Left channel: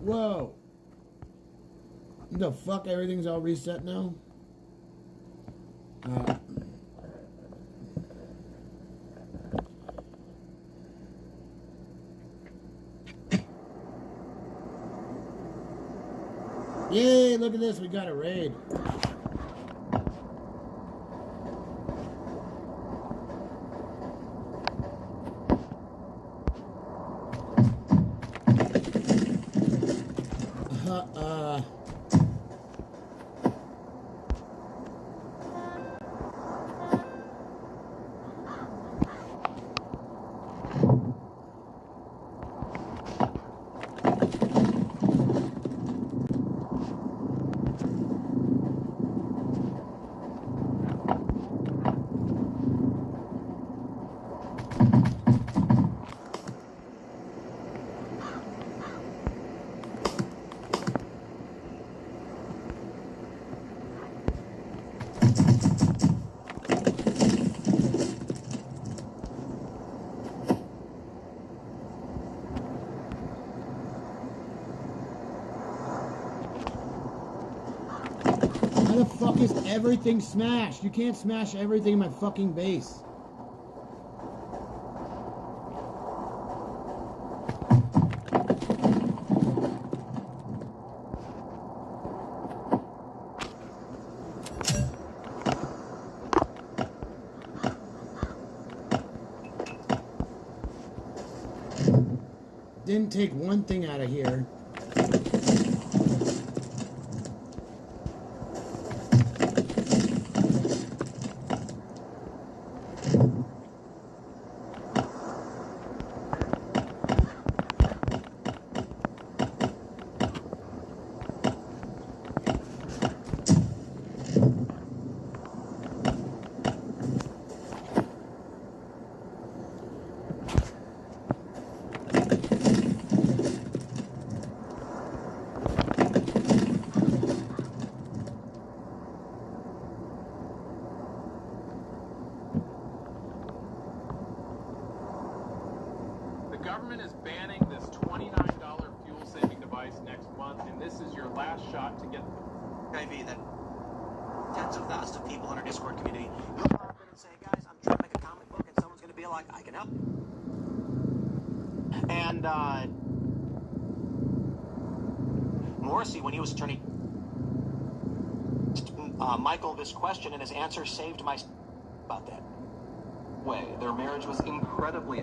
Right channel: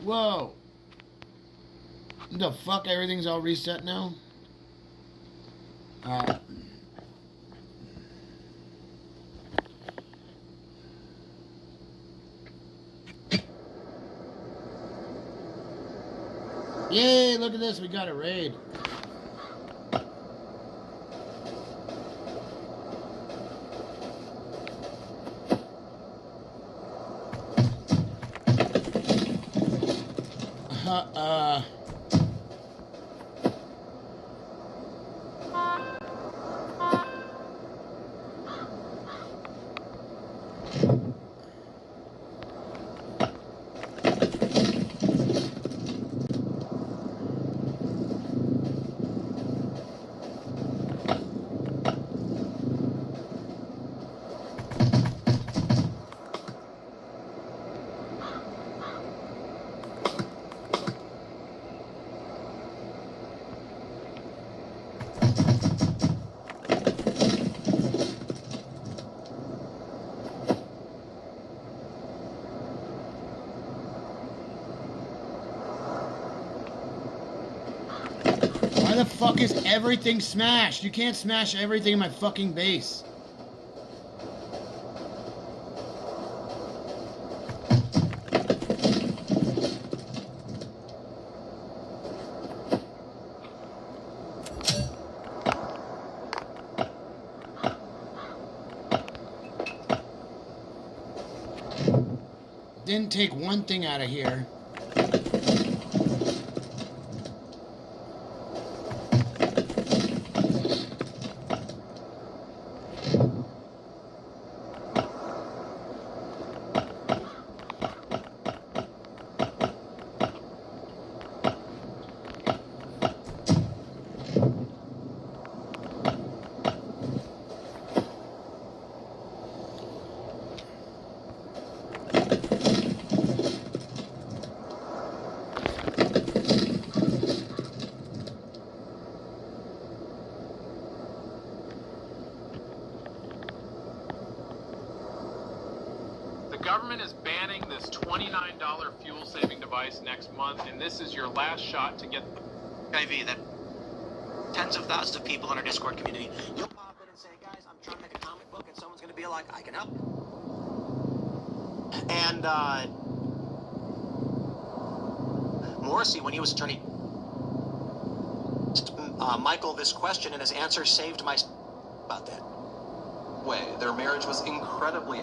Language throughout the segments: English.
Whoa. The fuck? Everything's all reset now? Yay, look at this. We got a raid. Why the fuck is everything smashed? You can't smash everything in my fucking base. Didn't take one thing out of here. This question and his answer saved my about that. Way, their marriage was incredibly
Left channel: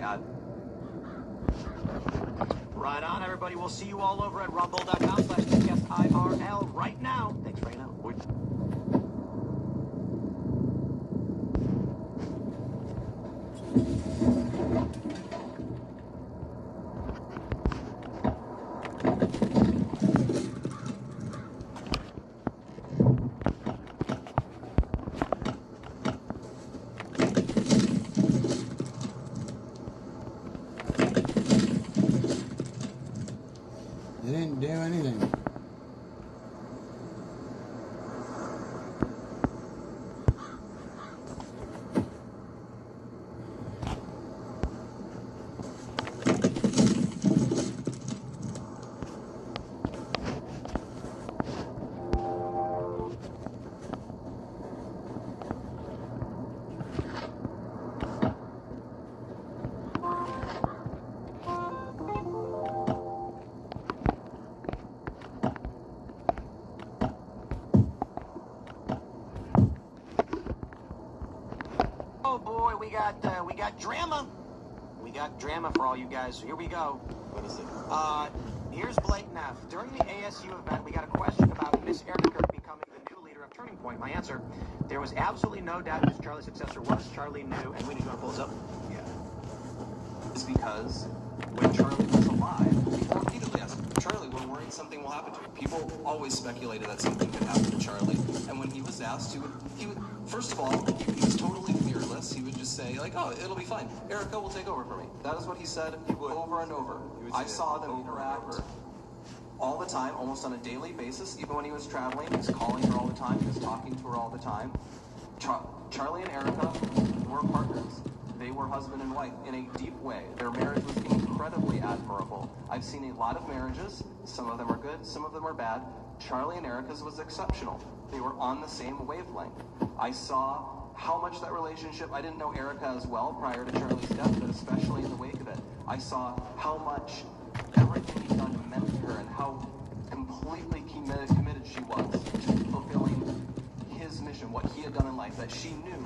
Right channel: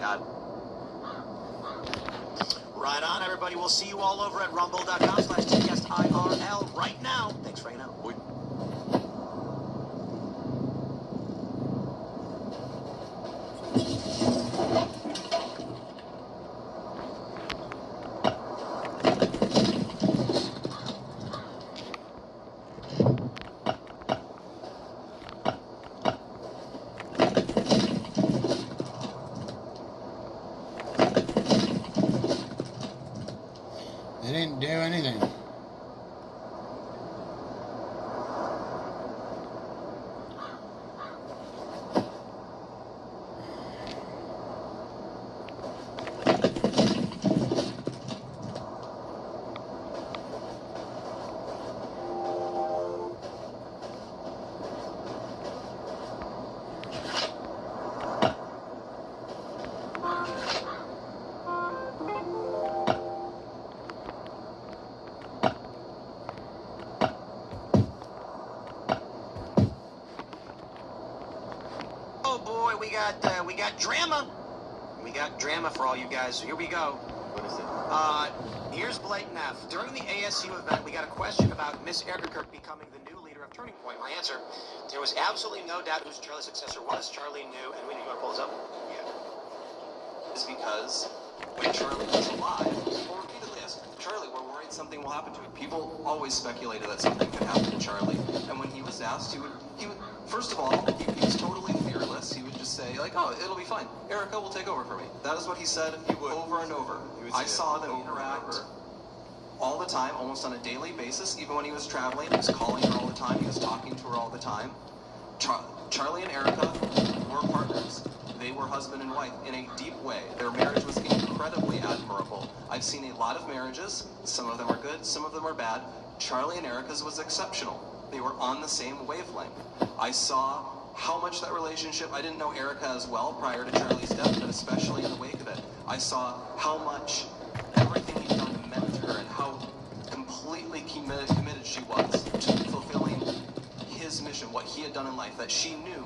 Right on, everybody. We'll see you all over at rumble.com/TCastIRL right now. Thanks right now. They didn't do anything. We got drama. We got drama for all you guys. So here we go. What is it? Here's Blatant F. During the ASU event, we got a question about Miss Erica becoming the new leader of Turning Point. My answer: there was absolutely no doubt who Charlie's successor was. Charlie knew, and we need to pull this up. Yeah. It's because when Charlie was alive, people repeatedly asked, Charlie, we're worried something will happen to her. People always speculated that something could happen to Charlie. And when he was asked, he would first of all, he was totally fearless. He would just say, like, oh, it'll be fine. Erica will take over for me. That is what he said over and over. I saw them interact all the time, almost on a daily basis. Even when he was traveling, he was calling her all the time. He was talking to her all the time. Charlie and Erica were partners. They were husband and wife in a deep way. Their marriage was incredibly admirable. I've seen a lot of marriages. Some of them are good, some of them are bad. Charlie and Erica's was exceptional. They were on the same wavelength. I saw how much that relationship, I didn't know Erica as well prior to Charlie's death, but especially in the wake of it, I saw how much everything he'd done meant to her and how completely committed she was to fulfilling his mission, what he had done in life, that she knew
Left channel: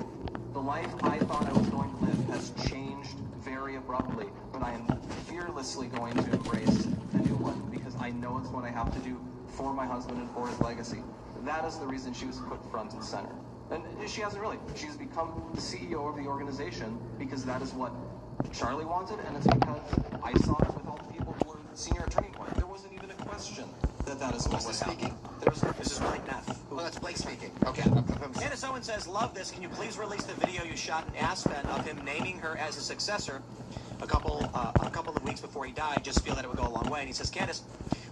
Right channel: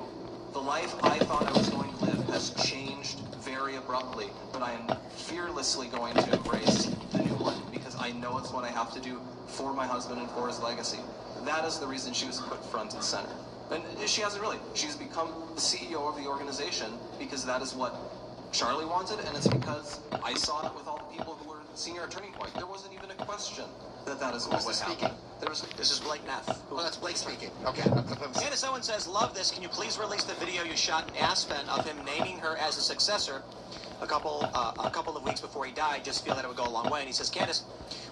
the life I thought I was going to live has changed very abruptly, but I am fearlessly going to embrace the new one because I know it's what I have to do for my husband and for his legacy. That is the reason she was put front and center. And she hasn't really. She's become the CEO of the organization because that is what Charlie wanted, and it's because I saw it with all the people who were senior at Turning Point. There wasn't even a question that is what was happening. This is Blake Neff. Oh, that's Blake speaking. Okay. Candace Owens says, love this. Can you please release the video you shot in Aspen of him naming her as a successor a couple of weeks before he died? Just feel that it would go a long way. And he says, Candace,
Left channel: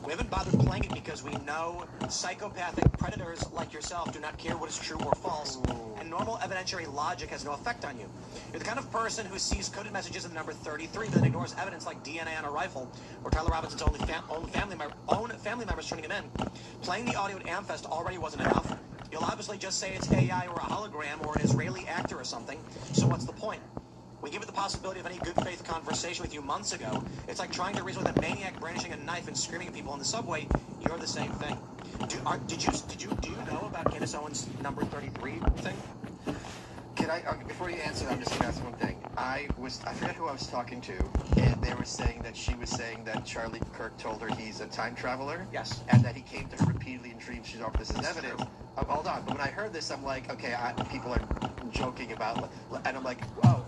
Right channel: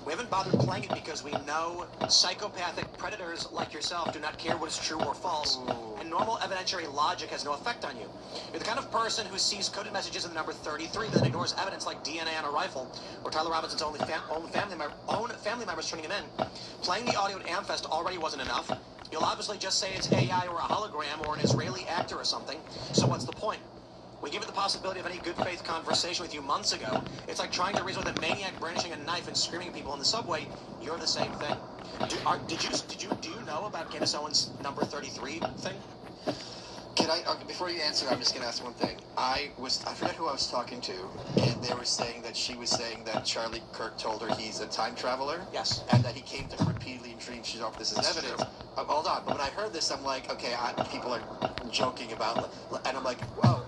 we haven't bothered playing it because we know psychopathic predators like yourself do not care what is true or false, and normal evidentiary logic has no effect on you. You're the kind of person who sees coded messages in the number 33 that ignores evidence like DNA on a rifle or Tyler Robinson's own family members turning him in. Playing the audio at Amfest already wasn't enough. You'll obviously just say it's AI or a hologram or an Israeli actor or something, so what's the point? We gave it the possibility of any good faith conversation with you months ago. It's like trying to reason with a maniac brandishing a knife and screaming at people in the subway. You're the same thing. Do you know about Candace Owens' number 33 thing? Can I, before you answer, I'm just going to ask one thing. I forget who I was talking to, and they were saying that she was saying that Charlie Kirk told her he's a time traveler. Yes. And that he came to her repeatedly in dreams. She's offered this as evidence. Hold on. But when I heard this, I'm like, okay, people are joking about, and I'm like, whoa.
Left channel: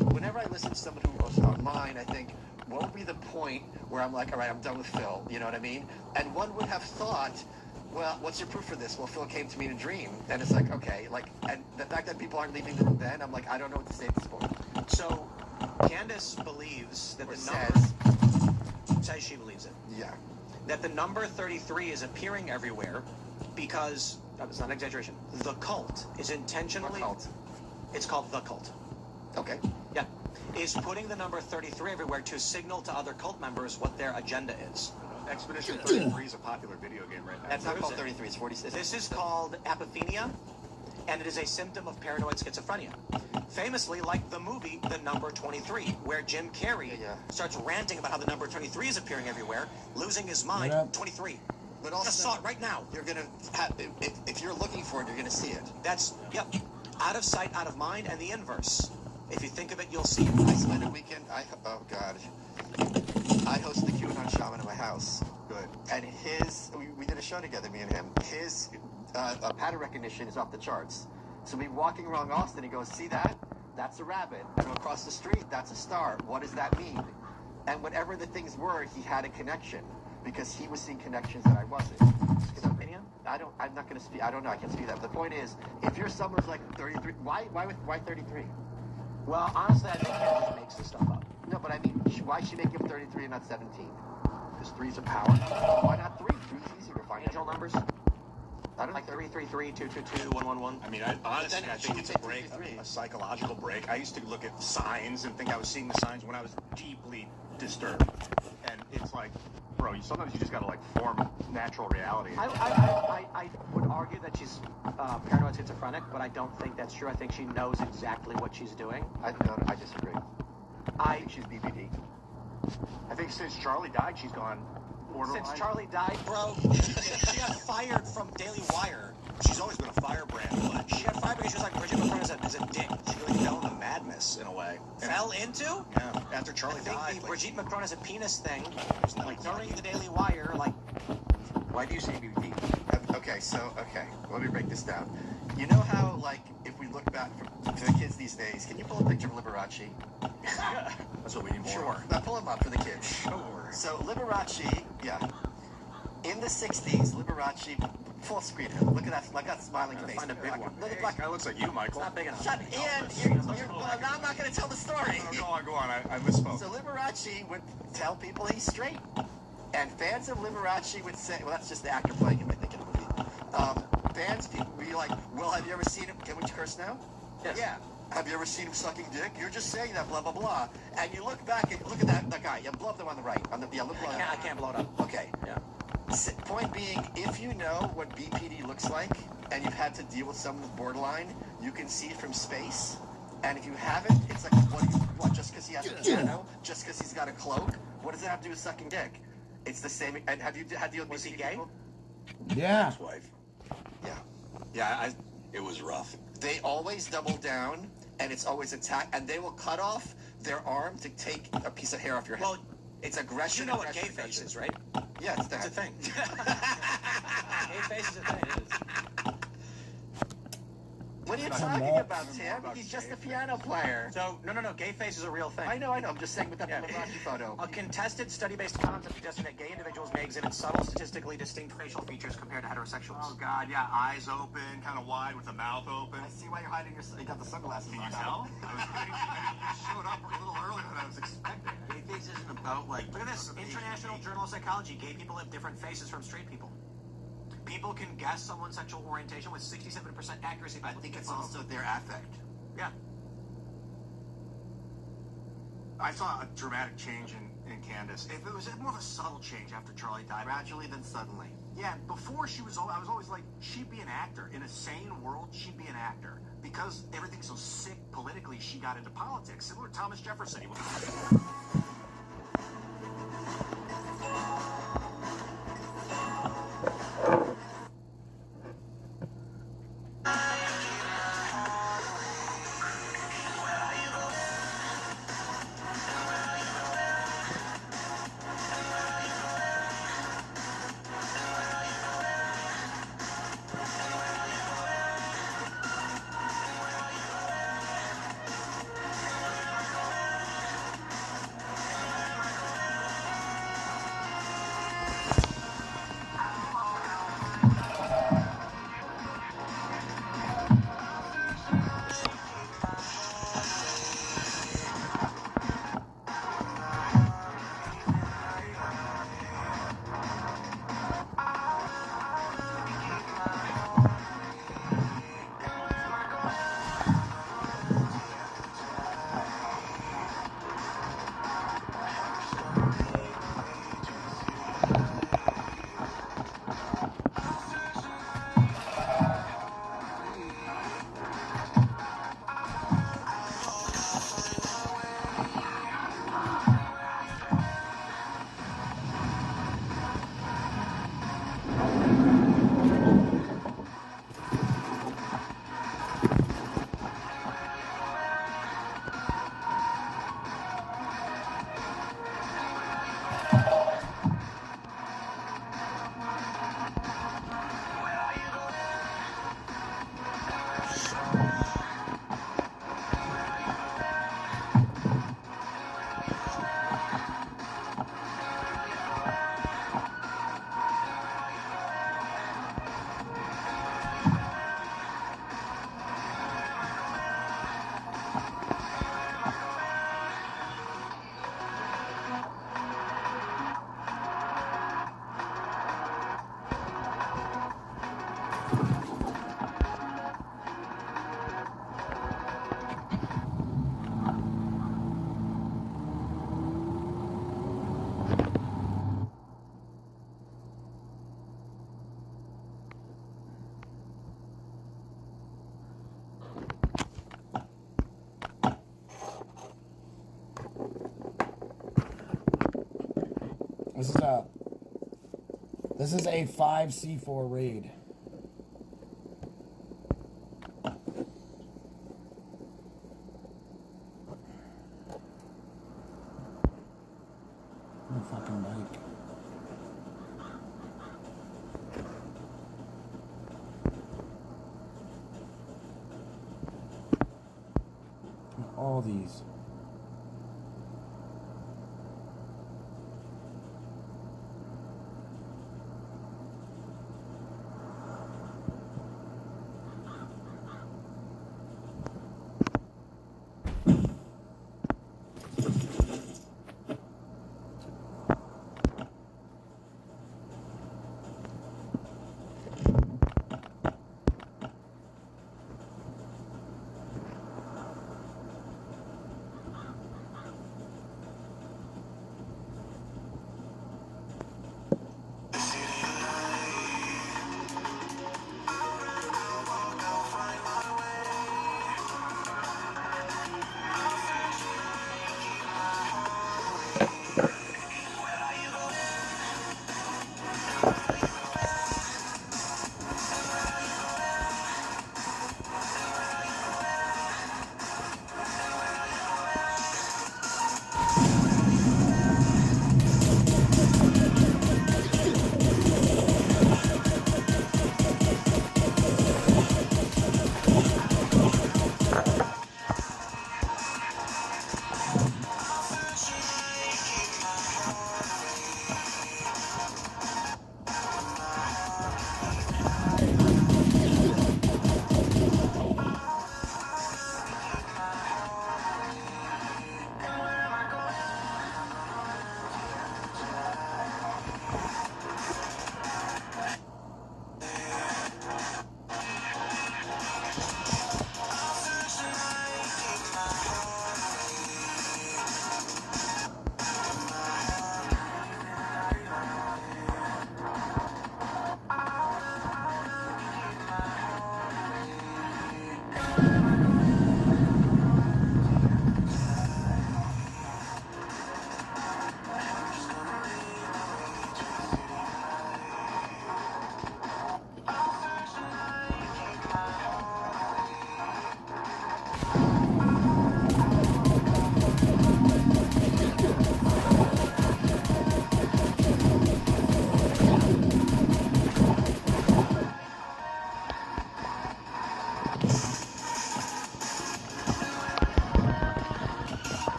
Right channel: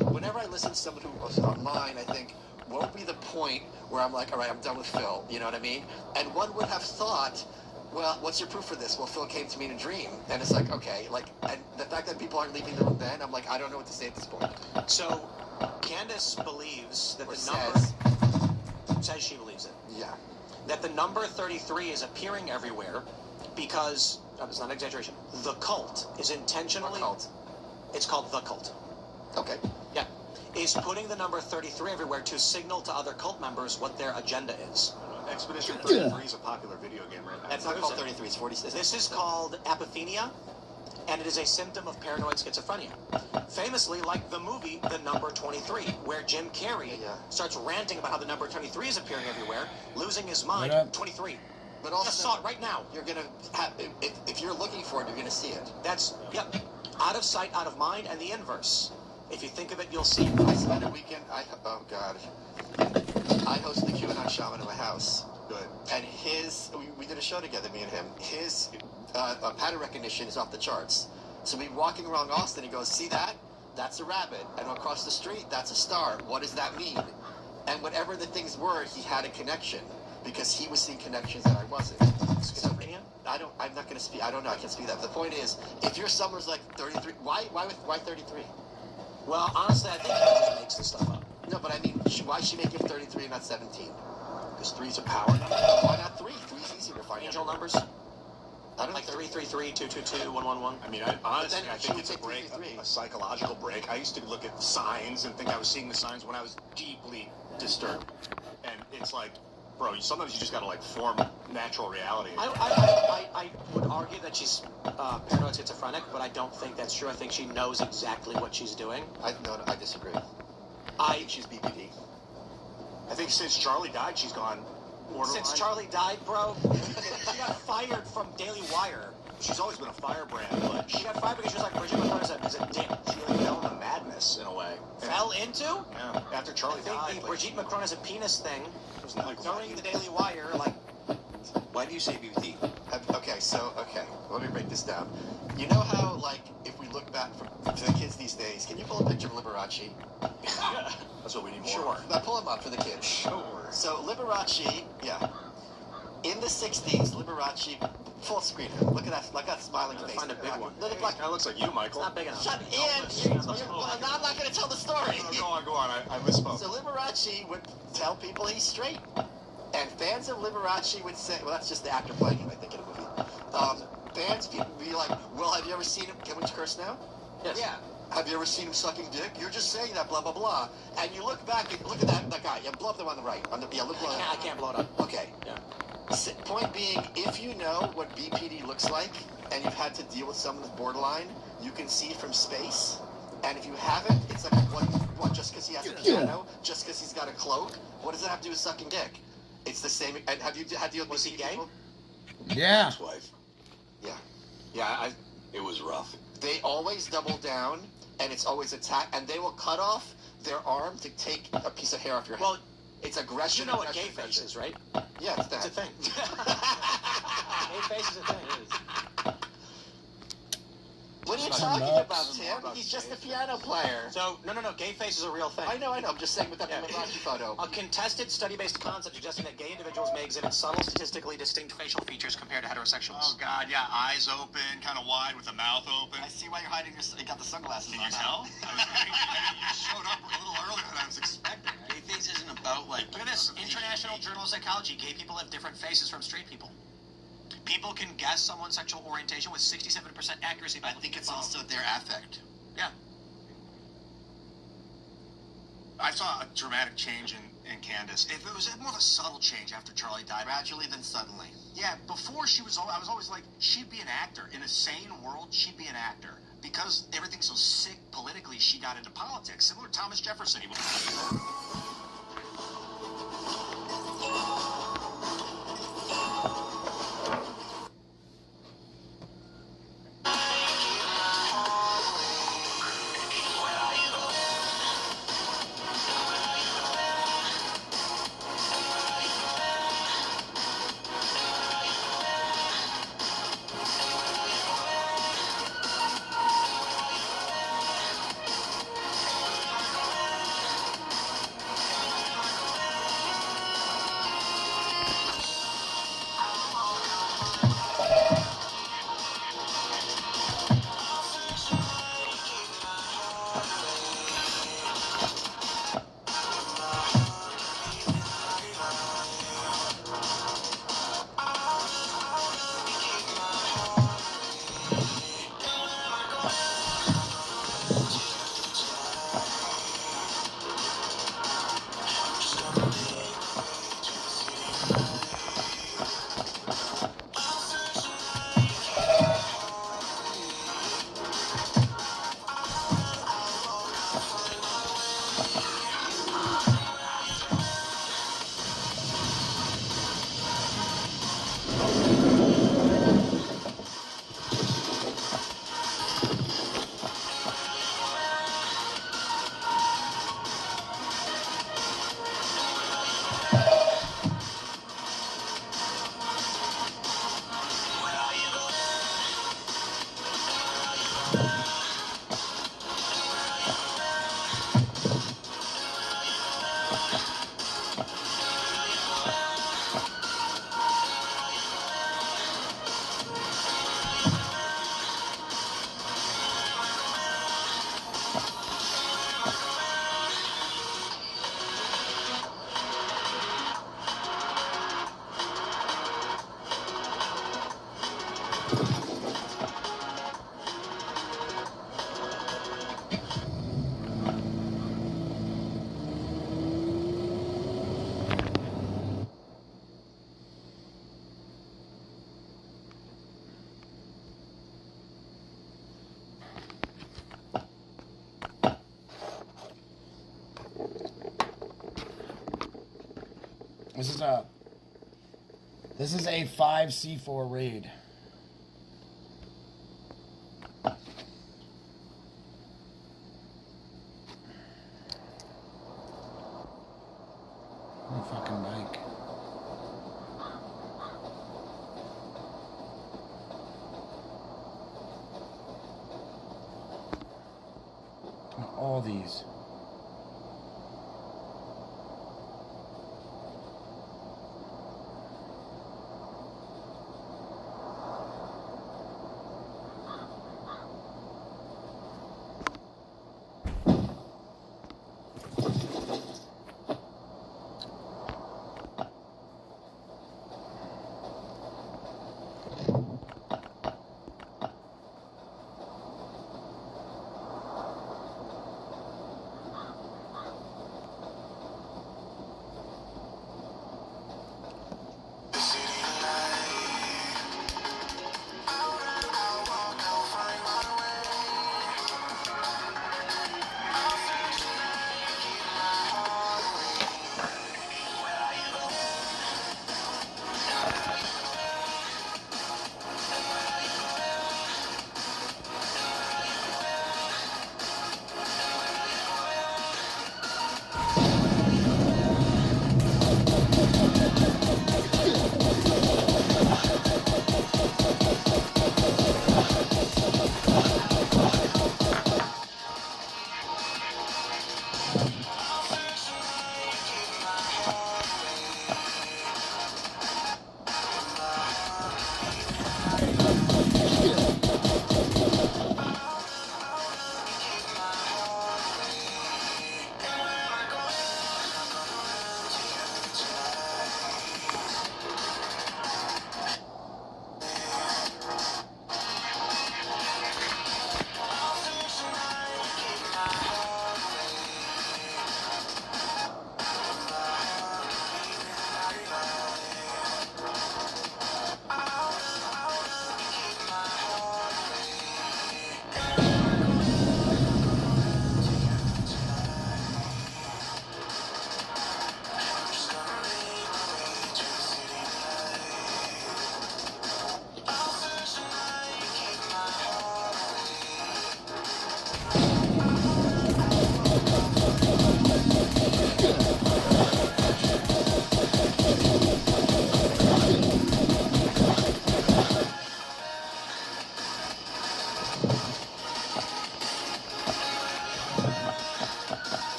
Whenever I listen to someone who goes online, I think, what would be the point where I'm like, all right, I'm done with Phil, you know what I mean? And one would have thought, well, what's your proof for this? Well, Phil came to me in a dream. And it's like, okay, and the fact that people aren't leaving the room then, I'm like, I don't know what to say at this point. So, Candace believes that says she believes it. Yeah. That the number 33 is appearing everywhere because, it's not an exaggeration, the cult is intentionally... What cult? It's called The Cult. Okay. Yeah. Is putting the number 33 everywhere to signal to other cult members what their agenda is. Expedition 33 is a popular video game right now. It's not called 33, it's 46. This is called apophenia, and it is a symptom of paranoid schizophrenia. Famously, like the movie The Number 23, where Jim Carrey starts ranting about how the number 23 is appearing everywhere, losing his mind. 23. But also, just saw it right now. You're going to have, if you're looking for it, you're going to see it. That's, yep, out of sight, out of mind, and the inverse. If you think of it, you'll see. I spent a weekend, oh God. I hosted the QAnon shaman at my house. Good. And we did a show together, me and him. His pattern recognition is off the charts. So we walking around Austin, he goes, see that? That's a rabbit. And across the street, that's a star. What does that mean? And whatever the things were, he had a connection. Because he was seeing connections that I wasn't. Schizophrenia? I'm not going to speak, I don't know, I can't speak that. The point is, if your summer's like 33, why 33? Well, honestly, I think he just makes this stuff up. No, but I mean, why should she make him 33 and not 17? Because 3's a power. Why not 3? 3's easier to find. Angel numbers? I don't like think 333, 222, 111. I mean, honestly, I think it's a break, a psychological break. I used to look at signs and think I was seeing the signs when I was deeply disturbed. And it's like, bro, sometimes you just gotta like form natural reality. I would argue that she's paranoid schizophrenic, but I don't think that's true. I think she knows exactly what she's doing. I disagree. I think she's BPD. I think since Charlie died, she's gone borderline. Since Charlie died, bro, she got fired from Daily Wire. She's always been a firebrand, but she got fired because she was like, Brigitte McClure is a dick. She really fell into madness in a way. Fell into? Yeah, after Charlie died. I think the Brigitte McClure is a penis thing. Like during the Daily Wire, like... Why do you say BPD? Okay, let me break this down. You know how, like, if we look back to the kids these days, can you pull a picture of Liberace? Yeah, that's what we need more. Sure. Now pull him up for the kids. Sure. So Liberace, in the 60s, Liberace, full screen him. Look at that smiling face. Find a big one. Kind of looks like you, Michael. It's not big enough. Shut in! Now I'm not going to tell the story. Go on. I misspoke. So Liberace would tell people he's straight. And fans of Liberace would say, well, that's just the actor playing him, I think, in a movie. Fans, people would be like, well, have you ever seen him? Can we curse now? Yes. Yeah. Have you ever seen him sucking dick? You're just saying that, blah, blah, blah. And you look back and look at that guy. Yeah, blow up the one on the right. I can't blow it up. Okay. Yeah. Point being, if you know what BPD looks like and you've had to deal with someone with borderline, you can see from space. And if you haven't, it's like, what just because he has a piano, just because he's got a cloak, what does it have to do with sucking dick? It's the same. And have you had to deal with Was he gay? people? Yeah. His wife. Yeah. Yeah, it was rough. They always double down, and it's always attack, and they will cut off their arm to take a piece of hair off your head. Well, it's aggression. you know what gay aggression, face is, right? Yeah, it's that. It's a thing. Gay face is a thing. It is. What are you Shut talking up. about, Tim? He's just a piano player. So, no. Gay face is a real thing. I know. I'm just saying with that Liberace photo. A contested study-based concept suggesting that gay individuals may exhibit subtle, statistically distinct facial features compared to heterosexuals. Oh God, yeah, eyes open, kind of wide with the mouth open. I see why you're hiding you got the sunglasses Can on you now. tell? You showed up a little earlier than I was expecting. Gay face isn't about like. Look at this. International Journal of Psychology. Gay people have different faces from straight people. People can guess someone's sexual orientation with 67% accuracy. I think it's also their affect. Yeah. I saw a dramatic change in Candace. If it was more of a subtle change after Charlie died, Gradually, then suddenly. yeah, before she was, I was always like, she'd be an actor. In a sane world, she'd be an actor. Because everything's so sick politically, she got into politics. Similar to Thomas Jefferson. This is a 5C4 raid. My fucking bike. All these.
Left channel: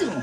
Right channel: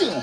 Yeah.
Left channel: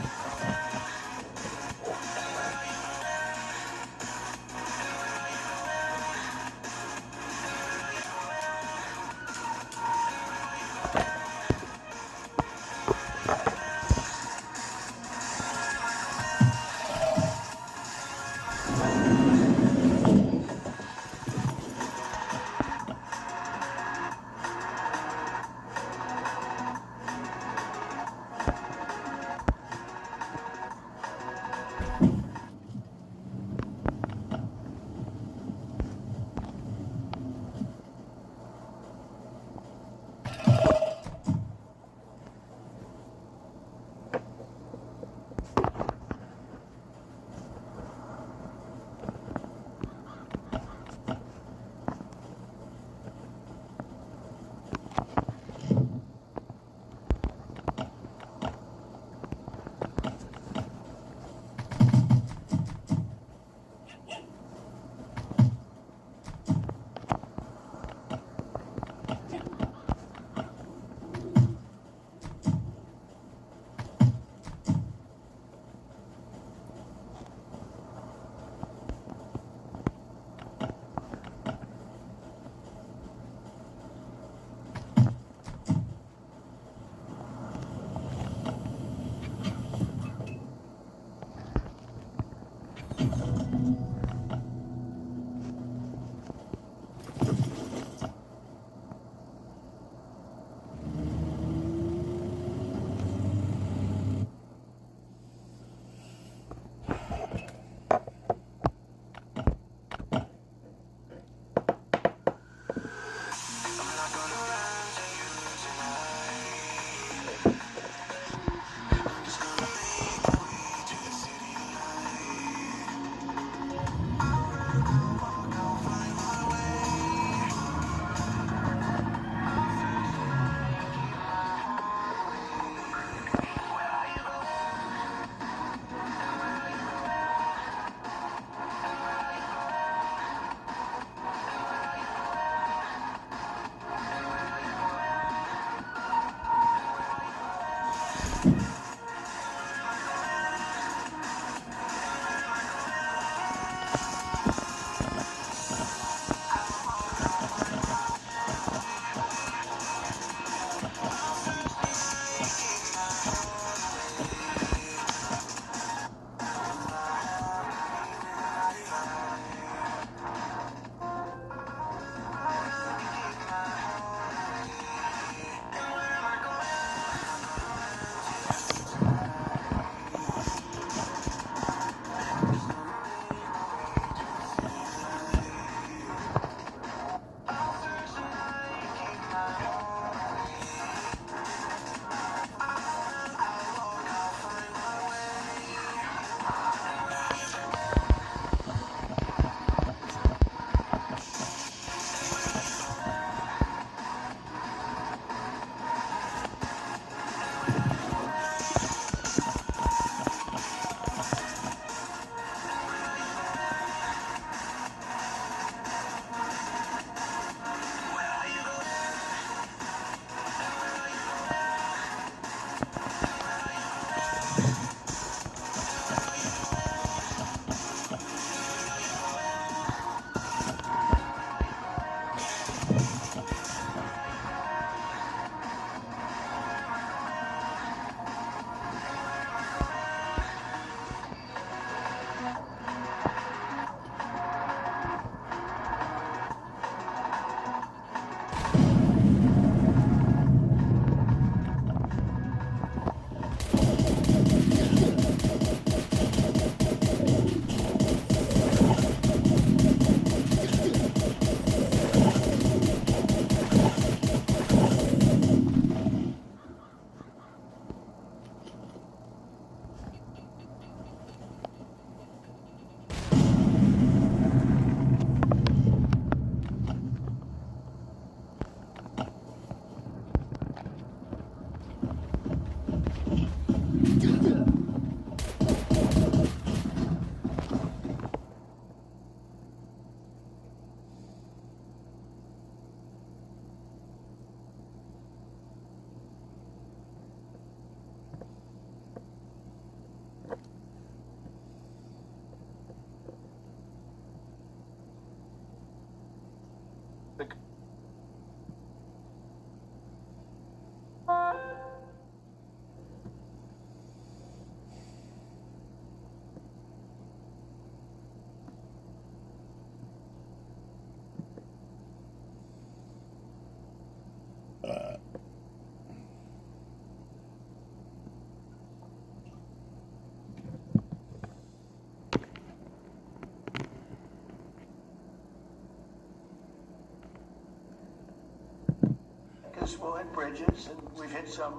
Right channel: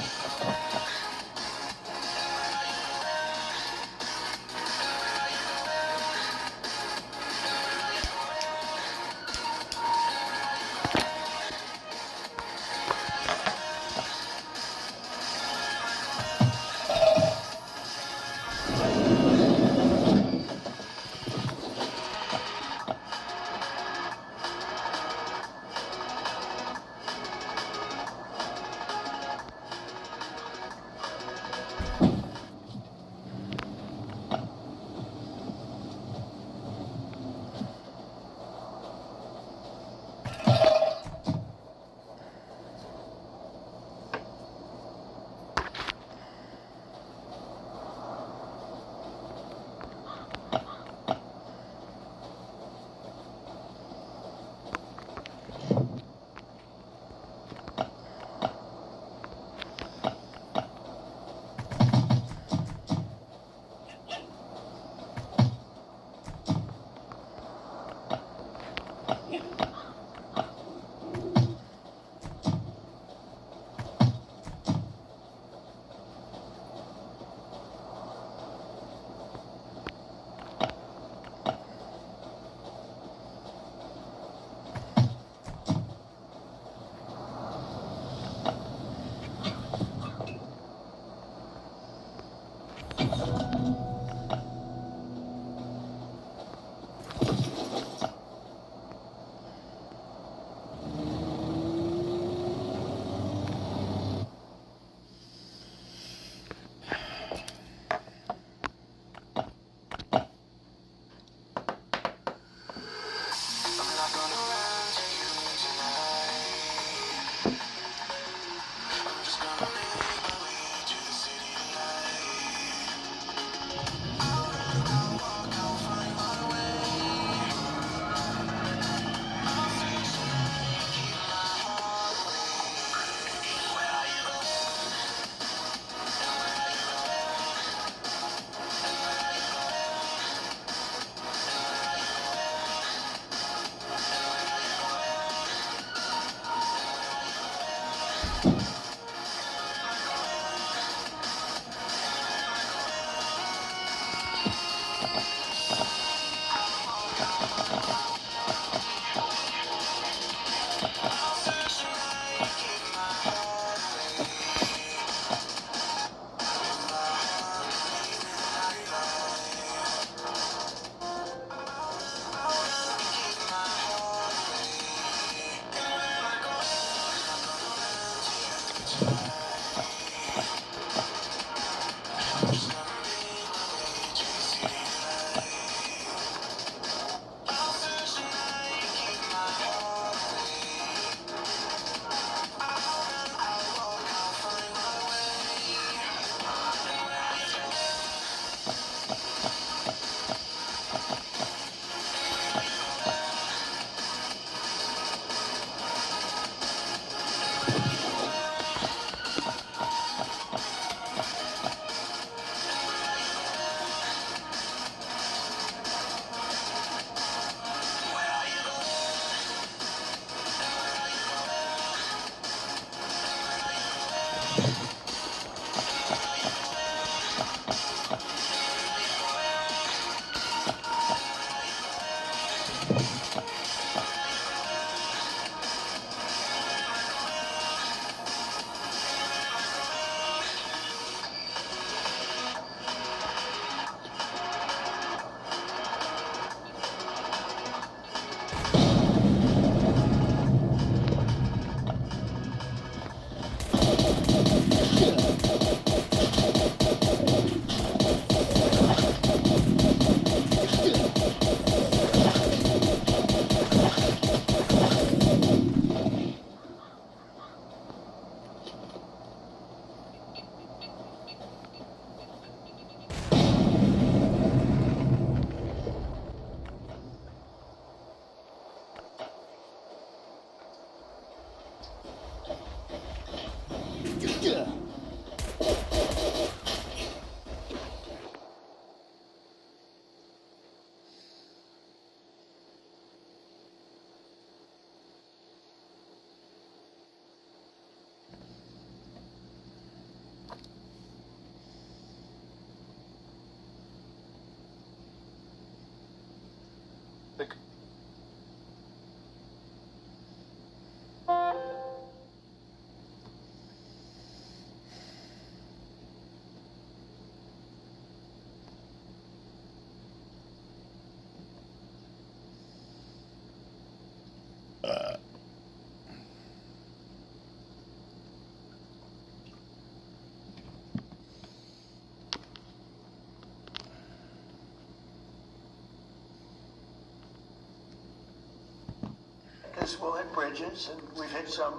bridges, we'll hit bridges, and we've hit some.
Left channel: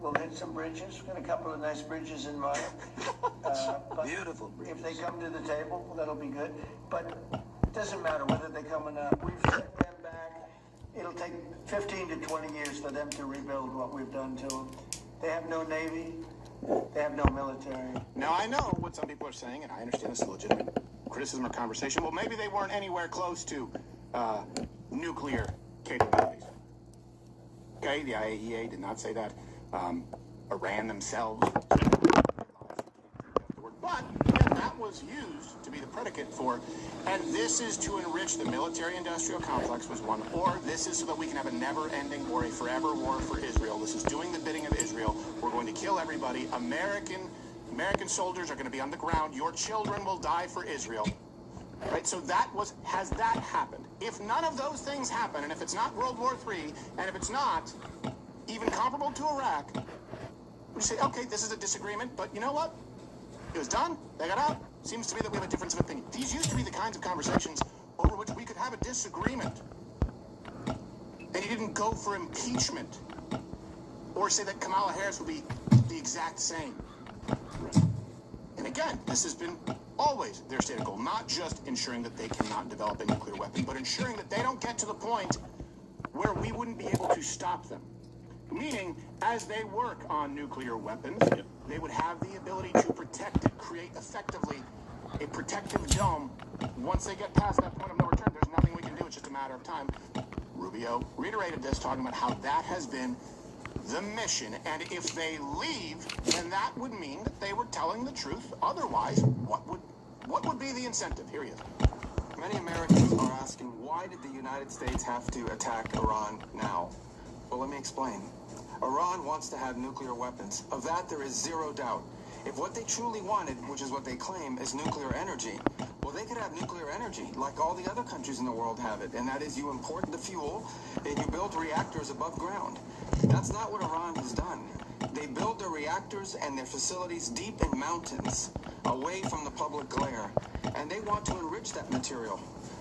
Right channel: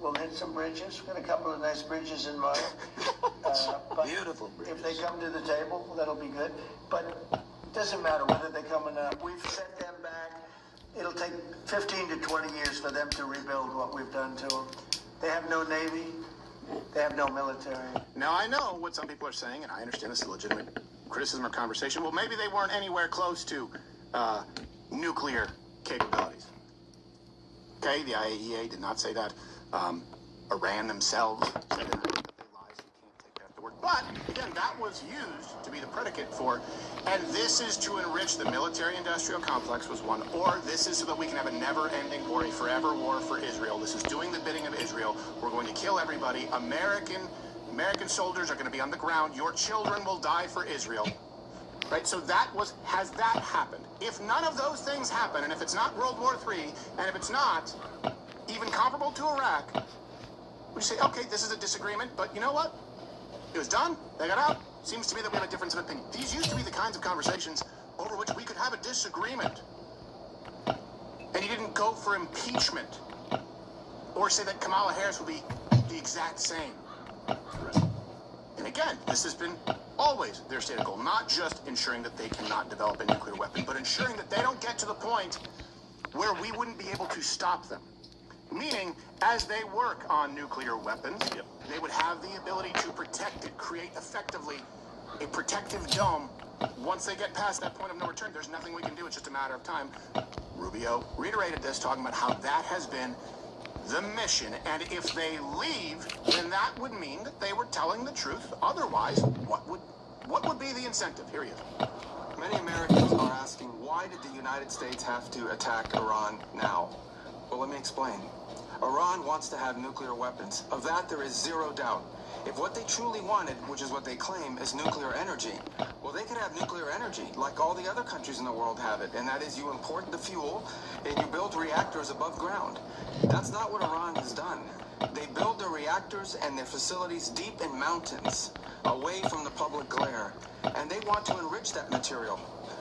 We'll hit some bridges. We've got a couple of nice bridges in mind. But Beautiful bridges. if they come to the table, that'll be good. But it doesn't matter whether they come or not. We've set them back. It'll take 15 to 20 years for them to rebuild what we've done to them. They have no navy. They have no military. Now, I know what some people are saying, and I understand this is legitimate criticism or conversation. Well, maybe they weren't anywhere close to nuclear capabilities. Okay, the IAEA did not say that. Iran themselves said it. But again, that was used to be the predicate for, and this is to enrich the military-industrial complex was one, or this is so that we can have a never-ending or a forever war for Israel. This is doing the bidding of Israel. We're going to kill everybody. American soldiers are going to be on the ground. Your children will die for Israel. Right, so has that happened? If none of those things happen, and if it's not World War III, and if it's not even comparable to Iraq, we say, okay, this is a disagreement, but you know what? It was done. They got out. Seems to me that we have a difference of opinion. These used to be the kinds of conversations over which we could have a disagreement. And you didn't go for impeachment or say that Kamala Harris will be the exact same. And again, this has been always their stated goal, not just ensuring that they cannot develop a nuclear weapon, but ensuring that they don't get to the point where we wouldn't be able to stop them. Meaning, as they work on nuclear weapons, they would have the ability to protect it, create effectively a protective dome. Once they get past that point of no return, there's nothing we can do. It's just a matter of time. Rubio reiterated this, talking about how that has been the mission. And if they leave, then that would mean that they were telling the truth. Otherwise, what would be the incentive? Here he is. Many Americans are asking, why did the United States have to attack Iran now? Well, let me explain. Iran wants to have nuclear weapons. Of that, there is zero doubt. If what they truly wanted, which is what they claim, is nuclear energy, well, they could have nuclear energy like all the other countries in the world have it, and that is you import the fuel and you build reactors above ground. That's not what Iran has done. They build their reactors and their facilities deep in mountains, away from the public glare, and they want to enrich that material.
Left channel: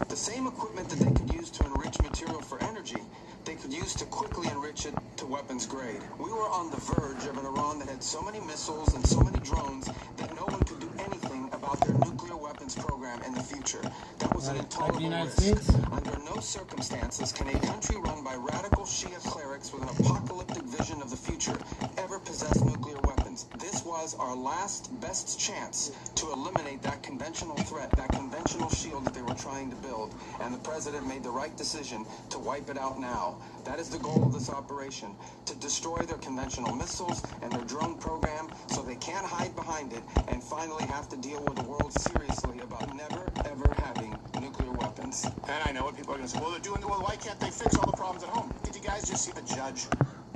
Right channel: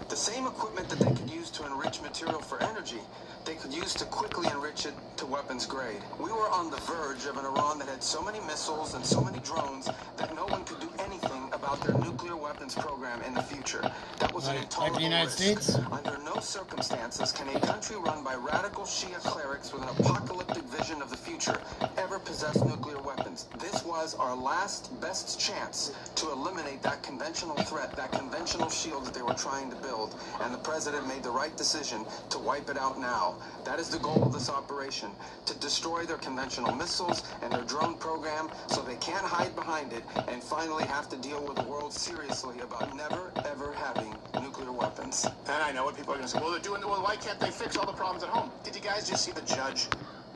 The same equipment that they could use to enrich material for energy, they could use to quickly enrich it to weapons grade. We were on the verge of an Iran that had so many missiles and so many drones that no one could do anything about their nuclear weapons program in the future. That was an intolerable like the United risk. States? Under no circumstances can a country run by radical Shia clerics with an apocalyptic vision of the future ever possess nuclear weapons. This was our last best chance to eliminate that conventional threat, that conventional shield that they were trying to build, and the president made the right decision to wipe it out now. That is the goal of this operation, to destroy their conventional missiles and their drone program so they can't hide behind it and finally have to deal with the world seriously about never, ever having nuclear weapons. And I know what people are going to say, well, why can't they fix all the problems at home? Did you guys just see the judge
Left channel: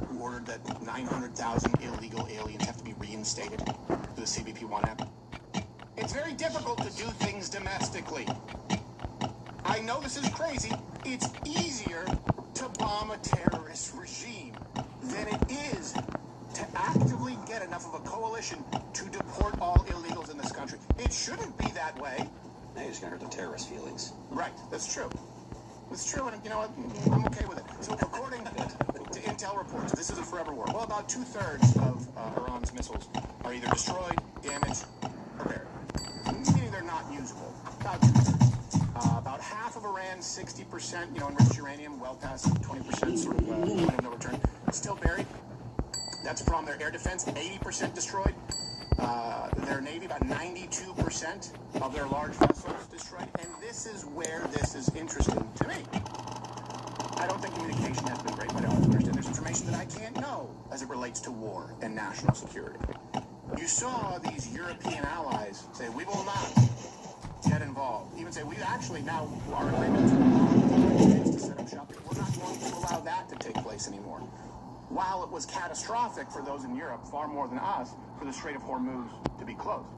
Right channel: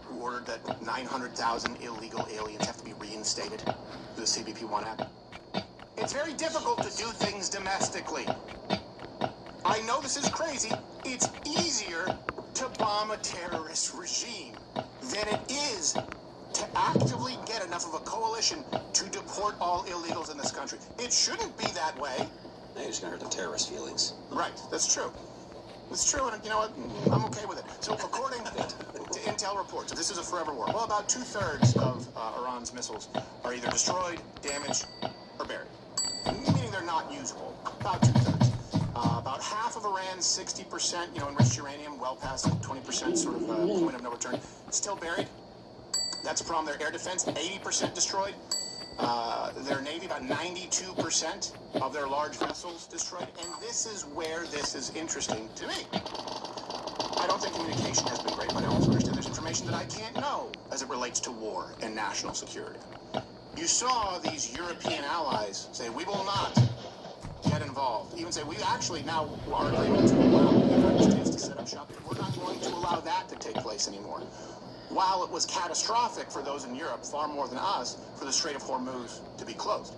who ordered that 900,000 illegal aliens have to be reinstated to the CBP-1 app? It's very difficult to do things domestically. I know this is crazy. It's easier to bomb a terrorist regime than it is to actively get enough of a coalition to deport all illegals in this country. It shouldn't be that way. Now you're just going to hurt the terrorist feelings. Right, that's true. It's true, and you know what? I'm okay with it. So according to intel reports, this is a forever war. Well, about 2/3 of Iran's missiles are either destroyed, damaged, or buried. Meaning they're not usable. About 2/3. About half of Iran's 60%, enriched uranium, well past 20% sort of point of no return, still buried. That's a problem. Their air defense, 80% destroyed. Their Navy, about 92% of their large vessels destroyed. And this is where this is interesting to me. I don't think communication has been great, but I also understand there's information that I can't know as it relates to war and national security. You saw these European allies say, we will not get involved. Even say, we actually now are agreement to set up shop here. We're not going to allow that to take place anymore. While it was catastrophic for those in Europe, far more than us, for the Strait of Hormuz to be closed.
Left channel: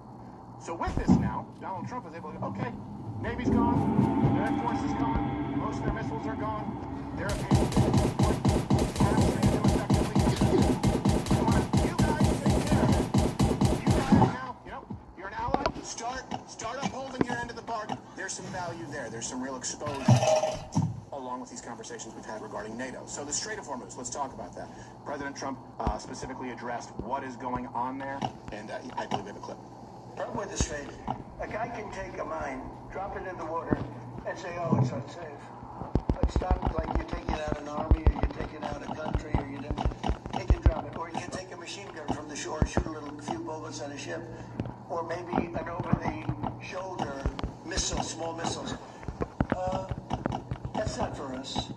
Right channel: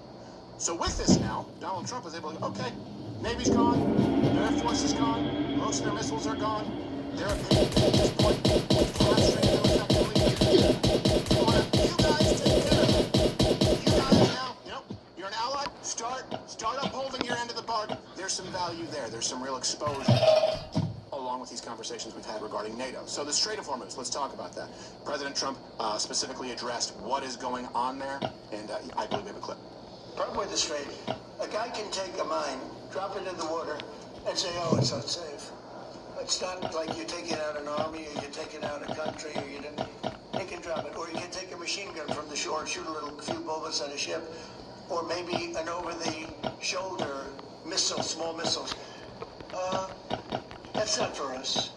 So with this now, Donald Trump is able to go, okay, Navy's gone, their Air Force is gone, most of their missiles are gone, they're able to take this point, capturing them effectively. You guys take care of it. You guys now, you're an ally, start upholding your end of the bargain. There's some value there. There's some real exposure along with these conversations. conversations we've had regarding NATO. So the Strait of Hormuz, let's talk about that. President Trump specifically addressed what is going on there, and I believe we have a clip. Problem with the Strait, a guy can take a mine, drop it in the water, and say, oh, it's unsafe. It's not like you're taking out an army, or you're taking out a country, or you can drop it. Or you can take a machine gun from the shore, shoot a few bullets on a ship, or maybe an over-the-shoulder missile, small missiles. That's not for us.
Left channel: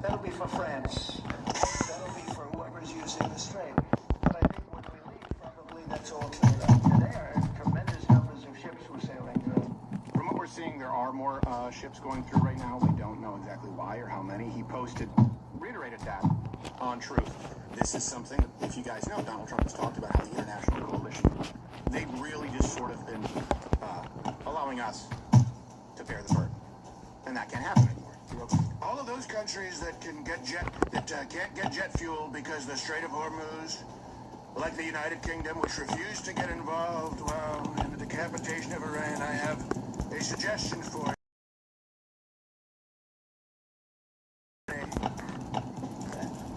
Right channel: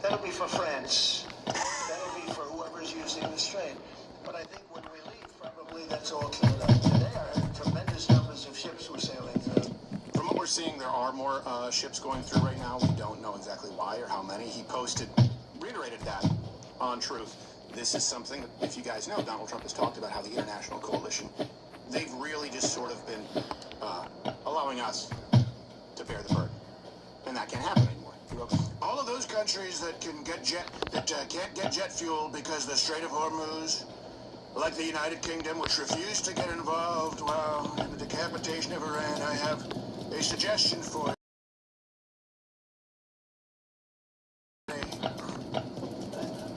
That'll be for France. That'll be for whoever's using the Strait. But I think when we leave, probably that's all cleared up. Today, tremendous numbers of ships were sailing through. From what we're seeing, there are more ships going through right now. We don't know exactly why or how many. He reiterated that on Truth. This is something that, if you guys know, Donald Trump has talked about how the international coalition, they've really just sort of been allowing us to bear the burden. And that can't happen anymore. All of those countries that can't get jet fuel because the Strait of Hormuz, like the United Kingdom, which refused to get involved, well, in the decapitation of Iran, I have a suggestion for you.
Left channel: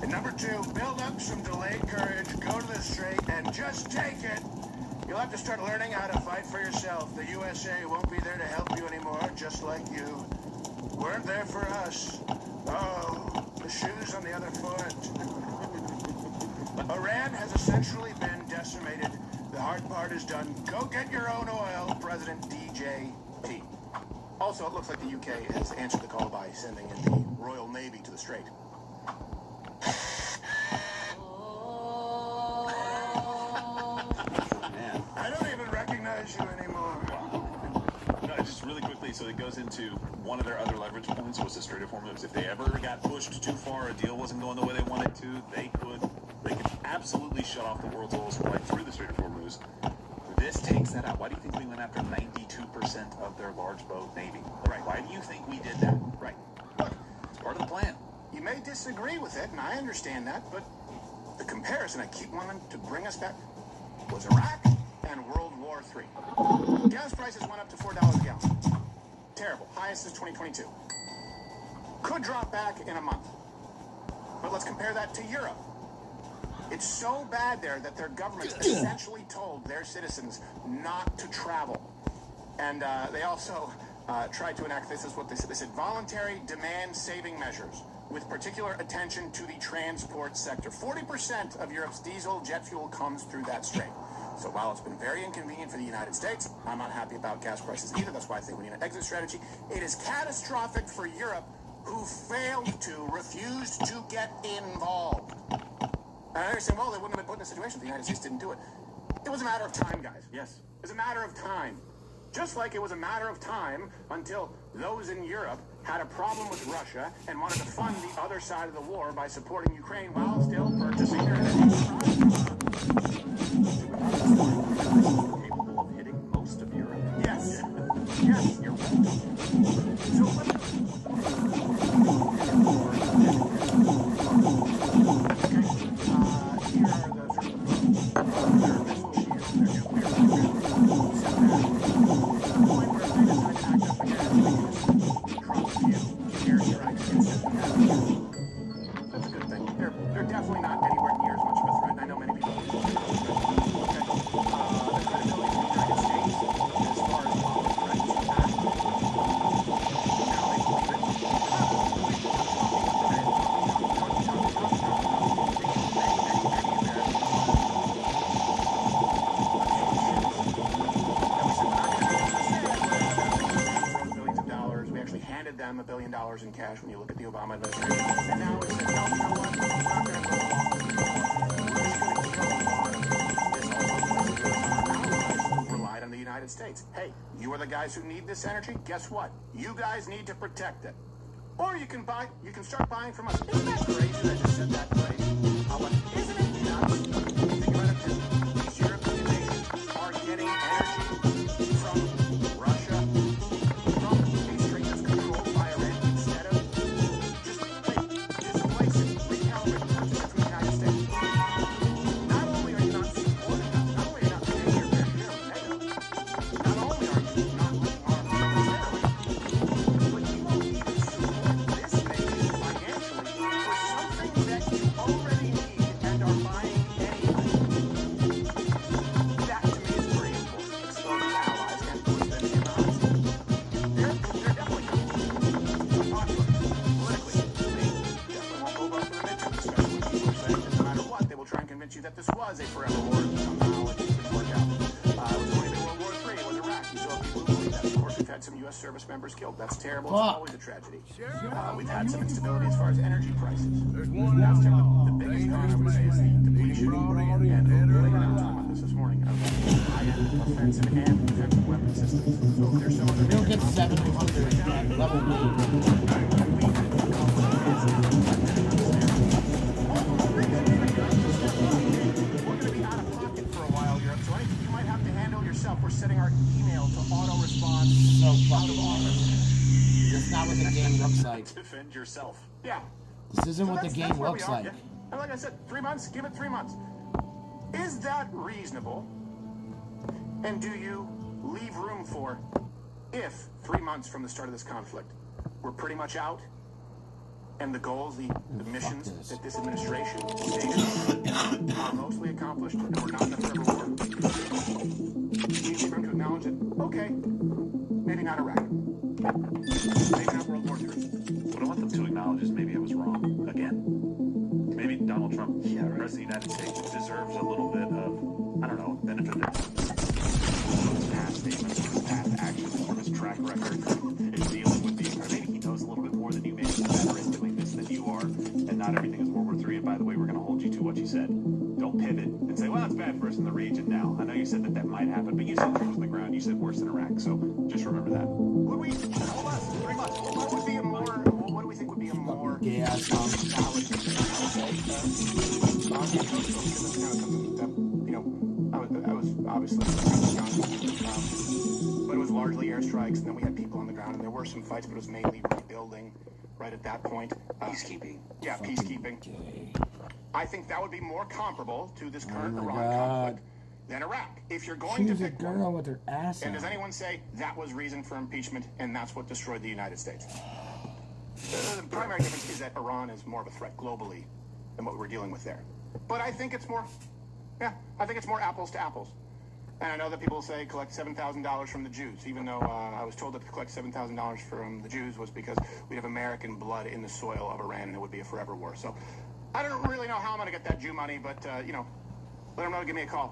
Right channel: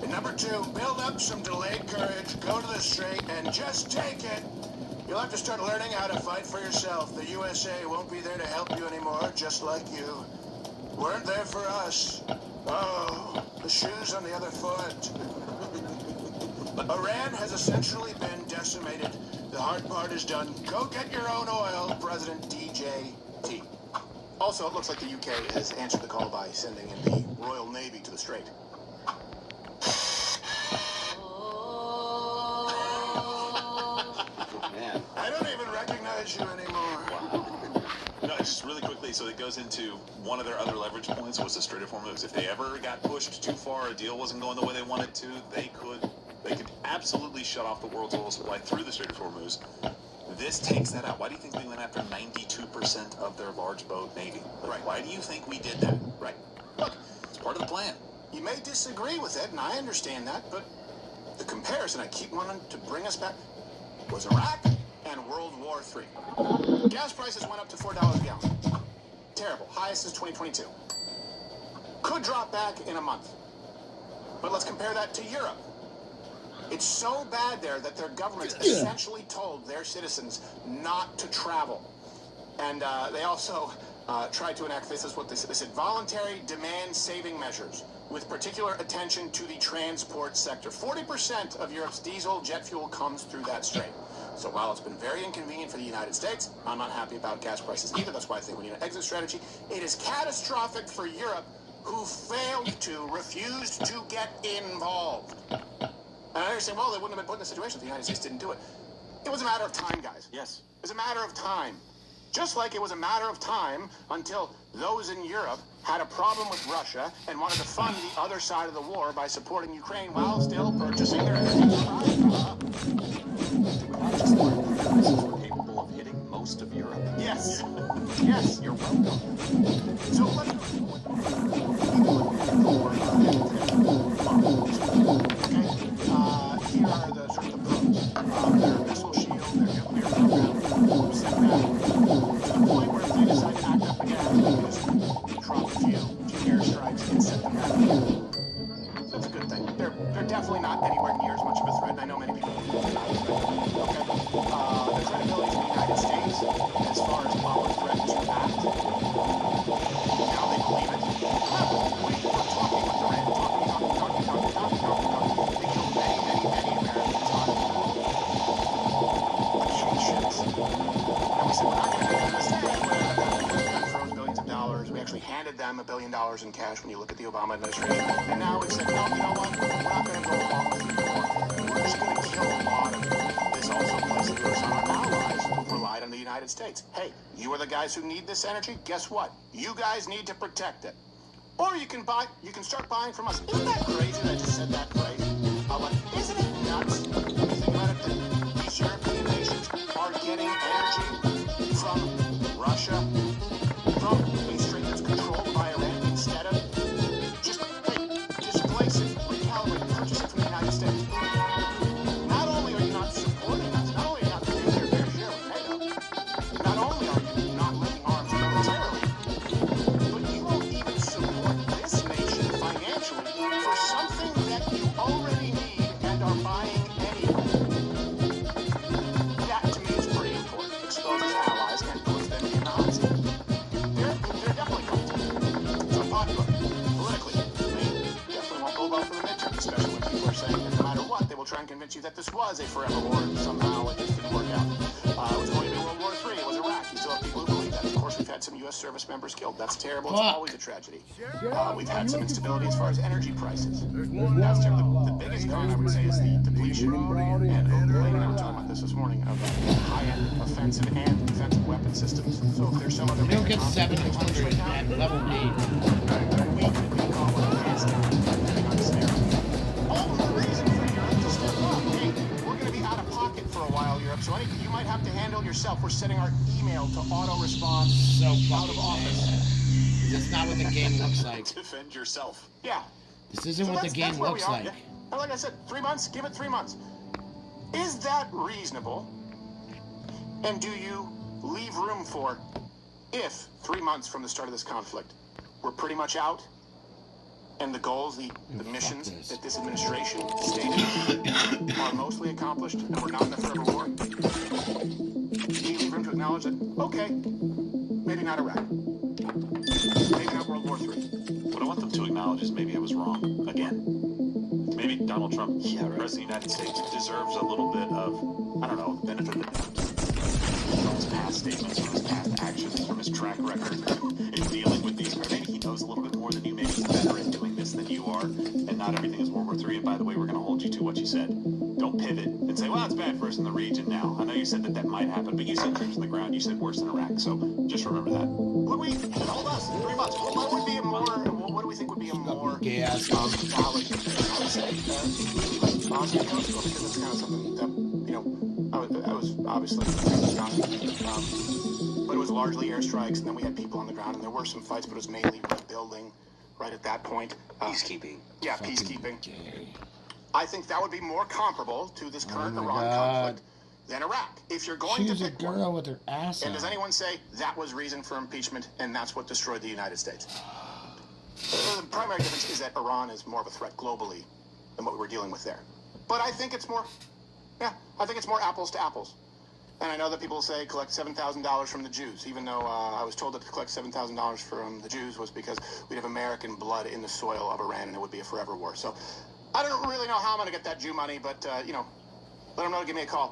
And number two, build up some delayed courage, go to the Strait, and just take it. You'll have to start learning how to fight for yourself. The USA won't be there to help you anymore, just like you weren't there for us. Oh, the shoes on the other foot. Iran has essentially been decimated. The hard part is done. Go get your own oil, President DJT. Also, it looks like the UK has answered the call by sending in the Royal Navy to the Strait. Man. I don't even recognize you anymore. No, just really quickly, so it goes into one of their other leverage points was the Strait of Hormuz. If they ever got pushed too far, a deal wasn't going the way they wanted to, they could absolutely shut off the world's oil supply through the Strait of Hormuz. This takes that out. Why do you think we went after 92% of their large boat navy? Right. Why do you think we did that? Right. Look, It's part of the plan. you may disagree with it, and I understand that, but the comparison I keep wanting to bring us back was Iraq and World War III. Gas prices went up to $4 a gallon. Terrible. Highest since 2022. Could drop back in a month. But let's compare that to Europe. It's so bad there that their governments essentially told their citizens not to travel. And they also tried to enact, this is what they said. They said voluntary demand-saving measures with particular attention to the transport sector. 40% of Europe's diesel jet fuel comes through that strait. So while it's been very inconvenient for the United States, I'm not happy about gas prices either. That's why I think we need an exit strategy. It is catastrophic for Europe, who refused to get involved. And I understand, well, they wouldn't have been put in a situation if the United States didn't do it. It was a matter of time, guys. Yes. It was a matter of time. Just like it was a matter of time until those in Europe had a problem with Russia and wanted to fund the other side of the war by supporting Ukraine while still purchasing their Capable of hitting most of Europe. Yes. Yes, you're right. So here are the sort of their missile shields, their nuclear program. Point where they decide to act up again, they use Trump airstrikes and set them down. That's a good thing. They're definitely not anywhere near as much of a threat. And I know many people the credibility of the United States as far as bomb threat is back. Now they believe billions of dollars. We actually handed them $1 billion in cash when you look at the Obama administration. And now we said, well, you know what? We're not very well. Relied on the United States. Hey, you are the guys who need this energy. Guess what? You guys need to protect it. Or you can start buying from us. Isn't that crazy that I just said that phrase? Isn't it nuts? Think about it. These European nations are getting energy from Russia, from a strait that's controlled by Iran, instead of just displacing, recalibrating energy from the United States. Not only are you not supporting us, not only are you not paying your fair share of NATO, not only are you not letting arms militarily, but you won't even support this nation financially. was a forever war. Somehow it didn't work out. Was it World War III? Was Iraq? You still have people who believe that. Of course, we've had some U.S. service members killed. That's terrible. It's always a tragedy. We've had some instability as far as energy prices. There's one That's outlaw, terrible. The biggest thing I would say is the depletion. brought in And dead or we were alive. talking about this morning of high-end offensive and defensive weapon systems. So there's some other You don't get 700 at level B. We're setting our email to auto-respond. So fucking lame. That's not what the game looks like. Defend yourself. Yeah. This isn't what the game that's where we looks are. like. Yeah. And like I said, 3 months, give it 3 months. Is that reasonable? And do you leave room for, if 3 months from the start of this conflict, we're pretty much out, and the goals, the missions that this administration stated are mostly accomplished, and we're not in a forever war? Do you leave room to acknowledge that, okay, maybe not Iraq, maybe not World War III? What I want them to acknowledge is maybe it was wrong again. Maybe Donald Trump, President of the United States, deserves a little bit of, I don't know, benefit of his past statements, his past actions, from his track record in dealing with these. Or maybe he knows a little bit more than you. Maybe he's better at doing this than you are, and not everything is World War III. And by the way, we're going to hold you to what you said. Don't pivot and say, well, it's bad for us in the region now. I know you said that that might happen, but you said troops on the ground. You said worse than Iraq. So just remember that. Would we, hold on, 3 months, what would be a more, what do we think would be a more Gay ass solid, I was obviously, but it was largely airstrikes, and then we had people on the ground, and there were some fights, but it was mainly rebuilding right at that point. Peacekeeping. Yeah, peacekeeping. Gay. I think that would be more comparable to this Oh current my Iran God. conflict than Iraq. If you're going Choose to a pick one, girl with her ass and out. does anyone say that was reason for impeachment and that's what destroyed the United States? The primary difference is that Iran is more of a threat globally than what we're dealing with there. But I think it's more, I think it's more apples to apples. And I know that people say collect $7,000 from the Jews, even though I was told that to collect $7,000 from the Jews was because we'd have American blood in the soil of Iran and it would be a forever war. So I don't really know how I'm going to get that Jew money, but, let them know to give me a call.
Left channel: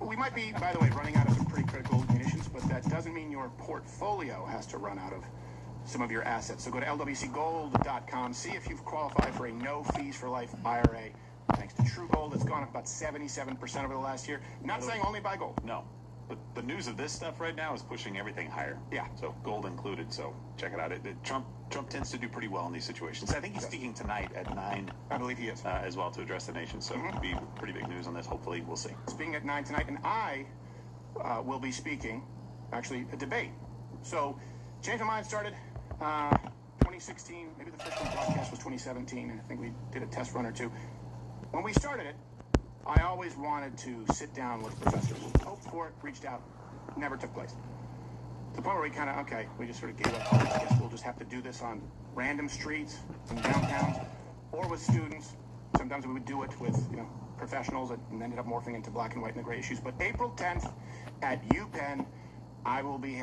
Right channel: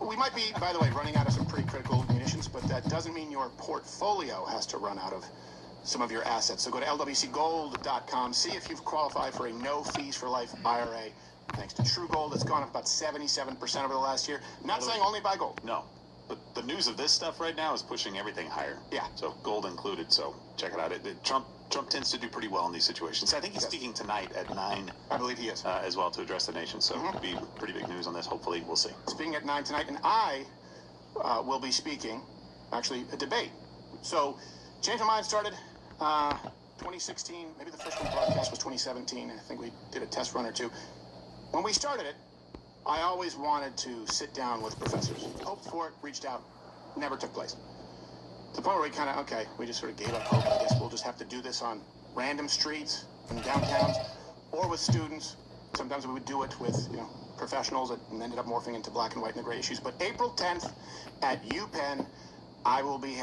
We might be, by the way, running out of some pretty critical munitions, but that doesn't mean your portfolio has to run out of some of your assets. So go to LWCgold.com, see if you've qualified for a no fees for life IRA. Thanks to True Gold, it's gone up about 77% over the last year. Not saying only buy gold. No. But the news of this stuff right now is pushing everything higher. Yeah. So gold included. So check it out. Trump tends to do pretty well in these situations. I think he's speaking tonight at 9. I believe he is. As well to address the nation. So it'll be pretty big news on this. Hopefully, we'll see. Speaking at 9 tonight, and I will be speaking, actually, a debate. So Change My Mind started 2016. Maybe the first one broadcast was 2017. I think we did a test run or two. When we started it, I always wanted to sit down with professors. Hoped for it, reached out, never took place. To the point where we kind of, okay, we just sort of gave up. I guess we'll just have to do this on random streets in downtowns or with students. Sometimes we would do it with, professionals that ended up morphing into black and white and the gray issues. But April 10th at UPenn, I will be,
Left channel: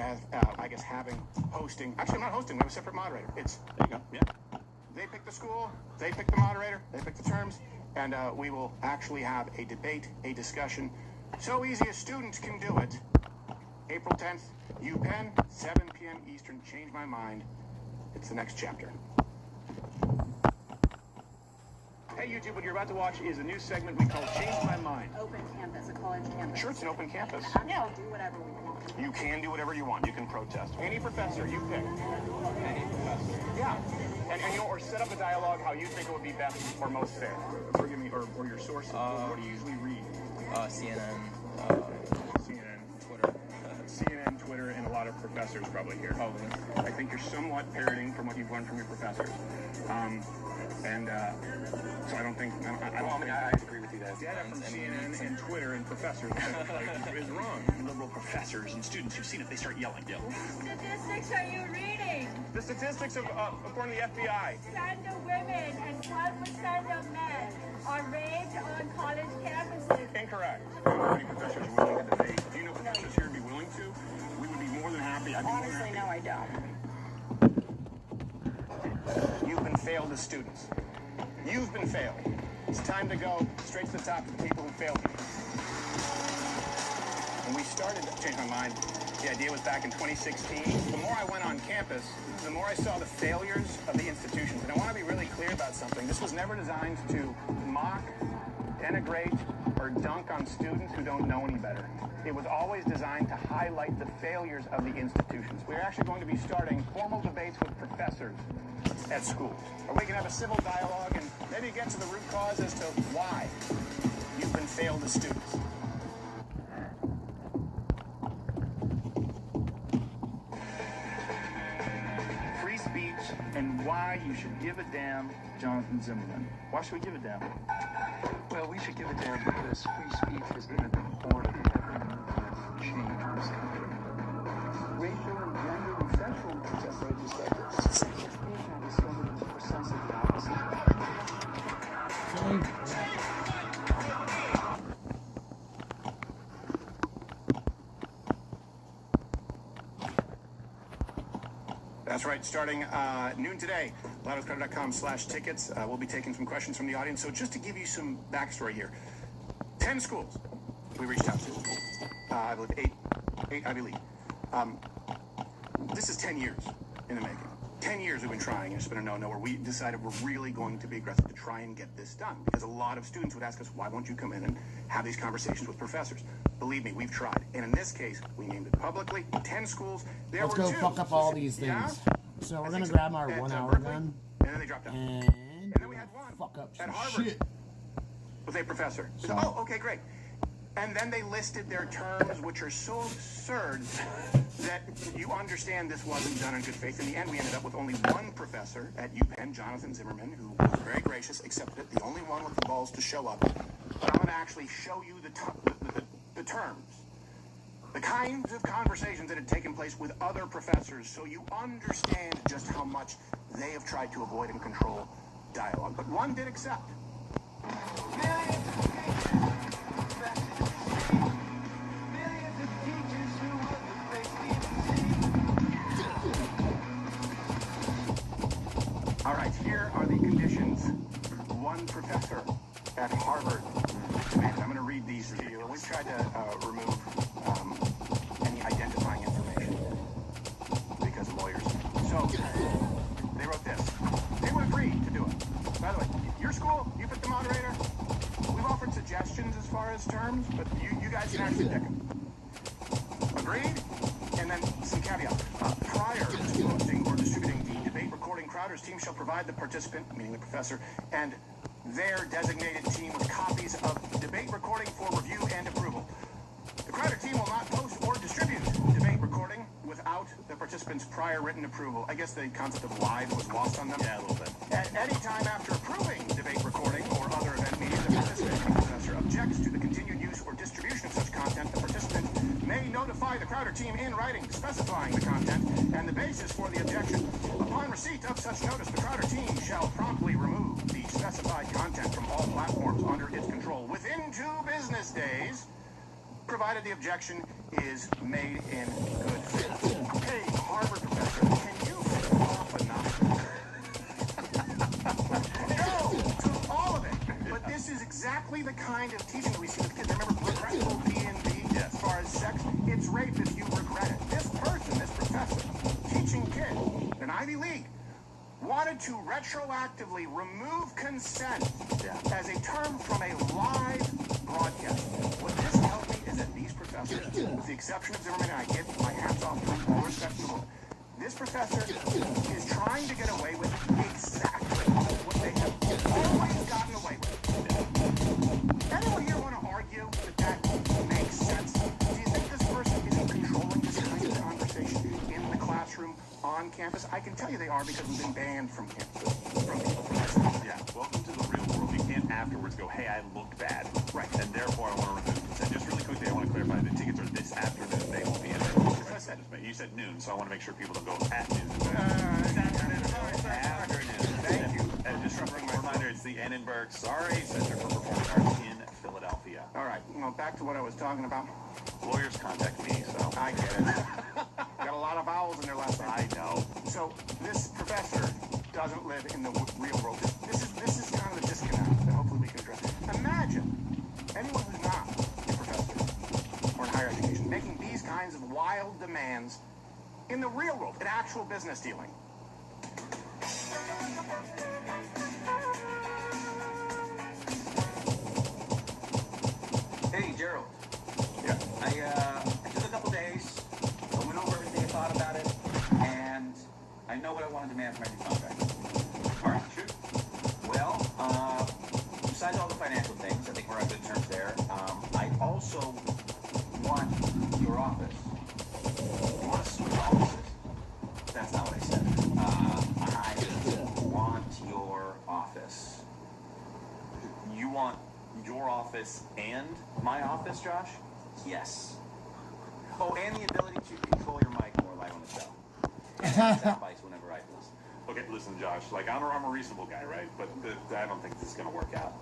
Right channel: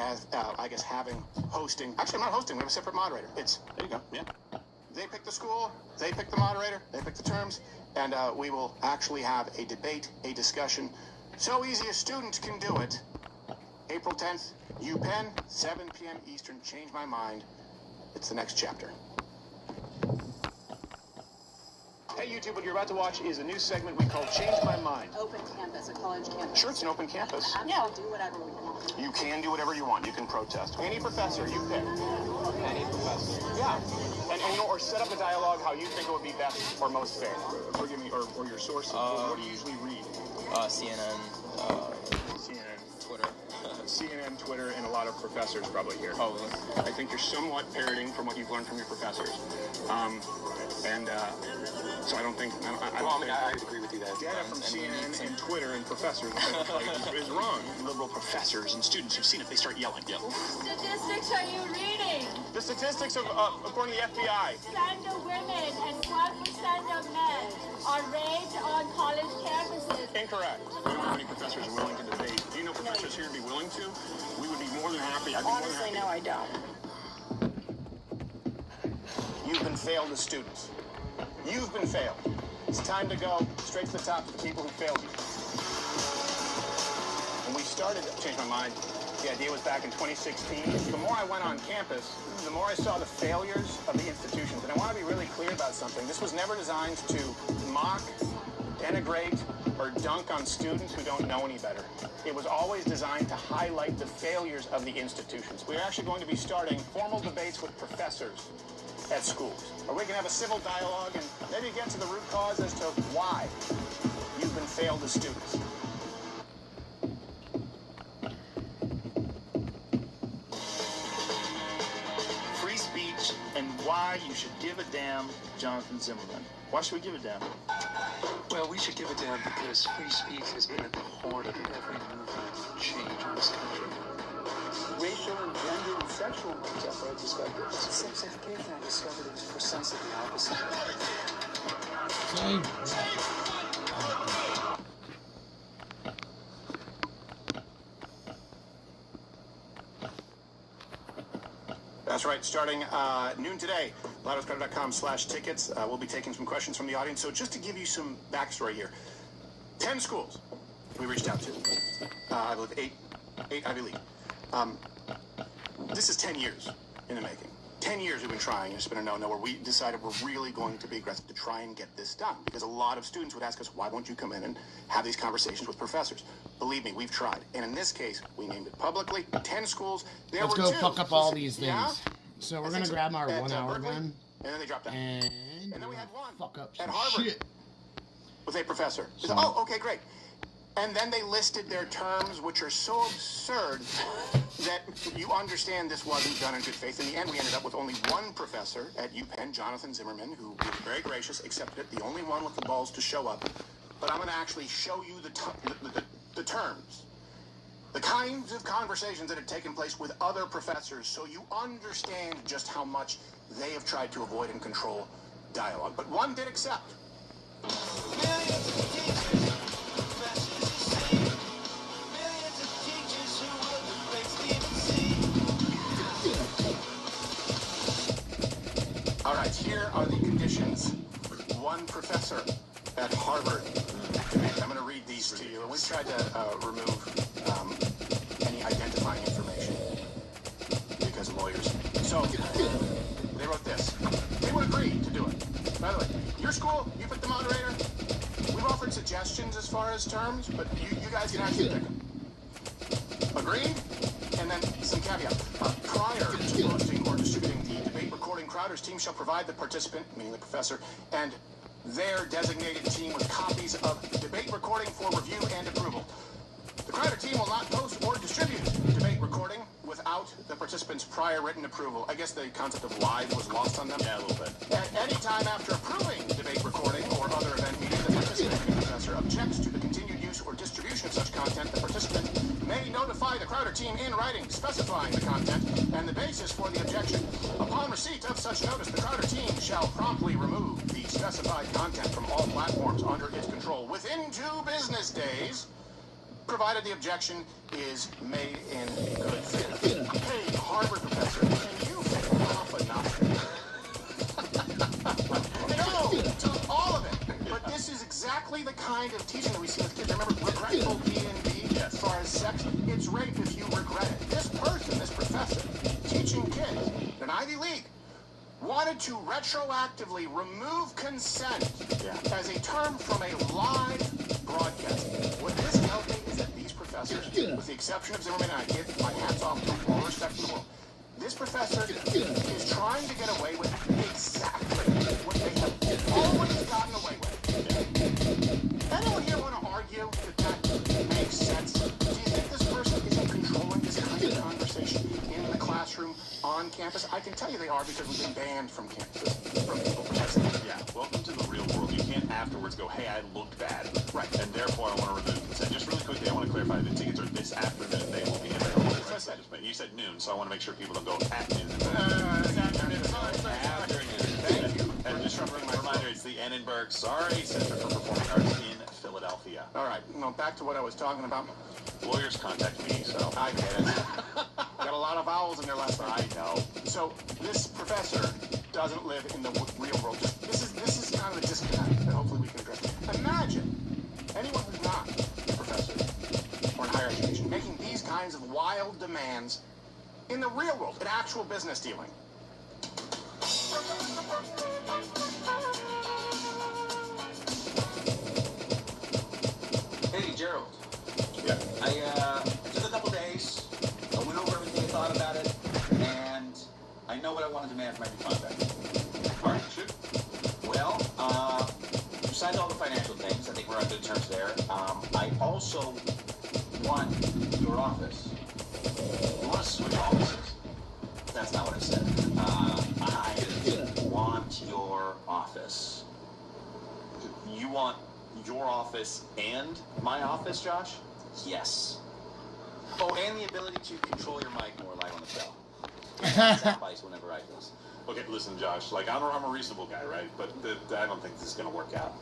hosting. Actually, I'm not hosting. We have a separate moderator. There you go. Yeah. They pick the school, they pick the moderator, they pick the terms, and we will actually have a debate, a discussion. So easy a student can do it. April 10th, UPenn, 7 p.m. Eastern. Change My Mind. It's the next chapter. Hey, YouTube, what you're about to watch is a new segment we call Change My Mind. Open campus, a college campus. Sure, it's an open campus. Yeah, do whatever we want. You can do whatever you want. You can protest. Any professor you pick. Any professor. Yeah. And or set up a dialogue how you think it would be best or most fair. Forgive me, or your sources. What do you usually read? CNN, Twitter. CNN, Twitter, and a lot of professors probably here. Probably. I think you're somewhat parroting from what you've learned from your professors. So I don't think... I agree with you that data from CNN and Twitter and professors is wrong. Liberal professors and students, you've seen if they start yelling. Yeah. Statistics are you reading? The statistics of, according to the FBI. 10% of women and 12% of men are raped on college campuses. Incorrect. I don't know how many professors are willing to debate. Do you know professors here would be willing to? We would be more than happy. Honestly, no, I don't. You've been failed as students. You've been failed. It's time to go straight to the top of the people who failed me. When we started to change my mind, the idea was back in 2016. The more I went on campus, the more I saw the failures of the institutions. And I want to be really clear about something. This was never designed to mock, denigrate, or dunk on students who don't know any better. It was always designed to highlight the failures of the institutions. We're actually going to be starting formal debates with professors at schools, where we can have a civil dialogue and maybe get to the root cause as to why you've been failed as students. Free speech and why you should give a damn, Jonathan Zimmerman. Why should we give a damn? Well, we should give a damn because free speech has been at the core of every movement for change in this country. Racial and gender and sexual contemporary perspectives. Sex education, I discovered, is precisely the opposite. Same. That's right, starting noon today, loudoscrowd.com/tickets. We'll be taking some questions from the audience. So just to give you some backstory here, 10 schools we reached out to. I believe eight Ivy League. This is 10 years in the making. 10 years we've been trying. It's been a no-no where we decided we're really going to be aggressive to try and get this done. Because a lot of students would ask us, why won't you come in and have these conversations with professors? Believe me, we've tried. And in this case, we named it publicly. 10 schools. Let's go fuck up all these things. Yeah? So we're going to grab our 1 hour gun. And then they dropped out. And then we had one fuck up some at Harvard shit. with a professor. So, oh, okay, great. And then they listed their terms, which are so absurd that you understand this wasn't done in good faith. In the end, we ended up with only one professor at UPenn, Jonathan Zimmerman, who was very gracious, accepted it, the only one with the balls to show up. But I'm going to actually show you the terms, the kinds of conversations that had taken place with other professors, so you understand just how much they have tried to avoid and control dialogue. But one did accept. All right, here are the conditions. One professor at Harvard. I'm going to read these to you. We tried to remove any identifying information because of lawyers. So they wrote this. They would agree to do it. By the way, your school, you pick the moderator. We've offered suggestions as far as terms, but you guys can actually pick them. Agreed? And then some caveats. Prior to posting or distributing the debate recording, Crowder's team shall provide the participant, meaning the professor, and their designated team with copies of the debate recording for review and approval. The Crowder team will not post or distribute debate recording without the participant's prior written approval. I guess the concept of live was lost on them. Yeah, a little bit. At any time after approving debate recording or other event meeting, the participating professor objects to the continued use or distribution of such content, the participant may notify the Crowder team in writing specifying the content and the basis for the objection. Upon receipt of such notice, the Crowder team shall promptly remove the specified content from all platforms under its control within 2 business days, provided the objection is made in good faith. Hey, Harvard professor, can you help enough? No, to all of it. But this is exactly the kind of teaching that we see with kids. Remember regretful D&D? As far as sex, it's rape if you regret it. This person, this professor, teaching kids in an Ivy League, wanted to retroactively remove consent as a term from a live broadcast. What this tells me is that these professors, with the exception of Zimmerman, and I give my hands off to all respect to them, this professor is trying to get away with exactly what they have always gotten away with. Anyone here want to argue that makes sense? Do you think this person isn't controlling this kind of conversation in the classroom, on campus? I can tell you they are because we've been banned from campus. Yeah, welcome to the real world. You can't afterwards go, hey, I looked bad. Right. And therefore I want to remove consent. Just really quickly, I want to clarify the tickets are this afternoon. They will be in there. As I said, You said noon, so I want to make sure people don't go at noon. afternoon. Thank you. And just a reminder, it's the Annenberg, Center for Performing Arts in Philadelphia. All right, back to what I was talking about. Lawyers contact me, so. I get it. Got a lot of vowels in there last time. I know. So this professor doesn't live in the real world. This is kind of a disconnect that hopefully we can address. wild demands in the real world, in actual business dealing. Hey, Gerald. Yeah. I took a couple days. I went over everything I thought about it, and I know what I want to demand from every contract. All right, shoot. Well, besides all the financial things, I think we're on good terms there. I also want your office. You want to switch offices? That's not what I said. I want your office. You want your office and my office, Josh? Yes. Oh, and the ability to control your mic more live on the show. That's advice whenever I do this. Okay, listen, Josh. Like, I'm a reasonable guy, right? But I don't think this is gonna work out.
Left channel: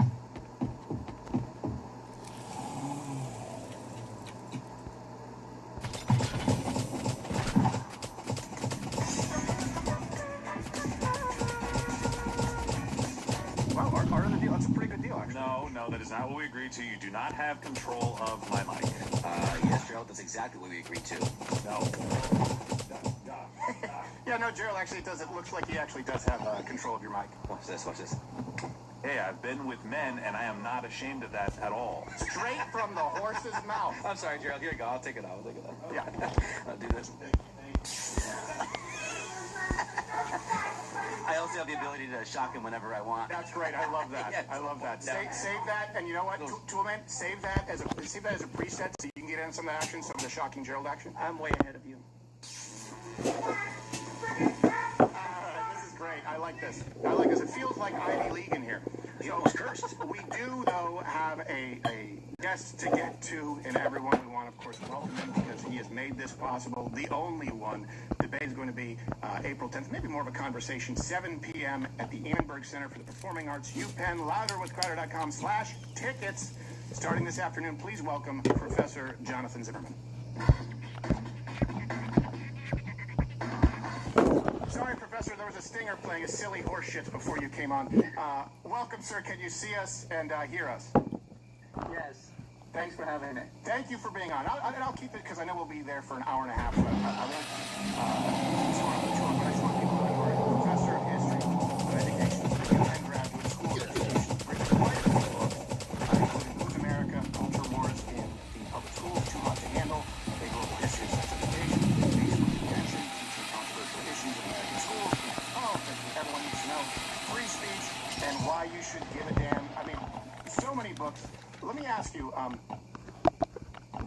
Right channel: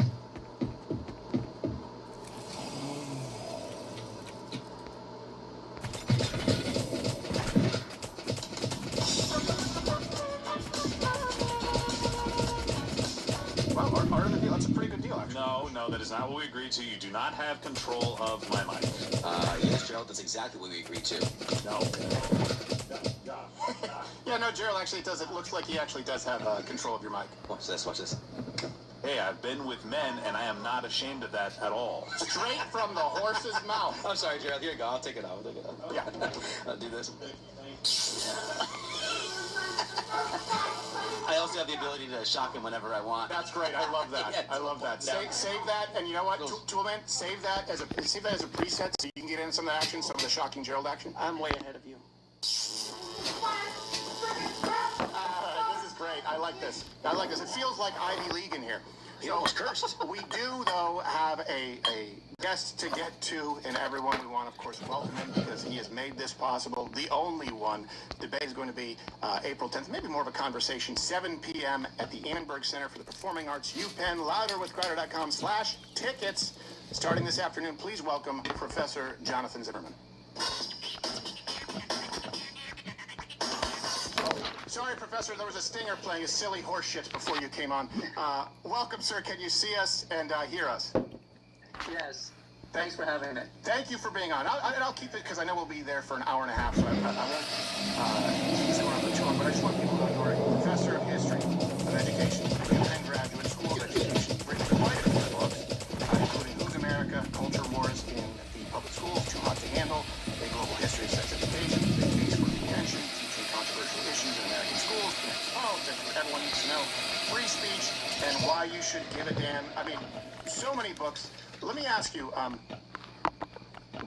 Well, part of the deal. That's a pretty good deal, actually. No, that is not what we agreed to. You do not have control of my mic. Yes, Gerald, that's exactly what we agreed to. No. Yeah, no, Gerald, actually, it looks like he actually does have control of your mic. Watch this, watch this. Hey, I've been with men, and I am not ashamed of that at all. Straight from the horse's mouth. I'm sorry, Gerald. Here you go. I'll take it out. Yeah. I'll do this. I also have the ability to shock him whenever I want. That's great. I love that. Yes. I love that. Save that, and you know what, Toolman? Save that as a preset so you can get in some of the action, some of the shocking Gerald action. I'm way ahead of you. This is great. I like this. It feels like Ivy League in here. He almost cursed. We do, though, have a guest to get to, and everyone we want, of course, welcome him because he has made this possible. The only one. Debate is going to be April 10th, maybe more of a conversation, 7 p.m. at the Annenberg Center for the Performing Arts, UPenn, louderwithcrowder.com/tickets. Starting this afternoon, please welcome Professor Jonathan Zimmerman. Sorry, Professor, there was a stinger playing a silly horse shit before you came on. Welcome, sir. Can you see us and hear us? Yes. Thanks for having me. Thank you for being on. I'll keep it because I know we'll be there for an hour and a half. So Professor of History, of Education, and Graduate School of Education, including America, culture wars in the public schools, too much to handle, a global history of sex education, education, teaching controversial issues in American schools, politics, what everyone needs to know, free speech, and why you should give a damn. I mean, so many books. Let me ask you,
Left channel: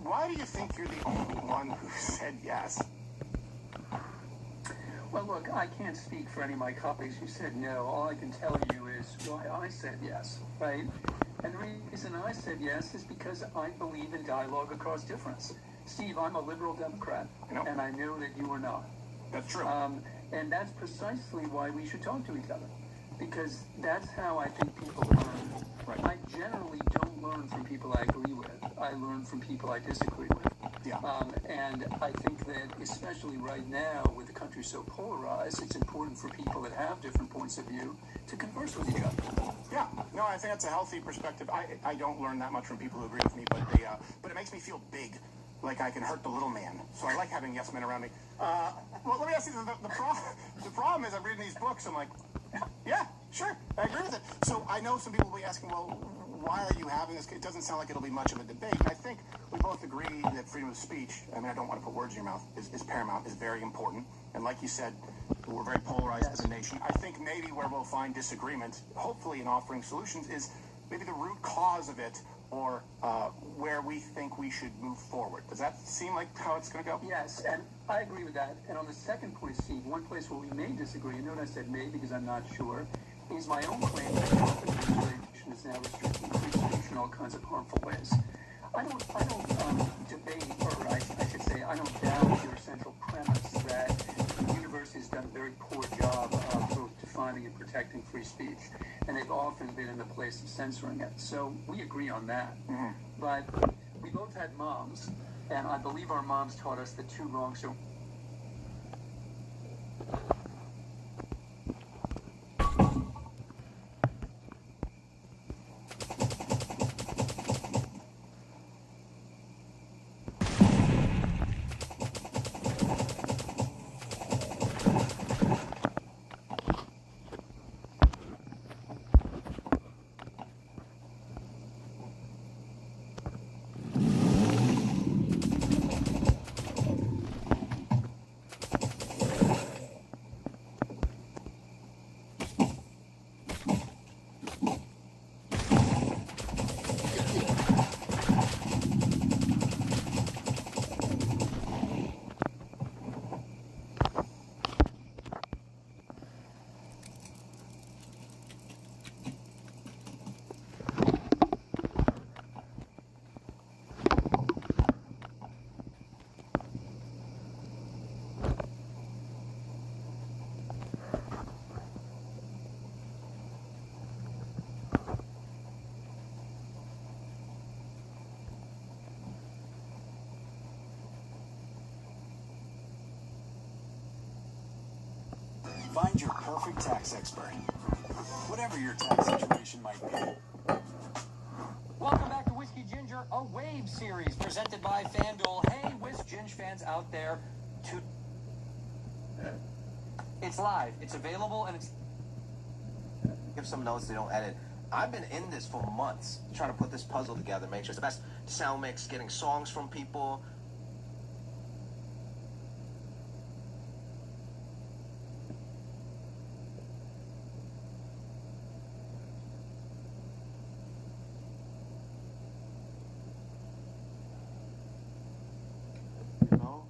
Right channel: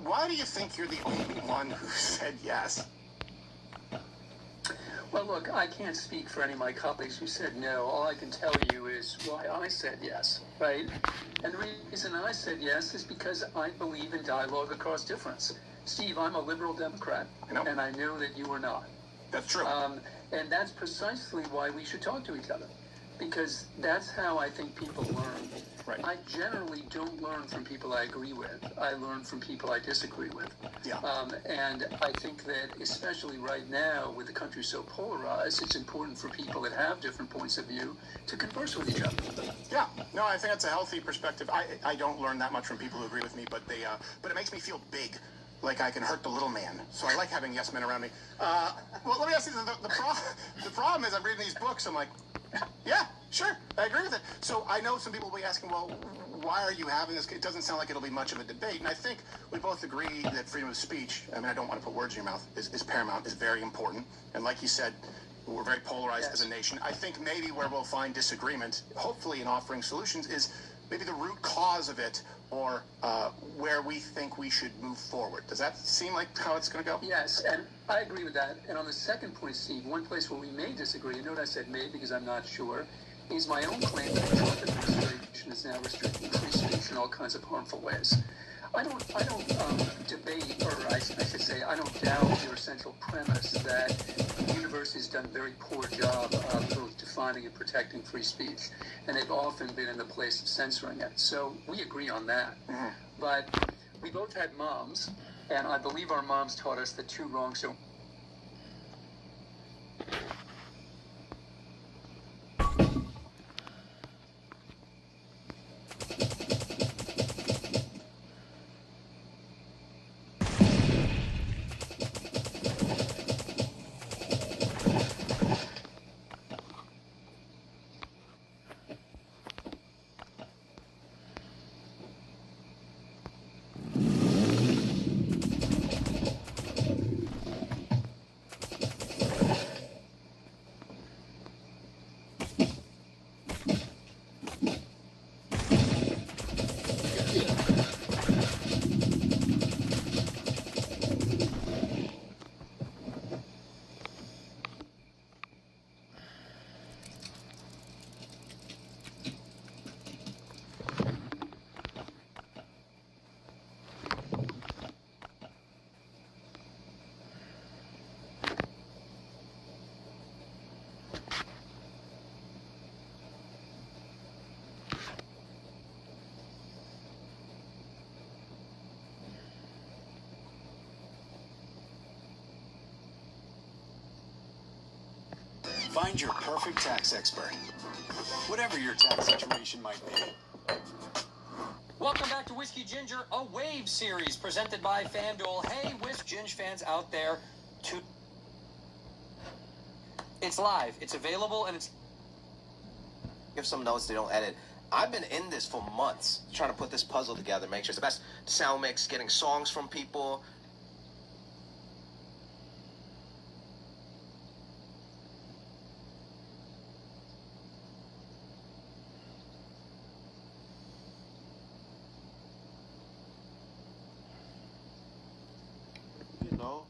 why do you think you're the only one who said yes? Well, look, I can't speak for any of my colleagues who said no. All I can tell you is why I said yes, right? And the reason I said yes is because I believe in dialogue across difference. Steve, I'm a liberal Democrat, and I know that you are not. That's true. And that's precisely why we should talk to each other, because that's how I think people learn. Right. I generally don't learn from people I agree with. I learn from people I disagree with. Yeah. And I think that especially right now, with the country so polarized, it's important for people that have different points of view to converse with each other. Yeah. No, I think that's a healthy perspective. I don't learn that much from people who agree with me, but it makes me feel big. Like I can hurt the little man. So I like having yes men around me. Well, let me ask you, the problem is I'm reading these books, I'm like, yeah, sure, I agree with it. So I know some people will be asking, well, why are you having this? It doesn't sound like it'll be much of a debate. And I think we both agree that freedom of speech, I mean, I don't want to put words in your mouth, is paramount, is very important. And like you said, we're very polarized as a nation. I think maybe where we'll find disagreement, hopefully in offering solutions, is maybe the root cause of it, or where we think we should move forward. Does that seem like how it's going to go? Yes, and I agree with that. And on the second point, Steve, one place where we may disagree, and note I said may because I'm not sure, is my own claim that the Trump administration is now restricting free speech in all kinds of harmful ways. I don't debate, or I should say, I don't doubt your central premise that the university has done a very poor job of both defining and protecting free speech, and they've often been in the place of censoring it. So we agree on that. Mm-hmm. But we both had moms, and I believe our moms taught us that two wrongs don't Find your perfect tax expert, whatever your tax situation might be. Welcome back to Whiskey Ginger, a wave series presented by FanDuel. Hey, Whisk Ginge fans out there, it's live, it's available, and it's... Give some notes they don't edit. I've been in this for months, trying to put this puzzle together, make sure it's the best sound mix, getting songs from people. You know,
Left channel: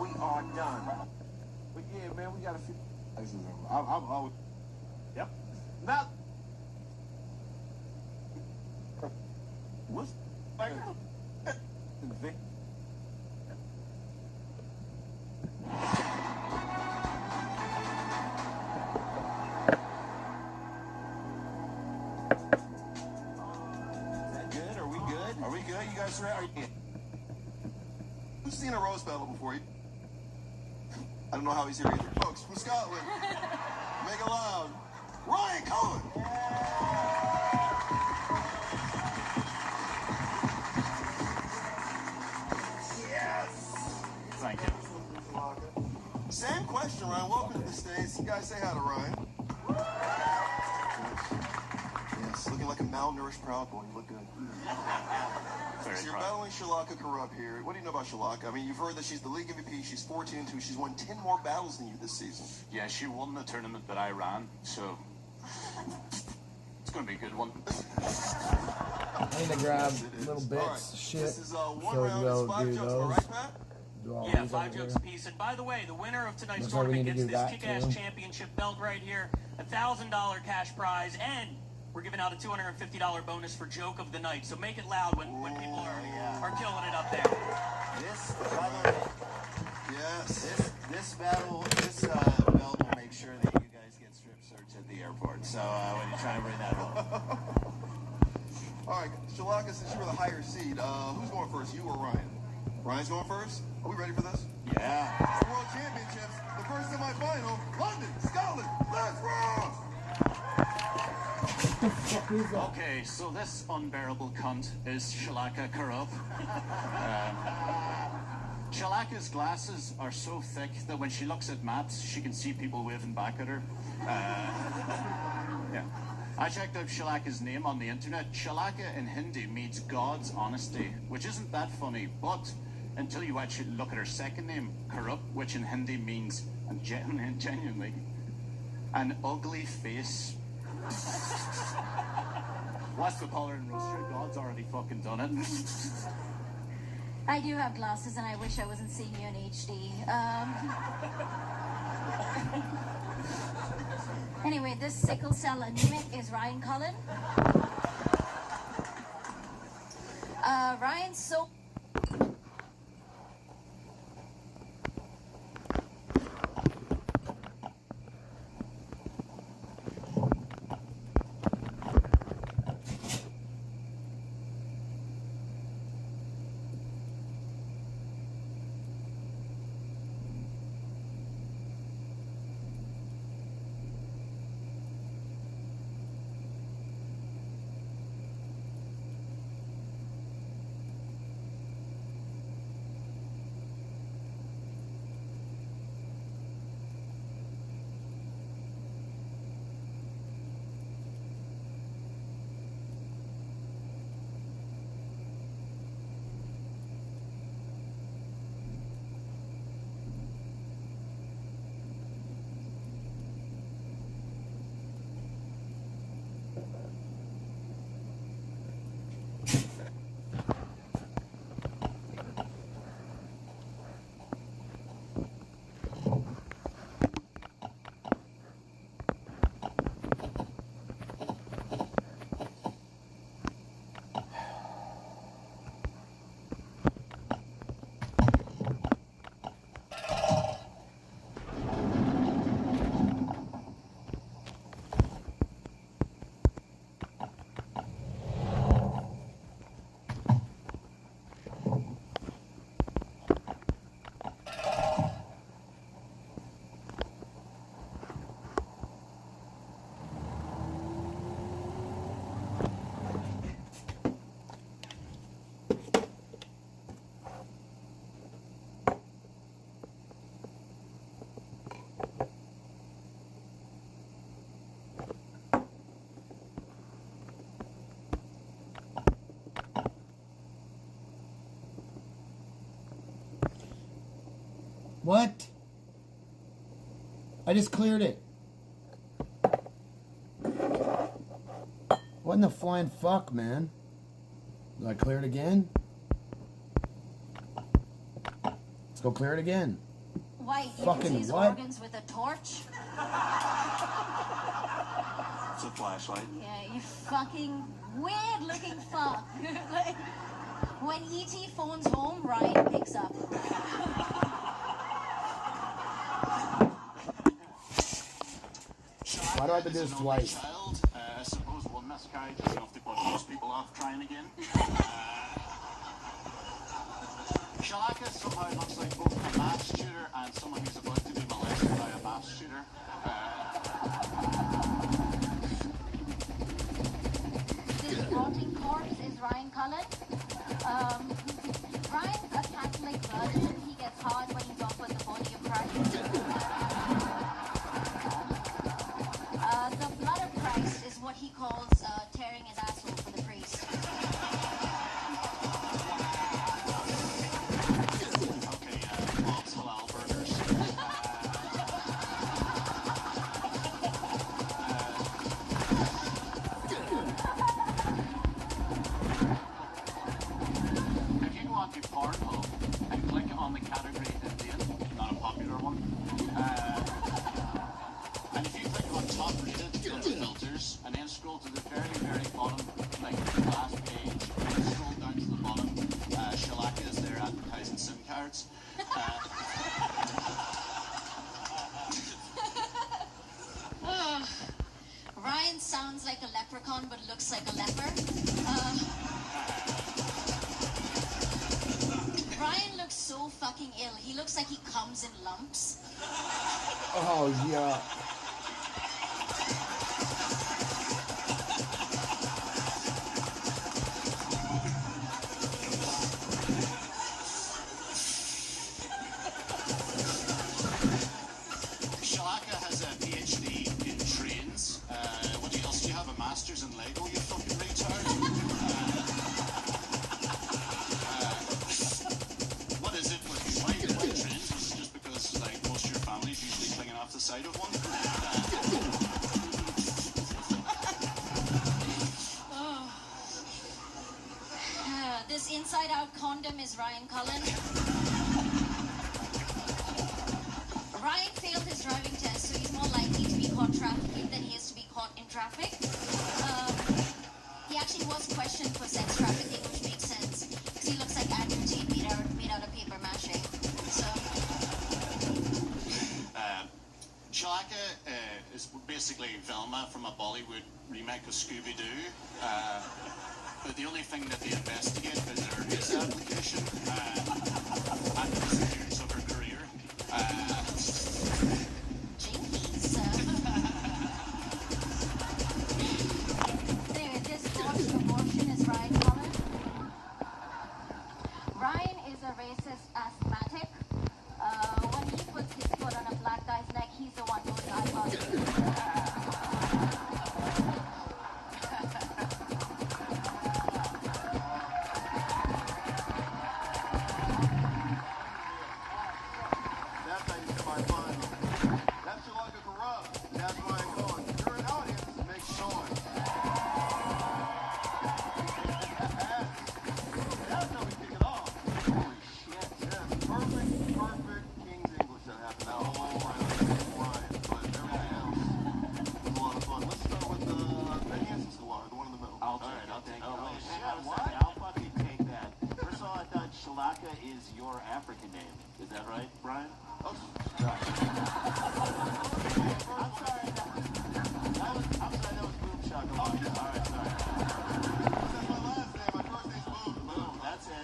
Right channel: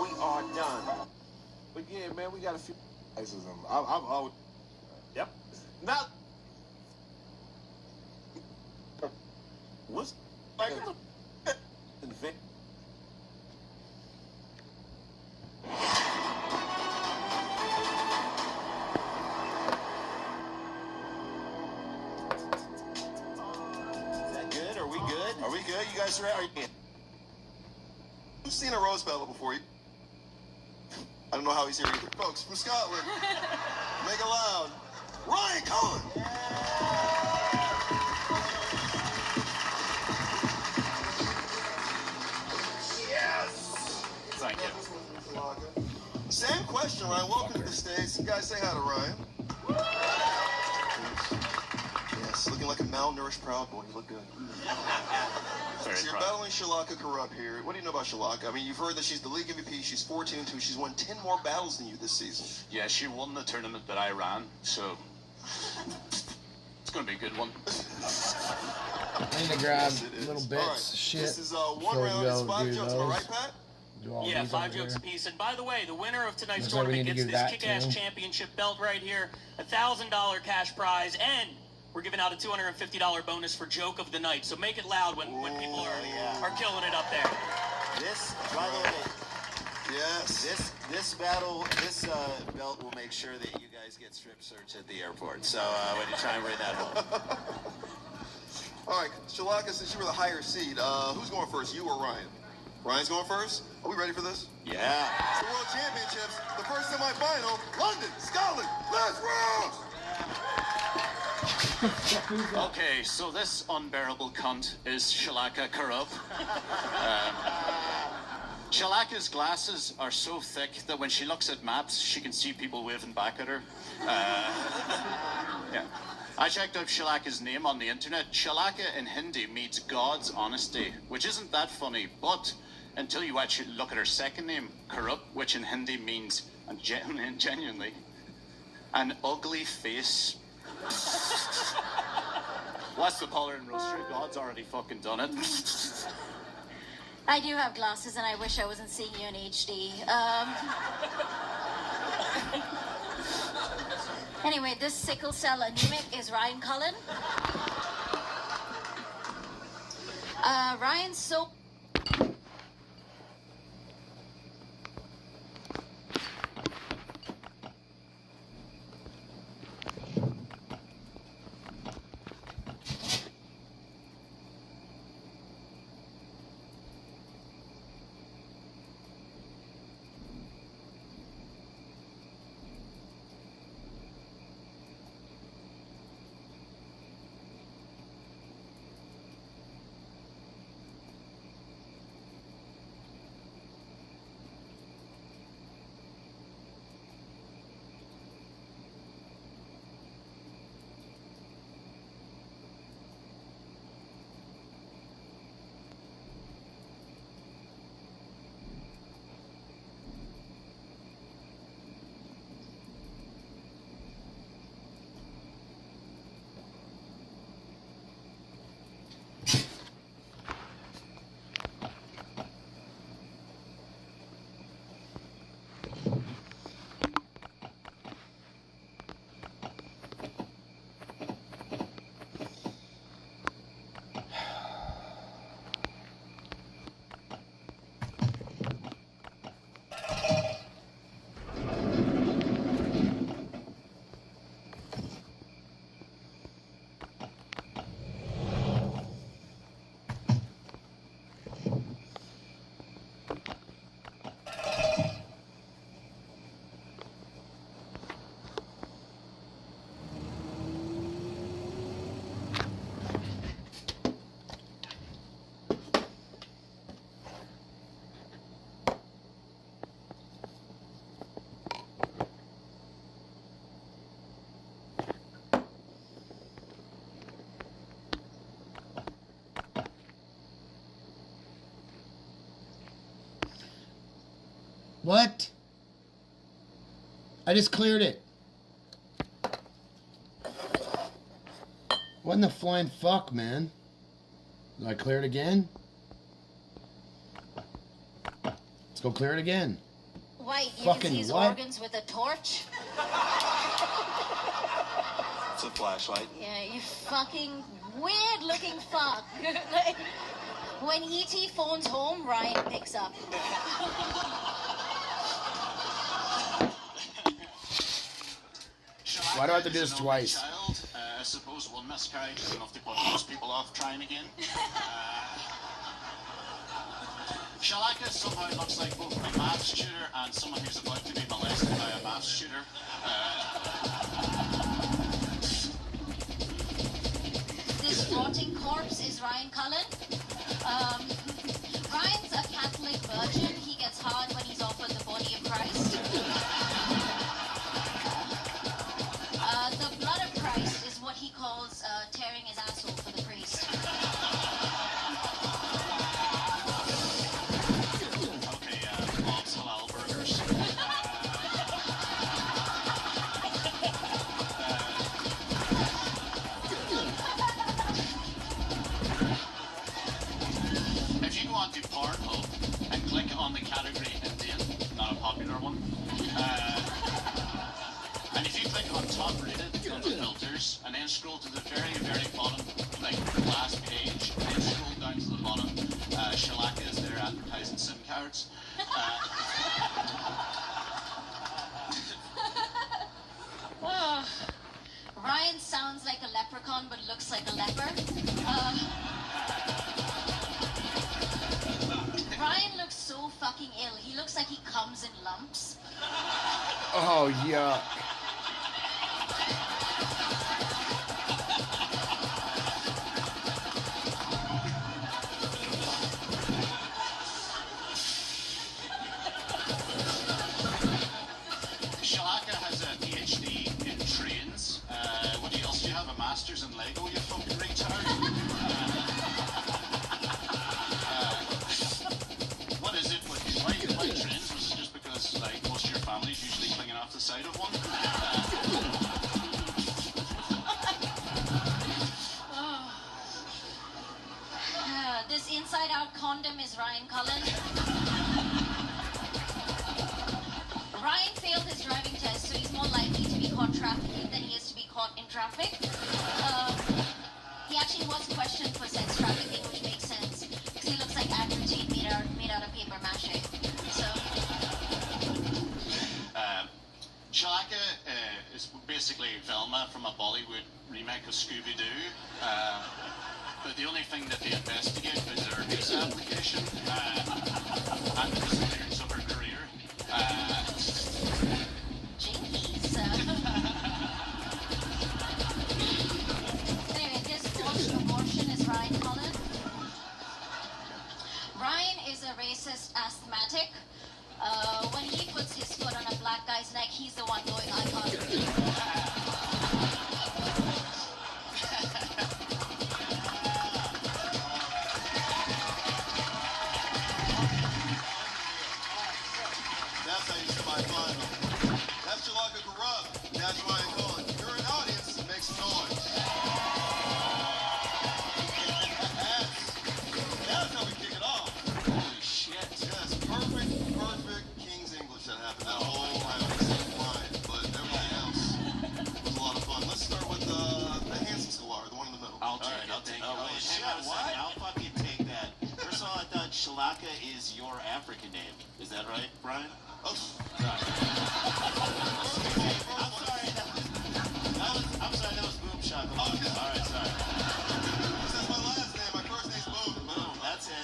we are done. But yeah, man, we got a few. I'm always. Yep. Not. What's like? Good? Are we good? Are we good? You guys ready? Who's seen a rose battle before? I don't know how he's here. Folks from Scotland, make it loud. Ryan Cullen! Yes! Thank you. Same question, Ryan. Welcome to the States. You guys say hi to Ryan. Yes, looking like a malnourished proud boy. You look good. So you're battling Shalaka Corrupt here. What do you know about Shalaka? I mean, you've heard that she's the league MVP. She's 14-2. She's won 10 more battles than you this season. Yeah, she won the tournament that I ran, so it's going to be a good one. I need to grab Yes, little bits of shit. This is one So we round. go It's 5 do jokes, those. right, Pat? Do all Yeah, these 5 over jokes here. apiece. And by the way, the winner of tonight's Looks like we tournament need to gets do this that, kick-ass too. championship belt right here, $1,000 cash prize, and we're giving out a $250 bonus for joke of the night. So make it loud when people are killing it up there. This, by the way, Yes. this belt will make sure that you guys get strip search at the airport. So when you try and bring that home. All right, Shalaka, since you were the higher seed, who's going first, you or Ryan? Ryan's going first? Are we ready for this? Yeah. It's the World Championships, the first semi-final, London, Scotland, let's roll! Okay, so this unbearable cunt is Shalaka Corrupt. Shalaka's glasses are so thick that when she looks at maps, she can see people waving back at her. Yeah. I checked out Shalaka's name on the internet. Shalaka in Hindi means God's honesty, which isn't that funny, but until you actually look at her second name, Corrupt, which in Hindi means, genuinely, an ugly face. What's the color in roaster? God's already fucking done it. I do have glasses, and I wish I wasn't seeing you in HD. Anyway, this sickle cell anemic is Ryan Cullen. Ryan's so... What? I just cleared it. What in the flying fuck, man? Did I clear it again? Let's go clear it again. Wait, you Fucking can see his what? organs with a torch? It's a flashlight. Yeah, you fucking weird-looking fuck. Like, when E.T. phones home, Ryan picks up. Why do I have to do this twice? I suppose one miscarriage is enough to put most people off trying again. Shalaka somehow looks like both a maths tutor and someone who's about to be molested by a maths tutor. This floating corpse is Ryan Cullen. Ryan's a Catholic virgin. He gets hard when he's offered the body of Christ. The blood of Christ is what he calls tearing his asshole for the priest. Okay, lots of halal burgers. If you go onto Pornhub and click on the category Indian, not a popular one, and if you click on top rated, go to filters, and then scroll to the very, very bottom, like last page, and then scroll down to the bottom, Shalaka is there advertising SIM cards. Oh, Ryan sounds like a leprechaun but looks like a leper. Ryan looks so fucking ill. He looks like he comes in lumps. Oh, yuck. Shalaka has a PhD in trains. What else do you have? A master's in Lego, you fucking retard? What is it with why you like trains? Is it just because like most of your family's usually clinging off the side of one? This inside-out condom is Ryan Cullen. Ryan failed his driving test, so he's more likely to be caught trafficking than he is to be caught in traffic. He actually was questioned for sex trafficking, which makes sense, because he looks like Advertine made out of paper mache. So, Shalaka is basically Velma from a Bollywood remake of Scooby-Doo. But the only thing that they investigate is her visa application and the disappearance of her career. jinkies. Anyway, this dodged abortion is Ryan Cullen. Ryan is a racist asthmatic. When he puts his foot on a black guy's neck, he's the one going, I got it. That's how you survive fun. That's Shalaka Corrupt. That's Ryan Cullen. You're an audience. Make some noise. That's how we kick it off. Holy shit. Yes, perfect King's English that happened. That whole I always say line, but everything else was a lot of fun. Let's start with the handsome Scalar, the one in the middle. I'll take it. Hang on a second. I'll fucking take that. First of all, I thought Shalaka is your African name. Is that right, Brian? Oh, I'm sorry. I'm sorry. That was boom shot. Oh, all right, sorry. that's my last name. My first name's Boom. Boom. That's it.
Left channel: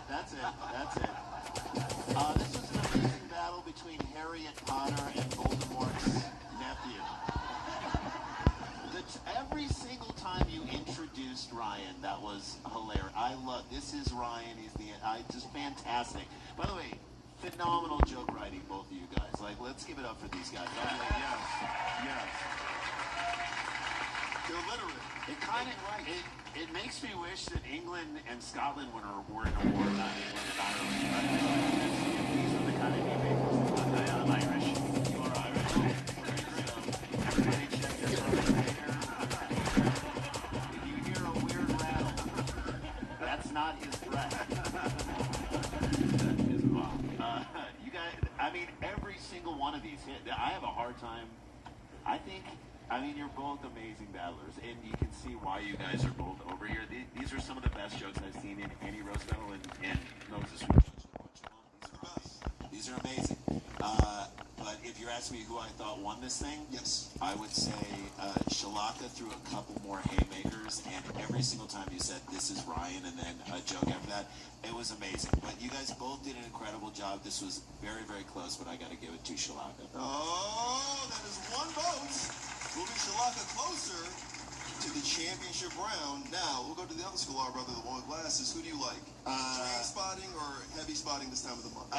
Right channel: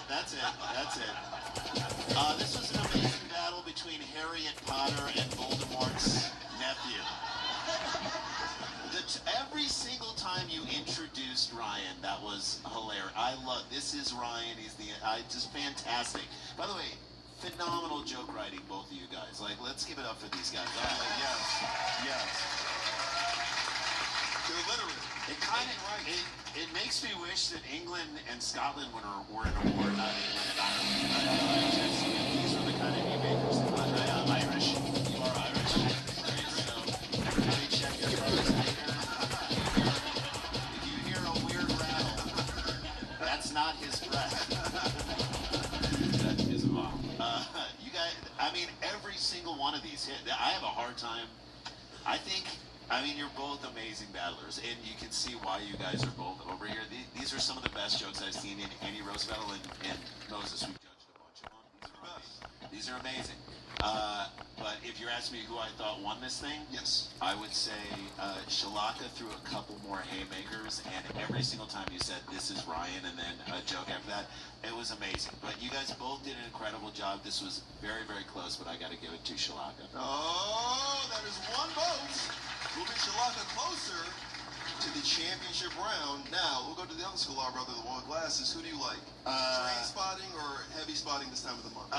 This was an amazing battle between Harriet Potter and Voldemort's nephew. Every single time you introduced Ryan, that was hilarious. I love. This is Ryan. He's just fantastic. By the way, phenomenal joke writing, both of you guys. Like, let's give it up for these guys. Yes. They're literate. It makes me wish that England and Scotland were in a war. These are the kind of haymakers. always hit. I have a hard time. I mean, you're both amazing battlers, and you can see why you guys are both over here. These are some of the best jokes I've seen in any roast battle, and Moses, these are amazing. But if you're asking me who I thought won this thing, yes, I would say Shalaka threw a couple more haymakers, and every single time you said, "This is Ryan," and then a joke after that, it was amazing. But you guys both did an incredible job. This was very, very close, but I got to give it to Shalaka. Oh, that is one vote. Moving Shalaka closer to the championship round. Now, we'll go to the other school, our brother, the one with glasses. Who do you like? Train spotting or heavy spotting this time of the month?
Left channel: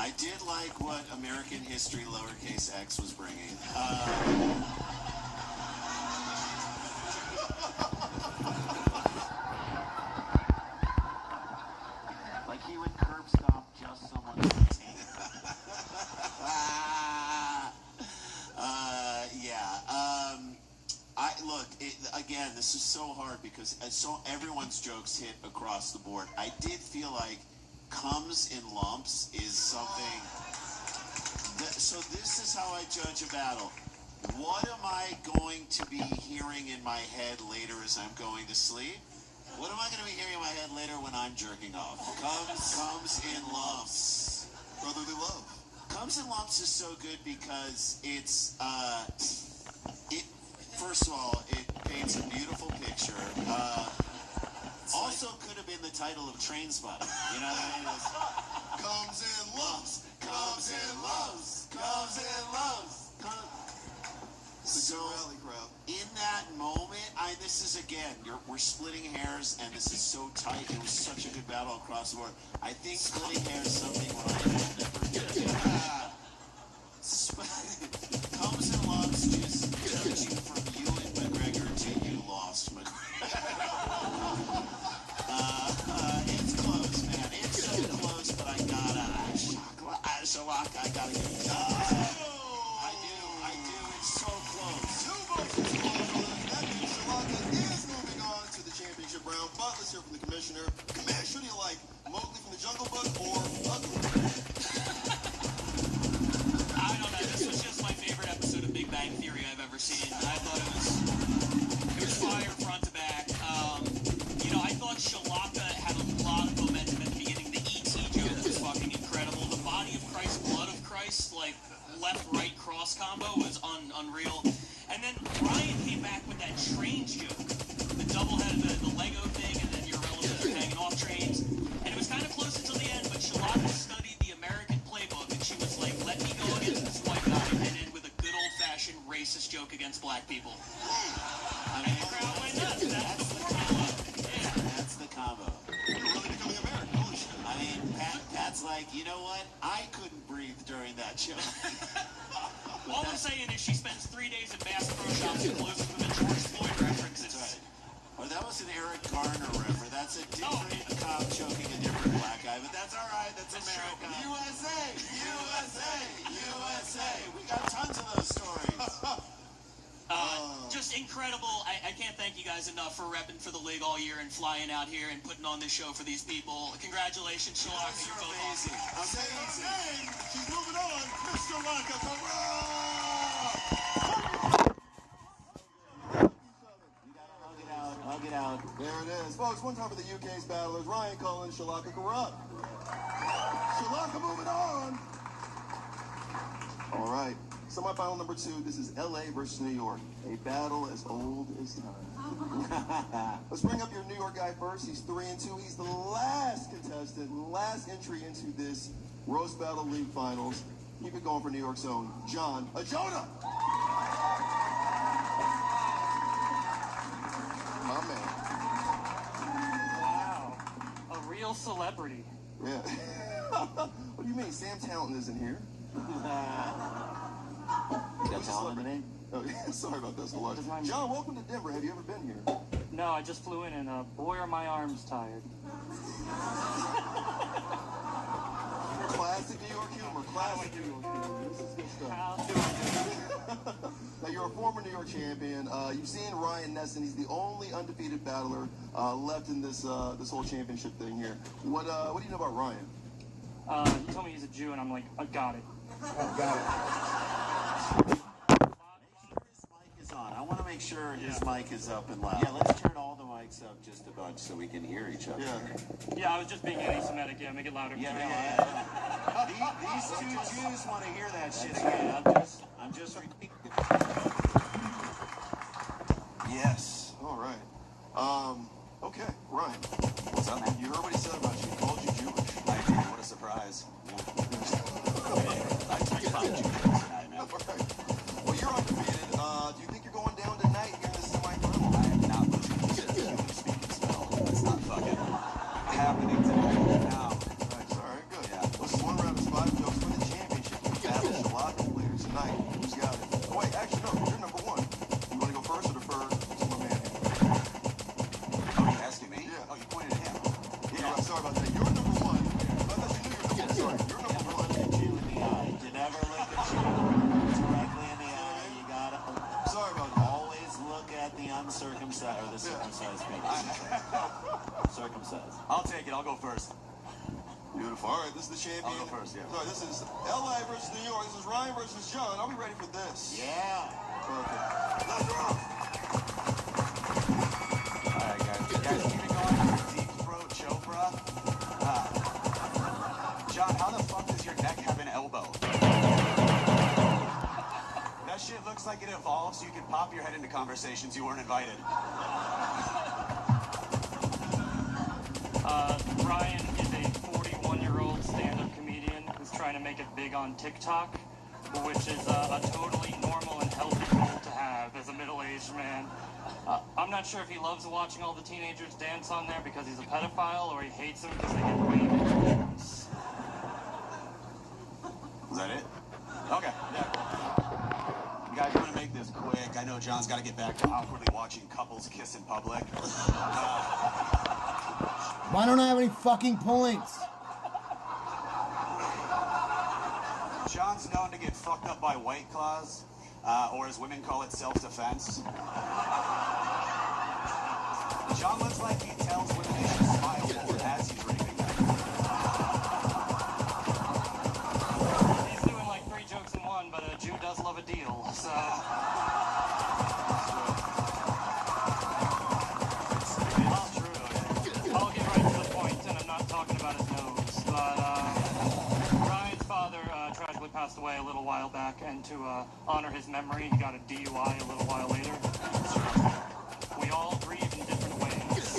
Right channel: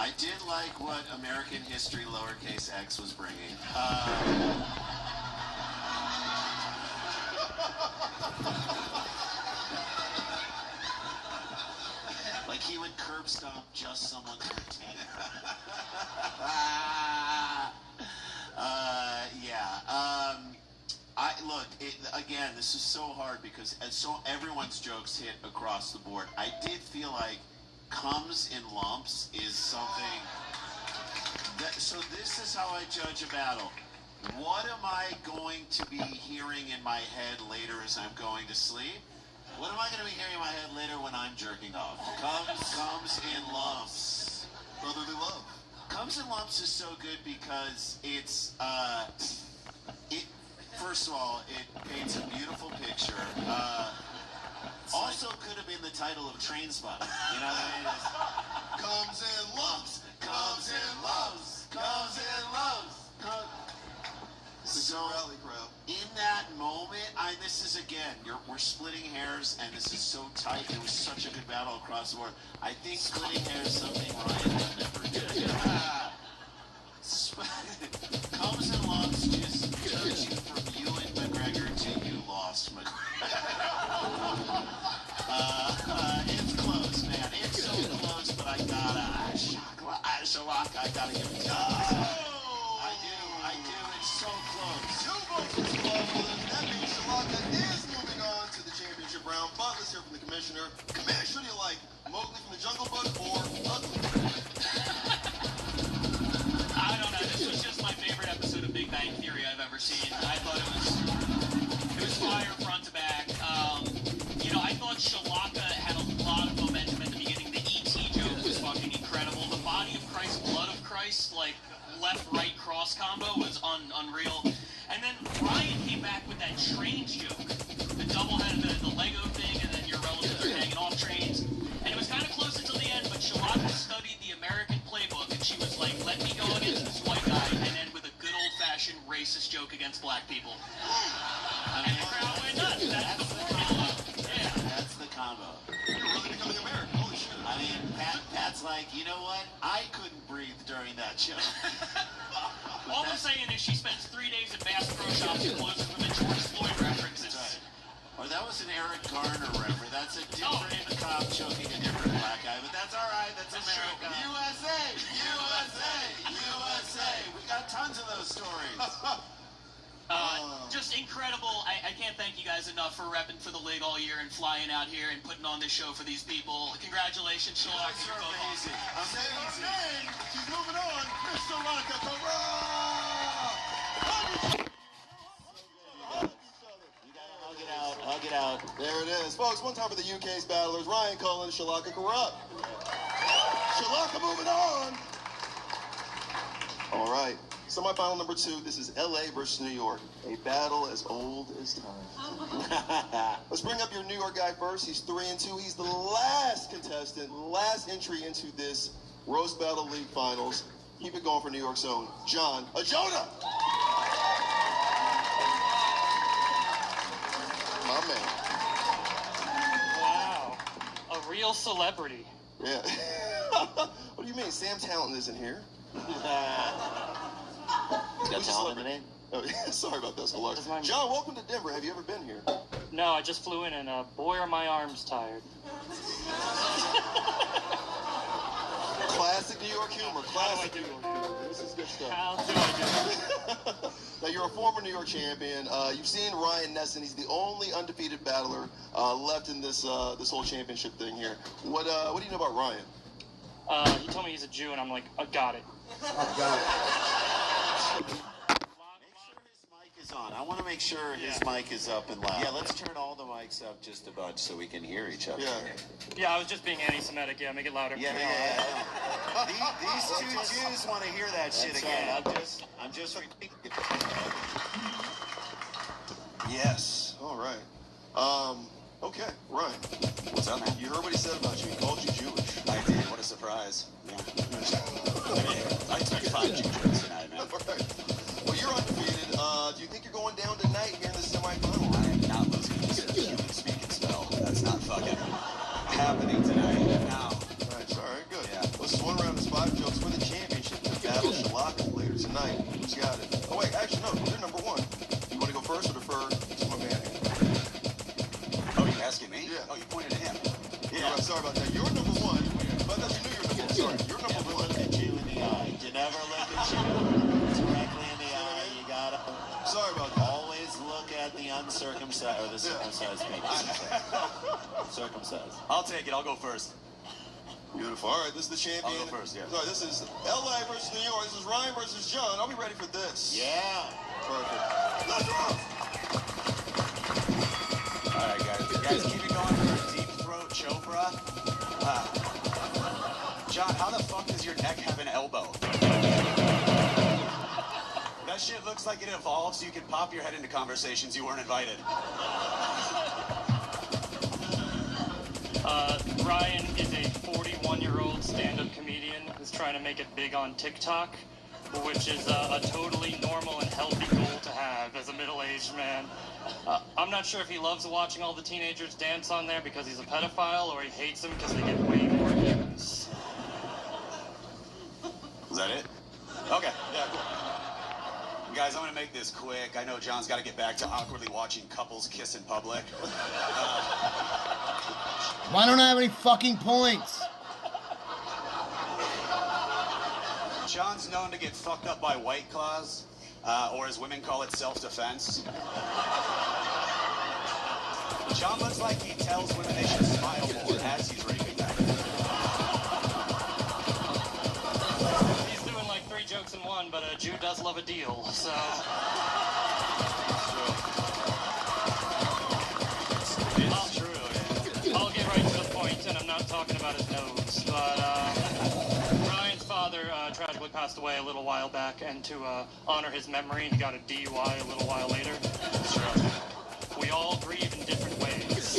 I did like what American History lowercase x was bringing. Like he would curb stomp just someone's routine. Again, this is so hard because everyone's jokes hit across the board. I did feel like comes in lumps is something so this is how I judge a battle. What am I going to be hearing in my head later as I'm going to sleep? What am I going to be hearing in my head later when I'm jerking off? Comes in lumps. Brotherly love. Comes in lumps is so good because it's first of all, it paints a beautiful picture. Also could have been the title of Train Spotting. You know what I mean? Comes in lumps. Comes in lumps. Comes in lumps. So in that moment, this is again, we're splitting hairs, and this is so tight. It was such a good battle across the board. I think splitting hairs is something Ryan will never do. Comes in lumps just switching from you and McGregor to you lost McGregor. It's close, man. It's so close, but I gotta Shalaka, I gotta give it to I do. It's so close. 2 votes for Shalaka. That means Shalaka is moving on to the championship round. But let's hear from the commissioner. Commish, who do you like? Mowgli from the Jungle Book or Ugly? I don't know. This was just my favorite episode of Big Bang Theory I've ever seen. I thought it was fire front to back. I thought Shalaka had a lot of momentum at the beginning. The E.T. joke was fucking incredible. The Body of Christ, Blood of Christ, like left-right cross combo was unreal. And then Ryan came back with that trains joke. The double-head, the Lego thing, and then your relatives are hanging off trains. And it was kind of close until the end, but Shalaka studied the American playbook, and she was like, let me go against this white guy, and end with a good old-fashioned racist joke against black people. And the crowd went nuts. That's the formula. Yeah. That's the combo. I mean, Pat's like, you know what? I couldn't breathe during that joke. All I'm saying is she spends 3 days at Bass Pro Shops and blows up with a George Floyd references. Right. Or that was an Eric Garner reference. That's a different cop choking a different black guy, but that's all right. That's America. USA! We got tons of those stories. Just incredible. I can't thank you guys enough for repping for the league all year and flying out here and putting on this show for these people. Congratulations, Shalaka. You're both amazing. Amazing. She's moving on. Miss Shalaka, Hug it out. There it is. Folks, one time for the UK's battlers, Ryan Cullen, Shalaka Corrupt. Shalaka moving on. All right. Semi-final number 2. This is LA versus New York. A battle as old as time. Let's bring up your New York guy first. He's 3-2. He's the last contestant, last entry into this Roast Battle League Finals. Keep it going for New York's own John Ajona. My man. Wow. A real celebrity. Yeah. What do you mean? Sam Talent isn't here. Got talent in the name? Oh, yeah. Sorry about that, Solar. John, welcome to Denver. Have you ever been here? No, I just flew in, and boy, are my arms tired. Classic New York humor. Classic New York humor. This is good stuff. How do I do it? Hey, you're a former New York champion. You've seen Ryan Nesson. He's the only undefeated battler left in this this whole championship thing here. What do you know about Ryan? He told me he's a Jew, and I'm like, I got it. Oh, got it. I want to make sure his mic is up and loud. Yeah, let's turn all the mics up just a bunch so we can hear each other. Yeah, I was just being anti-Semitic. Yeah, make it louder. Yeah. These two Jews want to hear that shit again. I'm just repeating. Yes. All right. Okay, Ryan. What's up, man? You heard what he said about you. He called you Jewish. I did. What a surprise. I took 5 Jew jokes tonight, man. Well, you're undefeated. Do you think you're going down tonight here in the semifinal? I am not losing to the human speaking spell. That's not fucking happening today. No. Right, sorry, good. Yeah. This is one round of 5 jokes for the championship. Battle Shalaka later tonight. Who's got it? Oh, wait, actually, no, you're number 1. You want to go first or defer to my man here? Oh, you're asking me? Yeah. Oh, you pointed at him. Yeah, I'm sorry about that. You're number 1. I thought you knew you were number 1. You're number 1. You never look at you directly in the eye. You gotta. Sorry about that. Always look at the uncircumcised or the circumcised penis. Circumcised. I'll take it. I'll go first. Beautiful. All right, this is the champion. I'll go first, yeah. Sorry, this is LA versus New York. This is Ryan versus John. I'll be ready for this. Yeah. Perfect. Let's go. All right, guys. You guys keep it going for deep throat choke breath. John, how the fuck does your neck have an elbow? That shit looks like it evolves so you can pop your head into conversations you weren't invited. Ryan is a 41-year-old stand-up comedian who's trying to make it big on TikTok, which is a totally normal and healthy goal to have as a middle-aged man. I'm not sure if he loves watching all the teenagers dance on there because he's a pedophile, or he hates them because they get way more views. Is that it? Okay. Yeah, cool. Guys, I'm going to make this quick. I know John's got to get back to awkwardly watching couples kiss in public. Why don't I have any fucking points? John's known to get fucked up by White Claws, or as women call it, self-defense. John looks like he tells women they should smile more as he's raping them. He's doing like 3 jokes in one, but a Jew does love a deal, so... It's true. I'll get right to the point, and I'm not talking about his nose, but Ryan's father tragically passed away a little while back, and to honor his memory, he got a DUI a little while later. We all grieve in different ways.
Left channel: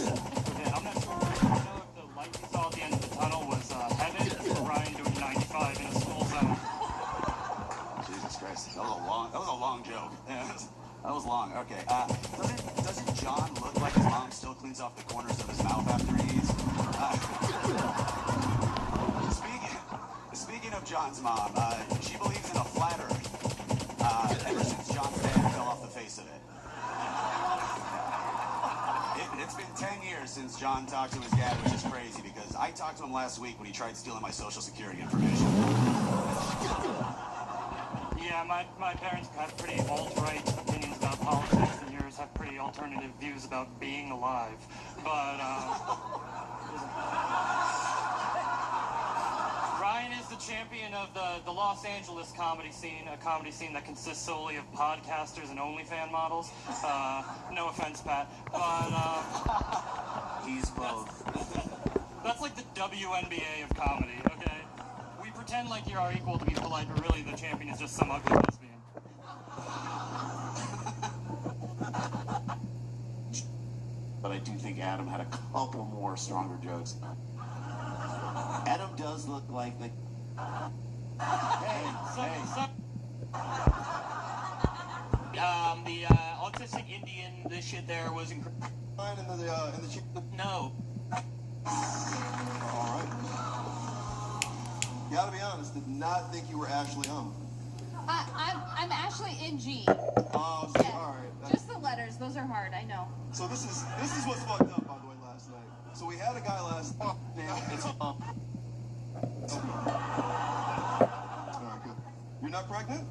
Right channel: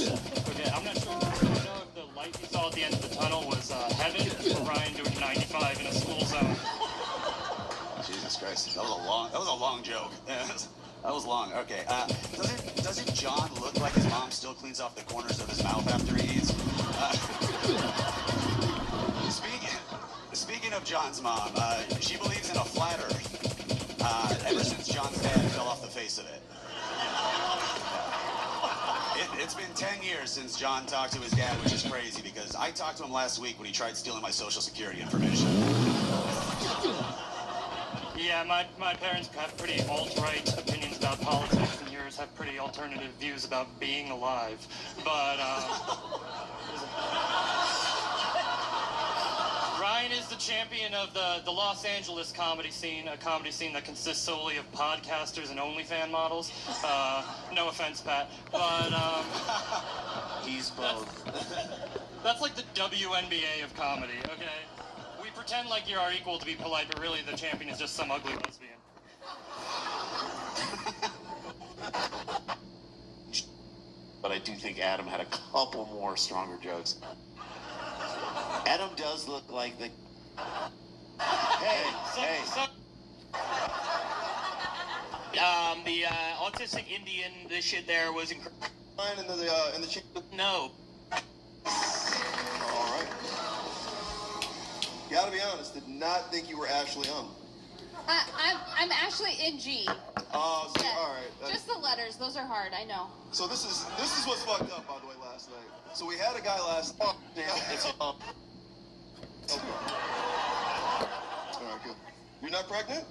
Yeah, I'm not sure if the light we saw at the end of the tunnel was heaven or Ryan doing 95 in a school zone. Jesus Christ, that was a long joke. That was long. Okay. Doesn't John look like his mom still cleans off the corners of his mouth after he eats? Speaking of John's mom, she believes in a flat earth. Ever since John's dad fell off the face of it. It's been 10 years since John talked to his dad, which is crazy because I talked to him last week when he tried stealing my social security information. Yeah, my parents have pretty alt-right opinions about politics, and yours have pretty alternative views about being alive. But, Ryan is the champion of the Los Angeles comedy scene, a comedy scene that consists solely of podcasters and OnlyFans models. No offense, Pat, but, He's both. That's like the WNBA of comedy, okay? We pretend like you're our equal to be polite, but really the champion is just some ugly lesbian. But I do think Adam had a couple more stronger jokes. Adam does look like the... Hey. The autistic Indian, this shit there was incredible. In the No. All right. Gotta be honest, did not think you were actually on. I'm actually in G. Oh, see, Yeah. all right. Just the letters, those are hard, I know. So this is what's fucked up, by the way, last night. So we had a guy last. Oh, damn! It's All right, good. You're not pregnant?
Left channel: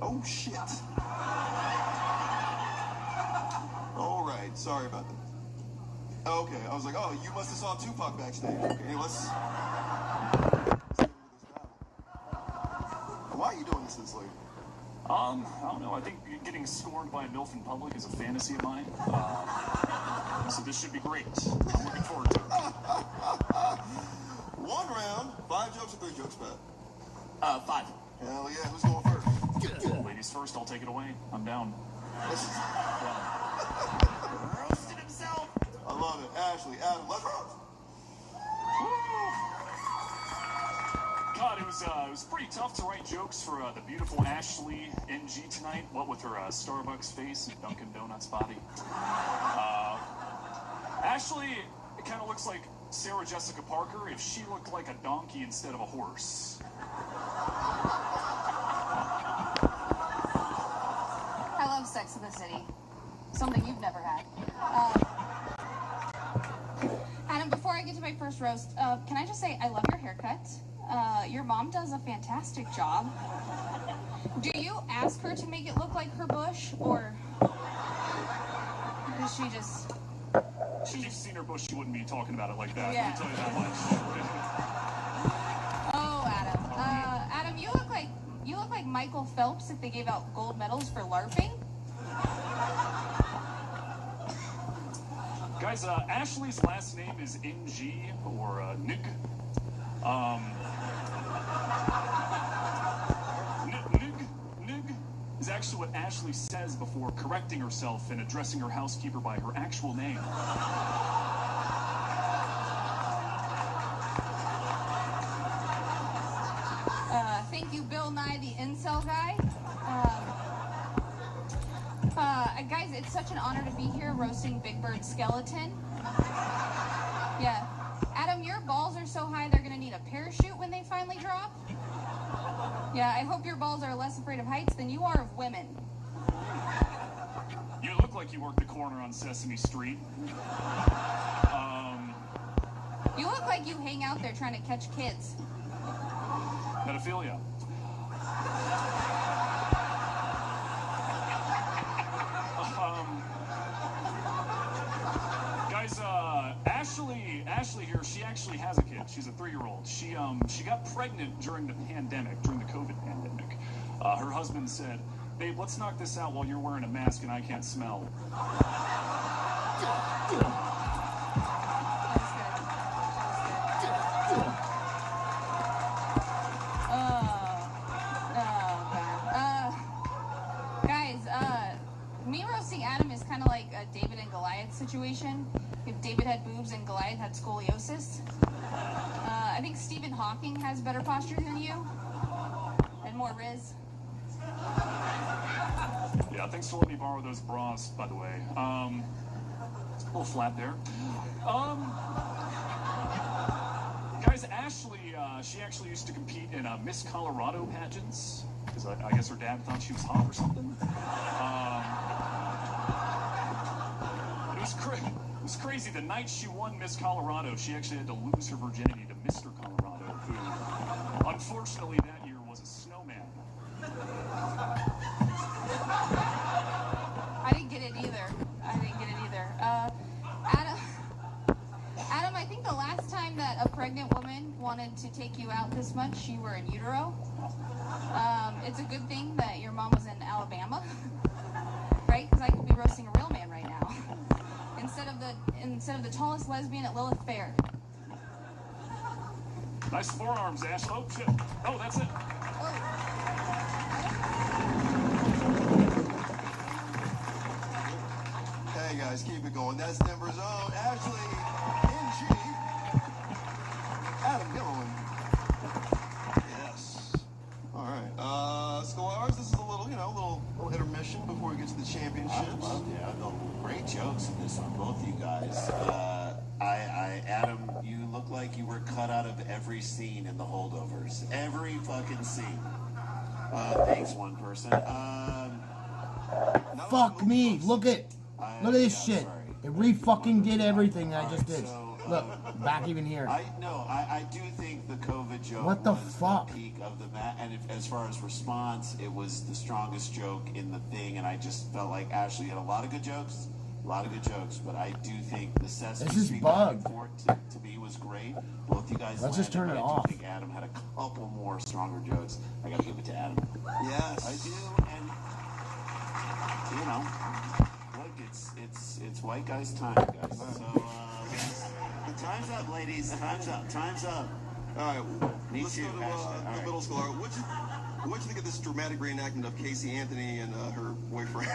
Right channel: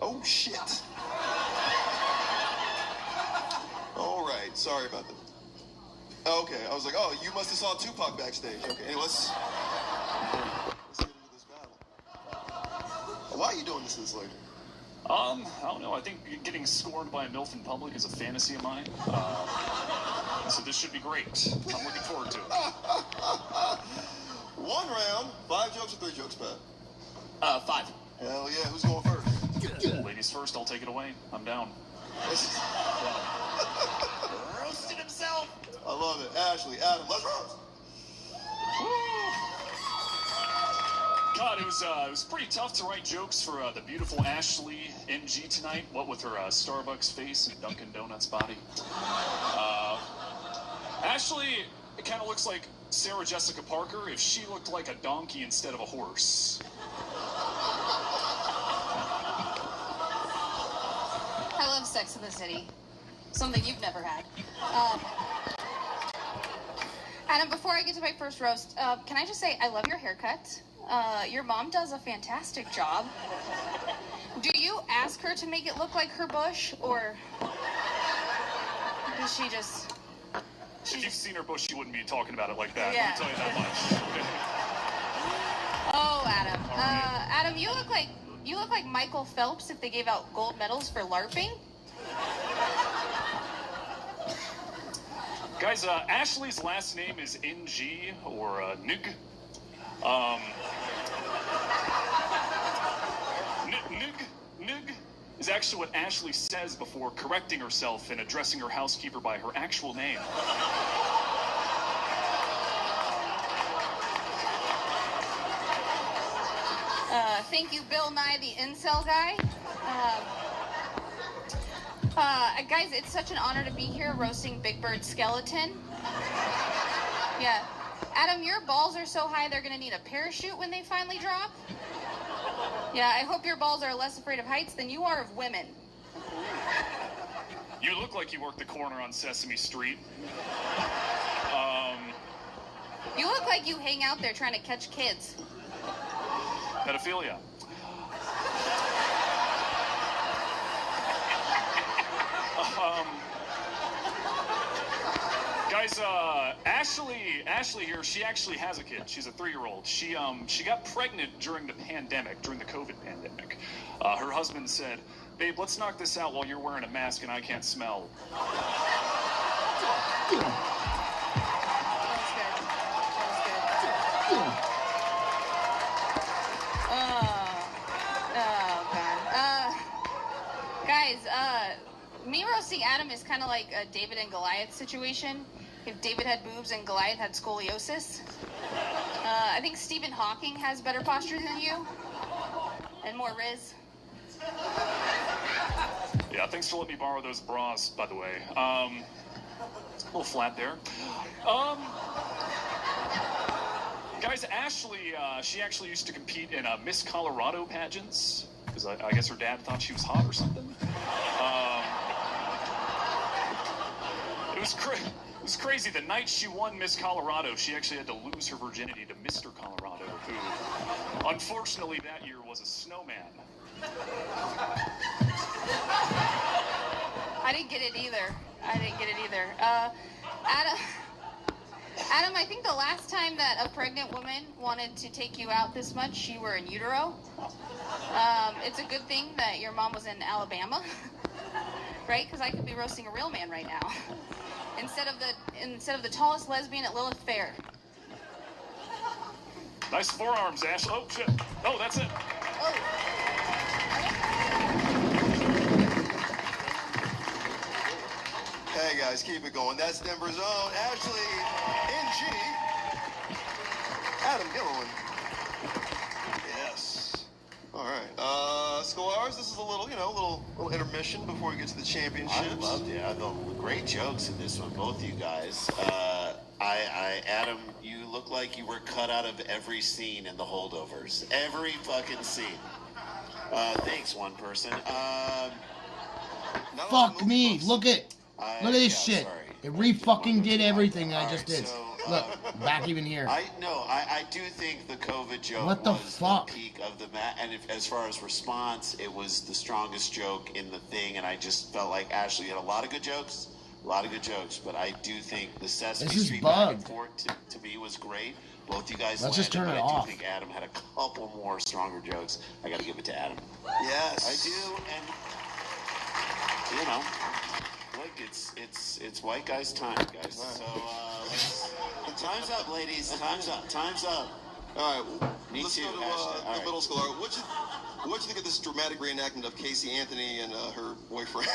Oh shit! All right, sorry about that. Okay, I was like, oh, you must have saw Tupac backstage. Okay, let's get into this battle. Why are you doing this lady? I don't know. I think getting scorned by a MILF in public is a fantasy of mine. So this should be great. I'm looking forward to it. 1 round, 5 jokes or 3 jokes, Pat? 5. Hell yeah, who's going first? Ladies first, I'll take it away. I'm down. Roasted himself. I love it. Ashley, Adam, let's roast. God, it was pretty tough to write jokes for the beautiful Ashley NG tonight. What with her Starbucks face and Dunkin' Donuts body. Ashley, it kind of looks like Sarah Jessica Parker if she looked like a donkey instead of a horse. I love Sex in the City. Something you've never had. Adam, before I get to my first roast, can I just say I love your haircut. Your mom does a fantastic job. Do you ask her to make it look like her bush, or does she just... If you've seen her bush, you wouldn't be talking about it like that. Yeah. Let me tell you that much. Oh, Adam. Adam, you look like Michael Phelps if they gave out gold medals for LARPing. Guys, Ashley's last name is NG, or Nig. Nig is actually what Ashley says before correcting herself and addressing her housekeeper by her actual name. Thank you, Bill Nye, the incel guy. Guys, it's such an honor to be here roasting Big Bird Skeleton. Yeah. Adam, your balls are so high they're gonna need a parachute when they finally drop. Yeah, I hope your balls are less afraid of heights than you are of women. You look like you work the corner on Sesame Street. You look like you hang out there trying to catch kids. Pedophilia. Guys, Ashley here, she actually has a kid. She's a 3-year-old. She got pregnant during the pandemic, during the COVID pandemic. Her husband said, "Babe, let's knock this out while you're wearing a mask and I can't smell." Guys, me roasting Adam is kind of like a David and Goliath situation. If David had boobs and Goliath had scoliosis. I think Stephen Hawking has better posture than you. And more riz. Yeah, thanks for letting me borrow those bras, by the way. A little flat there. Guys, Ashley, she actually used to compete in Miss Colorado pageants, because I guess her dad thought she was hot or something. It was crazy. The night she won Miss Colorado, she actually had to lose her virginity to Mr. Colorado, who, unfortunately, that year was a snowman. I didn't get it either. Adam, I think the last time that a pregnant woman wanted to take you out this much, you were in utero. It's a good thing that your mom was in Alabama, right? Because I could be roasting a real man right now, instead of the tallest lesbian at Lilith Fair. Nice forearms, Ash. Oh shit. Oh, that's it. Hey guys, keep it going. That's Denver's own Ashley NG. Adam Gilliland. Yes. All right. Scholars, this is a little, little intermission before we get to the championships. I loved it. Great jokes in this one, both you guys. Adam, you look like you were cut out of every scene in The Holdovers. Every fucking scene. Thanks, one person. Fuck me. Look at this shit. Sorry. It re-fucking did everything that I just did. Look, back even here. I do think the COVID joke What the was fuck? the peak of the match, and as far as response, it was the strongest joke in the thing, and I just felt like Ashley had a lot of good jokes. A lot of good jokes, but I do think the Sesame This is Street back and bugged. forth to me was great. Both you guys Let's just turn landed, it but I off. do think Adam had a couple more stronger jokes. I gotta give it to Adam. Yes. I do, and you know, look, it's white guys' time, guys. So time's up, ladies. Time's up. Time's up. All right, Me let's too. go to the middle school. What'd you think of this dramatic reenactment of Casey Anthony and her boyfriend?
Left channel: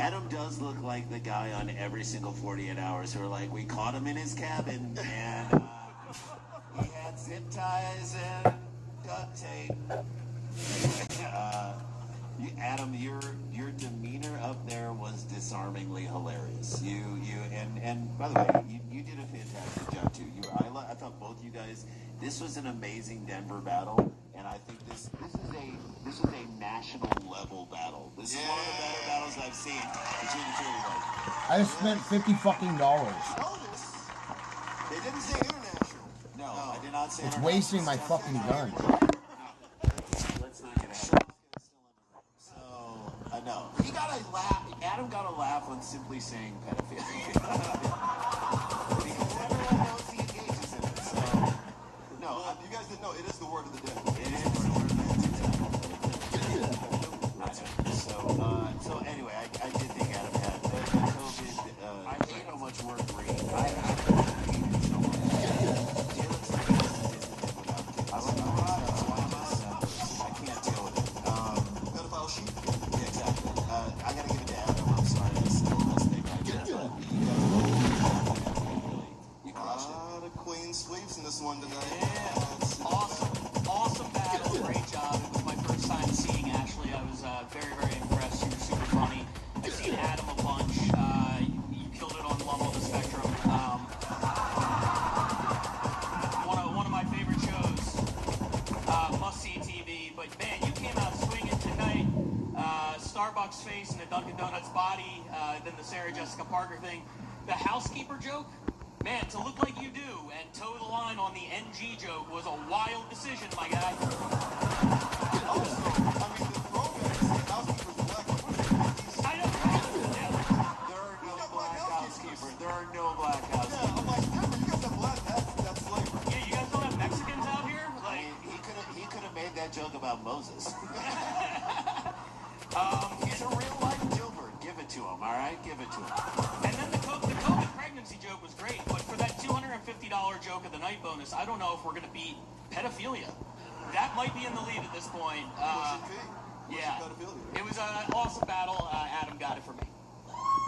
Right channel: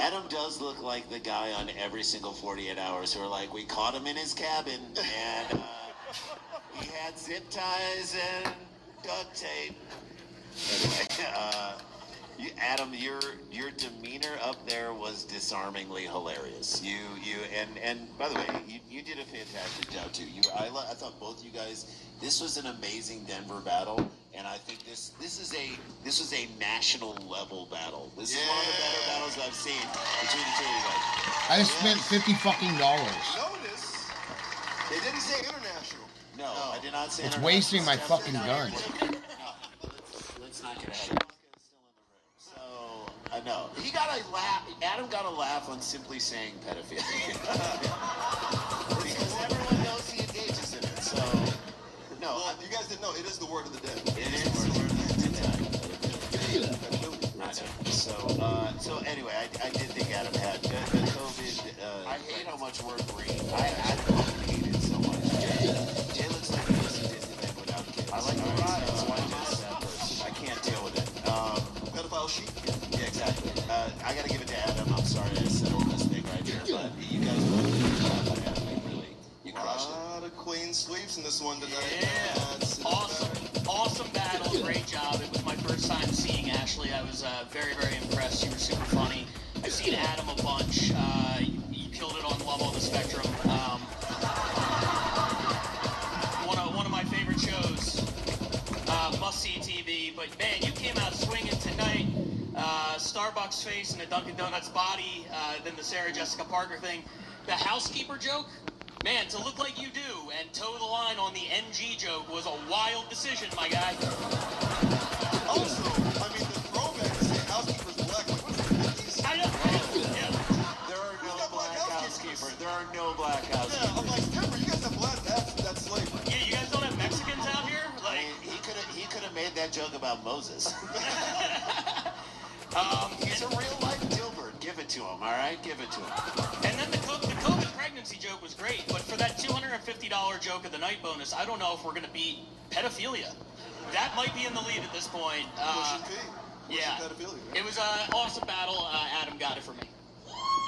Adam does look like the guy on every single 48 Hours who are like, we caught him in his cabin, and he had zip ties and duct tape. Adam, your demeanor up there was disarmingly hilarious. And by the way, you did a fantastic job too. I thought both you guys. This was an amazing Denver battle, and I think this was a national level battle. This is one of the better battles I've seen between the two of you guys. I just spent $50 Notice, they didn't say international. No, I did not say. It's wasting my fucking gun. Let's not get ahead. So I know he got a laugh. Adam got a laugh on simply saying pedophilia because everyone knows he engages in it. So no, Well, you guys didn't know it is the word of the day. it is. So anyway, I did think Adam had the COVID. I hate how much we're green. I hate it so much. Jay looks like he wasn't Disney without kids. I like the ride, so I can't deal with it. Pedophile sheep. Yeah, exactly. I gotta give it to Adam. I'm sorry to say this thing right here, but you crushed it. A lot of clean sweeps in this one tonight. Yeah. Awesome battle. Great job. It was my first time seeing Ashley. I was very, very impressed. You were super funny. I've seen Adam a bunch. You killed it on one of the spectrum. One of my favorite shows. Must-see TV. But man, you came out swinging tonight. Starbucks face and a Dunkin' Donuts body. Then the Sarah Jessica Parker thing. The housekeeper joke. Man, to look like you do and toe the line on the NG joke was a wild decision, my guy. Also, I mean, the throwback to say housekeeper's black. I know. Yeah. There are no black housekeepers. There are no black Yeah, housekeepers. I'm like, Denver, you guys have black. That's slavery. Yeah, you guys don't have Mexicans out here? I Like, mean, he could have made that joke about Moses. He's a real life Dilbert. Give it to him, all right? Give it to him. and then the COVID pregnancy joke was great, but for that $250 joke of the night bonus, I don't know if we're going to beat pedophilia. That might be in the lead at this point. Yeah, it was an awesome battle. Adam got it for me.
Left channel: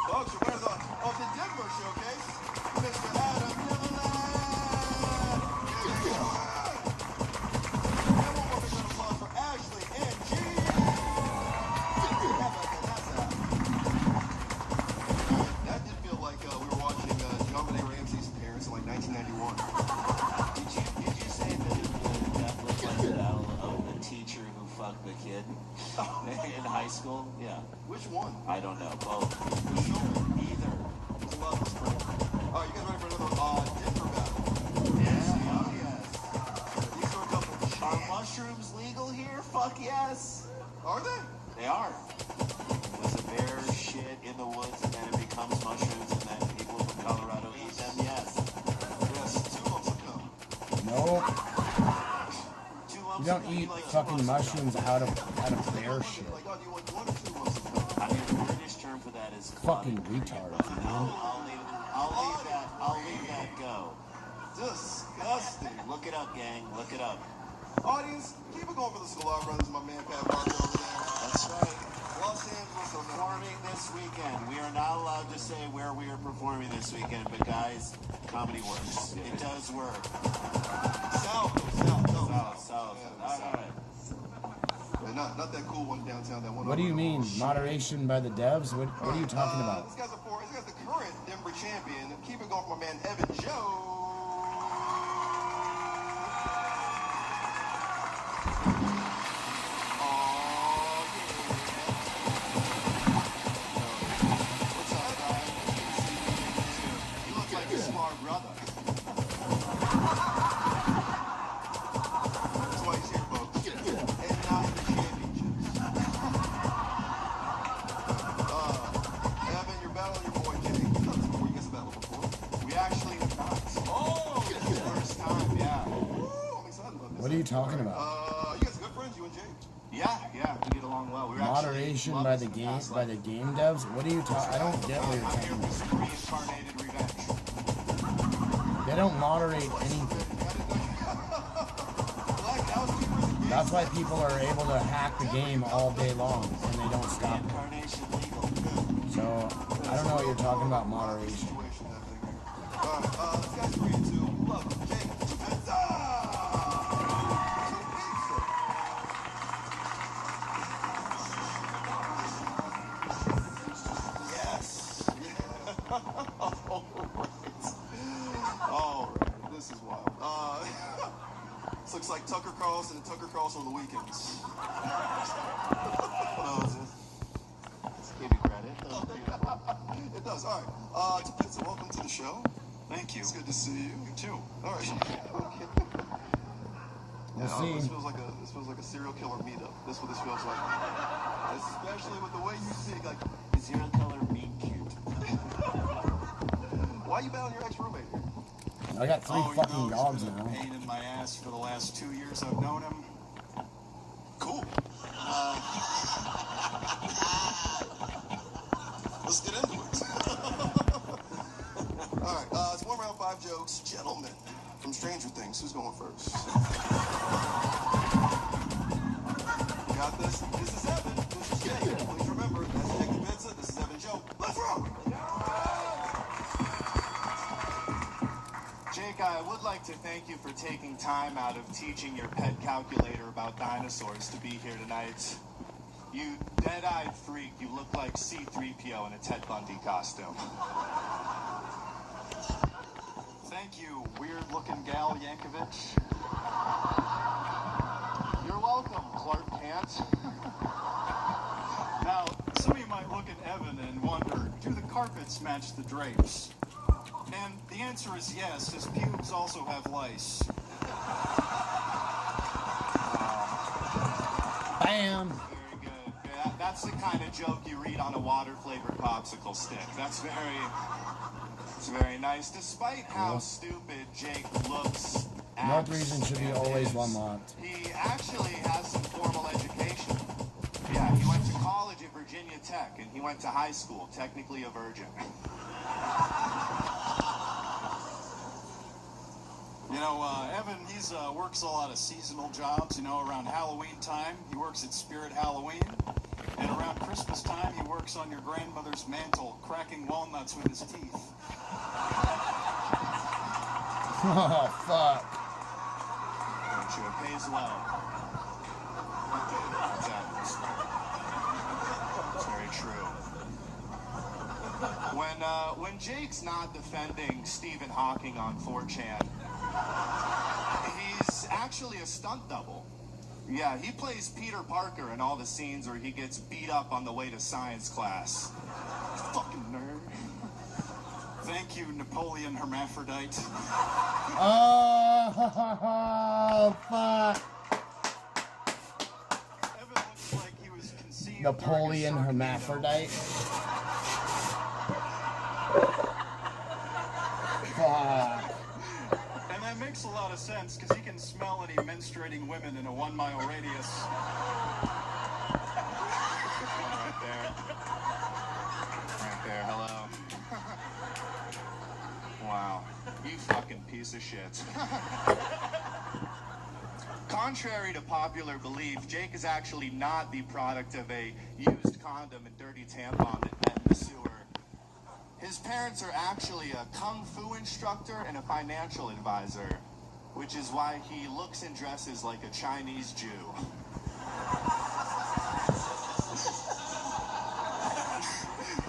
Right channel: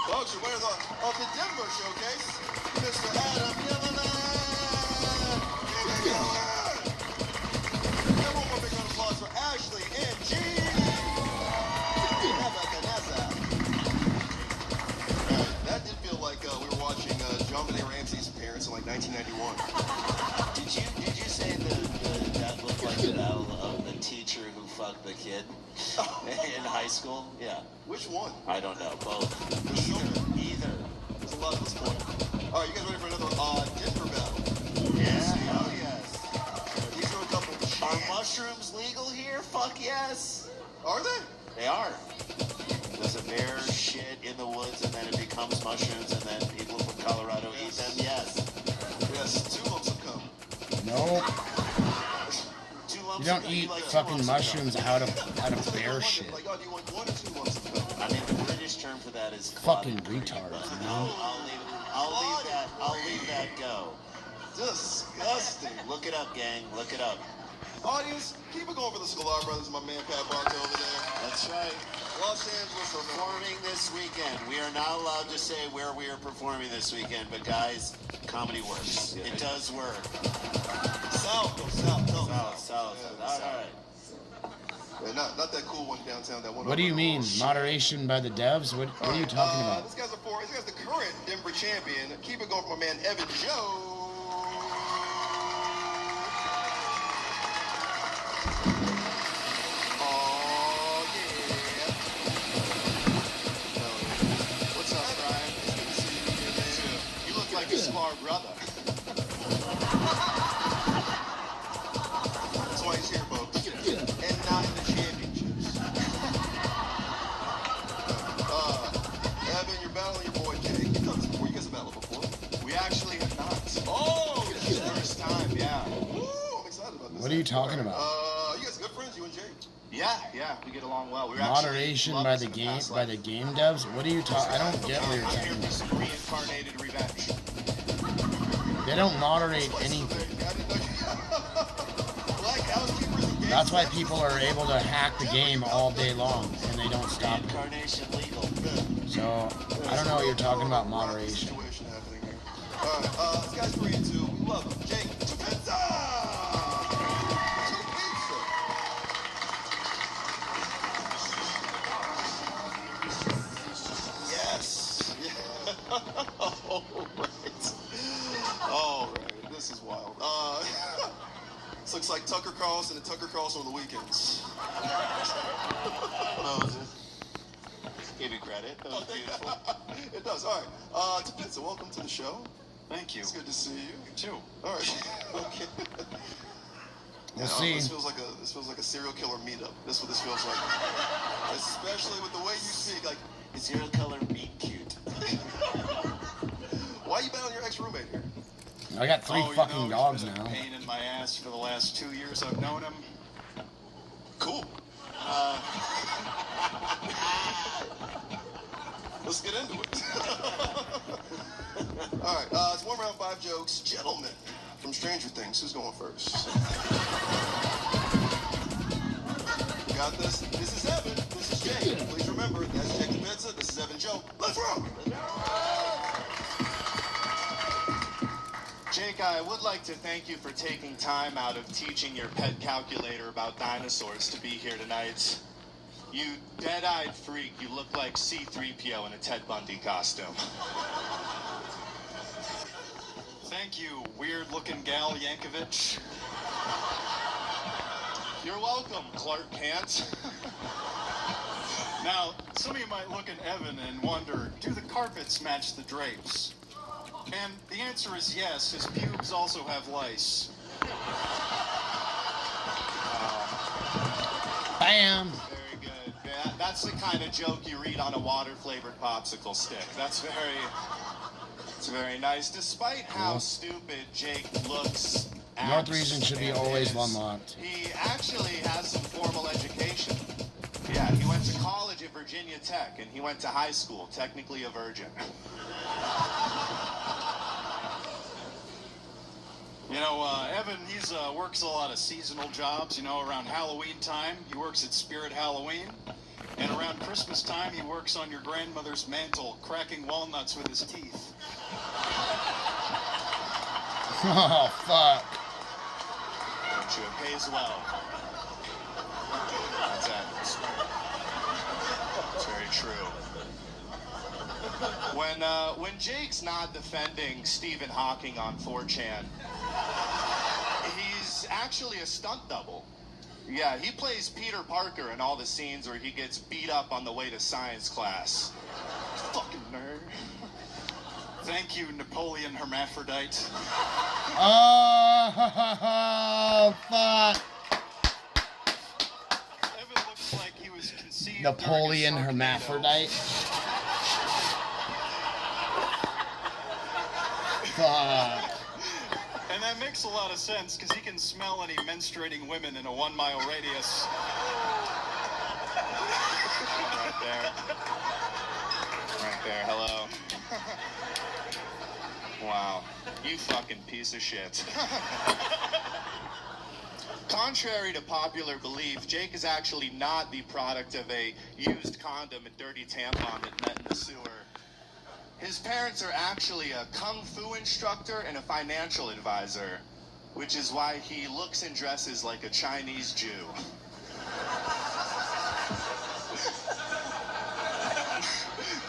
Folks, you're winner of the Denver Showcase, Mr. Adam Neverland. Everyone, a big round of applause for Ashley and G. That did feel like we were watching John Benet Ramsey's appearance in like 1991. Did you say that looked like the battle of the teacher who fucked the kid in high school? Yeah. Which one? I don't know. Both. Either. I love this one. All right, you guys ready for another Denver battle? Yes. Oh yes. These are a couple of Are mushrooms legal here? Fuck yes. Are they? They are. There's a bear shit in the woods and then it becomes mushrooms and then people from Colorado eat them. Yes. Yes, 2 lumps of cum. Nope. 2 lumps You don't of eat like fucking mushrooms out of bear shit. Like, oh, do you want 1 or 2 lumps of cum? I mean, the British term for that is Fucking retards, man. I'll leave that go. Disgusting. Look it up, gang. Look it up. Audience, keep it going for the Sklar brothers, my man Pat Bronco over there. That's right. Los Angeles Performing this weekend. We are not allowed to say where we are performing this weekend, but guys, comedy works. It does work. South. All right. Yeah, not that cool one downtown. That one. What do you mean? Moderation by the devs? What are you talking about? This guy's the current Denver champion. Keep it going for my man Evan Joe. You look like a smart brother. That's why he's here, folks. And not in the championships. talking about? You guys good friends, you and Jake? Yeah, we get along well. Moderation by the game devs. What are you talking? I don't get what you're talking about. Reincarnated revenge. They don't moderate anything. That's why people are able to hack the game all day long and they don't stop it. So I don't know what you're talking about moderation. Alright, this guy's free too. We love him. Jake, pizza! Yes! Oh, right. Oh, right. This is wild. This looks like Tucker Carlson and Tucker Carlson on the weekends. Give you credit. That was beautiful. It does. All right. Tapitza, welcome to the show. Thank you. It's good to see you. You too. All right. Okay. We'll see. This feels like a serial killer meetup. That's what this feels like. Especially with the way you speak, like a serial killer meet cute. Why you been on your ex-roommate here? I got 3 fucking dogs now. Pain in my ass for the last 2 years I've known him. Cool. Let's get into it. All right, it's 1 round 5 jokes. Gentlemen, from Stranger Things, who's going first? You got this? This is Evan. This is Jake. Please remember, that's Jake the Pizza. This is Evan Joe. Let's roll! Jake, I would like to thank you for taking time out of teaching your pet calculator about dinosaurs to be here tonight. You dead-eyed freak, you look like C-3PO in a Ted Bundy costume. Thank you, weird-looking gal Yankovic. You're welcome, Clark Kent. Now, some of you might look at Evan and wonder, do the carpets match the drapes? And the answer is yes, his pubes also have lice. Bam! Very good. Yeah, that's the kind of joke you read on a water-flavored popsicle stick. It's very nice. Despite how stupid Jake looks, North region should be always unlocked. he actually has some formal education. Yeah, he went to college at Virginia Tech, and he went to high school, technically a virgin. You know, Evan, he's works a lot of seasonal jobs. You know, around Halloween time, he works at Spirit Halloween. And around Christmas time, he works on your grandmother's mantle, cracking walnuts with his teeth. Oh, fuck. Don't you? It pays well. That's very true. When Jake's not defending Stephen Hawking on 4chan, he's actually a stunt double. Yeah, he plays Peter Parker in all the scenes where he gets beat up on the way to science class. Fucking nerd. Thank you, Napoleon Hermaphrodite. Oh, fuck. Evan looks like he was conceived Napoleon Hermaphrodite. Fuck. And that makes a lot of sense, because he can smell any menstruating women in a 1-mile radius. Right there. Right there, hello. Wow. You fucking piece of shit. Contrary to popular belief, Jake is actually not the product of a used condom and dirty tampon that met in the sewer. His parents are actually a kung fu instructor and a financial advisor, which is why he looks and dresses like a Chinese Jew.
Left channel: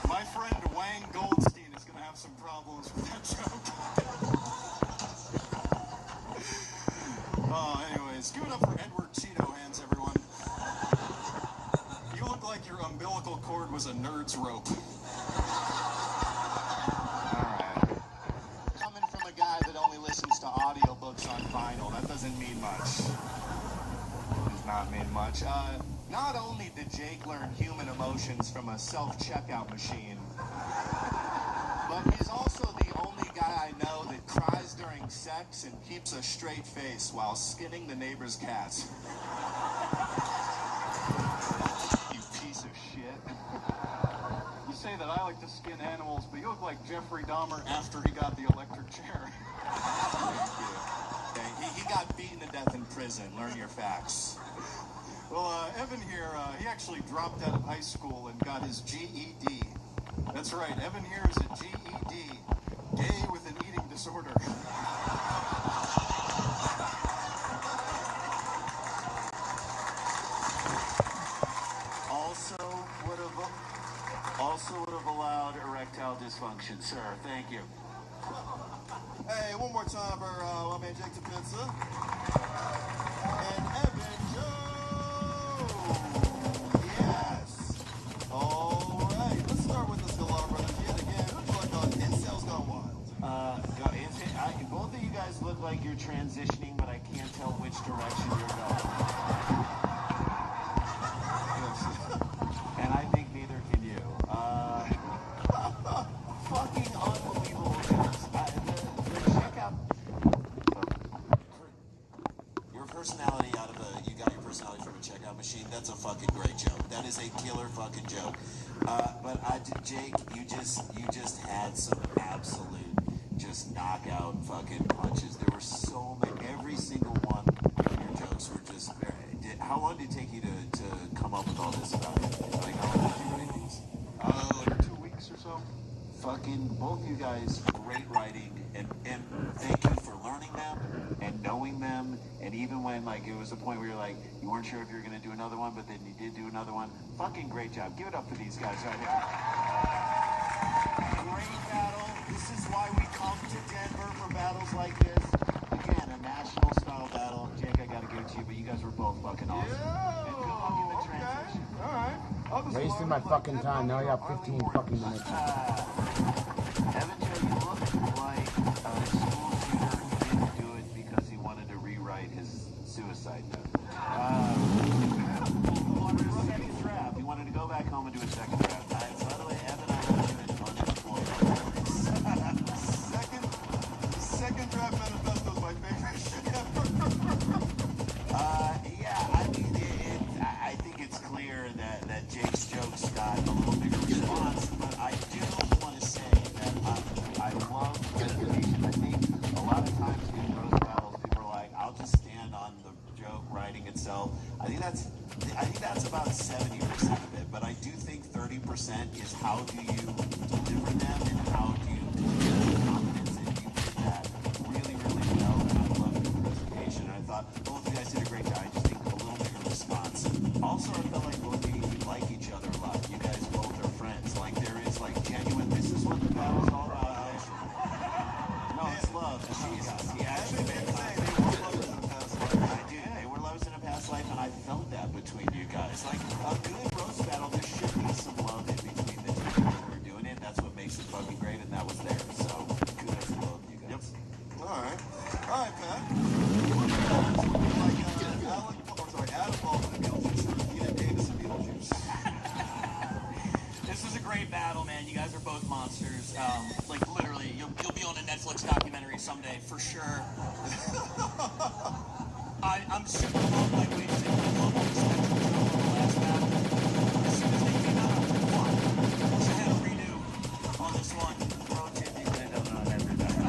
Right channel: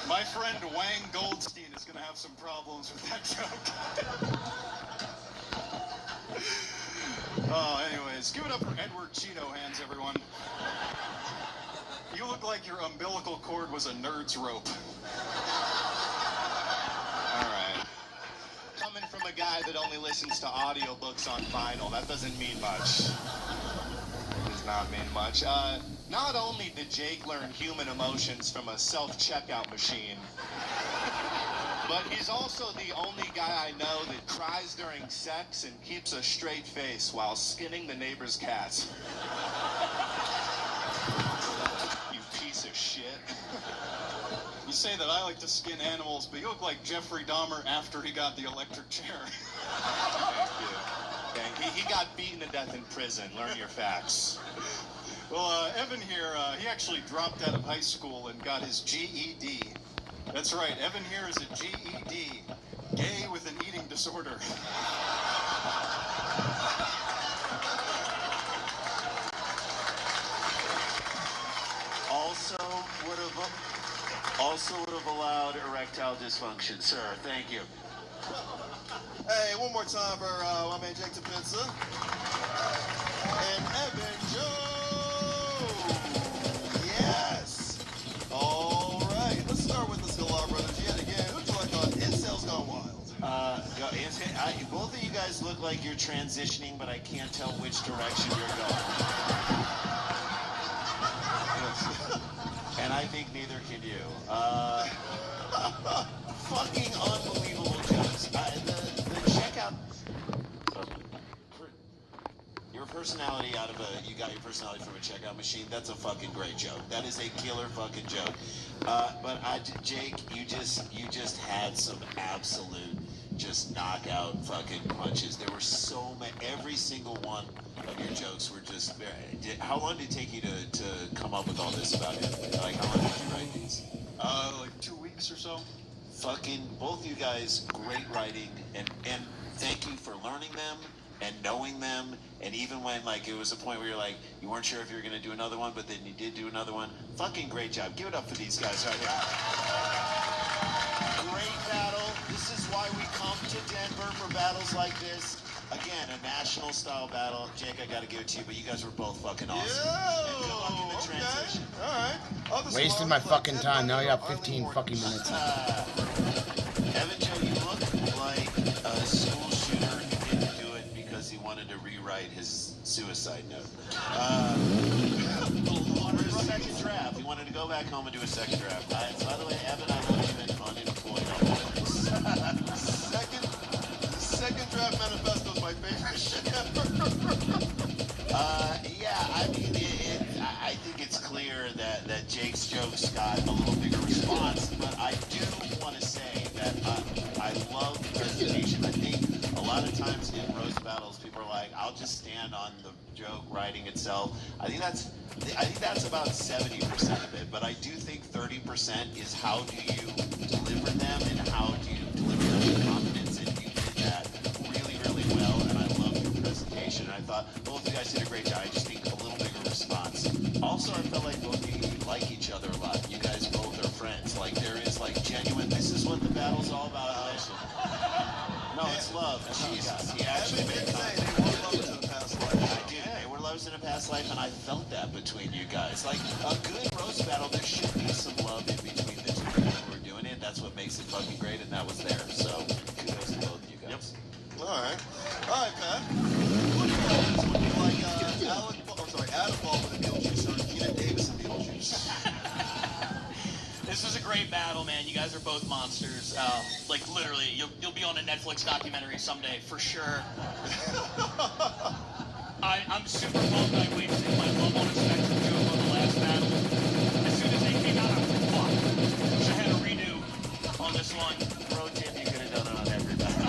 My friend Wang Goldstein is going to have some problems with that joke. Anyways, give it up for Edward Cheeto Hands, everyone. You look like your umbilical cord was a nerd's rope. Alright. Coming from a guy that only listens to audiobooks on vinyl, that doesn't mean much. Does not mean much. Not only did Jake learn human emotions from a self-checkout machine, but he's also the only guy I know that cries during sex and keeps a straight face while skinning the neighbor's cats. You piece of shit. You say that I like to skin animals, but you look like Jeffrey Dahmer after he got the electric chair. Thank you. Okay, he got beaten to death in prison. Learn your facts. Well, Evan here, he actually dropped out of high school and got his GED. That's right, Evan here is a GED, gay with an eating disorder. Also would have allowed erectile dysfunction, sir. Thank you. Hey, one more time for my man Jake DePenza. And Evan Joe! Yes! All right, let's start with the Sklar brothers yet again. Who'd you like on Incels Gone Wild? Both of you guys look like you're transitioning, but I can't tell which direction you're going. And I think neither can you. Fucking unbelievable jokes. The checkout. Your personality you got your personality from a checkout machine. That's a fucking great joke. That is a killer fucking joke. Jake, you just had some absolute just knockout fucking punches. There were so many. Every single one of your jokes were just very. How long did it take you to come up with all this about it? Like, how long did you write these? Like 2 weeks or so. Fucking both you guys, great writing, and thank you for learning them and knowing them, and even when like it was a point where you're like you weren't sure if you were gonna do another one, but then you did do another one. Fucking great job. Give it up for these guys right here. Great battle. This is why we come to Denver for battles like this. Again, a national style battle. Jake, I gotta give it to you, but you guys were both fucking awesome. And good luck in the transition. All right. Wasted my fucking time. Now you have 15 fucking minutes. Evan Joe, you look like a school shooter who didn't do it because he wanted to rewrite his suicide note. He wanted a second draft. He wanted to go back home and do a second draft. By the way, Evan, I love you and on it for Second draft manifesto is my favorite shit ever. Yeah, I mean, I think it's clear that Jake's jokes got a little bigger response, but I do want to say that I love the presentation. I think a lot of times in roast battles, people are like, "I'll just stand on the joke writing itself." I think that's about 70% of it, but I do think 30% is how do you deliver them and how do you deliver the confidence, and you did that really, really well. And I love your presentation. And I thought both of you guys did a great job. I just think a little bigger response. Also, I felt like both of you like each other a lot. You guys both are friends. Like there is like genuine. This is what the battle's all about. No, it's love. Jesus, he actually made contact. I did. They were lovers in a past life, and I felt that between you guys. Like a good roast battle, there should be some love in between the two people who are doing it. That's what makes it fucking great, and that was there. So kudos to both of you guys. All right, Pat. Adam Baldwin and Beetlejuice on Keenan Davis and Beetlejuice. This was a great battle, man. You guys are both monsters. Like literally, you'll be on a Netflix documentary someday for sure. I'm super pumped. I waited to my love on the second joke on the last battle. As soon as they came out, I was like, should have a redo on this one. Pro tip, you could have done it on every battle.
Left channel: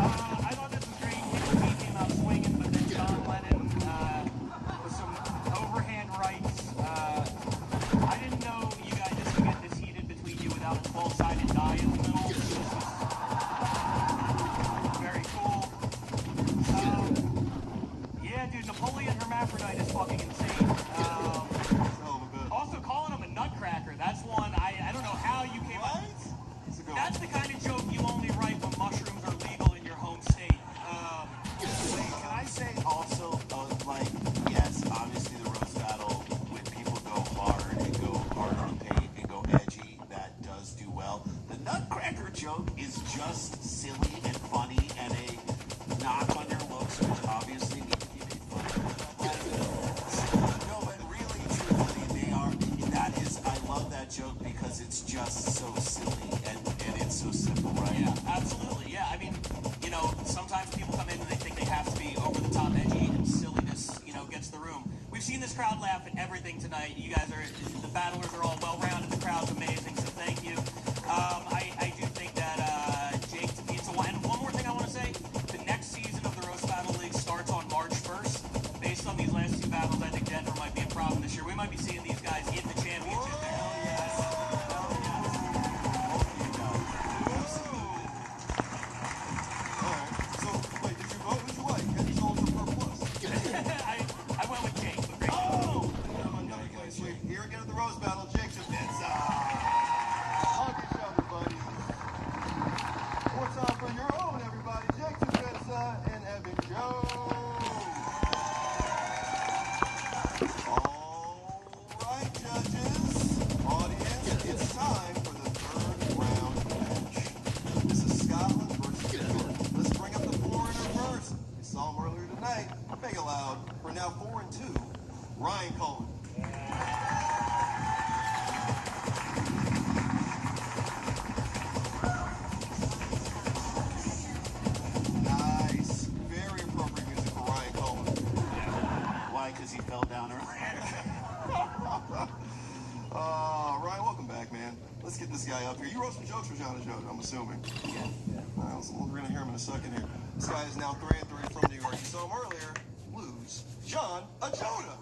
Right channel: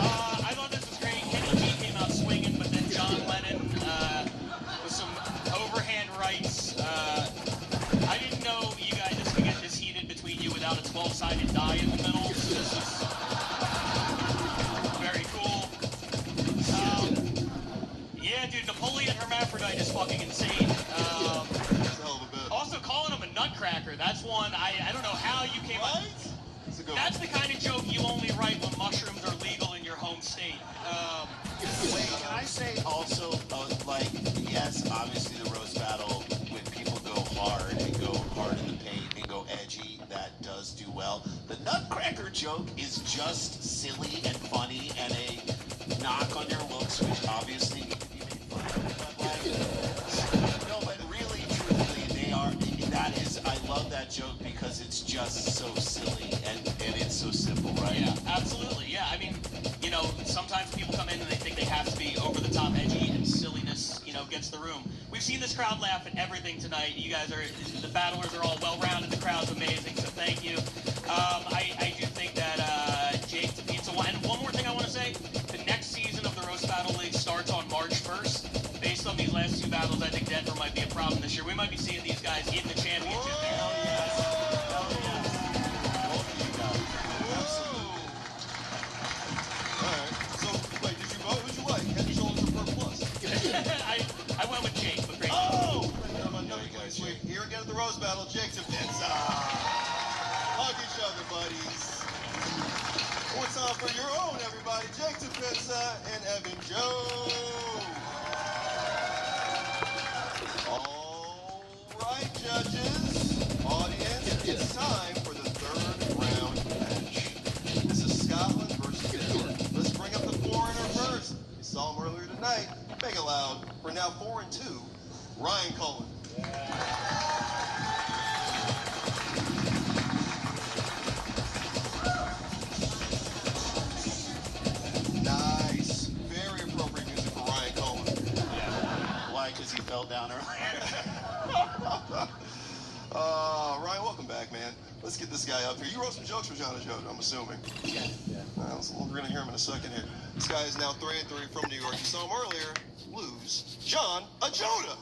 I thought this was great. Kendall G came out swinging, but then John Lennon with some overhand rights. I didn't know you guys would get this heated between you without a 12-sided die in the middle. This is very cool. Yeah, dude, Napoleon Hermaphrodite is fucking insane. Also, calling him a nutcracker, that's one, I don't know how you came up. That's the kind of joke you only write when mushrooms are legal in your home state. Can I say also, like, yes, obviously the roast battle, when people go hard and go hard in the paint and go edgy, that does do well. The nutcracker joke is just silly and funny and a knock on your looks, which obviously need to be made fun of. No, we've seen this crowd laugh at everything tonight. You guys are, the battlers are all well-rounded. The crowd's amazing, so thank you. I do think that Jake needs to win. And one more thing I want to say, the next season of the Roast Battle League starts on March 1st. Based on these last two battles, I think Denver might be a problem this year. We might be seeing these guys in the championship there. I went with Jake, but great. Oh! Here again at the Rose Battle, Jake's and Vince. Hug each other, buddies. What's on for your own, everybody? Jake and Vince and Evan Joe. All right, judges. Audience, it's time for the third round match. This is Scotland versus Denver. Let's bring up the foreigner first. You saw him earlier tonight. Make it loud. We're now 4-2. Ryan Cullen. Nice. Very appropriate music for Ryan Cullen. Why? Because he fell down earlier. Ryan, welcome back, man. Let's get this guy up here. You wrote some jokes for John and Joe, I'm assuming. Yeah. We're going to hear him in a second here. This guy is now 3-3 from New York. You saw him earlier lose. John Ajoda.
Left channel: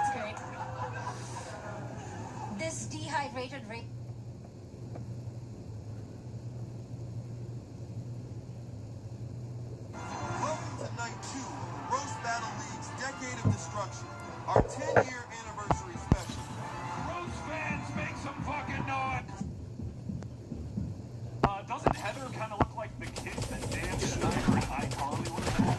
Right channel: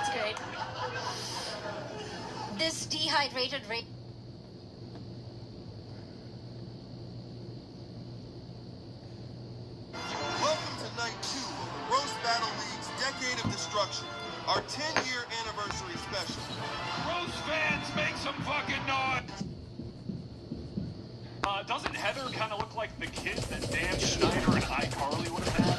It's great. This dehydrated rate. Welcome to night 2 of Roast Battle League's Decade of Destruction, our 10-year anniversary special. Roast fans, make some fucking noise! Doesn't Heather kind of look like the kid that Dan Schneider and iCarly would have had?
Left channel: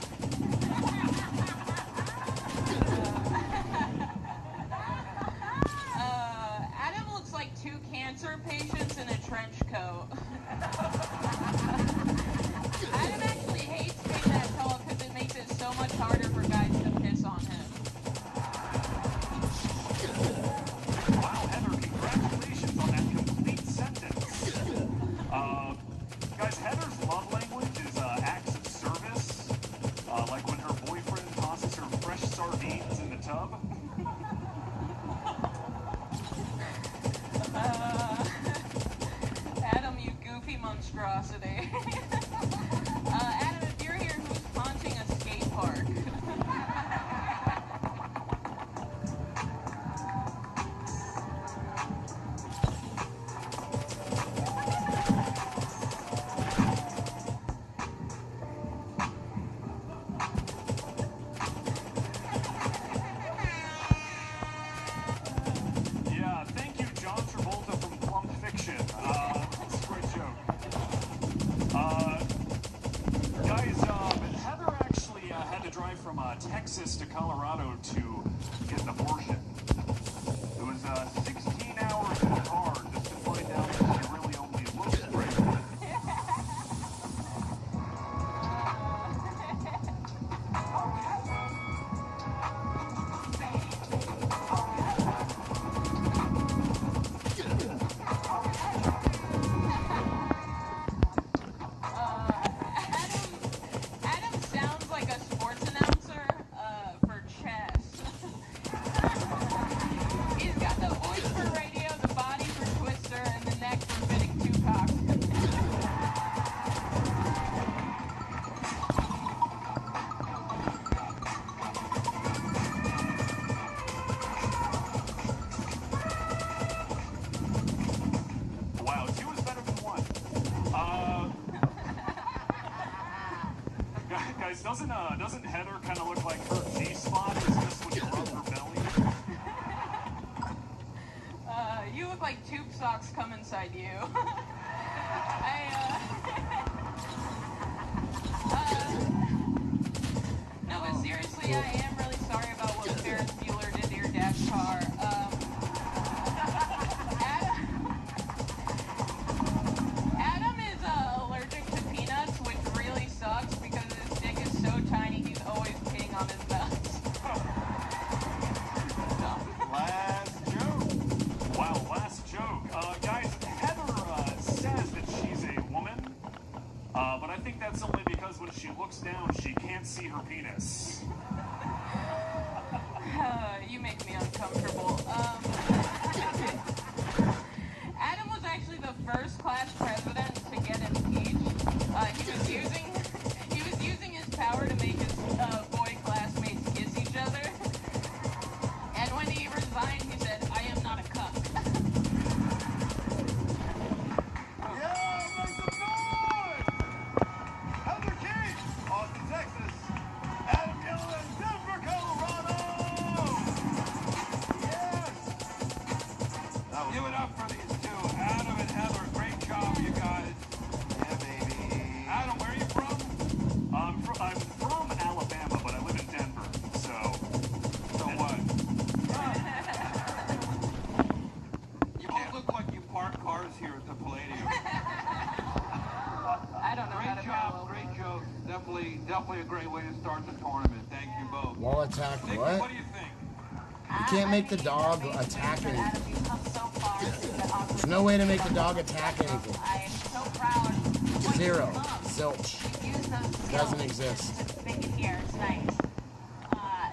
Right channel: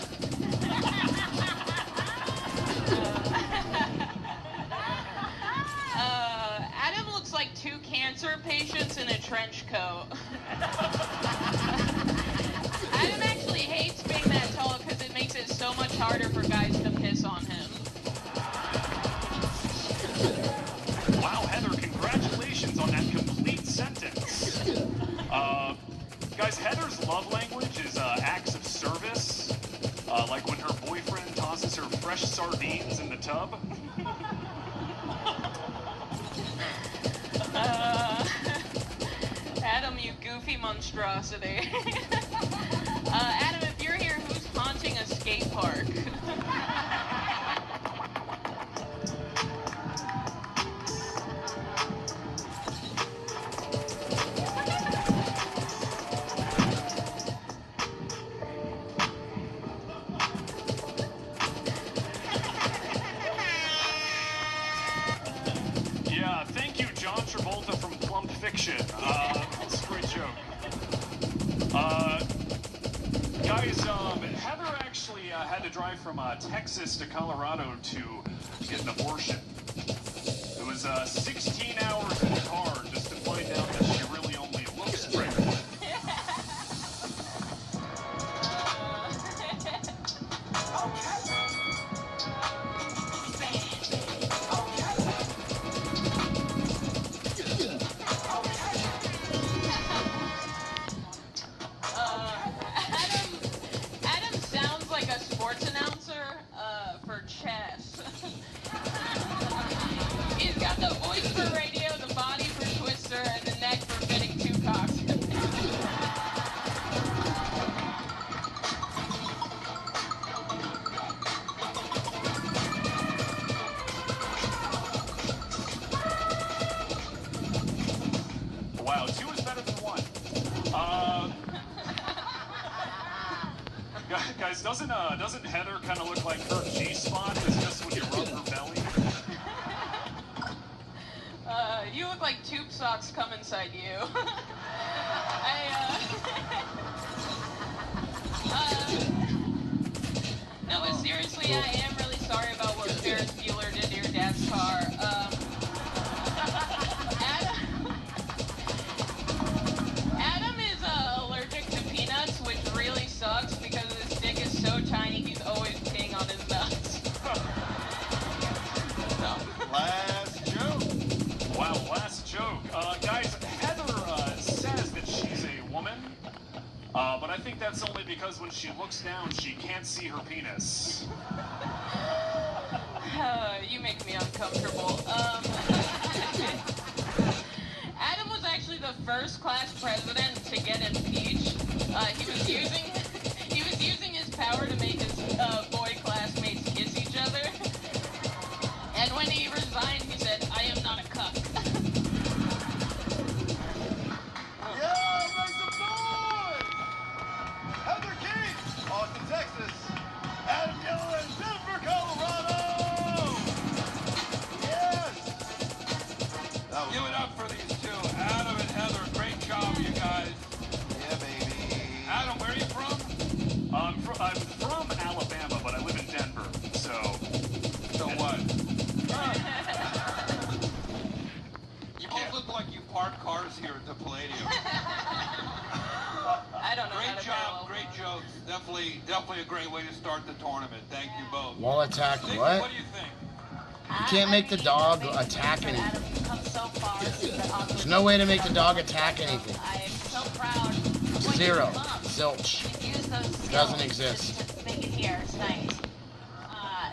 Adam looks like two cancer patients in a trench coat. Adam actually hates being that tall because it makes it so much harder for guys to piss on him. Wow, Heather, congratulations on that complete sentence. Guys, Heather's love language is acts of service, like when her boyfriend tosses her fresh sardines in the tub. Adam, you goofy monstrosity. Adam, if you're here, who's haunting a skate park? Yeah, thank you, John Travolta from Plump Fiction. It's a great joke. Guys, Heather actually had to drive from Texas to Colorado to get an abortion. It was 16 hours in the car just to find out that she really only looks pregnant. Adam sounds like a sports announcer for chess. He's got the voice for radio, the body for Twister, and the neck for getting too cocked. Wow, 2 is better than 1. Guys, doesn't Heather kind of look like her G-spot is just when you rub her belly? You look like tube socks come inside you. No, but seriously, I am really sorry about what Ferris Bueller did to your dad's car. Adam is allergic to peanuts, which really sucks because his dick is so tiny he's always peeing on his nuts. Last joke. Wow, last joke. Guys, Heather says that she's a woman, I think that's only because when she looks down, she can't see her penis. You make me uncomfortable. Adam was actually the first class president to get impeached. He was using his power to make his boy classmates kiss each other. And when he resigned, he said, "I am not a cuck." Yeah, make some noise! Heather Keith, Austin, Texas. Adam Yellen, Denver, Colorado. Yes! Give it up for these two, Adam and Heather. Great job, you guys. Yeah, baby. Adam, where are you from? I'm from Alabama, but I live in Denver, so what? You both look like you park cars here at the Palladium. I don't know how Great to job, battle. great jokes. Definitely a great way to start the tournament. Thank you both. Wall attack Nick, what? What do you think? You can't make the dog attack anything. There's no way to make the dog attack anything. I am so proud. Zero. Zilch. Use those skills. Doesn't exist. To make it here. It's nice.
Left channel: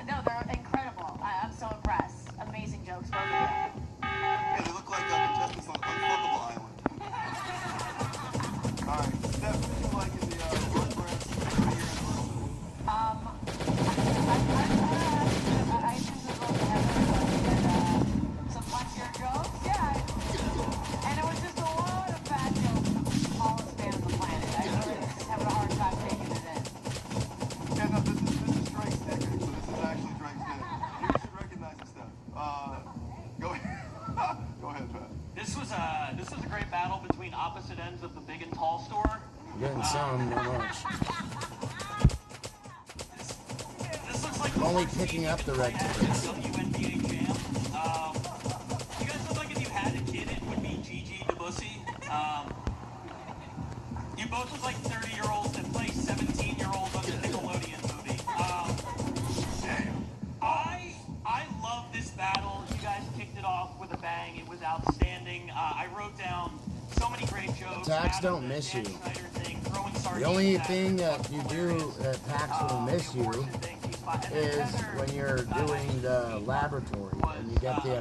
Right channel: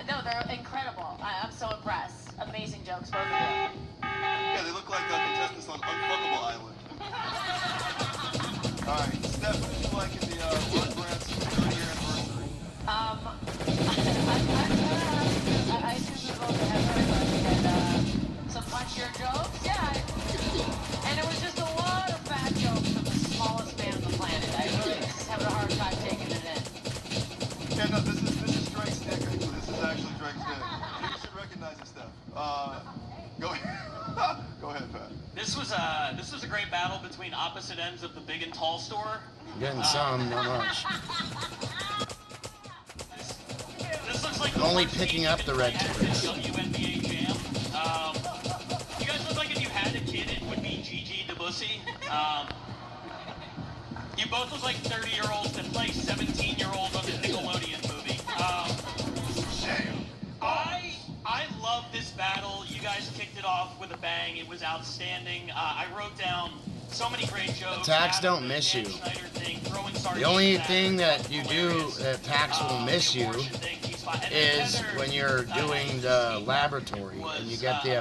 No, they're incredible. I'm so impressed. Amazing jokes. Both of them. Yeah, they look like contestants on Unfuckable Island. All right, Steph, would you like in the World Brands for the year anniversary? I some funnier jokes. Yeah. And it was just a lot of fat jokes from the smallest man on the planet. I really just having a hard time taking it in. Yeah, no, this is Drake's dick, actually. This is actually Drake's dick. You should recognize this stuff. Go ahead. Go ahead, Pat. This was a great battle between opposite ends of the big and tall store. Getting some, not much. This looks like I'm only picking up the red tickets. WNBA Jam. You guys look like if you had a kid, it would be Gigi DeBussy. You both look like 30-year-olds that play 17-year-olds on the Nickelodeon movie. I love this battle. You guys kicked it off with a bang. It was outstanding. I wrote down so many great jokes. Attacks don't miss you. The only thing that you do that attacks will miss you is when you're doing the laboratory and you get the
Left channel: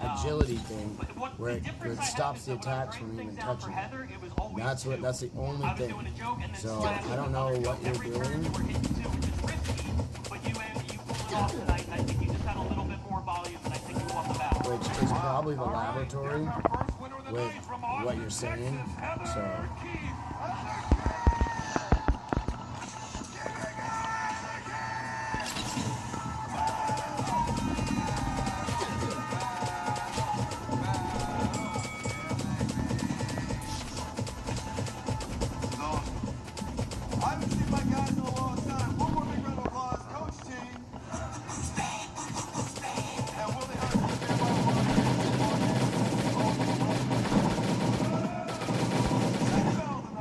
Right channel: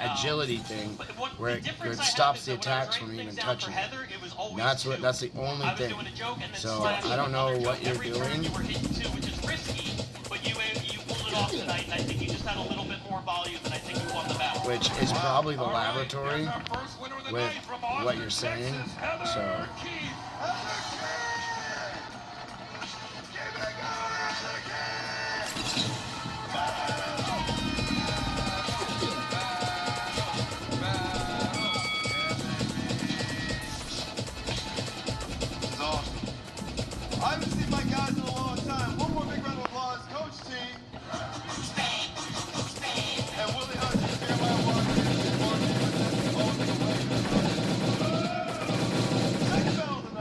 agility thing where it stops the attacks from even touching it. That's the only thing. So I don't know what you're doing. Which is probably the laboratory with what you're saying. So I haven't seen my guys in a long time. One more big round of applause, Coach T. And Willie Hudson, Second battle of the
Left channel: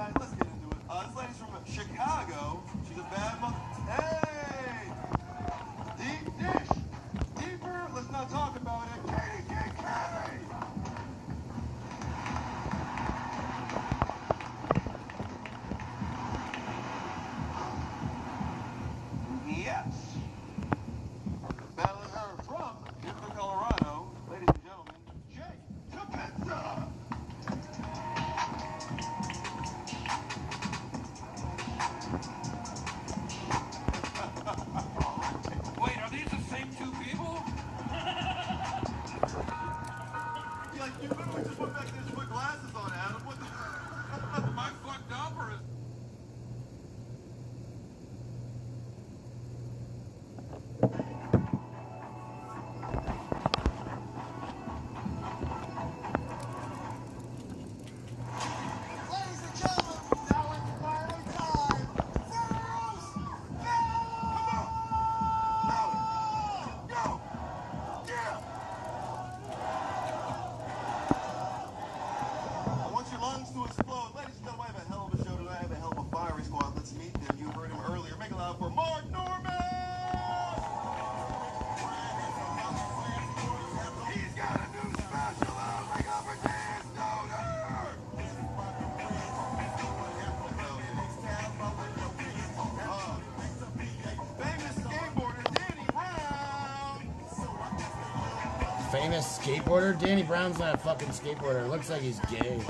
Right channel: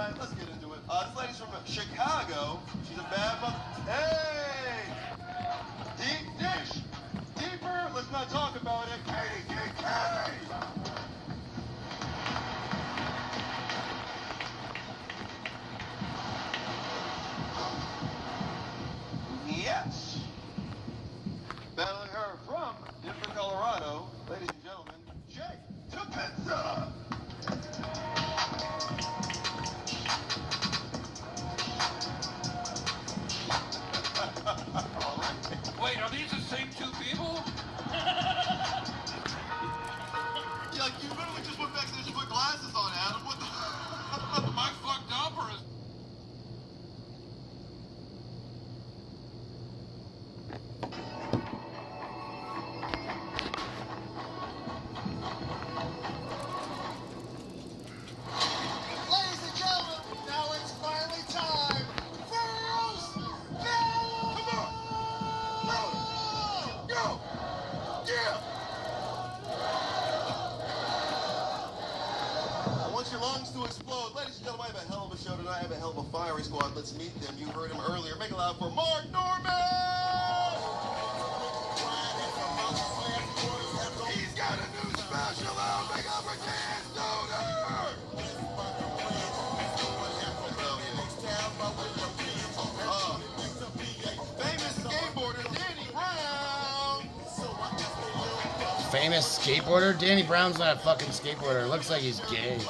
famous skateboarder? Danny Brown's not a fucking skateboarder. It looks like he's gay.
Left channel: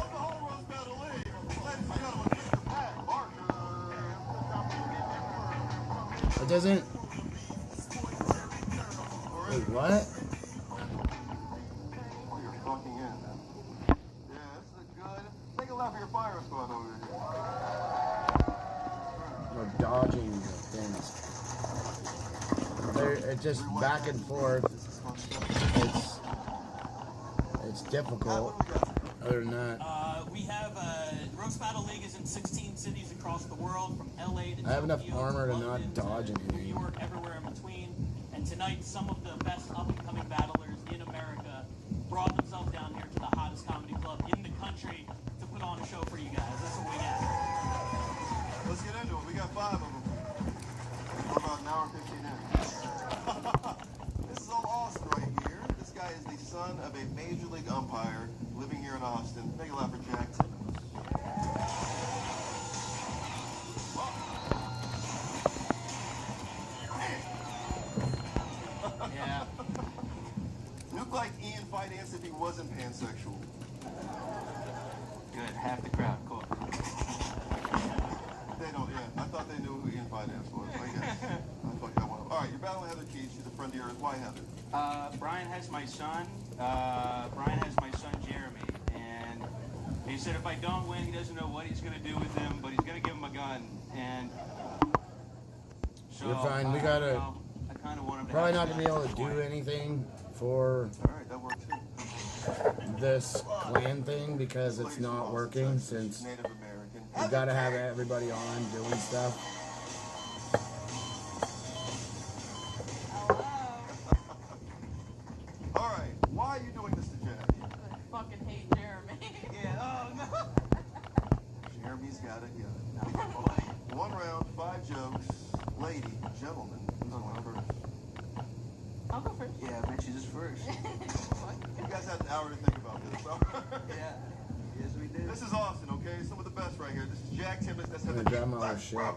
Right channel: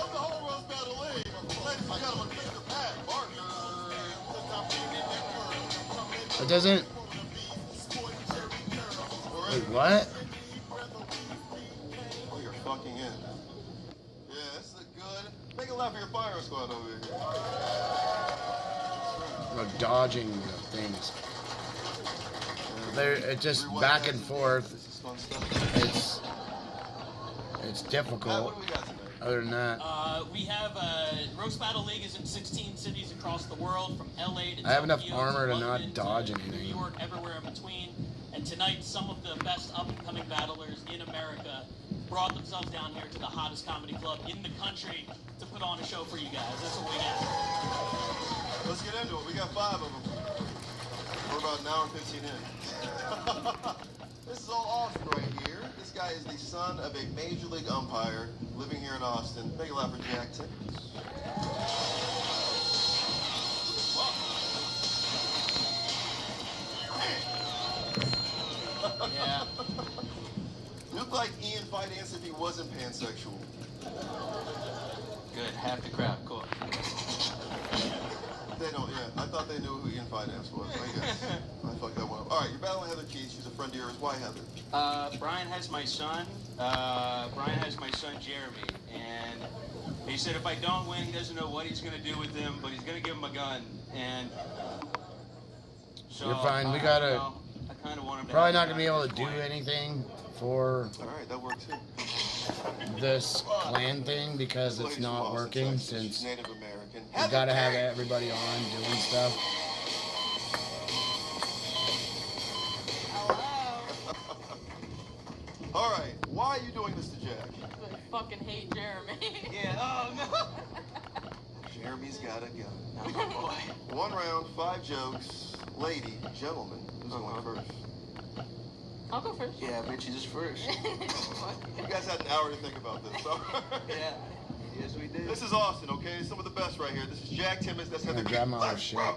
It doesn't... Wait, what? Oh, you're fucking in. Yeah, this is good. Make a lap for your fire squad over here. We're dodging the things. It's just back and forth. It's difficult. Other than that, we have Roast Battle League is in 16 cities across the world, from LA to I have enough Tokyo, armor to London, not dodge New anything. York, everywhere in between. And tonight, some of the best up-and-coming battlers in America brought themselves down here to the hottest comedy club in the country to put on a show for you guys. That's what we got. Let's get into it. We got 5 of them. We're about an hour and 15 in. This is all Austin right here. This guy is the son of a major league umpire living here in Austin. Make a lap for Jack Timmons. Yeah. You look like Ian Finance if he wasn't pansexual. Good. Half the crowd. Cool. They don't, yeah. I thought they knew who Ian Finance was. I guess. I fucked that one up. All right, you're battling Heather Keys. She's a friend of yours. Why Heather? Brian has my son. Jeremy, and he said if I don't win, he doesn't know what he's going to do with him, but he's going to give him a gun. And so You're fine. We gotta. I kind of want him to Probably not gonna be able to do anything for that works too. this clan thing because it's not working since Native American. we gotta have everybody on doing stuff. All right, why are you doing this to Jack? I fucking hate Jeremy. Yeah. Oh no. Jeremy's got a gun. 1 round, 5 jokes. Lady, gentleman, who's on one first? I'll go first. Yeah, bitches is first. You guys had an hour to think about this. So. Yeah. Yes, we did. This is Austin, okay? Some of the best right here. This is Jack Timmons. That's I'm Heather gonna grab Keys. my other shit.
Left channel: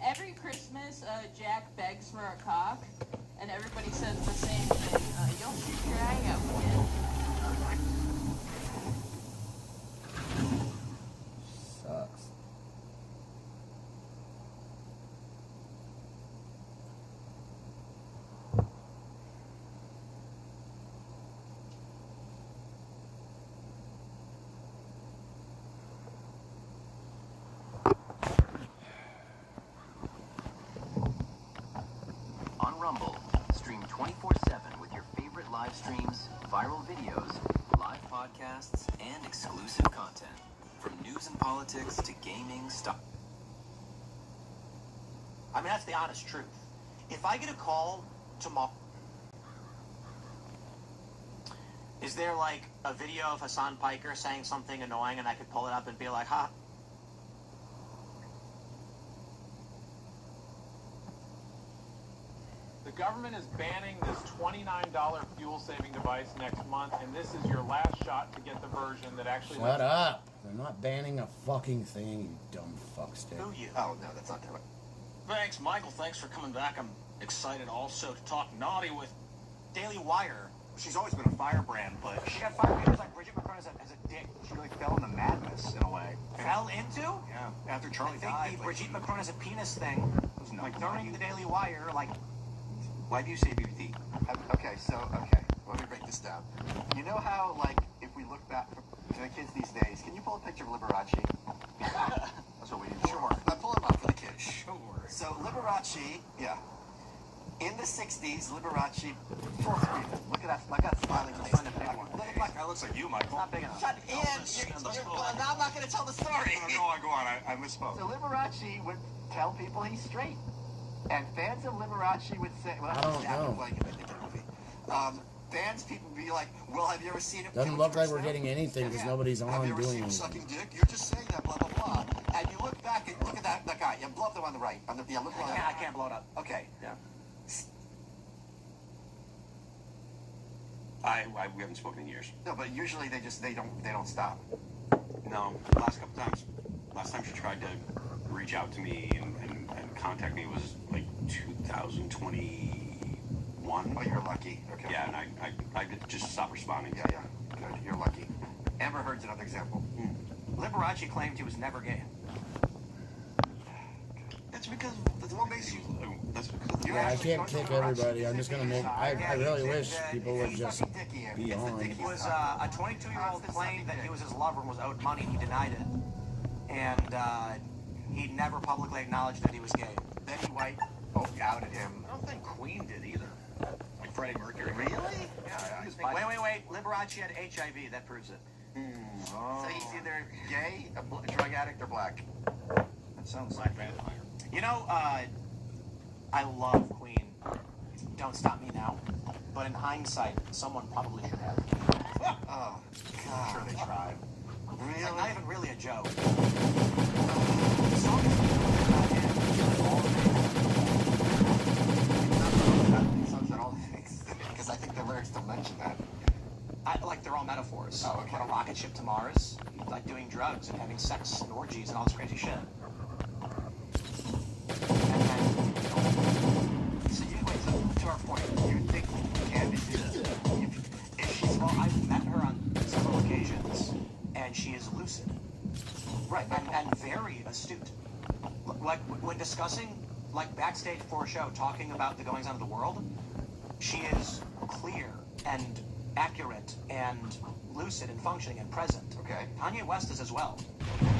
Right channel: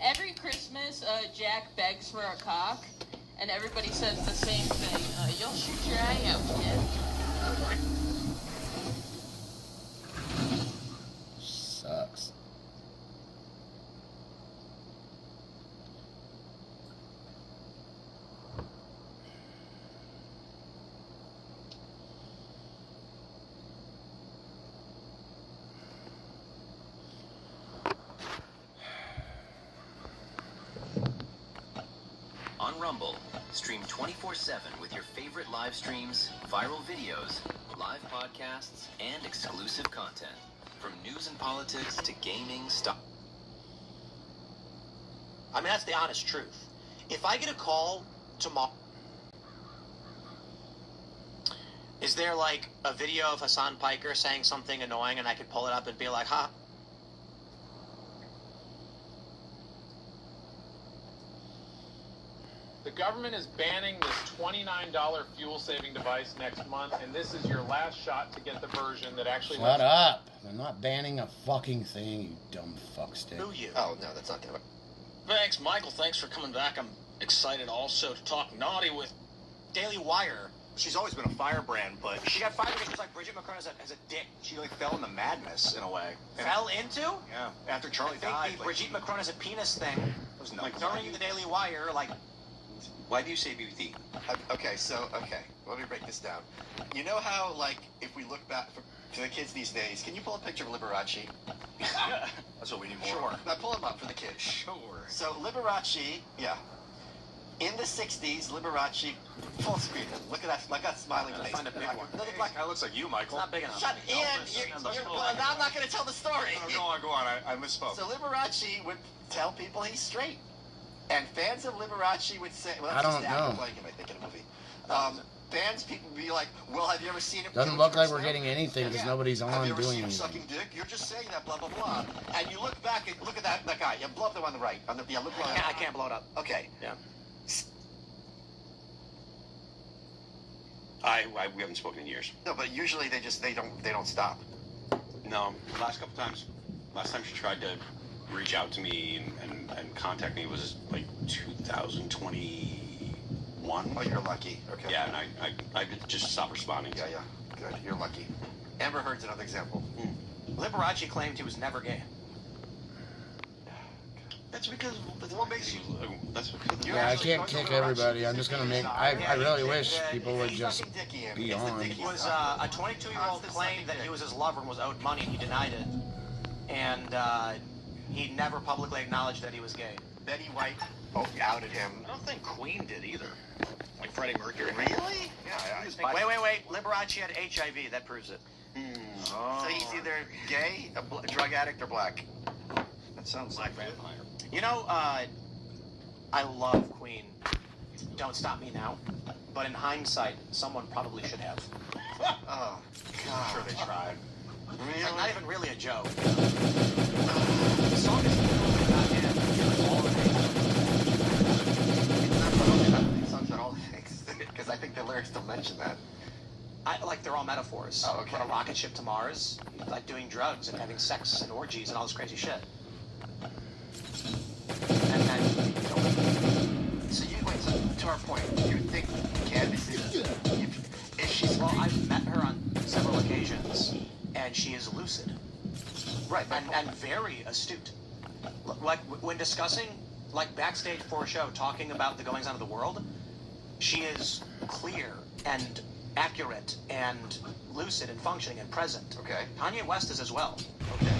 Every Christmas, Jack begs for a cock, and everybody says the same thing. You'll shoot your eye out, kid. Sucks. On Rumble, stream 24/7 with your favorite live streams, viral videos, live podcasts, and exclusive content. From news and politics to gaming, stuff. I mean, that's the honest truth. If I get a call tomorrow, is there like a video of Hassan Piker saying something annoying and I could pull it up and be like, huh? The government is banning this $29 fuel-saving device next month, and this is your last shot to get the version that actually... Shut up! They're not banning a fucking thing, you dumb fuckstick. Who you? Oh, no, that's not that. Thanks, Michael. Thanks for coming back. I'm excited also to talk naughty with Daily Wire. She's always been a firebrand, but She got fired because like Bridget McCrone as a dick. she like fell into madness in a way. And Fell into? yeah, after Charlie I died. think the like, Brigitte Macron as a penis thing. was Like during the Daily Wire, like why do you say BBT? Okay, let me break this down. You know how, like, if we look back for the kids these days, can you pull a picture of Liberace? That's what we need. Sure. Now pull him up for the kids. Sure. So Liberace, yeah. In the 60s, Liberace, full screen. Look at that, I got smiling face. That looks like you, Michael. not big enough. Shut in! Now I'm not going to tell the story. Go on. I misspoke. So Liberace would tell people he's straight. And fans of Liberace would say, well, I don't know. like if I think of the movie. Fans, people would be like, well, have you ever seen it? Doesn't look like we're getting anything because nobody's Have on you ever doing seen him anything. sucking dick? You're just saying that, blah, blah, blah. And you look back and look at that guy. Yeah, blow up the one on the right. Look I can't blow it up. Okay. Yeah. We haven't spoken in years. No, but usually they don't stop. No, last couple times. Last time she tried to reach out to me and contact me was like 2020. one. Oh, you're lucky. Okay. Yeah, and I just stopped responding. Yeah. Good. You're lucky. Amber Heard's another example. Liberace claimed he was never gay. That's because what makes you. Yeah, I can't kick everybody. I'm just gonna make. I really wish people would just be on. It was a 22-year-old claimed that he was his lover and was owed money, and he denied it. And he never publicly acknowledged that he was gay. Betty White outed him. I don't think Queen did either. Like Freddie Mercury. Really? Yeah. Wait. Liberace had HIV. That proves it. So he's either gay, a drug addict, or black. That sounds like vampire. You know, I love Queen. Don't Stop Me Now. But in hindsight, someone probably should have. Oh, God. I'm sure they tried. It's like not even really a joke. Songs are all things, because I think the lyrics don't mention that. Like they're all metaphors. Oh, okay. On a rocket ship to Mars, like doing drugs and having sex and orgies and all this crazy shit. So to our point, you think Candace if she's... Well, I've met her on several occasions, and she is lucid. Right. And very astute. Like, when discussing, like, backstage for a show, talking about the goings-on of the world, she is clear and accurate and lucid and functioning and present. Okay. Kanye West is as well.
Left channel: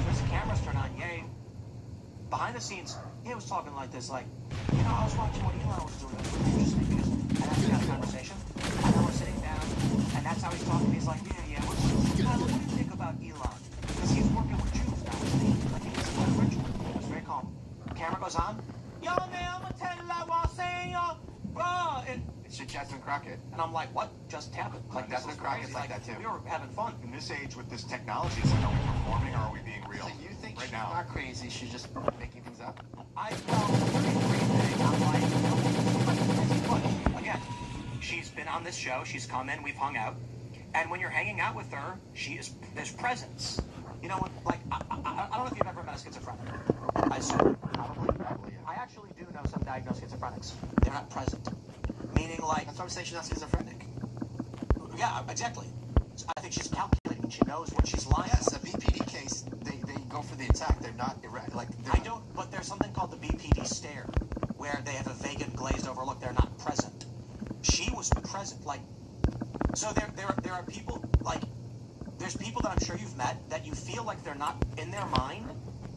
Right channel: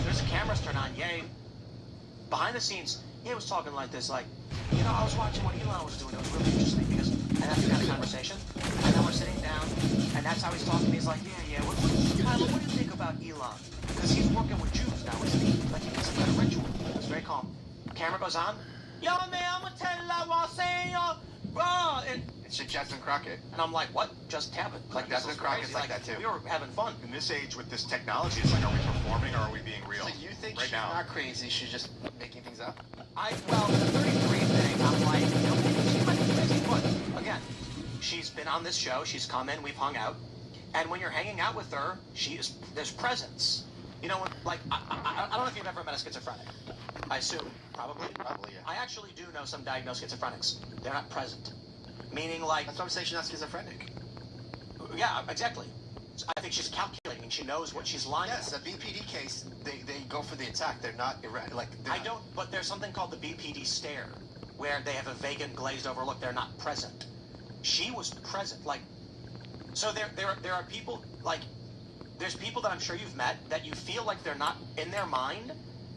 There's cameras turned on. Ye, behind the scenes, he was talking like this, like, you know, I was watching what Elon was doing. It was really interesting because, and that's the kind of conversation. And we're sitting down, and that's how he's talking. He's like, yeah. What do you think about Elon? Because he's working with Jews, not with me. Like, he's a ritual. It was very calm. Camera goes on. Yo, man, I'm gonna tell you what I'm saying, yo, bro. It's Jasmine Crockett. And I'm like, what just happened? Like, Jasmine Crockett's like that too. We were having fun. In this age with this technology, it's like, are we performing or are we being real? So you think right she's now? not crazy, she's just making things up? Again, she's been on this show, she's come in, we've hung out, and when you're hanging out with her, there's presence. You know, like, I don't know if you've ever met a schizophrenic. I assume, probably. Probably, yeah. I actually do know some diagnosed schizophrenics. They're not present. Meaning, like... That's why I'm saying she's not schizophrenic. Yeah, exactly. I think she's calculating. She knows what she's lying. Yes, a BPD case, they go for the attack. They're not erratic. Like, I don't, but there's something called the BPD stare, where they have a vacant, glazed over look. They're not present. She was present. Like, so there are people, like, there's people that I'm sure you've met that you feel like they're not in their mind.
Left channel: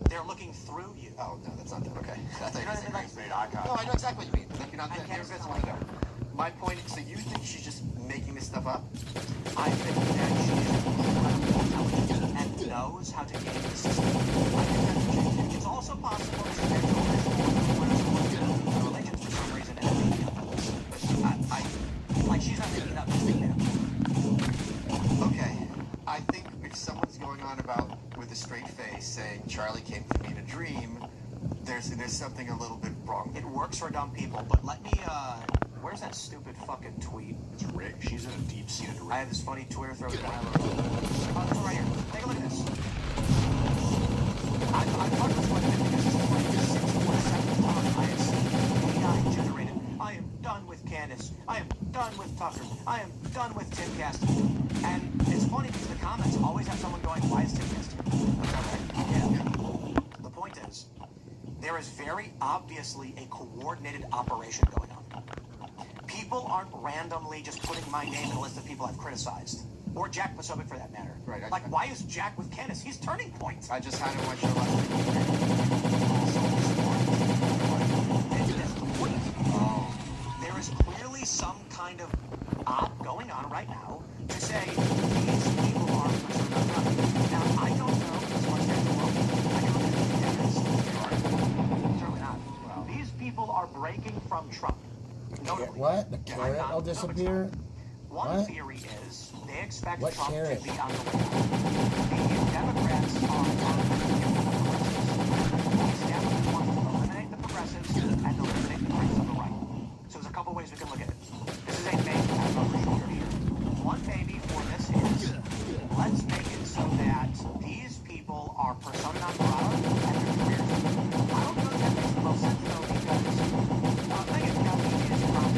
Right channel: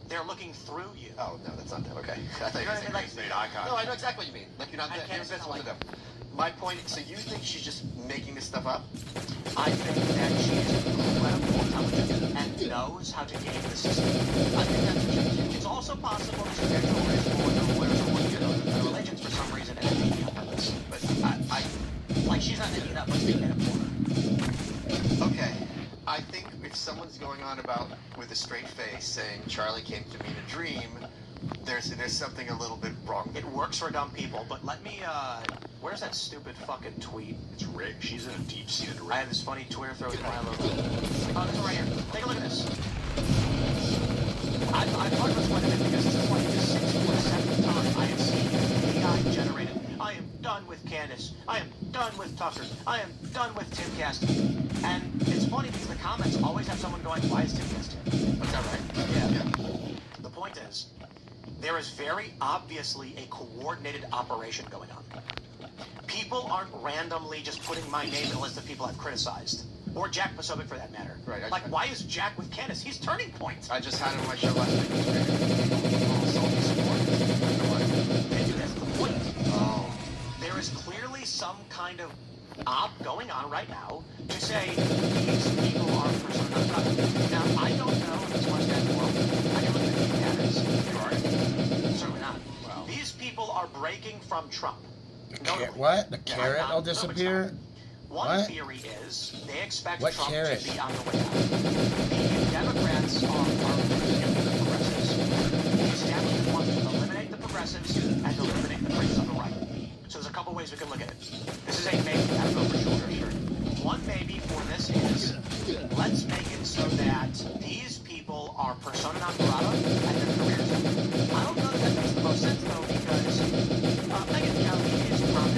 They're looking through you. Oh, no, that's not that. Okay. I thought you were saying like, no, I know exactly what you mean. Like, you're not that. Can't fit one of them. My point is, so you think she's just making this stuff up? I think that she is and knows how to game the system. It's also possible religions for some reason but like she's not doing enough. Okay. I think if someone's going on about with a straight face saying Charlie came to me in a dream, there's something a little bit wrong. It works for dumb people, but let me where's that stupid fucking tweet? It's Rick. She's in a deep-seated I have this funny Twitter thread that I love. Oh, it's right here. Take a look at this. I am done with Candace. I am done with Tucker. I am done with Timcast. And it's funny because the comments always have someone going, why is Timcast here? Is that right? Yeah. The point is, there is very obviously a coordinated operation going on. People aren't randomly just putting my name in the list of people I've criticized. Or Jack Posobiec for that matter. Right. Like, why is Jack with Candace? He's Turning Point. I just had him on my show last week. There is clearly some kind of op going on right now to say these people are... Now, I don't know what's certainly not. These people are breaking from Trump. What? The carrot will disappear? One What? theory is they expect What Trump carrot? to be on the Democrats eliminate the progressives and eliminate the rights on the right. So there's a couple ways we can look at it. This is a maybe, that's not for sure. One maybe for this is let's make it so that these people are persona non grata and their careers. I don't know if that makes the most sense though because Megyn Kelly is not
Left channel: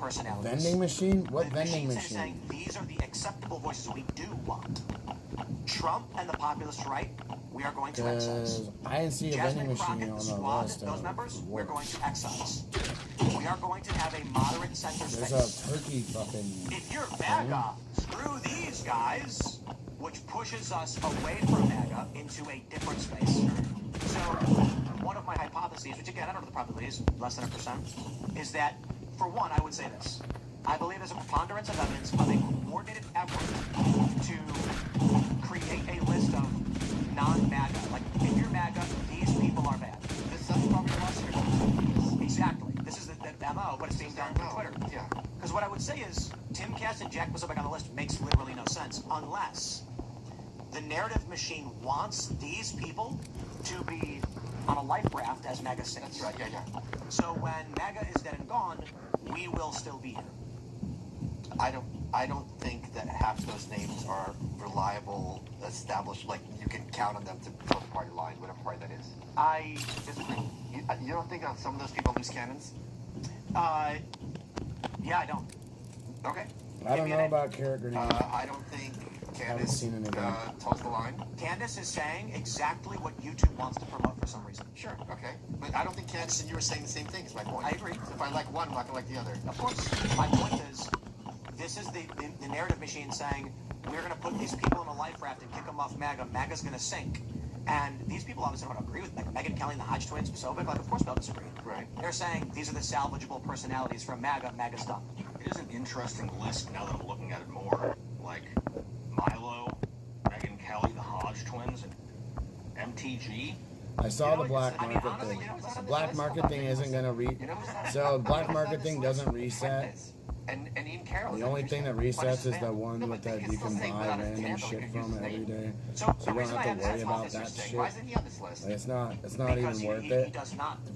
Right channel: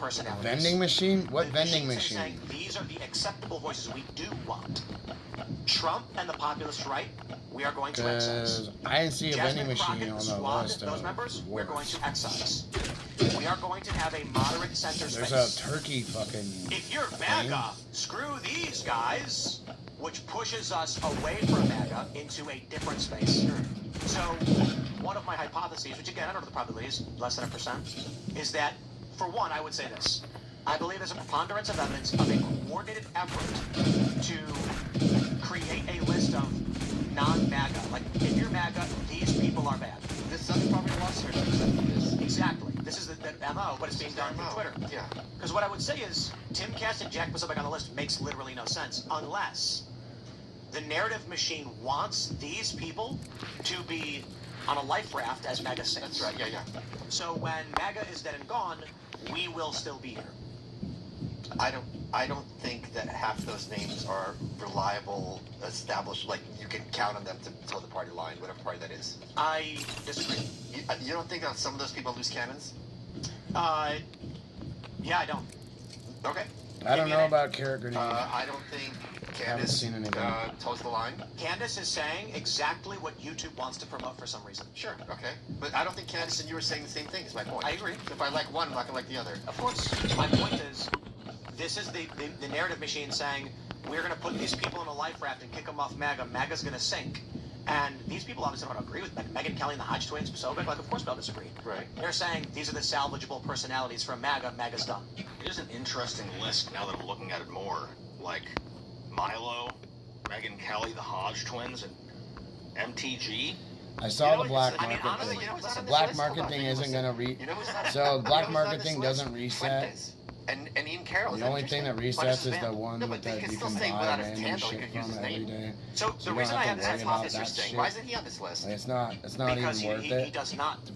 personalities. Vending machine? What The vending machines are machine? saying these are the acceptable voices we do want. Trump and the populist right, we are going to excise. Because I didn't see a vending Jasmine machine Crockett, on the Squad, list those of members, we're going rewards. to excise. We are going to have a moderate center There's space. a turkey fucking If you're thing. MAGA, screw these guys, which pushes us away from MAGA into a different space. So, one of my hypotheses, which again, I don't know the probability is less than 1%, is that, for one, I would say this. I believe there's a preponderance of evidence of a coordinated effort to create a list of non-MAGA. Like, if you're MAGA, these people are bad. This is probably the Exactly. This is the MO, but it's being done through Twitter. Yeah. Because what I would say is, Tim Cass and Jack Posobiec on the list makes literally no sense, unless the narrative machine wants these people to be on a life raft as MAGA saints. That's right, yeah. So when MAGA is dead and gone, we will still be here. I don't think that half those names are reliable, established, like you can count on them to tell the party line, whatever party that is. I disagree. You don't think that some of those people lose cannons? Yeah, I don't. Okay. I don't know about carrot grenade. I don't think Haven't Candace seen anything. toes the line. Candace is saying exactly what YouTube wants to promote for some reason. Sure, okay. But I don't think Candace and you were saying the same thing, is my point. I agree. If I like one, I'm not going to like the other. Of course. My point is, this is the narrative machine saying, we're going to put these people in a life raft and kick them off MAGA. MAGA's going to sink. And these people obviously don't agree with Megyn Kelly and the Hodge twins, Posobiec, like, of course they'll disagree. Right. They're saying these are the salvageable personalities from MAGA. MAGA's done. It is an interesting list now that I'm looking at it more. Like Milo, Megyn Kelly, the Hodge twins, and MTG. I saw the black market thing. The black market thing isn't gonna so the black market thing doesn't reset. And Ian Carroll. The only thing that resets is the one with that you can buy random shit from every day. So you don't have to worry about that shit. Why isn't he on this list? Like, it's not even worth it to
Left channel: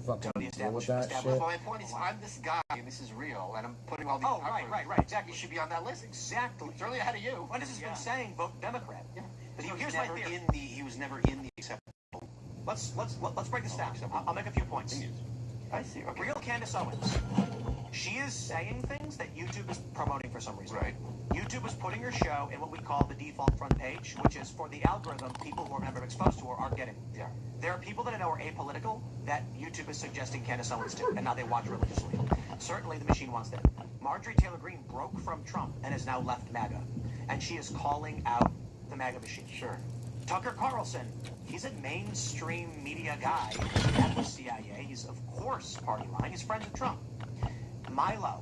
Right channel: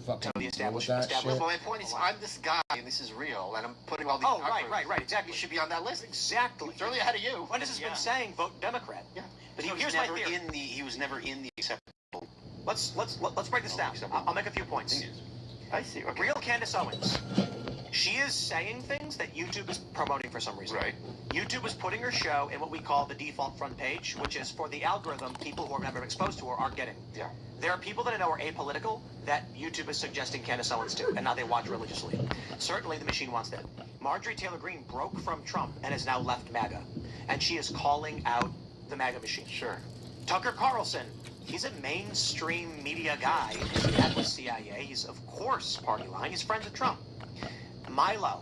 fucking deal with that shit. My point is, I'm this guy, and this is real, and I'm putting all these. Oh, right, exactly. You should be on that list. Exactly. It's early ahead of you. When has been saying vote Democrat? Yeah. But He here's was my never theory. he was never in the acceptable. Let's break this down. I'll make a few points. I see. Okay. Real Candace Owens. She is saying things that YouTube is promoting for some reason. Right. YouTube is putting her show in what we call the default front page, which is for the algorithm people who are never exposed to her aren't getting. Yeah. There are people that I know are apolitical that YouTube is suggesting Candace Owens to, and now they watch religiously. Certainly the machine wants that. Marjorie Taylor Greene broke from Trump and has now left MAGA, and she is calling out the MAGA machine. Sure. Tucker Carlson, he's a mainstream media guy at the CIA. He's, of course, party line. He's friends with Trump. Milo.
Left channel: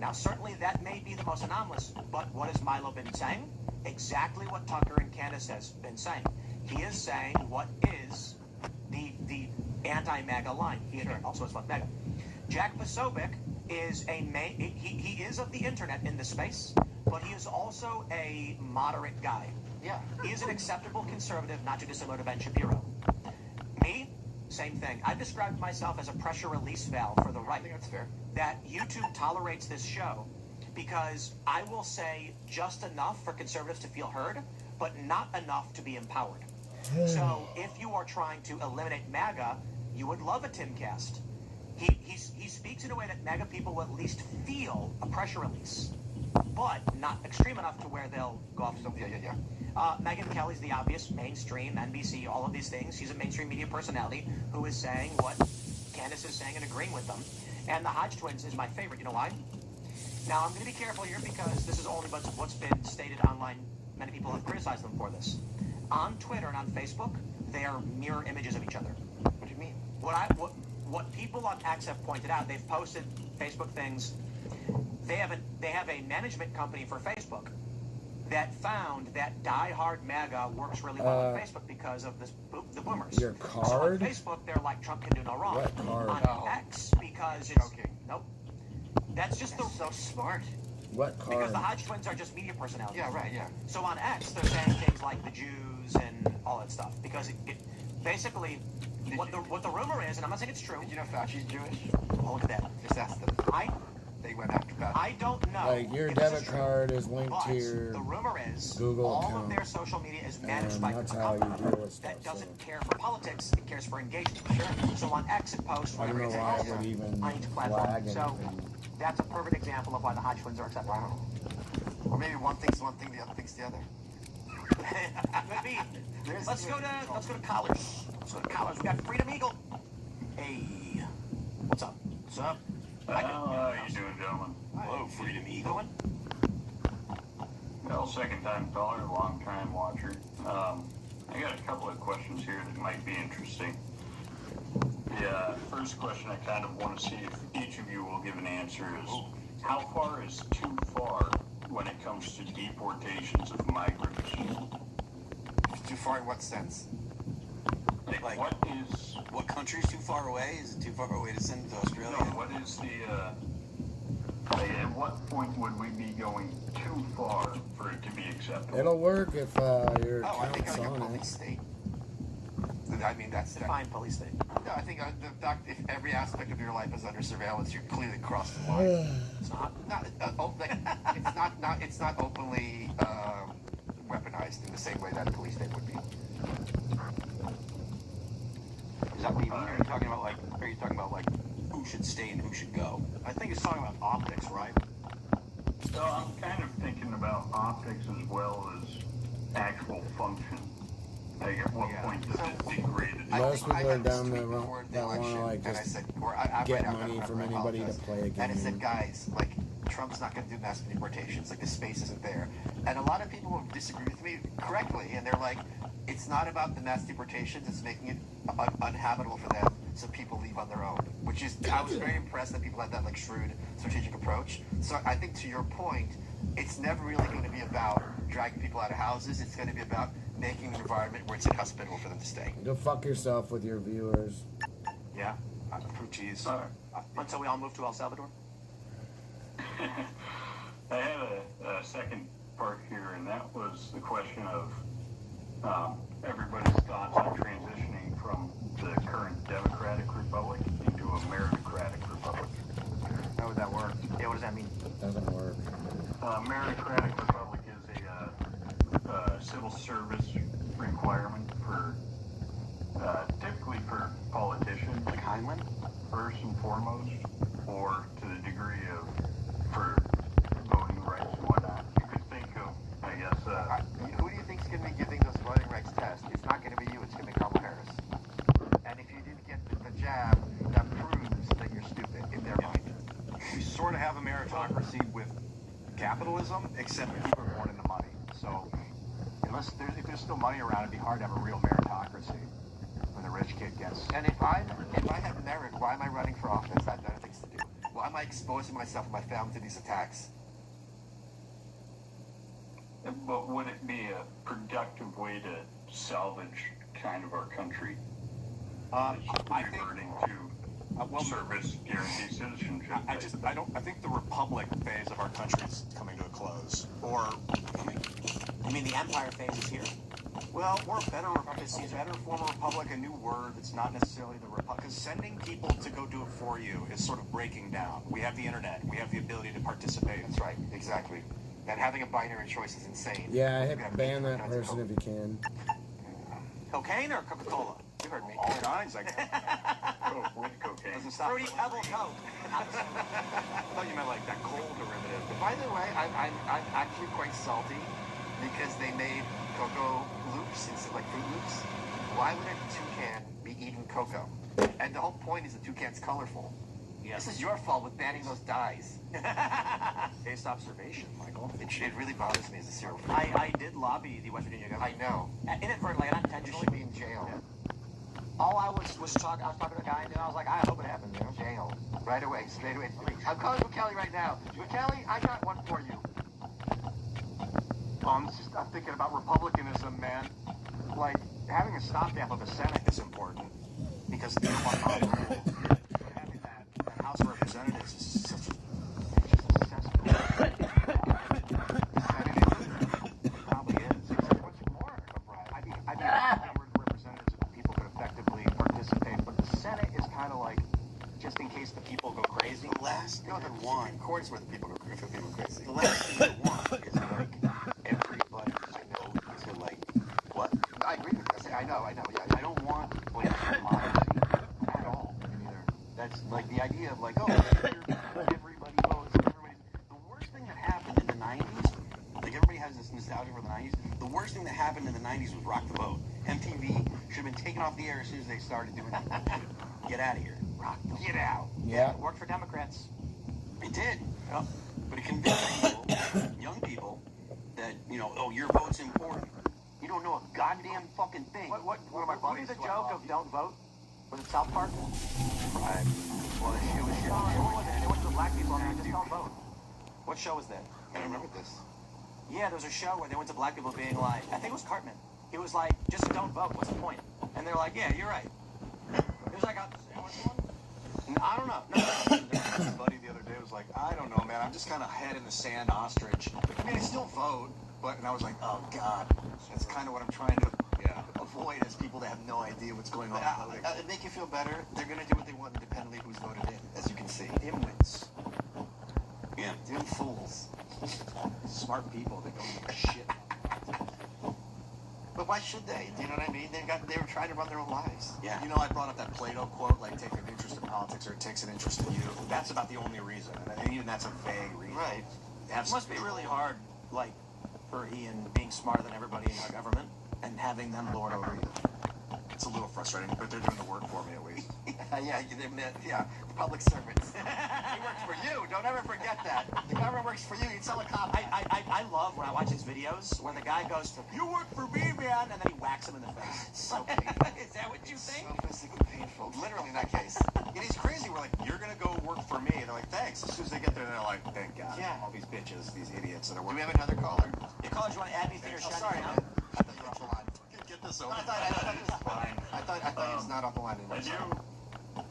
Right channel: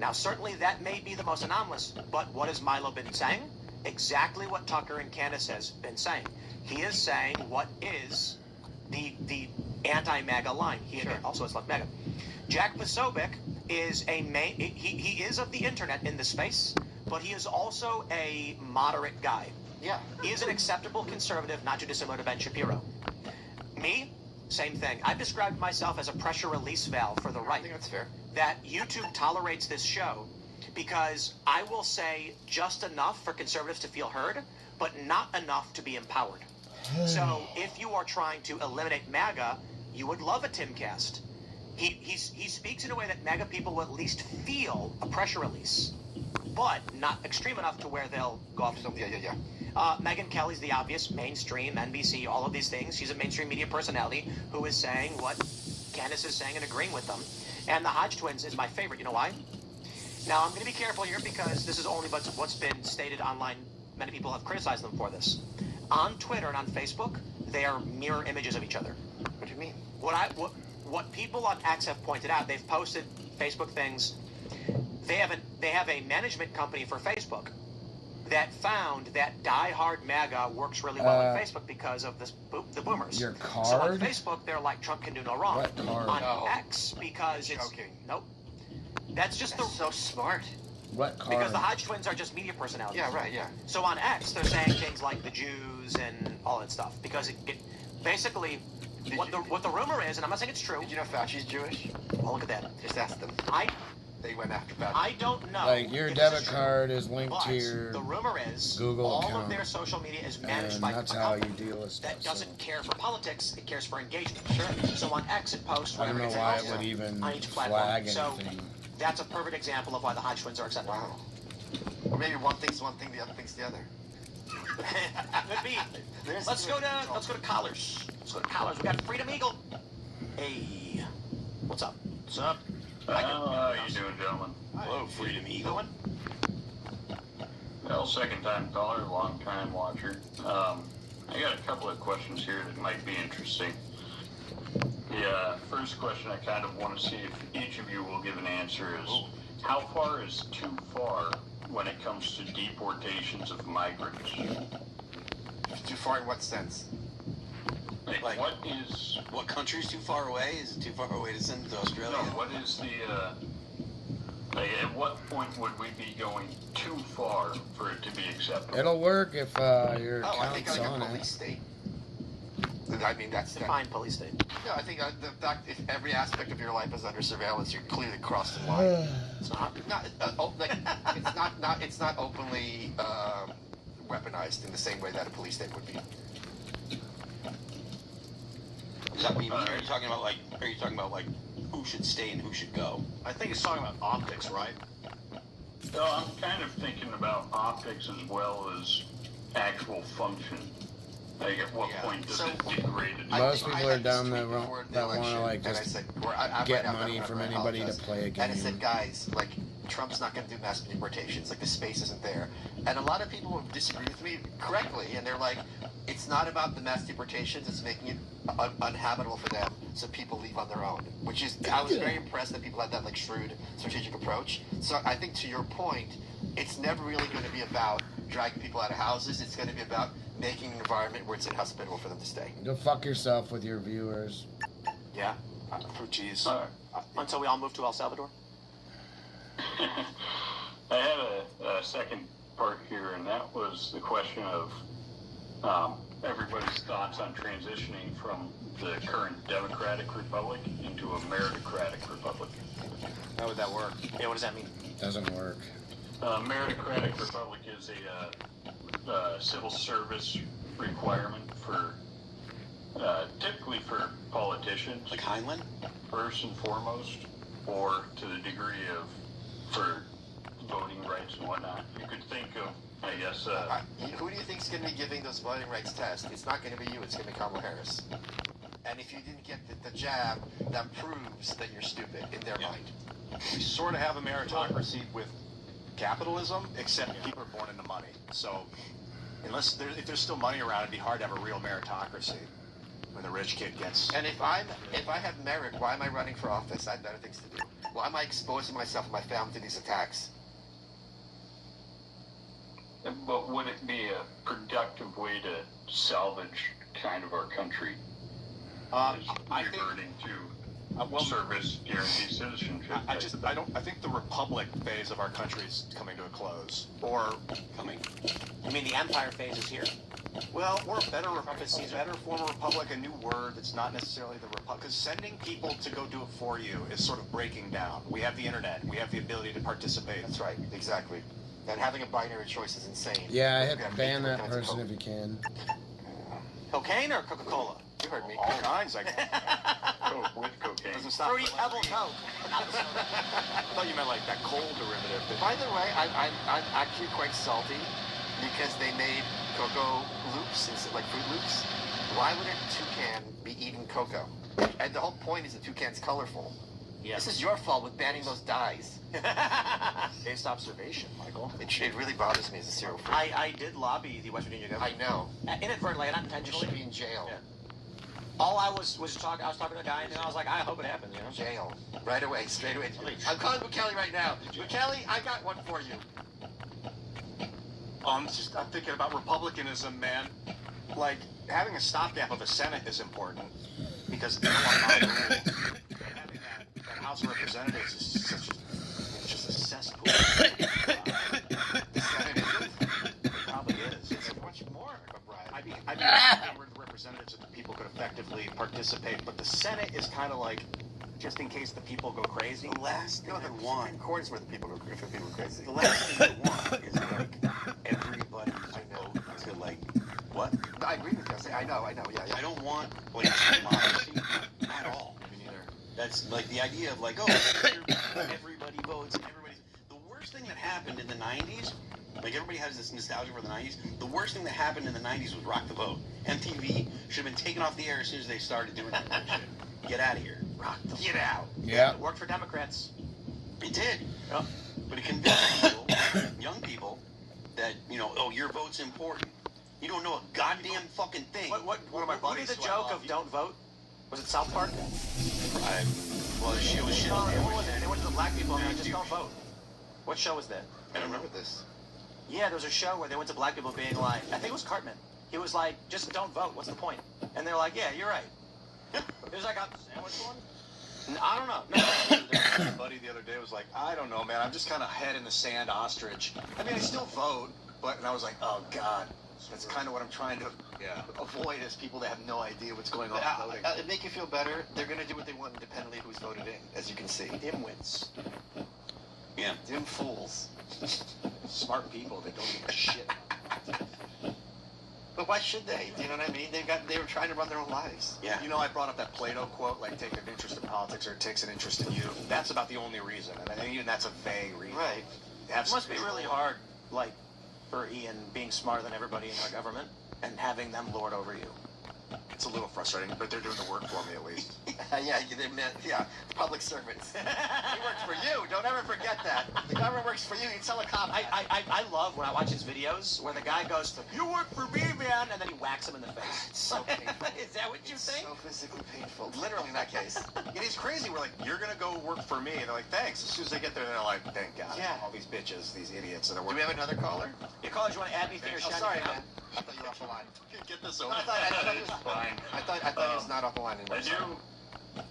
Now, certainly that may be the most anomalous, but what has Milo been saying? Exactly what Tucker and Candace has been saying. He is saying what is the anti-MAGA line. He also has left MAGA. Jack Posobiec is he is of the internet in this space, but he is also a moderate guy. Yeah. He is an acceptable conservative, not too dissimilar to Ben Shapiro. Me, same thing. I've described myself as a pressure release valve for the right. I think that's fair. That YouTube tolerates this show because I will say just enough for conservatives to feel heard, but not enough to be empowered. So if you are trying to eliminate MAGA, you would love a Timcast. He speaks in a way that MAGA people will at least feel a pressure release, but not extreme enough to where they'll go off to something. Yeah. Megyn Kelly's the obvious mainstream, NBC, all of these things. She's a mainstream media personality who is saying what Candace is saying and agreeing with them. And the Hodge twins is my favorite. You know why? Now, I'm going to be careful here because this is only what's been stated online. Many people have criticized them for this. On Twitter and on Facebook, they are mirror images of each other. What do you mean? What people on X have pointed out, they've posted Facebook things. They have a management company for Facebook that found that die-hard MAGA works really well on Facebook because of the boomers. Your card? So on Facebook, they're like, Trump can do no wrong. What card? On X, because it's... Nope. That's just so smart. What card? Because the Hodge twins are just media personalities. Yeah, right, yeah. So on X, they're saying things like the Jews and all that stuff. Because it basically, what the rumor is, and I'm not saying it's true. Did you know Fauci's Jewish? Oh, look at that. Just ask them. they went after Beth. I don't know. Like your if debit this is true, card is linked but to your the rumor is Google all account, of their social media is managed and by that's a how you company deal with stuff. that doesn't So care for politics; it cares for engagement. Sure. So on X it posts. I don't know whatever why it's it would even on each platform. flag So anything. that's a perfect example of why the Hodge twins are accepted. Wow. Or maybe one thing's one thing, the other thing's the other. Could be. Let's go to collars. Let's go to collars. We got Freedom Eagle. Hey, what's up? What's up? How you doing, gentlemen? Hello, Freedom Eagle. Well, second time caller, long time watcher. I got a couple of questions here that might be interesting. The first question I kind of want to see if each of you will give an answer is, how far is too far when it comes to deportations of migrants? Too far in what sense? Like what country's too far away? Is it too far away to send them to Australia? What is the at what point would we be going too far for it to be acceptable? It'll work if your I think account's like a on police it. state. I mean, that's Define police state. Yeah, I think the fact if every aspect of your life is under surveillance, you're clearly crossed the line. It's not openly weaponized in the same way that a police state would be. Is that what you mean? Are you talking about like who should stay and who should go? I think he's talking about optics, right? So I'm kind of thinking about optics as well as actual function. Like at what point does it degrade? Most people are down that want to like just get money from anybody to play a And I said, game. guys, like Trump's not going to do mass deportations. Like the space isn't there. And a lot of people disagree with me correctly, and they're like, it's not about the mass deportations. It's making it uninhabitable for them, so people leave on their own. Which is, I was very impressed that people had that like shrewd strategic approach. So I think to your point, it's never really going to be about dragging people out of houses. It's going to be about making an environment where it's inhospitable for them to stay. Go fuck yourself with your viewers. Yeah. Jeez. Until we all move to El Salvador. I had a second part here, and that was the question of everybody's thoughts on transitioning from the current Democratic Republic into a meritocratic republic. How would that work? Yeah, what does that mean? Doesn't work. Meritocratic republic is a civil service requirement for typically for politicians, like Heinlein, first and foremost, or to the degree of for voting rights and whatnot. You could think of, I guess. Who do you think is going to be giving those voting rights tests? It's not going to be you. It's going to be Kamala Harris. And if you didn't get the jab, that proves that you're stupid in their mind. We sort of have a meritocracy with capitalism, except people are born into money. So if there's still money around, it'd be hard to have a real meritocracy when the rich kid gets. And if I have merit, why am I running for office? I have better things to do. Why am I exposing myself and my family to these attacks? But would it be a productive way to salvage kind of our country? I think to service guaranteed citizenship. I think the republic phase of our country is coming to a close. Or You mean the empire phase is here? well, or a better form of republic, a new word that's not necessarily the republic. Because sending people to go do it for you is sort of breaking down. We have the internet. We have the ability to participate. That's right, exactly. And having a binary choice is insane. Yeah, I hit ban that person if you can. Cocaine or Coca-Cola? You heard me. All kinds, I guess. With cocaine. Doesn't stop. Fruity Pebble Coke. I thought you meant like that cold derivative. By the way, I'm actually quite salty because they made cocoa loops instead of like Fruit Loops. Why would a toucan be eating cocoa? And the whole point is the toucan's colorful. Yes. This is your fault with banning those dyes. Based observation, Michael. It really bothers me as a cereal freak. I did lobby the West Virginia government. I know. Inadvertently, not You intentionally. should be in jail. All I was talking to a guy, and I was like, I hope it happens, you know? Jail. Right away, straight away. I'm calling Kelly right now. Kelly, I got one for you. I'm thinking about republicanism, man. Like, having a stopgap of a Senate is important. Because having that House of Representatives is just a cesspool. Probably is. It's much more of a riot. I mean, representatives of the people could effectively participate, but the Senate is kind of like, just in case the people go crazy. The last thing I want the last thing you want is like everybody to like what? I agree with you. I know. Yeah. I don't want like democracy at all. Me neither. That's like the idea of like, oh, everybody votes. The worst thing that happened in the 90s, like everybody has this nostalgia for the 90s. The worst thing that happened in the 90s was Rock the Vote. MTV should have been taken off the air as soon as they started doing that shit. Get out of here. Get out. Yeah. It worked for Democrats. It did. Yep. But it convinced people, young people, that, you know, oh, your vote's important. You don't know a goddamn fucking thing. What of my buddies? The joke of don't vote? Was it South Park? Well, it was shit on there. They went to the black people and they just don't vote. What show was that? I don't remember this. Yeah, there was a show where they went to black people being like, I think it was Cartman. He was like, just don't vote. What's the point? And they're like, yeah, you're right. It was like, I don't know. My buddy the other day was like, I don't know, man. I'm just kind of head in the sand ostrich. I mean, I still vote, but and I was like, oh God, that's kind of what I'm trying to avoid is people that have no idea what's going on voting. It make you feel better. They're gonna do what they want independently of who's voted in, as you can see. Dimwits. Yeah. Dim fools. Smart people that don't give a shit. But why should they? Do you know what I mean? They were trying to run their own lives. Yeah. You know, I brought up that Plato quote, like, take an interest in politics or it takes an interest in you. That's about the only reason. And I think even that's a vague reason. Right. It must be really hard, like, for Ian being smarter than everybody in our government and having them lord over you. It's a little frustrating, but they're doing the work for me at least. Yeah, public servants. He works for you. Don't ever forget that. The government works for you. You tell a cop. I love when I watch his videos where the guy goes to, you work for me, man, and then he whacks him in the face. It's so painful. Is that what you think? So physically painful. Literally in that case. It is crazy. We're like, you're going to go work for me. And they're like, thanks. As soon as they get there, they're like, thank God. Yeah. All these bitches, these idiots that are Do working. we have another caller? You callers, you want to add me to your shiny sorry, account? man. I thought you were off the line. Get this over. I thought he was not off the line anymore.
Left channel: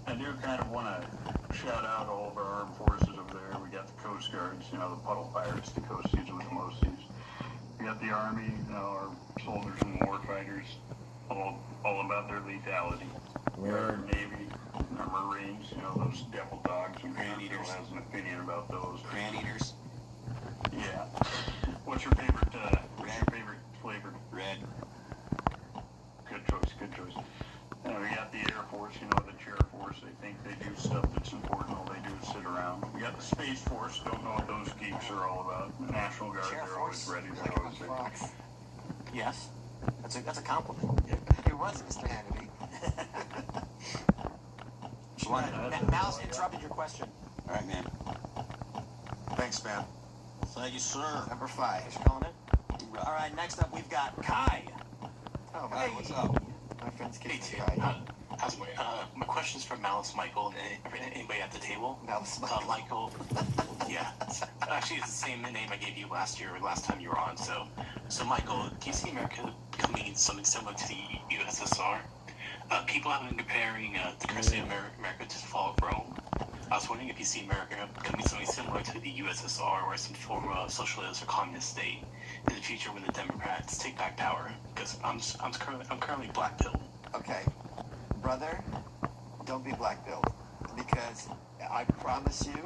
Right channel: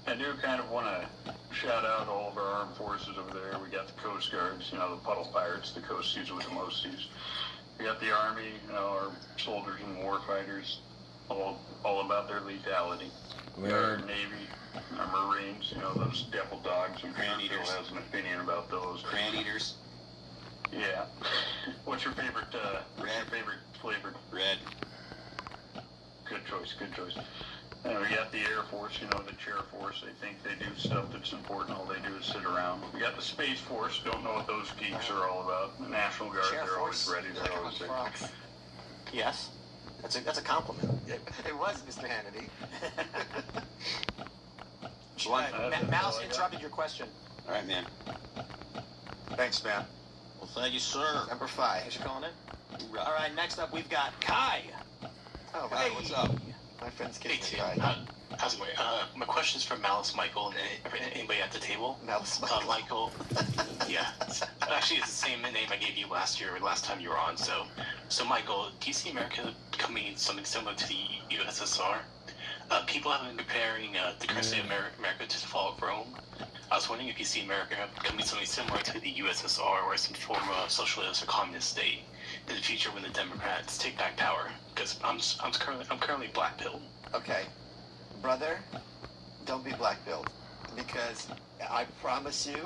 I do kind of want to shout out all of our armed forces over there. We got the Coast Guards, you know, the puddle pirates, the Coast Seas with the most seas. We got the Army, you know, our soldiers and war fighters, all about their lethality. We got our Navy, our Marines, you know, those devil dogs. And Grand eaters. Has an opinion about those. Grand eaters. Yeah. What's your favorite? What's your favorite flavor? Red. Good choice. Good choice. We got the Air Force, you know, the Chair Force. They think they do stuff that's important. All they do is sit around. We got the Space Force. Don't know what those geeks are all about. The National Guard, they're always ready. They're always there. Yes. That's a compliment. It was, Mr. Hannity. Mouse interrupted your question. All right, man. Thanks, man. Thank you, sir. Number 5. Thanks for calling in. All right, next up we've got Kai. Oh, Hey. what's up? My friend's Hey, kissing Tim. guy. How's it going? My question's for Malice Michael and anybody at the table. Malice Michael. Yeah. Actually, it's the same name I gave you last time you were on. So Michael, do you see America becoming something similar to the USSR? People have been comparing the current state of America to the fall of Rome. I was wondering if you see America becoming something similar to the USSR or some form of socialist or communist state in the future when the Democrats take back power. Because I'm currently black-pilled. Okay. Brother, don't be black-pilled. Because I promise you,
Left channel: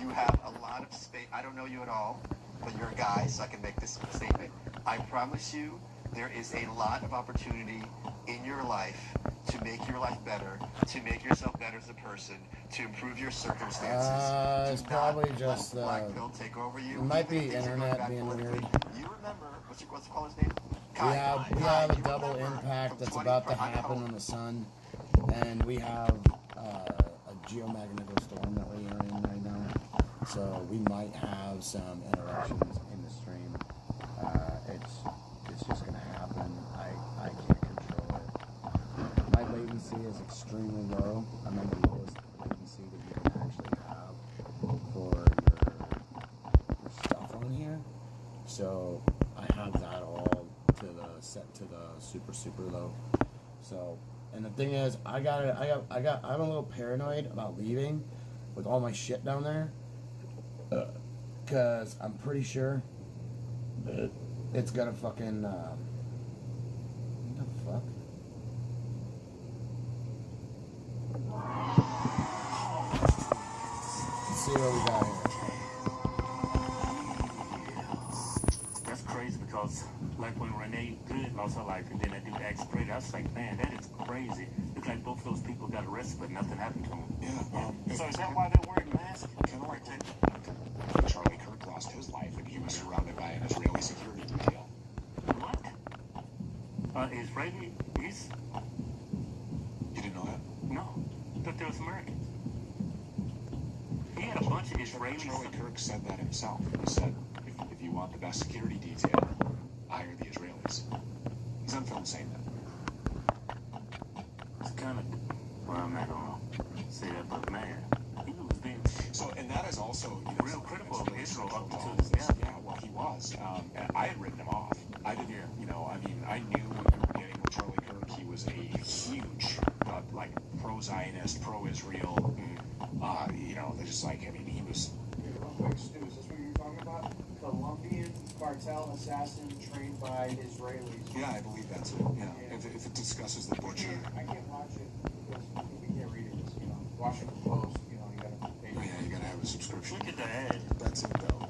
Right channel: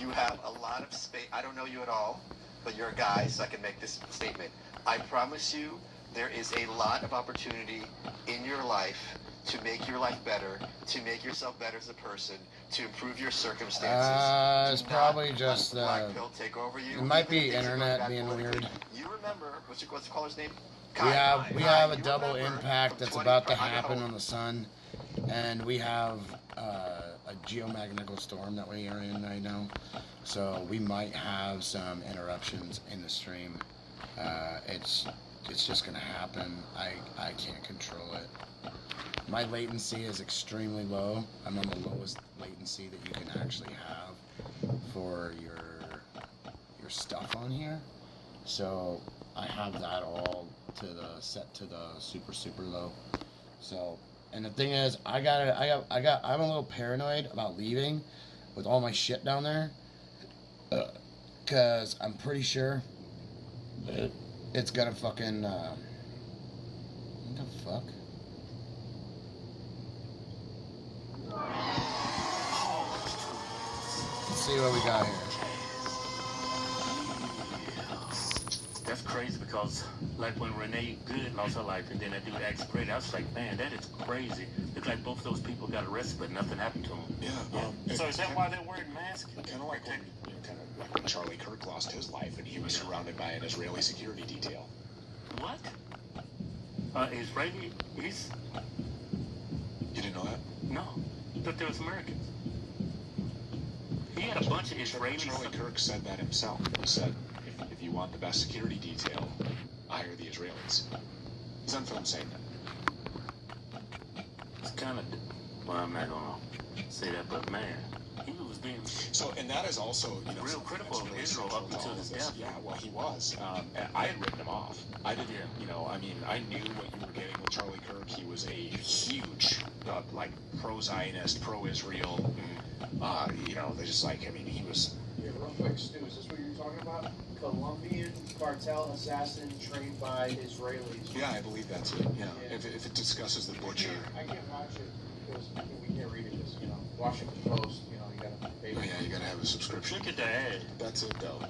you have a lot of space. I don't know you at all, but you're a guy, so I can make this statement. I promise you, there is a lot of opportunity in your life to make your life better, to make yourself better as a person, to improve your circumstances. It's probably just black-pilled take over you. it might be internet being weird. You remember what's the caller's name? We have a double impact that's about to happen on the sun, and we have a geomagnetic storm that we are in right now. So we might have some interruptions in the stream. It's just gonna happen. I can't control it. My latency is extremely low. I'm on the lowest latency that you can actually have for your stuff on here. So I have that all set to the super low. So, and the thing is, I'm a little paranoid about leaving with all my shit down there, cause I'm pretty sure that it's gonna fucking what the fuck? Let's see what we got here. That's crazy because, like, when Renee Good lost her life and then that dude Alex Brady, I was like, man, that is crazy. Looks like both of those people got arrested, but nothing happened to them. Yeah. So is that why they're wearing masks? Kind of like when Charlie Kirk lost his life and he was surrounded by an Israeli security detail. What? Israeli? He's... You didn't know that? No. I thought they was Americans. He had a bunch of Israelis. Charlie Kirk said that himself. He said, if you want the best security detail, hire the Israelis. He's on film saying that. It's kind of... Well, I'm not going to say that, but man, he was being... So, and that is also, you know, real critical of Israel up until this. this. Yeah, well, he was. And I had written him off. I didn't, you know, I mean, I knew what you were getting with Charlie Kirk. He was a huge, like, pro-Zionist, pro-Israel. You know, they're just like, I mean, he was... Yeah, real quick, Stu, is this what you're talking about? Colombian cartel assassin trained by Israelis. Yeah, I believe that's it. Yeah. If it discusses the butcher. I can't watch it because we can't read it. It's, you know, Washington Post, you know, you gotta pay. Oh, yeah, you gotta have a subscription. Look at the ad. That's it, though.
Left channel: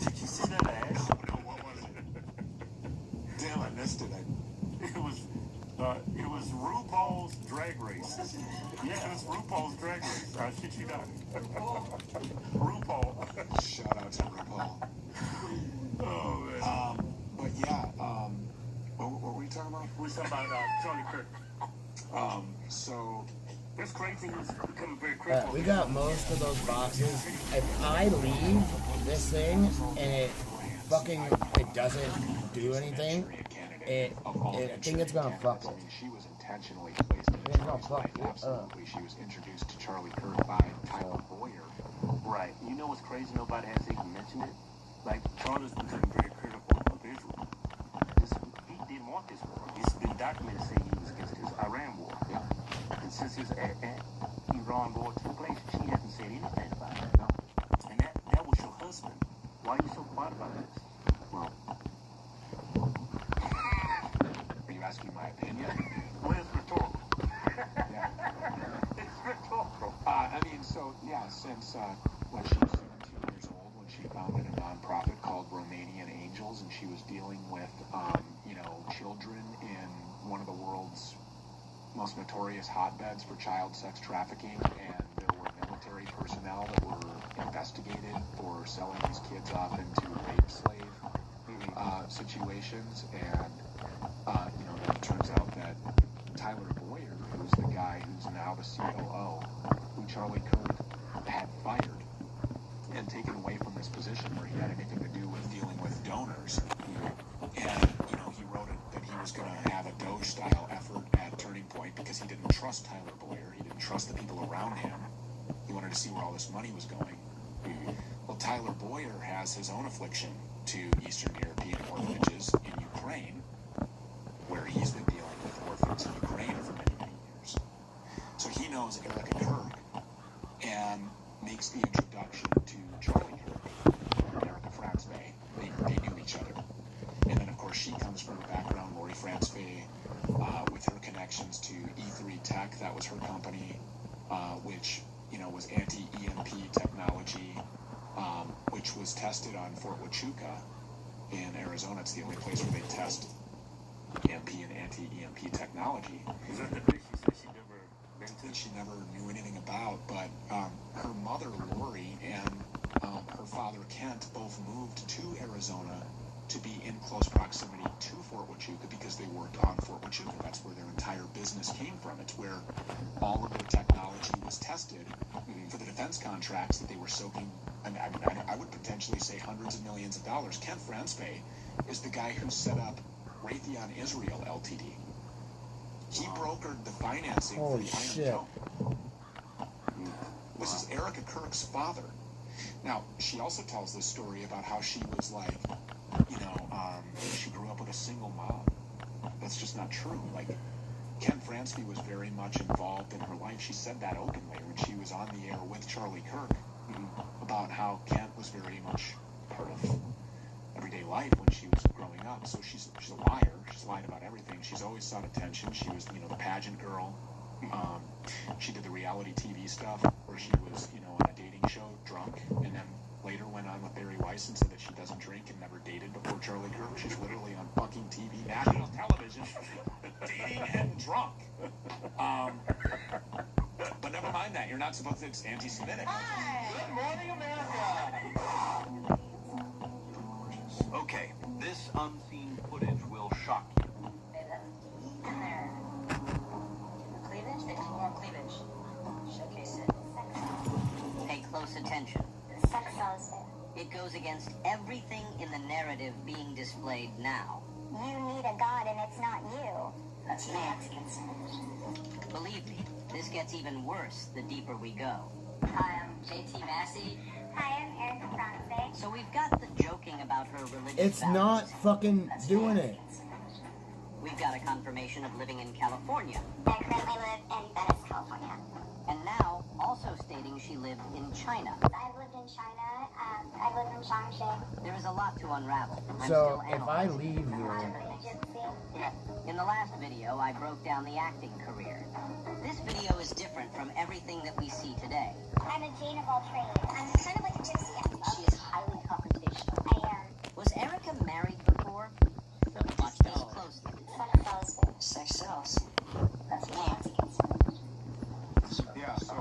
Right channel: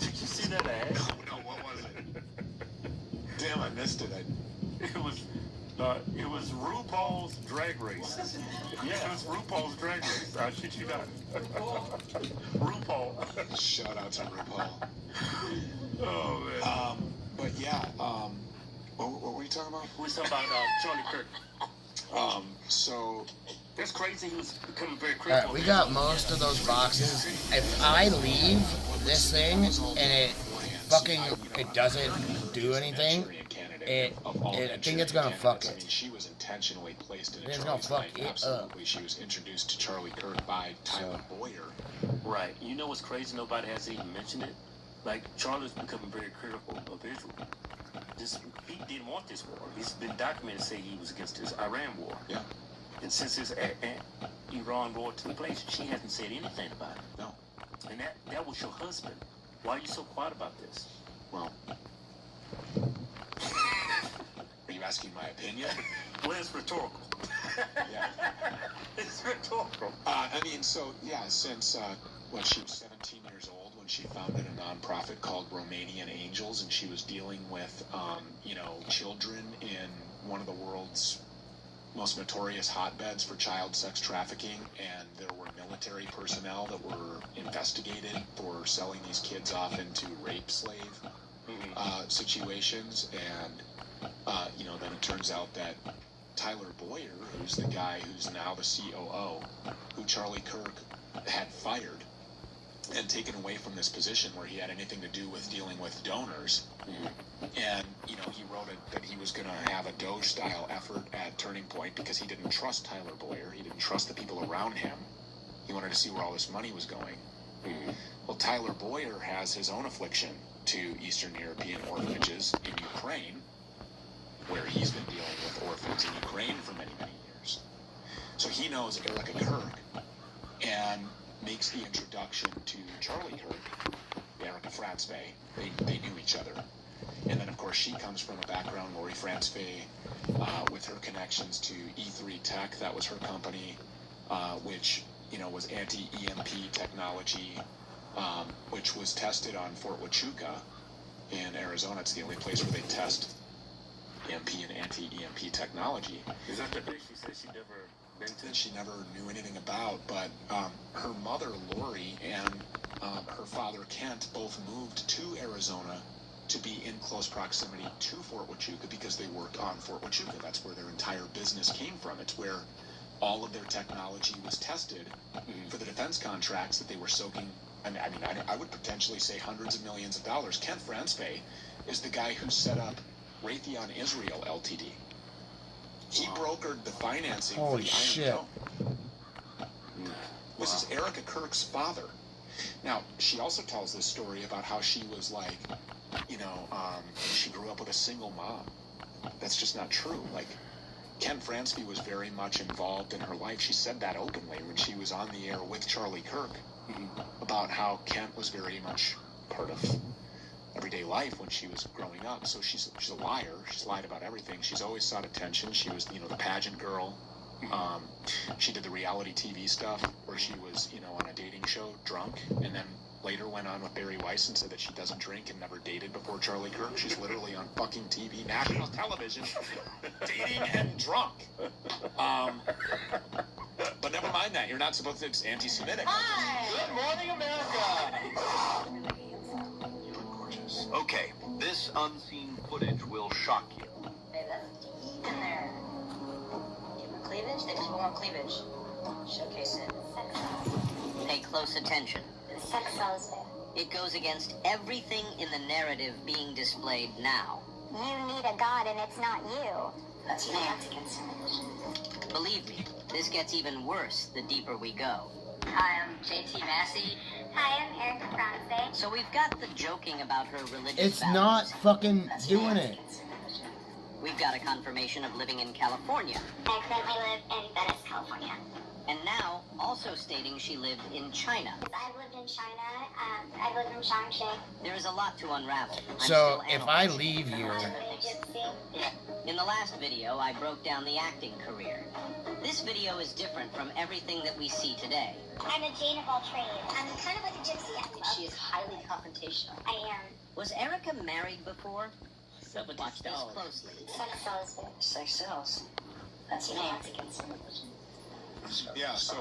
Did you see that ad? No, what was it? Damn, I missed it. It was RuPaul's Drag Race. Yeah, it was RuPaul's Drag Race. I shit you not. RuPaul. Shout out to RuPaul. Oh, man. But yeah, what were we talking about? We're talking about Charlie Kirk. So... That's crazy. He was becoming very critical. Alright, we got most of those boxes. If I leave this thing and it doesn't do anything, I think it's gonna fuck it. She was intentionally placed in It's gonna fuck it up. Absolutely, she was introduced to Charlie Kirk by Tyler Boyer. Right. You know what's crazy? Nobody has even mentioned it. Like, Charlie's becoming very critical of Israel. He didn't want this war. It's been documented saying he was against this Iran war. Yeah. And since this Iran war took place, she hasn't said anything about it. No. And that was your husband. Why are you so quiet about this? Well, are you asking my opinion? Well, it's rhetorical. Yeah. It's rhetorical. I mean, so, yeah, since when she was 17 years old, when she founded a nonprofit called Romanian Angels, and she was dealing with, you know, children in one of the world's most notorious hotbeds for child sex trafficking, and there were military personnel that were investigated for selling these kids off into rape slave situations, and you know, then it turns out that Tyler Boyer, who's the guy who's now the COO, who Charlie Kirk had fired and taken away from this position where he had anything to do with dealing with donors, and you know, he wrote it that he was going to have a Doge-style effort at Turning Point because he didn't trust Tyler Boyer, he didn't trust the people around him, he wanted to see where all this money was going. Well, Tyler Boyer has his own affliction to Eastern European orphanages in Ukraine, where he's been dealing with orphans in Ukraine for many, many years. So he knows Erica Kirk and makes the introduction to Charlie Kirk, Erica Franzwey. They knew each other. And then, of course, she comes from a background, Lori Franzwey, with her connections to E3 Tech. That was her company, which, you know, was anti-EMP technology, which was tested on Fort Huachuca in Arizona. It's the only place where they test EMP and anti-EMP technology. Is that the place she said she never been to? That she never knew anything about, but her mother, Lori, and her father, Kent, both moved to Arizona to be in close proximity to Fort Huachuca because they worked on Fort Huachuca. That's where their entire business came from. It's where all of their technology was tested for the defense contracts that they were soaking. I would potentially say hundreds of millions of dollars. Kent Franzwey is the guy who set up Raytheon Israel Ltd. He brokered the financing for the Iron shit. Dome. This is Erica Kirk's father. Now, she also tells this story about how she was like, you know, she grew up with a single mom. That's just not true. Like, Ken Franzwey was very much involved in her life. She said that openly when she was on the air with Charlie Kirk about how Kent was very much part of everyday life when she was growing up. So she's a liar. She's lied about everything. She's always sought attention. She was, you know, the pageant girl. She did the reality TV stuff where she was, you know, on a dating show drunk and then later went on with Barry Weiss and said that she doesn't drink and never dated before Charlie Kirk. She's literally on fucking TV, national television, dating and drunk. But never mind that. You're not supposed to. It's anti-Semitic. Hi! Good morning, America! You look gorgeous. Okay, this unseen footage will shock you. Deep in there. Give her cleavage. They just want cleavage. Showcase it. Pay close attention. Sex sells it. It goes against everything in the narrative being displayed now. You need a god and it's not you. That's your against it. Believe me, this gets even worse the deeper we go. Hi, I'm JT Massey. Hi, I'm Erica Franze. So we've got the joking about her religious It's values. not fucking doing it. We've got a confirmation of living in California. I currently live in Venice, California. And now, also stating she lived in China. I've lived in China. I've lived in Shaanxi. There is a lot to unravel. I'm So still if I leave here, In the last video, I broke down the acting career. This video is different from everything that we see today. I'm a Jane of all trades. I'm kind of like a gypsy. She is highly confrontational. I am. Was Erica married before? Watch this closely. Sex sells. Sex sells. That's me. Yeah, so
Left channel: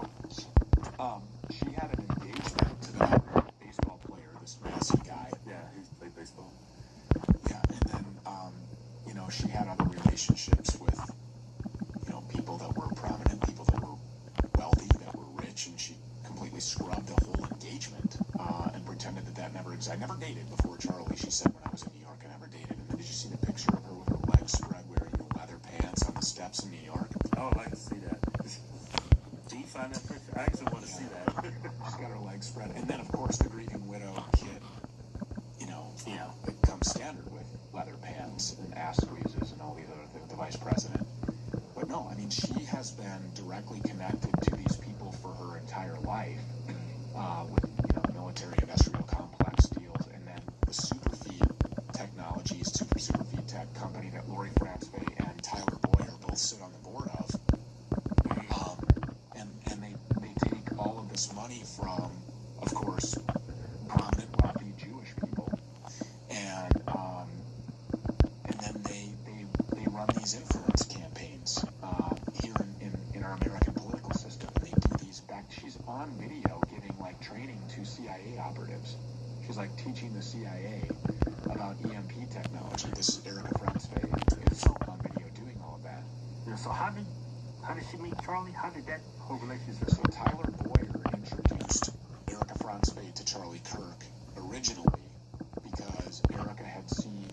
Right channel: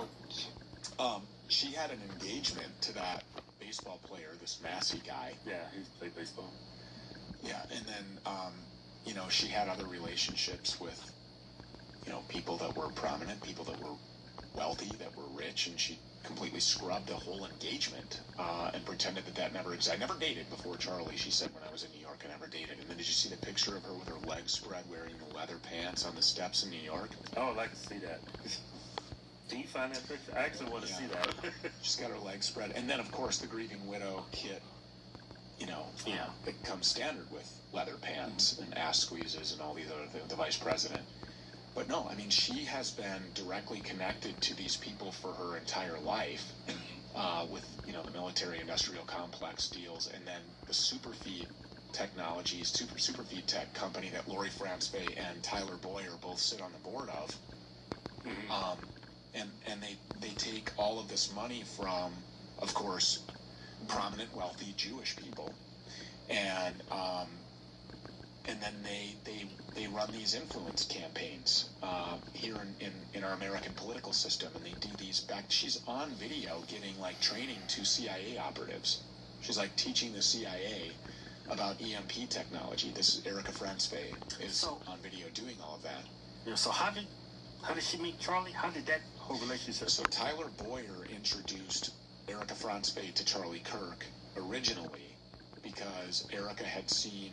she had an engagement to that baseball player, this Massey guy. Yeah, he played baseball. Yeah, and then, you know, she had other relationships with, you know, people that were prominent, people that were wealthy, that were rich, and she completely scrubbed the whole engagement and pretended that that never existed. I never dated before Charlie, she said when I was in New York, I never dated. And then did you see the picture of her with her legs spread wearing leather pants on the steps in New York? I would like to see that. Can you find that picture? I actually want to see that. She's got her legs spread. And then, of course, the grieving widow kit, you know, it comes standard with leather pants and ass squeezes and all these other things, the vice president. But no, I mean, she has been directly connected to these people for her entire life with, you know, the military-industrial complex deals, and then the Superfeed Technologies, Superfeed Tech company that Lori Franzfey and Tyler Boyer both sit on the board of. And they take all of this money from, of course, prominent, wealthy Jewish people, and then they run these influence campaigns here in our American political system, and they do these back. She's on video giving like training to CIA operatives. She's like teaching the CIA about EMP technology. This Erica Franzfey is on video doing all of that. Yeah. So how did she meet Charlie? How did that whole relationship? So Tyler Boyer introduced Erica Franzfey to Charlie Kirk originally because Erica had seen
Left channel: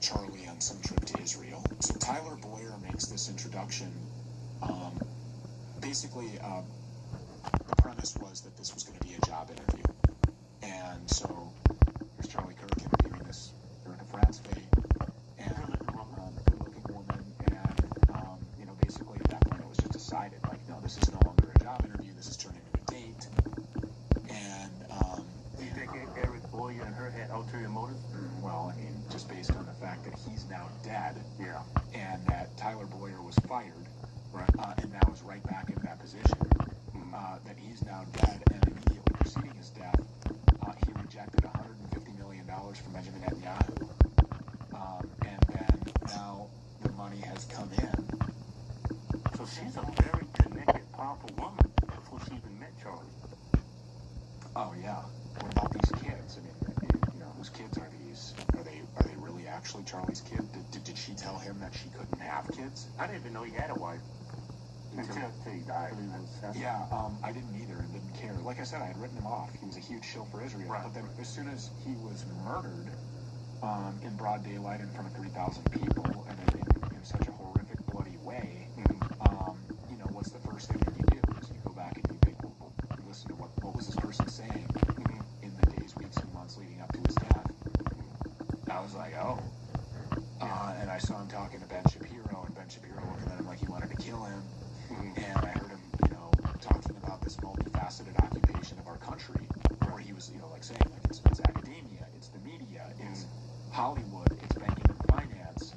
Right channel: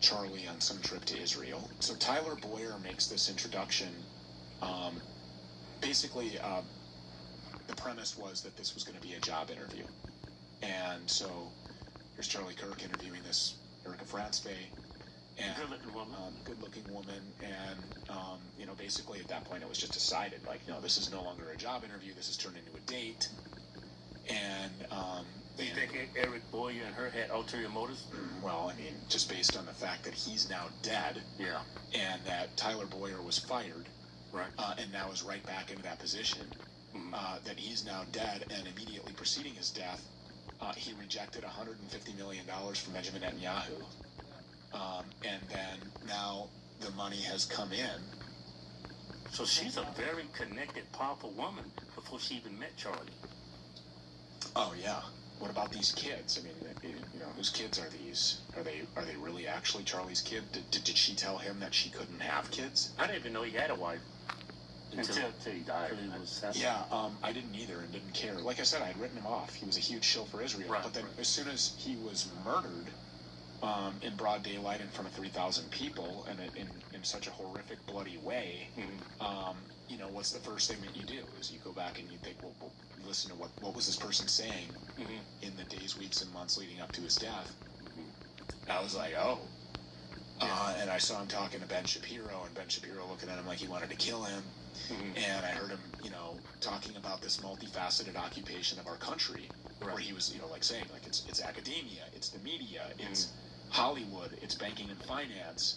Charlie on some trip to Israel. So Tyler Boyer makes this introduction. Basically, the premise was that this was going to be a job interview. And so here's Charlie Kirk interviewing this Erica Franzfey, and good-looking woman, and you know, basically at that point it was just decided, like, no, this is no longer a job interview. This has turned into a date. And do you think Eric Boyer and her had ulterior motives? Well, I mean, just based on the fact that he's now dead, yeah, and that Tyler Boyer was fired, right, and now is right back into that position. That he's now dead, and immediately preceding his death, he rejected $150 million from Benjamin Netanyahu, and then now the money has come in. So she's a very connected, powerful woman before she even met Charlie. Oh yeah. What about these kids? I mean, you know, whose kids are these? Are they really actually Charlie's kid? Did she tell him that she couldn't have kids? I didn't even know he had a wife until he died. Yeah, I didn't either and didn't care. Like I said, I had written him off. He was a huge shill for Israel. Right, but then as soon as he was murdered in broad daylight in front of 3,000 people and in such a horrific, bloody way, you know, what's the first thing that you do? Is you go back and you think, well, listen to what was this person saying in the days, weeks, and months leading up to his death? I was like, oh. And I saw him talking to Ben Shapiro, and Ben Shapiro looking at him like he wanted to kill him. And I heard him, you know, talking about this multifaceted occupation of our country, where he was, you know, like saying, like, it's academia, it's the media, it's Hollywood, it's banking and finance,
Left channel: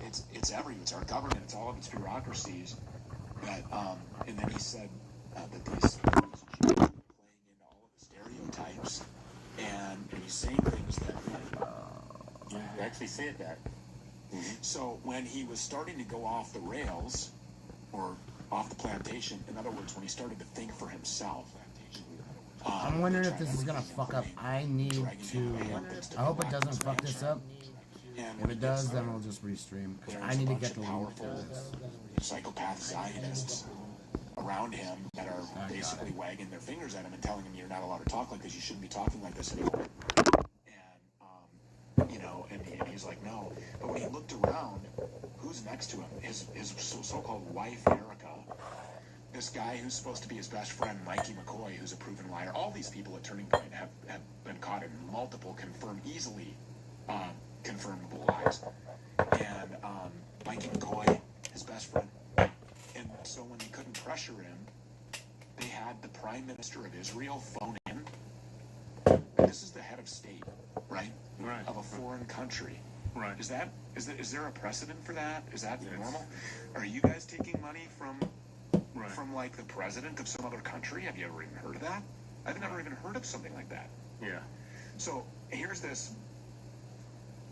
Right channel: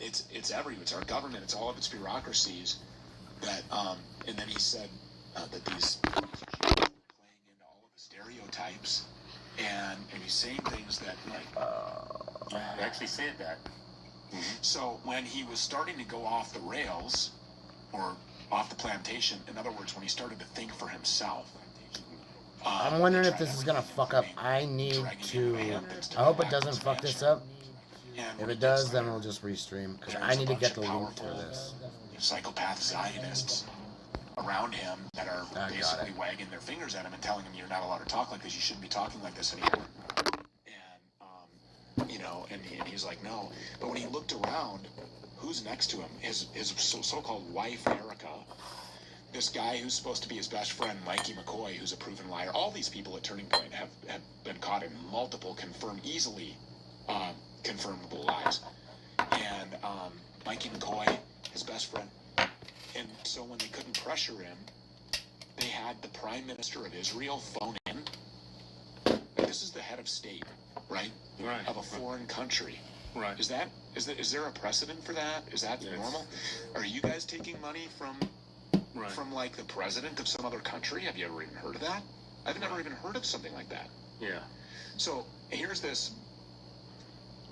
it's everywhere, it's our government, it's all of its bureaucracies. That, and then he said that these Jews were playing into all of the stereotypes he's saying things that, like, You actually said that. So when he was starting to go off the rails, or off the plantation, in other words, when he started to think for himself, I'm wondering if this is gonna fuck up. I need to. I hope it doesn't fuck this up. If it does, then we'll just restream. Because I need to get the link to this. Psychopath Zionists around him that are basically wagging their fingers at him and telling him you're not allowed to talk like this, you shouldn't be talking like this anymore. And, you know, and he's like, no. But when he looked around, who's next to him? His so-called wife, Erica. This guy who's supposed to be his best friend, Mikey McCoy, who's a proven liar. All these people at Turning Point have been caught in multiple easily confirmable lies. And Mikey McCoy, his best friend. And so when they couldn't pressure him, they had the Prime Minister of Israel phone in. This is the head of state, right? Right. Of a foreign country. Right. Is there a precedent for that? Is that normal? Are you guys taking money from like the president of some other country? Have you ever even heard of that? I've never even heard of something like that. Yeah. So here's this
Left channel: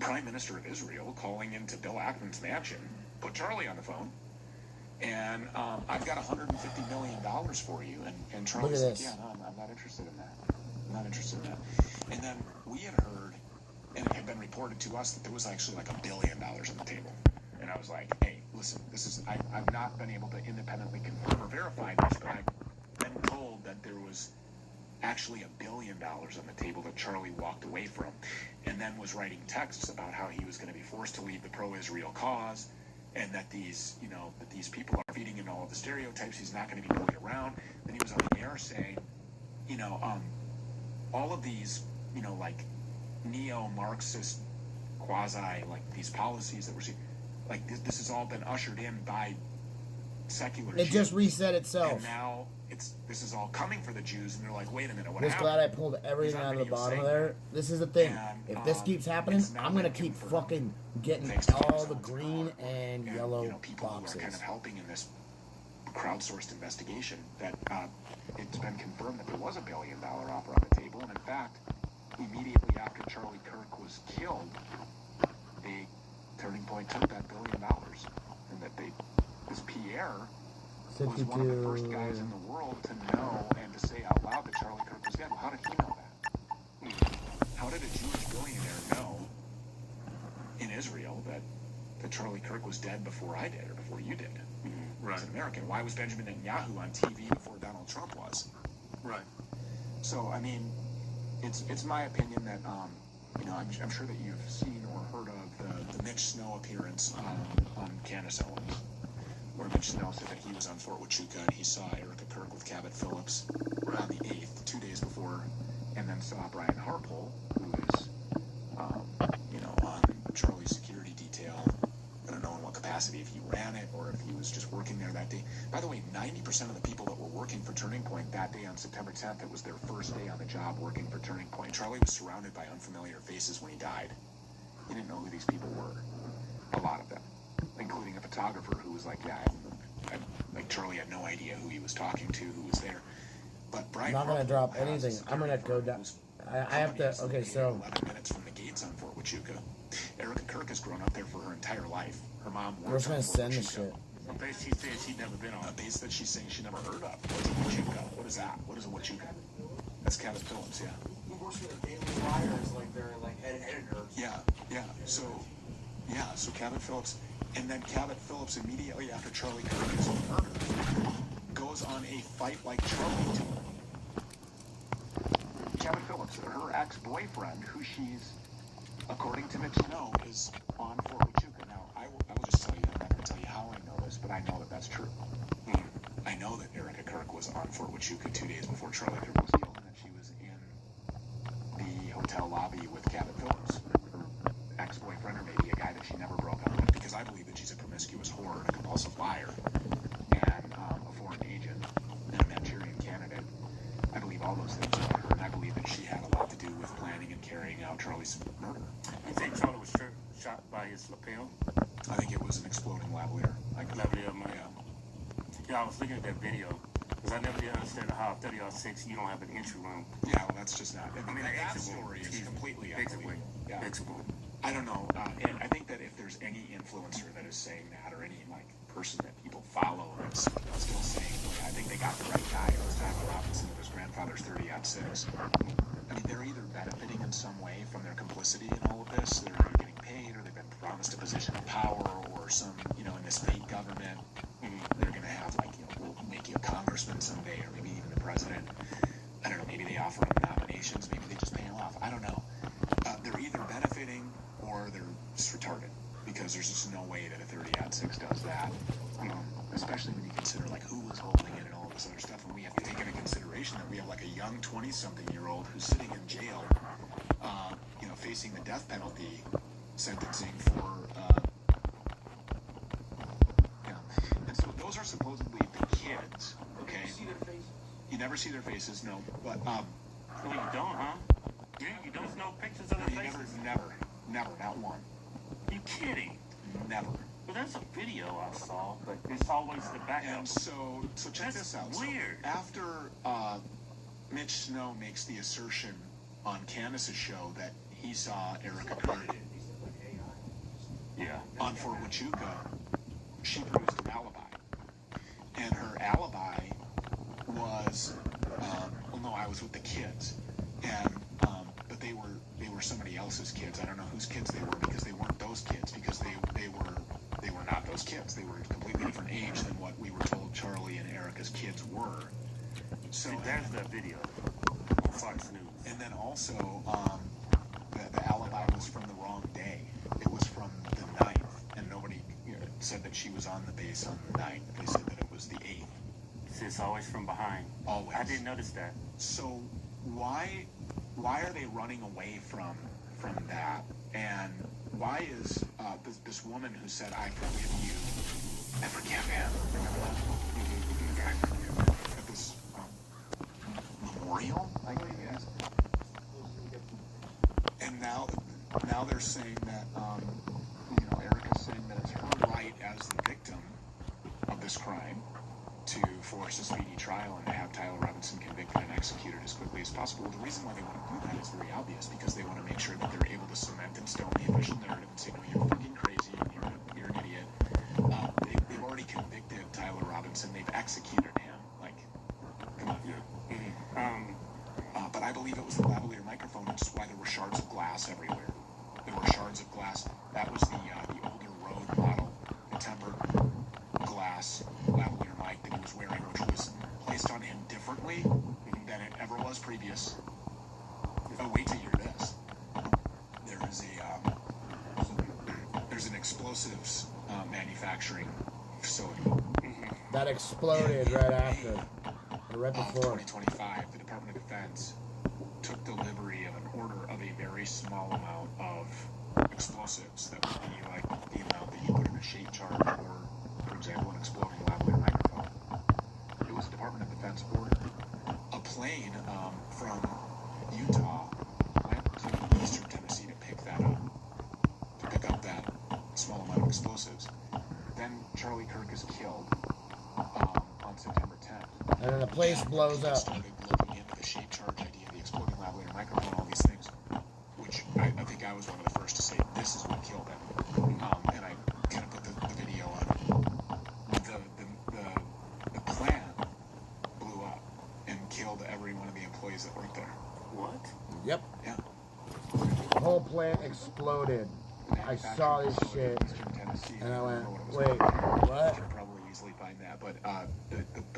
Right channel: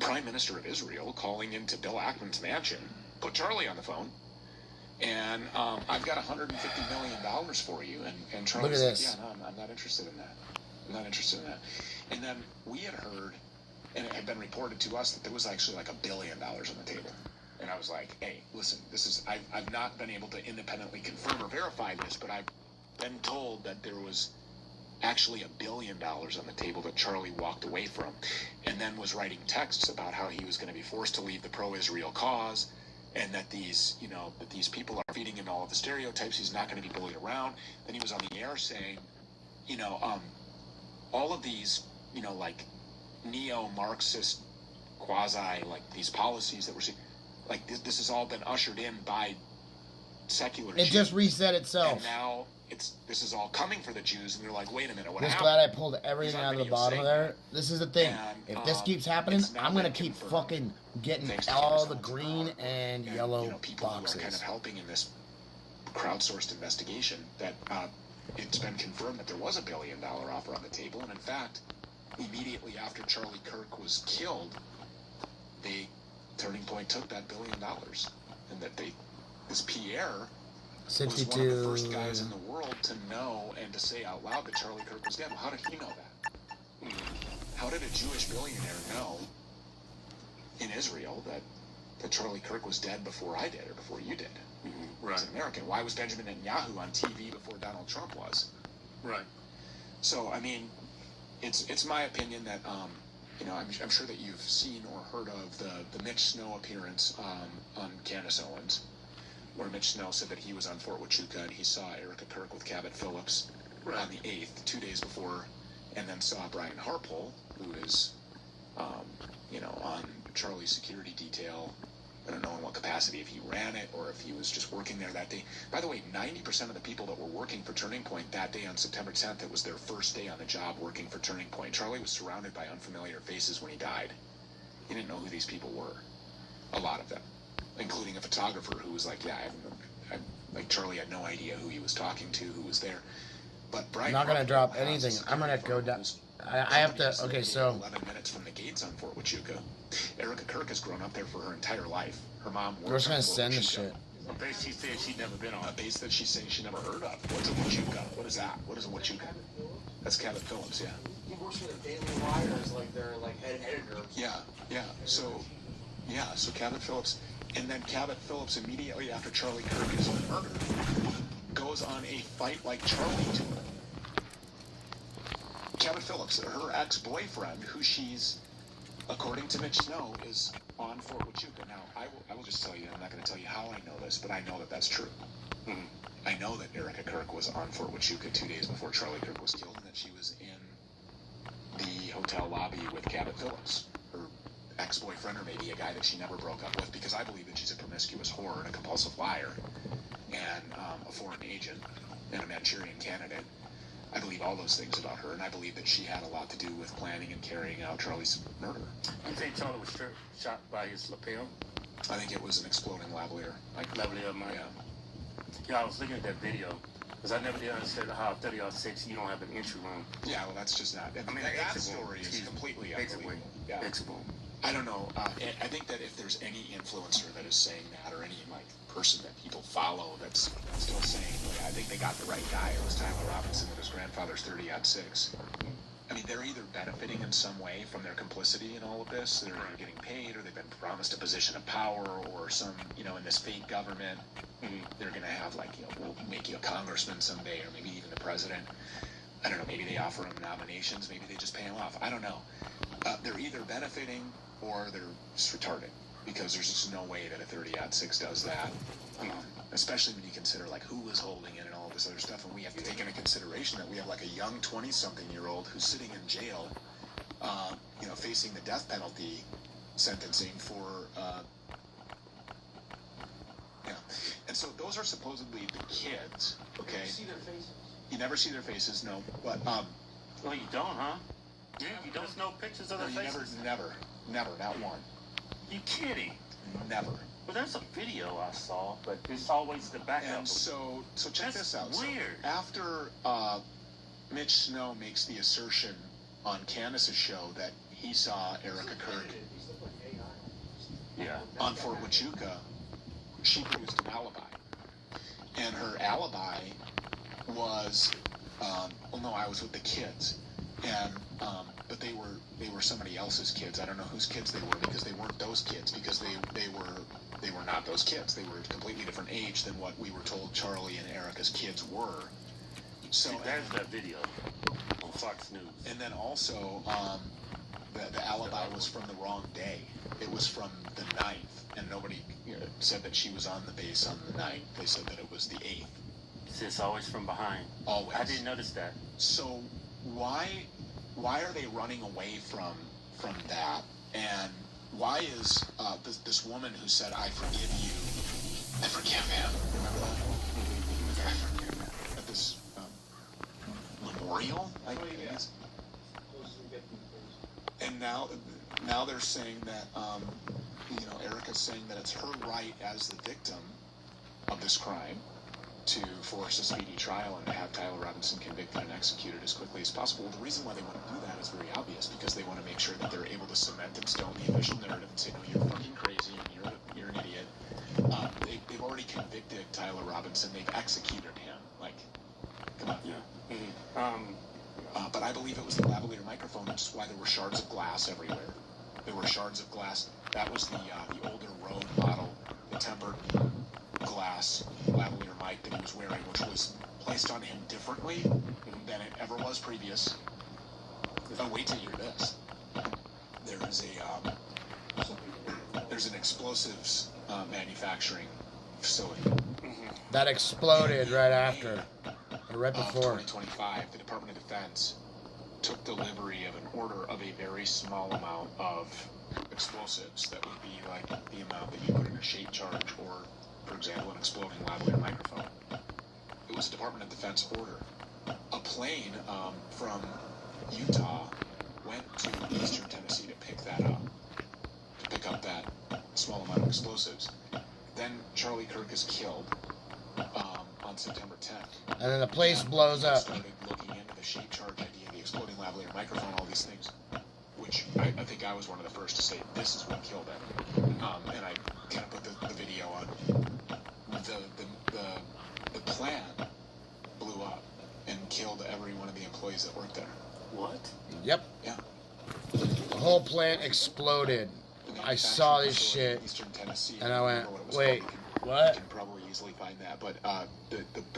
Prime Minister of Israel calling into Bill Ackman's mansion, put Charlie on the phone, and I've got $150 million for you. And Charlie said, yeah, no, I'm not interested in that. I'm not interested in that. And then we had heard, and it had been reported to us that there was actually like $1 billion on the table. And I was like, hey, listen, this is, I've not been able to independently confirm or verify this, but I've been told that there was actually $1 billion on the table that Charlie walked away from, and then was writing texts about how he was going to be forced to leave the pro-Israel cause, and that these people are feeding him all of the stereotypes. He's not going to be bullied around. Then he was on the air saying, all of these, like neo-Marxist quasi, like these policies that we're seeing, like this has all been ushered in by secular Jews. It just reset itself. And now this is all coming for the Jews, and they're like, wait a minute, what Just happened? glad I pulled everything out of the bottom of there. This is the thing. If this keeps happening, I'm gonna keep fucking getting all the green and yellow people boxes. Who are kind of helping in this crowdsourced investigation that it's been confirmed that there was $1 billion offer on the table, and in fact, immediately after Charlie Kirk was killed, Turning Point took that $1 billion, and that this Pierre was one of the first guys in the world to know and to say out loud that Charlie Kirk was dead. Well, how did he know that? How did a Jewish billionaire know in Israel that Charlie Kirk was dead before I did or before you did? As an American, why was Benjamin Netanyahu on TV before Donald Trump was? Right. So, I mean, it's my opinion that I'm sure that you've seen or heard of the Mitch Snow appearance on Candace Owens, where Mitch Snow said that he was on Fort Huachuca and he saw Erica Kirk with Cabot Phillips on the 8th, 2 days before, and then saw Brian Harpole, who is, on Charlie's security detail. I don't know in what capacity, if he ran it or if he was just working there that day. By the way, 90% of the people that were working for Turning Point that day on September 10th, it was their first day on the job working for Turning Point. Charlie was surrounded by unfamiliar faces when he died. He didn't know who these people were. A lot of them. Including a photographer who was like, Charlie had no idea who he was talking to, who was there. But Brian, I'm not gonna drop anything. I'm gonna go down. I have to. Okay, so 11 minutes from the gates on Fort Huachuca. Erica Kirk has grown up there for her entire life. Her mom worked. we're just gonna send the shit. A base she said she'd never been on. A base that she's saying she never heard of. What's a Huachuca? What is that? What is a Huachuca? That's Cabot Phillips, yeah. He works for the Daily Wires, like they're like head editor. Yeah. So Cabot Phillips, and then Cabot Phillips immediately after Charlie Kirk is murdered goes on a fight like Charlie tour. Cabot Phillips, her ex-boyfriend, who she's, according to Mitch Snow, is on Fort Huachuca. Now, I will just tell you, I'm not going to tell you how I know this, but I know that that's true. I know that Erica Kirk was on Fort Huachuca 2 days before Charlie Kirk was killed, and that she was in the hotel lobby with Cabot Phillips, her ex-boyfriend, or maybe a guy that she never broke up with, because I believe that she's a promiscuous whore and a compulsive liar, and a foreign agent, and a Manchurian candidate. I believe all those things about her, and I believe that she had a lot to do with planning and carrying out Charlie's murder. You think Charlie was shot by his lapel? I think it was an exploding lavalier. Lavalier, yeah. Yeah, I was looking at that video, Because I never did understand how 30-06 you don't have an entry room. Yeah, well, that's just not. I mean, that exit story is completely exit unbelievable. Yeah. I don't know. And I think that if there's any influencer that is saying that, or any like person that people follow that's still saying, I think they got the right guy. It was Tyler Robinson and his grandfather's 30-06. I mean, they're either benefiting in some way from their complicity in all of this. They're either getting paid, or they've been promised a position of power, or some, in this fake government, they're going to have like, we'll make you a congressman someday, or maybe even the president. I don't know. Maybe they offer them nominations. Maybe they just pay them off. I don't know. They're either benefiting or they're just retarded, because there's just no way that a 30-06 does that. Especially when you consider like who was holding it and all of this other stuff, and we have to take into consideration that we have like a young 20-something-year-old who's sitting in jail, facing the death penalty sentencing for, and so those are supposedly the kids. Okay. You see their faces. You never see their faces, no. But well, you don't, huh? You don't know pictures of their faces? Never, not one. You kidding? Never. Well, there's a video I saw, but it's always the backup. And so check this out. Weird. So after Mitch Snow makes the assertion on Candace's show that he saw Erica Kirk on Fort Huachuca, she produced an alibi. And her alibi was, I was with the kids. And but they were somebody else's kids. I don't know whose kids they were, because they weren't those kids, because they were not those kids. They were a completely different age than what we were told Charlie and Erica's kids were. So there's that video on Fox News. And then also, the alibi was from the wrong day. It was from the 9th, and nobody said that she was on the base on the 9th. They said that it was the 8th. It's always from behind. Always. I didn't notice that. So why are they running away from that? And why is this woman who said, "I forgive you," I forgive him, at this memorial, I guess? And now they're saying that Erica's saying that it's her right as the victim of this crime to force a speedy trial and to have Tyler Robinson convicted and executed as quickly as possible. The reason why they want to do that is very obvious, because they want to make sure that they're able to cement and stone the official narrative and say, no, you're fucking crazy, and you're an idiot. They've already convicted Tyler Robinson. They've executed him. Like, come on. But I believe it was the lavalier microphone, which is why there were shards of glass everywhere. There were shards of glass. That was the older Rode model, the tempered glass lavalier mic that he was wearing, which was placed on him differently than it ever was previous. Oh, wait to hear this. There's an explosives manufacturing facility that exploded right after, or right before. 2025, the Department of Defense took delivery of an order of a very small amount of explosives that would be like the amount that you put in a shape charge, or, for example, an exploding lavalier microphone. It was a Department of Defense order. A plane from Utah went to eastern Tennessee to pick up that small amount of explosives. Then Charlie Kirk is killed on September 10th. And then the place blows up. Started looking into the shape charge idea, the exploding lavalier microphone, all these things, which I think I was one of the first to say this is what killed it. And I kind of put the video on. The plant blew up and killed every one of the employees that worked there. What? Yep. Yeah. The whole plant exploded. I saw this shit, and I went, wait, what? You can probably easily find that, but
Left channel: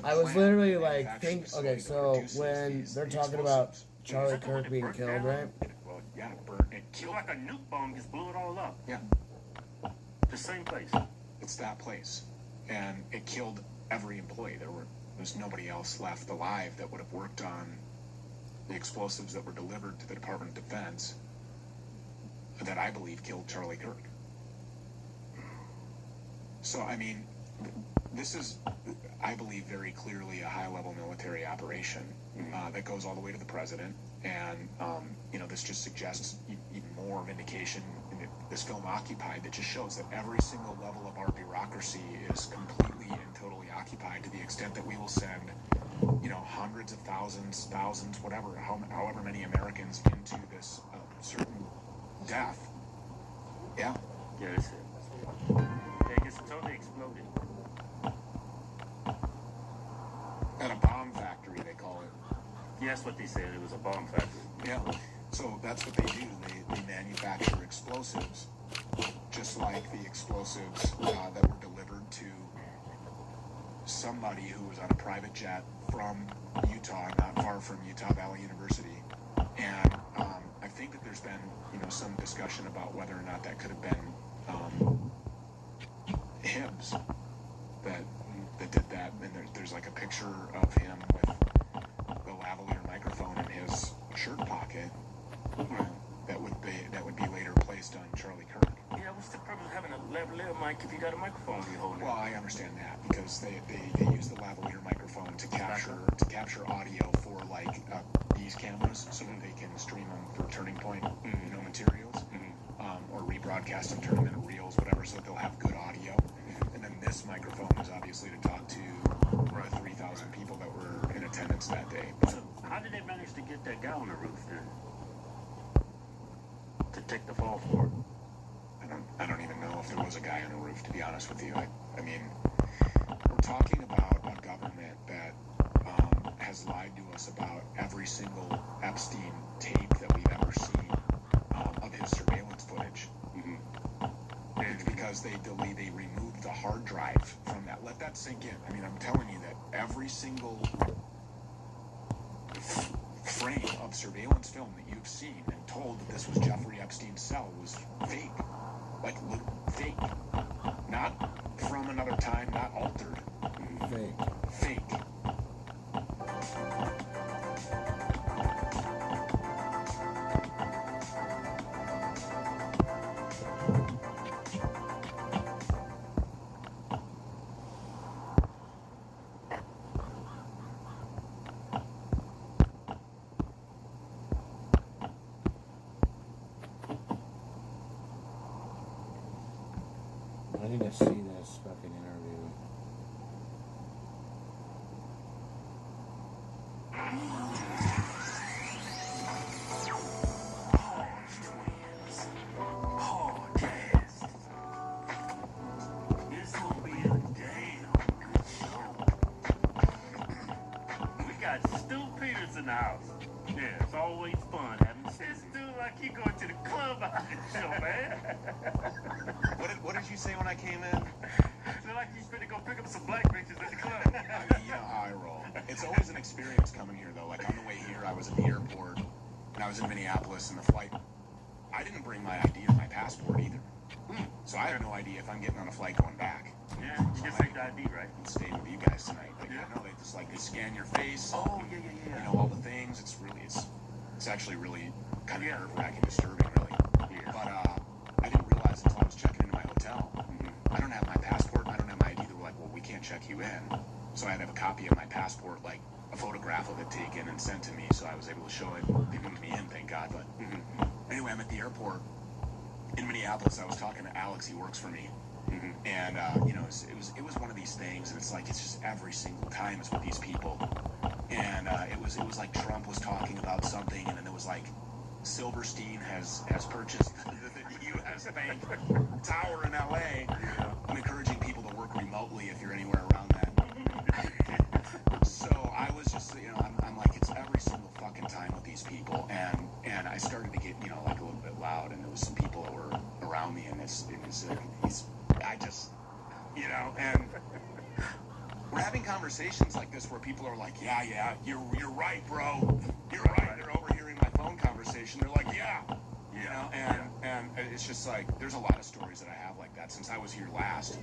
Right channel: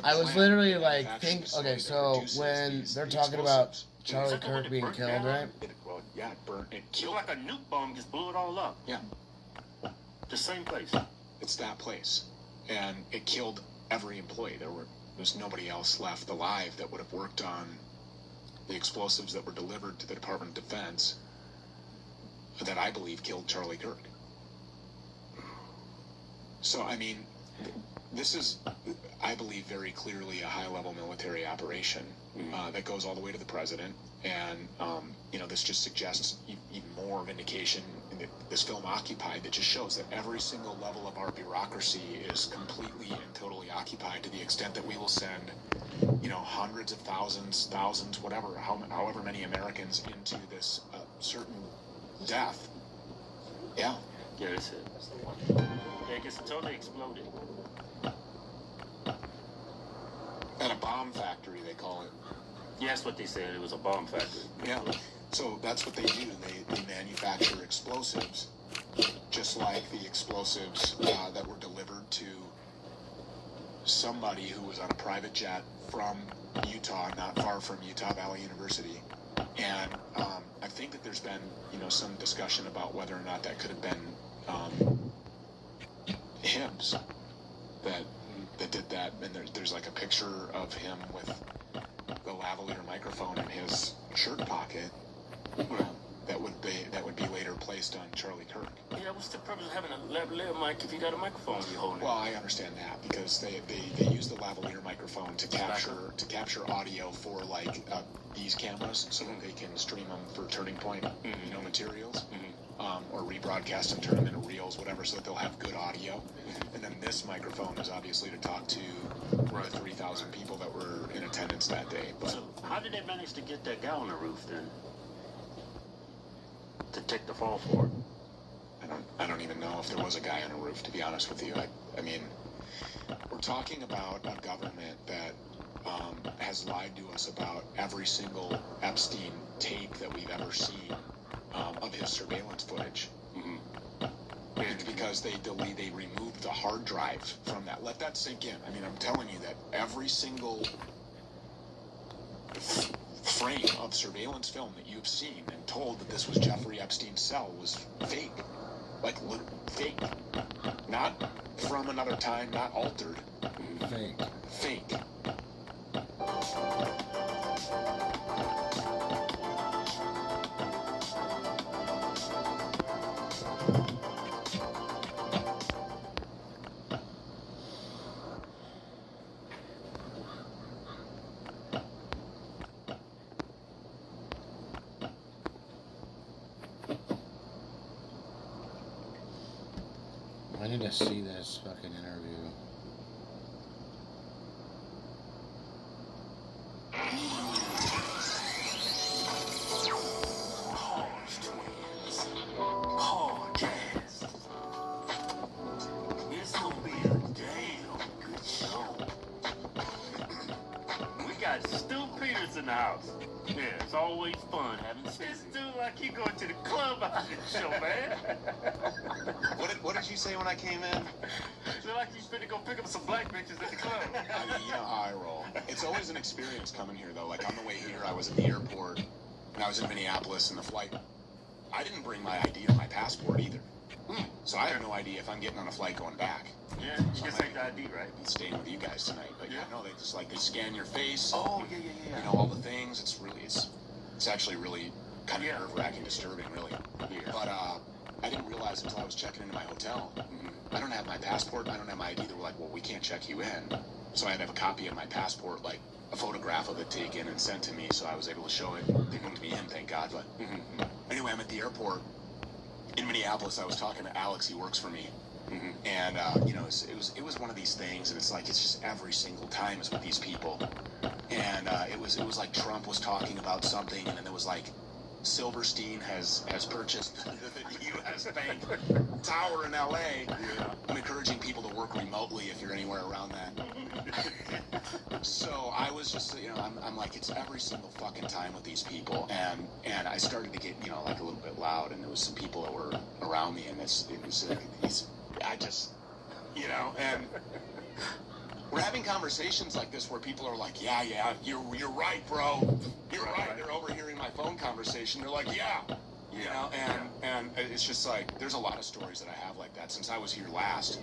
I was literally like, okay, so when they're talking about Charlie Kirk being killed, right? Well, yeah, it burned. It killed like a nuke bomb, just blew it all up. Yeah. The same place. It's that place, and it killed every employee. There's nobody else left alive that would have worked on the explosives that were delivered to the Department of Defense that I believe killed Charlie Kirk. So, I mean, this is, I believe, very clearly a high-level military operation that goes all the way to the president. And, this just suggests even more vindication in this film Occupied, that just shows that every single level of our bureaucracy is completely and totally occupied, to the extent that we will send hundreds of thousands, whatever, however many Americans into this certain death. Yeah. Yeah, that's it. Yeah, it gets totally exploded. At a bomb factory, they call it. Yeah, that's what they said. It was a bomb factory. Yeah. So that's what they do. They manufacture explosives, just like the explosives that were delivered to somebody who was on a private jet from Utah, not far from Utah Valley University. And I think that there's been, some discussion about whether or not that could have been Hibbs that did that. And there's like a picture of him with the lavalier microphone in his shirt pocket that would be later placed on Charlie Kirk. Yeah, what's the purpose of having a lavalier mic if you got a microphone you're holding? Well, I understand that because they use the lavalier microphone to capture audio for like these cameras so that they can stream them for Turning Point materials or rebroadcast and turn them into reels, whatever, so that they'll have good audio. And then this microphone is obviously to talk to the 3,000 people that were in attendance that day. So how did they manage to get that guy on the roof then? To take the fall for it? I don't even know if there was a guy on the roof, to be honest with you. I mean, we're talking about a government that has lied to us about every single Epstein tape that we've ever seen of his surveillance footage. It's because they removed the hard drive from that. Let that sink in. I mean, I'm telling you that every single frame of surveillance film that you've seen and told that this was Jeffrey Epstein's cell was fake. Like, fake. Not from another time, not altered. Fake. Fake. I need to see this fucking interview. This will be a damn good show. We got Stu Peters in the house. Yeah, it's always fun having this dude like you going to the club after the show, man. What did you say when I came in? Feel like you finna go pick up some black bitches at the club. I mean, you know how I roll. It's always an experience coming here, though. Like, on the way here, I was at the airport, and I was in Minneapolis, and the flight, I didn't bring my ID or my passport either. So I have no idea if I'm getting on a flight going back. Yeah, you can take the ID, right? I'm staying with you guys tonight. But yeah, no, they just, like, they scan your face. Oh, yeah. You know, all the things. It's actually really kind of nerve-wracking, disturbing, really. Yeah. But I didn't realize until I was checking into my hotel. I don't have my passport. I don't have my ID. They were like, well, we can't check you in. So I had to have a copy of my passport, like a photograph of it taken and sent to me, so I was able to show it. They moved me in, thank God. But anyway, I'm at the airport in Minneapolis. I was talking to Alex. He works for me. And you know, it was one of these things, and it's like it's just every single time is with these people. And it was like Trump was talking about something, and then it was like Silverstein has purchased the U.S. Bank Tower in L.A. I'm encouraging people to work remotely if you're anywhere around that. So I was just, you know, I'm like, it's every single fucking time with these people, and I started to get, you know, like a little bit loud, and there was some people that were around me, and I just, you know, and we're having conversations like this where people are like, yeah, you're right, bro. You're right. They're overhearing my phone conversation. They're like, yeah. You know, and it's just like, there's a lot of stories that I have like that since I was here last,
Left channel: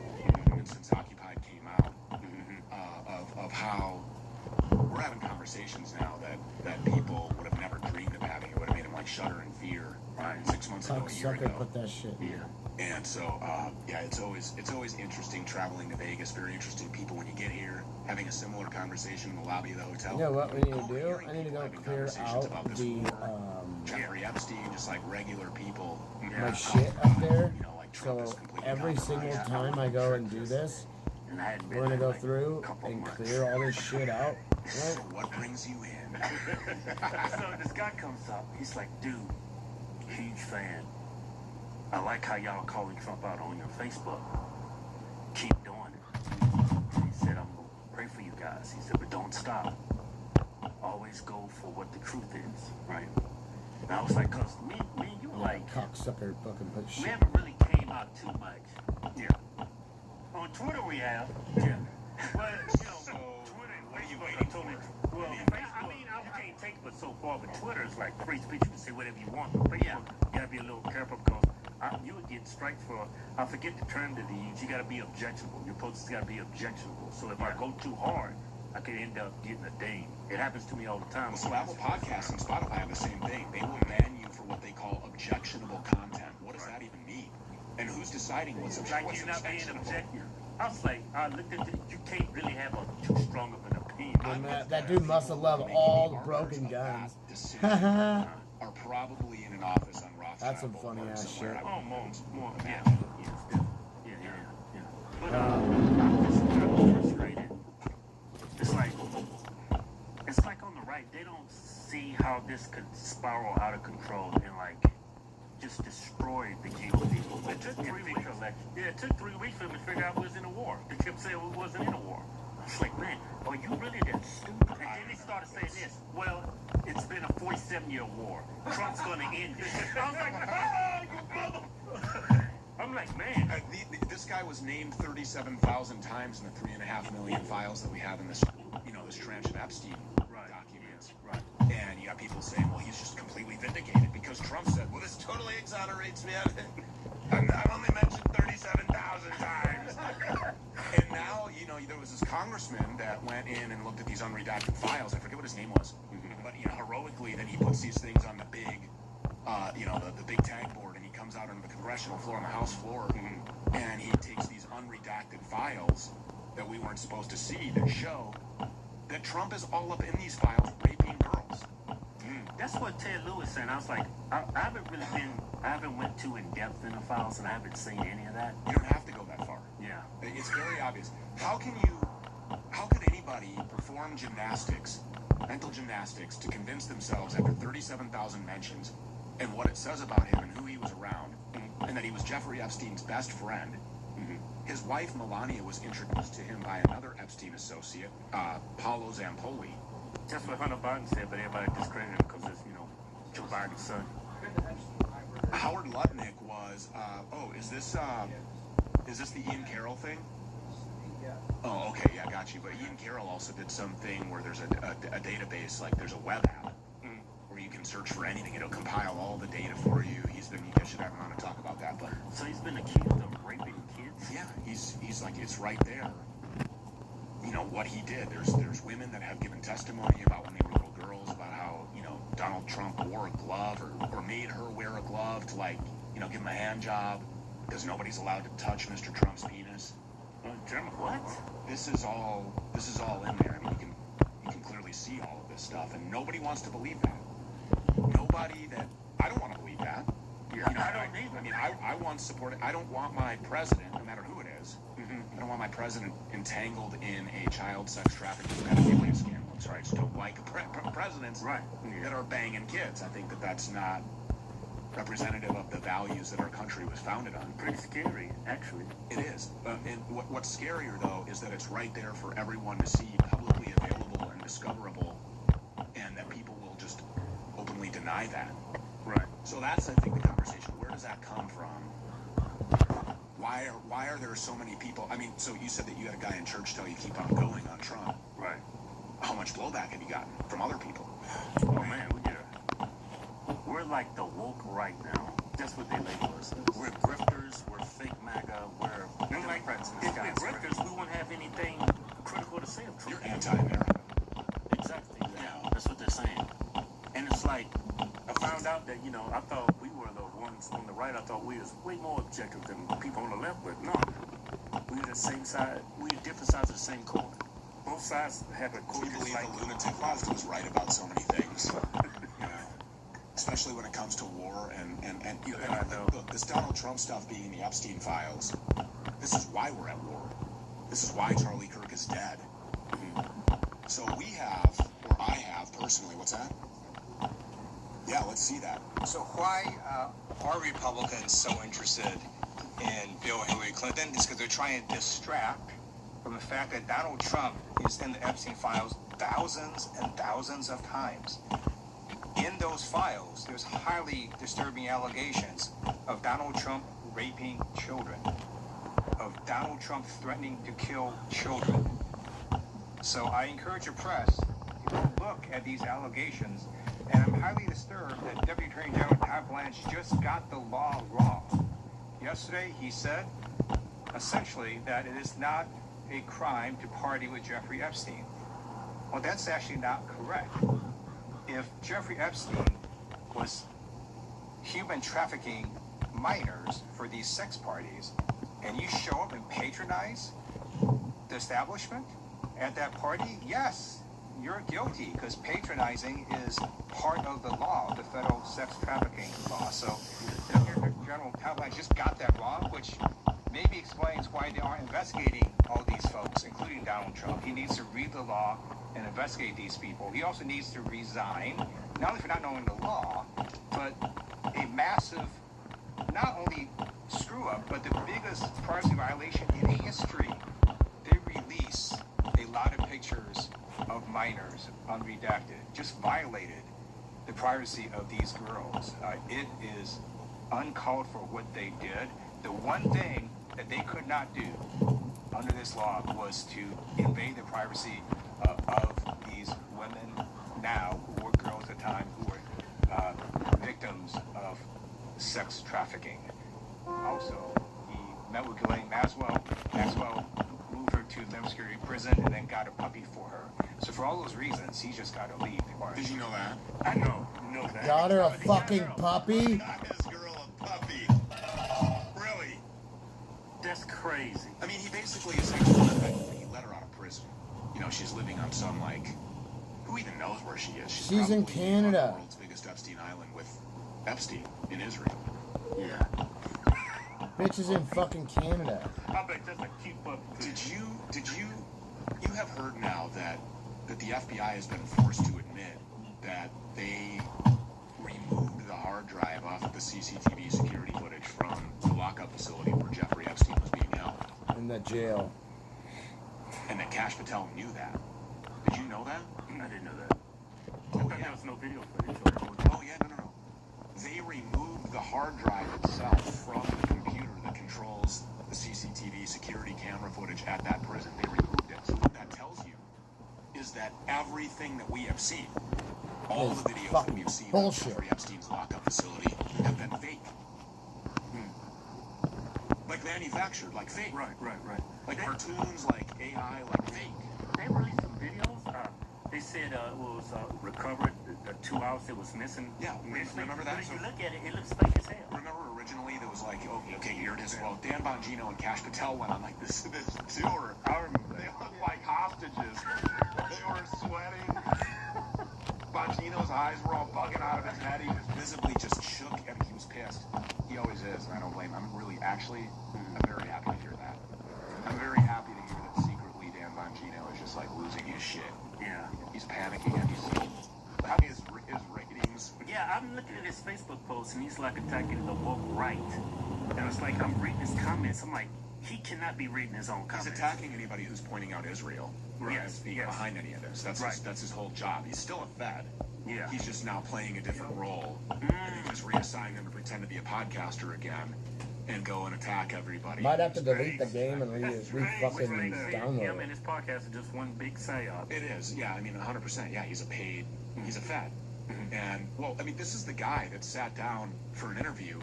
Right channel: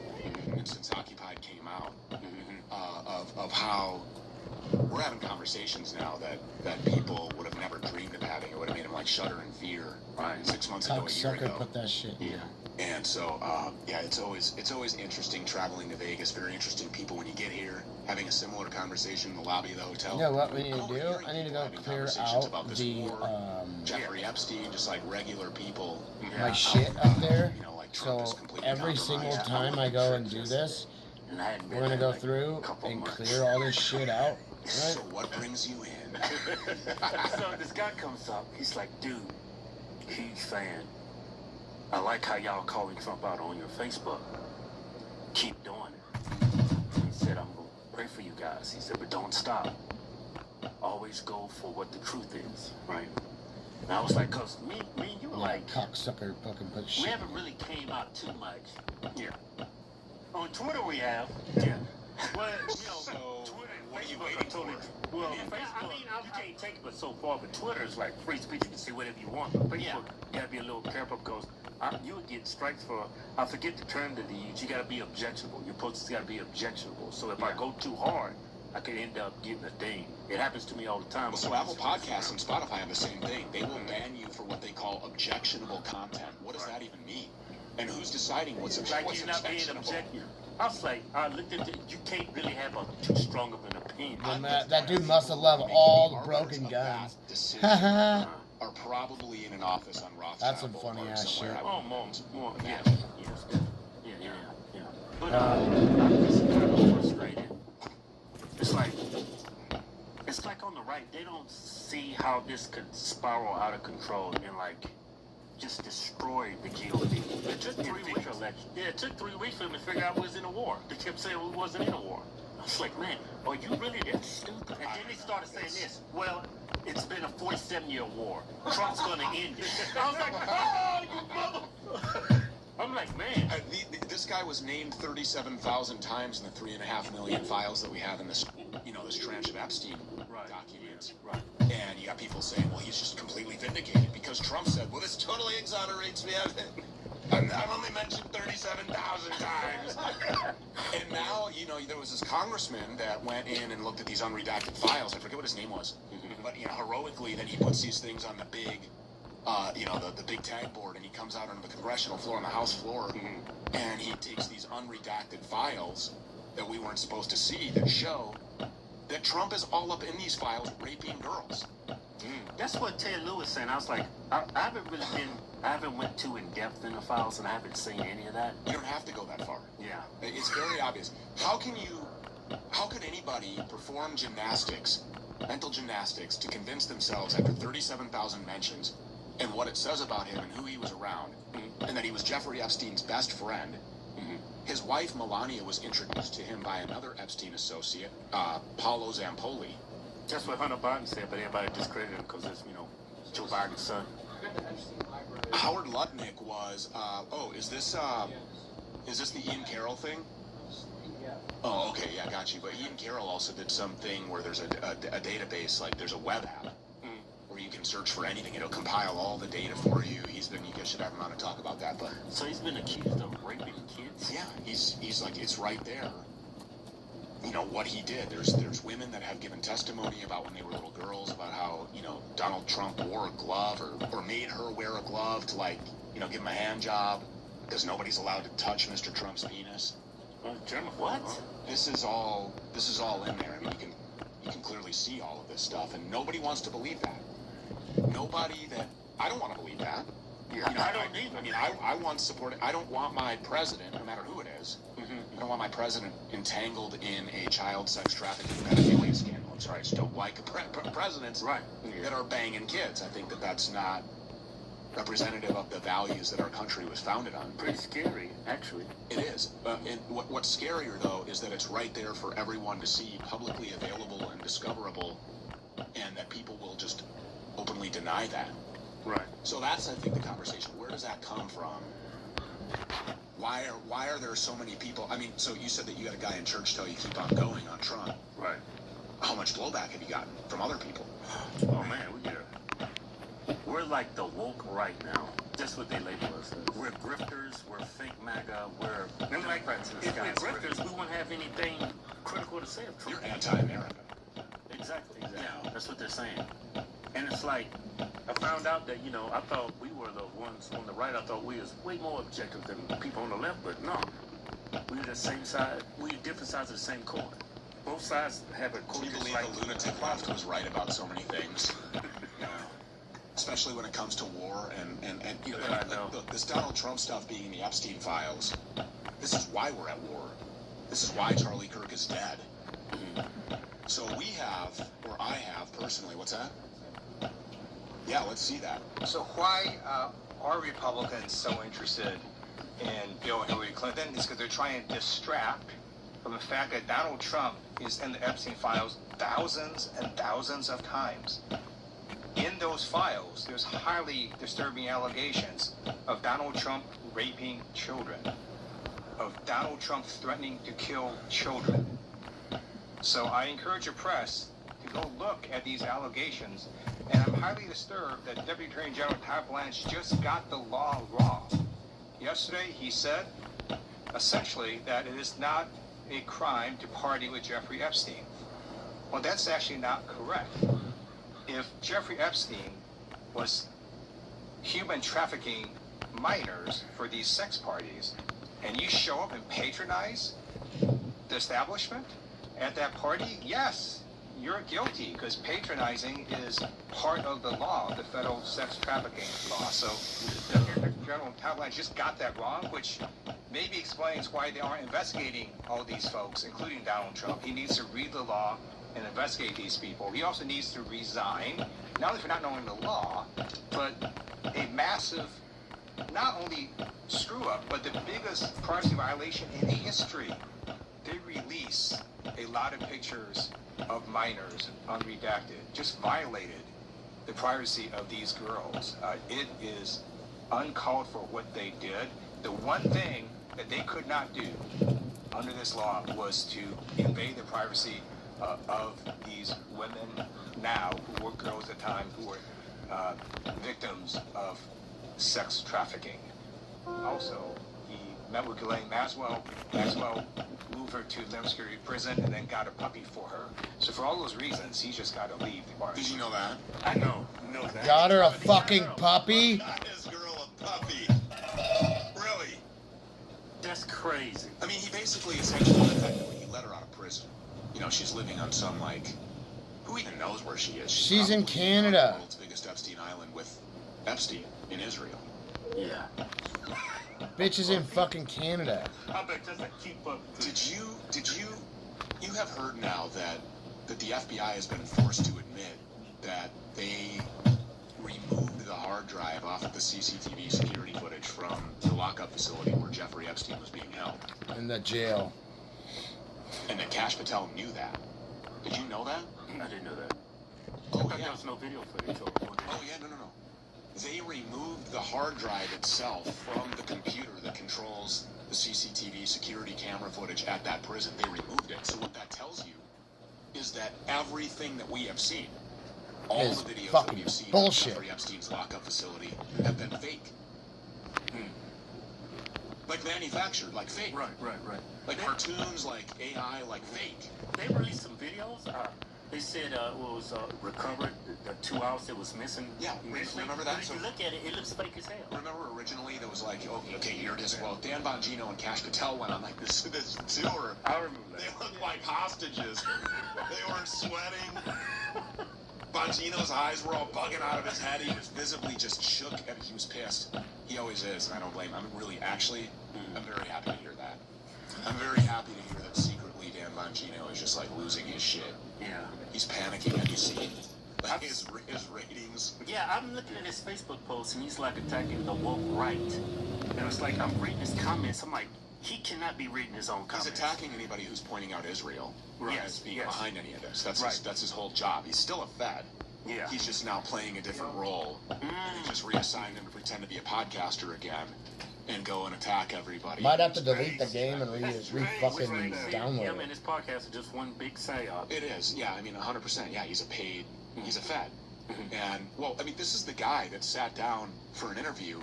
and since Occupied came out, of how we're having conversations now that people would have never dreamed of having. It would have made them like shudder in fear. Right. 6 months ago, a year ago. Put that shit in here. And so, yeah, it's always interesting traveling to Vegas. Very interesting people when you get here, having a similar conversation in the lobby of the hotel. You know what we need to do? I need to go clear out the Jeffrey Epstein, just like regular people. my shit up there. So every single time I go and do this, and I hadn't We're gonna go through and clear all this shit out, right? So what brings you in? So this guy comes up, he's like, dude, huge fan. I like how y'all calling Trump out on your Facebook. Keep doing it. He said, I'm gonna pray for you guys. He said, but don't stop. Always go for what the truth is, right? And I was like, cause me and you were like, cocksucker fucking put we shit. haven't really came out too much. Yeah. On Twitter we have. Yeah. Well, you know, Twitter and Facebook are totally. Well, Facebook, I mean, you can't take it but so far, but Twitter is like free speech. You can say whatever you want. But yeah, you gotta be a little careful because you would get strikes for, I forget the term that they use. You gotta be objectionable. Your posts gotta be objectionable. So if I go too hard, I could end up getting a ding. It happens to me all the time. So Apple Podcasts and Spotify have the same thing. They will ban you for what they call objectionable content. What does that even mean? And who's deciding what's objectionable? Like you're not being objective. I was like, I looked at it, you can't really have too strong of an opinion. Then that dude must have loved all the broken guns. Are probably in an office on Rothschild. That's some funny ass shit. Oh, more, yeah. It's like on the right, they don't see how this could spiral out of control and like just destroy the GOP. It took 3 weeks. Yeah, it took 3 weeks for them to figure out we was in a war. They kept saying we wasn't in a war. I was like, man, are you really that stupid? And then they started saying this. Well, it's been a 47-year war. Trump's going to end it. I was like, oh, you mother... I'm like, man. This guy was named 37,000 times in the 3.5 million files that we have in this, this trench of Epstein documents. Right. And you got people saying, well, he's just completely vindicated because Trump said, well, this totally exonerates me of it. I've only mentioned 37,000 times. And now, there was this congressman that went in and looked at these unredacted files. I forget what his name was. But, heroically, then he puts these things on the big, the big tag board, and he comes out on the congressional floor, on the House floor, and he takes these unredacted files that we weren't supposed to see that show that Trump is all up in these files raping girls. That's what Ted Lewis said. I was like, I haven't went too in depth in the files, and I haven't seen any of that. You don't have to go that far. Yeah. It's very obvious. How could anybody perform mental gymnastics to convince themselves after 37,000 mentions and what it says about him and who he was around, and that he was Jeffrey Epstein's best friend? His wife, Melania, was introduced to him by another Epstein associate, Paolo Zampoli. That's what Hunter Biden said, but everybody discredited him because it's, Joe Biden's son. Howard Lutnick was, is this the Ian Carroll thing? Oh, okay, yeah, got you. But Ian Carroll also did something where there's a database, like there's a web app where you can search for anything. It'll compile all the data for you. You guys should have him on to talk about that. But so he's been accused of raping kids? Yeah, he's like, it's right there. What he did. There's women that have given testimony about when they were little girls, about how, Donald Trump wore a glove or made her wear a glove to give him a hand job because nobody's allowed to touch Mr. Trump's penis. What? This is all in there. I mean, you can clearly see all of this stuff, and nobody wants to believe that. I don't want to believe that. Yeah, I don't either. I mean, I want to support it. I don't want my president, no matter who it is, I don't want my president entangled in a child sex trafficking pedophilia scandal. Sorry, I just don't like presidents that are banging kids. I think that's not representative of the values that our country was founded on. Pretty scary, actually. It is. And what's scarier, though, is that it's right there for everyone to see, publicly available and discoverable, and that people will just openly deny that. Right. So that's, I think, the conversation. Where does that come from? Why are there so many people? I mean, so you said that you got a guy in church tell you keep on going on Trump. Right. How much blowback have you gotten from other people? Oh, man, we're like the woke right now. That's what they label us. We're grifters, we're fake MAGA, we're Democrats. If we're grifters, we won't have anything critical to say of Trump. You're anti-American. Exactly. Yeah. That's what they're saying. And it's like, I found out that, I thought we were the ones on the right. I thought we was way more objective than people on the left, but no. We're the same side. We're different sides of the same coin. Both sides have a coin. Do you believe the lunatic left was right about so many things? Especially when it comes to war and this Donald Trump stuff being in the Epstein files. This is why we're at war. This is why Charlie Kirk is dead. So we have, or I have personally, what's that? Yeah, let's see that. So why are Republicans so interested in Bill Hillary Clinton? It's because they're trying to distract from the fact that Donald Trump is in the Epstein files thousands and thousands of times. In those files, there's highly disturbing allegations of Donald Trump raping children, of Donald Trump threatening to kill children. So I encourage the press to go look at these allegations, and I'm highly disturbed that Deputy Attorney General Todd Blanche just got the law wrong. Yesterday, he said, essentially, that it is not a crime to party with Jeffrey Epstein. Well, that's actually not correct. If Jeffrey Epstein was human trafficking minors for these sex parties, and you show up and patronize the establishment at that party, yes, you're guilty, because patronizing is part of the law, the federal sex trafficking law. So General Todd Blanche just got that wrong, which maybe explains why they aren't investigating all these folks, including Donald Trump. He needs to read the law and investigate these people. He also needs to resign, not only for not knowing the law, but a massive, not only screw up, but the biggest privacy violation in history. They release a lot of pictures of minors, unredacted, just violated the privacy of these girls. It is uncalled for what they did. The one thing that they could not do under this law was to invade the privacy of these women now, who were girls at the time, who were victims of sex trafficking. Also, he met with Ghislaine Maxwell. Maxwell moved her to Lim Security Prison and then got a puppy for her. So for all those reasons, he's just got to leave. Did you know that? I know that. Got her a fucking puppy? Got his girl a puppy. Really? That's crazy. I mean, he basically essentially let her out of prison. You know, she's living on some, like, who even knows where she is? She's in Canada. The world's biggest Epstein Island with Epstein in Israel. Yeah. Bitch is in fucking Canada. I bet just a cute puppy. Did you have heard now that the FBI has been forced to admit that they removed the hard drive off of the CCTV security footage from the lockup facility where Jeffrey Epstein was being held? In the jail. And that Kash Patel knew that. Did you know that? I didn't know that. Oh, There was no video footage. Oh, yeah, no. They removed the hard drive itself from the computer that controls the CCTV security camera footage at that prison. They removed it. So what that tells you is that everything that we have seen, all Is the videos that fucking we've seen bullshit. of Jeffrey Epstein's lockup facility have been fake. Like manufactured, like fake. Right. Like cartoons, like AI, like fake. They released some videos. They said it was recovered the 2 hours it was missing. Yeah, remember that? But if you look at it, it looks fake as hell. Remember originally there was like, okay, here it is. Well, Dan Bongino and Kash Patel went on like this tour. I remember that. They looked like hostages. They were sweating. Bongino's eyes were all bugging out of his head. He was visibly just shook, and he was pissed. He always is, and I don't blame him. I'm very happy to hear that. I'm very happy to hear that secretly Dan Bongino is just like losing his shit. Yeah. He's panicking at his ratings. Yeah, I'm looking at his Facebook post, and he's like attacking the woke right. And it's like, I'm reading his comments. I'm like, he cannot be reading his own comments. He's attacking anybody who's pointing out Israel as being behind any of this. That's his whole job. He's still a Fed. Yeah. He's just now playing a different role. And he just reassigned him to pretend to be a podcaster again and go and attack everybody. Might have to delete the game and re-fucking download Yeah, it. man, his podcast is just one big psyop. It is, yeah. I mean, 100%. Yeah, he's a Fed. And, well, I mean, this is the guy that sat down for an interview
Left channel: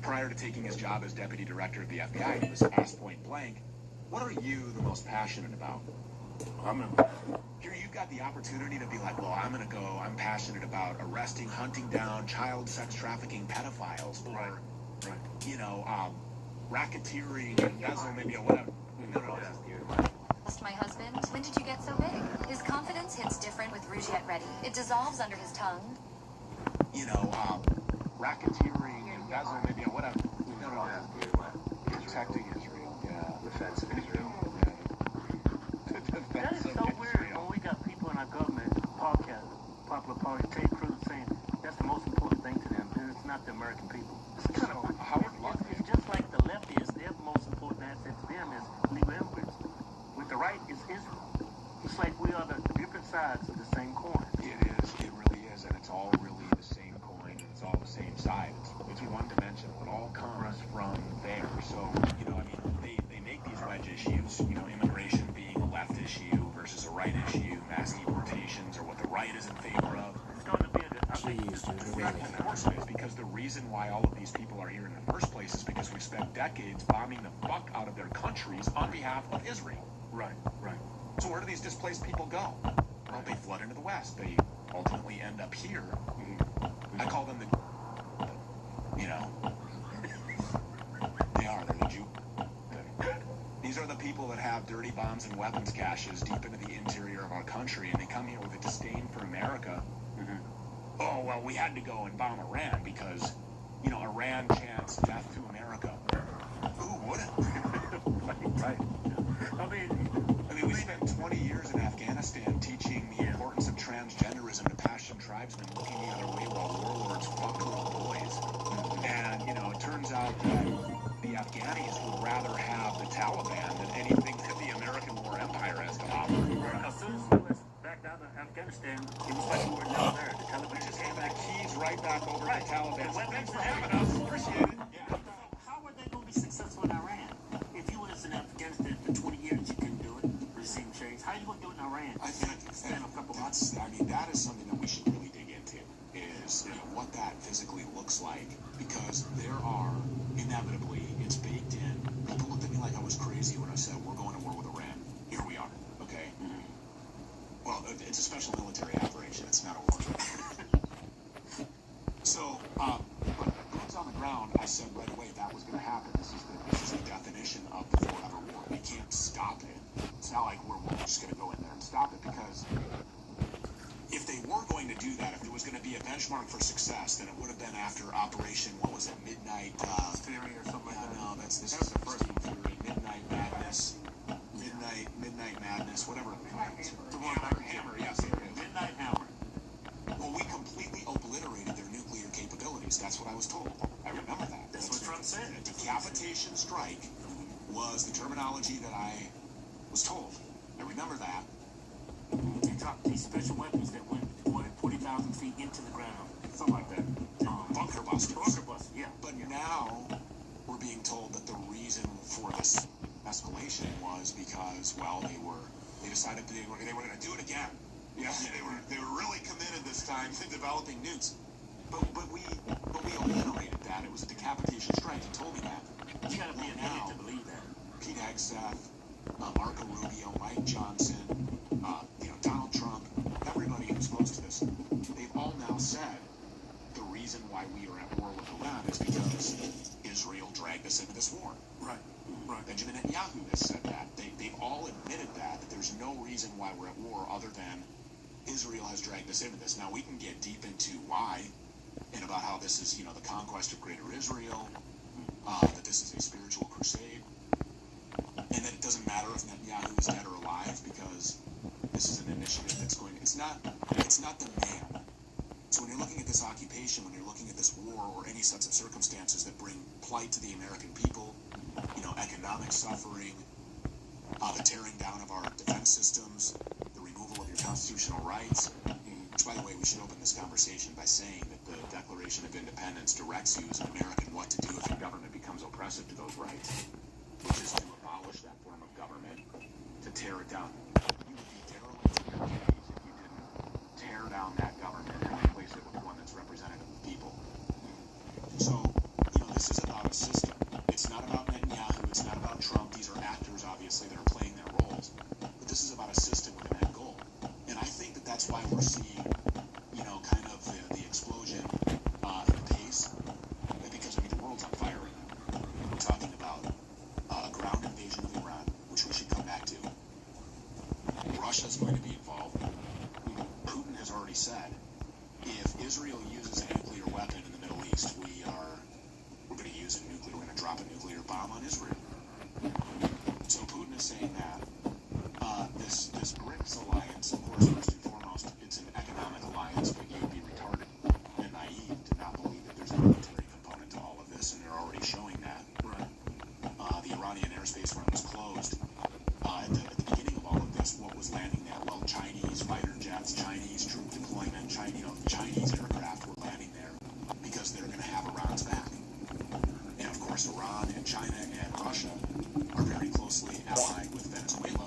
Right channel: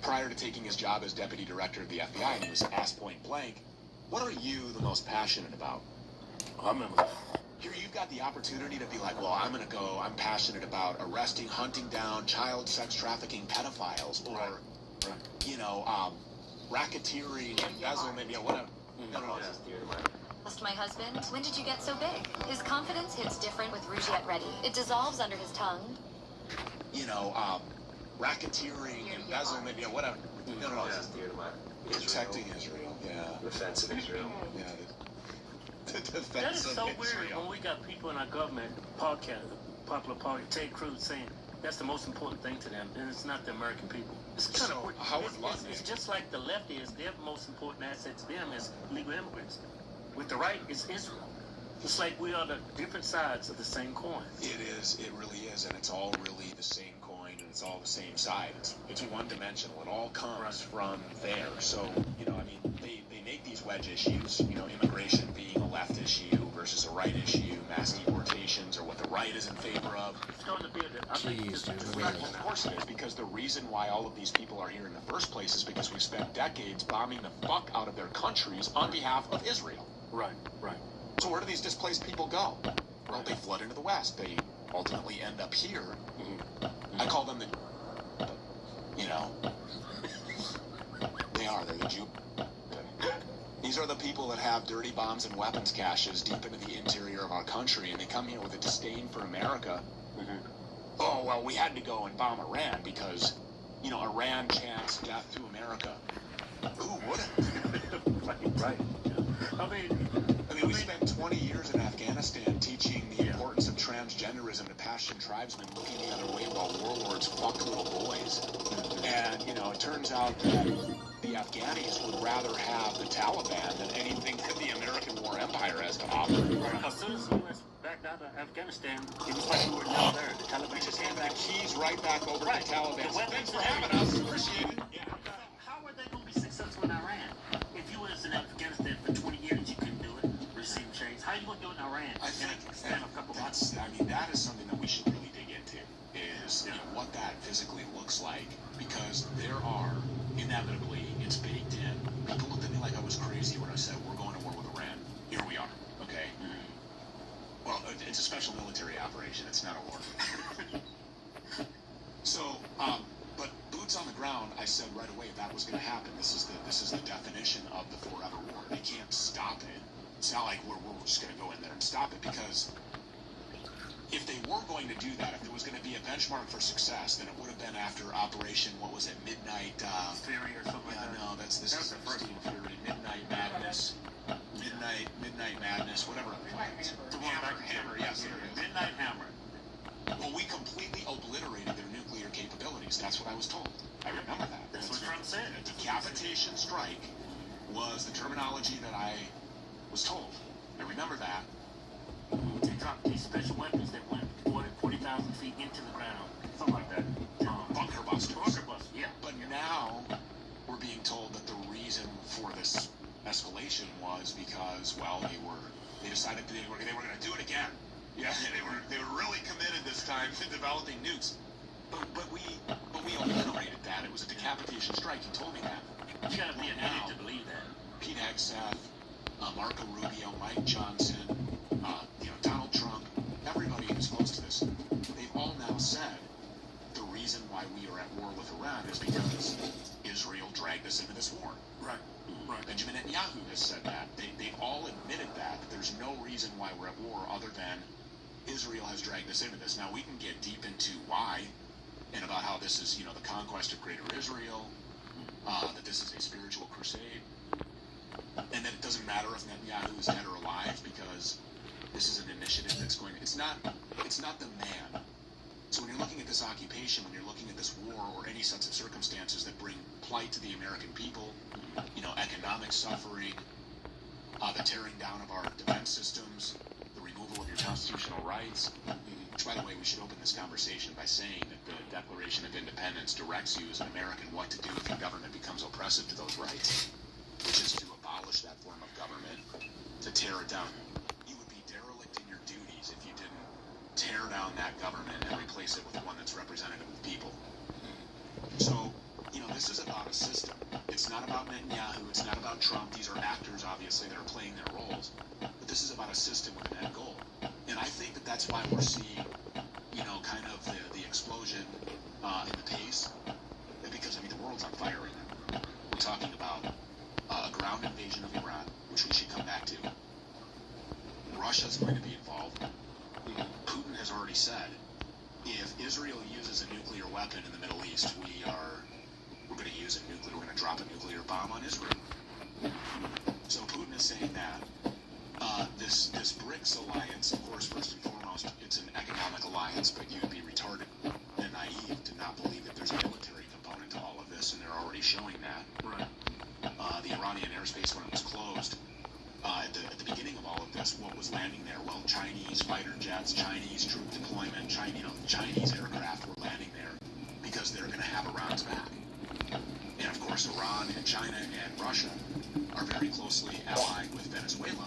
prior to taking his job as deputy director of the FBI. He was asked point blank, what are you the most passionate about? I remember. Here you've got the opportunity to be like, well, I'm passionate about arresting, hunting down child sex trafficking pedophiles, or, racketeering, embezzlement, whatever. Lost my husband. When did you get so big? His confidence hits different with Rouge Yet Ready. It dissolves under his tongue. Racketeering, embezzlement, whatever. Protecting Israel, yeah. Defense of Israel. Yeah. That is so weird when we got people in our government podcast, popular party, Ted Cruz saying that's the most important thing to them, and it's not the American people. It's kind of it's just like the left is. Their most important asset to them is legal immigrants. With the right, it's Israel. It's like we are the different sides of the same coin. It is. It really is, and it's all really the same coin, and it's all the same side. It's one-dimensional. It all comes from there. So, I mean, they make these wedge issues, immigration being a left issue versus a right issue, mass deportations, or what the right is in favor of. It's going to be Jeez, dude, look at this. Of course it is, because the reason why all of these people are here in the first place is because we spent decades bombing the fuck out of their countries on behalf of Israel. Right. So where do these displaced people go? Well, they flood into the West. They ultimately end up here. I call them they're the Jew. These are the people that have dirty bombs and weapons caches deep into the interior of our country, and they come here with a disdain for America. Oh, well, we had to go and bomb Iran because, Iran chants death to America. Ooh, what? Right. I mean, we spent 20 years in Afghanistan teaching the importance of transgenderism to Pashtun tribesmen looking the other way while warlords fuck little boys. And, it turns out that the Afghanis would rather have the Taliban than anything that the American war empire has to offer. As soon as we was back down to Afghanistan, it was like we were down there. The Taliban We just gave that keys right back over to the Taliban. So thanks for having us. Appreciate it. How were they going to be successful in Iran? If you was in Afghanistan for 20 years, you couldn't do it. Receive change. How are you going to do it in Iran? I think that is something that we should really dig into, is what that physically looks like, because there are, inevitably, it's baked in. People looked at me like I was crazy when I said, we're going to war with Iran. Here we are, okay? Well, it's a special military operation. It's not a war. So, but boots on the ground, I said right away that was going to happen. This is the definition of the forever war. They can't stop it. It's not like we're just going to go in there and stop it, because if they were going to do that, if there was going to be a benchmark for success, then it would have been after Operation, what was it, Midnight Fury or something like that. No, this is the first one, Fury, Midnight Madness, whatever. Hammer, yes, there it is. Midnight Hammer. Well, we completely obliterated their nuclear capabilities. That's what I was told. I remember that. That's what Trump said. A decapitation strike was the terminology that I was told. I remember that. They dropped these special weapons that went 40,000 feet into the ground. Something like that. Bunker busters. Yeah. But now we're being told that the reason for this escalation was because, well, they decided they were going to do it again. Yeah, they were really committed this time to developing nukes. But we obliterated that. It was a decapitation strike. He told me that. You got to be an idiot to believe that. Pete Hegseth, Marco Rubio, Mike Johnson, Donald Trump, everybody who's close to this, they've all now said the reason why we are at war with Iran is because Israel dragged us into this war. Right. Benjamin Netanyahu has said that. They've all admitted that there's no reason why we're at war other than Israel has dragged us into this. Now, we can get deep into why and about how this is, the conquest of greater Israel, that this is a spiritual crusade, and that it doesn't matter if Netanyahu is dead or alive, because this is an initiative that's going to, it's not the man. So when you're looking at this occupation, when you're looking at this war or any sets of circumstances that bring plight to the American people, economic suffering, the tearing down of our defense systems, the removal of your constitutional rights, which, by the way, we should open this conversation by saying that the Declaration of Independence directs you as an American what to do if your government becomes oppressive to those rights, which is to abolish that form of government, to tear it down. You would be derelict in your duties if you didn't tear down that government and replace it with one that's representative of the people. So, this is about a system. It's not about Netanyahu, it's not about Trump. These are actors, obviously, that are playing their roles. But this is about a system with an end goal. And I think that that's why we're seeing, kind of the explosion in the pace. Because, the world's on fire right now. We're talking about a ground invasion of Iran, which we should come back to. course, Iran and China and Russia are very closely allied with Venezuela.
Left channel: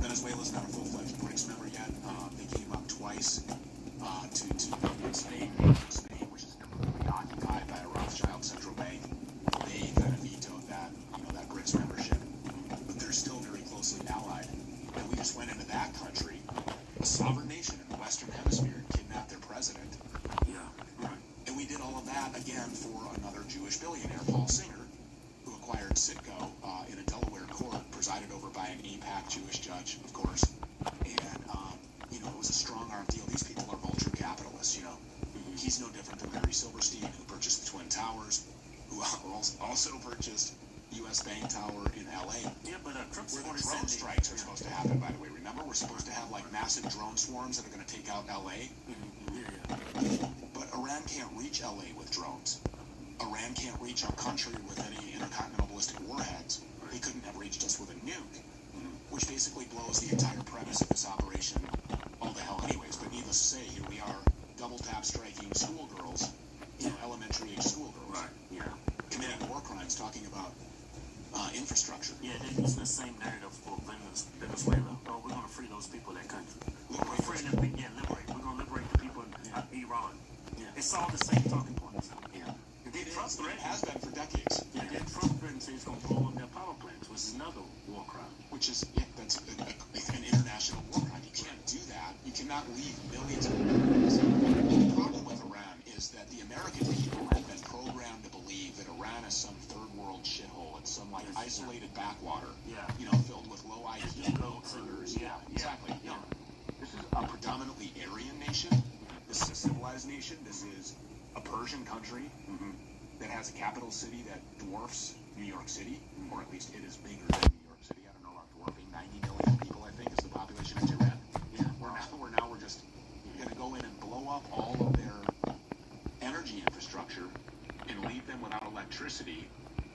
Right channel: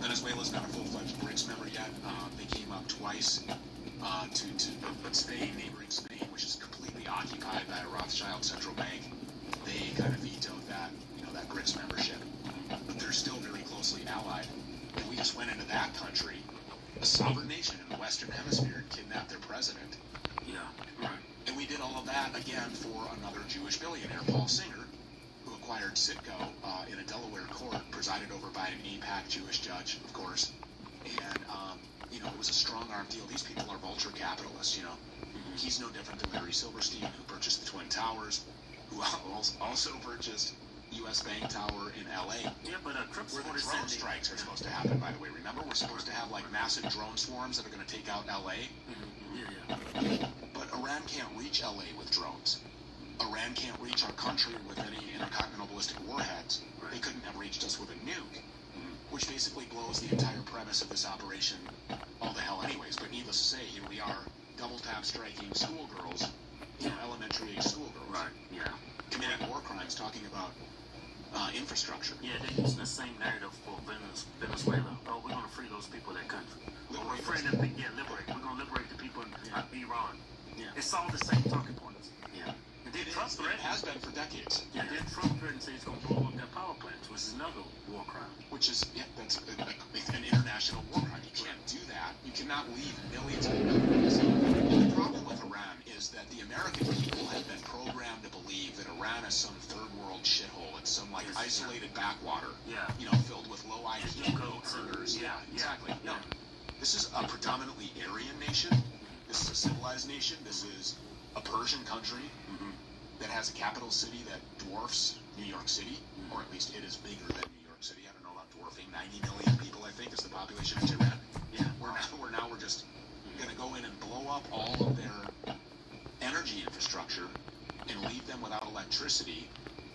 Venezuela's not a full-fledged BRICS member yet. They came up twice to Spain, which is completely occupied by a Rothschild central bank. They kind of vetoed that, that BRICS membership. But they're still really closely allied. And we just went into that country, a sovereign nation in the Western Hemisphere, and kidnapped their president. Yeah, right. And we did all of that, again, for another Jewish billionaire, Paul Singer, who acquired Citgo in a Delaware court, presided over by an AIPAC Jewish judge, of course. And, it was a strong-arm deal. These people are vulture capitalists, He's no different than Larry Silverstein, who purchased the Twin Towers, who also purchased U.S. Bank Tower in L.A. Yeah, but where the drone strikes are supposed to happen, by the way. Remember, we're supposed to have, massive drone swarms that are going to take out L.A.? But Iran can't reach L.A. with drones. Iran can't reach our country with any intercontinental ballistic warheads. They couldn't have reached us with a nuke, which basically blows the entire premise of this operation all the hell anyways. But needless to say, here we are, double-tap striking schoolgirls, elementary-age schoolgirls, committing war crimes, talking about infrastructure. Yeah, they use the same narrative for Venezuela. Oh, we're going to free those people of that country. Liberate. We're going to liberate the people in Iran. Yeah. It's all the same talking points. Yeah. It has been for decades. Yeah, then Trump says he's going to blow up their power plants, which is another war crime. Which is, that's an international war crime. You can't do that. You cannot leave millions of Americans. The problem with Iran is that the American people have been programmed to believe that Iran is some third world shithole. It's some isolated backwater, filled with low IQ murders. Yeah, exactly. No, this is a predominantly Aryan nation. This is a civilized nation. This is a Persian country that has a capital city that dwarfs New York City, or at least it is bigger than New York City. I don't know, dwarfing 90 million people, I think, is the population of Tehran. Yeah, we're just going to go in and blow up all of their energy infrastructure and leave them without electricity.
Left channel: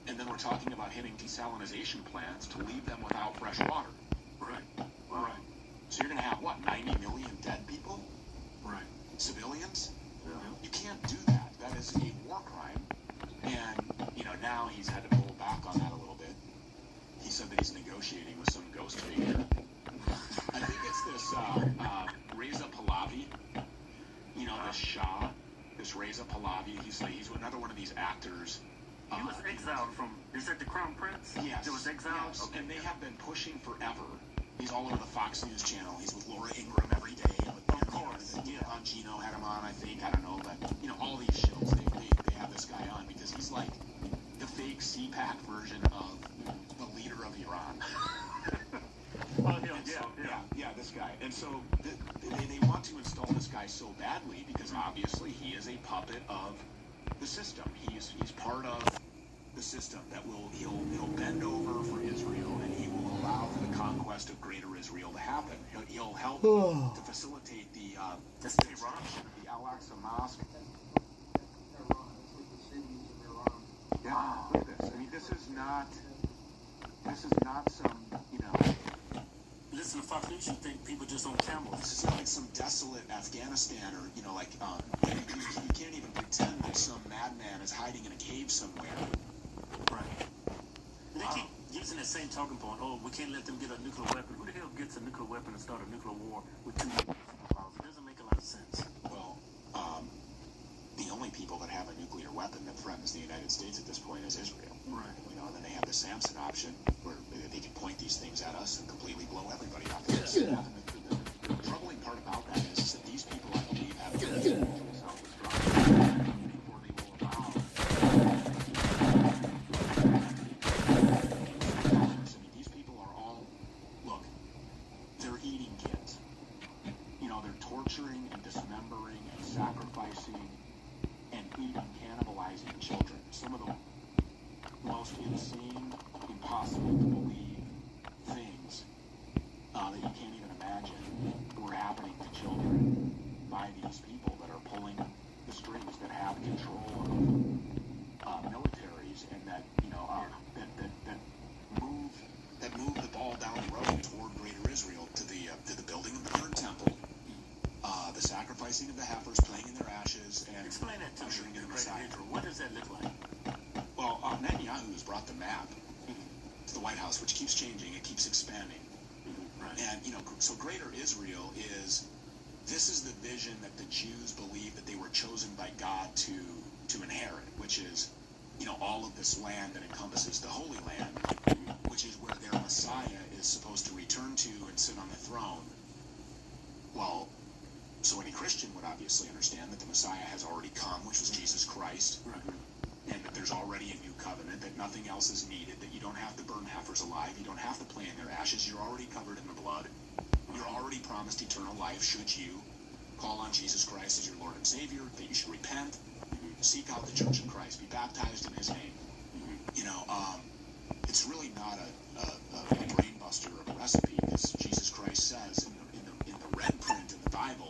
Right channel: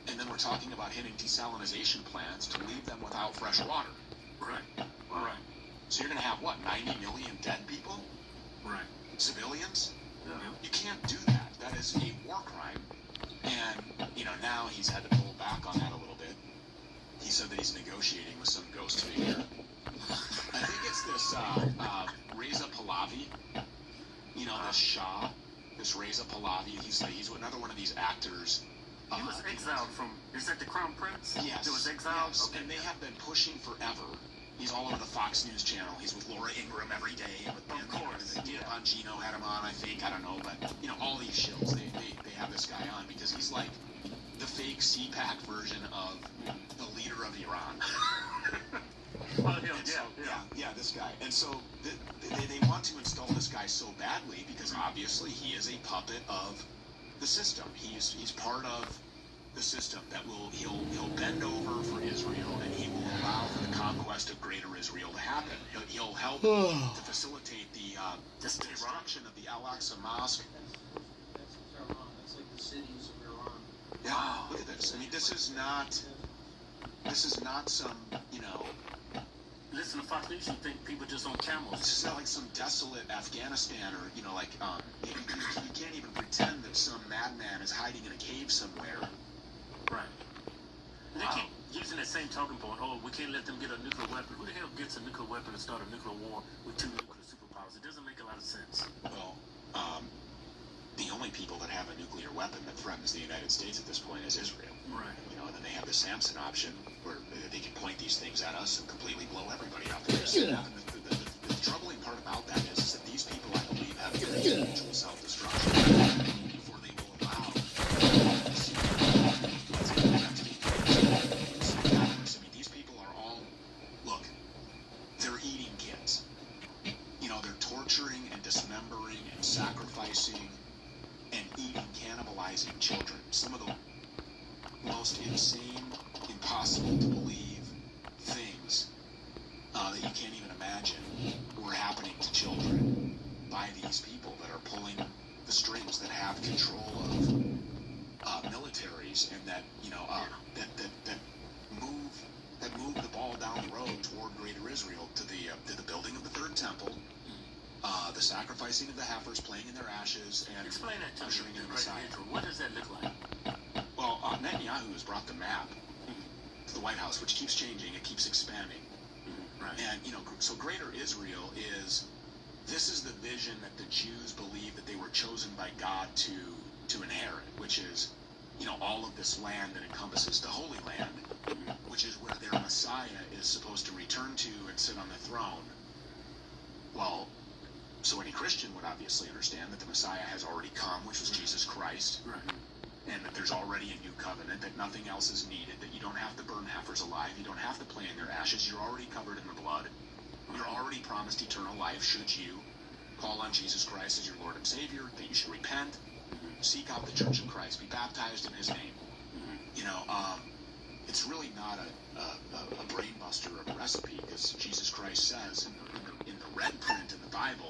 And then we're talking about hitting desalinization plants to leave them without fresh water. Right. So you're going to have, 90 million dead people? Right. Civilians? Yeah. You can't do that. That is a war crime. And, now he's had to pull back on that a little bit. He said that he's negotiating with some ghost figure. I think it's this Reza Pahlavi, this Shah, this Reza Pahlavi. He's another one of these actors. He was exiled from, is that the Crown Prince? Yes. He was exiled? Yes. Okay. And they have been pushing forever. He's all over the Fox News channel. He's with Laura Ingraham every day. Of course. Bongino had him on, I think. I don't know. But, all these shows, they have this guy on because he's like the fake CPAC version of the leader of Iran. This guy. And so they want to install this guy so badly because obviously he is a puppet of the system. He's part of the system that he'll bend over for Israel and he will allow for the conquest of greater Israel to happen. He'll help to facilitate the destruction of the Al-Aqsa Mosque. That's like the cities of Iran. Yeah, look at this. I mean, this is not some, Listen to Fox News, you think people just on camels. This is not like some desolate Afghanistan or, you can't even pretend that some madman is hiding in a cave somewhere. Right. They keep using that same talking point. Oh, we can't let them get a nuclear weapon. Who the hell gets a nuclear weapon and start a nuclear war with two superpowers? It doesn't make a lot of sense. Well, the only people that have a nuclear weapon that threatens the United States at this point is Israel. Right. And then they have the Samson option where they can point these things at us and completely blow everybody up. The troubling part about that is that these people, I believe, have mutual self-destruction before they will allow these people are all, look, they're eating kids. They're torturing and dismembering and sacrificing and eating, cannibalizing children. Some of the most insane, impossible to believe things that you can't even imagine were happening to children by these people that are pulling the strings, that have control of militaries, and that move the ball down the road toward Greater Israel to the building of the Third Temple, the sacrificing of the heifers, playing in their ashes, and explain that to ushering in me. Messiah. What does that look like? Well, is brought the map, the White House, which keeps changing, it keeps expanding. And, you know, so Greater Israel this is the vision that the Jews believe that they were chosen by God to inherit, which is, you know, all of this land that encompasses the Holy Land, which is where their Messiah is supposed to return to and sit on the throne. Well, so any Christian would obviously understand that the Messiah has already come, which was Jesus Christ, and that there's already a new covenant, that nothing else is needed, that you don't have to burn heifers alive, you don't have to play in their ashes, you're already covered in the blood, you're already promised eternal life should you call on Jesus Christ as your Lord and Savior, that you should repent, seek out the Church of Christ, be baptized in His name. You know, it's really not a brain buster or a recipe, because Jesus Christ says in the red print in the Bible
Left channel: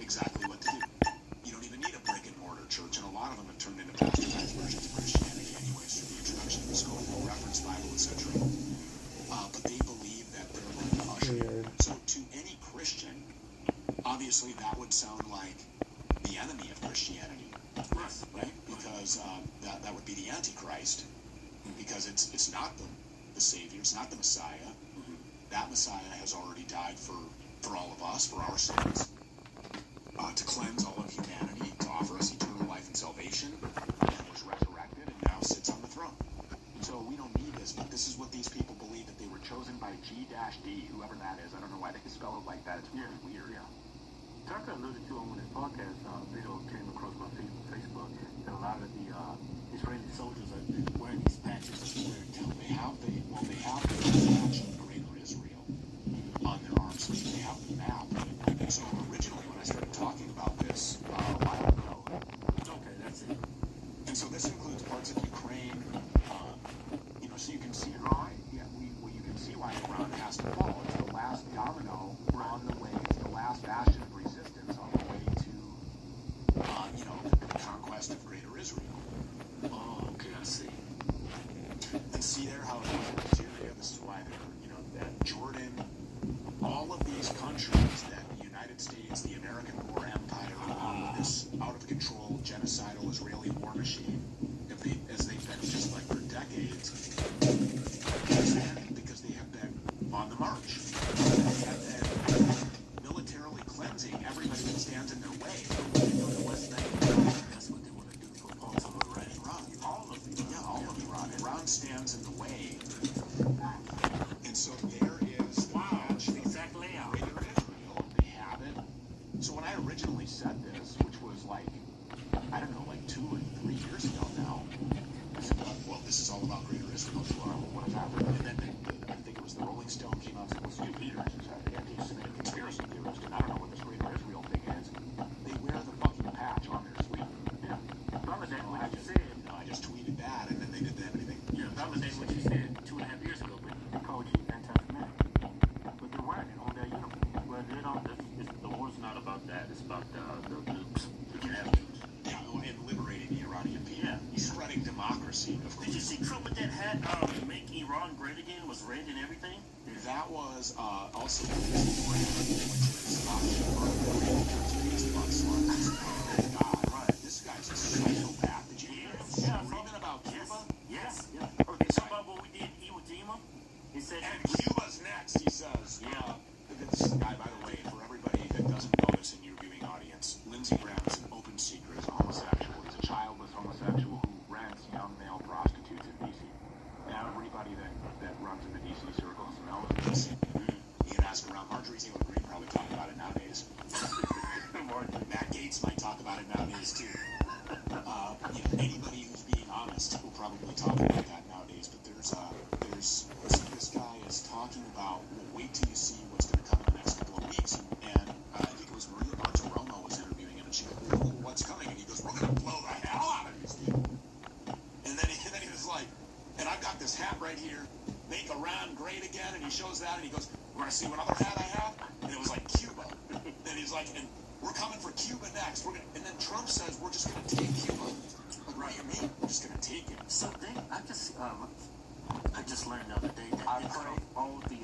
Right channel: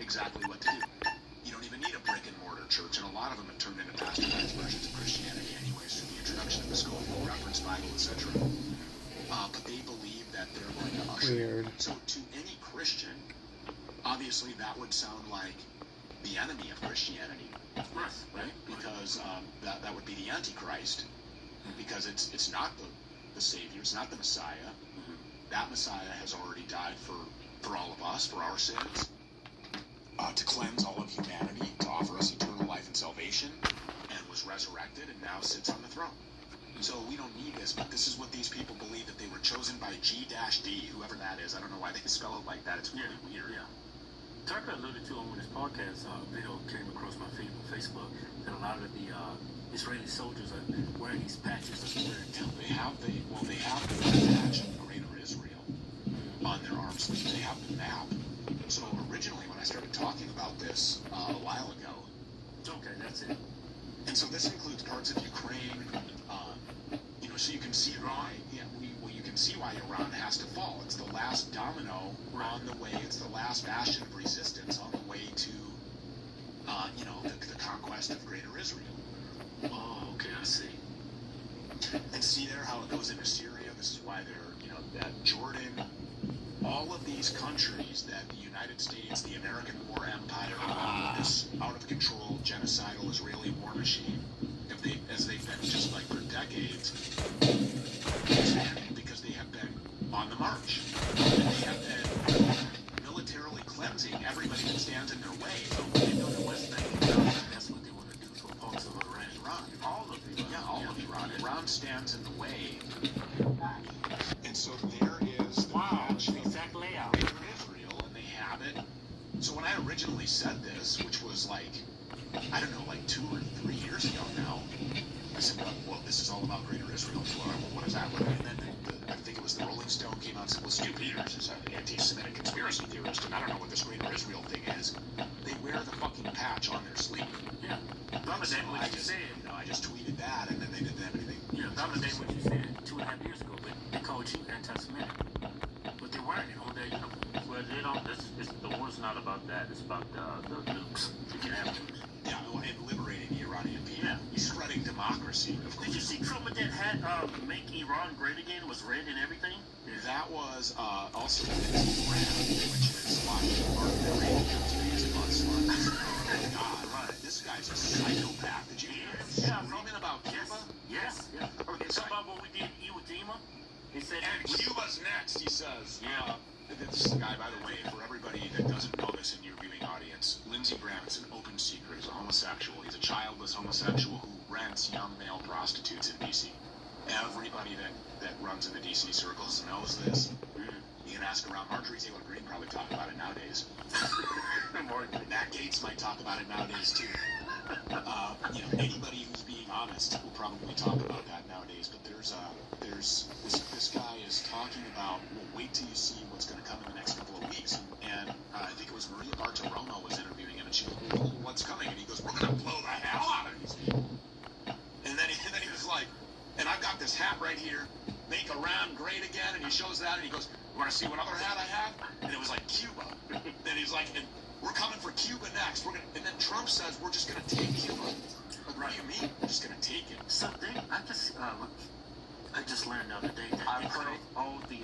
exactly what to do. You don't even need a brick and mortar church, and a lot of them have turned into bastardized versions of Christianity anyways, through the introduction of the scope, reference Bible, etc. But they believe that they're like ushering. So to any Christian, obviously that would sound like the enemy of Christianity, right? Because that would be the Antichrist, because it's not the Savior, it's not the Messiah. That Messiah has already died for all of us, for our sins, to cleanse all of humanity, to offer us eternal life and salvation, and was resurrected and now sits on the throne. So we don't need this, but this is what these people believe, that they were chosen by G-D, whoever that is. I don't know why they spell it like that. It's really weird. Yeah. Tucker alluded to on his podcast video came across my Facebook that a lot of the Israeli soldiers are wearing these patches. They have the patch of Greater Israel on their arms. They have the map. So originally, when I started talking about this a while ago, okay, that's it. And so this includes parts of Ukraine. You know, so you can see why. Yeah, you can see why Iran has to fall. It's the last domino on the way. It's the last bastion of resistance on the way to, you know, the conquest of Greater Israel. Oh, okay, I see. And see there how it goes into Syria. This is why they're, you know, that Jordan, all of these countries that the United States, the American war empire, this out of control genocidal Israeli war machine, as they've been just like for decades, because they have been on the march. They have been militarily cleansing everybody that stands in their way. That's what they want to do for parts of Iran. All of it. Yeah, all of Iran. Iran stands in the way. And so there is the patch for Greater Israel, and they have it. So when I originally said this, which was like, I don't know, like 2 or 3 years ago now, I said, well, this is all about Greater Israel. What is that? And then I think it was the Rolling Stone came out and said, well, Stu Peters is an anti-Semitic conspiracy theorist, and I don't know what this Greater Israel thing is. They wear the fucking patch on their sleeve. Yeah. So I just tweeted that, and then they did everything. Yeah, validate what you said 2.5 years ago, but they called you anti-Semitic. But they're wearing it on their uniform. Well, they don't. The war's not about that. It's about the nukes. You can have nukes. Yeah, and liberating the Iranian people. Yeah. Spreading democracy. Did you see Trump with that hat? Make Iran great again. It was red and everything. That was also right. This guy's a psychopath. Did you hear him about Cuba? Yes. Okay, so about what we did Iwo Jima. He said, and Cuba's next, he says. Yeah. This guy, by the way, for everybody that doesn't know this in your viewing audience, Lindsey Graham is an open secret. He's a homosexual. He's a childless homosexual who rents young male prostitutes in D.C. Everybody that runs in the D.C. circles knows this. You can ask around. Marjorie Taylor Greene probably talk about it nowadays. Matt Gaetz might talk about it nowadays too. You know, anybody who's being honest will probably talk about that nowadays. But there's this guy is talking about. Well, wait till you see what's going to come in the next couple of weeks. And I think it was Maria Bartiromo was interviewing him, and she was like, "Oh, what's coming?" And he goes, "We're going to blow the hell out of these people." And then he was like, "And I've got this hat right here, make Iran great again." And he shows that, and he goes, "Want to see what other hat I have?" And it was like Cuba. Then he's like, "And we're coming for Cuba next. And then Trump says we're just going to take Cuba. Like, what do you mean? We're just going to take it." So I just learned the other day that all the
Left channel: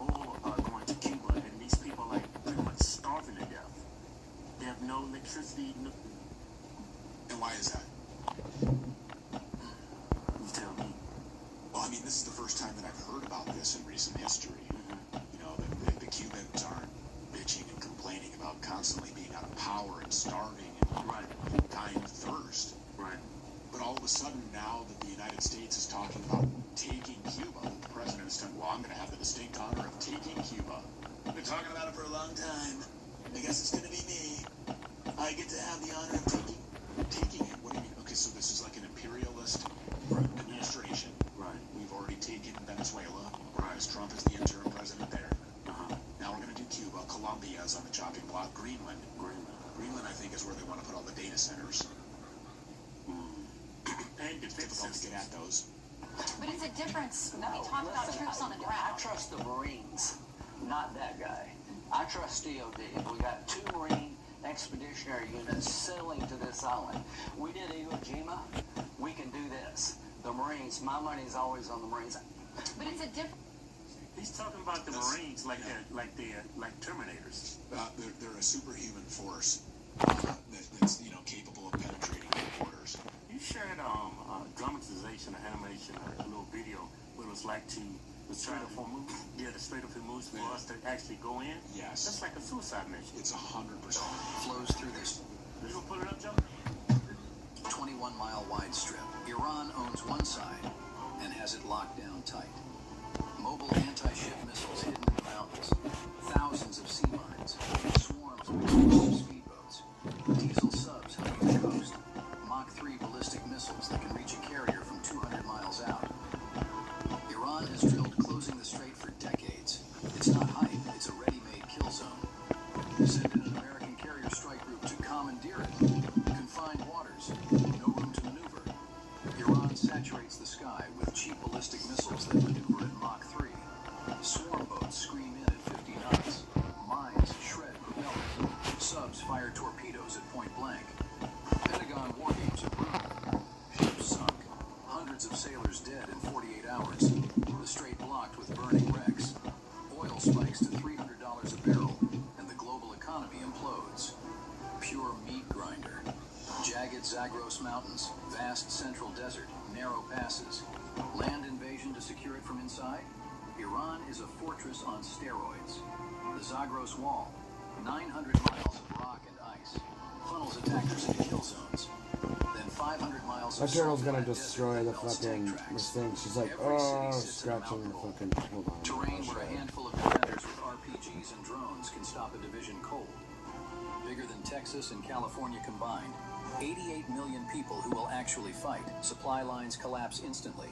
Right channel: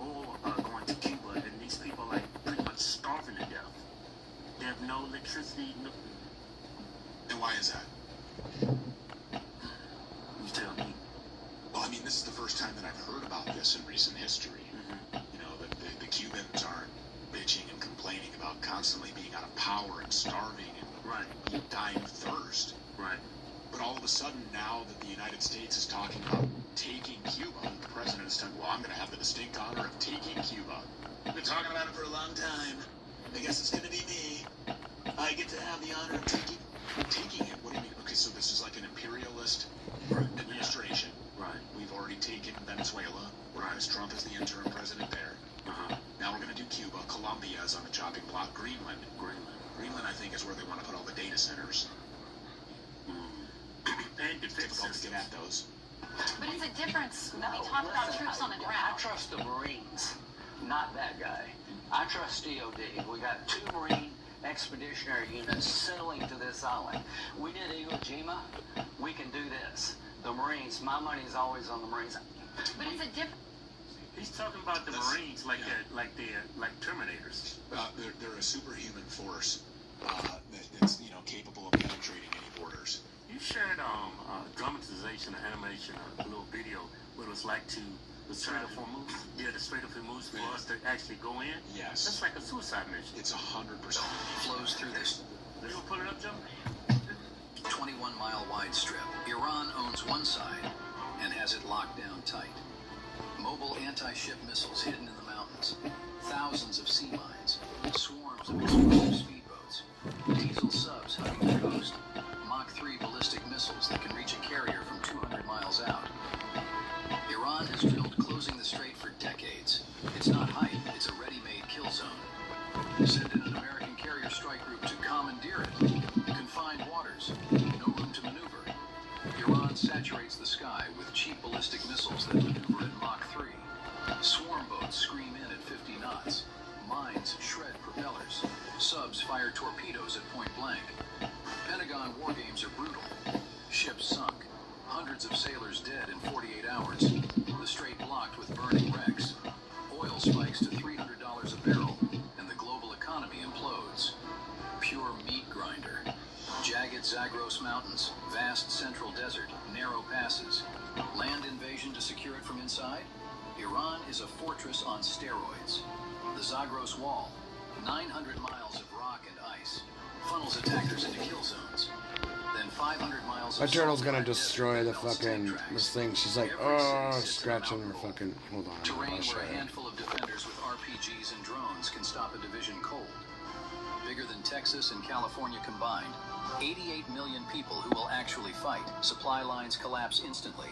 oil going to Cuba, and these people are like pretty much starving to death. They have no electricity. No... And why is that? You tell me. the United States is talking about taking Cuba. The president said, well, I'm going to have the distinct honor of taking Cuba. I've been talking about it for a long time. I guess it's going to be me. I get to have the honor of taking it. What do you mean? Okay, so this is like an imperialist administration. Right. We've already taken Venezuela. Right. Trump is the interim president there. Now we're going to do Cuba. Colombia is on the chopping block. Greenland. Greenland, I think, is where they want to put all the data centers. And it's difficult to get at those. But it's a difference when we talk about troops on the ground. I trust the Marines, not that guy. I trust DOD. We got 2 Marine expeditionary units sailing to this island. We did Iwo Jima. We can do this. The Marines, my money is always on the Marines. But it's a difference. He's talking about the Marines like Terminators. They're a superhuman force that's capable of penetrating the borders. You shared dramatization or animation, a little video, what it was like to the Strait of Hormuz. Yeah, the Strait of Hormuz for us to actually go in. Yes. That's like a suicide mission. It's 100%. Flows through this. You gonna put it up, Joe? 21-mile wide strip. Iran owns one side and has it locked down tight. Mobile anti-ship missiles hidden in the mountains. Thousands of sea mines. Swarms of explosive speedboats. Diesel subs hugging the coast. Mach 3 ballistic missiles that can reach a carrier from 200 miles out. Iran has drilled closing the strait for decades. It's not hype, it's a ready-made kill zone. Send in an American carrier strike group to commandeer it. Confined waters. No room to maneuver. Iran saturates the sky with cheap ballistic missiles that maneuver at Mach 3. Swarm boats scream in at 50 knots. Mines shred propellers. Subs fire torpedoes at point blank. Pentagon war games are brutal. Ships sunk. Hundreds of sailors dead in 48 hours. The strait blocked with burning wrecks. Oil spikes to $300 a barrel, and the global economy implodes. Pure meat grinder. Jagged Zagros Mountains, vast central desert, narrow passes. Land invasion to secure it from inside? Iran is a fortress on steroids. The Zagros Wall, 900 miles of rock and ice, funnels attackers into kill zones. Then 500 miles My of turtle's gonna destroy the fucking this thing. She's like, oh, scratching her fucking. Hold on. terrain I'll show where a you. handful of defenders with RPGs and drones can stop a division cold. Bigger than Texas and California combined. 88 million people who will actually fight. Supply lines collapse instantly.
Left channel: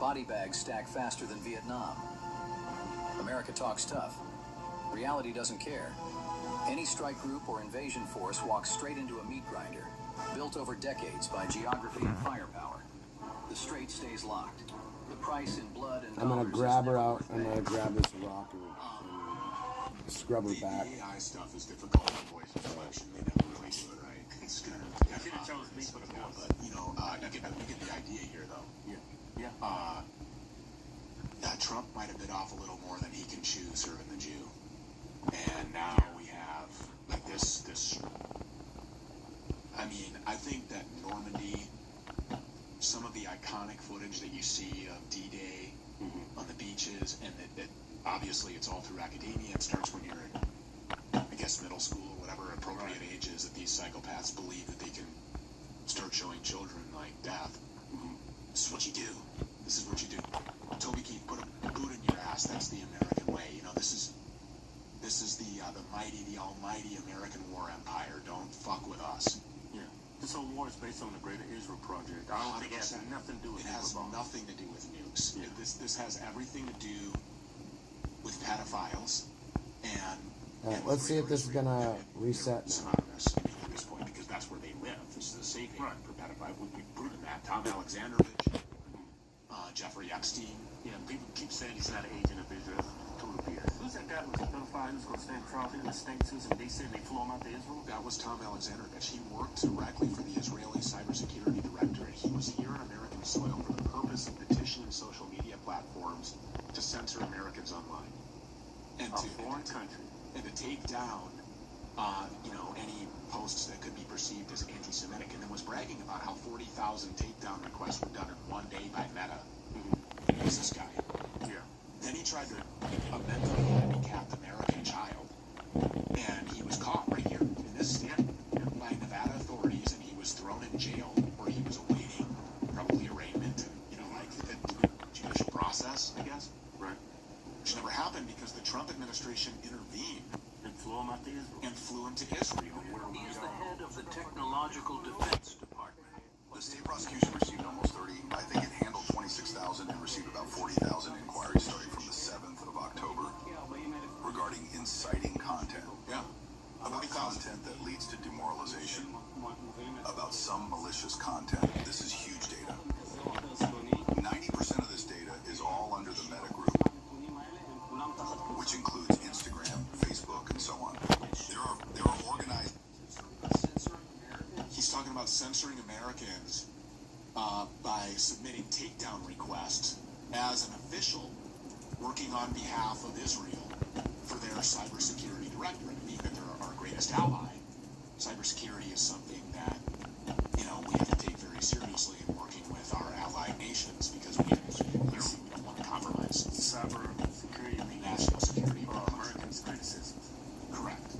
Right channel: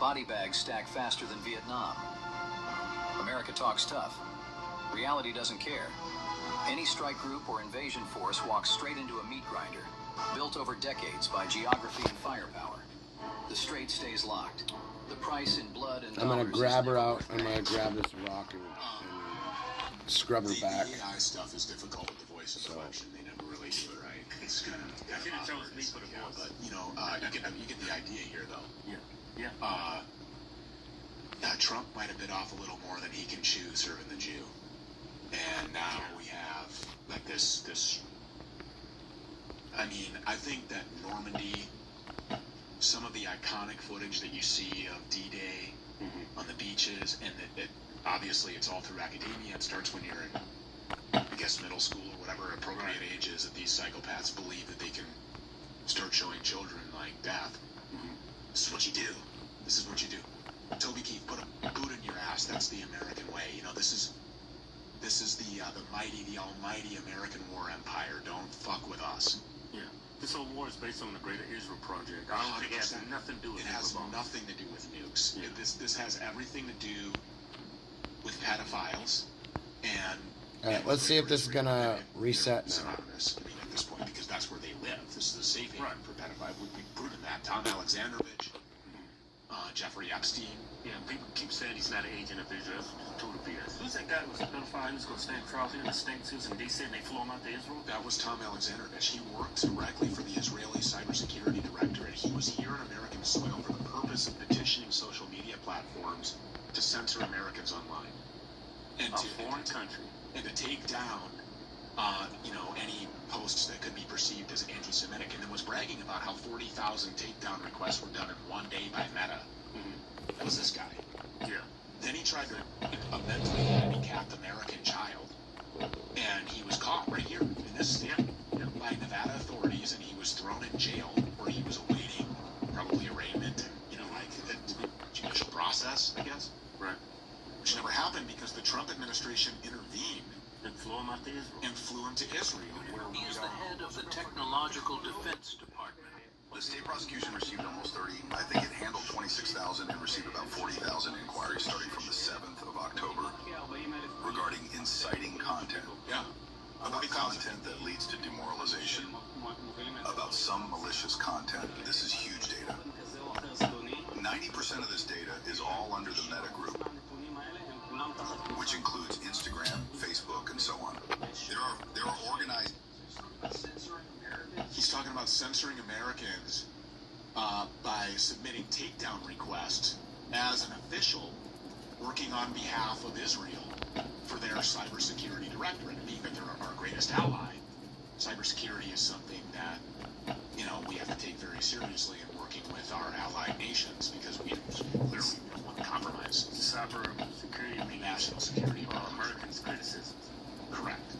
Body bags stack faster than Vietnam. America talks tough. Reality doesn't care. Any strike group or invasion force walks straight into a meat grinder, built over decades by geography and firepower. The strait stays locked. The price in blood and I'm gonna dollars grab is her never out. worth I'm gonna paying. grab this rock and scrub her back. The AI stuff is difficult. The voices function. They never really do it right. It's kind of but you get the idea here, though. Yeah. Trump might have bit off a little more than he can chew serving the Jew, and now we have like this. I mean, I think that Normandy, some of the iconic footage that you see of D-Day on the beaches, and that obviously it's all through academia. It starts when you're in, I guess, middle school or whatever appropriate age is, that these psychopaths believe that they can start showing children like death. This is what you do. This is what you do. Toby Keith, put a boot in your ass. That's the American way. You know, this is the mighty, the almighty American war empire. Don't fuck with us. Yeah. This whole war is based on the Greater Israel Project. I don't think it has nothing to do with it. Has nothing to do with nukes. Yeah. This has everything to do with pedophiles and. All right, let's see if this is gonna reset now. Synonymous, I mean, at this point, because that's where they live. This is a safe haven for pedophiles. We've proven that. Tom Alexandrovich, Jeffrey Epstein. Yeah, people keep saying he's not an agent of Israel. Who's that guy who was a pedophile who's going to stay in Charleston in the States who's in D.C. and they flew him out to Israel? That was Tom Alexandrovich. He worked directly for the Israeli cybersecurity director, and he was here on American soil for the purpose of petitioning social media platforms to censor Americans online. And to foreign country. And to take down, any posts that could be perceived as anti-Semitic, and then was bragging about how 40,000 takedown requests were done in one day by Meta. Who's this guy? Yeah. Then he tried to mentally handicapped American child, and he was caught right here in this state by Nevada authorities, and he was thrown in jail where he was awaiting probably arraignment and out to Israel. And flew him to Israel, where He is the head of the Technological Defense Department. The state prosecution received almost 30. I think it handled 26,000 and received about 40,000 inquiries starting from the 7th of October regarding inciting content. Yeah. About content that leads to demoralization. About some malicious content. This is huge data. 90% of this data is all under the Meta group, which includes Instagram, Facebook, and so on. There are organized. He's talking about censoring Americans by submitting takedown requests as an official working on behalf of Israel for their cybersecurity directorate, being that they're our greatest ally. Cybersecurity is something that, you know, we have to take very seriously in working with our allied nations because we literally want to compromise Cyber security means national security. Americans' criticism. Correct.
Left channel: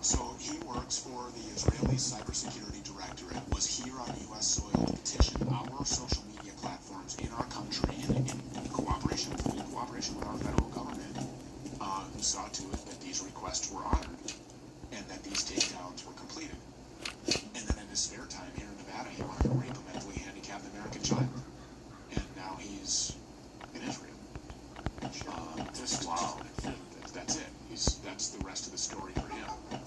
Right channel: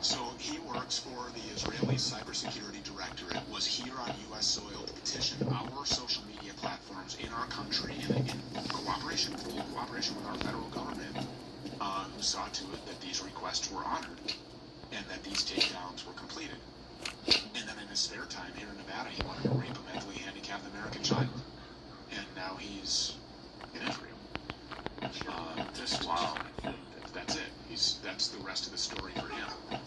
So he works for the Israeli Cybersecurity Directorate, was here on U.S. soil to petition our social media platforms in our country in full cooperation with our federal government, who saw to it that these requests were honored and that these takedowns were completed. And then in his spare time here in Nevada, he wanted to rape a mentally handicapped American child. And now he's in Israel. Wow. That's it. That's the rest of the story for him. I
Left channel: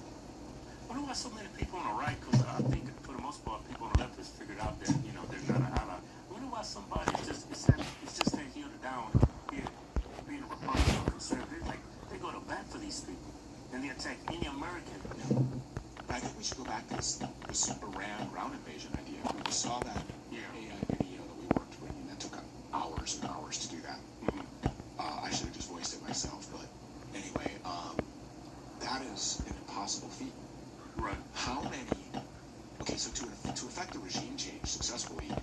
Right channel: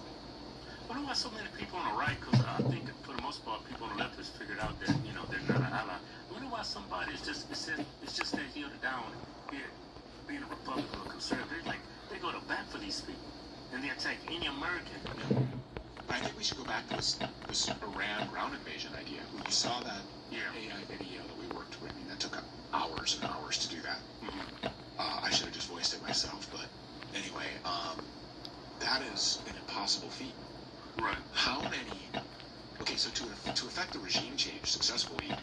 wonder why so many people on the right, because I think for the most part, people on the left has figured out that, you know, they're not an ally. I wonder why somebody it's just that here to down here, being a Republican or conservative, like, they go to bat for these people, and they attack any American. I think we should go back to this Iran ground invasion idea. We saw that AI video that we worked with, and that took hours and hours to do that. I should have just voiced it myself, but anyway, that is an impossible feat. Right. How many? Okay, so to effect the regime change successfully,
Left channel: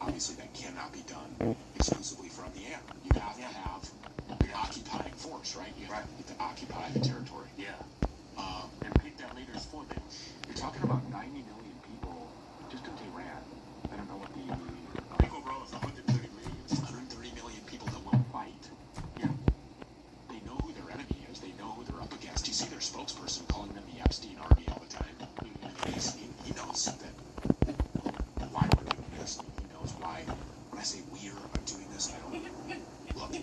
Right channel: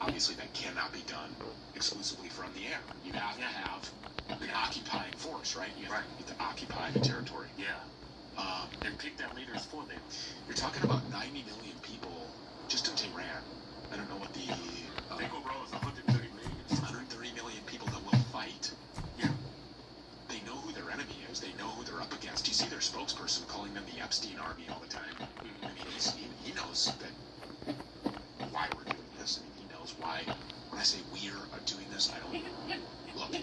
obviously that cannot be done exclusively from the air. You have to have an occupying force, right? You have to occupy the territory. Yeah. And pick their leaders for them. You're talking about 90 million people just in Tehran. I don't know what the... People rose 130 million. 130 million people that will fight. Yeah. They know who their enemy is. They know who they're up against. You see their spokesperson calling them the Epstein Army all the time. I mean, he knows that why we're doing this. He knows why. When I say we're doing this, I don't... Look,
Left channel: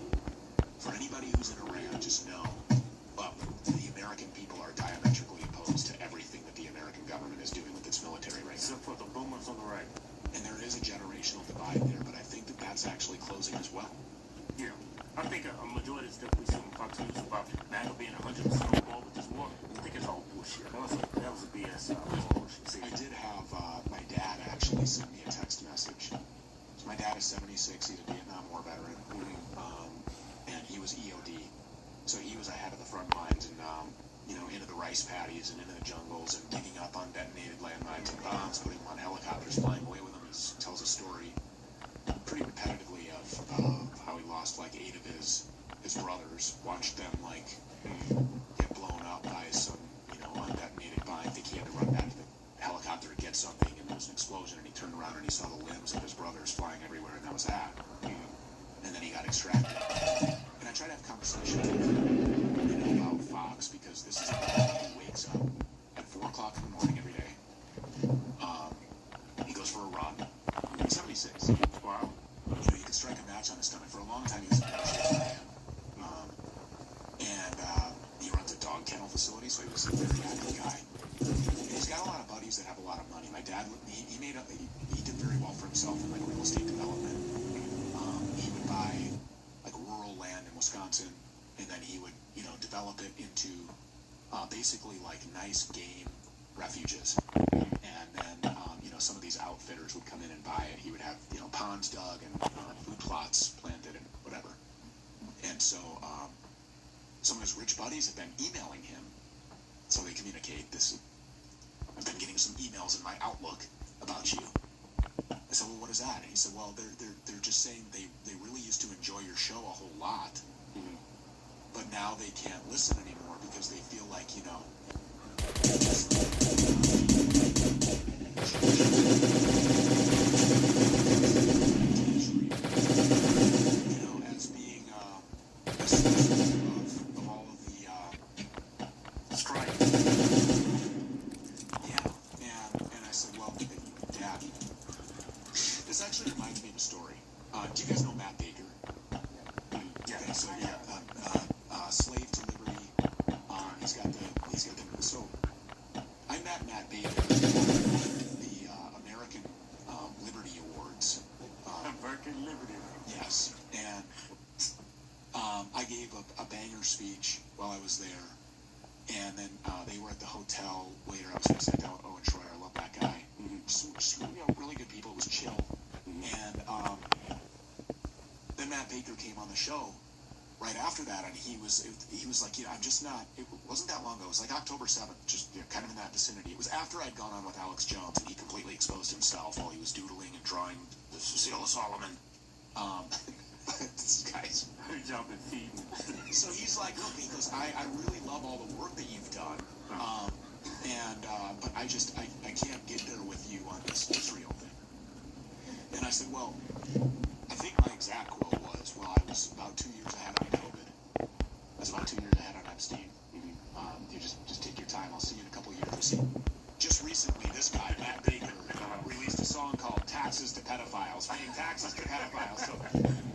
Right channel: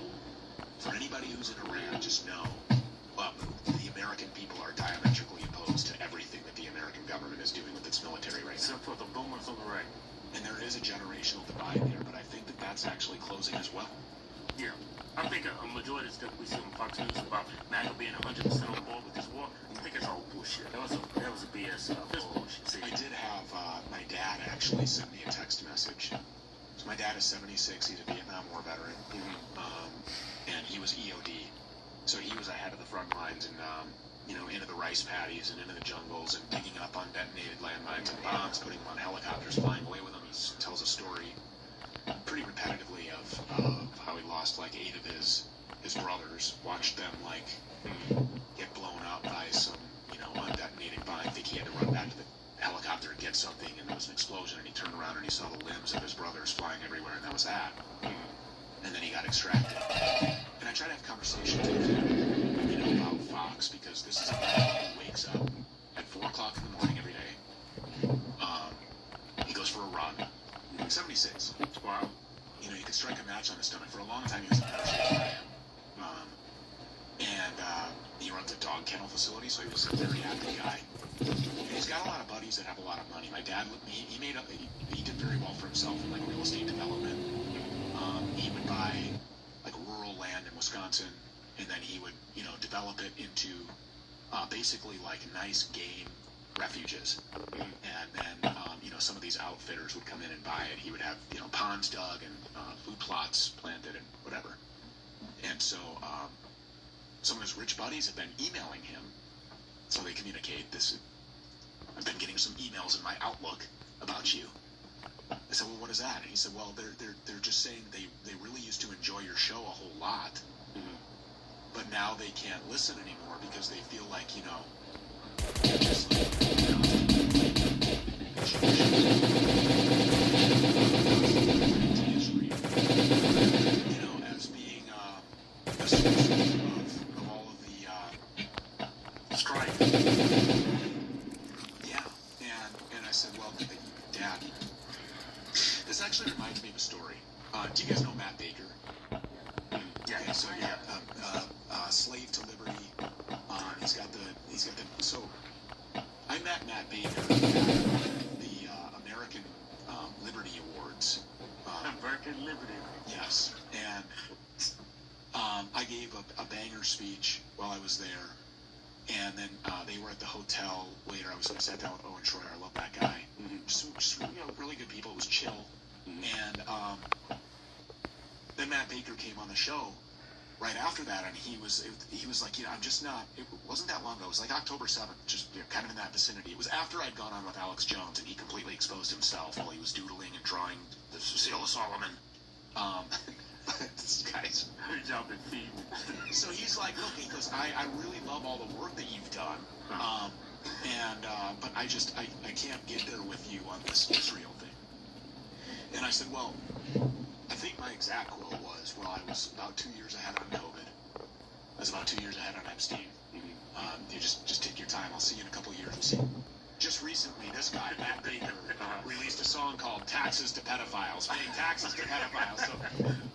for anybody who's in Iran, just know, well, the American people are diametrically opposed to everything that the American government is doing with its military right now. Except for the boomers on the right. And there is a generational divide there, but I think that that's actually closing as well. Yeah. I think a majority of stuff we see on Fox News about NATO being 100% on board with this war, I think it's all bullshit. That was a BS. That's bullshit. See, I did have my dad actually send me a text message. So my dad is 76. He's a Vietnam War veteran. And he was EOD. So he was ahead of the front lines and, you know, into the rice paddies and into the jungles and digging up undetonated landmines and bombs, putting them on helicopters, flying away with them. He tells a story pretty repetitively of how he lost like 8 of his brothers, watched them like get blown up by some, you know, undetonated bomb. I think he had to run back to the helicopter to get something, and there was an explosion, and he turned around and he saw the limbs of his brothers flying everywhere, and that was that. And then he got extracted. And I try to have conversations with him, you know, about Fox, because this is a guy who wakes up at 4 o'clock in the morning every day. He goes for a run. 76. Wow. You know, you can strike a match on his stomach. For a long time, he was a military man. He runs a dog kennel facility, so he was a very active guy. And he's got a lot of buddies that have a lot of money. My dad, he did very well for himself in like real estate development. He would buy like rural land in Wisconsin, and then he would, you know, develop it into basically like nice game refuges. And then, you know, some of these outfitters would come in and buy it. He would have, you know, ponds dug and food plots planted and whatever. And so some of his rich buddies have been emailing him so they communicate this. I've been getting some emails in my Outlook about you. I said, well, what is that? And he said, well, they're just saying they really used to enjoy your show a whole lot, but now they can't listen anymore because they feel like, you know, as being a citizen of all of the Do you guys know Matt Baker? Yeah. Okay, so yeah, Slave to Liberty. He's got the. So I met Matt Baker at the American Liberty Awards. American Liberty. Yes, and I gave a banger speech while I was there, and then they were at the hotel later. I was going to sit down with Owen Schroyer. I love that guy. Just, really good people. It was chill. And then Matt Baker came on the show right after that, and he was like, I'm just not. It wasn't that long ago. It was like October 7th, just kind of in that vicinity. It was after I'd gone on with Alex Jones, and he completely exposed himself while he was doodling and drawing the Seal of Solomon. This guy's jumping feet. So he's like, look, he goes, I really love all the work that you've done, but I can't get there with you on this Israel thing. And I said, well, I think my exact quote was, well, I was about 2 years ahead on COVID. I was about 2 years ahead on Epstein. You just take your time. I'll see you in a couple of years. We'll see. Just recently, this guy, Matt Baker, released a song called Taxes to Pedophiles, paying taxes to pedophiles. So,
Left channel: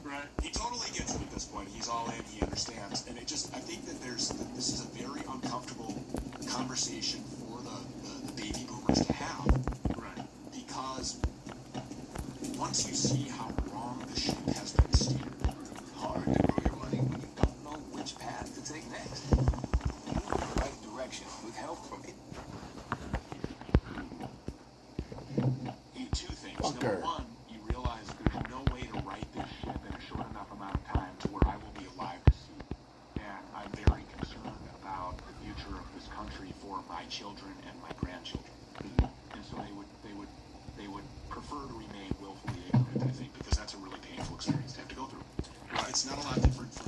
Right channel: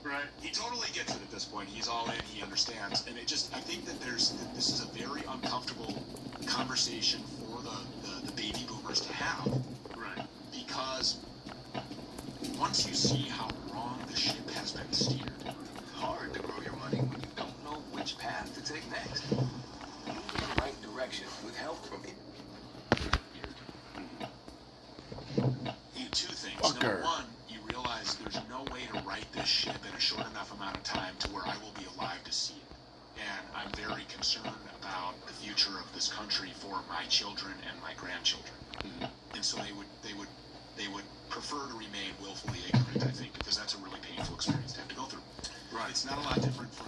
right. He totally gets it at this point. He's all in. He understands. And I think that this is a very uncomfortable conversation for the baby boomers to have. Right. Because once you see how wrong the ship has been steered, Hard to grow your money when you don't know which path to take next. The right direction with help from it. Two things. Fucker. Number one, you realize there's no way to right this ship in a short enough amount of time to where I will be alive to see it. And I'm very concerned about the future of this country for my children and my grandchildren. And so they would prefer to remain willfully ignorant, I think, because that's a really painful experience to have to go through. It's not a lot different from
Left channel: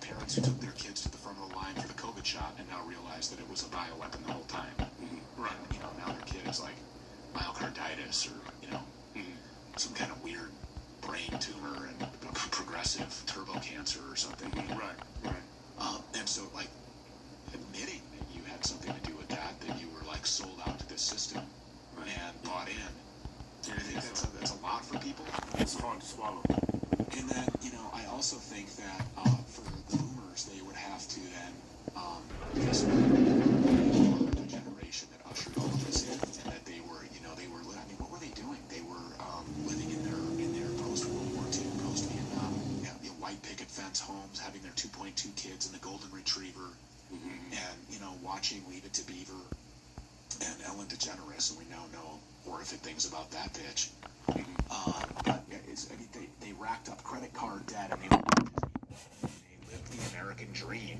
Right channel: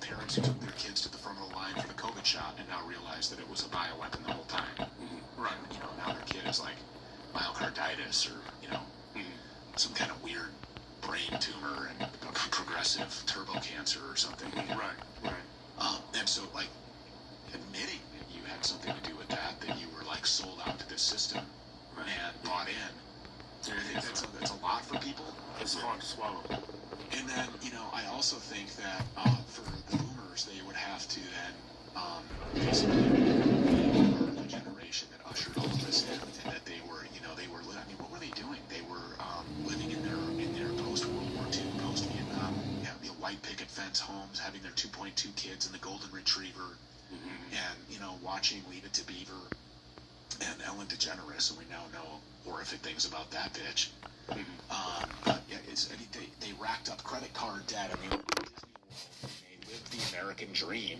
parents who took their kids to the front of the line for the COVID shot and now realize that it was a bioweapon the whole time. Right. Now their kid is like myocarditis or some kind of weird brain tumor and progressive turbo cancer or something. Right. And so, like, admitting that you had something to do with that you were like sold out to this system and bought in. I think that's a lot for people. It's hard to swallow. And then, I also think that for the boomers, they would have to then the generation that ushered all this in, and that they were, what were they doing? They were living in their post-World War II, post-Vietnam, white picket fence homes, having their 2.2 kids and the golden retriever, and watching Leave It to Beaver and Ellen DeGeneres, and we now know horrific things about that bitch. But yeah, they racked up credit card debt. I mean, they lived the American dream.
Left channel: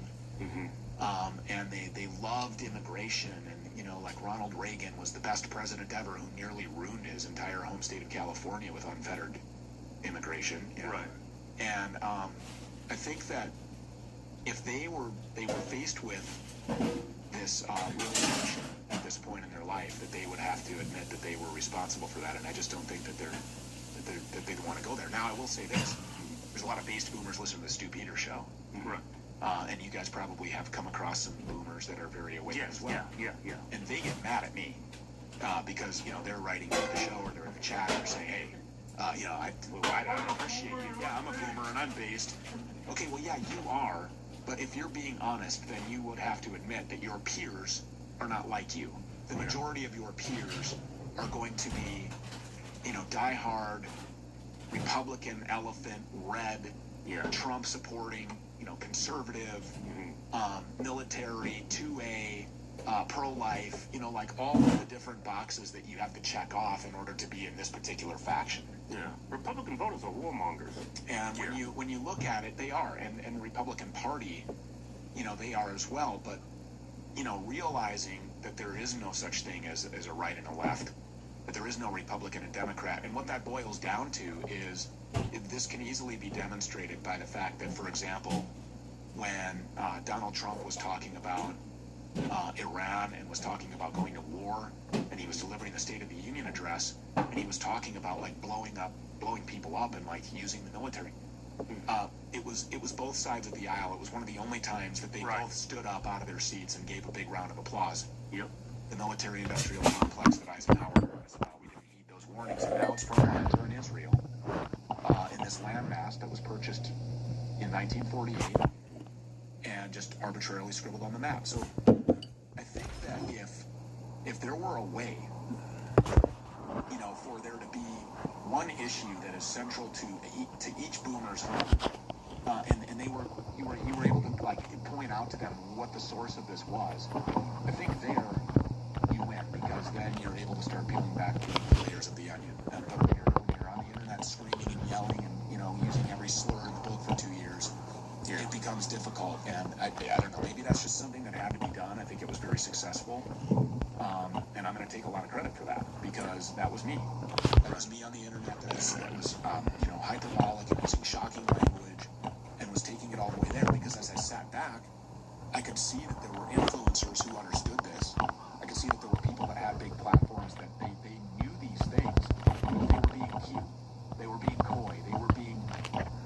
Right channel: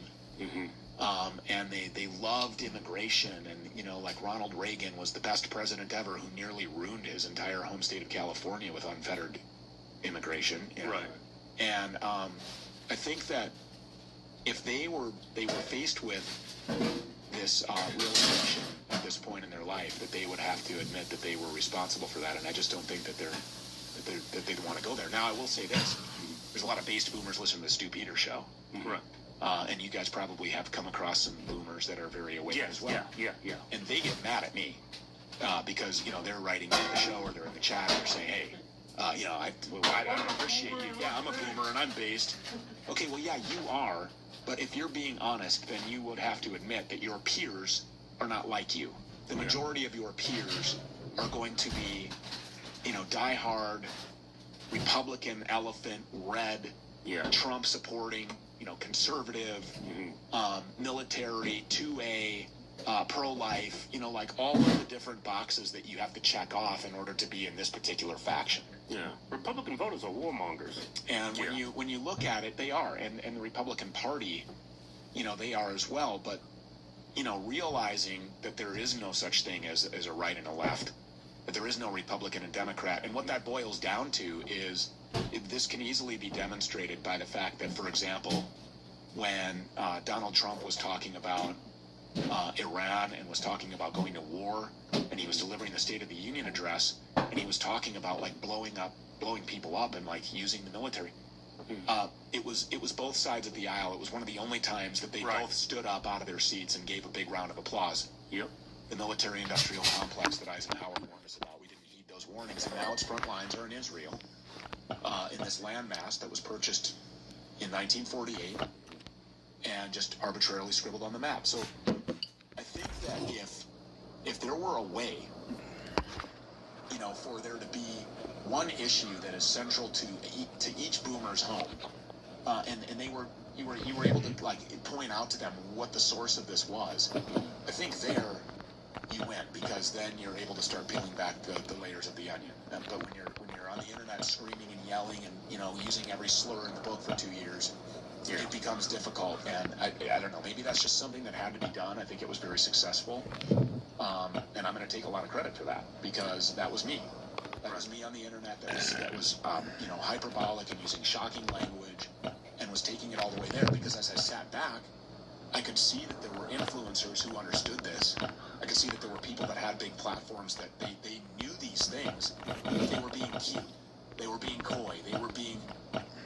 And they loved immigration, and like Ronald Reagan was the best president ever, who nearly ruined his entire home state of California with unfettered immigration. Right. And I think that if they were faced with this realization at this point in their life, that they would have to admit that they were responsible for that, and I just don't think that they'd want to go there. Now, I will say this: there's a lot of based boomers listening to the Stu Peters show. Right. And you guys probably have come across some boomers that are very awake as well. Yeah. And they get mad at me because, they're writing into the show or they're in the chat and they're saying, hey, I don't appreciate you. Yeah, I'm a boomer and I'm based. Okay, well, yeah, you are. But if you're being honest, then you would have to admit that your peers are not like you. The majority of your peers are going to be, diehard, Republican, elephant, red, Trump supporting, conservative, military, 2A, pro-life, like all of the different boxes that you have to check off in order to be in this particular faction. Yeah. Republican voters are warmongers. And when you look at it, they are. And the Republican Party, they are as well. But, realizing that there is no such thing as a right and a left, that there is no Republican and Democrat. And what that boils down to is this can easily be demonstrated by the fact that, for example, when Donald Trump was talking about Iran and was talking about going to war, and he was delivering the State of the Union address, and he was talking about like blowing people up and like using the military. It was both sides of the aisle. It was one of the only times that they both stood up out of their seats and gave a big round of applause. Yep. The military-industrial complex that Eisenhower warned us about. We didn't heed those warnings, and now its front lines are in Israel. In this this landmass that was purchased in 1948 and just arbitrarily scribbled on the map. So I think that if there were a way, you know, for there to be one issue that is central to each boomer's home, and you were able to like point out to them what the source of this was, I think there you win, because then you're able to start peeling back the layers of the onion. But when you're on the internet screaming and yelling and, you know, using every slur in the book for 2 years, it becomes difficult. And I don't know, maybe that's just something that had to be done. I think it was very successful. And I'm going to take a lot of credit for that, because that was me. That was me on the internet that was you know, hyperbolic and using shocking language and was taking it all the way there, because as I sat back, I could see that there were influencers who understood this. I could see that there were people that had big platforms that they knew these things. They were being cute. They were being coy. They were being,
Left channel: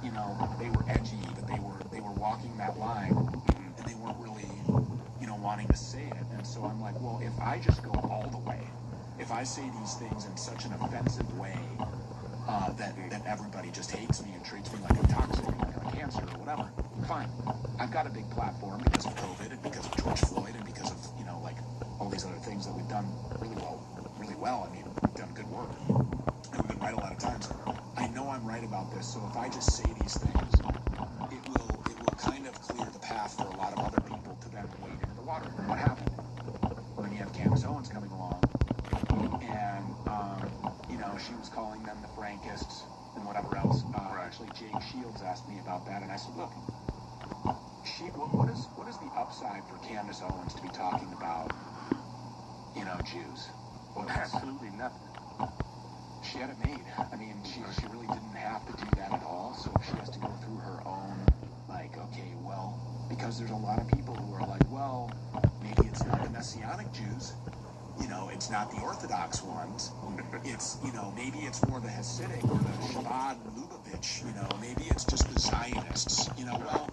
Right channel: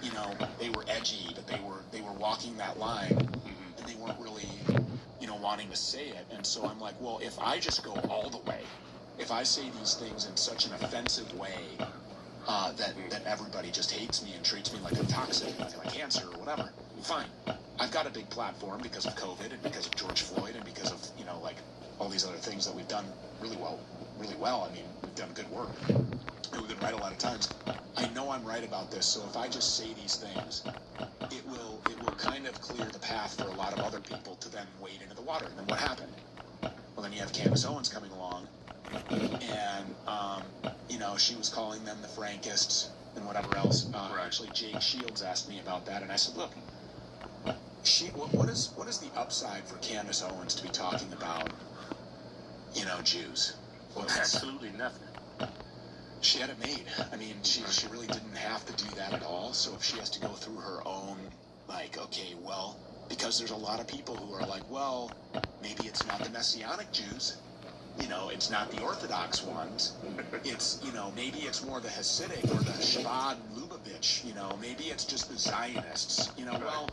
you know, they were edgy, but they were walking that line, and they weren't really, you know, wanting to say it. And so I'm like, well, if I just go all the way, if I say these things in such an offensive way that everybody just hates me and treats me like I'm toxic, like I'm cancer or whatever, fine. I've got a big platform because of COVID and because of George Floyd and because of, you know, like all these other things that we've done really well. I mean, we've done good work. We've been right a lot of times. I know I'm right about this, so if I just say these things, it will kind of clear the path for a lot of other people to then wade into the water. And what happened? Well, then you have Candace Owens coming along, and you know, she was calling them the Frankists and whatever else. Actually, Jake Shields asked me about that, and I said, look, what is the upside for Candace Owens to be talking about, you know, Jews? Well, absolutely nothing. She had it made. I mean, she really didn't have to do that at all. So if she has to go through her own, like, okay, well, because there's a lot of people who are like, well, maybe it's not the Messianic Jews. You know, it's not the Orthodox ones. It's, you know, maybe it's more the Hasidic or the Shabbat Lubavitch. You know, maybe it's just the Zionists. You know, well,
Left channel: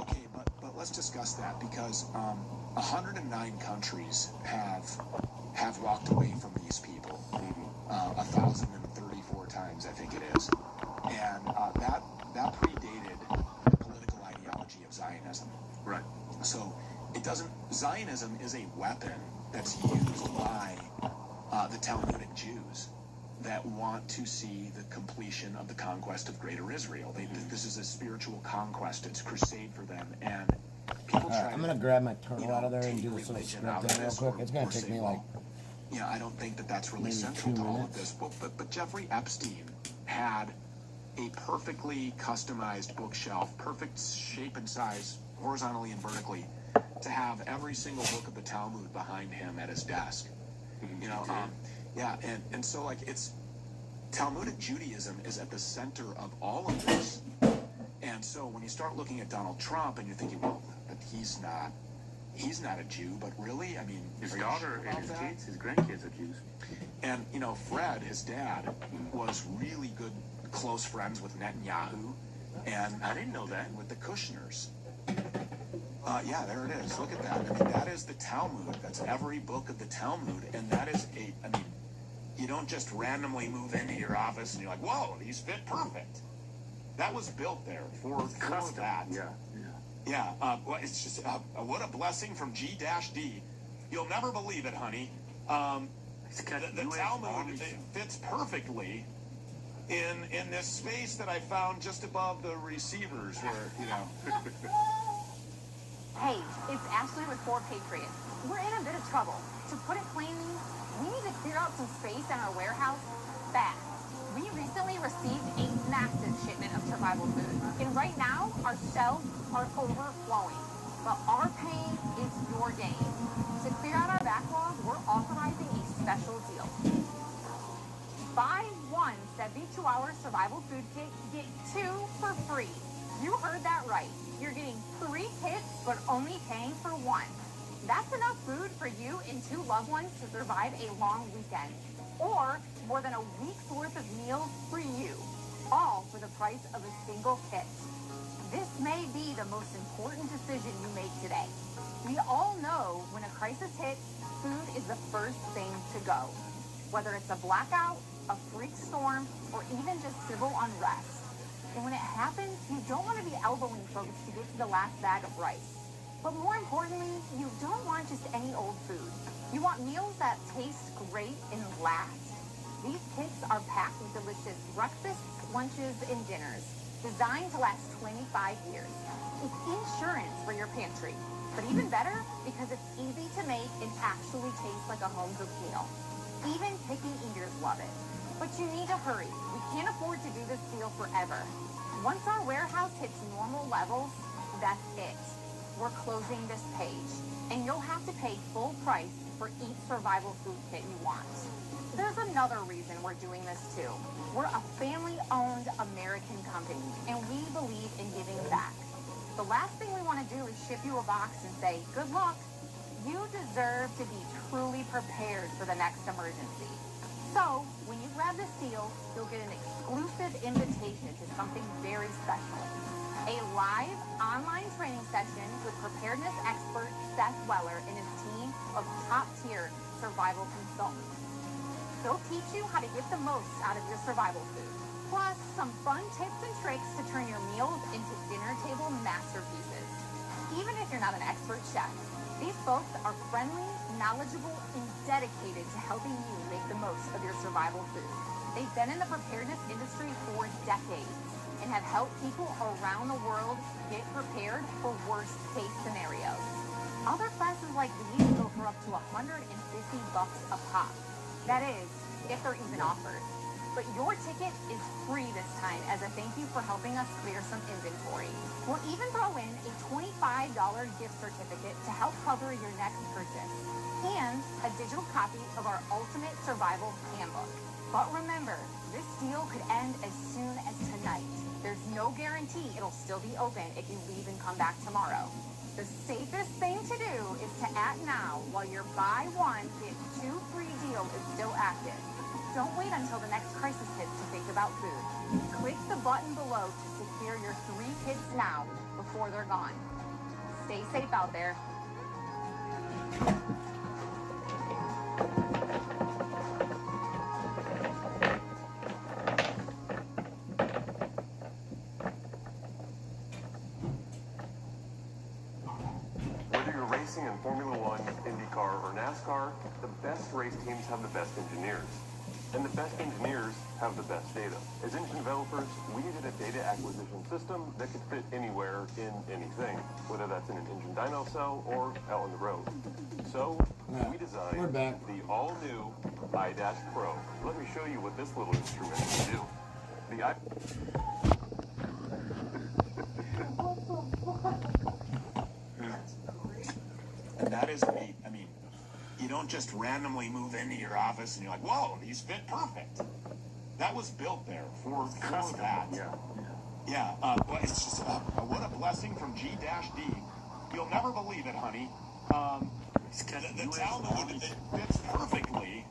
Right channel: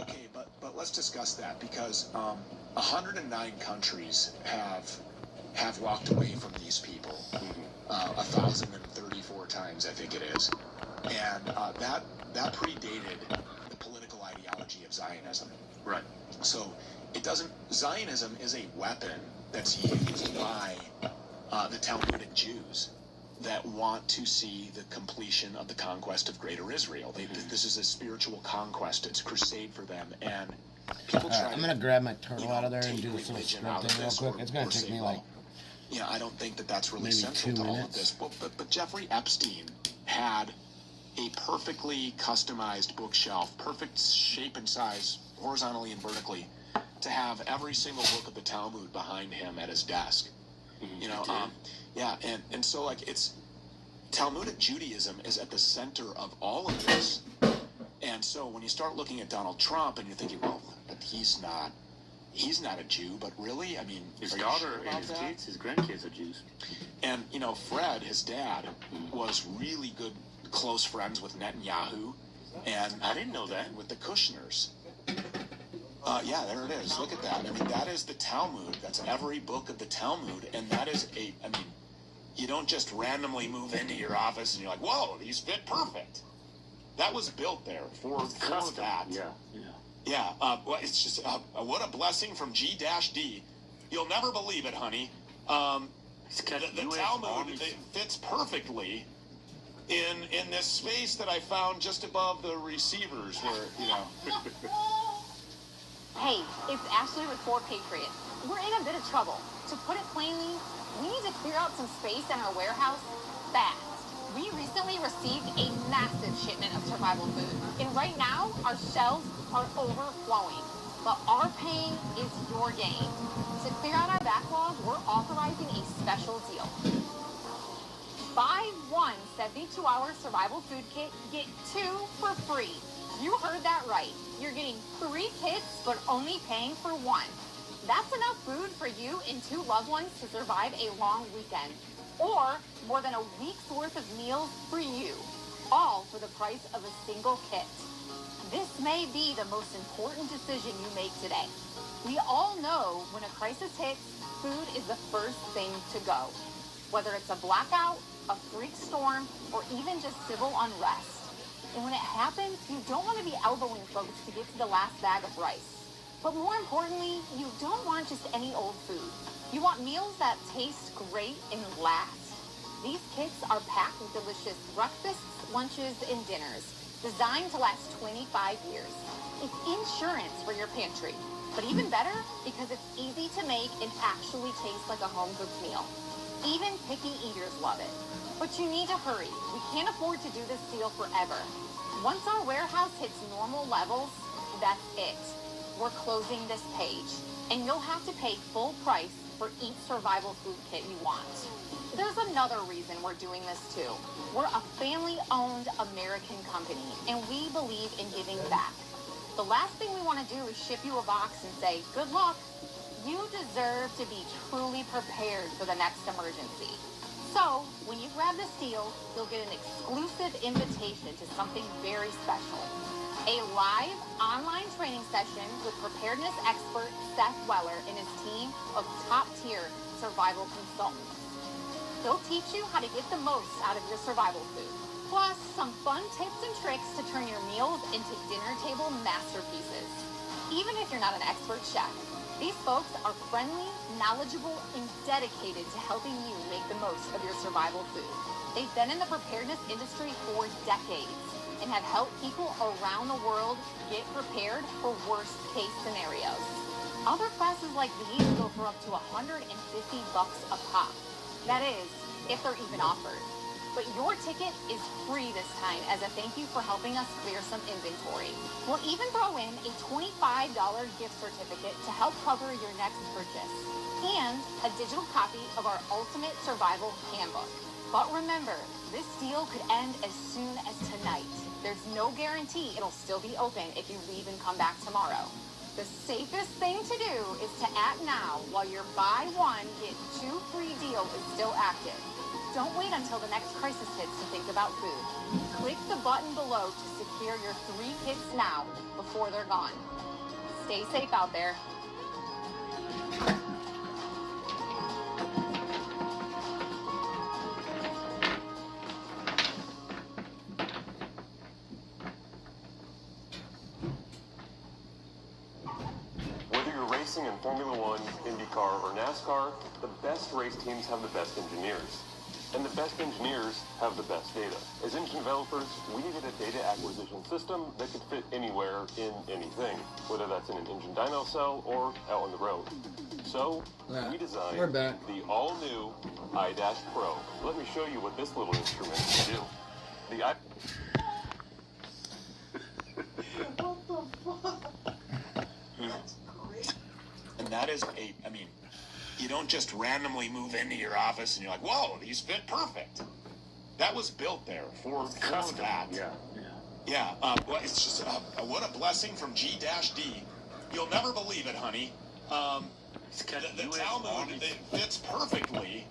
okay, but let's discuss that, because 109 countries have walked away from these people. 1,034 times, I think it is, and that predated the political ideology of Zionism. Right. So it doesn't. Zionism is a weapon that's used by the Talmudic Jews that want to see the completion of the conquest of Greater Israel. This is a spiritual conquest. It's crusade for them, and people try. I'm gonna grab my turtle out of there and do this little script thing real quick. It's gonna take me like. Yeah, I don't think that that's really maybe central 2 to all of minutes. this. But Jeffrey Epstein had a perfectly customized bookshelf, perfect shape and size, horizontally and vertically, to have every single book of the Talmud behind him at his desk. You know, yeah, and so like it's Talmudic Judaism is at the center of all of this. And so when you start looking at Donald Trump and you're thinking, well, but he's not a Jew, but really, I mean, his daughter and his kids, his grandkids are Jews. And, you know, Fred, his dad, was really good, close friends with Netanyahu, and I didn't know that. With the Kushners. Yeah, there it is. Look at that. I mean, that is the Talmud. That's every book of the Talmud, and that is I mean, you don't just randomly move into your office and you're like, whoa, these fit perfect. That was built there for that. Yeah. Yeah, well, it's just what a blessing from G-D. You'll never believe it, honey. The Talmud fits perfectly in this space that I found just above the receivers, where you know. Hey, it's Ashley with 4 Patriots. We're in a bit of trouble. To put it plainly, we need to clear out some space in our warehouse fast. We recently received a massive shipment of survival food, and right now our shelves are overflowing. But our pain is your gain. To clear out our backlog, we're authorizing a special deal. Buy one 72-hour survival food kit, get 2 for free. You heard that right. You're getting 3 kits, but only paying for 1. That's enough food for you and 2 loved ones to survive a long weekend. Or more than a week's worth of meals for you, all for the price of a single kit. This may be the most important decision you make today. We all know when a crisis hits, food is the first thing to go. Whether it's a blackout, a freak storm, or even just civil unrest. happens, you don't want to be elbowing folks to get to the last bag of rice. But more importantly, you don't want just any old food. You want meals that taste great and last. These kits are packed with delicious breakfasts, lunches, and dinners, designed to last 25 years. It's insurance for your pantry, but even better because it's easy to make and actually tastes like a home-cooked meal. Even picky eaters love it. But you need to hurry. We can't afford to do this deal forever. Once our warehouse hits normal levels, that's it. We're closing this page, and you'll have to pay full price for each survival food kit you want. There's another reason we're doing this too. We're a family-owned American company, and we believe in giving back. The last thing we want to do is ship you a box and say, good luck. You deserve to be truly prepared for the next emergency. So, when you grab this deal, you'll get an exclusive invitation to something very special. A live online training session with preparedness expert Seth Weller and his team of top-tier survival consultants. They'll teach you how to get the most out of your survival food, plus some fun tips and tricks to turn your meals into dinner table masterpieces. Even if you're not an expert chef, these folks are friendly, knowledgeable, and dedicated to helping you make the most of your survival food. They've been in the preparedness industry for decades and have helped people around the world get prepared for worst-case scenarios. Other classes like these go for up to $150 a pop. That is, if they're even offered. But your ticket is free this time as a thank you for helping us clear some inventory. We'll even throw in a $25 gift certificate to help cover your next purchase, and a digital copy of our Ultimate Survival Handbook. But remember, this deal could end as soon as tonight. There's no guarantee it'll still be open if you leave and come back tomorrow. The safest thing to do is to act now while your buy one, get two free deal is still active. Don't wait until the next crisis hits to think about food. Click the button below to secure your 3 kits now before they're gone. Stay safe out there. Racing in Formula One, IndyCar, or NASCAR, the best race teams have the best engineers. And the best engineers have the best data. As engine developers, we needed a data acquisition system that could fit anywhere in anything, whether that's in an engine dyno cell or out on the road. So, we designed the all-new iDash Pro. Let me show you what this little instrument can do. The And that is I mean, you don't just randomly move into your office and you're like, whoa, these fit perfect. That was built there for that. Yeah. Well, it's just, what a blessing from G-D. You'll never believe it, honey. The Talmud, it fits perfectly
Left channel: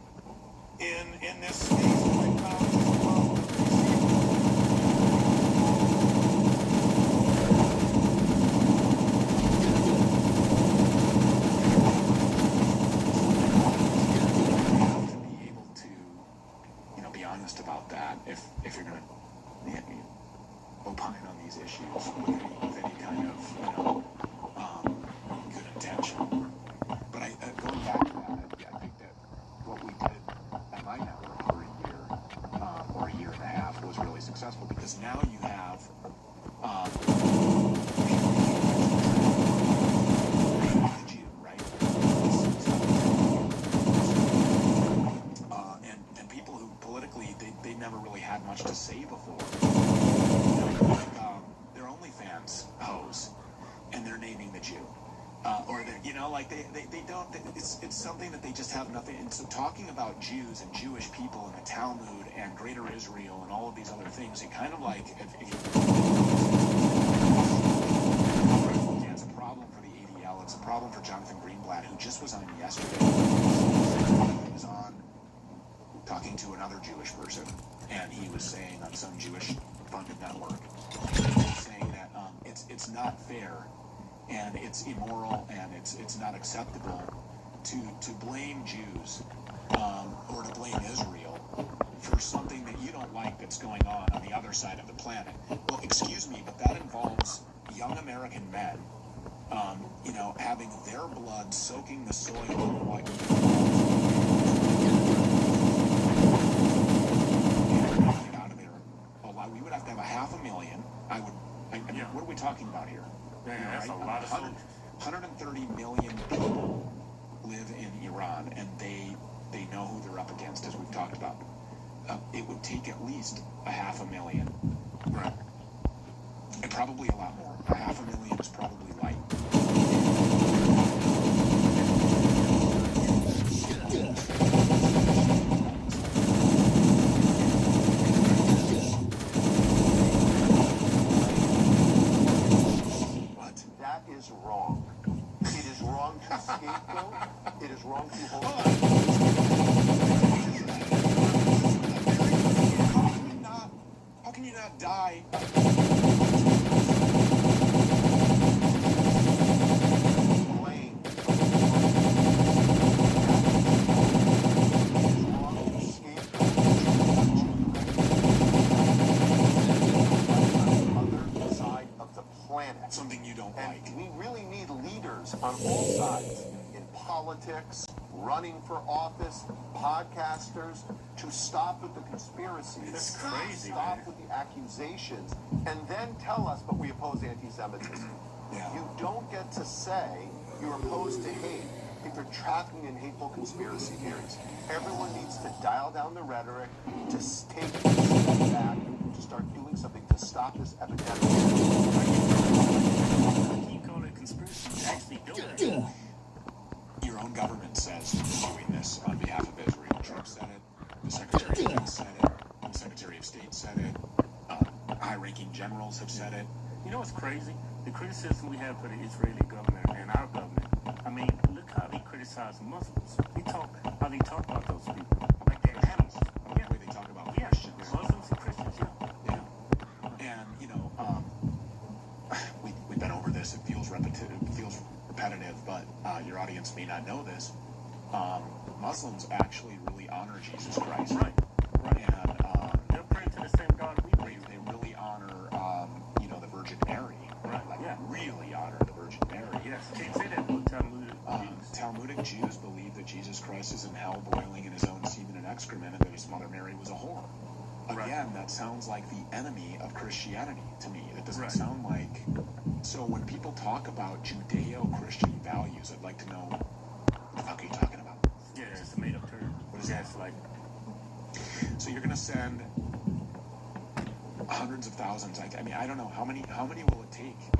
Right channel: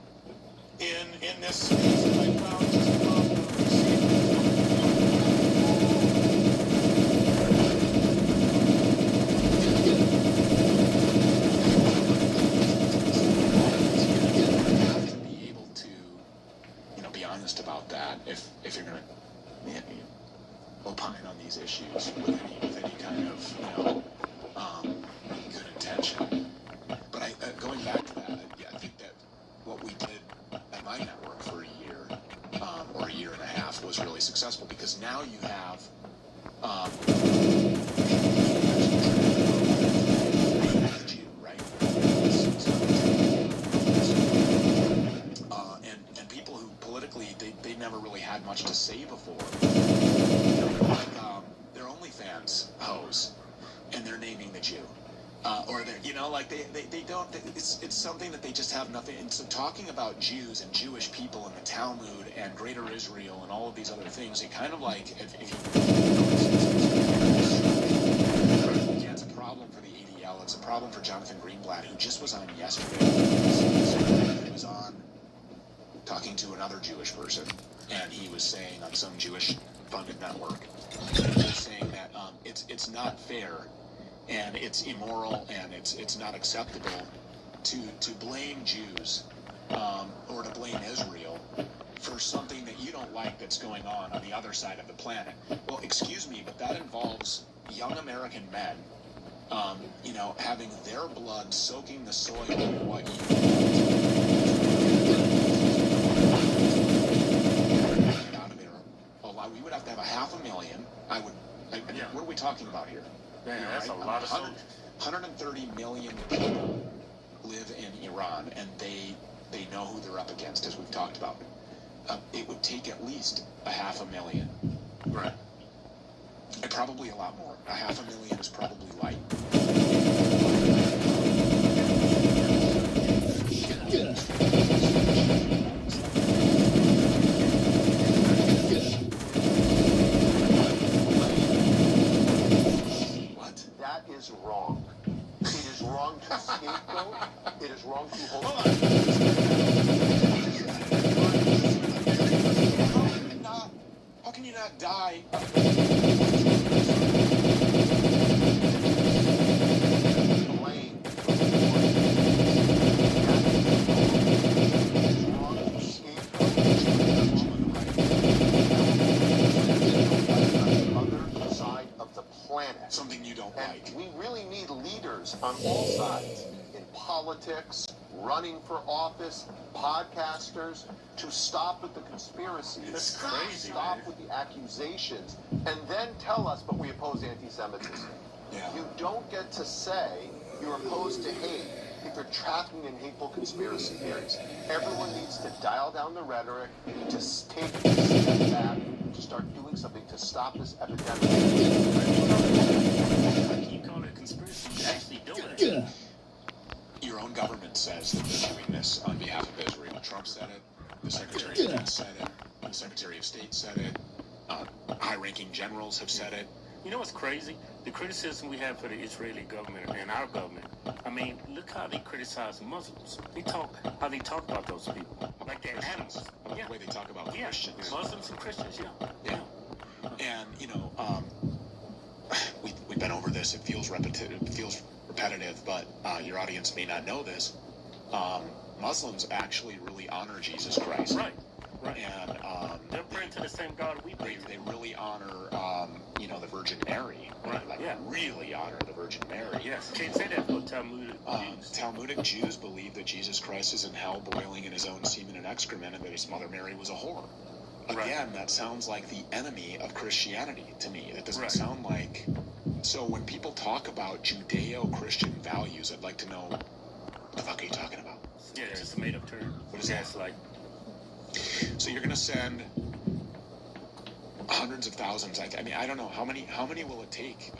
in this space. About that, if you're going to opine on these issues with any kind of good intention. But going back to that, I think that what we did at my network for a year or a year and a half was really successful because now you have they never really had much to say before. They're OnlyFans hoes, and they're naming the Jew, or they're they don't. It's something that they just have nothing. And so talking about Jews and Jewish people and the Talmud and Greater Israel and all of these other things, it kind of like if yeah, it's a problem for the ADL. It's a problem for Jonathan Greenblatt, who just was on yesterday. He was on talking to another Jewish person, and he was saying on some Jewish-funded network, he was saying that it's not fair, and it's immoral, and it's not acceptable to blame Jews or to blame Israel for something that you don't like that's going on the other side of the planet. Well, excuse me, but that involves young American men, you know, having their blood soaking the soil of what out of there. We would have to have 500,000. What are we talking about here? Yeah, that's a lot of 130 million people live in Iran, and they know who they're up against, as we've talked about. It would take at least 500,000. Right. And probably a lot more. 500,000 is probably light. What? That is wrong. It is wrong to scapegoat. It is wrong to hold. How can you not die? Something you don't like. We really need leaders on both sides, in politics, running for office, podcasters, to stop with the conspiracies. It's crazy, Stop man. with the accusations, and then tell us, but we oppose anti-Semitism. Yeah. You don't get to say you're opposed to hate if you're tracking in hateful conspiracy theories. Everyone needs to dial down the rhetoric, to take a step back, to start doing something to stop this epidemic. Your own government says that they're doing this on behalf of Israel. Trump said it. The Secretary of State said it. The Secretary of State said it. High-ranking generals have said it. You know what's crazy? The criticism we have for the Israeli government and our government. I mean, look how they criticize Muslims. How they talk about those people. Like they're animals. The way they talk about Christians. Muslims and Christians, yeah. And, you know, we've been over this. It feels repetitive, but your audience may not know this. Muslims actually really honor Jesus Christ. Right. And they're praying to the same God we pray to. They really honor, you know, the Virgin Mary. Right. Like, really honor the Virgin Mary. Yes. Can't say that for Talmudic Jews. Talmudic Jews believe that Jesus Christ is in hell boiling in his own semen and excrement, and that his mother Mary was a whore. Again, that sounds like the enemy of Christianity to me. That doesn't sound like... So when people talk about Judeo-Christian values, I'd like to know, what the fuck are you talking about? Yeah, it's just a made-up term. What is that? It's like... So you're going to send hundreds of thousands. I mean, I don't know. How many will it take?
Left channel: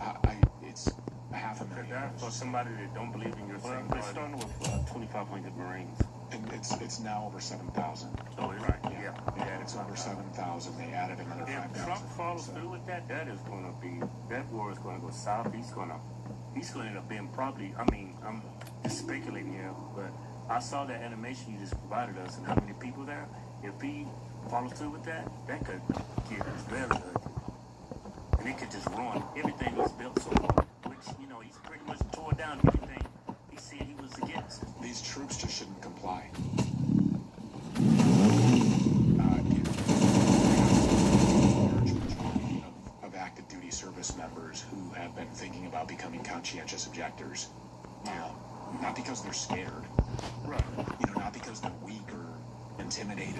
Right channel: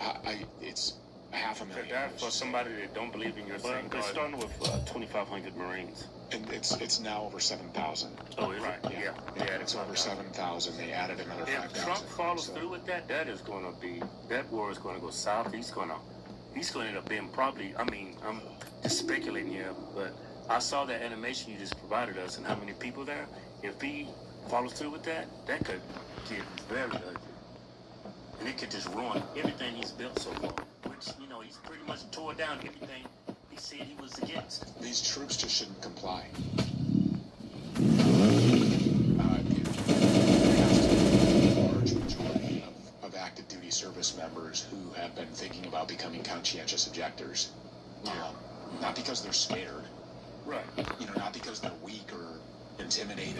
It's 500,000. For somebody that don't believe in your same God. They're starting with 2,500 Marines. And it's now over 7,000. Oh, right. Yeah. It's over 7,000. They added another 5,000. If Trump follows through with that, that war is going to go south. He's going to end up being probably, I mean, I'm just speculating here, but I saw that animation you just provided us and how many people there. If he follows through with that, that could get very ugly. And it could just ruin everything he's built so far, which, you know, he's pretty much tore down everything he said he was against. These troops just shouldn't comply. Large majority of active duty service members who have been thinking about becoming conscientious objectors. Not because they're scared. Right. You know, not because they're weak or intimidated.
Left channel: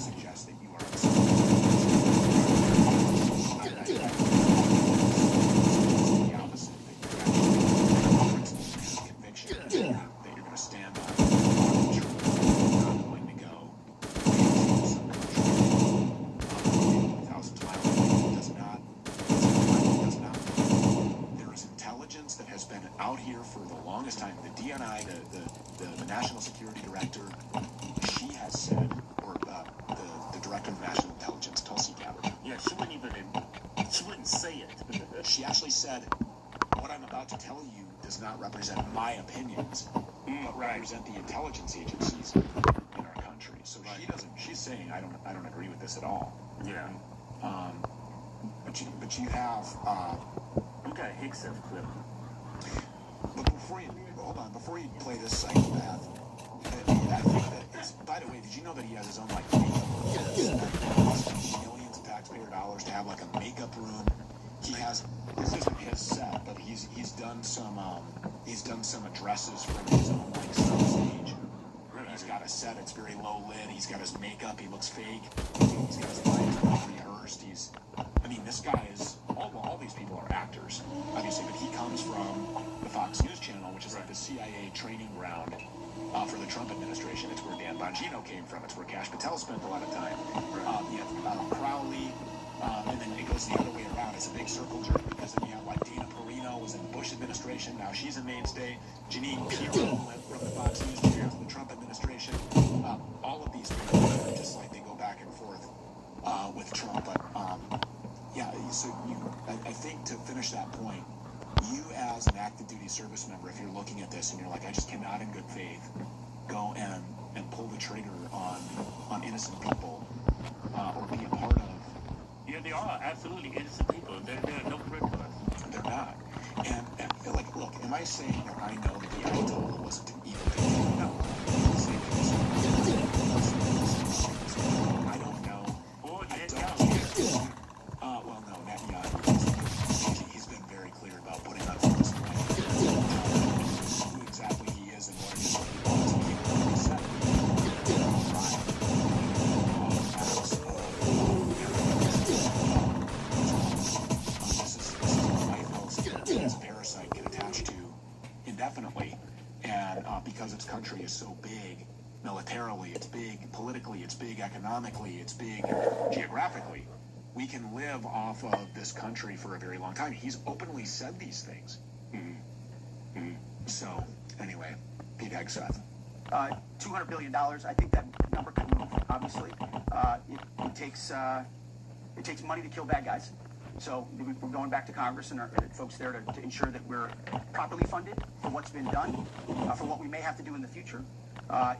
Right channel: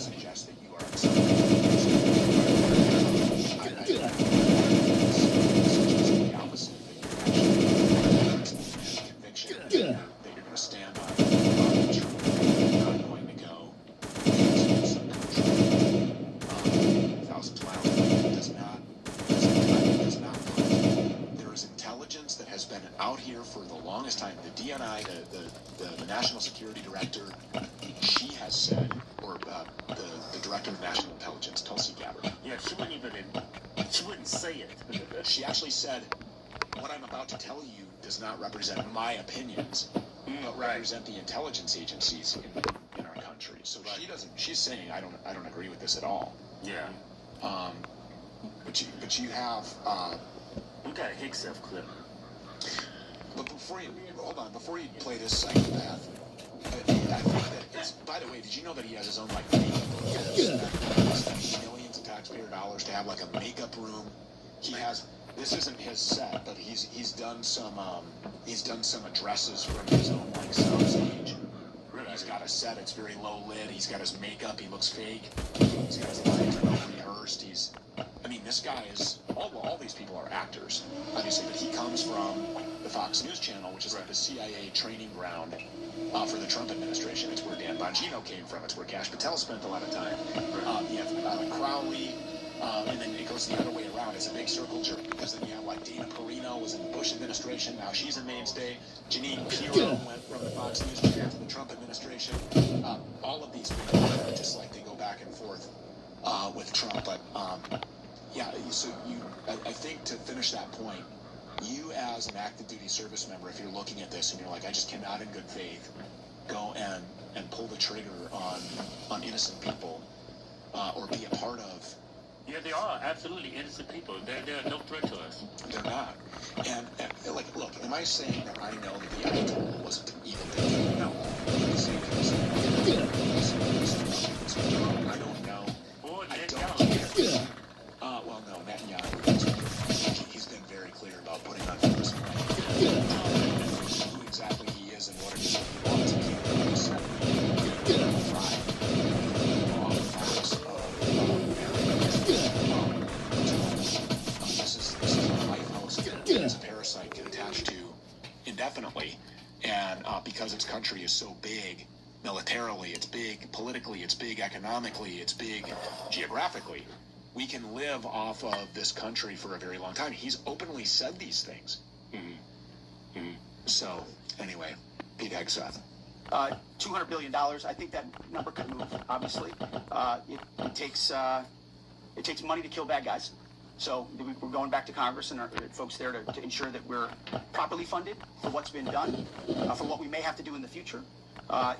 Suggest that you are conviction that you're going to stand up, that you're not going to go thousands of miles. Does not. There is intelligence that has been out here for the longest time. The DNI, the National Security Director, she has said, or the Director of National Intelligence, Tulsi Gabbard. Yeah, she wouldn't say it. She actually said, what I'm about to tell you does not represent my opinions, but represent the intelligence agencies in our country. So she's saying, I don't agree with this at all. Yeah. But you have... you got a Hickson clip. But before you play this psychopath, I think that is, by the way, did you know that he has his own like millions of taxpayer dollars to have like a makeup room? He has, this isn't his set, but he's done some addresses for his own like stage. He's got a set, it's very low lit, he's got his makeup, he looks fake, he's got his lines rehearsed, I mean, this guy is, all these people are actors, obviously, but he comes from the Fox News Channel, which is like the CIA training ground for the Trump administration. It's where Dan Bongino came from, it's where Kash Patel spent a lot of time. You have Crowley, and then it goes the other way around. It's a big circle jerk because then you have like Dana Perino was in the Bush administration, now she's a mainstay. Janine Pirro went from the Fox News Channel to the Trump administration. All of these people, just like they go back and forth with Trump. But yeah, so I think to finish that point, you as an active duty service member, if you're looking at this and you're like, I just cannot in good faith go and pull the trigger on innocent people or be a part of. Yeah, they are absolutely innocent people. They're no threat to us. They're not. And like, look, am I saying that I know that the Ayatollah wasn't evil? No. I don't know. Or I don't. Well, no, Netanyahu. He's been very clear about putting on force. Who exactly he is and what he wants to this parasite can attach to indefinitely, and because its country is so big militarily, it's big politically, it's big economically, it's big geographically, we can live off of this country for a very long time. He's openly said these things. So anyway, Pete Seth. $200 billion. I think that number can move. Obviously, it takes money to kill bad guys. So we're going back to Congress and our folks there to ensure that we're properly funded for what's been done, for what we may have to do in the future.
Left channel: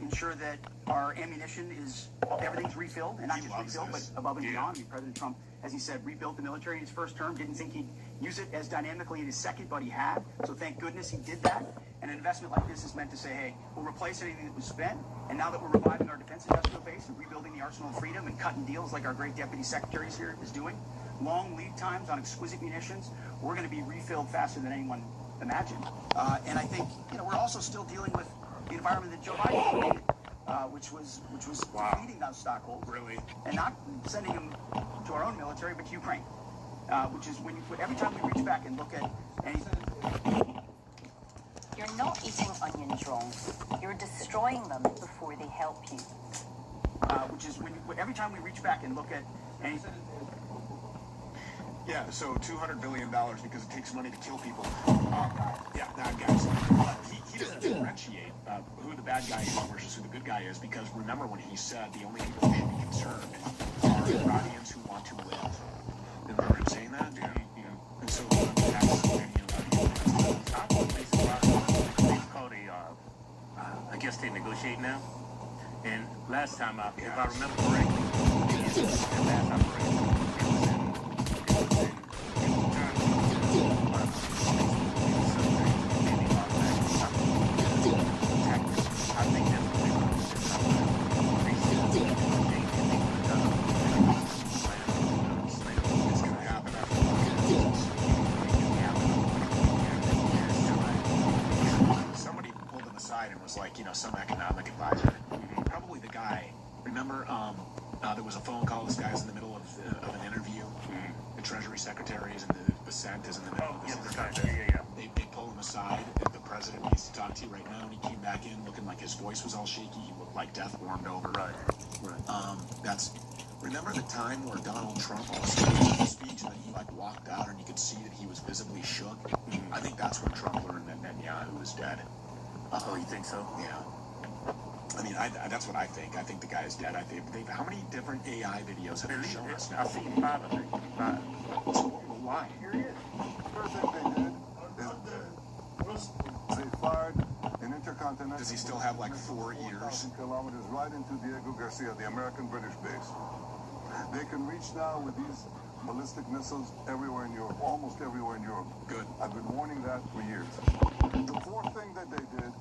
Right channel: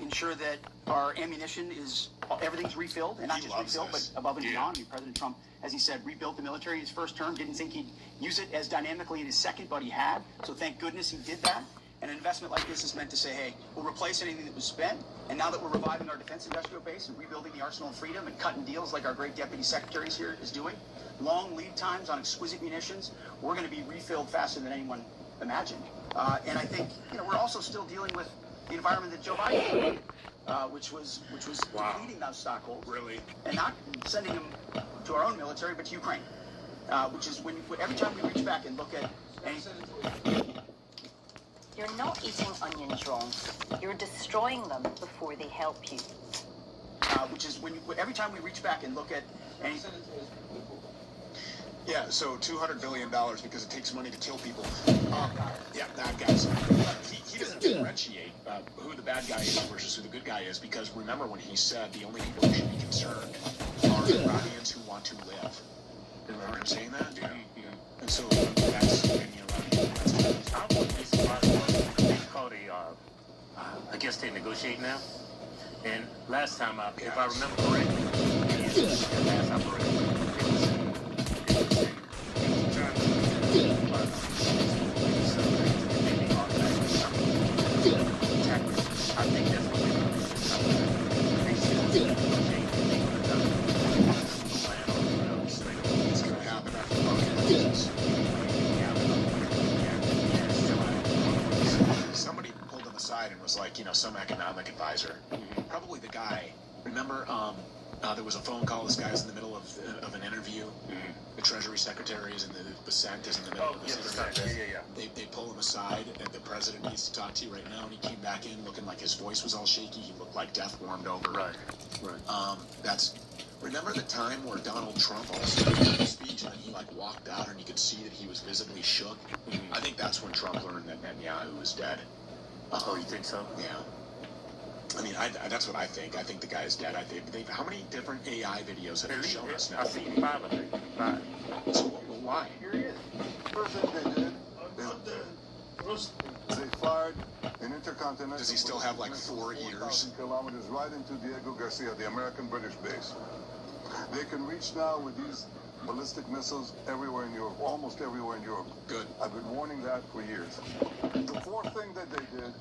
Ensure that our ammunition is, everything's refilled, and not just refilled, but above and beyond. I mean, President Trump, as he said, rebuilt the military in his first term, didn't think he'd use it as dynamically in his second, but he had. So thank goodness he did that. And an investment like this is meant to say, hey, we'll replace anything that was spent, and now that we're reviving our defense industrial base and rebuilding the arsenal of freedom and cutting deals like our great deputy secretary here is doing, long lead times on exquisite munitions, we're going to be refilled faster than anyone imagined. And I think, we're also still dealing with the environment that Joe Biden created, which was defeating those stockholders, really, and not sending them to our own military, but to Ukraine, which is every time we reach back and look at anything. You're not eating onions wrong. You're destroying them before they help you. Which is every time we reach back and look at anything. Yeah, so $200 billion because it takes money to kill people. Yeah, bad guys. He doesn't differentiate who the bad guy is versus who the good guy is, because remember when he said the only people who should be concerned are Iranians who want to live. Remember him saying that? And so that's I guess they negotiate now. And last time, if I remember correctly, somebody pulled him aside and was like, some economic advisor, probably the guy. Remember, there was a phone call. This guy's in the middle of an interview. The Treasury Secretaries and the Senate is in the middle. They pull him aside, and the president needs to talk to you right now. And he came back in looking like his voice was all shaky. He looked like death warmed over. Right. Remember the time where Donald Trump also gave a speech and then he walked out and you could see that he was visibly shook? I think that's when Trump learned that Netanyahu was dead. Oh, you think so? Yeah. I mean, that's what I think. I think the guy's dead. How many different AI videos have they shown us now? I've seen 5 of them. So, why? Here he is. They fired an intercontinental. Does he still have 4 years? Kilometers right into Diego Garcia, the American-British base. They can reach now with these ballistic missiles everywhere in Europe, almost everywhere in Europe. Good. I've been warning that for years. The fourth thing that they did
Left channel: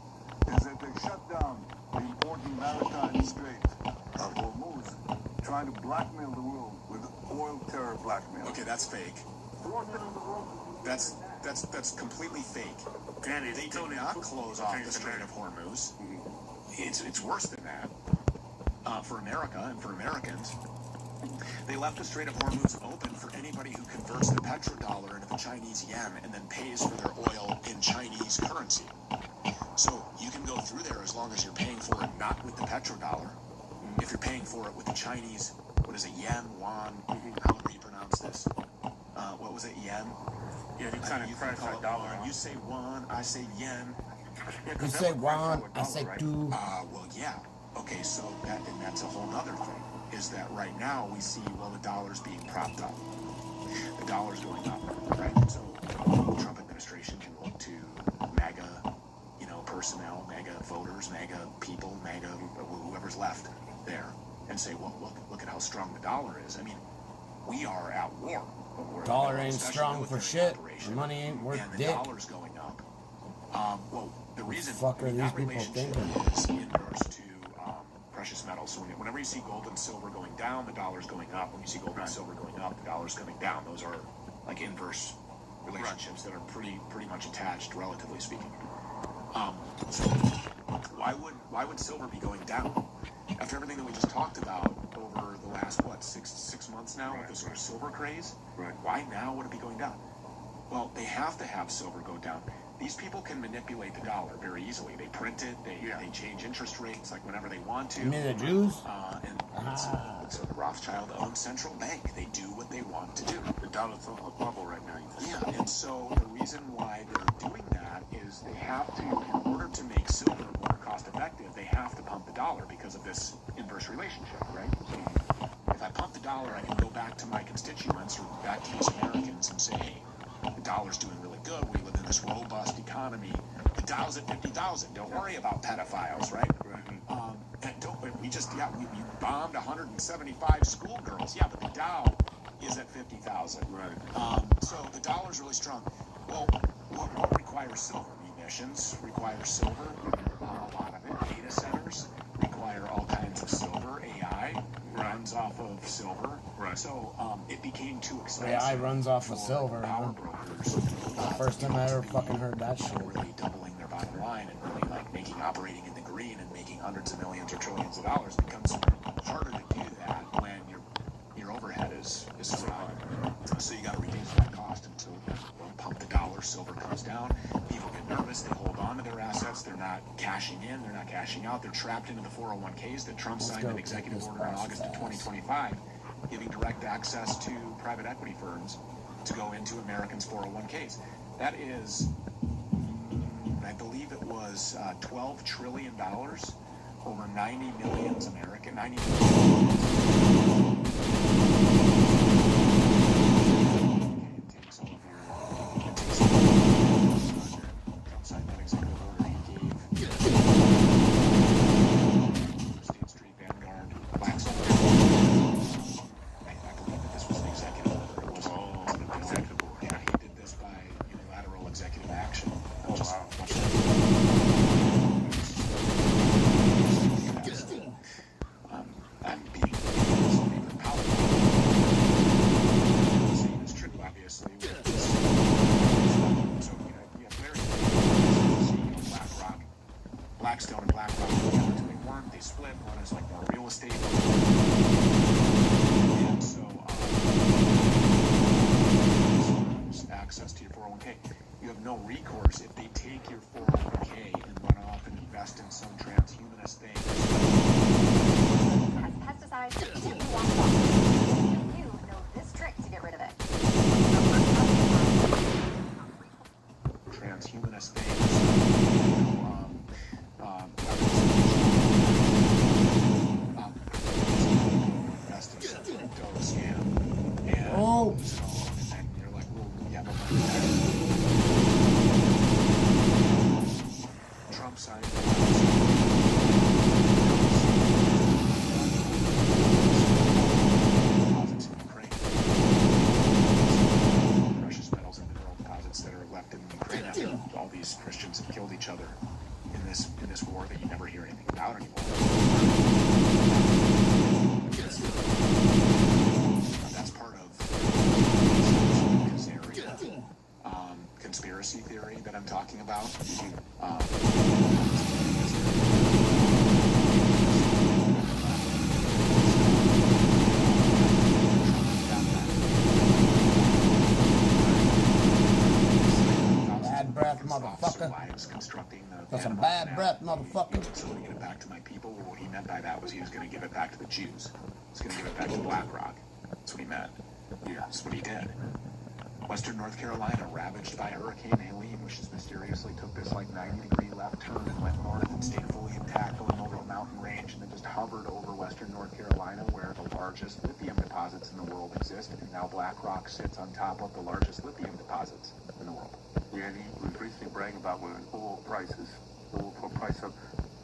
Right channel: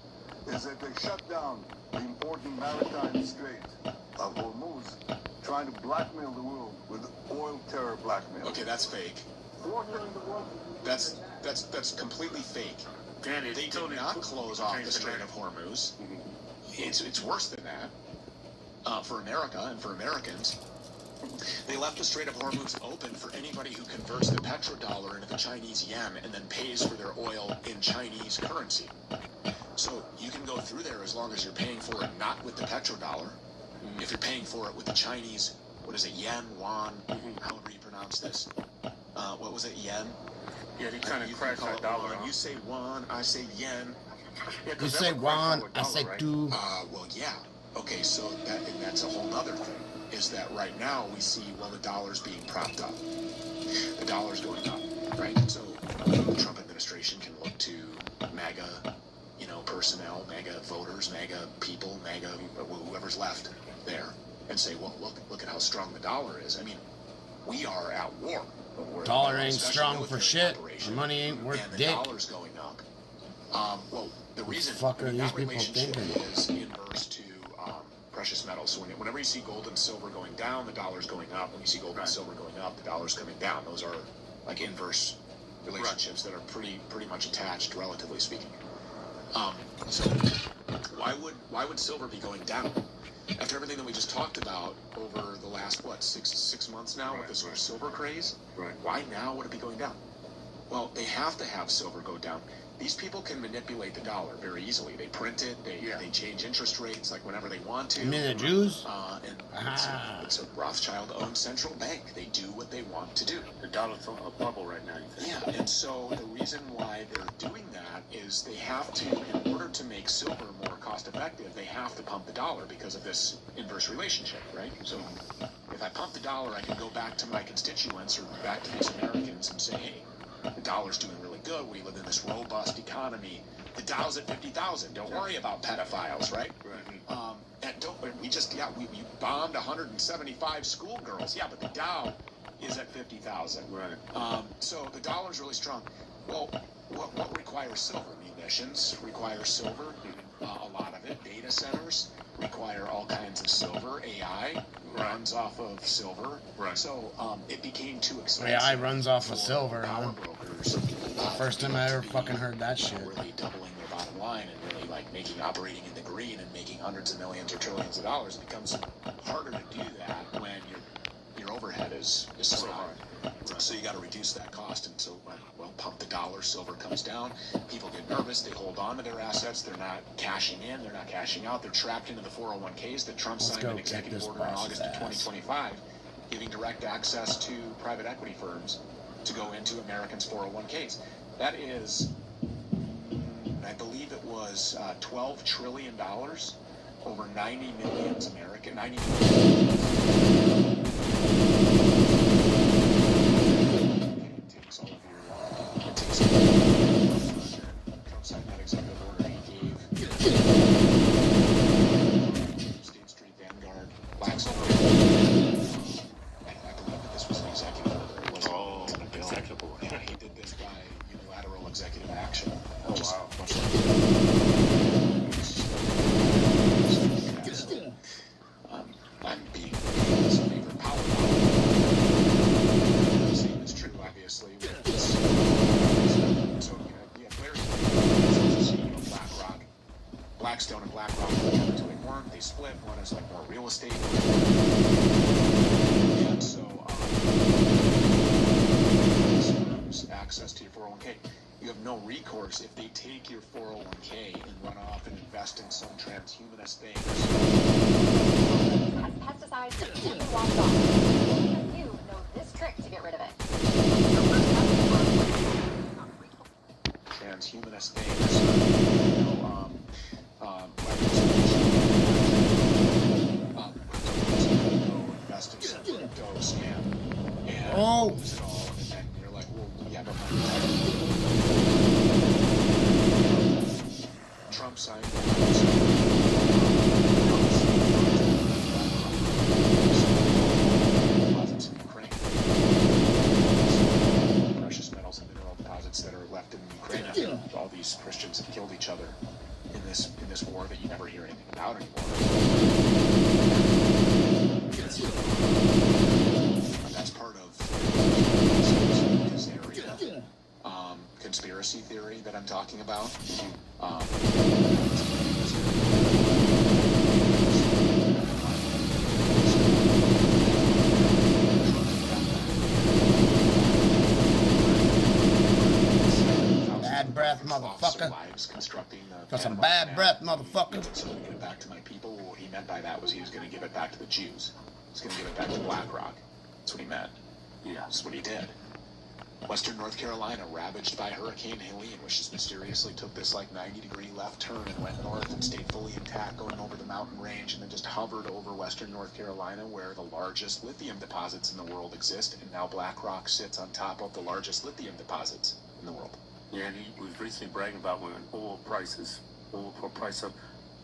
is that they shut down the important maritime strait of Hormuz, trying to blackmail the world with oil terror blackmail. Okay, that's fake. That's completely fake. And they did not close off the Strait of Hormuz. It's worse than that. For America and for Americans, they left the Strait of Hormuz open for anybody who converts the petrodollar into the Chinese yen and then pays for their oil in Chinese currency. So you can go through there as long as you're paying for it not with the petrodollar. If you're paying for it with the Chinese, what is it, yen, yuan, however you pronounce this. What was it, yen? Yeah, they kind of crash that dollar. You say yuan, I say yen. Yeah, You say yuan, I say two. Well, yeah. Okay, so that's a whole other thing. Is that right now we see, well, the dollar's being propped up. The dollar's going up, right? And so the Trump administration can look to MAGA, personnel, MAGA voters, MAGA people, MAGA, whoever's left there, and say, well, look at how strong the dollar is. I mean, we are at war. Dollar ain't strong for shit. The money ain't worth and the dick. dollar's going up. Well, the reason What the fuck are these that people relationship thinking? is inverse to precious metals. So whenever you see gold and silver going down, the dollar's going up. When you see gold and silver going up, the dollar's coming down. Those are like inverse relationships that are pretty much attached, relatively speaking. So why would silver be going down after everything that we just talked about over the last six months now with this sort of silver craze? Right. Why now would it be going down? Well, they have to have silver go down. These people can manipulate the dollar very easily. They print it. They change interest rates like whenever they want to. You mean the Jews? It's a Rothschild-owned central bank. They do what they want to do. The dollar's on a bubble right now. Yeah, and so the reason why they're doing that is they have to, in order to make silver more cost-effective, they have to pump the dollar because of this inverse relationship, right? So if I pump the dollar, I can go back to my constituents or back to these Americans and say, hey, the dollar's doing really good. We live in this robust economy. The Dow's at 50,000. Don't worry about pedophiles, right? And we bombed 175 schoolgirls. Yeah, but the Dow is at 50,000. Right. So the dollar's really strong. Well, what requires silver? Munitions require silver. A lot of it. Data centers require all kinds of silver. AI runs off of silver. Right. So it became too expensive. AI runs off of silver, huh? First time I ever fucking heard that shit. Really doubling their bottom line and really operating in the green and making hundreds of millions or trillions of dollars. It becomes harder to do that when your overhead is so high. So you got to reduce that cost, and so pump the dollar. Silver comes down. People get nervous. They hold on to their assets. They're not cashing in. They're not cashing out. They're trapped into the 401ks that Trump signed an executive order in August of 2025, giving direct access to private equity firms to go into Americans' 401ks. That is, I believe it was $12 trillion, over 90 million American, 90 million. Blackstone and BlackRock they split. One is like more real estate. And so access to your 401k. You have no recourse if they take your 401k and run off and invest in some transhumanist thing. Pesticides. You know this trick to get rid of it. Transhumanist things. Oh! Trump signed. Precious metals and mineral deposits that are left in Ukraine. All these Christians have killed each other in this war that you never hear anything about anymore. talking about. Bad breath, motherfucker. For some bad breath, motherfucker. So to give it back to my people, what he meant by that was he was going to give it back to the Jews. He's going to give it back to BlackRock. That's what he meant. Yeah, that's what he did. Western North Carolina ravaged by Hurricane Helene, which just mysteriously took this like 90-degree left turn and went north and stayed fully intact going over the mountain range and then just hovered over Western North Carolina where the largest lithium deposits in the world exist, and now BlackRock sits on top of the largest lithium deposits in the world. Yeah, and he was recently bragging about when oil price up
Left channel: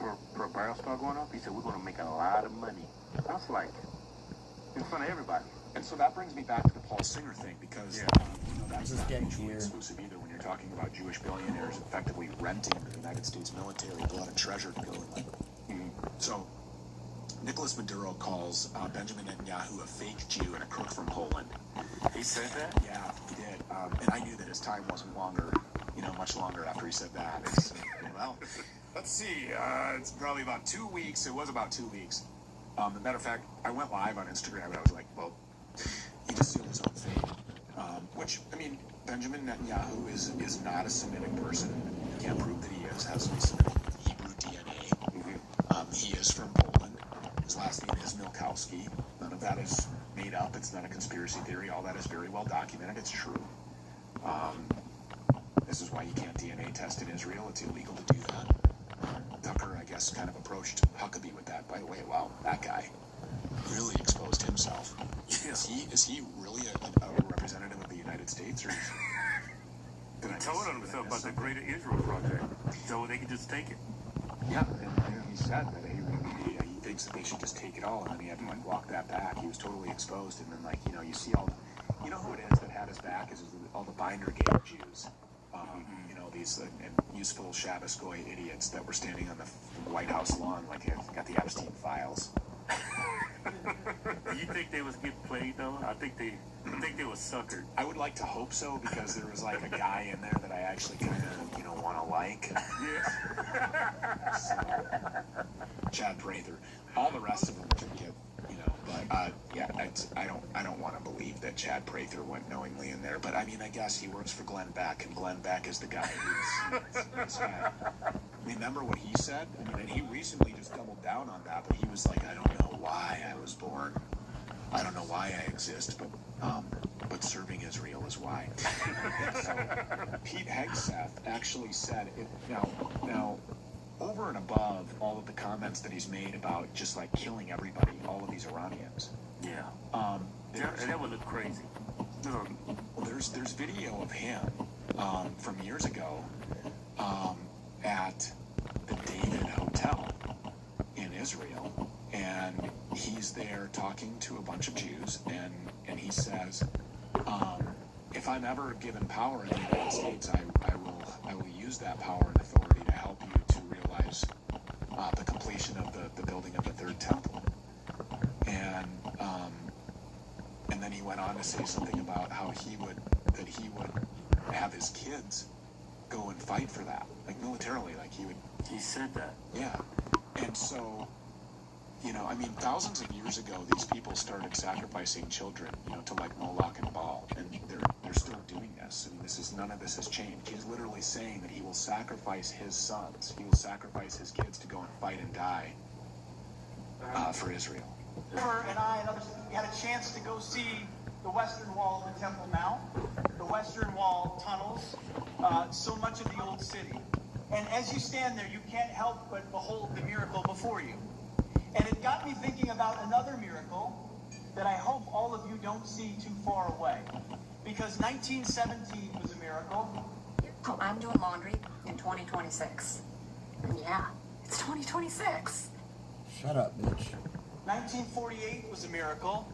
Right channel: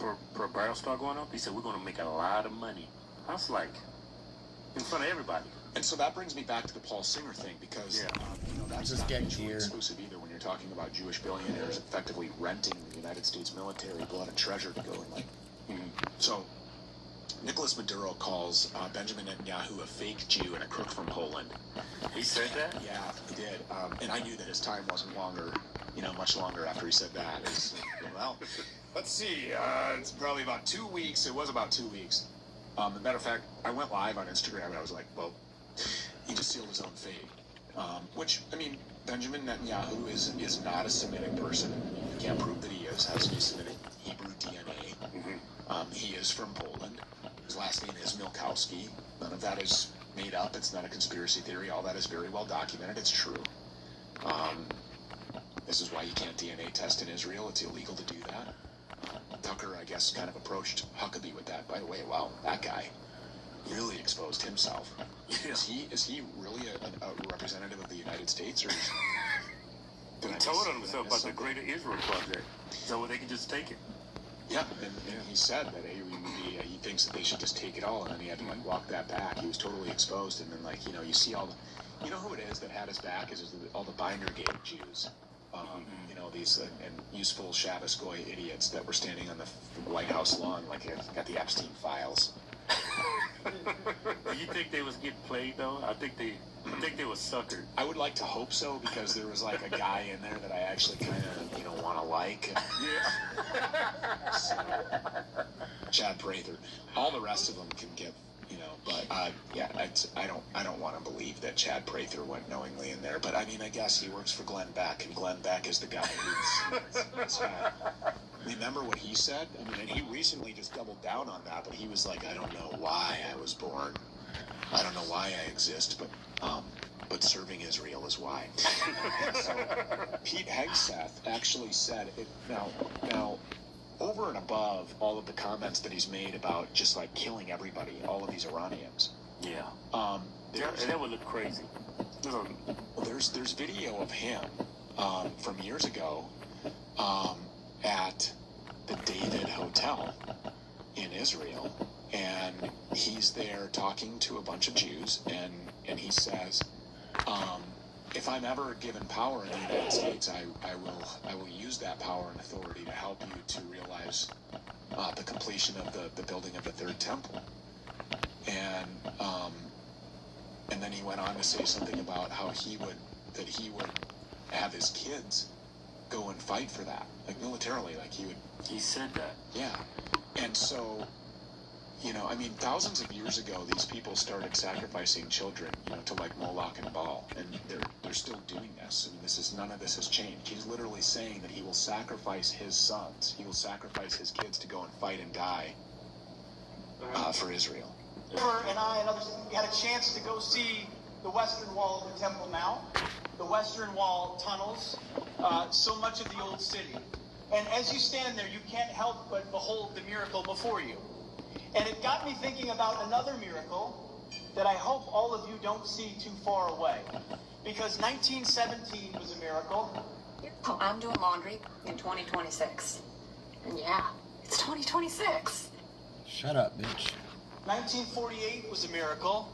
per barrel start going up. He said we're going to make a lot of money. I was like, in front of everybody. And so that brings me back to the Paul Singer thing, because that's just getting here. Exclusive either when you're talking about Jewish billionaires effectively renting the United States military blood and treasure to go in. So Nicolas Maduro calls Benjamin Netanyahu a fake Jew and a crook from Poland. He said that? Yeah, he did. And I knew that his time wasn't longer, much longer after he said that. Well, let's see. It's probably about 2 weeks. It was about 2 weeks. As a matter of fact, I went live on Instagram and I was like, well, he just sealed his own fate. Which, I mean, Benjamin Netanyahu is not a Semitic person. You can't prove that he is. Has any Semitic Hebrew DNA. He is from Poland. His last name is Milkowski. None of that is made up. It's not a conspiracy theory. All that is very well documented. It's true. This is why you can't DNA test in Israel. It's illegal to do that. Tucker, I guess, kind of approached Huckabee with that. By the way, wow, that guy really exposed himself. Is he really a representative of the United States, or? He told himself about the Greater Israel Project, so they could just take it. Yeah, and he said that he thinks that they should just take it all, and then he had to walk that back. He was totally exposed, and then you see all, who it is that had his back is all the Binder Gate Jews. These and useful Shabbos Goy idiots that were standing on the White House lawn like got the Epstein files. You think they was getting played though? I think they was suckered. I would like to hope so, because there was like a guy in there that I actually kind of want to like. Yeah. So, Chad Prather. All the rest of them can give, but yeah, I don't want to believe that Chad Prather went knowingly in there. But I mean, I guess he works for Glenn Beck, and Glenn Beck is the guy who's. Remember what he said? I mean, and he recently just doubled down on that, but he was like, I don't know why I was born. I don't know why I exist, but serving Israel is why. So, Pete Hegseth actually said it. Now, over and above all of the comments that he's made about just like killing everybody, all of these Iranians. Yeah. That would look crazy. There's video of him from years ago at the David Hotel in Israel, and he's there talking to a bunch of Jews, and he says, if I'm ever given power in the United States, I will use that power and authority to help you to realize the completion of the building of the third temple. And then he went on to say something about how he would have his kids go and fight for that, like militarily, like he said that. Yeah. And so, I mean, thousands of years ago, these people started sacrificing children, to like Moloch and Baal, and they're still doing this. I mean, none of this has changed. He's literally saying that he will sacrifice his sons, he will sacrifice his kids to go and fight and die for Israel. And I and others, we had a chance to go see the Western Wall of the Temple Mount, the Western Wall tunnels, so much of the old city. And as you stand there, you can't help but behold the miracle before you. And it got me thinking about another miracle that I hope all of you don't see too far away. Because 1917 was a miracle. Oh, I'm doing laundry in 2026. Yeah, it's 2026. Shut up, bitch. 1948 was a miracle.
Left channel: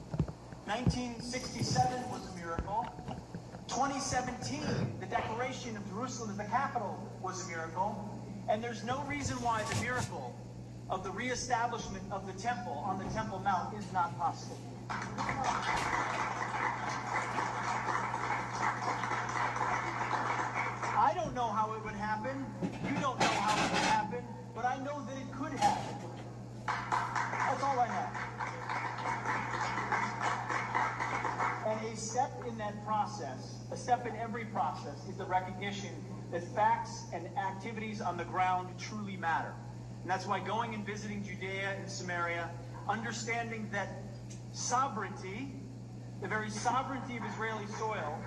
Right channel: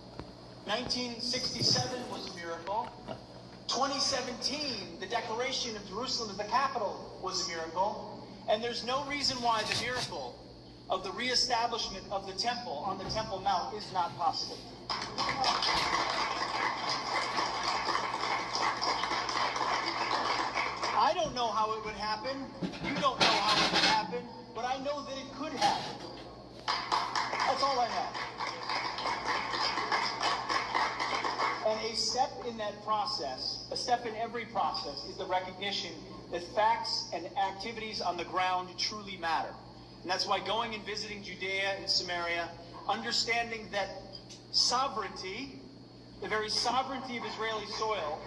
1967 was a miracle. 2017, the declaration of Jerusalem as the capital was a miracle. And there's no reason why the miracle of the reestablishment of the temple on the Temple Mount is not possible. I don't know how it would happen. step in that process, a step in every process, is the recognition that facts and activities on the ground truly matter. And that's why going and visiting Judea and Samaria, understanding that sovereignty, the very sovereignty of Israeli soil,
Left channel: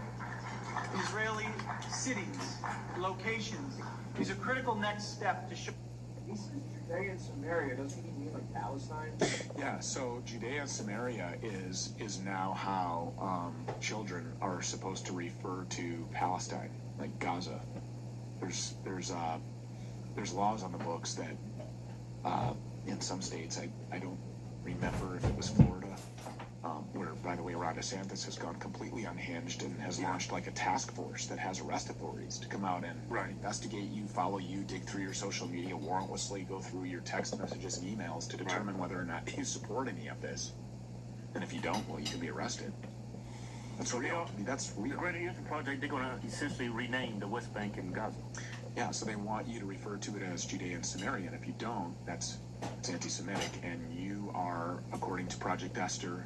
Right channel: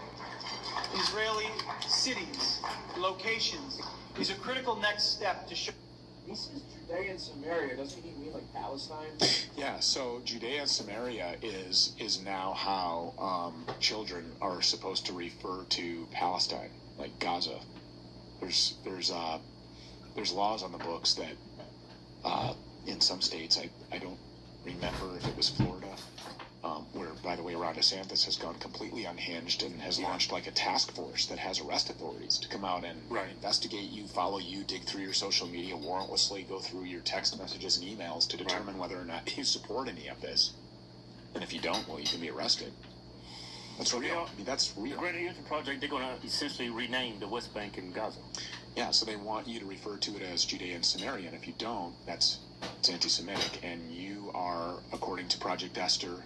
Israeli cities, locations, is a critical next step to show. He says Judea and Samaria, doesn't he mean like Palestine? Yeah, so Judea and Samaria is now how children are supposed to refer to Palestine, like Gaza. There's laws on the books that in some states, I don't remember if it was Florida, where, by the way, Ron DeSantis has gone completely unhinged and has launched like a task force that has arrest authorities to come out and investigate you, follow you, dig through your social media warrantlessly, go through your text messages and emails to determine whether or not you support any of this. And if you don't, well, you can be arrested. That's real. I mean, that's real. The Greater Houston Project, they're going to essentially rename the West Bank and Gaza. Yeah, so they want you to refer to it as Judea and Samaria, and if you don't, it's anti-Semitic, and you are, according to Project Esther.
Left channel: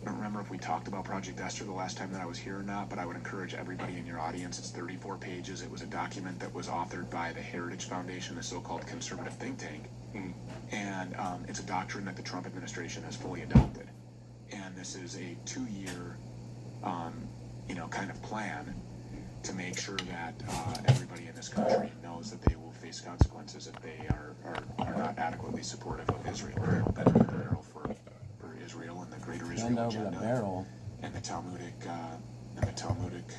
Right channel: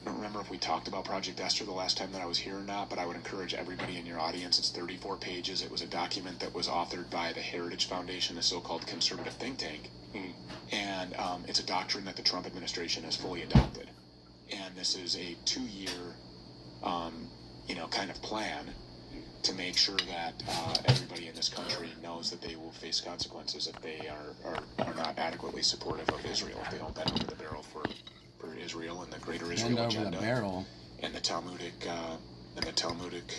I don't remember if we talked about Project Esther the last time that I was here or not, but I would encourage everybody in your audience. It's 34 pages. It was a document that was authored by the Heritage Foundation, the so-called conservative think tank, and it's a doctrine that the Trump administration has fully adopted. And this is a 2-year, kind of plan to make sure that everybody in this country knows that they will face consequences if they are not adequately supportive of Israel. They don't bend over the barrel for Israel and the Greater Israel agenda, the barrel. And the Talmudic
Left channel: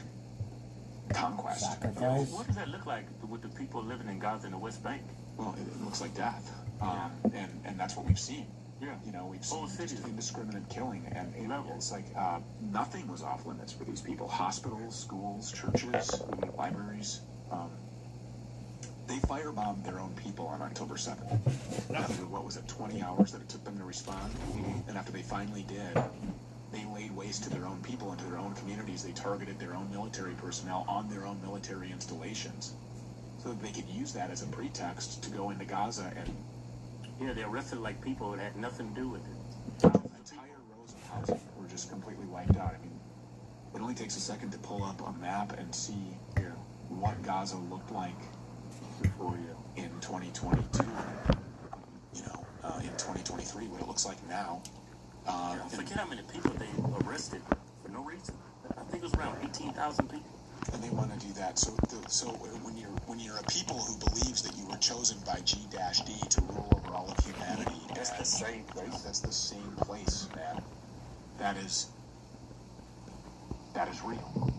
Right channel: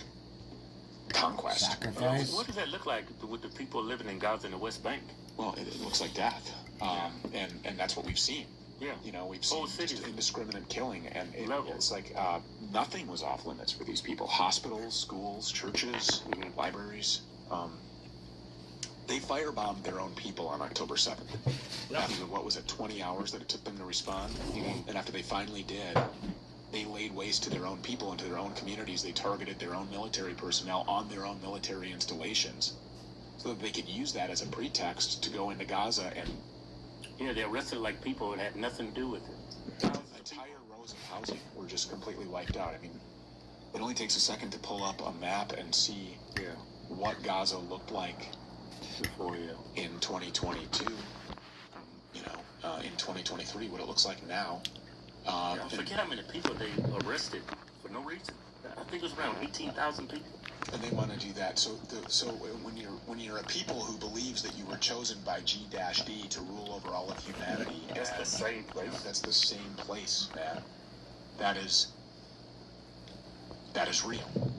conquest. Sacrifice. What does that look like with the people living in Gaza and the West Bank? Well, it looks like death, and that's what we've seen. Yeah. We've seen just indiscriminate killing, and it's like nothing was off limits for these people. Hospitals, schools, churches, libraries. They firebombed their own people on October 7th. After, 20 hours that it took them to respond? And after they finally did, they laid waste to their own people and to their own communities. They targeted their own military personnel on their own military installations so that they could use that as a pretext to go into Gaza and... Yeah, they arrested like people that had nothing to do with it. Entire rows of housing were just completely wiped out. I mean, it only takes a second to pull up a map and see what Gaza looked like in 2022. In 2023, what it looks like now. Forget how many people they arrested for no reason. I think it was around 18,000 people. And they want to do that. So when you're a people who believes that you were chosen by G-D to rule over all of humanity, that's the same place. That's the same place, man. That is real.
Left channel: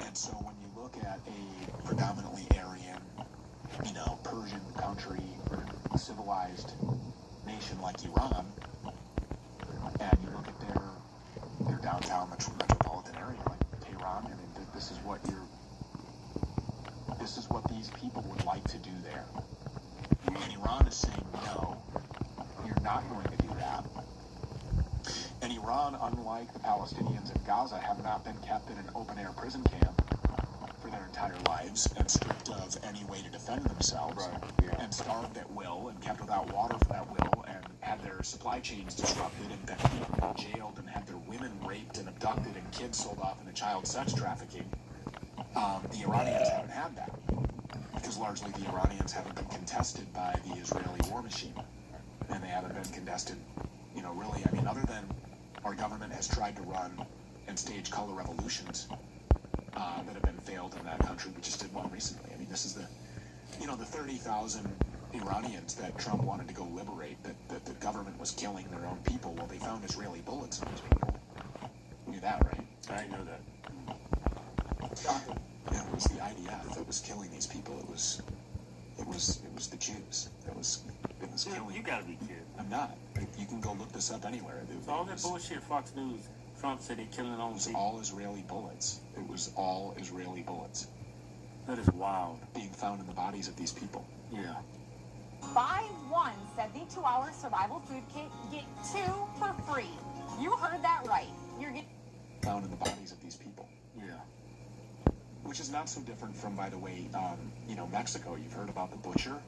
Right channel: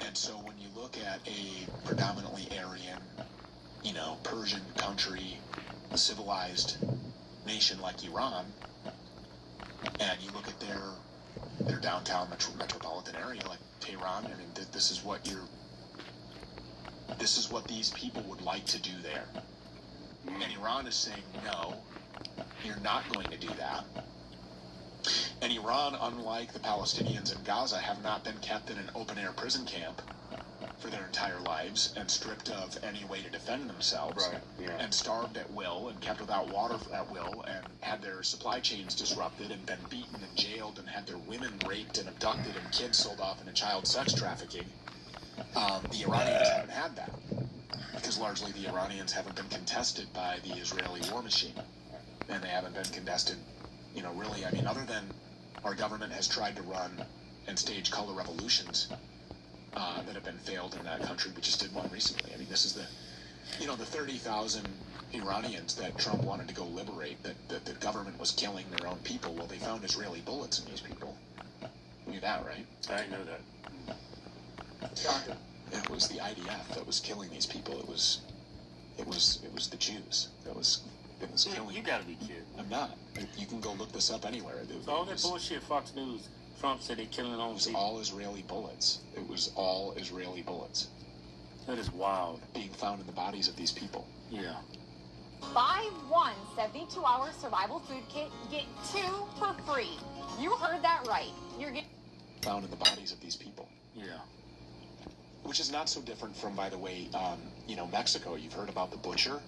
And so when you look at a predominantly Aryan, Persian country, civilized nation like Iran, and you look at their downtown metropolitan area like Tehran, and this is what these people would like to do there. And Iran is saying, no, you're not going to do that. And Iran, unlike the Palestinians in Gaza, have not been kept in an open-air prison camp for their entire lives and stripped of any way to defend themselves, and starved at will and kept without water at will and had their supply chains disrupted and been beaten and jailed and had their women raped and abducted and kids sold off into child sex trafficking. The Iranians haven't had that because largely the Iranians haven't been contested by the Israeli war machine, and they haven't been contested, really. I mean, other than our government has tried to run and stage color revolutions that have been failed in that country. We just did one recently. I mean, this is the 30,000 Iranians that Trump wanted to go liberate, that the government was killing their own people. Well, they found Israeli bullets in these people. You knew that, right? I know that. It was the IDF that was killing these people. It was the Jews that was killing. You gotta be kidding. I'm not. You can go look this up anywhere. All that bullshit Fox News. Trump said they're killing their own people. It was all Israeli bullets. It was all Israeli bullets. That is wild. Being found in the bodies of these people. Yeah. Buy one 72-hour survival food kit, get 2 for free. You heard that right. You're getting found in the bodies of these people. Yeah. Which is not so different from, by the way, Mexico. You've heard about the butcher.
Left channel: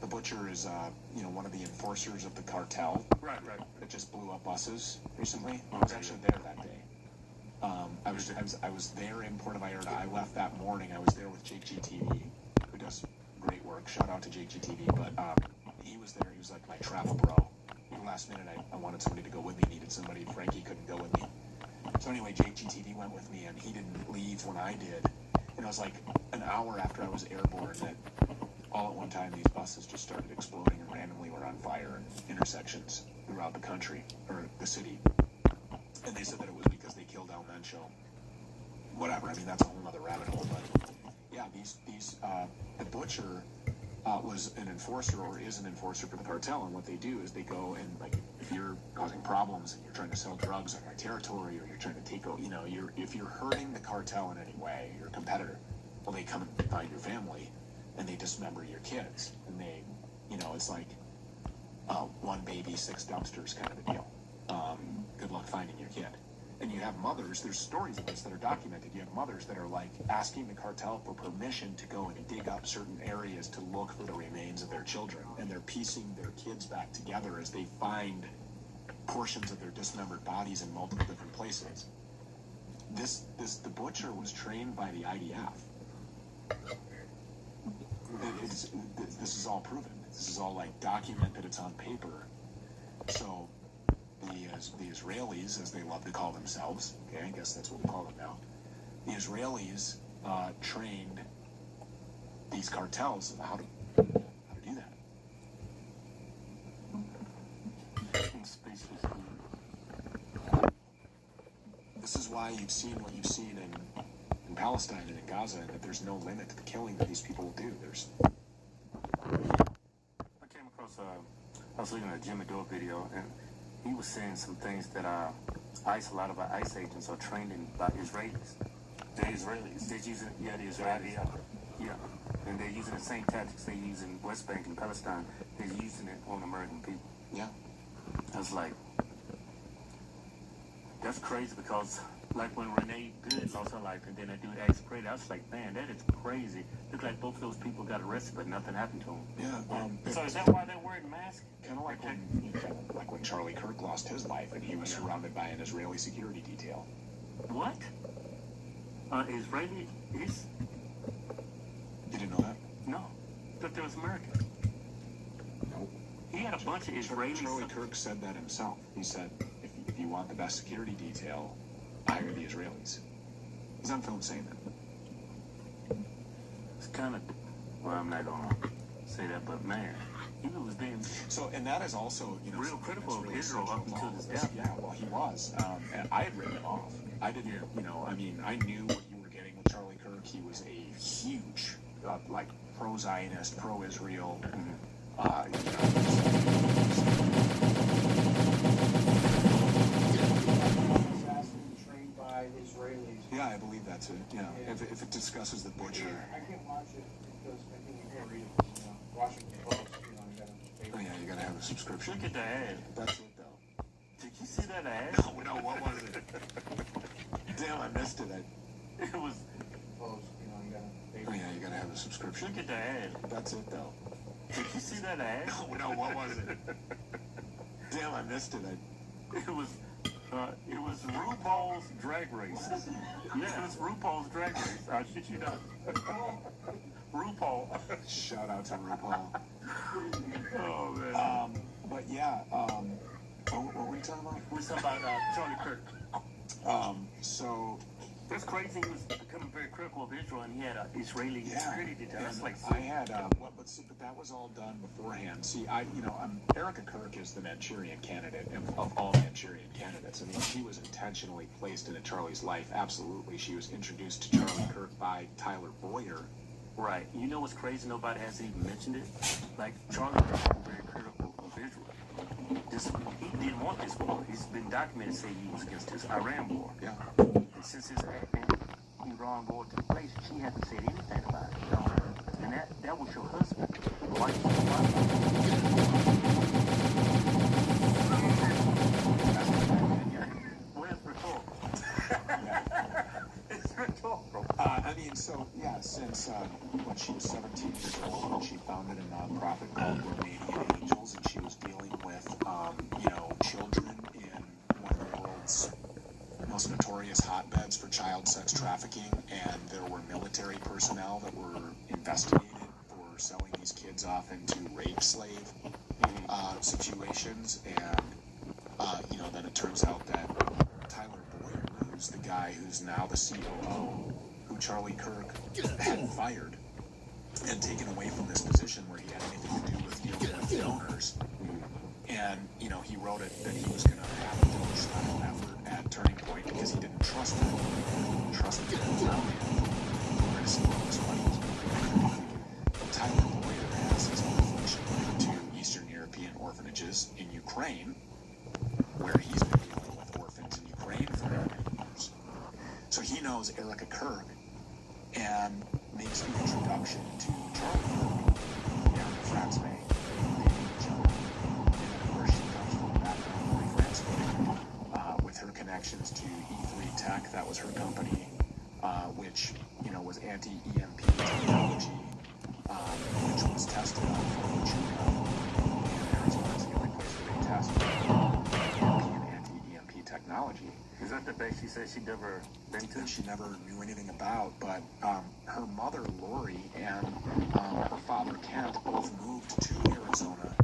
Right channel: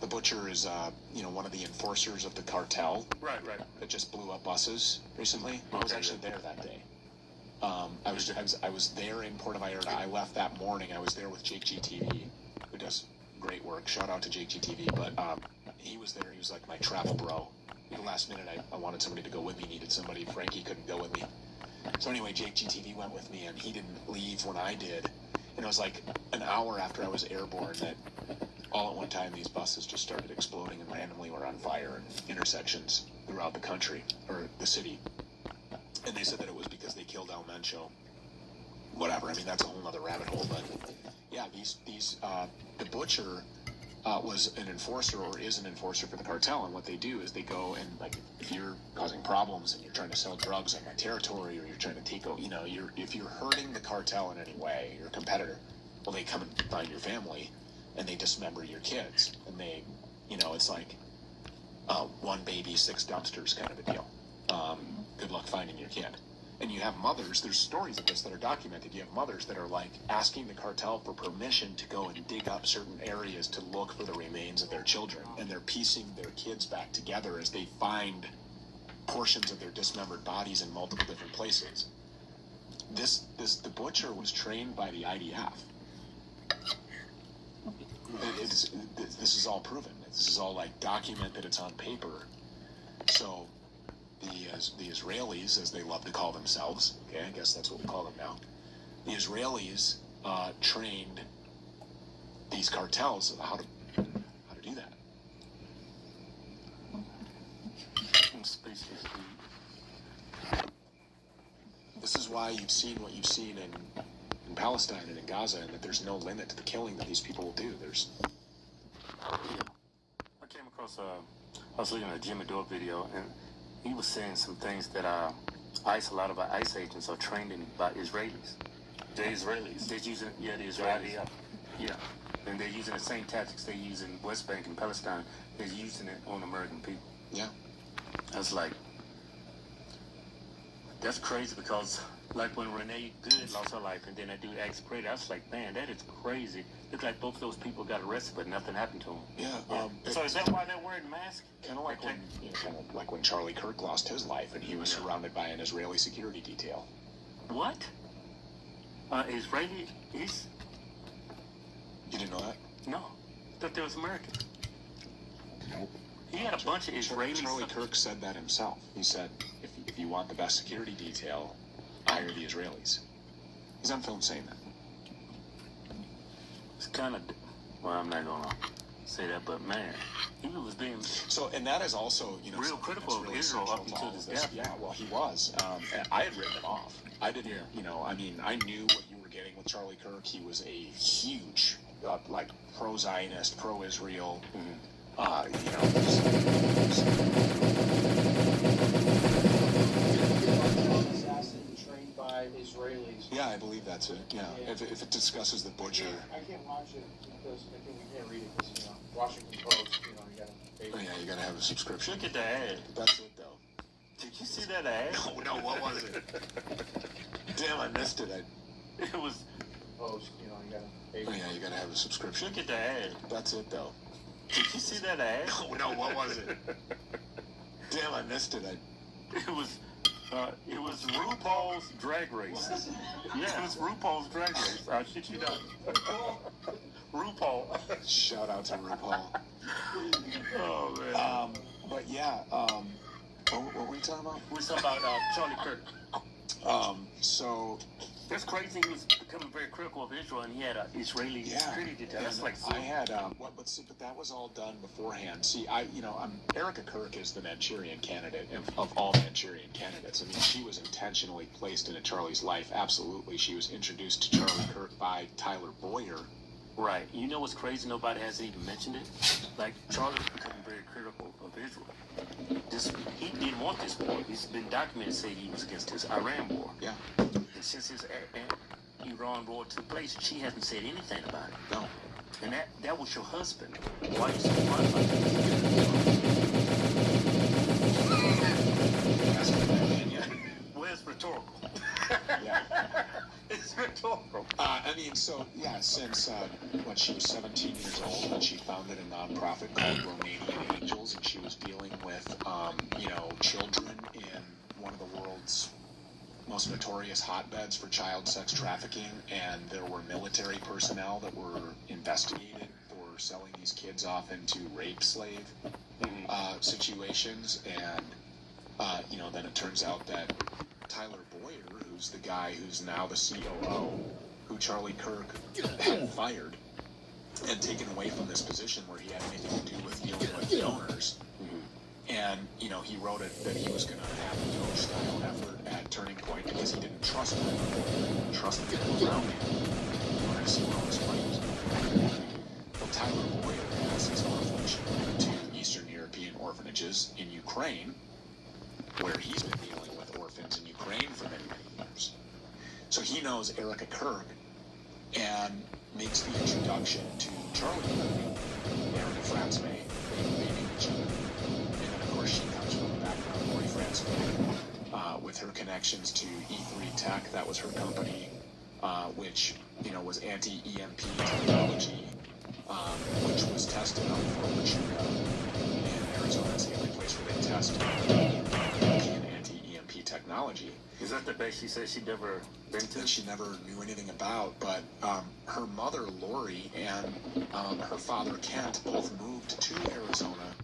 The butcher is, you know, one of the enforcers of the cartel. Right. That just blew up buses recently. I was actually there that day. I was there in Puerto Vallarta. I left that morning. I was there with Jake GTV, who does great work. Shout out to Jake GTV. But he was there. He was like my travel bro. At the last minute, I wanted somebody to go with me. Needed somebody. Frankie couldn't go with me. So anyway, Jake GTV went with me, and he didn't leave when I did. And it was like an hour after I was airborne that all at one time these buses just started exploding and randomly were on fire in intersections throughout the country, or the city. And they said that it was because they killed El Mencho. Whatever, I mean, that's a whole nother rabbit hole, but yeah, the butcher was an enforcer, or is an enforcer for the cartel, and what they do is they go and, like, if you're causing problems and you're trying to sell drugs on my territory, or you're trying to take, you know, if you're hurting the cartel in any way, your competitor, well, they come and find your family, and they dismember your kids, and they, you know, it's like one baby, 6 dumpsters kind of a deal. Good luck finding your kid. And you have mothers, there's stories of this that are documented, you have mothers that are like asking the cartel for permission to go and dig up certain areas to look for the remains of their children, and they're piecing their kids back together as they find portions of their dismembered bodies in multiple different places. The butcher was trained by the IDF. This is all proven. This is all, like, documented. It's on paper. So the Israelis, as they love to call themselves, okay, I guess that's what we call them now, the Israelis trained these cartels how to do that. This is why you've seen what you've seen in Palestine and in Gaza, and that there's no limit to the killing that these people will do. I came across I was looking at a Jimmy Dore video, and he was saying some things that a lot of our ICE agents are trained in by Israelis. The Israelis? They're using, yeah, the Israelis. Yeah. And they're using the same tactics they use in West Bank and Palestine. They're using it on American people. Yeah. I was like, that's crazy, because like when Renee Good lost her life and then that dude Axe Brady, I was like, man, that is crazy. Looks like both of those people got arrested, but nothing happened to them. Yeah. So is that why they're wearing masks? Kind of like when Charlie Kirk lost his life and he was surrounded by an Israeli security detail. What? Israeli? You didn't know that? No. I thought there was American. He had a bunch of Israelis. Charlie Kirk said that himself. He said, if you want the best security detail, hire the Israelis. He's on film saying that. It's kind of, well, I'm not gonna say that, but man, he was being and that is also, you know, real critical of Israel up until this death. Yeah, well, he was, and I had written it off. I didn't, you know, I mean, I knew what you were getting with Charlie Kirk. He was a huge, like, pro-Zionist, pro-Israel. Trained by Israelis. Yeah, I believe that's it. Yeah, if it discusses the butcher. I can't watch it because I think you can't read it because, you know, Washington Post, you know, you gotta pay. Oh, yeah, you gotta have a subscription. Look at the ad. That's it, though. Did you see that ad? No, what was it? Damn, I missed it. It was Post, you know, you gotta pay. Oh, yeah, you gotta have a subscription. Look at the ad. That's it, though. Did you see that ad? No, what was it? Damn, I missed it. It was RuPaul's Drag Race. Yeah, it was RuPaul's Drag Race. I shit you not. RuPaul. Shout out to RuPaul. Oh, man. But yeah, what were we talking about? We were talking about Charlie Kirk. So that's crazy. He was becoming very critical of Israel, and he had an Israeli security detail. That's like I had, but that was all done beforehand. See, Erica Kirk is the Manchurian candidate of all Manchurian candidates. I mean, she was intentionally placed into Charlie's life. Absolutely, she was introduced to Charlie Kirk by Tyler Boyer. Right. You know what's crazy? Nobody has even mentioned it. Like, Charlie Kirk was very critical of Israel. He didn't want this war. He's been documented saying he was against this Iran war. Yeah. And since his Iran war took place, she hasn't said anything about it. No. And that was your husband. Why Well, it's rhetorical. Yeah. It's rhetorical. I mean, so, yeah, since when she was 17 years old, when she founded a nonprofit called Romanian Angels, and she was dealing with, children in one of the world's most notorious hotbeds for child sex trafficking, and there were military personnel that were investigated for selling these kids off into rape slave situations, and, then it turns out that Tyler Boyer, who's the guy who's now the COO, who Charlie Kirk had fired and taken away from this position where he had anything to do with dealing with donors. And, he wrote it that he was going to have a donor-style effort at Turning Point because he didn't trust him. Tyler Boyer has his own function to Eastern European orphanages in Ukraine, where he's been dealing with orphans in Ukraine for many years. So he knows Erica Kirk and makes the introduction to Charlie and the friends made. She comes from the background of boyfriends, with her connections to E3 Tech. That was her company, which was anti-EMP technology, which was tested on Fukushima. And Arizona's the only place where they tested anti-EMP technology. Is that the base she said she'd never been to? That she never knew anything about, but her mother, Lori, and her father, Kent, both moved to Arizona.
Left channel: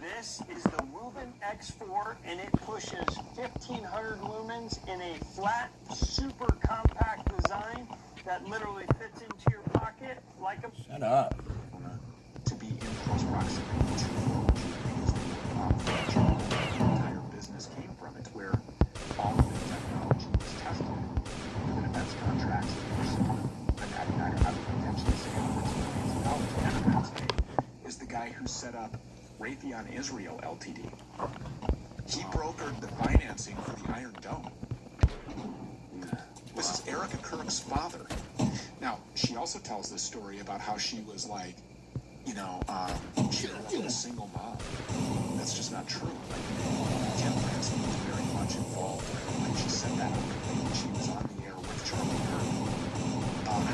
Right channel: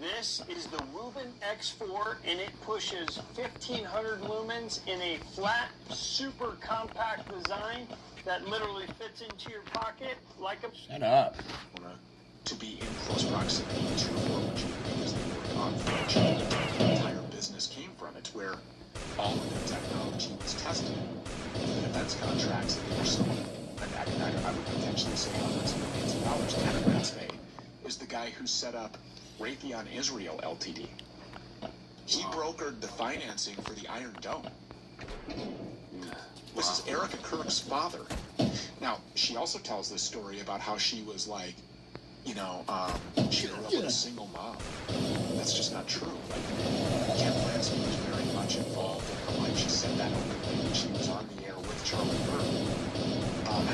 This is the Rubin X4, and it pushes 1,500 lumens in a flat, super compact design that literally fits into your pocket like a... Shut up. To be in close proximity to the entire business came from. It's where all of the technology is tested. The defense contracts that you're seeing, and I would potentially say $1 million is the guy who set up Raytheon Israel Ltd. He brokered the financing for the Iron Dome. This is Erica Kirk's father. Now, she also tells this story about how she was like, she grew up with a single mom. That's just not true. Kent Benson was very much involved. She said that when she was on the air with Charlie Kirk.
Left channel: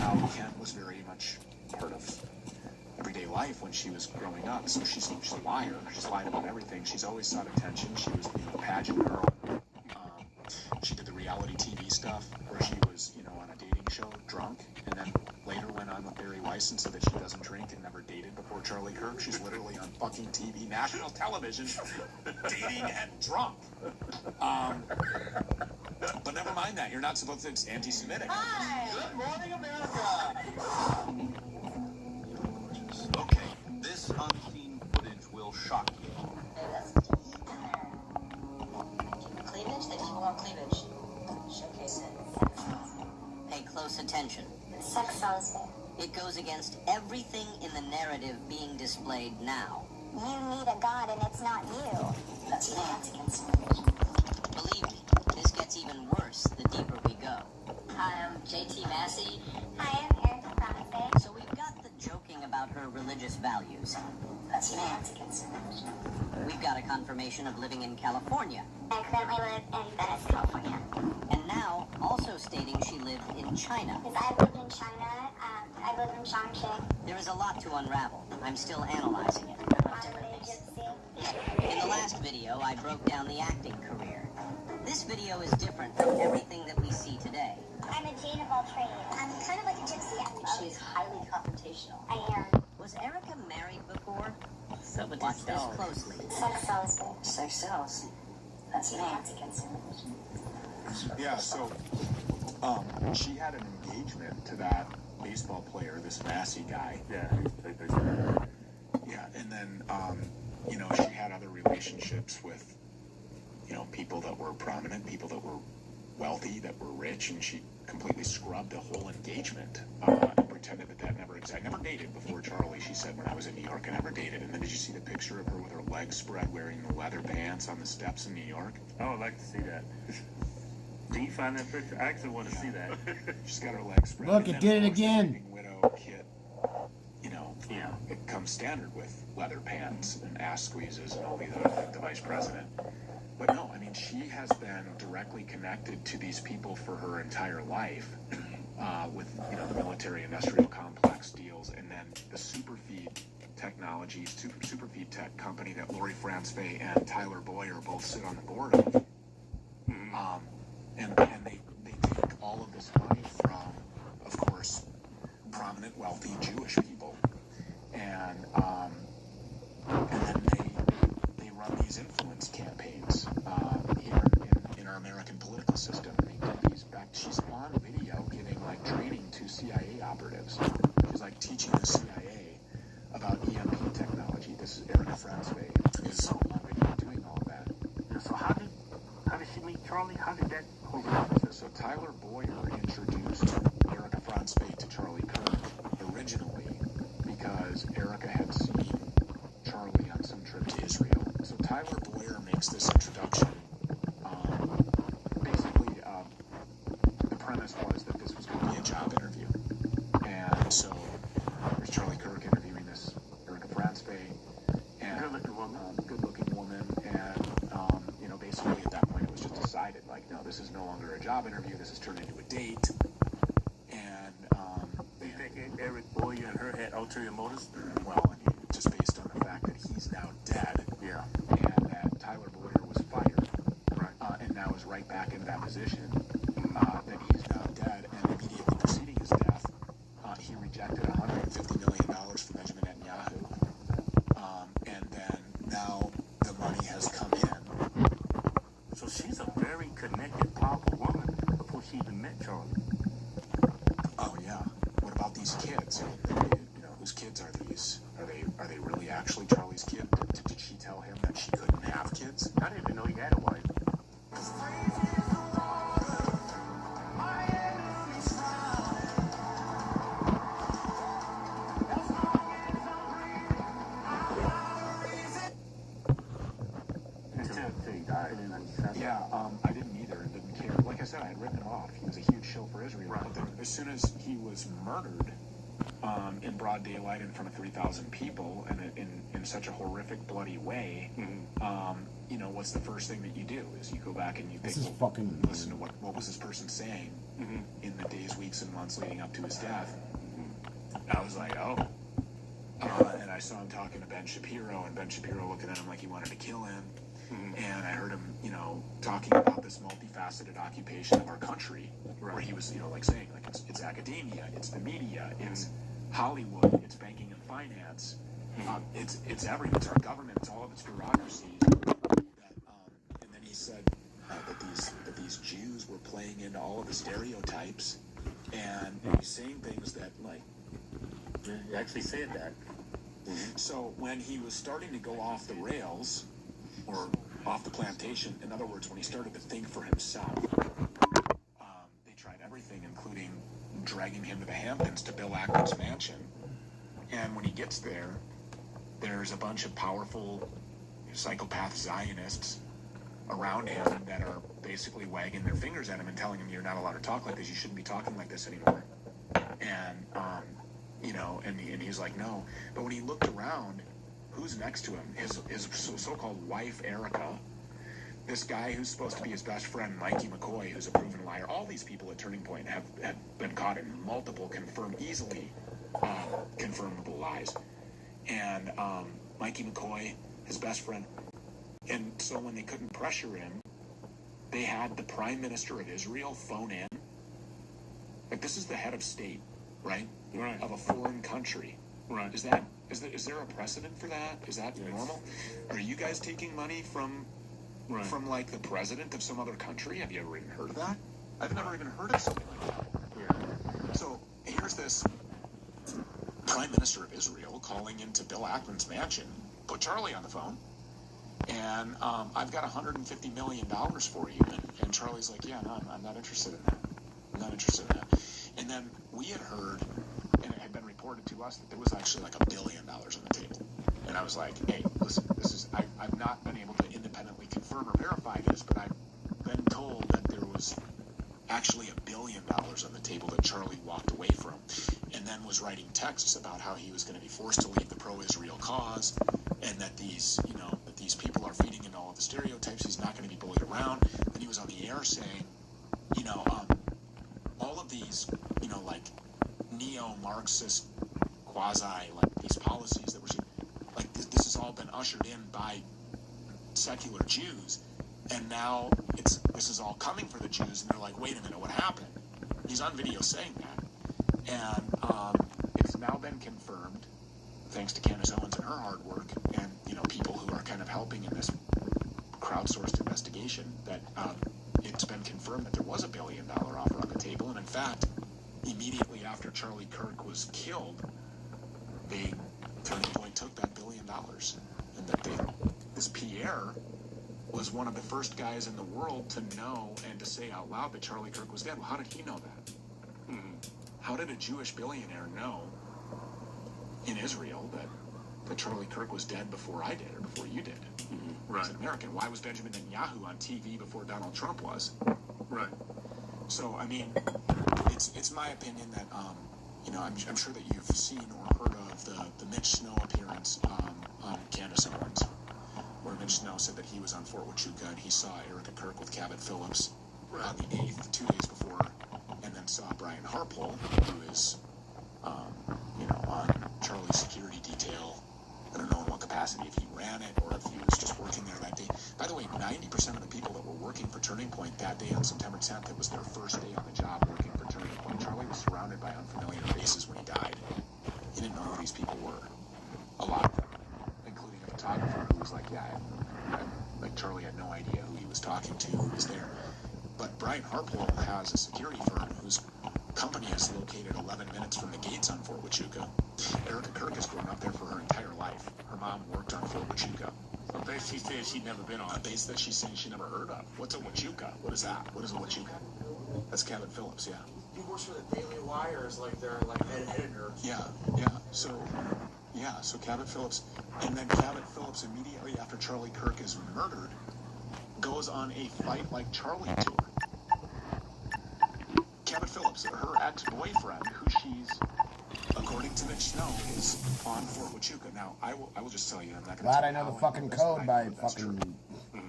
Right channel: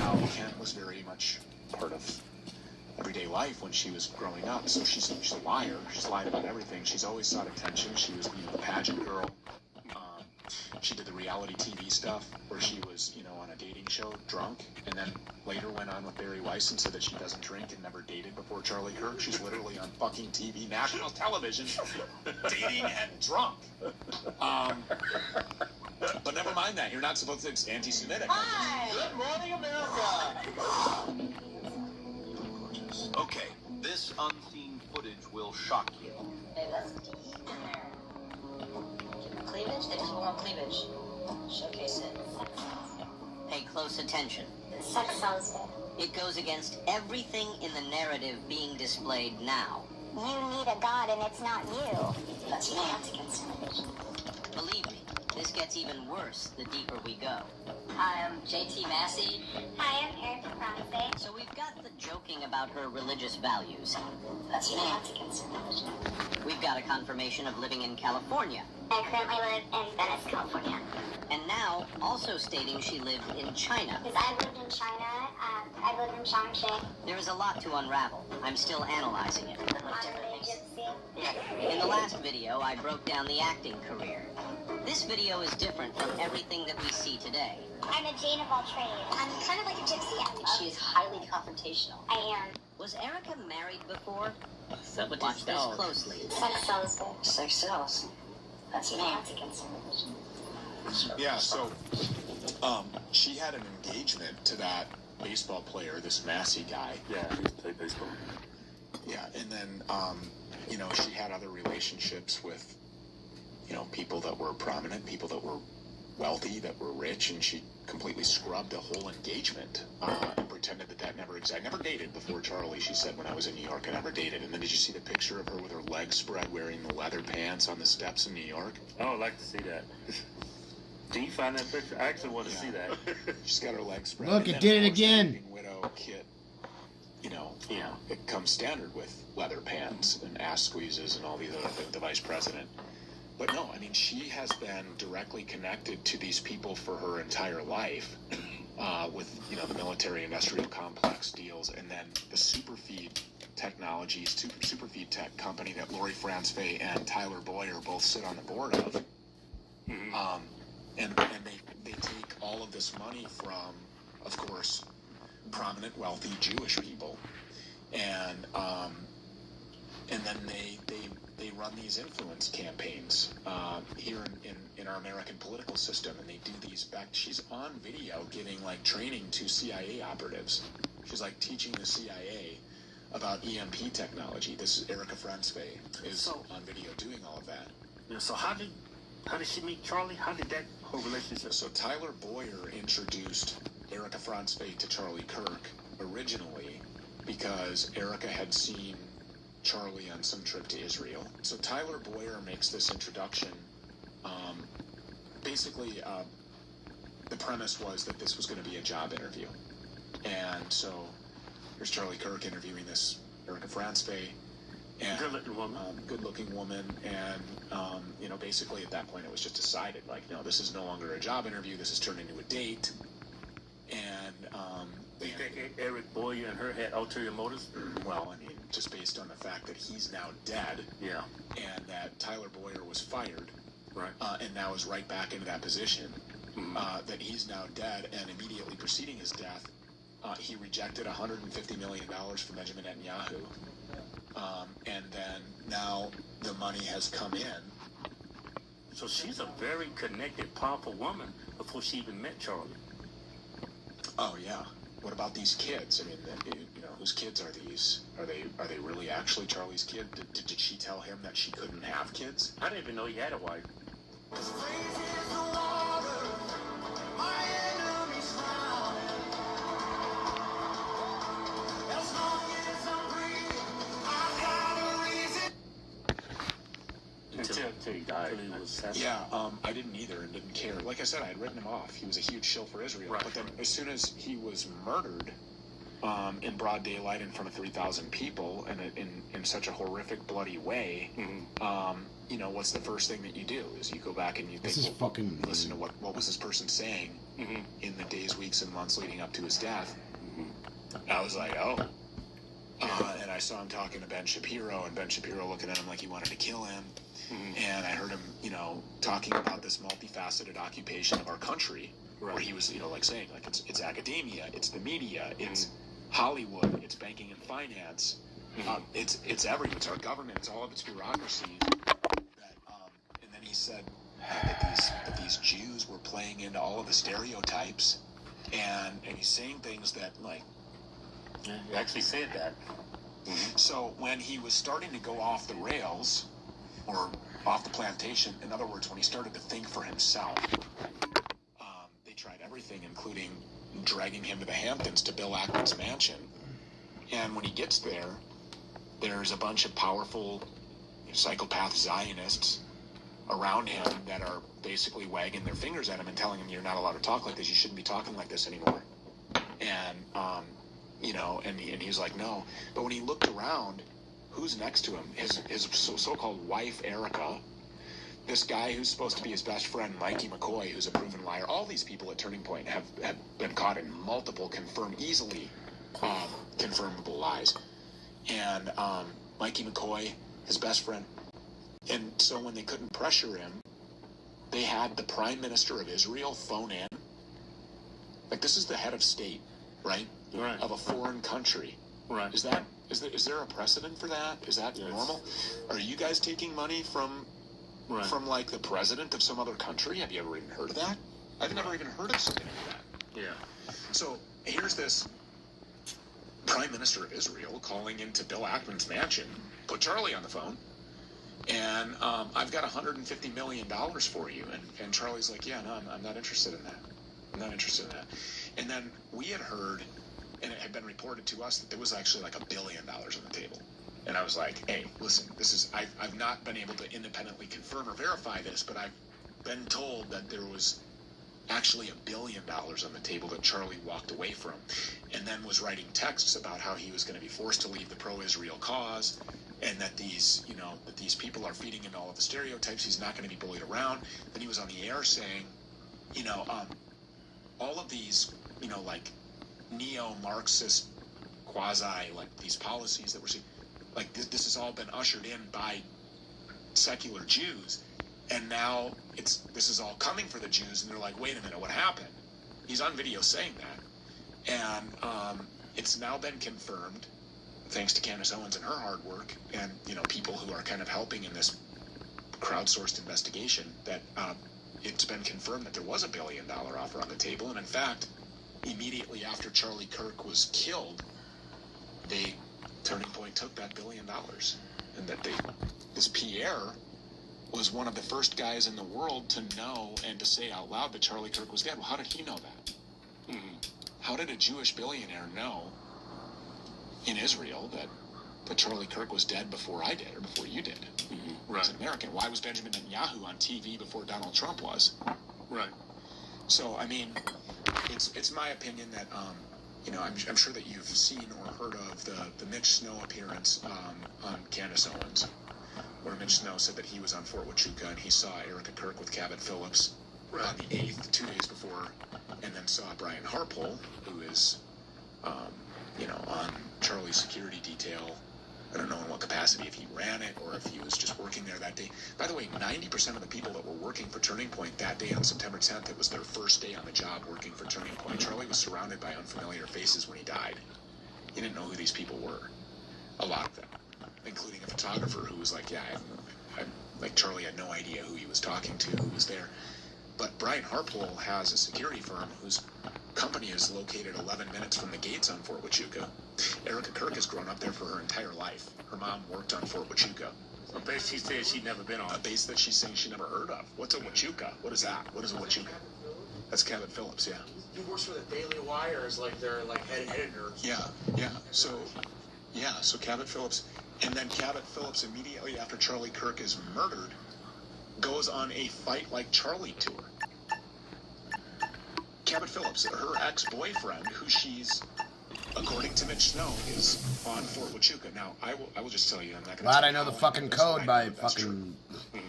How Kent was very much part of everyday life when she was growing up. So she's a liar. She's lied about everything. She's always sought attention. She was, a pageant girl. She did the reality TV stuff where she was, on a dating show drunk, and then later went on with Barry Weiss and said that she doesn't drink and never dated before Charlie Kirk. She's literally on fucking TV, national television, dating and drunk. But never mind that. You're not supposed to. It's anti-Semitic. Hi! Good morning, America! Okay, this unseen footage will shock you. Hey, let's keep in there. Give them cleavage, they just want cleavage. Showcase it. Pay close attention. Sex sells it. It goes against everything in the narrative being displayed now. You need a god and it's not you. That's me. That's against religion. Believe me, this gets even worse the deeper we go. Hi, I'm JT Massey. Hi, I'm Erica Brown. So we've got the joking about her religious values. That's me. That's against religion. We've got a confirmation of living in California. I currently live in Venice, California. And now, also stating she lived in China. Because I lived in China. I lived in Chongqing. There is a lot to unravel. I'm still analyzing it. In the last video, I broke down the acting career. This video is different from everything that we see today. I'm a Jane of all trades. I'm kind of like a gypsy. She is highly confrontational. I am. Was Erica married before? Watch this closely. Sex sells. Sex sells. That's me. That's against religion. Yeah, so she had an engagement to that baseball player, this Massey guy. Yeah, he played baseball. Yeah, and then, she had other relationships with, people that were prominent, people that were wealthy, that were rich, and she completely scrubbed the whole engagement and pretended that never existed. I never dated before Charlie, she said when I was in New York. I never dated. And then did you see the picture of her with her legs spread wearing the leather pants on the steps in New York? I would like to see that. Do you find that picture? I actually want to see that. She's got her legs spread. Look, it did it again. Widow kit, it comes standard with leather pants and ass squeezes and all these other things, the vice president. But no, I mean, she has been directly connected to these people for her entire life. with the military-industrial complex deals, and then the superfeed technologies, superfeed tech company that Lori Franzfey and Tyler Boyer both sit on the board of. And they take all of this money from, of course, prominent, wealthy Jewish people, and then they run these influence campaigns here in our American political system. And they do these back. She's on video giving like training to CIA operatives. She's like teaching the CIA about EMP technology. This is Erica Franzfey is on video doing all of that. Yeah, so how did she meet Charlie? How did that whole relationship? So Tyler Boyer introduced Erica Franzfey to Charlie Kirk originally because Erica had seen Charlie on some trip to Israel. So Tyler Boyer makes this introduction. Basically, the premise was that this was going to be a job interview. And so there's Charlie Kirk interviewing this Erica Franzfey, and good-looking woman, and basically at that point it was just decided, like, no, this is no longer a job interview. This has turned into a date. And you think Eric Boyer and her had ulterior motives? Well, I mean, just based on the fact that he's now dead, yeah, and that Tyler Boyer was fired, right, and now is right back into that position. That he's now dead, and immediately preceding his death, he rejected $150 million from Benjamin Netanyahu, and then now the money has come in. So she's a very connected, powerful woman before she even met Charlie. Oh yeah. What about these kids? I mean, whose kids are these? Are they really actually Charlie's kid? Did she tell him that she couldn't have kids? I didn't even know he had a wife. Until he died. Yeah, I didn't either and didn't care. Like I said, I had written him off. He was a huge shill for Israel. Right. But then as soon as he was murdered in broad daylight in front of 3,000 people and in such a horrific, bloody way, what's the first thing that you do? Is you go back and you think, listen to what was this person saying in the days, weeks, and months leading up to his death. And I was like, oh. And I saw him talking to Ben Shapiro, and Ben Shapiro looking at him like he wanted to kill him. And I heard him, talking about this multifaceted occupation of our country, where he was, like saying, like it's academia, it's the media, it's Hollywood, it's banking and finance, it's everything, it's our government, it's all of its bureaucracies. And then he said that these Jews were playing into all of the stereotypes, and he's saying things that like. He actually said that. So when he was starting to go off the rails, or off the plantation, in other words, when he started to think for himself, they tried everything, including dragging him to the Hamptons to Bill Ackman's mansion. And when he gets there, there's a bunch of powerful psychopath Zionists around him that are basically wagging their fingers at him and telling him, you're not allowed to talk like this, you shouldn't be talking like this anymore. And, and he's like, no. But when he looked around, who's next to him? His so-called wife, Erica. This guy who's supposed to be his best friend, Mikey McCoy, who's a proven liar. All these people at Turning Point have been caught in multiple easily confirmable lies. And Mikey McCoy, his best friend. And so when they couldn't pressure him, they had the Prime Minister of Israel phone in. Like, this is the head of state, right? Right. Of a foreign country. Right. Is there a precedent for that? Is that normal? Are you guys taking money from like the president of some other country? Have you ever even heard of that? I've never even heard of something like that. Yeah. So here's this Prime Minister of Israel calling into Bill Ackman's mansion, put Charlie on the phone, and I've got $150 million for you. And Charlie's like, yeah, no, I'm not interested in that. I'm not interested in that. And then we had heard, and it had been reported to us, that there was actually like $1 billion on the table. And I was like, hey, listen, I've not been able to independently confirm or verify this, but I've been told that there was actually $1 billion on the table that Charlie walked away from, and then was writing texts about how he was going to be forced to leave the pro-Israel cause, and that these people are feeding him all of the stereotypes. He's not going to be bullied around. Then he was on the air saying, all all of these, you know, like neo-Marxist quasi, like these policies that we're like this has all been ushered in by secular Jews, and now this is all coming for the Jews, and they're like, wait a minute, what happened? He's on video saying that, and it's now been confirmed, thanks to Candace Owens and her hard work, and you know people who are kind of helping in this crowdsourced investigation, that it's been confirmed that there was $1 billion offer on the table, and in fact, immediately after Charlie Kirk was killed, Turning Point took that $1 billion, and that this Pierre was one of the first guys in the world to know and to say out loud that Charlie Kirk was dead. Well, how did he know that? How did a Jewish billionaire know in Israel that Charlie Kirk was dead before I did, or before you did? Right. As an American, why was Benjamin Netanyahu on TV before Donald Trump was? Right. So, I mean, it's my opinion that, you know, I'm sure that you've seen or heard of the Mitch Snow appearance on Candace Owens, where Mitch Snow said that he was on Fort Huachuca and he saw Erica Kirk with Cabot Phillips on the 8th, 2 days before, and then saw Brian Harpole, who is, you know, on Charlie's security detail. I don't know in what capacity, if he ran it or if he was just working there that day. By the way, 90% of the people that were working for Turning Point that day on September 10th, it was their first day on the job working for Turning Point. Charlie was surrounded by unfamiliar faces when he died. He didn't know who these people were. A lot of them, including a photographer who was like, yeah, like Charlie had no idea who he was talking to, who was there. But Brian Harpole has a security firm whose company is located 11 minutes from the gates on Fort Huachuca. Erica Kirk has grown up there for her entire life. Her mom worked on Fort Huachuca. A base she said she'd never been on. A base that she's saying she never heard of. What's a Huachuca? What is that? What is a Huachuca? That's Cabot Phillips, yeah. He works for the Daily Wire as like their head editor. Yeah. So Cabot Phillips, and then Cabot Phillips immediately after Charlie Kirk is murdered goes on a Fight Like Charlie tour. Cabot Phillips, her ex-boyfriend, who she's, according to Mitch Snow, is on Fort Huachuca. Now, I will just tell you, I'm not going to. Glad I know the fucking code by fucking. Yeah.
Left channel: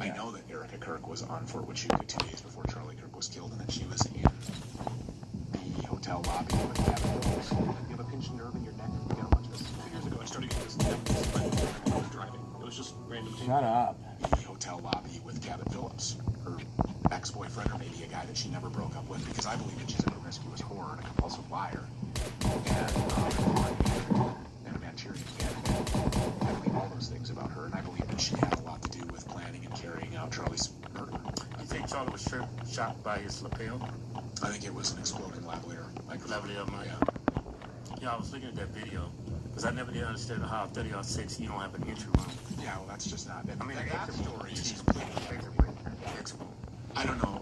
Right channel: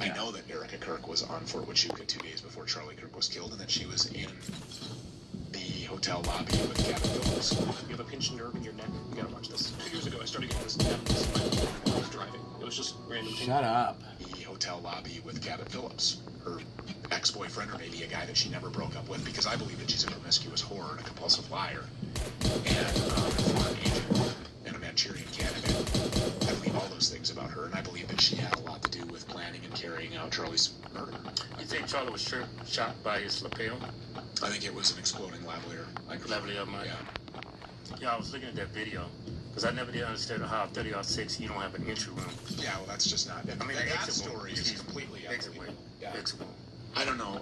I know that Erica Kirk was on Fort Huachuca 2 days before Charlie Kirk was killed, and that she was in the hotel lobby with Cabot Phillips. You have a pinched nerve in your neck. You gotta watch this. 2 years ago, I started getting this. I was driving. It was just random. Shut up. The hotel lobby with Cabot Phillips, her ex-boyfriend, or maybe a guy that she never broke up with, because I believe that she's a promiscuous whore and a compulsive liar, and a Manchurian candidate. I believe all those things about her, and I believe that she had a lot to do with planning and carrying out Charlie's murder. You think Charlie was shot by his lapel? I think it was an exploding lavalier. Lavalier, yeah, I was looking at that video, because I never did understand how 30-06 you don't have an entry room. Yeah, well, that's just not. I mean, that story is completely I don't know.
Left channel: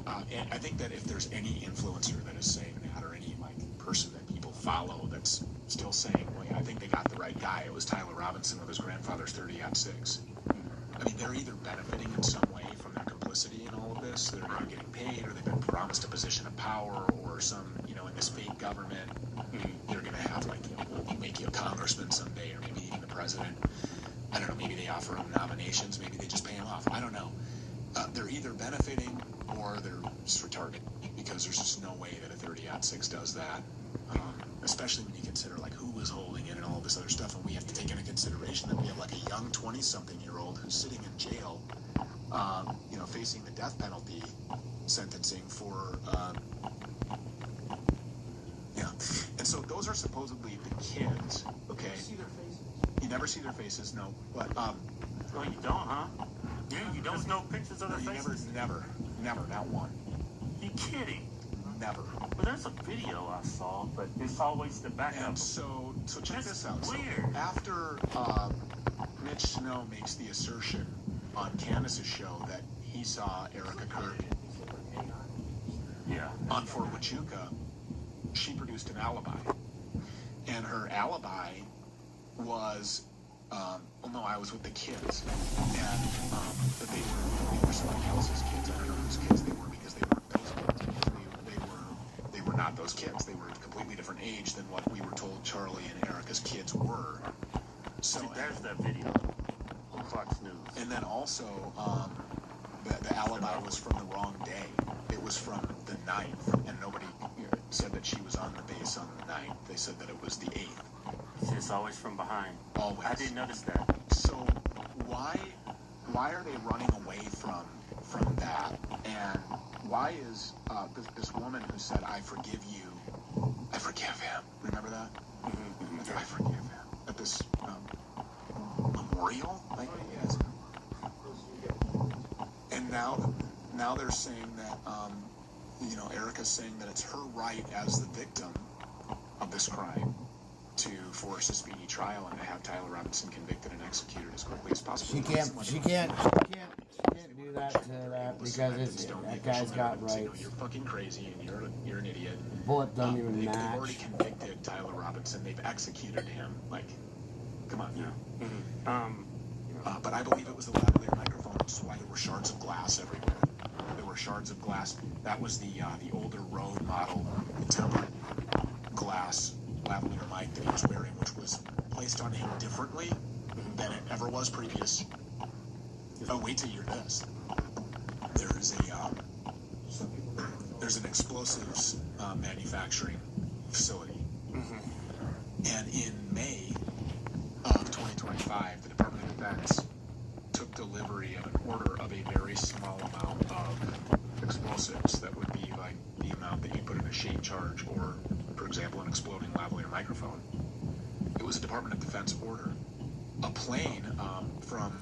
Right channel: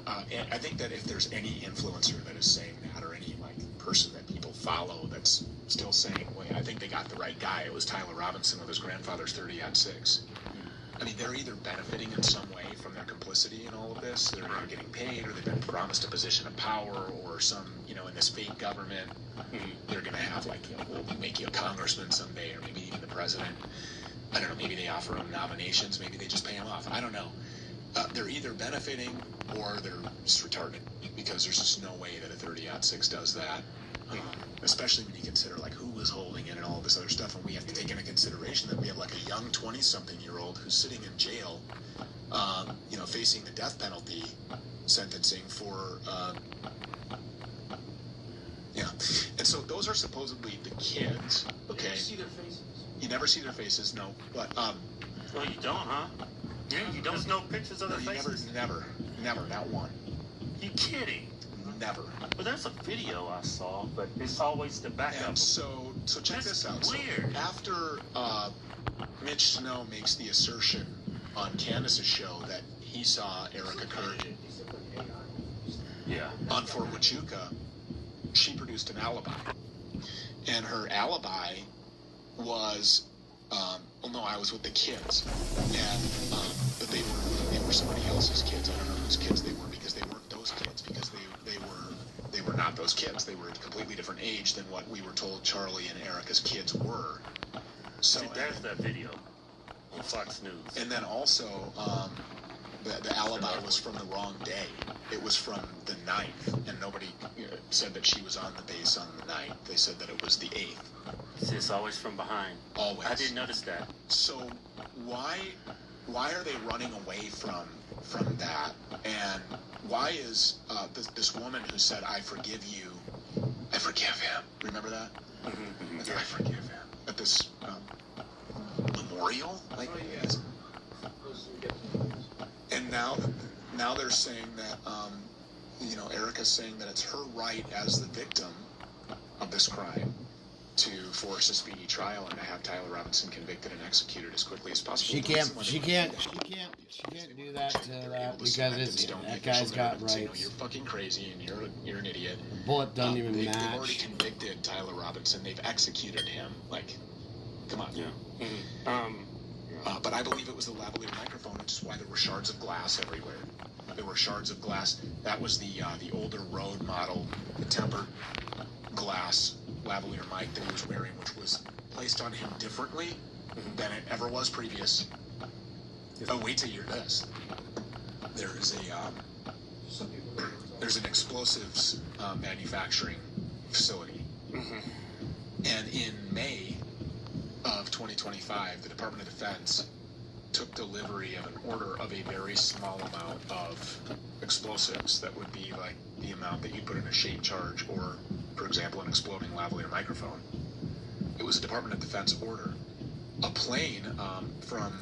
I think that if there's any influencer that is saying that, or any person that people follow that's still saying, well, I think they got the right guy. It was Tyler Robinson with his grandfather's 30-06. I mean, they're either benefiting in some way from their complicity in all of this. They're either getting paid, or they've been promised a position of power, or some, in this fake government, they're going to have, we'll make you a congressman someday, or maybe even the president. I don't know, maybe they offer them nominations, maybe they just pay them off. I don't know. They're either benefiting or they're just retarded, because there's just no way that a 30-06 does that, especially when you consider who was holding it and all this other stuff. And we have to take into consideration that we have a young 20-something-year-old who's sitting in jail, facing the death penalty sentencing for and so those are supposedly the kids. Okay, you never see their faces, no, but well, you don't, huh? Yeah, you don't. There's no pictures of their faces? Never, not one. You kidding? Never. Well, there's a video I saw, but it's always the backup. And so check this out. Weird. So after Mitch Snow makes the assertion on Candace's show that he saw Erica Kirk on Fort Huachuca, she produced an alibi. And her alibi was, no, I was with the kids. And but they were somebody else's kids. I don't know whose kids they were, because they weren't those kids, because they were not those kids. They were a completely different age than what we were told Charlie and Erica's kids were. So there's that video on Fox News. And then also, the alibi was from the wrong day. It was from the 9th, and nobody, they said that it was the 8th. It's always from behind. Always. I didn't notice that. So why are they running away from that? And why is this woman who said, I forgive you, I forgive him. Remember that? Mm-hmm. I forgive him. At this memorial, I guess. And now they're saying that, Erica's saying that it's her right as the victim of this crime to force a speedy trial and to have Tyler Robinson convicted and executed as quickly as possible. She can't do that to that because that guy's got rights. You're fucking crazy and you're an idiot. The bullet doesn't even They've already match. convicted Tyler Robinson. They've executed him. Like, come on. Yeah. But I believe it was the lavalier microphone, which is why there were shards of glass everywhere. There were shards of glass. That was the older Rode model tempered glass lavalier mic that he was wearing, which was placed on him differently than it ever was previous. Oh, wait till you hear this. There's an explosives manufacturing facility, and in May of 2025, the Department of Defense took delivery of an order of a very small amount of explosives that would be like the amount that you put in a shape charge or, for example, an exploding lavalier microphone. It was a Department of Defense order. A plane from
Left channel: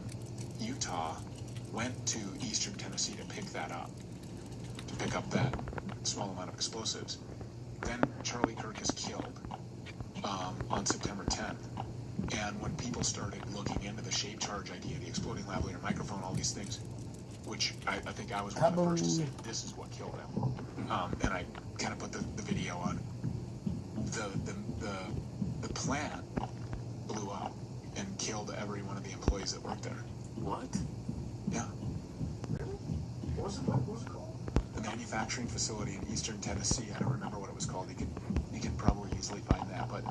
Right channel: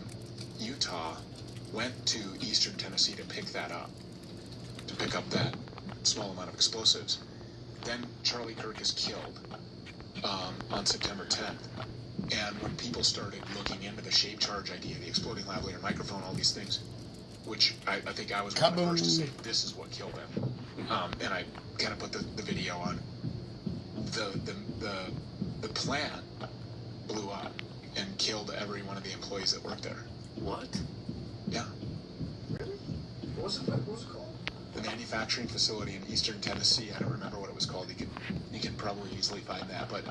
Utah went to eastern Tennessee to pick that up, to pick up that small amount of explosives. Then Charlie Kirk is killed on September 10th. And when people started looking into the shape charge idea, the exploding lavalier microphone, all these things, which I think I was one of the first to say, this is what killed him. And I kind of put the video on. The plant blew up and killed every one of the employees that worked there. What? Yeah. Really? What was it called? The manufacturing facility in eastern Tennessee. I don't remember what it was called. You can probably easily find that. But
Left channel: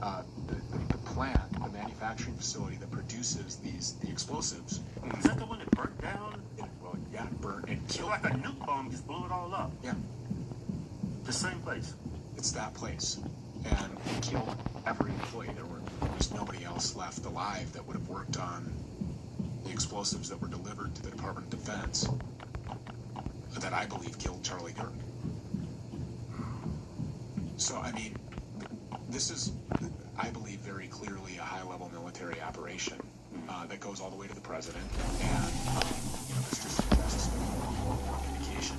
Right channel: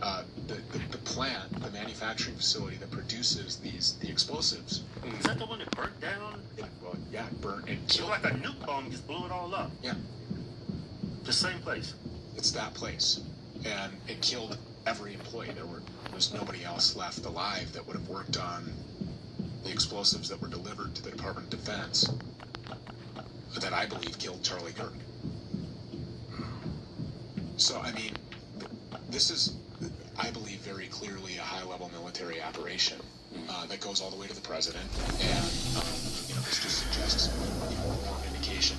the plant, the manufacturing facility that produces the explosives. Is that the one that burnt down? Well, yeah, it burnt and So killed. like a nuke bomb just blew it all up. Yeah. The same place. It's that place. And it killed every employee. There was nobody else left alive that would have worked on the explosives that were delivered to the Department of Defense that I believe killed Charlie Kirk. So, I mean, this is, I believe, very clearly a high-level military operation that goes all the way to the president. And, this just suggests an indication.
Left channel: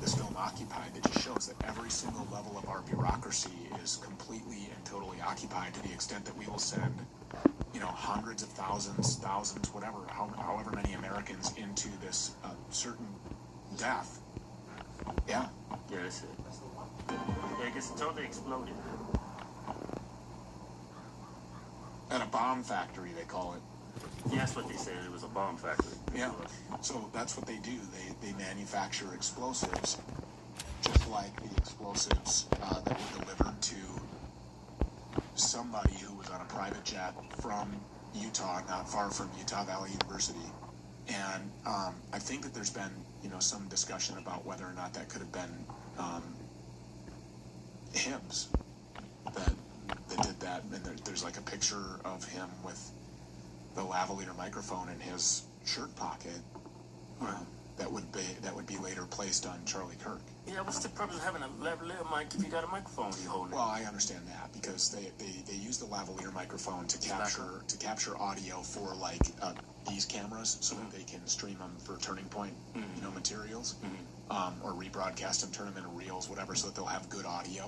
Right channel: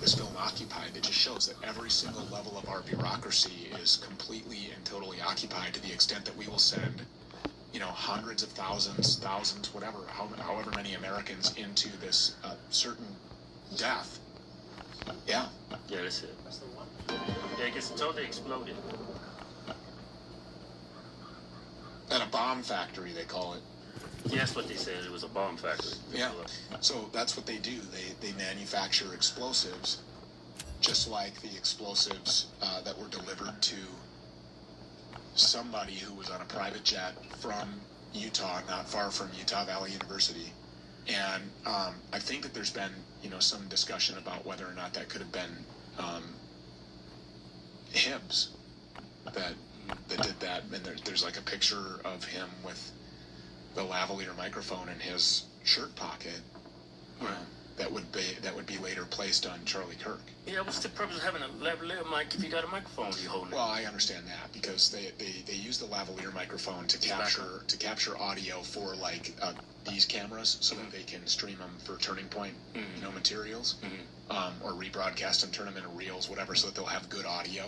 This film Occupied, it just shows that every single level of our bureaucracy is completely and totally occupied to the extent that we will send, hundreds of thousands, whatever, however many Americans into this certain death. Yeah. Yeah, that's it. Yeah, I guess it totally exploded. At a bomb factory, they call it. Yeah, that's what they said. It was a bomb factory. Yeah. So that's what they do. They manufacture explosives, just like the explosives that were delivered to somebody who was on a private jet from Utah, not far from Utah Valley University. And I think that there's been, some discussion about whether or not that could have been Hibbs that did that. And there's like a picture of him with the lavalier microphone in his shirt pocket. That would be later placed on Charlie Kirk. Yeah, what's the purpose of having a lavalier mic if you got a microphone you holding? Well, I understand that because they use the lavalier microphone to capture audio for like these cameras so that they can stream them for Turning Point, materials, or rebroadcast them, turn them into reels, whatever, so that they'll have good audio.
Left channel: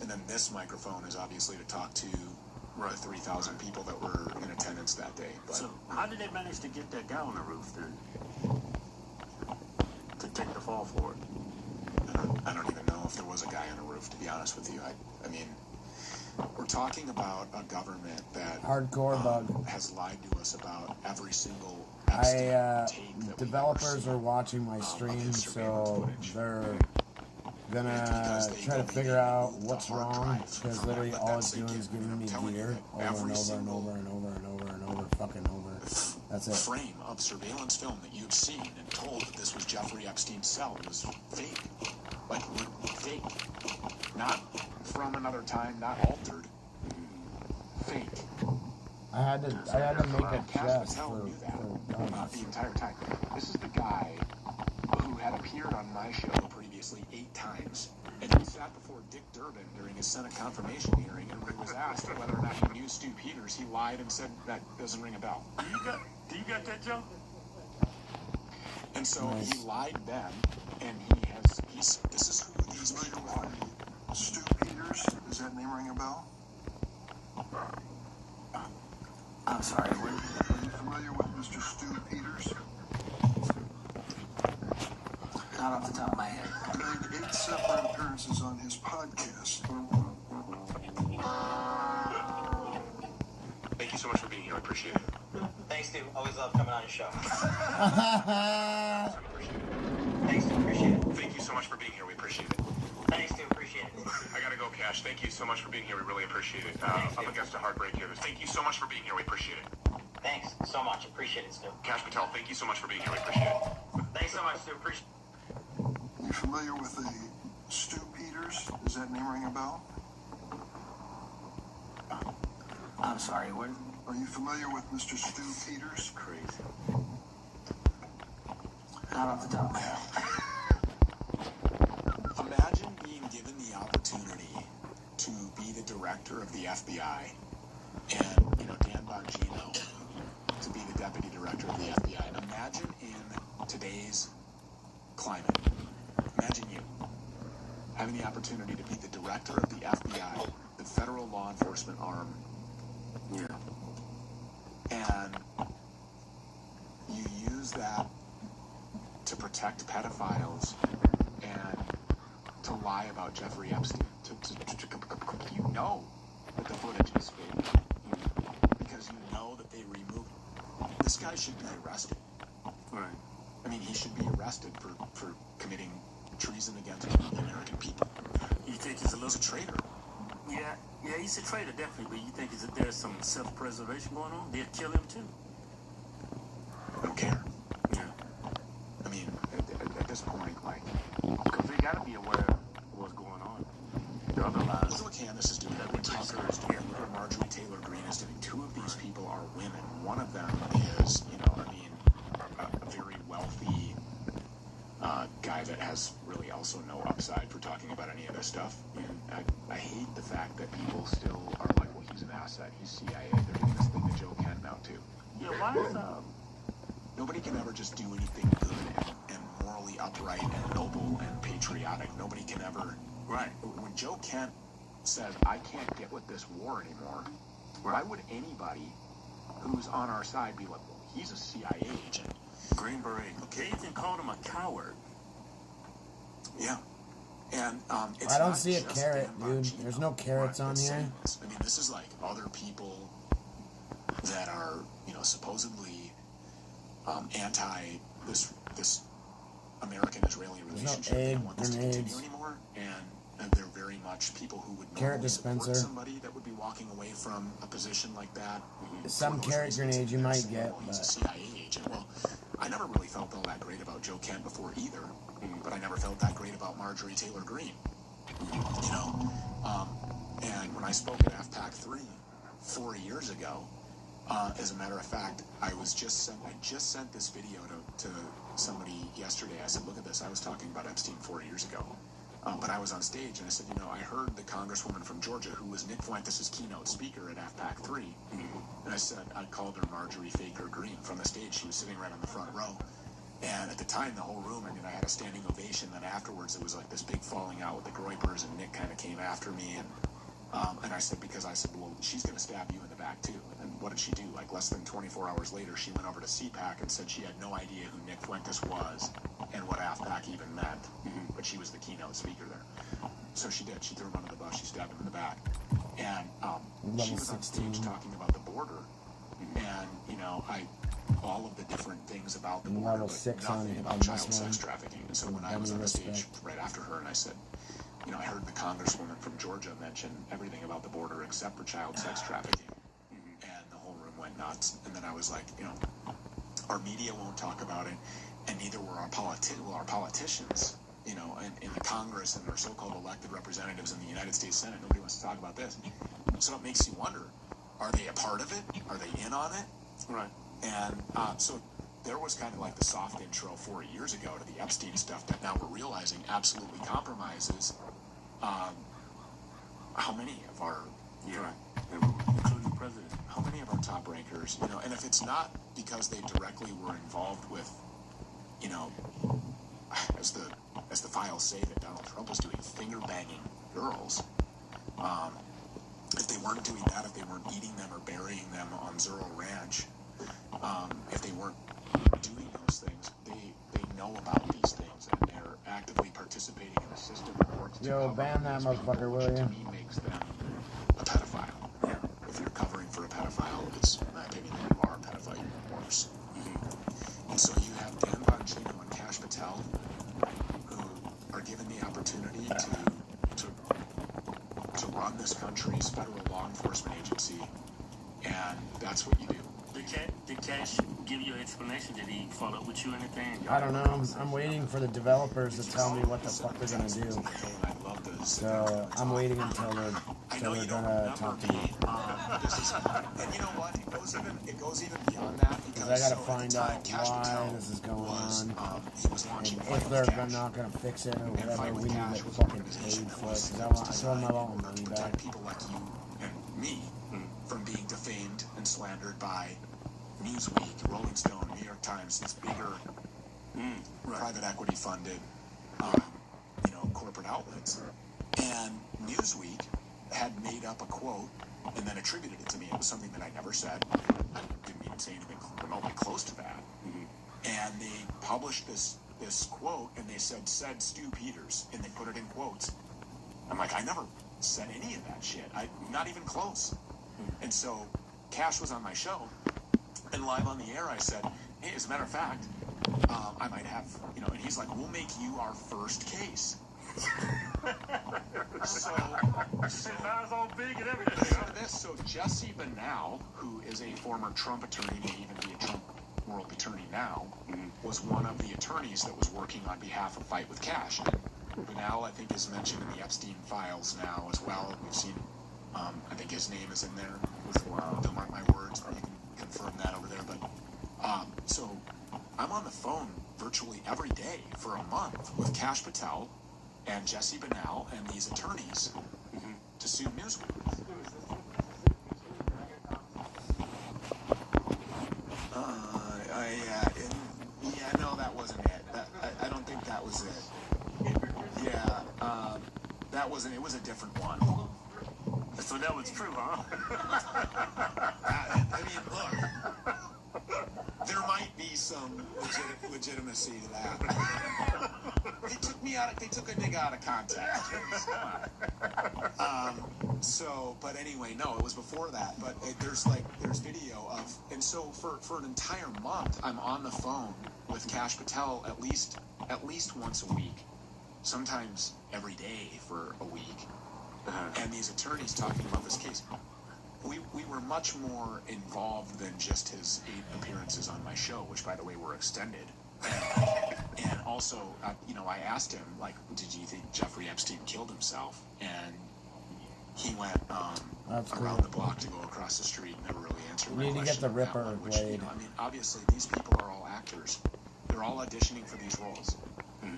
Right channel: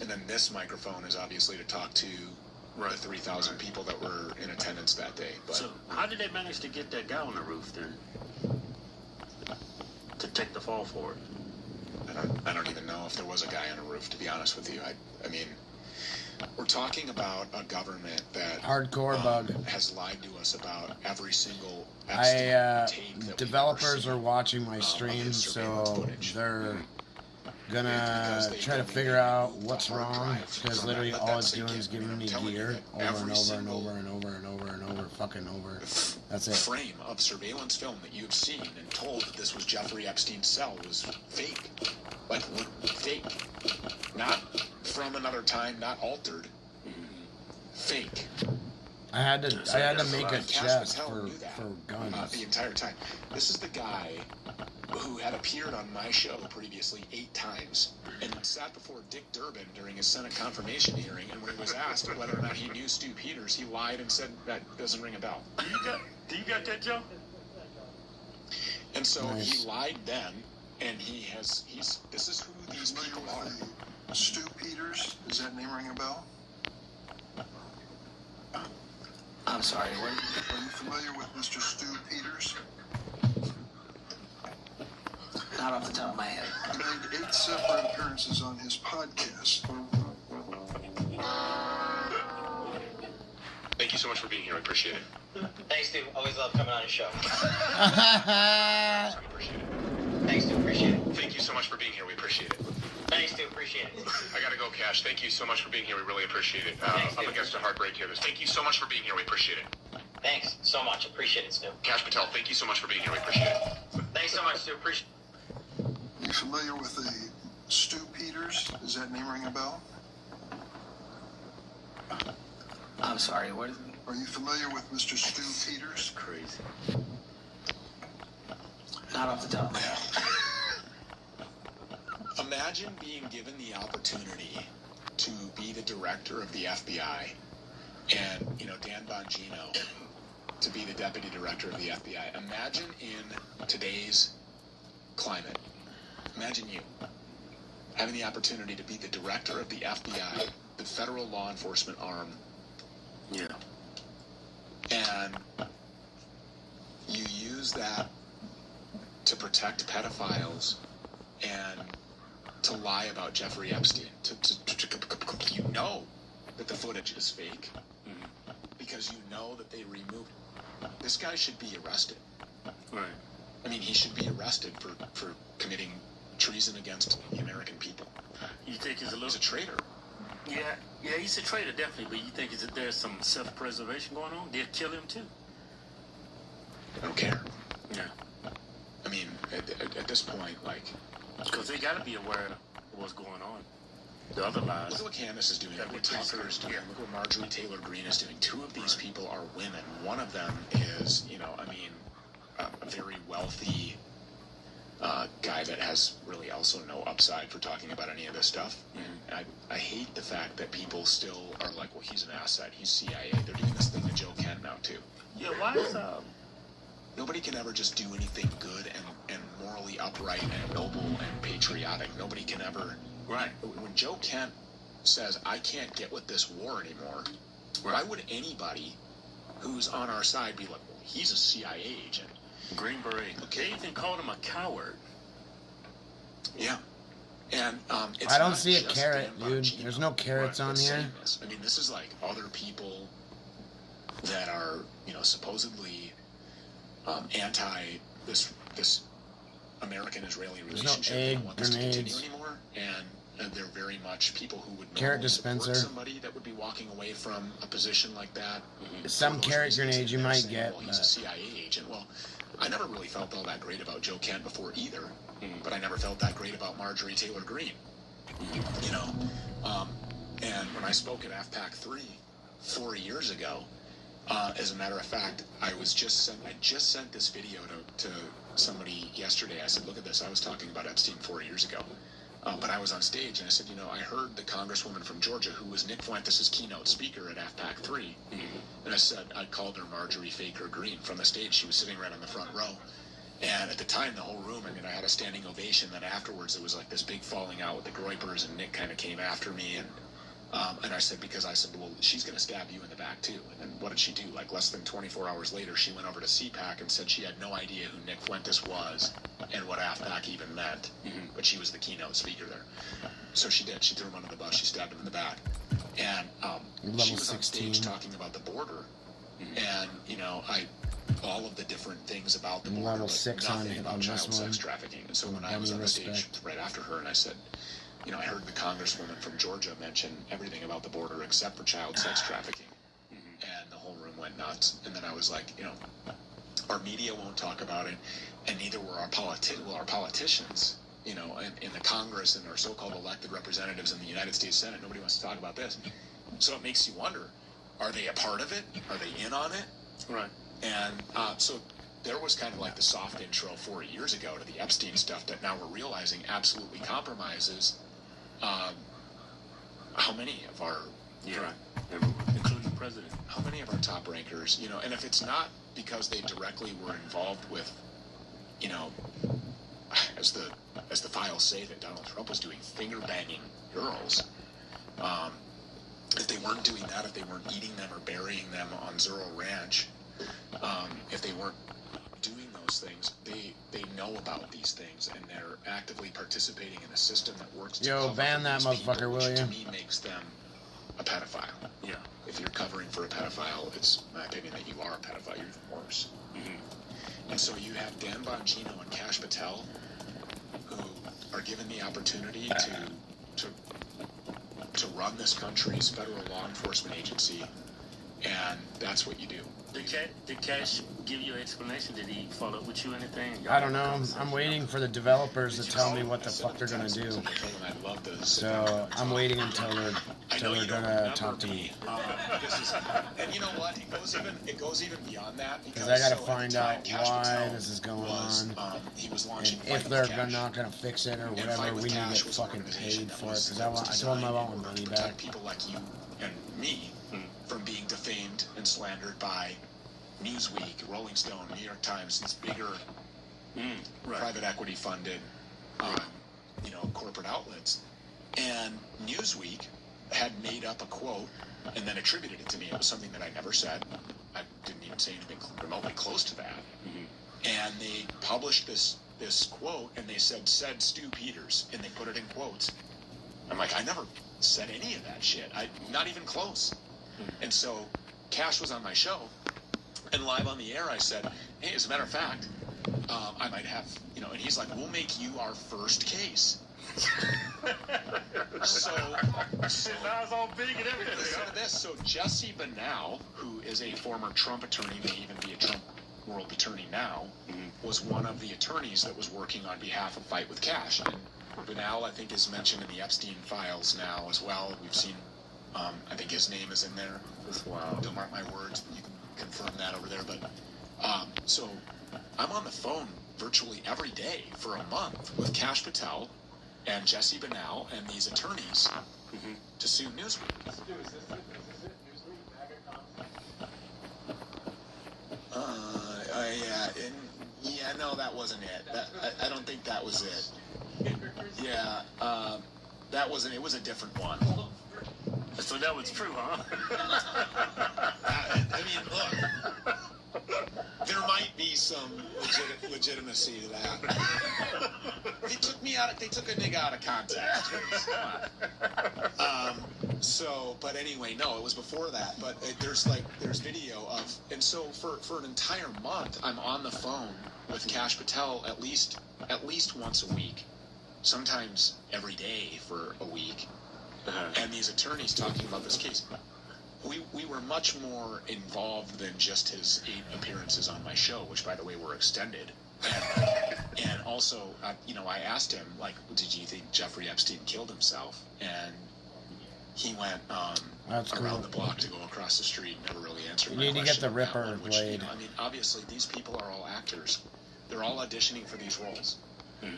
And then this microphone is obviously to talk to the 3,000 people that were in attendance that day. But So how did they manage to get that guy on the roof then? To take the fall for it? I don't even know if there was a guy on the roof, to be honest with you. I mean, we're talking about a government that Hardcore bug. has lied to us about every single developers are watching my stream, so they're gonna try to figure out what's wrong, because literally all it's doing is giving me gear over and over and over and over and over and over fucking over. That's it. frame of surveillance film that you've seen and told that this was Jeffrey Epstein's cell was fake. Like, fake. Not from another time, not altered. fake. I had to make a chest for guns. The entire time. This is the guy who had appeared on my show previously 8 times, and he sat before Dick Durbin during his Senate confirmation hearing, and when he was asked whether or not he knew Stu Peters, he lied and said that doesn't ring a bell. Do you got that, Joe? And so he lied then, and this is who these people are. Stu Peters, does that name ring a bell? I'm sorry, Are you familiar with Mr. Stu Peters? not off the top of my head. He made 8 separate appearances on his podcast. Thank you so much for being here. I appreciate it. Thanks, dude. Always love coming on your show. Thanks, dude. Appreciate it. Thank you so much for being here. We appreciate it. Thanks, dude. Appreciate it. I gotta go, Cash. Thank you so much for being here. We really appreciate it. I'm against a heartbreak here. Thank you so much for being here. We appreciate it. Thanks so much. Appreciate it, Stu. Cash Patel, thank you so much for being here. We appreciate it. Thanks so much, Stu. Appreciate Are you familiar with the Stu Peters? Does that name ring a bell? I'm sorry, what? Are you familiar with Mr. Stu Peters? Crazy. Not off the top of my head. Imagine being given the opportunity to be the director of the FBI and, Dan Bongino to be the deputy director of the FBI. Imagine in today's climate, imagine you having the opportunity to be the director of the FBI, the federal law enforcement arm. Yeah. And you use that to protect pedophiles and to lie about Jeffrey Epstein. You know that the footage is fake because you know that they removed. This guy should be arrested. Right. I mean, he should be arrested for committing treason against the American people. You think he's a traitor? Yeah, he's a traitor, definitely. But you think there's some self-preservation going on? They'll kill him too. I don't care. Yeah. I mean, at this point, because they got to be aware of what's going on. The other lies. Look what Candace is doing. Look what Tucker is doing. Look what Marjorie Taylor Greene is doing. 2 of these people are women. One of them is, a very wealthy guy that has really also no upside for talking about any of this stuff. And I hate the fact that people still are like, well, he's an asset. He's CIA. They're doing this thing to Joe Kent now, too. Yeah, why is Nobody can ever just do anything good and morally upright and noble and patriotic. Nobody can ever. Right. When Joe Kent says, I can't get with this war anymore, why would anybody who's on our side be like, well, he's a CIA agent? Green Beret. They even called him a coward. Yeah. And it's I don't see a carrot, dude. There's no carrots on here. I mean, this is like other people that are, supposedly anti this American-Israeli relationship. There's no egg They want this to grenades. continue anymore, and they're very much people who would Carrot normally support dispenser. somebody that would be walking away from a position like that. Some carrot grenades you might get, Well, he's a CIA agent. Well, I never really felt all that great about Joe Kent before either, but I never felt that great about Marjorie Taylor Greene. And when I spoke at AFPAC 3 4 years ago, as a matter of fact, I just sent this video to somebody yesterday. I said, look at this. I was talking about Epstein 4 years ago. But I was on stage and I said, I heard the congresswoman from Georgia who was Nick Fuentes' keynote speaker at AFPAC 3. And I said, I called her Marjorie Faker Greene from the stage. She was sitting right on the front row. And at the time, the whole room, I had a standing ovation. Then afterwards, it was like this big falling out with the Groypers, and Nick kind of came after me. And I said, well, she's going to stab you in the back, too. And what did she do? Like less than 24 hours later, she went over to CPAC and said she had no idea who Nick Fuentes was and what AFPAC even meant. But she was the keynote speaker there. So she did. She threw him under the bus. She stabbed him in the back. And she was 16. On stage talking about the border. And, all of the different things about the border. Level 6 on child this one. sex trafficking. And so when I was on the stage right after her, and I said, I heard the congresswoman from Georgia mention everything about the border except for child sex trafficking. And the whole room went nuts. And then I was like, our media won't talk about it, and neither will our politicians, in the Congress and our so-called elected representatives in the United States Senate. Nobody wants to talk about this. So it makes you wonder, are they a part of it? Are they in on it? Right. And so there was kind of like the soft intro 4 years ago to the Epstein stuff that now we're realizing absolutely compromises how many of our including the president, how many of our top rankers, you know, and if it's not because they directly were involved with, you know, as the files say that Donald Trump was doing finger banging girls, if they weren't doing that, if they weren't eating them or burying them on Zero Ranch, if they weren't doing those things, they know about these things and they're actively participating in a system that works. Yo, ban that motherfucker, will you? To me, makes them a pedophile. Yeah. If you're covering for a pedophile, it's my opinion that you are a pedophile. You're worse. Mm-hmm. And so you have Dan Bongino and Kash Patel, who are given the opportunity to run this country's federal law enforcement agency, and that's what you do. Did Cash give you an explanation? Did he follow up with you or anything? I don't know. I'm waiting for the developers to tell me what the fuck they're gonna do. So I'm waiting until they're gonna talk to me. And you know what? It goes even beyond that. Because I gotta find out why this is going on, and if they're not gonna fix it or whatever, we need to get fucking paid for it. Because I told them I want my money back. People like you and me from being defamed and slandered by Newsweek, Rolling Stone, New York Times, these bigger private equity funded, corporate outlets. And Newsweek had made up a quote and then attributed it to me. It was something that I never said. I didn't even say anything remotely close to that. And they published this quote, and they said Stu Peters, and they put it in quotes. I'm like, I never said any of that shit. Not even close. And so Cash was on my show, and live on the air I said, hey, as a matter of fact, I might have, and he's like, we'll make you our first case. So now it's all big and everything. So Jesse Banau, who is a former Trump attorney, may even be a Trump world attorney now, was one of the attorneys that was working on behalf of Fight with Cash. And Banau, I think, is mentioned in the Epstein files now as well. We've seen, I think his name is in there. Don't mark my words, but you can confirm that over there. But so I'm on the phone virtually every day for a month with Kash Patel and Jesse Banau and these attorneys to sue Newsweek. No, that wasn't it. I don't think that was it. Yeah, that wasn't. It was a different one. So that was true, huh? I mean, look, there might be some legitimacy to that. They took me out. They took a nigga out of context. But anyway, no, it was before that. But there's video of, and so for an entire month, I'm on the phone with Kash Patel at least once a week, sometimes every day for a week. And these attorneys talking about this case. We were much more involved than just his 8 appearances on my show, which, by the way, were extended. And also, I asked him, like, did you think Jeffrey Epstein killed himself? And he went around the block to go across the street and never really answered my question. You need to get the Ripper blade. Obviously, these people are all actors. They're all auditioning for these roles.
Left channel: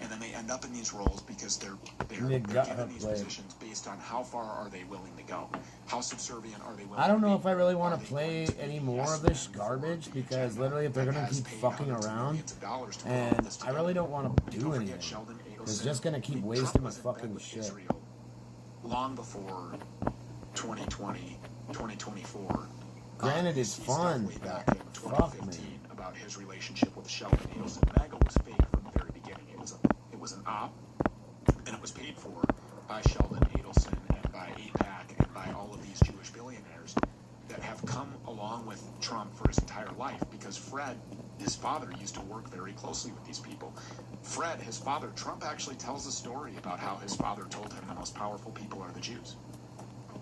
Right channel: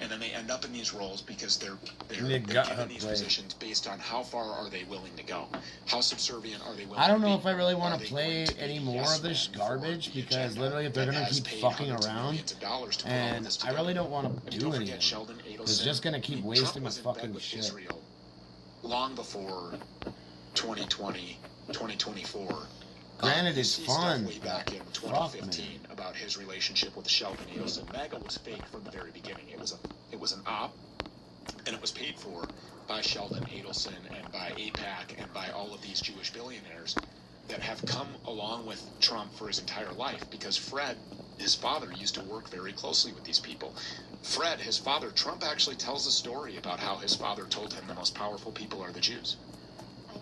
And then they end up in these roles because they're given these positions based on how far are they willing to go, how subservient are they willing to be. I don't know if I really want to play any more of this garbage, because literally if they're going to keep fucking around, and I really don't want to do anything, it's just going to keep wasting my fucking shit. Long before 2020, 2024. Granted, it's fun, but fuck, man. About his relationship with Sheldon Adelson. MAGA was fake from the very beginning. It was an op, and it was paid for by Sheldon Adelson and by AIPAC and by all of these Jewish billionaires that have come along with Trump for his entire life, because Fred, his father, used to work very closely with these people. Fred, his father, Trump actually tells a story about how his father told him the most powerful people are the Jews.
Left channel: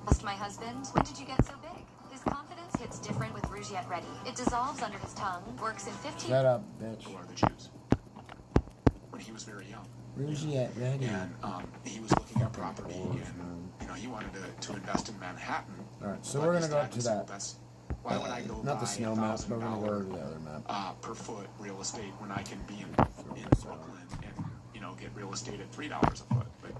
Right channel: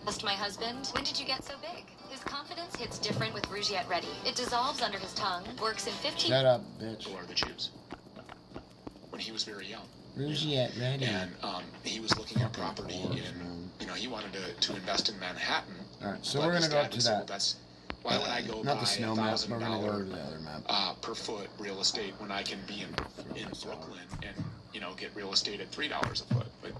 Asked my husband, when did you get so big? His confidence hits different with Rougiette Ready. It dissolves under his tongue, works in 15... Shut up, bitch. Who are the Jews? When he was very young. Rougiette Ready. And he was looking at property in, he wanted to invest in Manhattan, All right, so But we're his gonna go dad up to was- that. That's why would I go Not the buy snow map, but we're gonna go over to the other map. per foot real estate when I can be in Brooklyn and get real estate at $3 a foot, but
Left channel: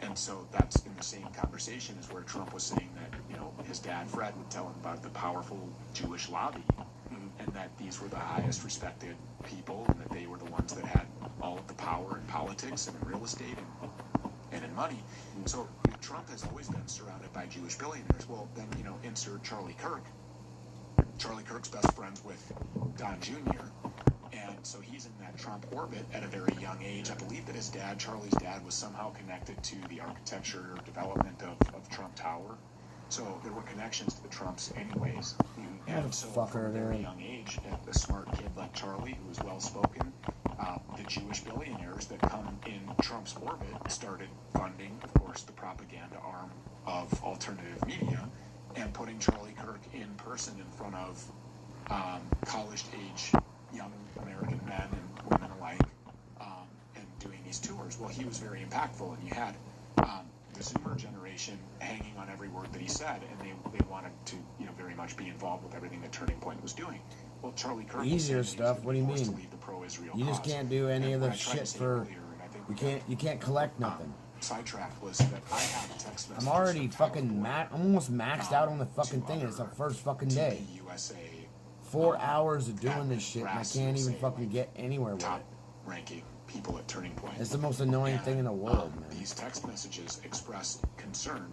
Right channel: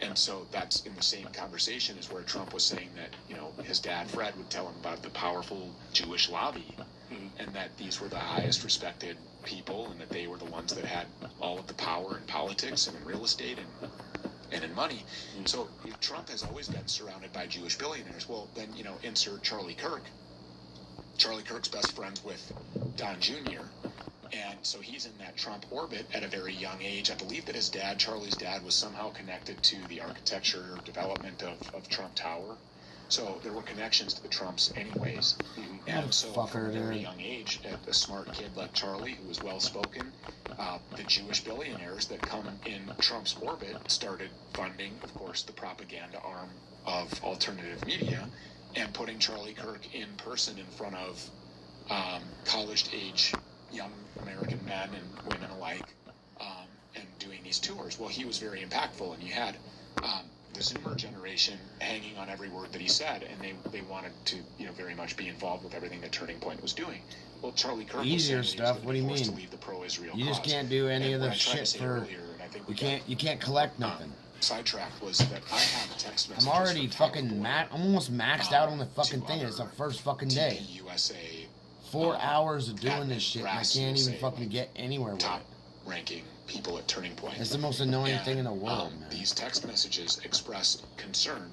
and so that's in the same conversation as where Trump was saying that his dad Fred would tell him about the powerful Jewish lobby, and that these were the highest respected people, and that they were the ones that had all of the power in politics and in real estate and in money. So Trump has always been surrounded by Jewish billionaires. Well, then insert Charlie Kirk. Charlie Kirk's best friends with Don Jr. And so he's in that Trump orbit at a very young age. I believe that his dad, Charlie's dad, was somehow connected to the architecture or development of Trump Tower. So there were connections to the Trumps anyways. And so from a very young age, a smart kid like Charlie, who was well-spoken, the Jewish billionaires that come in Trump's orbit started funding, of course, the propaganda arm of alternative media and putting Charlie Kirk in person in front of college-age young American men and women alike, and doing these tours. Well, he was very impactful, and you had the Zoomer generation hanging on every word that he said, and they wanted to, very much be involved with everything that Turning Point was doing. Well, Charlie Kirk Easier stuff. What do you mean? You just can't do any of the shit for. You can't collect nothing. Sidetrack was that I have text messages. I'm already fucking I'm almost maxed out on the fucking thing. It's the first fucking day. 4 hours of doing this shit, and I can't even fucking get anywhere with it. Ranking people at Turning Point. It's the most annoying thing in the world, man. These text messages expressed concern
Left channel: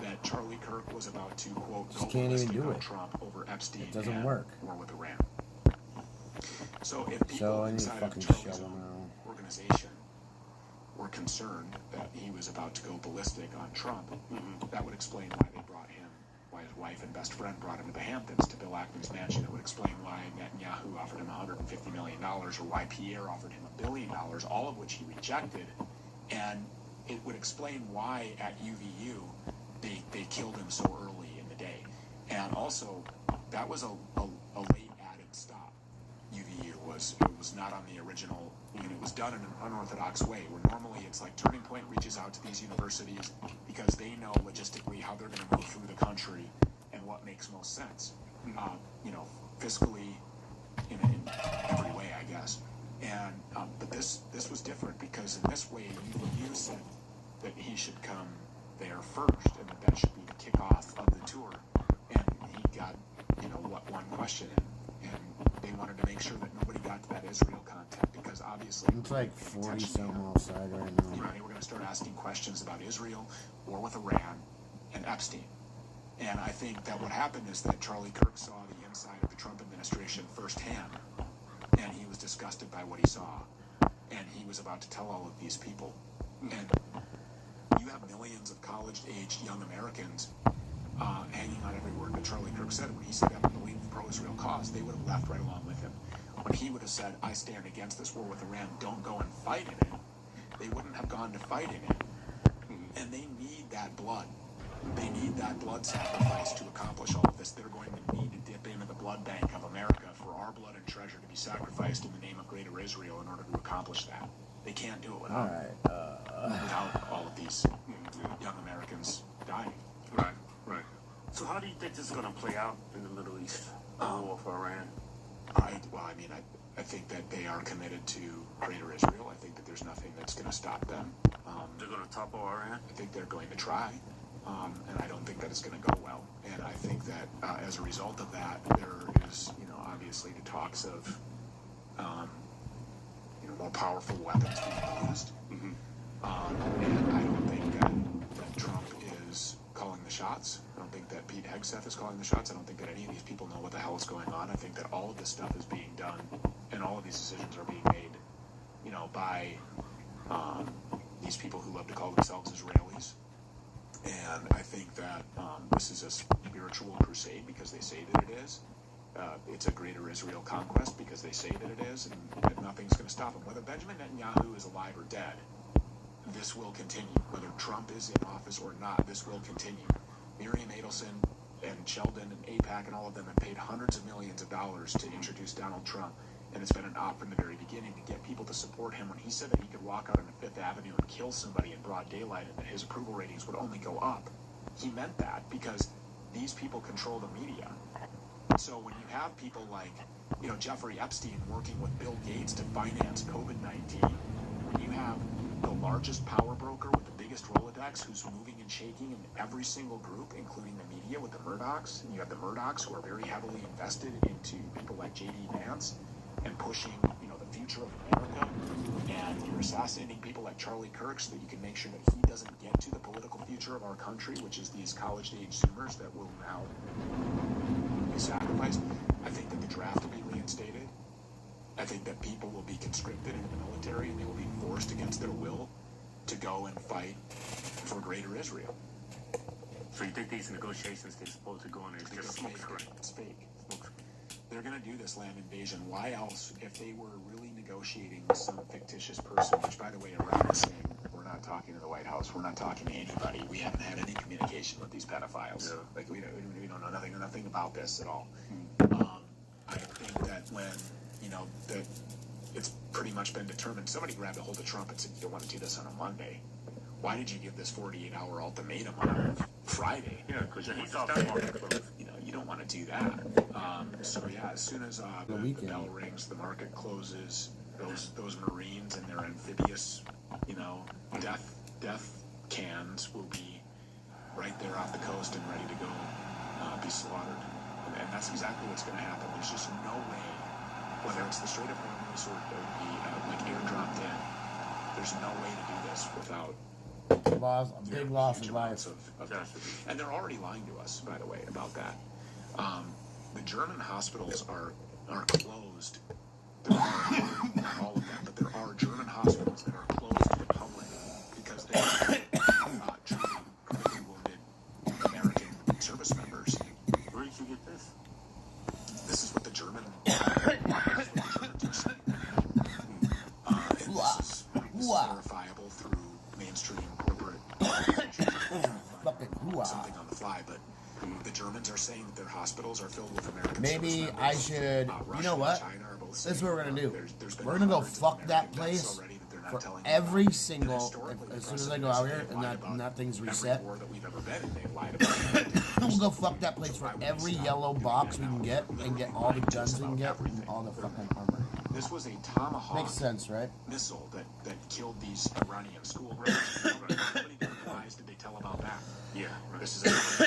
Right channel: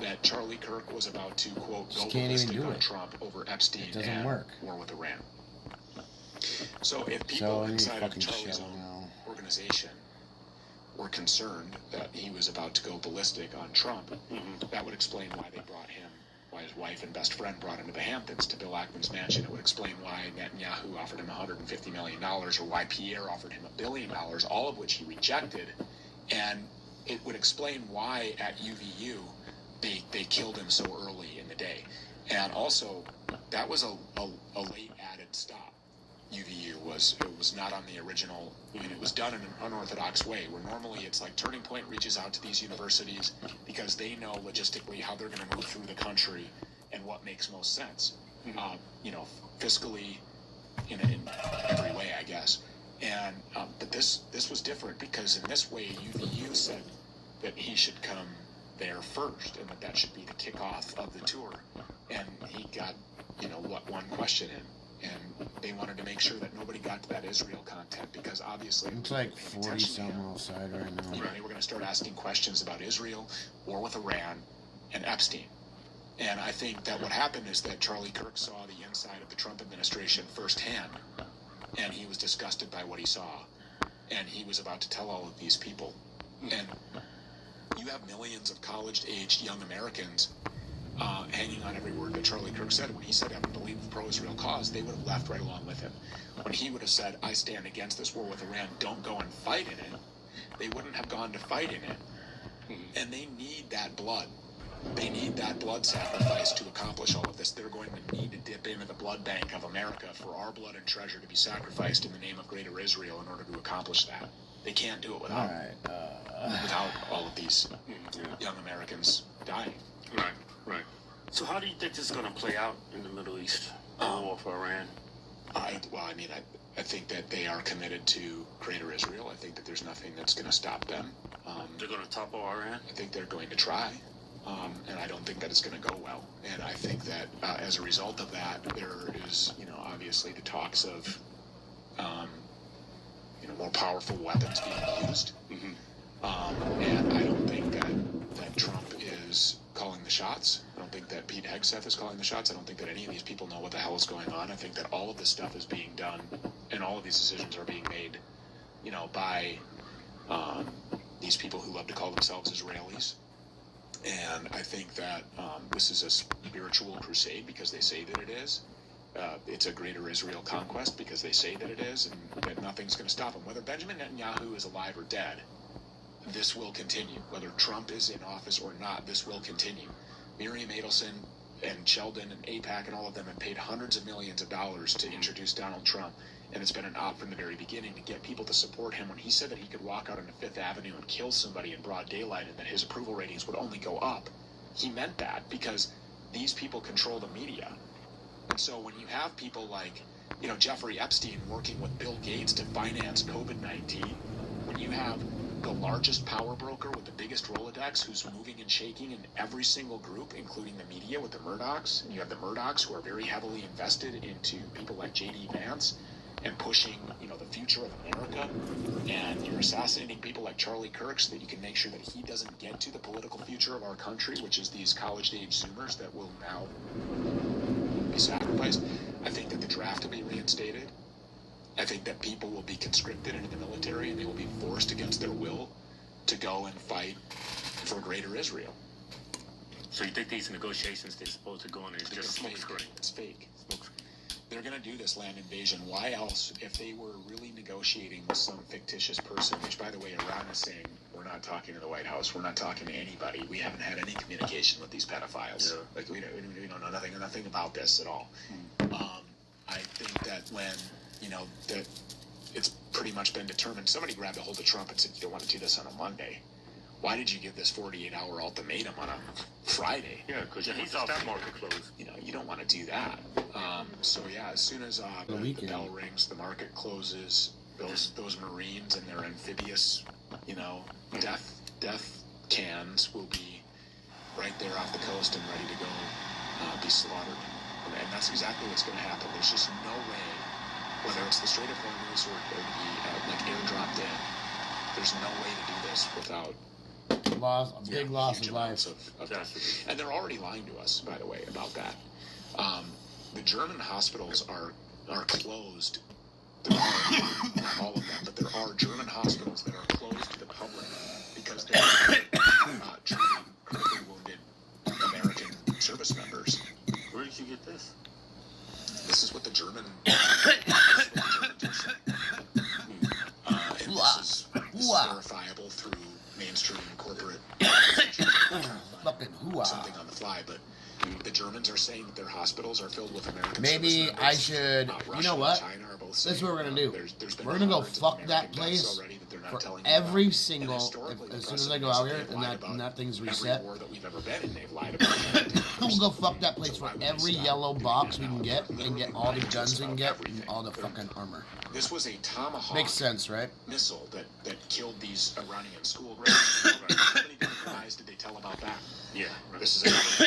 that Charlie Kirk was about to quote Just can't even do it. Trump over Epstein. It doesn't work. War with Iran. So if people inside of Charlie's organization were concerned that he was about to go ballistic on Trump, that would explain why they brought him, why his wife and best friend brought him to the Hamptons, to Bill Ackman's mansion. It would explain why Netanyahu offered him $150 million, or why Pierre offered him $1 billion, all of which he rejected. And it would explain why at UVU they killed him so early in the day. And also, that was a late added stop. UVU was not on the original. It was done in an unorthodox way, where normally it's like Turning Point reaches out to these universities because they know logistically how they're going to move through the country and what makes most sense, fiscally, in every way, I guess. And but this was different because in this way, UVU said that he should come there first, and that should be the kickoff of the tour. And he got, one question in, and they wanted to make sure that nobody got to that Israel content because obviously it's like 40 something outside right now. They were going to start asking questions about Israel, war with Iran, and Epstein. And I think that what happened is that Charlie Kirk saw the inside of the Trump administration firsthand, and he was disgusted by what he saw, and he was about to tell all of these people. And you have millions of college-aged young Americans hanging on every word that Charlie Kirk said. When he said, I don't believe the pro-Israel cause, they would have left right along with him. When he would have said, I stand against this war with Iran, don't go and fight in it, they wouldn't have gone to fight in it. And they need that blood. They need that blood sacrifice to accomplish all of this. They're going to need to dip into the blood bank of America for our blood and treasure to be sacrificed in the name of Greater Israel in order to accomplish that. They can't do it without all of these young Americans dying. Right. So how do you think this is going to play out in the Middle East, the war for Iran? I think that they are committed to Greater Israel. I think that there's nothing that's going to stop them. They're going to topple Iran? I think they're going to try. And I don't think that it's going to go well. And I think that as a result of that, there is, obviously the talks of, more powerful weapons being used. And I don't think that Trump is calling the shots. I don't think that Pete Hegseth is calling the shots. I don't think that any of these people know what the hell is going on. I think that all of this stuff is being done, and all of these decisions are being made, by these people who love to call themselves Israelis. And I think that this is a spiritual crusade because they say that it is. It's a Greater Israel conquest because they say that it is, and that nothing's going to stop them. Whether Benjamin Netanyahu is alive or dead, this will continue. Whether Trump is in office or not, this will continue. Miriam Adelson and Sheldon and AIPAC and all of them have paid hundreds of millions of dollars to introduce Donald Trump, and it's been an op from the very beginning to get people to support him. When he said that he could walk out onto Fifth Avenue and kill somebody in broad daylight and that his approval ratings would only go up, he meant that because these people control the media. So when you have people like, you know, Jeffrey Epstein working with Bill Gates to finance COVID-19, and you have the largest power broker with the biggest Rolodex who's moving and shaking in every single group, including the media with the Murdochs, and you have the Murdochs who are very heavily invested into people like J.D. Vance and pushing, you know, the future of America, and you're assassinating people like Charlie Kirk so that you can make sure that he doesn't get to the political future of our country, which is these college-age Zoomers that will now be sacrificed. I think that the draft will be reinstated. I think that people will be conscripted into the military and they will be forced against their will to go and fight for greater Israel. So you think these negotiations they're supposed to go on is just smoke screen? It's fake. They're going to do this land invasion. Why else, if they were really negotiating with some fictitious person, which, by the way, Iran is saying, we're not talking to the White House, we're not talking to anybody, we haven't had any communication with these pedophiles. Yeah. Like, we don't know nothing about this at all. I think that when, you know, that it's pretty much been determined, somebody grabbed a hold of Trump and said, you don't want to do this on a Monday. Why did you give this 48-hour ultimatum on a Friday? Yeah, because he's off the market. You know, you don't want to do that. So yeah, as soon as the bell rings, the market closes. Those Marines and their amphibious, you know, death cans will be right there off the coast and ready to go be slaughtered. And that's exactly what's going to happen. There's just no way, whether it's the Strait of Hormuz or the like airdropped in, there's no way to do this without a big loss of life. And they're already lying to us, by the way, about that. The German hospitals are closed. All of them, but there are German hospitals that are closed to the public because they're treating critically wounded American service members. Where did you get this? This is what the German. This is verifiable through mainstream corporate. Fucking hoo-ah. Something on the fly, but the Germans are saying that their hospitals are filled with American. Maybe I should. You know what? This is what we're gonna do. We're gonna go fuck that place for every single. As soon as I go out here and that thing's reset, we'll go fuck that place for every yellow box we can get and get all the guns we can get and all the fucking armor. This was a Tomahawk. Makes sense, right? Missile that killed these Iranian school girls. How many guys did they tell about that? Yeah. This is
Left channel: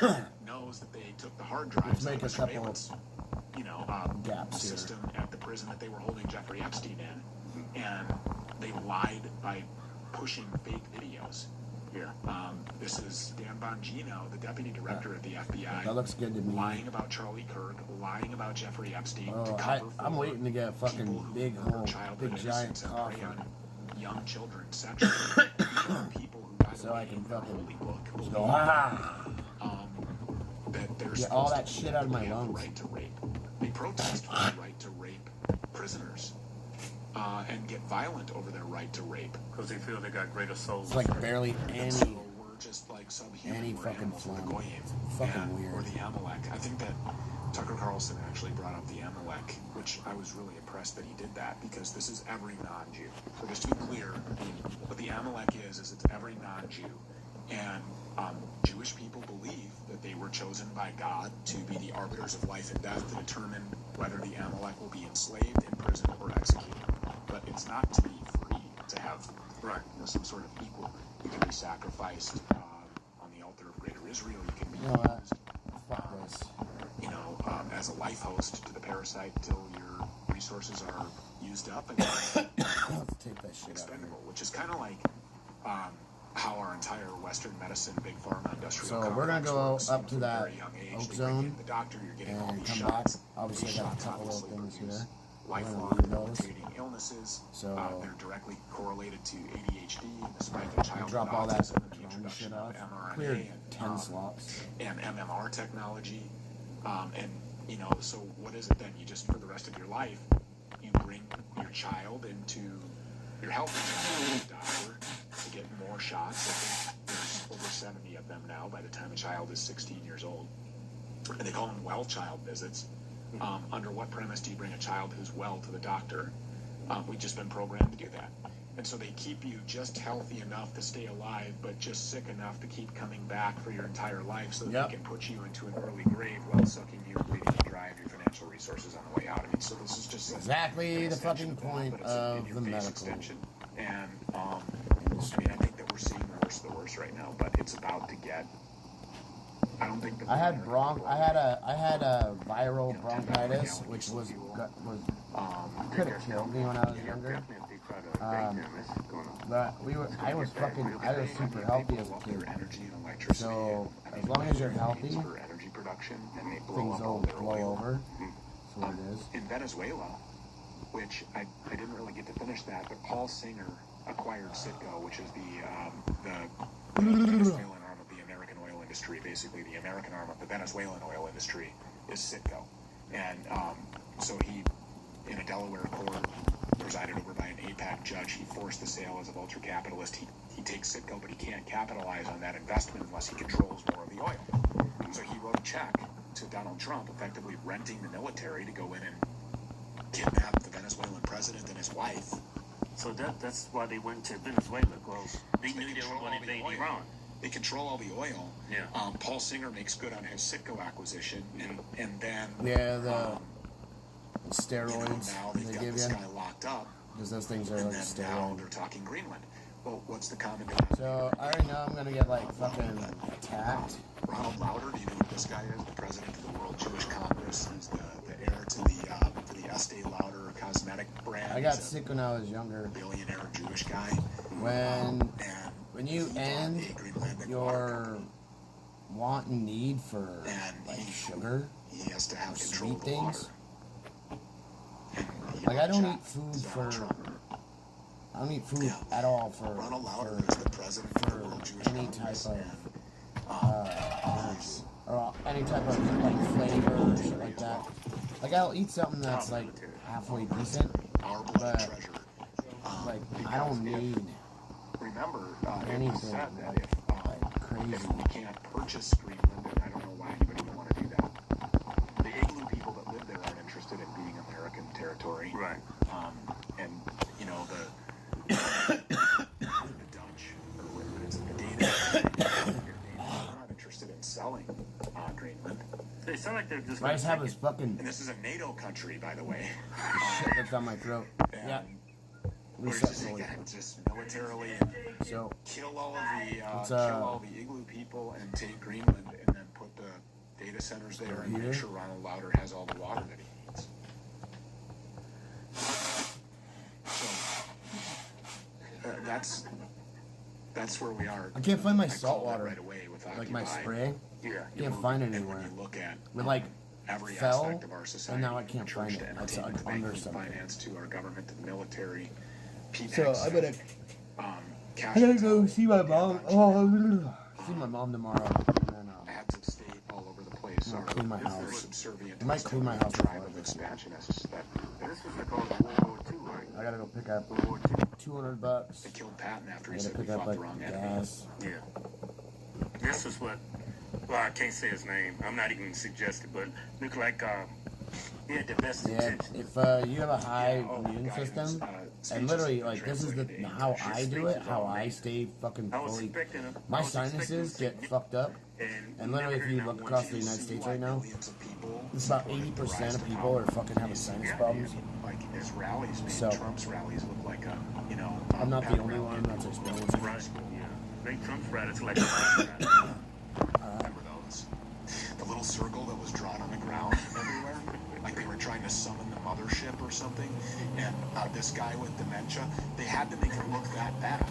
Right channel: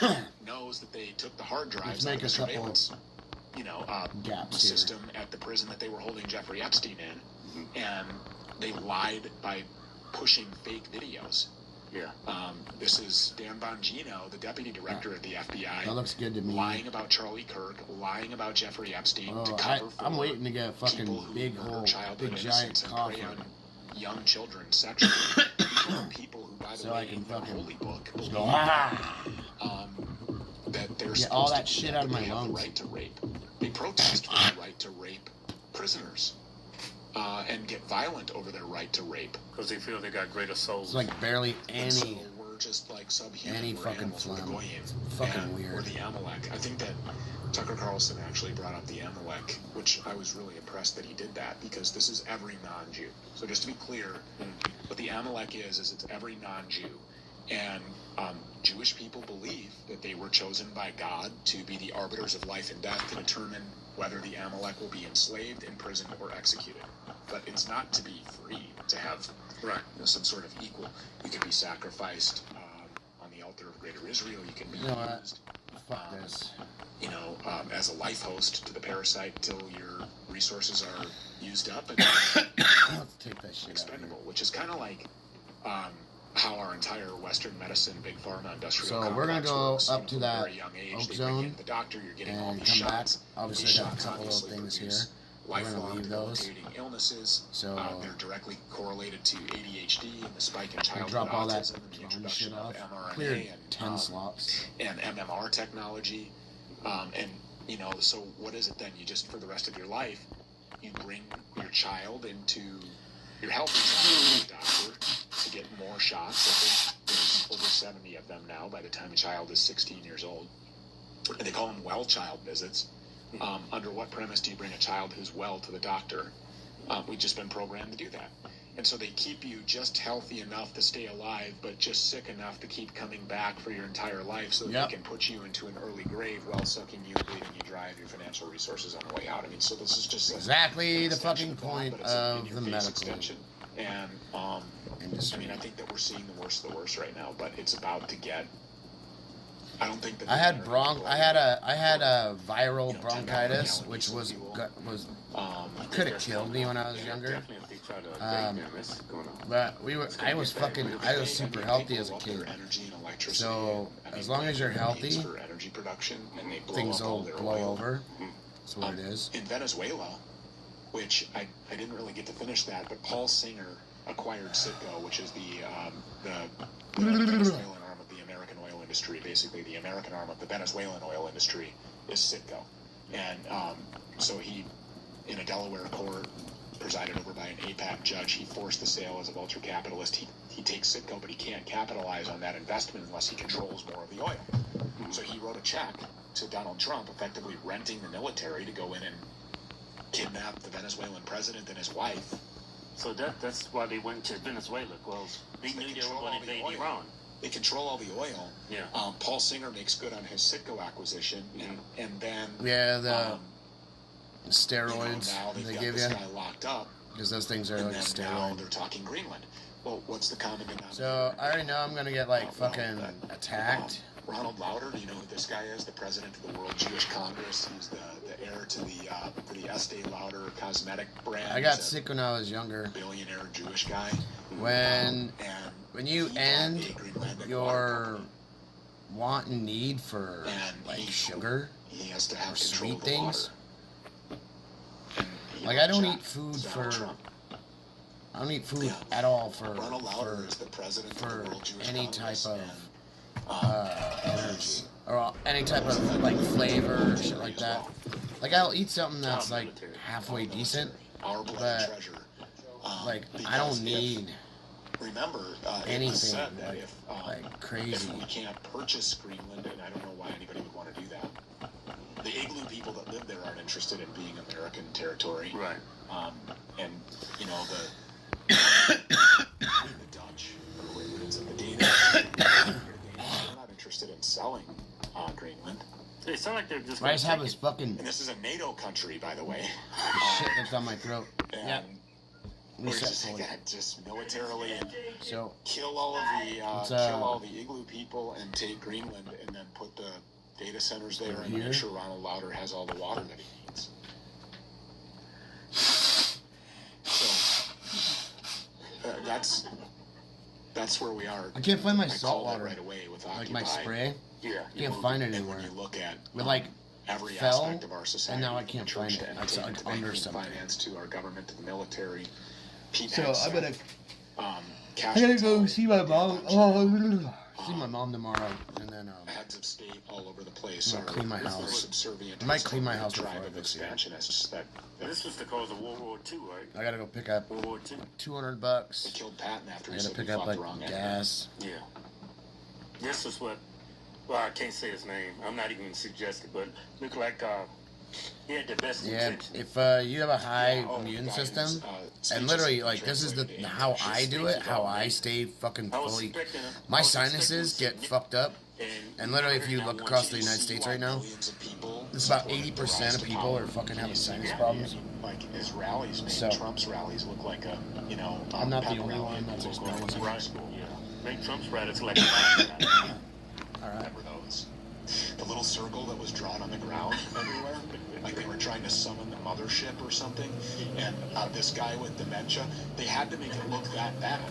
a knows that they took the hard drives. Let's make a couple. Gaps system here at the prison that they were holding Jeffrey Epstein in, and they lied by pushing fake videos. Yeah. This is Dan Bongino, the deputy director at the FBI. That looks good to me. Lying about Charlie Kirk, lying about Jeffrey Epstein. Oh, I'm waiting to get a fucking big giant coffin. Young children sexually. People who, by the so way, I can fucking book, go get all that shit out of my lungs. Right to rape. They protest for the right to rape prisoners and get violent over their right to rape because they feel they got greater souls. It's like barely any we're just like subhuman. Any fucking phlegm. Fucking weird. Or the Amalek. I think that Tucker Carlson actually brought up the Amalek, which I was really impressed that he did that because this is every non-Jew. So just to be clear, what the Amalek is it's every non-Jew. And Jewish people believe that they were chosen by God to be the arbiters of life and death to determine whether the Amalek will be enslaved, imprisoned, or executed. But it's not to be free, to have some sort of equal. You can be sacrificed on the altar of Greater Israel. You can be used, fuck this. As a life host to the parasite till your resources are used up and take that shit expendable, which is kind of like how our entire Western medicine, big pharma, industrial. So we're gonna go up to that oak zone the doctor, and come back. Obviously, I got a couple of things here. We're gonna leave those. Illnesses, so they're directly correlated to ADHD and the spike in childhood drop all that drone shit off. Cleared 10 slots. And MMR technology, and so what is it then? You just for the rest of your life, you bring your child into your health doctor to get more shots. I think there's over 70 of them now by the time a child is 16 years old. And they call them well child visits. Under what premise do you bring a child who's well to the doctor? We've just been programmed to do that. And so they keep you just healthy enough to stay alive, but just sick enough to keep coming back for your entire life so that they can put you into an early grave while sucking you, bleeding you dry of your financial resources on the way out. I mean, so this is just exactly the fucking point of the medical extension. And, I mean, I think that we're seeing the worst of the worst right now, but it's about to get... I don't think that... I had a viral bronchitis, which could have killed me when I was younger. But I was super healthy as a kid. So as long as you're healthy, things will blow over. That's what it is. In Venezuela, which I didn't really get to finish that, but Paul Singer acquired Citgo, which is the Venezuelan arm of the American oil industry. Basically, the American arm of the Venezuelan oil industry is Citgo. And so he, in a Delaware court, presided over by an APAC judge, he forced the sale as a vulture capitalist. He takes Citgo, but he can't capitalize on that investment unless he controls more of the oil. So he wrote a check to Donald Trump, effectively renting the military to go in and kidnap the Venezuelan president and his wife. So that's why they went to Venezuela, because they knew they were going to invade Iran. They control all the oil. Yeah. Paul Singer makes good on his Citgo acquisition, and then the steroids they give you, locked up because those things are like steroids. They're talking Greenland. Well, what's the common denominator? So I already know I'm gonna get like fucking attacked. Ronald Lauder, do you know who this guy is? The president of the World Jewish Congress. He's the heir to the Estee Lauder cosmetic brand. I got sick when I was younger. Billionaire Jewish guy. When you end your want and need for like sugar or sweet things. Like I don't eat food at all for any type of energy or any type of like flavor or shit like that. Like I'll eat something that's like halfway decent, but like I don't need anything like crazy. We can't purchase Greenland, and I don't know why anybody would want to do that. The igloo people that live there aren't interested in being American territory. Right. And, you know, the Dutch, the Danish, they're not interested in selling Greenland. They sound like they're just... I just have this fucking... And this is a NATO country, by the way. Shit that's on my throat. Yeah. Just militarily kill all of the igloo people and take Greenland and then put the data centers there and make sure Ronald Lauder has all the water that he needs. So that's where we are. I can't find my salt water right away with like my spray. Yeah, I can't find it anywhere. With like every fell, aspect of our society, and now I can't find it. It's under something. Finance to our government, to the military. So I'm gonna I gotta go see my mom. Oh, see my mom tomorrow, and then heads of state all over the place. I'm gonna clean my house. I might clean my house before I go see her. This was the cause of World War II, right? I gotta go pick up $200. They killed Patton after I gotta pick up like gas. Yeah. This is what. Well, I can't say his name. I'm not even suggesting, but look like he had the best intentions. If you have a high immune system, and literally like this is how I do it, how I stay fucking fully. My sinuses get fucked up, and literally if you look across the United States right now, it's about 80% of people are fucking having sinus problems. Like his rallies, man. So Trump's rallies look like a, you know. I'm not the only one that's experiencing it. I think Trump's rallies like. Alright. The little circle that was drawn on the ground everywhere, like they were trying to summon the mothership or something, and this guy with dementia, they had to make it look that bad.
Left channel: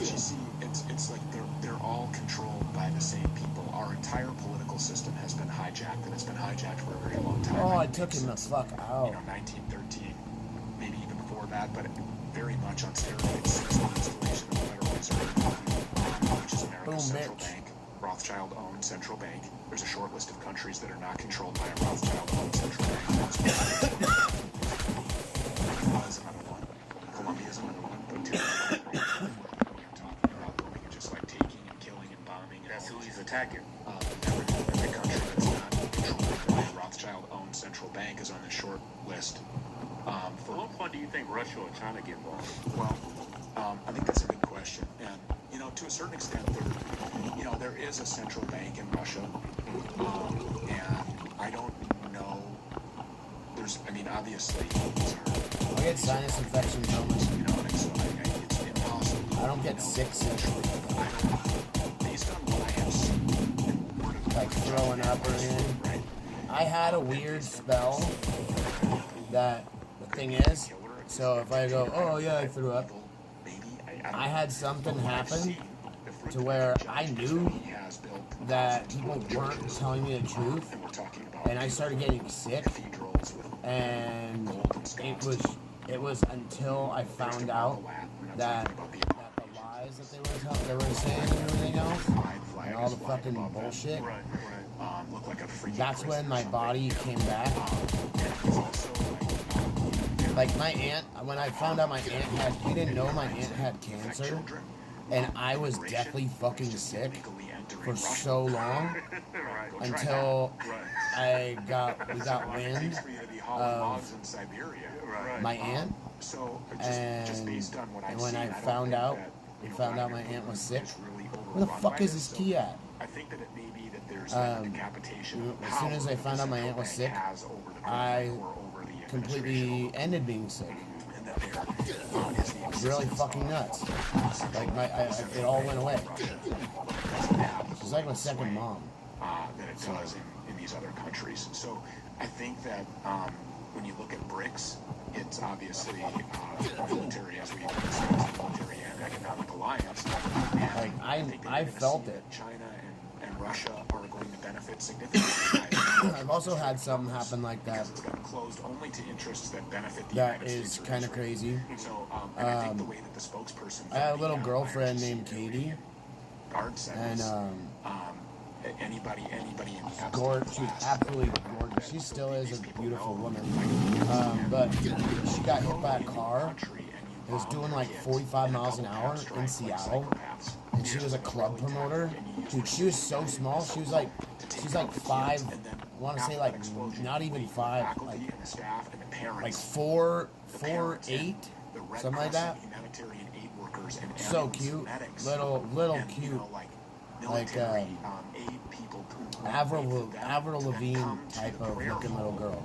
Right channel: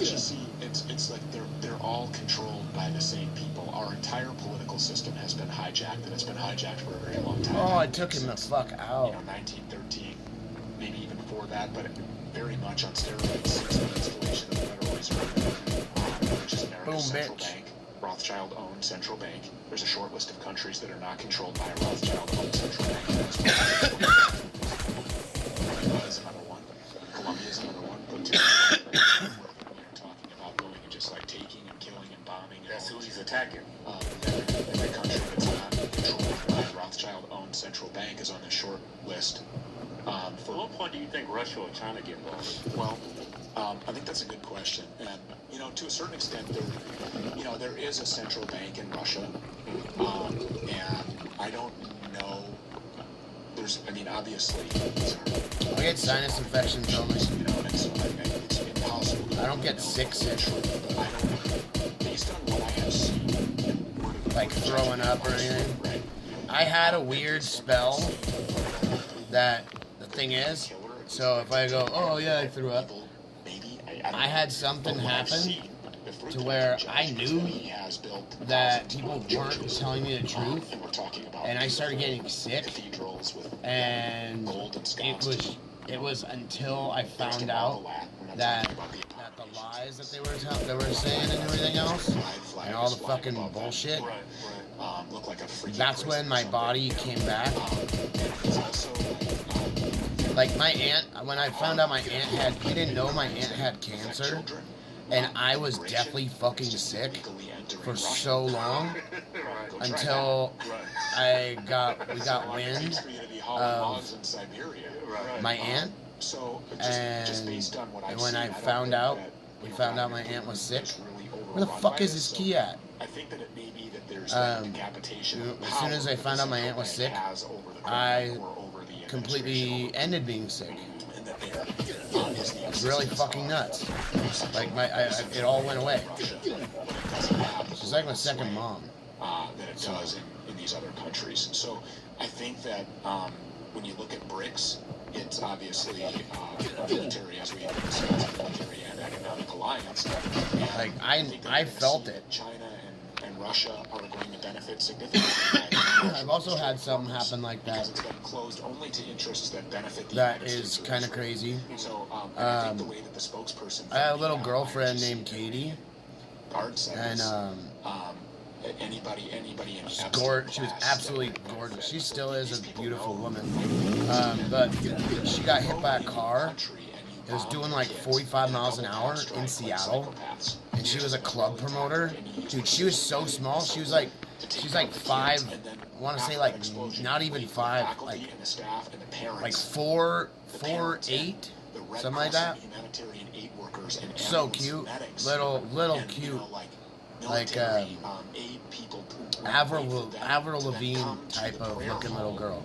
You see, it's like they're all controlled by the same people. Our entire political system has been hijacked, and it's been hijacked for a very long time. Oh, I took him the fuck out. 1913, maybe even before that, but very much on steroids since the installation of the Federal Reserve, which is America's central bank. Rothschild-owned central bank. There's a short list of countries that are not controlled by a Rothschild-owned central bank. Is another one. Colombia is another one. Talking about going and just like taking and killing and bombing. That's who he's attacking. The country that's not controlled by a Rothschild-owned central bank is on the short list. What part do you think Russia or China get involved? Well, I think that's a good question. And, you know, to a certain extent, there is a central bank in Russia. And I don't know. Obviously. I get sinus infections only. You know, it's impossible. I don't get sick. Based on what I have seen. Like throwing up or anything. I had a weird spell that the thing is, so if I go, oh yeah, I threw up, I had something happen to where I knew that people weren't telling me the truth, and I started getting sick, and it was until I found out that the lies that they were saying and everything else, and all the fucking bullshit, that's when my body came back. Like my aunt, when I found out my aunt we didn't know my aunt had cancer, and I was deathly fucking sick for so long until we got wind of my aunt, and when we found out my aunt was sick. Where the fuck is this key at? As soon as I found out my aunt was sick, I completely ended being sick. It's really fucking nuts. Like it all went away. She's like my second mom. That it does in these other countries. So I think that when you look at BRICS, it's obviously military, as we discussed, military and economic alliance. Like I felt it. China and Russia are going to benefit significantly. I've also had something happen like that. It's been closed only to interests that benefit the that is kind of crazy. So I think the way that the spokesperson I had a little girlfriend named Katie, and anybody in she was absolutely gorgeous. She still is a beautiful woman, but she got hit by a car. It was doing like 45 miles an hour in Seattle, and she was a club promoter. Dude, she was so small. She's like 5. I want to say like not even 5, like 4'8", something like that. So cute, little cute, like Avril Lavigne type of looking little girl.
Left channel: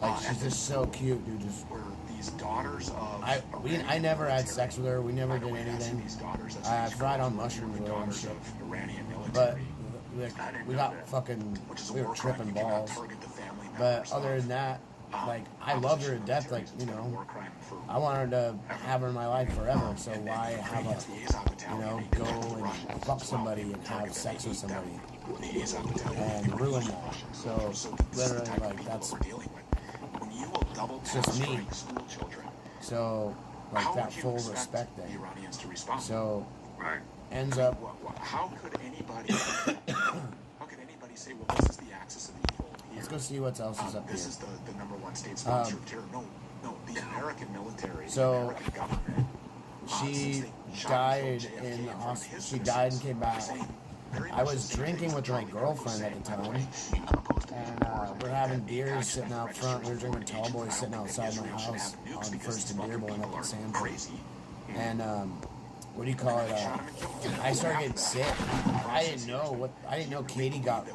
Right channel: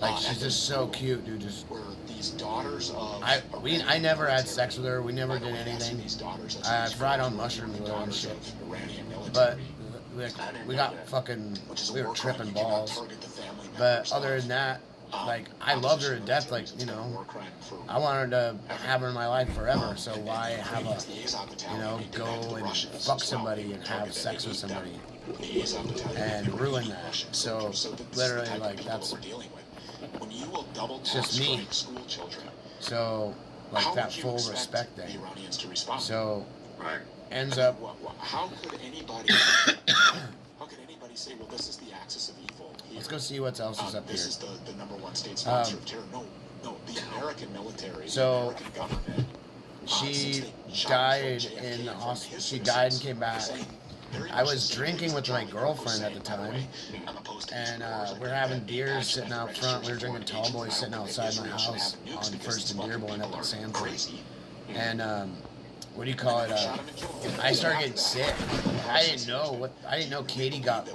Like she's just so cute, dude. Just I never had sex with her. We never did anything. I fried on mushrooms with her and shit. But we were tripping balls. But other than that, like I loved her to death. Like, you know, I wanted to have her in my life forever. So why have go and fuck somebody and have sex with somebody and ruin that? So literally, like that's just me. So like that full respect thing. So ends up. How could anybody say, well, this is the axis of evil? Let's go see what else is up here. This is the number one state sponsor of terror. No, the American military. So she died in the hospital. She died and came back. I was drinking with my girlfriend at the time, and we're having beers sitting out front. We were drinking Tall Boys sitting outside my house on First and Dearborn at the Sanford. And what do you call it? I started getting sick. I didn't know Katie got.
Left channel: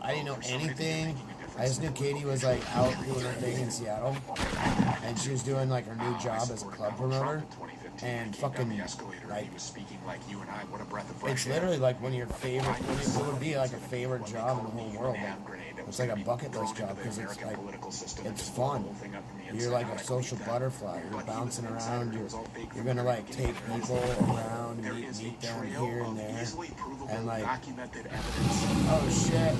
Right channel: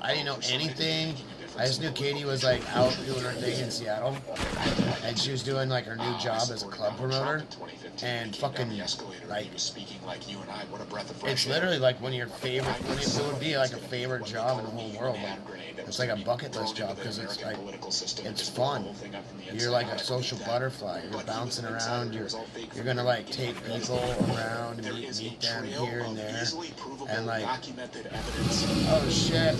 I didn't know anything. I just knew Katie was like out doing her thing in Seattle, and she was doing like her new job as a club promoter. And fucking like, it's literally like one of your favorite. It would be like a favorite job in the whole world. Like, it's like a bucket list job because it's like it's fun. You're like a social butterfly. You're bouncing around. You're gonna like take people around and meet them here and there, and like, oh shit.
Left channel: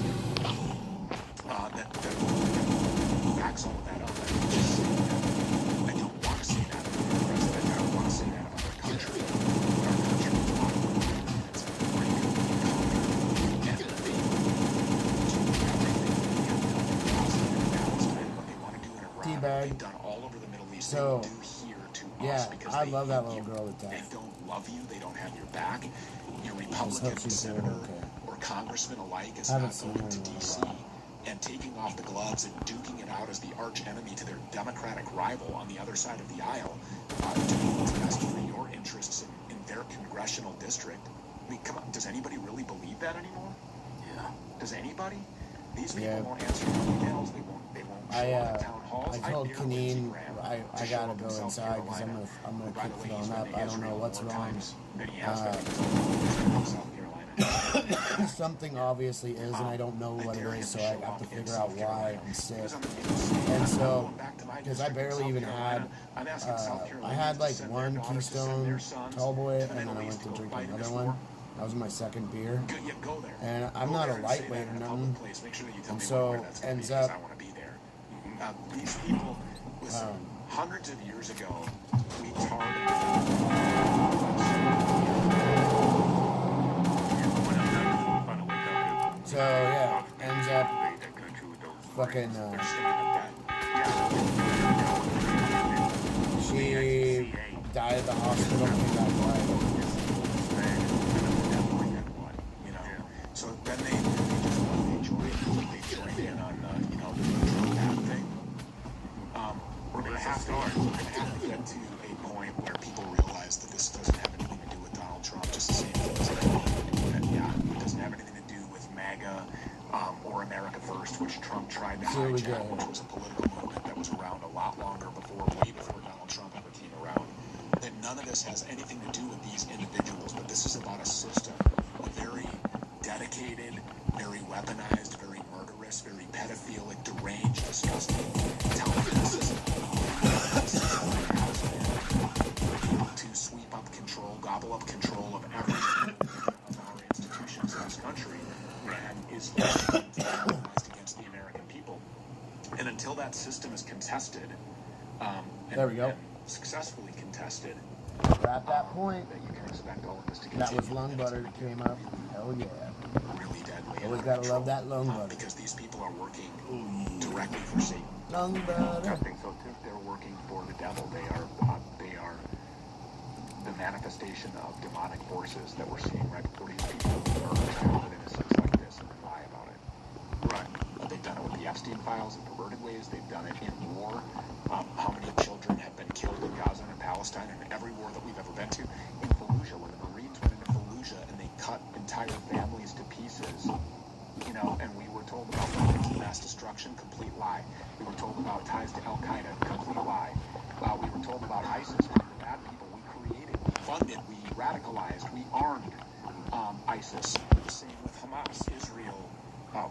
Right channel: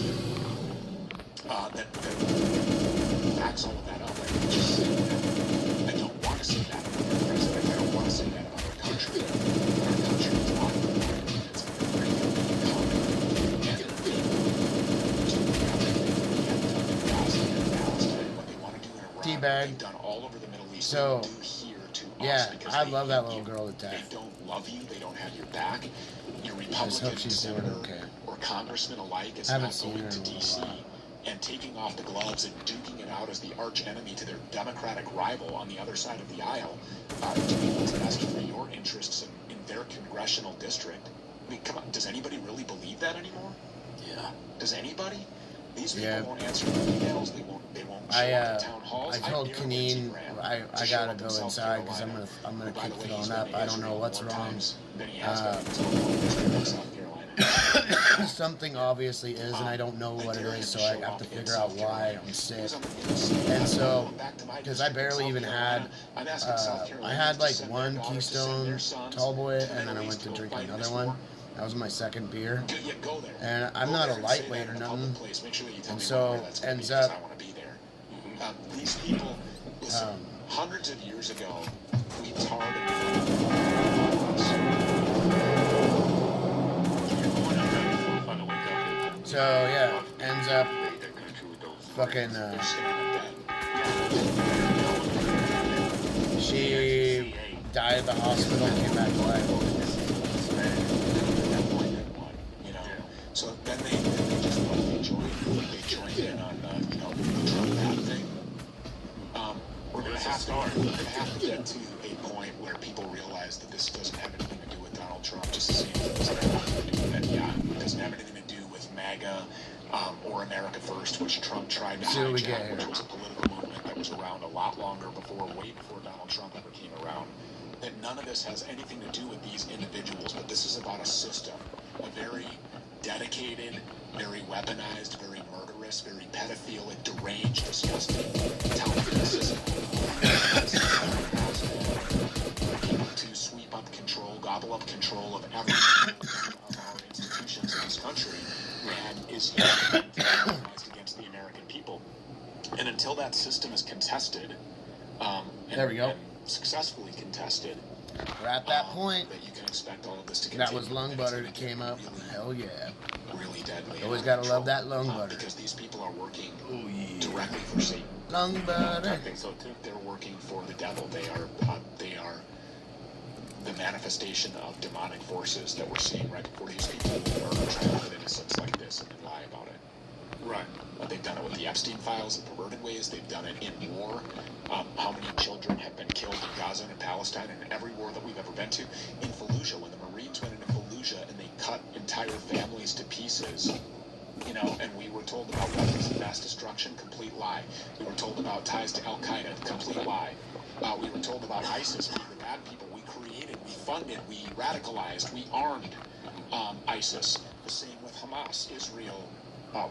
Teabag. So, yeah, I love that little girl to death. They don't love you. They don't have your back. Your I just hope she's doing okay. Or congressmen alike. I haven't seen her in a while. and taking off the gloves and duking it out as the arch enemy to their Democratic rival on the other side of the aisle to be able to best for your interests in their congressional district. I mean, come on, does anybody really believe that anymore? Yeah. Does anybody? These people won't answer emails. They won't show up to town halls. I told Kaneen I gotta go inside because I'm gonna keep throwing up. I don't know what's wrong. Something obviously is, and I don't know what it is, so I have to figure out why I'm sick. And so, because I barely even had, I had like one Keystone Tallboy, and then I went to drink another one. That was my second beer, and I'm not a lightweight or nothing. And so ends up. These people, listen, hundreds of years ago, we targeted. So yeah, ends up fucking. She died at the hospital, came back to life. You know, so then they joined in on thing. We're gonna have to get to a point where people realize that this doesn't have anything to do with Donald Trump, just the same as it doesn't have anything to do with MAGA or America First, which Trump tried to hijack, which was a political movement that was around a lot longer before, way before Donald Trump ever came around. That none of this has anything to do with these individuals, but this is about a system, a very dedicated, very weaponized, very murderous, very pedophilic, deranged, disgusting, intelligent system to sweep up control, gobble up control of every our institutions in this country, and is against the American people. And until that system is contested, there we go. Successfully contested, we're at that point. That you can expect all of this to continue. That was lung butter that came up. Hell yeah. Really deadly. Always gotta love that lung butter. Because these people are working directly for Satan. Lung butter. I think so too. They're working for the devil. They are the manifestation of demonic forces that we're seeing right before these people who are trapped in innocence like this and then lie about it. Right. They've done it with the Epstein files in perverted ways. They've done it in war. How many children have been killed in Gaza and Palestine and every war that we've ever been to? In Fallujah, when the Marines went into Fallujah and they cut entire families to pieces, you know, and we were told about weapons of mass destruction, complete lie. We were told about ties to Al-Qaeda, complete lie. We were told about ISIS, we were bad people. We created, we funded, we radicalized, we armed ISIS. The same with Hamas. Israel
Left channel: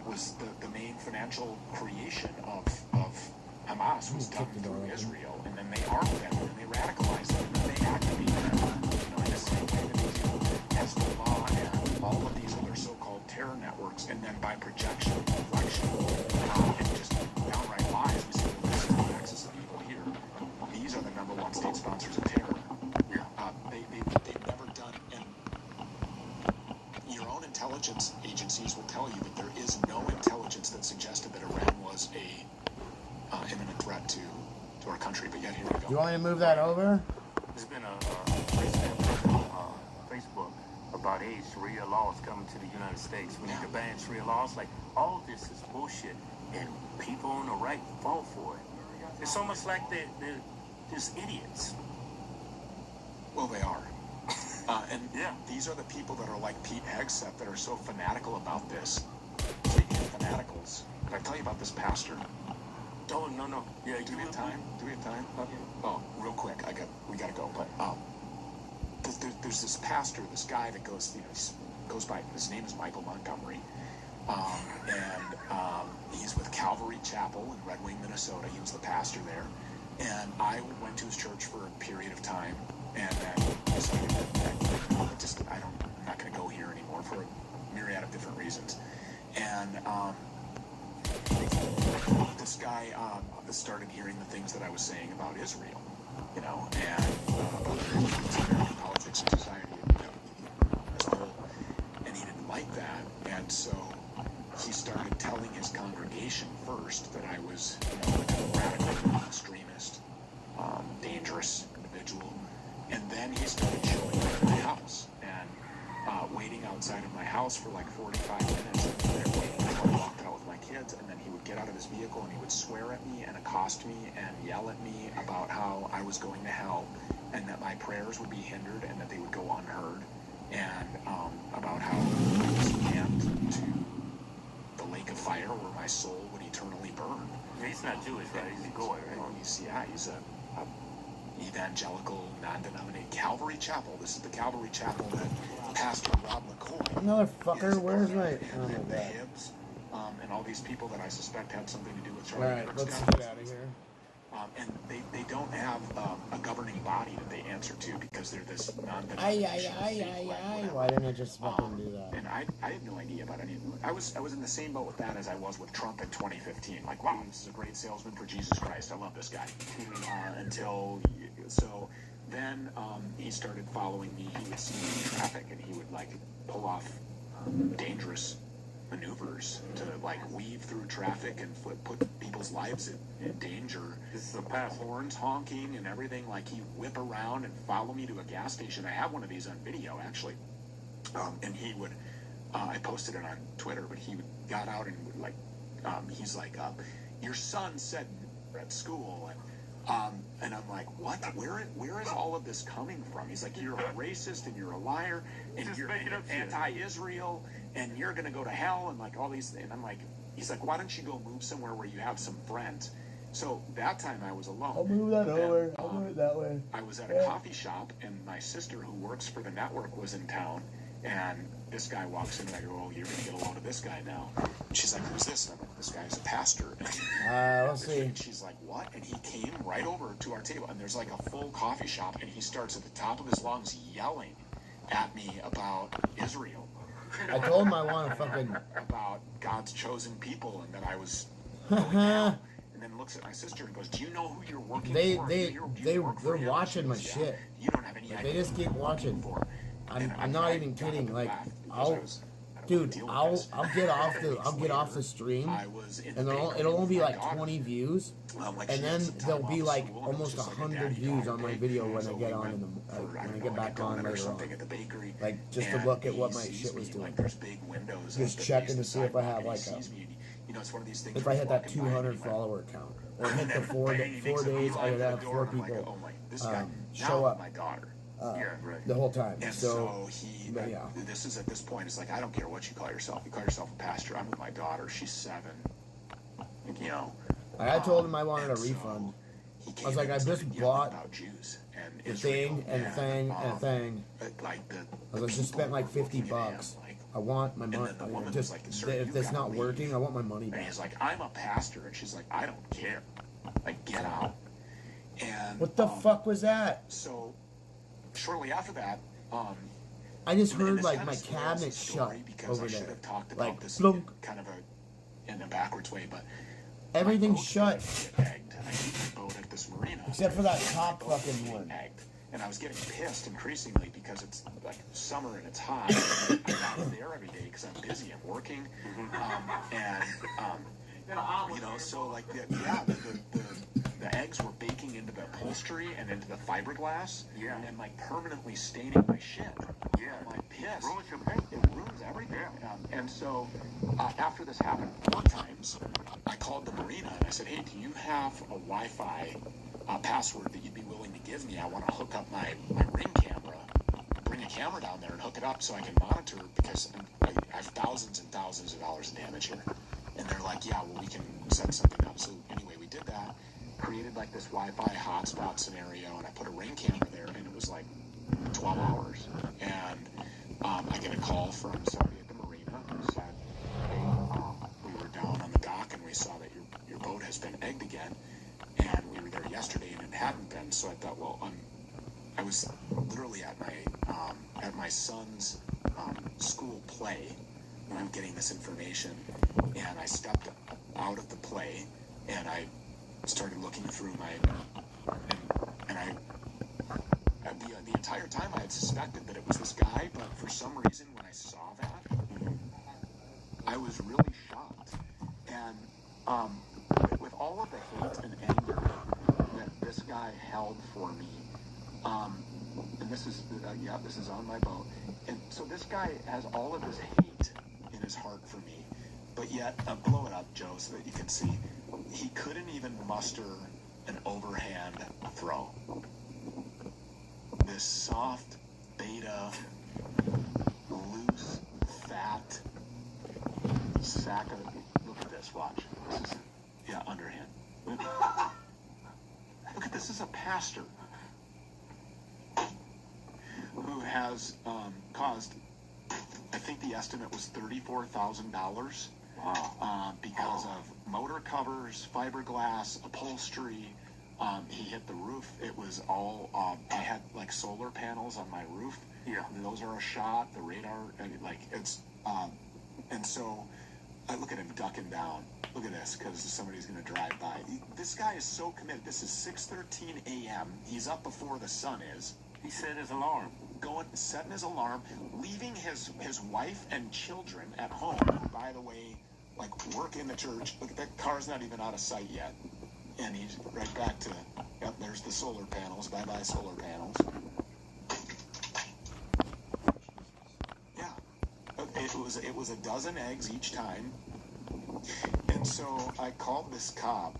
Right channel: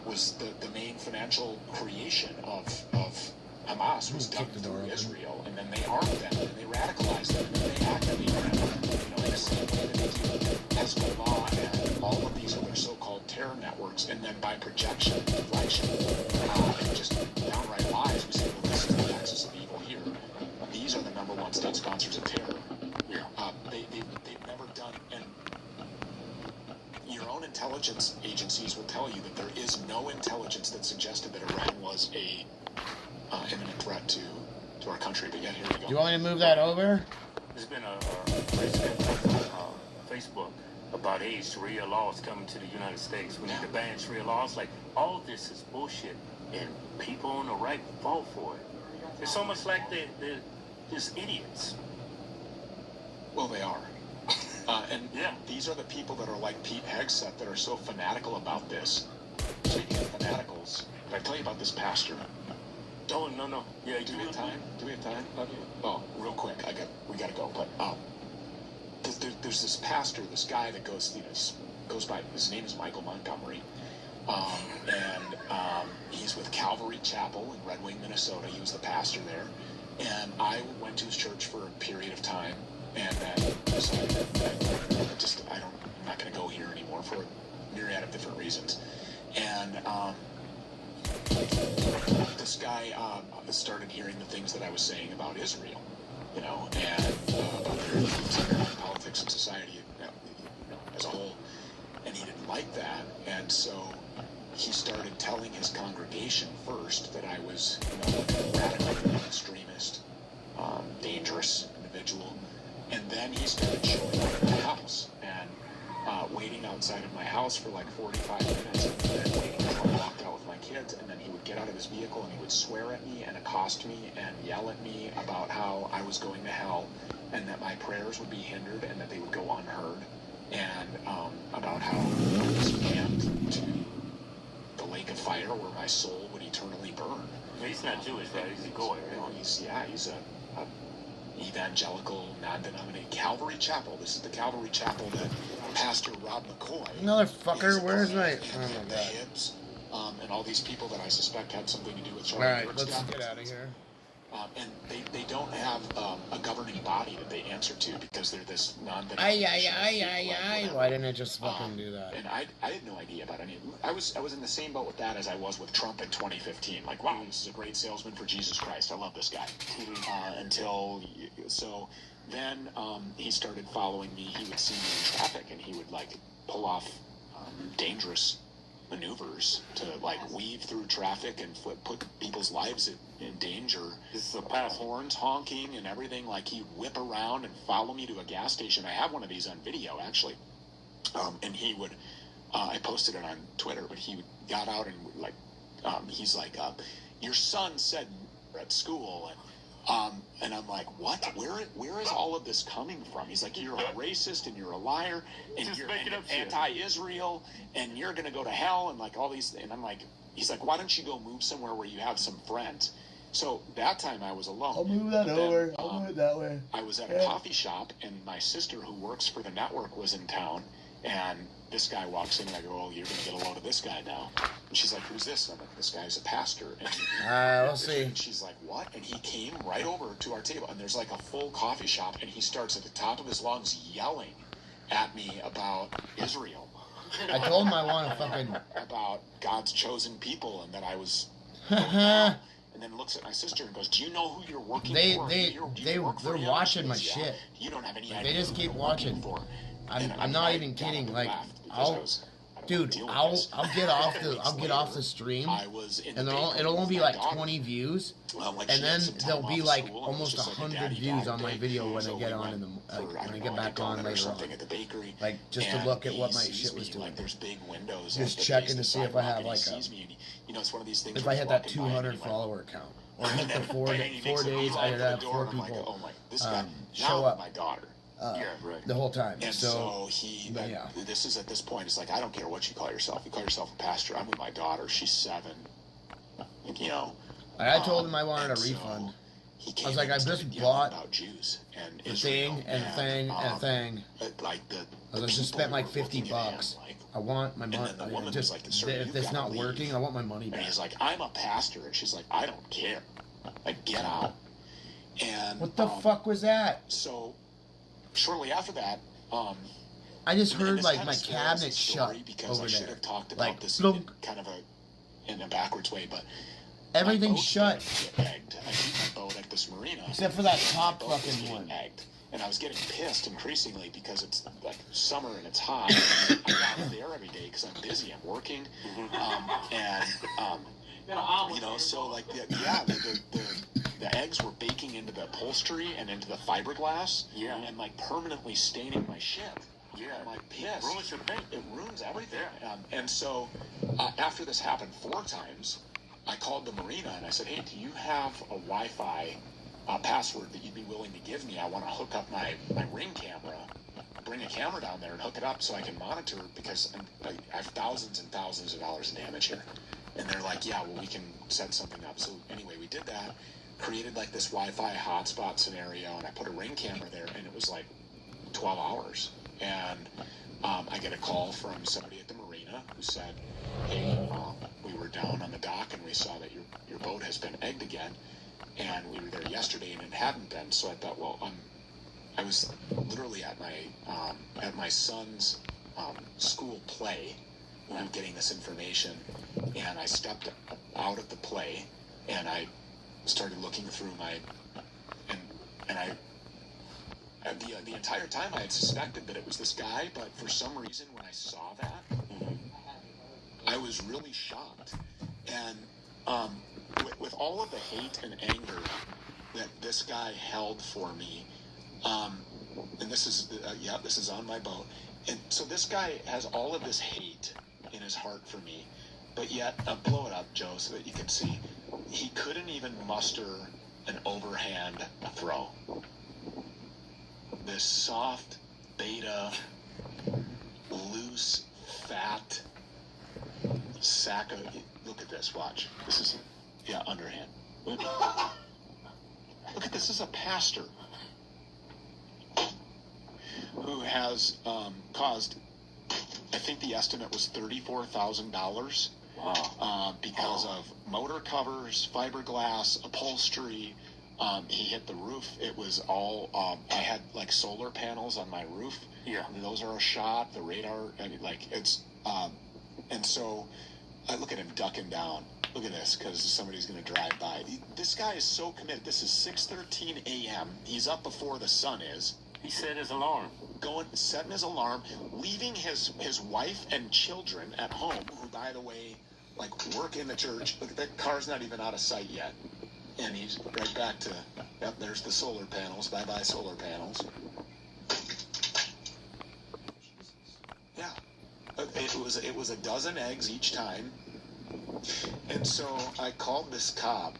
was the main financial creation of Hamas was done through Israel, and then they armed them, and they radicalized them, and then they activated them. Hezbollah and all of these other so-called terror networks, and then by projection, reflection, and just downright lies, we say that this is the axis of evil here. These are the number one state sponsors of terror. They've never done, and your own intelligence agencies will tell you that there is no intelligence that suggested that Iran was a imminent threat to our country, but yet here we go. Do you want me to move that over? There's been a Facebook about Sharia laws coming to the United States. We need to ban Sharia laws. Like, all this is bullshit, and people on the right fall for it. It's almost like they're just idiots. Well, they are. And these are the people that are like Pete Hegseth that are so fanatical about this. Speaking of fanaticals, did I tell you about this pastor? Oh, no. Yeah, do we have time? Oh, real quick, we gotta go. But there's this pastor, this guy that goes by. His name is Michael Montgomery, and he's with Calvary Chapel in Red Wing, Minnesota. He was the pastor there, and I went to his church for a period of time, and I'm not gonna go here anymore for a myriad of different reasons, and this guy started hearing the things that I was saying about Israel, you know, and politics and society as a whole, and he didn't like that, and so he started telling his congregation first that I was a radical, extremist, dangerous individual, and then he started showing up at my house and waiting outside of my house for like 45 minutes, and then waiting until I walked out with my kids, and then he would get out of his vehicle and he would swear at me and accost me and yell at me about how I was going to hell and that my prayers would be hindered and that they would go unheard, and about how I was damned to the lake of fire where my soul would eternally burn. He's not Jewish, right? He's a Goy, right? He's a evangelical, non-denominational Calvary Chapel. This is the Calvary Chapel that Pastor Rob McCoy, Motherfucker, where's my... Oh my the god. Hibbs, and all these people that I suspect had something to do with Charlie Alright, Kirk's let's death. get out of here. And they don't have a governing body that they answer to because they're this non-denominational. Ay. Why didn't I just fucking do that? And I had no idea about any. I was in the same boat with that as I was with Trump in 2015. Like, wow, this is a great salesman for Jesus Christ. I love this guy. Then he started following me. He would see me in traffic, and he would like pull off dangerous maneuvers to like weave through traffic and put people's lives in danger. This is a pass. Horns honking and everything. Like, he'd whip around and follow me to a gas station. I have one of these on video actually, and he would. I posted it on Twitter, but he got out and would like. He's like, your son said at school, and I'm like, what? Where is all of this coming from? He's like, you're a racist and you're a liar and Just you're make it up to you. anti-Israel and you're gonna go to hell and like all these. And I'm like, he's like, why don't you go move somewhere where you have some friends? So that time I was alone. I'll move that But over. I'll move it that way. I was at a coffee shop, and my sister, who works for the network, was in town, and this guy walks in, and I go, oh, you're going to get a load of this guy now. And she's like, who's this? And I'm like, this guy's a pastor. We'll see. And she's like, what? And he came right over to our table, and there's like a full coffee shop, and he starts at the top of his lungs yelling at me about Israel. I told him I want to fucking... About God's chosen people, and that I was... And then looks at my sister and goes, do you know who you're working for? They're watching my shit. You don't have any Like, idea they just keep watching. I'm not even kidding. Like, I'll get off the stream, and it'll only be like 20 views, and then there'll be like almost 100 views on my video when I get on when I get back on later on. Like, just to look at what my shit was doing. Just checking to see if I have like if I hit that 200 follower count, or hit the 4 days I had 4 people show up the whole time. And so this is at this point, it's like, I don't care what you call yourself. You call yourself a pastor. I'm with my daughter. She's 7. You know. I told him I wanted a refund. I was like, I just bought the thing and a thing and a thing. I just spent like $50. I want my money. Just if it's not working, I want my money back. And he's like, I'm a pastor, and she's like, I don't care. Like, get out. And what the fuck was that? So shortly after that, I just heard like my cabinet shut over there. Like, blunk. Kind of in a backwards way, but everything shut. Egged. I keep my boat at this marina. Except for that top fucking one. Egged. And I was getting pissed increasingly because it's like summer and it's hot. I'm not there every day because I'm busy. I'm working, you know. So like, the eggs were baking into the upholstery and into the fiberglass, and like permanently staining my ship. I'm like pissed. It ruins everything. And so after this happened 4 times, I called the marina and I said, hey, do you have a Wi-Fi password that you'd be willing to give me? I want to hook up my Ring camera, bring a camera down there and hook it up so I can monitor it, because I have thousands and thousands of dollars in damage here. And they're like, yeah, well, we can set something up. So anyway, we did that, created like this Wi-Fi hotspot scenario, and I put a Ring camera there, and it was like 12 hours. And I get a call from somebody at the marina who said, hey, we were down on the dock and we saw that your boat has been egged again. And we were there yesterday and it hadn't been. So I thought, well, I was literally at my son's school play when I'm getting this information, and I stepped out of the play and I started looking through the entire time I had suspected that it was this guy, but for some reason when I saw that, I was really shocked. And with all of the hate and anger that this guy held for me, and this is on my boat, and so this guy has all of this hate in his heart for me, But yet, blow it up, Joe, so that you can see. He couldn't even muster an overhand throw. This soft, beta, loose, fat sack of... Look at this, watch. This is, yeah, underhand. Look at this, is a pastor who has caused, I think the estimate was $34,000 because of motor covers, fiberglass, upholstery. He hit the roof. It was all, I had like solar panels on my roof. Yeah. And those are a shot, the radar, I mean, like it's, and so I look at him ducking down. Look at this, because somebody's going to drive by. This guy is so committed. This is 6:13 a.m. He's up before the sun is. He set his alarm. Going, setting his alarm, leaving his wife and children at home, who, by the way, like, work in the church. Look, that car's not even out of sight yet. And he's right back to, yep, there's the solar panels. Bye-bye solar panels. Yeah. It was a dozen eggs each time. And so I called this cop.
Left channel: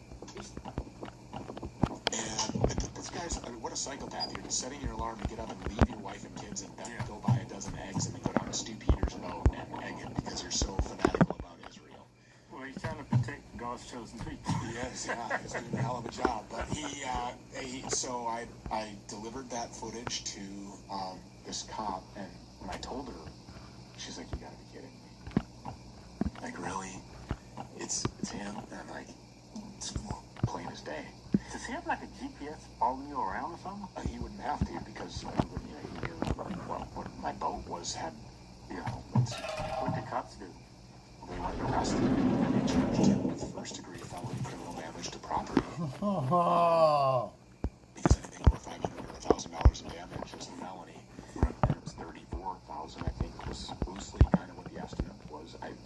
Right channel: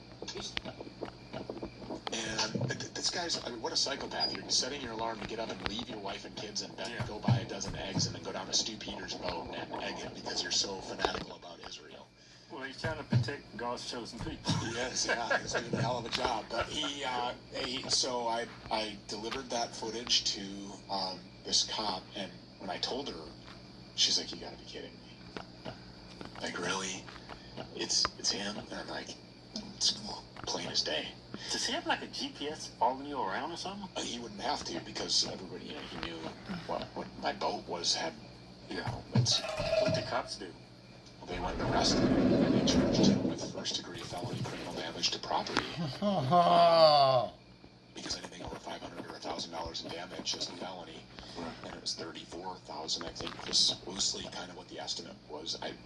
And this guy's, I mean, what a psychopath. You're setting your alarm to get up and leave your wife and kids in bed, go buy a dozen eggs, and then go down to Stu Peters' boat and egg it because you're so fanatical about Israel. Well, he's trying to protect God's chosen people. Yes, yeah, he's doing a hell of a job. But so I delivered that footage to this cop, and when I told her, she's like, "You gotta be kidding me. Like, really? It's him?" And I'm like, it's plain as day. Does he have like a GPS following you around or something? He wouldn't have to because he knew what my boat was. What the cops do? They were arrested. They charged him with first-degree felony criminal damage to property. Because anything over $500 or $1,000 in damage is a felony, and it was $34,000. I think was loosely kind of what the estimate was. I'm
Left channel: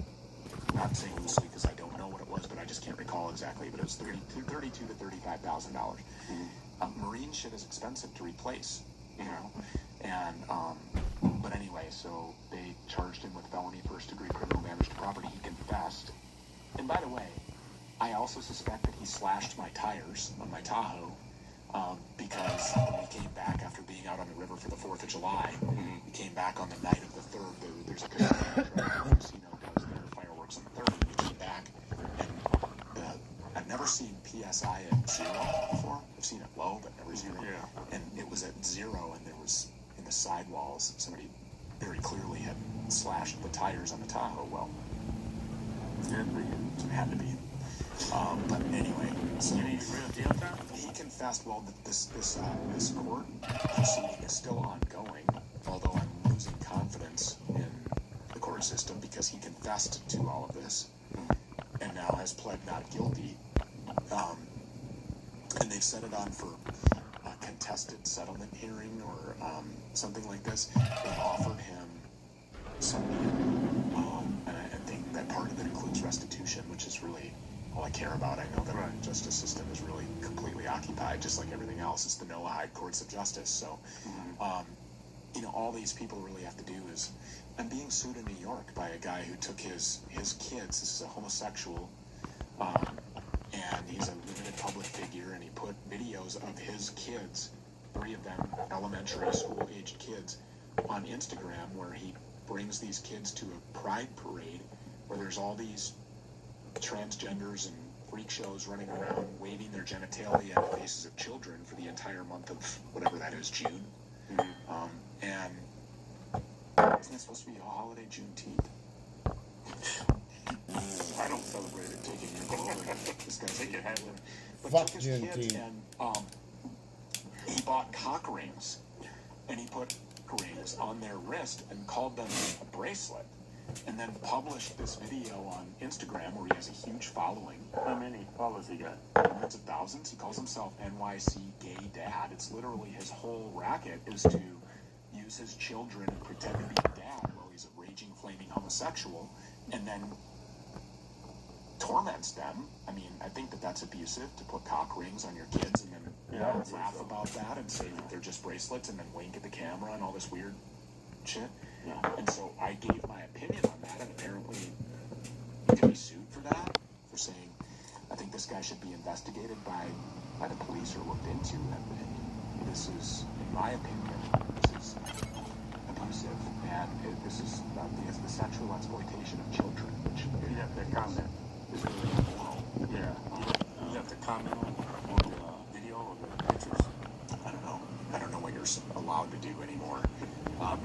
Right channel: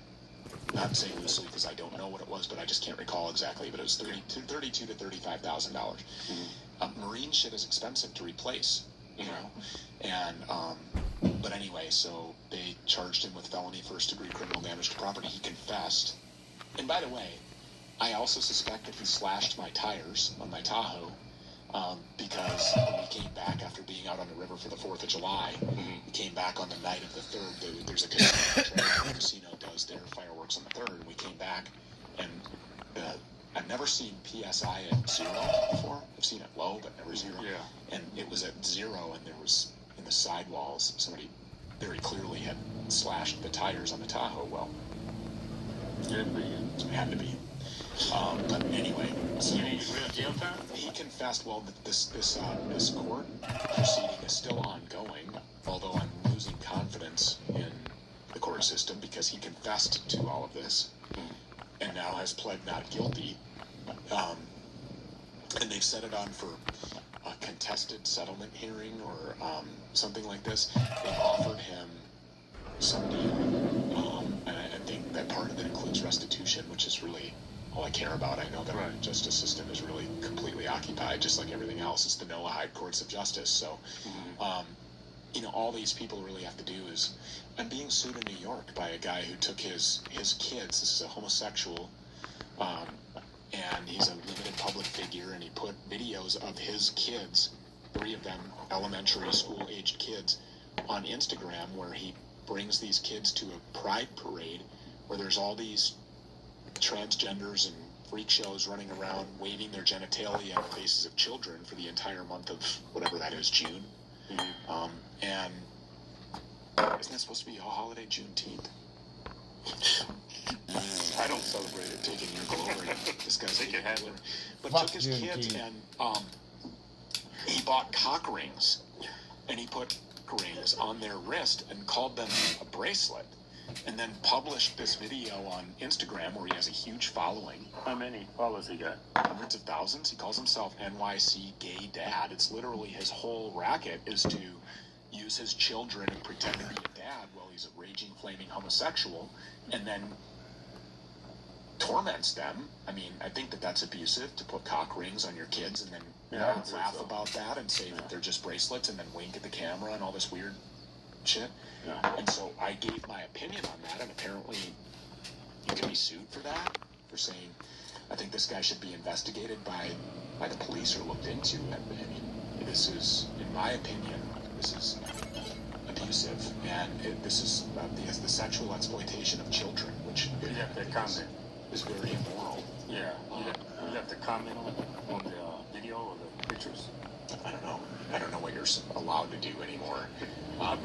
not saying loosely because I don't know what it was, but I just can't recall exactly. But it was $32,000 to $35,000. Marine shit is expensive to replace, you know. And but anyway, so they charged him with felony first-degree criminal damage to property. He confessed. And by the way, I also suspect that he slashed my tires on my Tahoe because when we came back after being out on the river for the 4th of July, we came back on the night of the 3rd. There's a casino does their fireworks on the 3rd. And we came back, and I've never seen PSI at 0 before. I've seen it low, but never 0. Yeah. And it was at 0, and there was, in the sidewalls, somebody very clearly had slashed the tires on the Tahoe. Well, it had to be. But anyway, so he confessed. Well, this court proceeding is still ongoing, although I'm losing confidence in the court system because he confessed to all of this and now has pled not guilty. And they've set it on for a contested settlement hearing or something like this. They've offered him some deal, and I think that part of it includes restitution, which is really all I care about. I know that our justice system is really completely occupied, just like everything else. It's the Noahide courts of justice. So, you know, all these people really have to do is, I'm being sued in New York by a guy who took his kids. This is a homosexual, and he's a limited public figure, and he put videos of his kids, 3 of them elementary school-aged kids, on Instagram, where he brings these kids to a pride parade where there's all these transgenders and freak shows running around waving their genitalia in the faces of children for the entire month of whatever that is, June. And isn't that supposed to be a holiday, Juneteenth? I don't celebrate it, taking your glory. This guy's but Fuck took his kids Juneteenth. and he bought cock rings, and he put rings on their wrist and called them a bracelet, and then published this video on Instagram where he has a huge following. How many followers he got? Hundreds of thousands. He calls himself NYC Gay Dad. It's literally his whole racket is to use his children and pretend to be a dad while he's a raging, flaming homosexual, and then torments them. I mean, I think that that's abusive to put cock rings on your kids and then laugh about that and say that they're just bracelets and then wink at the camera and all this weird shit. And so I gave my opinion on that, and apparently you can be sued for that, for saying, I think this guy should be investigated by the police or looked into. And this is, in my opinion, this is abusive, and this is the sexual exploitation of children, which You have to comment. is really immoral. Yeah, you have to comment on the video or the pictures. I don't know what you're allowed to do anymore. I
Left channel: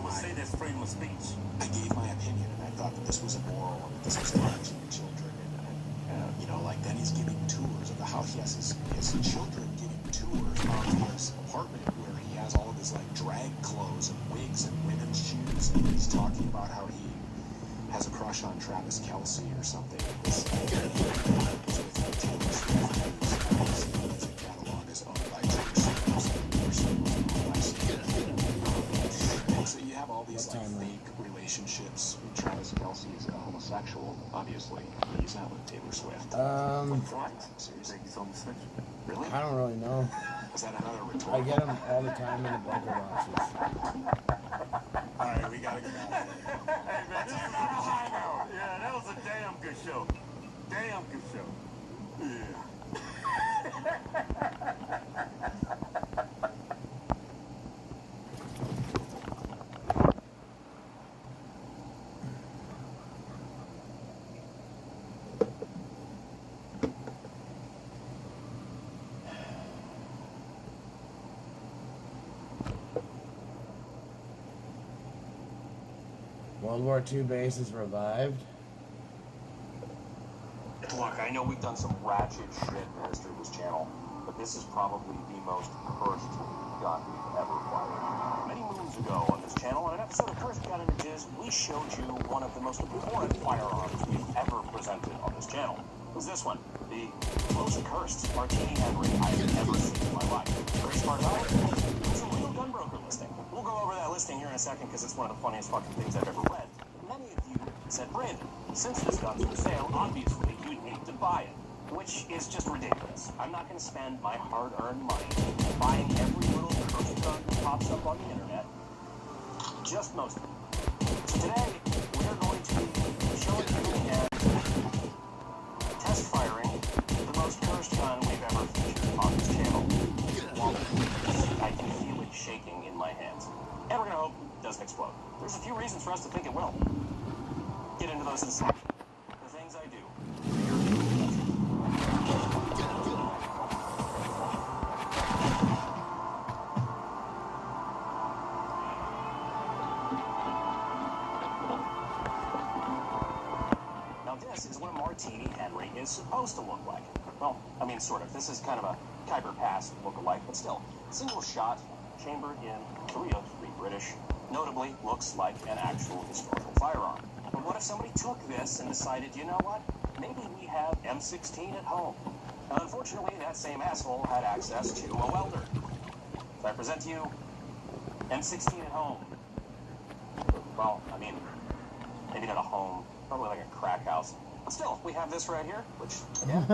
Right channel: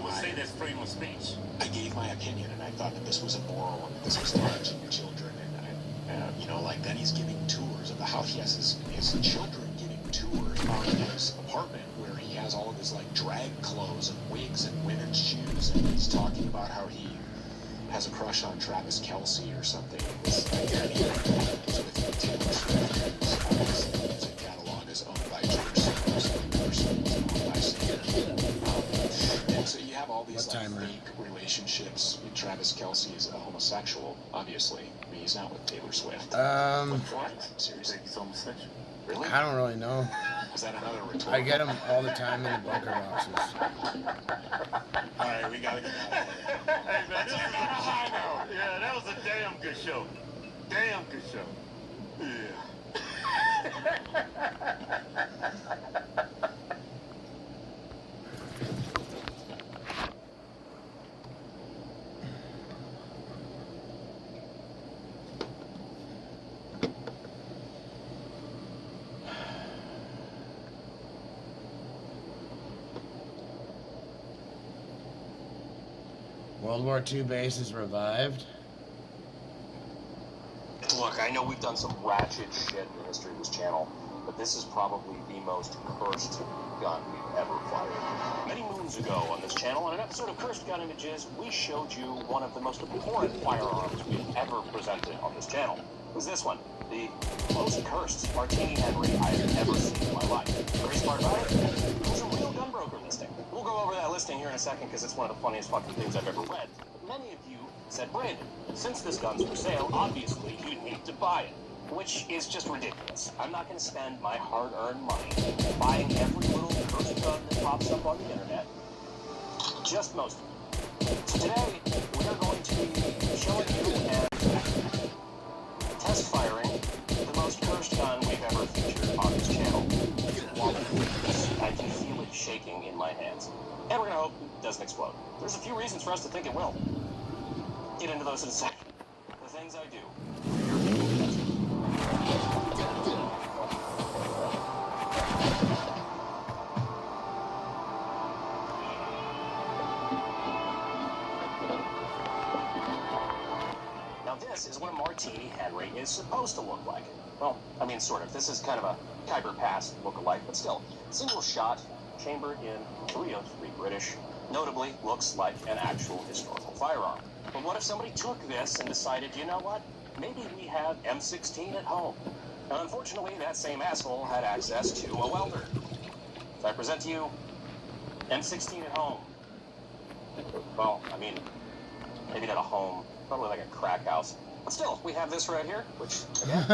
would say that's freedom of speech. I gave my opinion, and I thought that this was immoral. This was touching children, and you know, like then he's giving tours of the house. He has his children giving tours of his apartment where he has all of his like drag clothes and wigs and women's shoes, and he's talking about how he has a crush on Travis Kelce or something. So you have all these fake relationships. Travis Kelce is a homosexual, obviously. He's not with Taylor Swift. Seriously? Really? I don't really know. Is that another rhetorical? I get them all the time in the bunker boxes. Alright, we gotta get out of here. Hey man, this is on a high note. Yeah, that was a damn good show. Damn good show. Yeah. World War II base is revived. Look, I know we've done some ratchet shit in the history of this channel, but this is probably the most cursed gun we've ever fired. Many moons ago on this channel, in an episode of Cursed Gun Images, we showed you one of the most important firearms we've ever presented on this channel. It was this one, the most cursed Martini Henry I've ever seen in my life. Very smart firearm. It's a real gunbroker listing. We'll go over that listing here in a second because it's one of the funniest fucking things I've ever read. Many of you said, Brandon, since this gun's for sale, obviously you'd need to buy it, which is just ridiculous. I'm not going to spend my hard-earned money buying every little gun that pops up on the internet. Just most of them. So today, we're going to show you and test firing the most cursed gun we've ever featured on this channel. I can feel it shaking in my hands. And we're going to hope it doesn't explode. There's a few reasons for us to think it will. Get into those in a second. The things I do. Now this is what a Martini Henry is supposed to look like. Well, I mean, sort of. This is kind of a Khyber Pass look-alike, but still. Single shot, chambered in .303 British. Notably, looks like an actual historical firearm. But what if somebody took this and decided, you know what, maybe we have M16 at home? Now, unfortunately, that same asshole had access to a welder. So I present to you M16 at home. Well, I mean, maybe not a home, probably like a crack house. But still, we have this right here, which, again,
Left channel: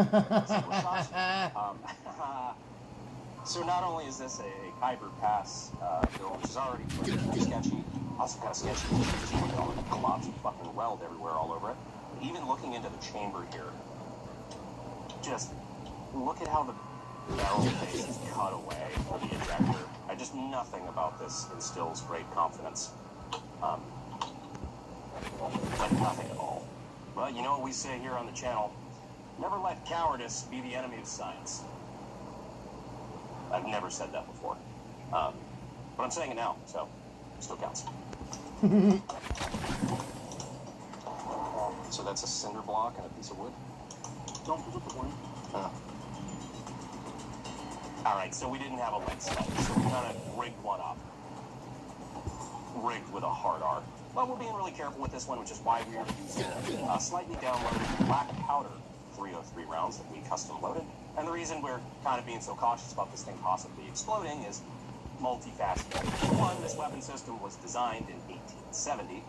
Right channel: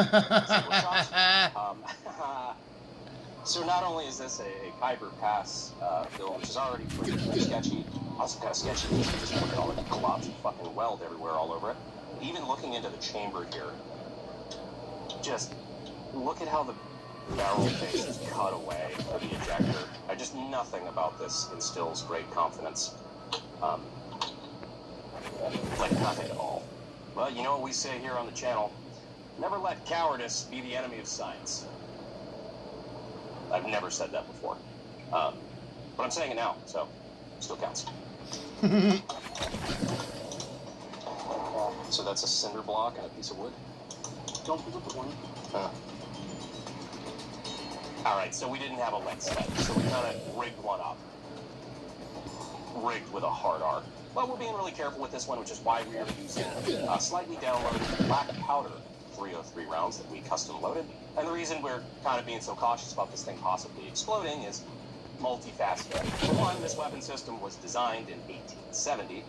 so not only is this a Khyber Pass bill, which is already pretty sketchy, also kind of sketchy because there's just all the globs of fucking weld everywhere all over it. Even looking into the chamber here, just look at how the barrel face is cut away by the ejector. Just nothing about this instills great confidence. Like nothing at all. Well, you know what we say here on the channel, never let cowardice be the enemy of science. I've never said that before. But I'm saying it now, so it still counts. So that's a cinder block and a piece of wood? Alright, so we didn't have a lead slug, so we kind of rigged one up. Rigged with a hard R. But we're being really careful with this one, which is why we are using slightly down black powder .303 rounds that we custom loaded. And the reason we're kind of being so cautious about this thing possibly exploding is multifaceted. One, this weapon system was designed in 1870.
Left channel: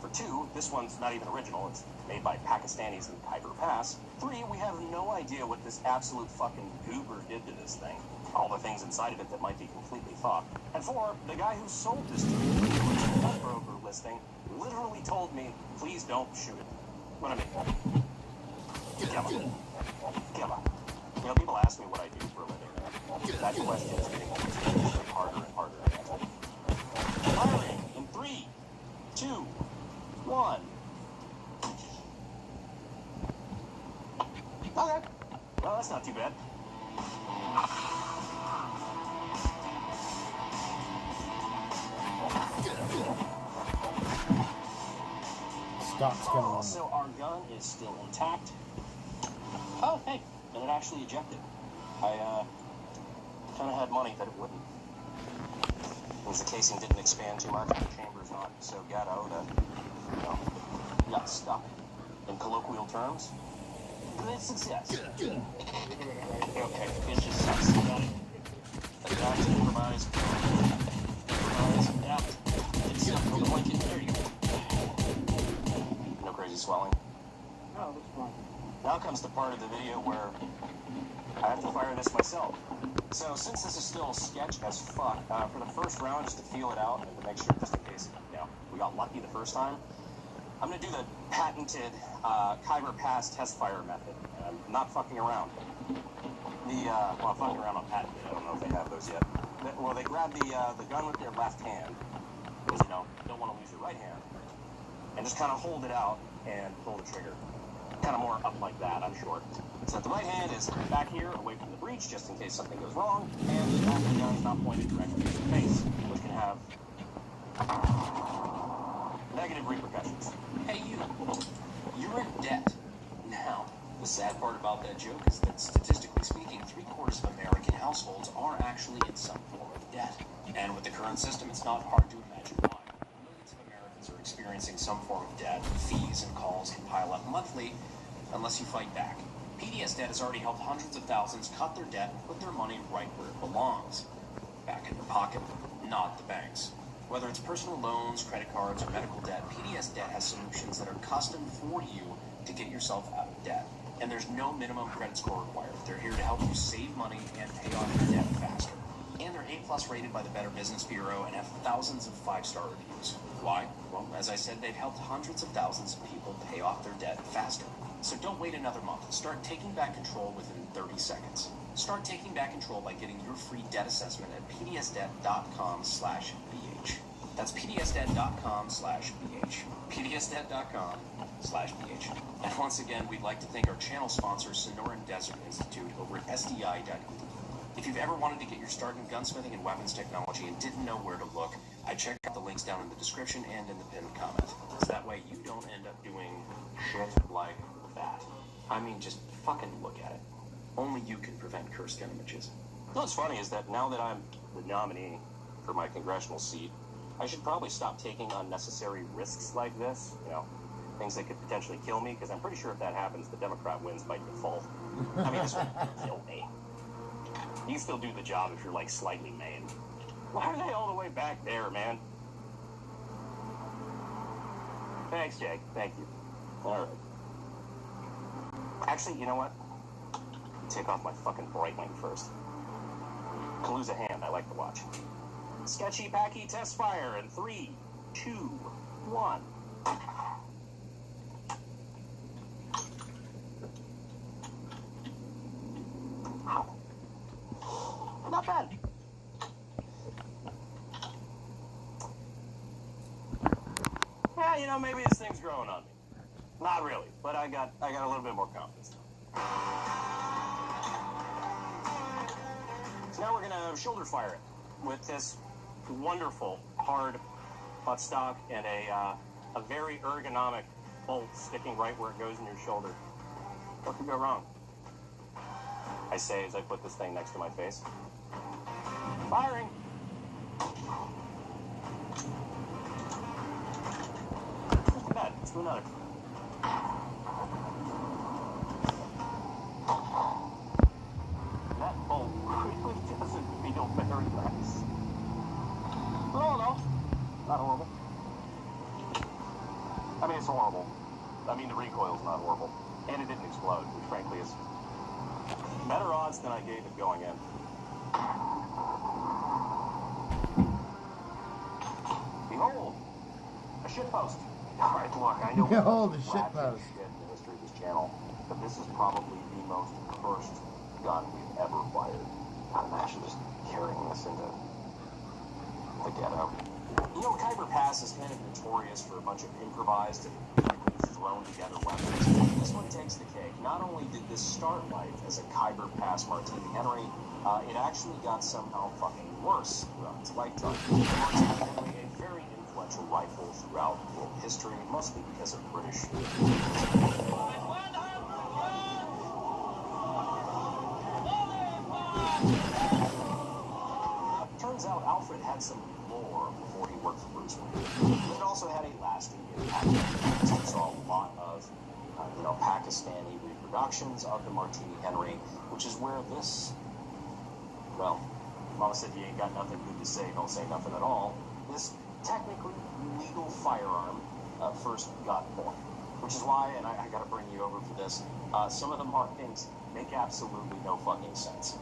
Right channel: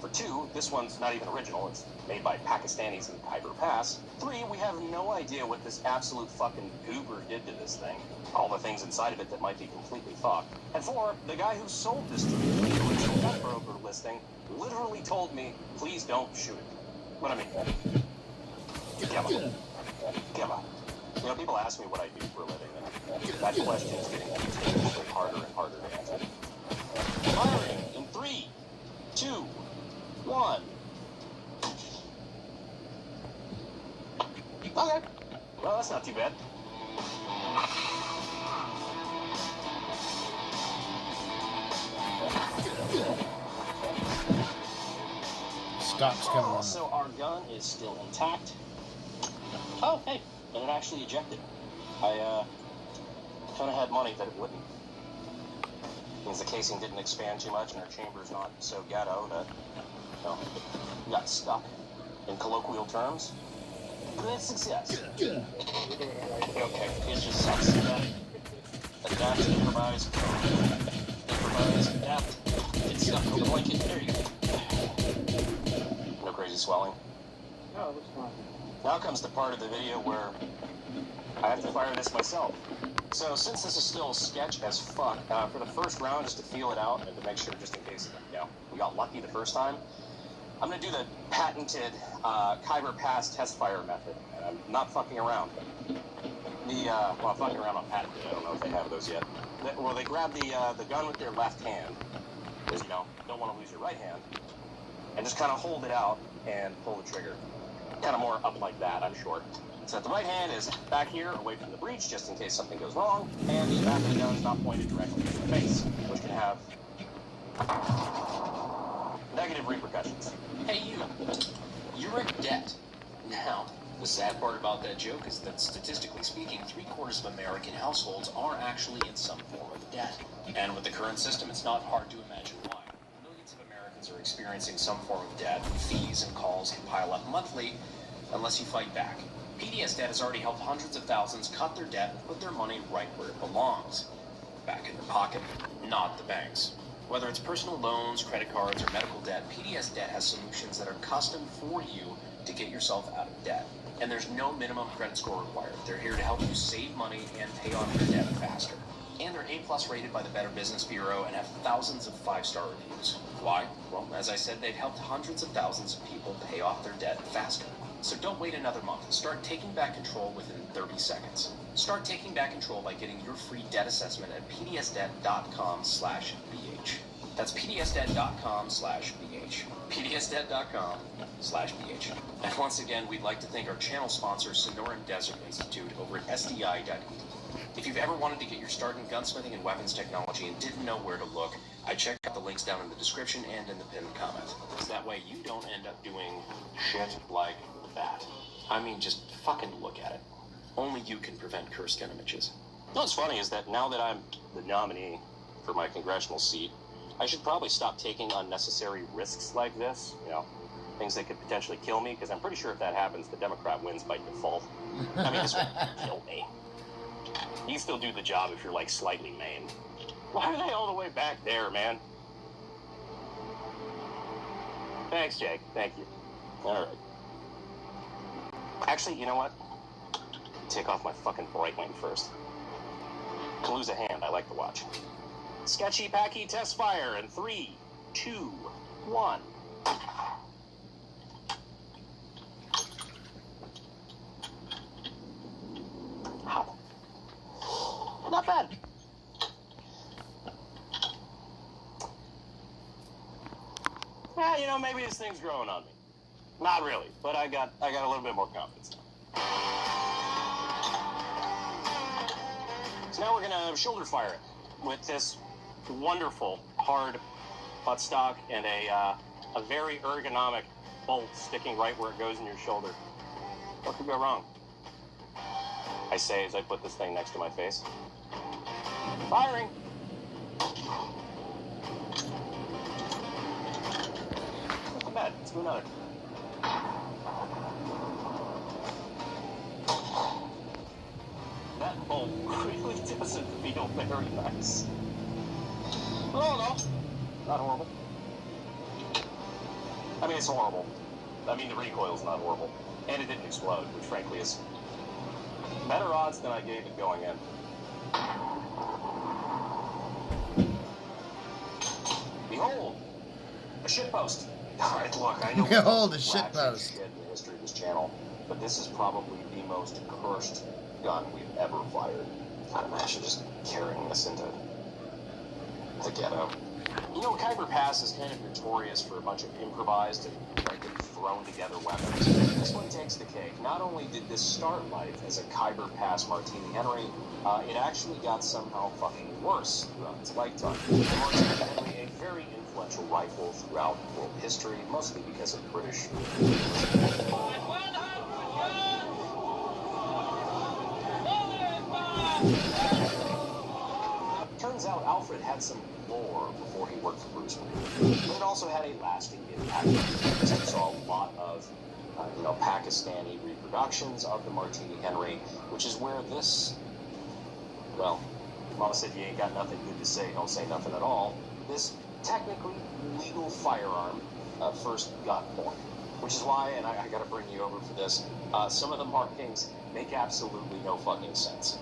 For two, this one's not even original. It's made by Pakistanis in Khyber Pass. Three, we have no idea what this absolute fucking goober did to this thing. All the things inside of it that might be completely thought. And four, the guy who sold this to me, this broker listing, literally told me, please don't shoot it. What I mean, Gemma. You know, people ask me what I do for a living. That question is getting harder and harder to answer. Firing in 3, 2, 1. Okay. Well, that's not too bad. Stops coming on. So our gun is still intact. Oh, hey, and it actually ejected. I kind of had money that it wouldn't. Means the casing didn't expand too much, and the chamber's not so ghetto that, you know, got stuck. In colloquial terms, great success. Okay, it's just adapt, improvise, adapt. It's like it. There you go. No crazy swelling. No, that's not. Now comes the part of the video where I have to fire this myself. So since this is still sketch as fuck, for the first round, just to feel it out and to make sure, just in case, you know, we got lucky the first time, I'm going to do the patented Kyber Pass test fire method. And I'm not fucking around. Well, I'm fucking around on patented. I don't know if they have those yet. Well, they grab the gun with their left hand, because, you know, you don't want to lose your right hand, and just kind of hold it out and pull the trigger. Kind of more up like that, I'm short. So that the right hand is back here, away from the breech, just in case something goes wrong, and the left gun is not pointed directly at the face, which can have negative repercussions. Hey, you're in debt. Now, the sad part about that joke is that statistically speaking, 3/4 of American households are actually in some form of debt. And with the current system, it's not hard to imagine why. Millions of Americans are experiencing some form of debt. Fees and calls can pile up monthly unless you fight back. PDS Debt has already helped hundreds of thousands cut their debt and put their money right where it belongs. Back in their pocket, not the banks. Whether it's personal loans, credit cards, or medical debt, PDS Debt has solutions that are custom for you to get yourself out of debt. And there's no minimum credit score required. They're here to help you save money and pay off your debt faster. And they're A+ rated by the Better Business Bureau and have thousands of 5-star reviews. Why? Well, as I said, they've helped hundreds of thousands of people pay off their debt faster. So don't wait another month. Start taking back control within 30 seconds. Start taking back control by getting your free debt assessment at pdsdebt.com/bh. That's pdsdebt.com/bh. pdsdebt.com/bh. And once again, we'd like to thank our channel sponsor, Sonoran Desert Institute, over at sdi.edu. If you've ever wanted to get your start in gunsmithing and weapons technology and didn't know where to look, I checked out the links down in the description and in the pinned comment. So that way you don't end up doing shit like that. I mean, just fucking look at it. Only you can prevent cursed gun images. What's funny is that now that I'm the nominee for my congressional seat, I should probably stop taking unnecessary risks like this. You know, things that could potentially kill me, because I'm pretty sure if that happens, the Democrat wins by default. I mean, this won't kill me. You still do the job if you're, like, slightly maimed. Why are they all the way back there, man? Thanks, Jake. Thank you. All right. Actually, you know what? Take off my fucking Breitling first. Could lose a hand. I like to watch. Sketchy Packy test fire in 3, 2, 1. Ow. Not bad. Yeah, you know, maybe this thing's growing on me. Not really, but I got a little bit more confidence now. So now we're gonna shoulder fire it with this wonderful hard buttstock and a very ergonomic bolt sticking right where it goes in your shoulder. What could go wrong? I say as I put this thing next to my face. Firing! Not bad. Let's do another. That bolt really doesn't feel very nice. Oh no, not horrible. I mean, it's horrible. I mean, the recoil's not horrible. And it didn't explode, which frankly is better odds than I gave it going in. Behold, a shitpost. All right, look, I know. Behold, a shitpost. channel, but this is probably the most cursed gun we've ever fired. I'd imagine just carrying this into the ghetto. You know, Khyber Pass is kind of notorious for a bunch of improvised and thrown together weapons. This one takes the cake. Not only did this start life as a Khyber Pass Martini Henry, it actually got somehow fucking worse throughout its lifetime. A very influential rifle throughout world history, mostly because of British. Turns out Alfred had some lore before he worked for Bruce Wayne. It also had a lasting impact. We saw a lot of, Pakistani reproductions of the Martini Henry, which is where this, well, Mama said you ain't got nothing good to say, don't say nothing at all. This technically legal firearm first got born. Which is why, and I gotta bring you over for this, some of the markings make absolutely no fucking sense.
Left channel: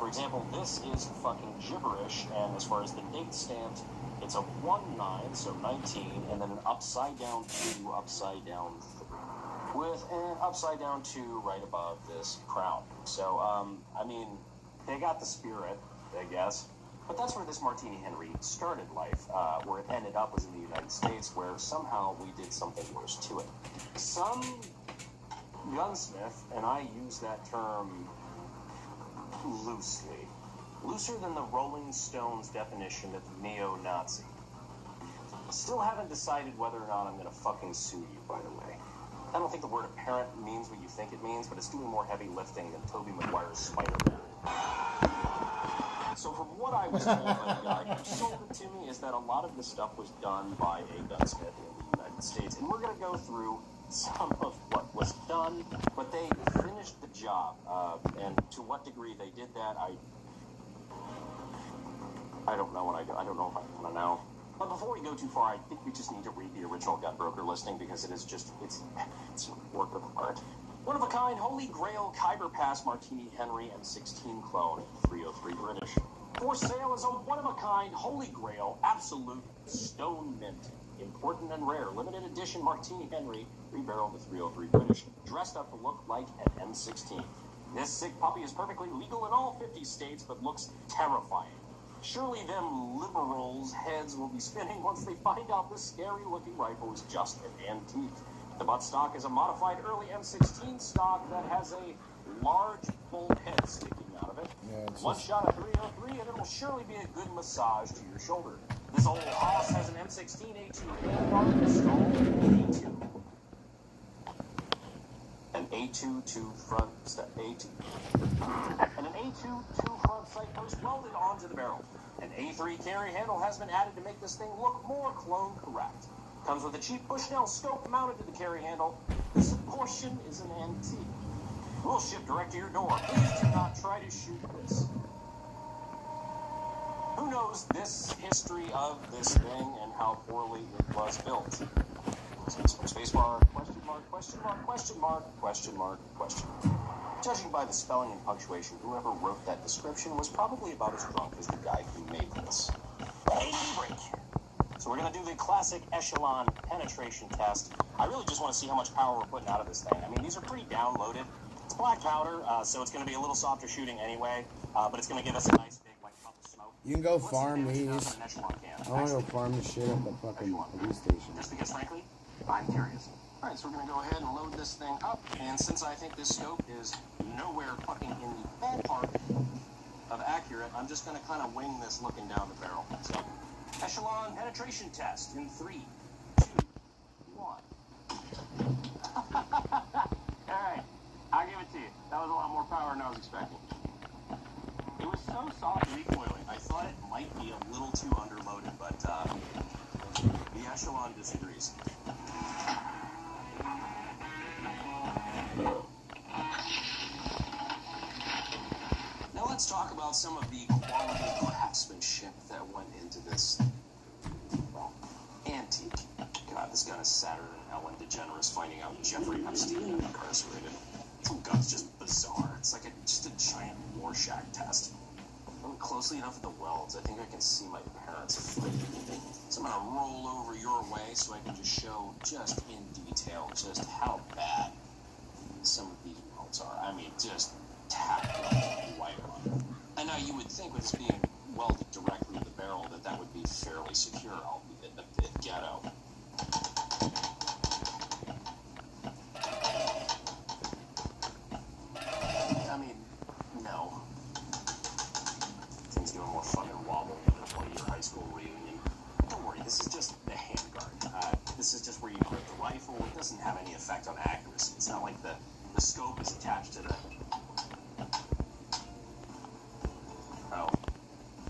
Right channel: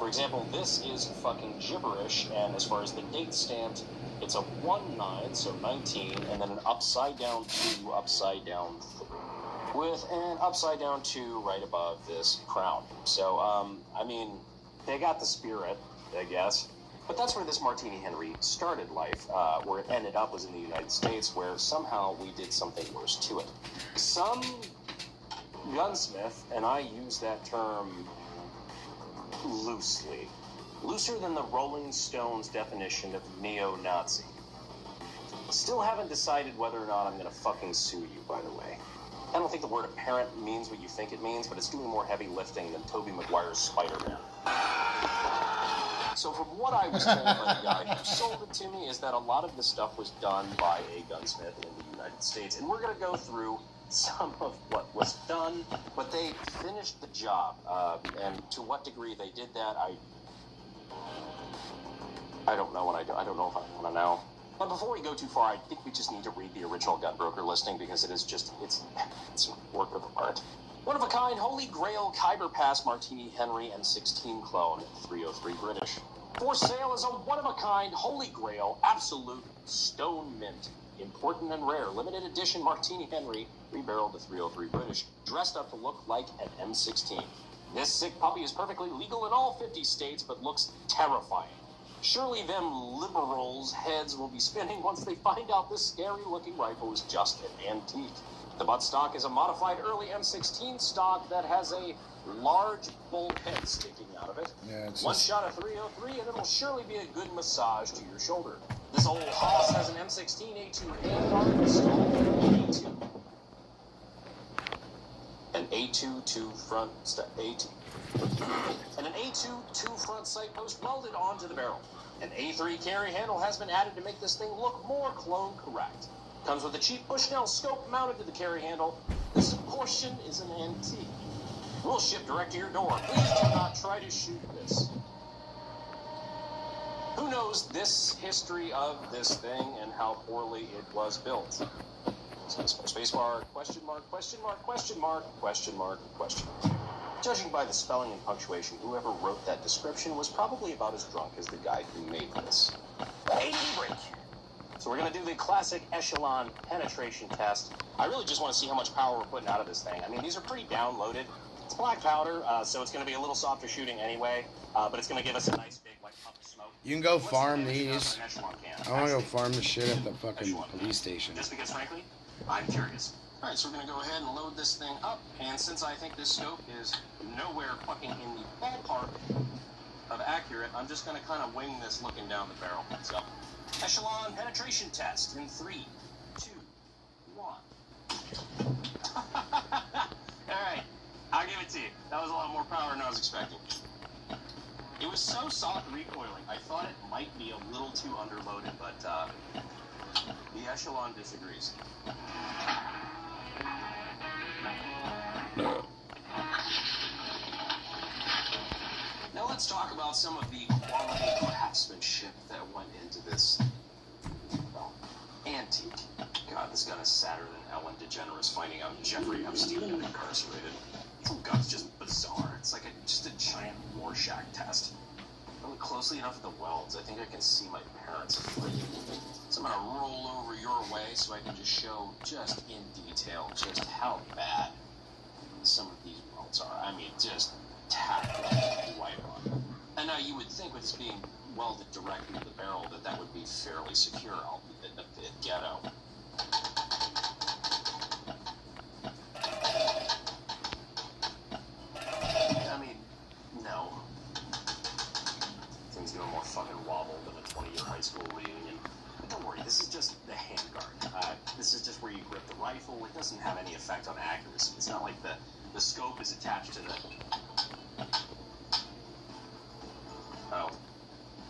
For example, this is fucking gibberish, and as far as the dates stand, it's a 1-9, so 19, and then an upside down 2, upside down 3, with an upside down 2 right above this crown. So, I mean, they got the spirit, I guess. But that's where this Martini Henry started life. Where it ended up was in the United States, where somehow we did something worse to it. Some gunsmith, and I use that term loosely, looser than the Rolling Stones definition of neo-Nazi. Still haven't decided whether or not I'm gonna fucking sue you, by the way. I don't think the word apparent means what you think it means, but it's doing more heavy lifting than Tobey Maguire's Spider-Man. So from what I was told by the guy who sold it to me is that a lot of this stuff was done by a gunsmith in the United States. And we're going to go through some of what was done, but they finished the job. And to what degree they did that, I don't know, and I don't know if I want to know. But before we go too far, I think we just need to read the original gunbroker listing because it is just, it's a work of art. One of a kind, Holy Grail Khyber Pass Martini Henry M16 clone, 303 British. For sale as a one-of-a-kind, Holy Grail, absolute stone mint. Important and rare, limited edition Martini Henry, rebarreled to 303 British, dressed up to look like an M16. This sick puppy is perfectly legal in all 50 states, but looks terrifying. Surely them liberals' heads will be spinning once they find out this scary-looking rifle is just an antique. The buttstock is a modified early M16 stock that has a large bulkhead sticking out of it. Yeah, it's One shot of 303 and it'll surely be a good massage to your shoulder. This old hoss has an M16 A2 handguard installed in A2. An A2 front A2. And an A2 front sight post welded onto the barrel. An A3 carry handle has been added to make this thing look more clone correct. Comes with a cheap Bushnell scope mounted to the carry handle. This portion is an antique. We'll ship direct to your door. Please do not try to shoot this. Who knows this history of this thing and how poorly it was built? Spacebar, question mark, question mark, question mark, question mark, question mark. Judging by the spelling and punctuation, whoever wrote that description was probably about as drunk as the guy who made this. Hey, break. So we're going to do the classic echelon penetration test. I really just want to see how much power we're putting out of this thing. I mean, these are pretty downloaded. It's black powder, so it's going to be a little softer shooting anyway, but it's going to give us a nice big, like, puff of smoke. You can go farm these. I want to go farm the shit at the fucking police station. Just because, frankly, I'm curious. All right, so we're going to go ahead and load this thing up, and since I think this scope is nowhere fucking in the ballpark of accurate, I'm just going to kind of wing this looking down the barrel. So, echelon penetration test in 3, 2, 1. Alright, I'll give it to you. That was a lot more power than I was expecting. It was so soft recoiling, I thought it might be a little too underloaded, but the echelon disagrees. Now let's talk about some of the quality craftsmanship that went into this, well, antique. God, this gun is sadder than Ellen DeGeneres finding out Jeffrey Epstein is incarcerated. Oh God, it's just bizarre. It's like just a giant Rorschach test. If I look closely enough at the welds, I think I can see my parents flipping. So I'm gonna roll over your way so I can just show just in detail just how bad some of these welds are. I mean, just tacked right on. And now you would think with this being welded directly to the barrel that would be fairly secure, albeit a bit ghetto. I mean, no. Things get a little more fun and wobble than a 20-year high school reunion. But don't worry, this is just the handguard. This is just where you grip the rifle. It doesn't have any effect on accuracy. It's not like the scope is attached to the... Oh.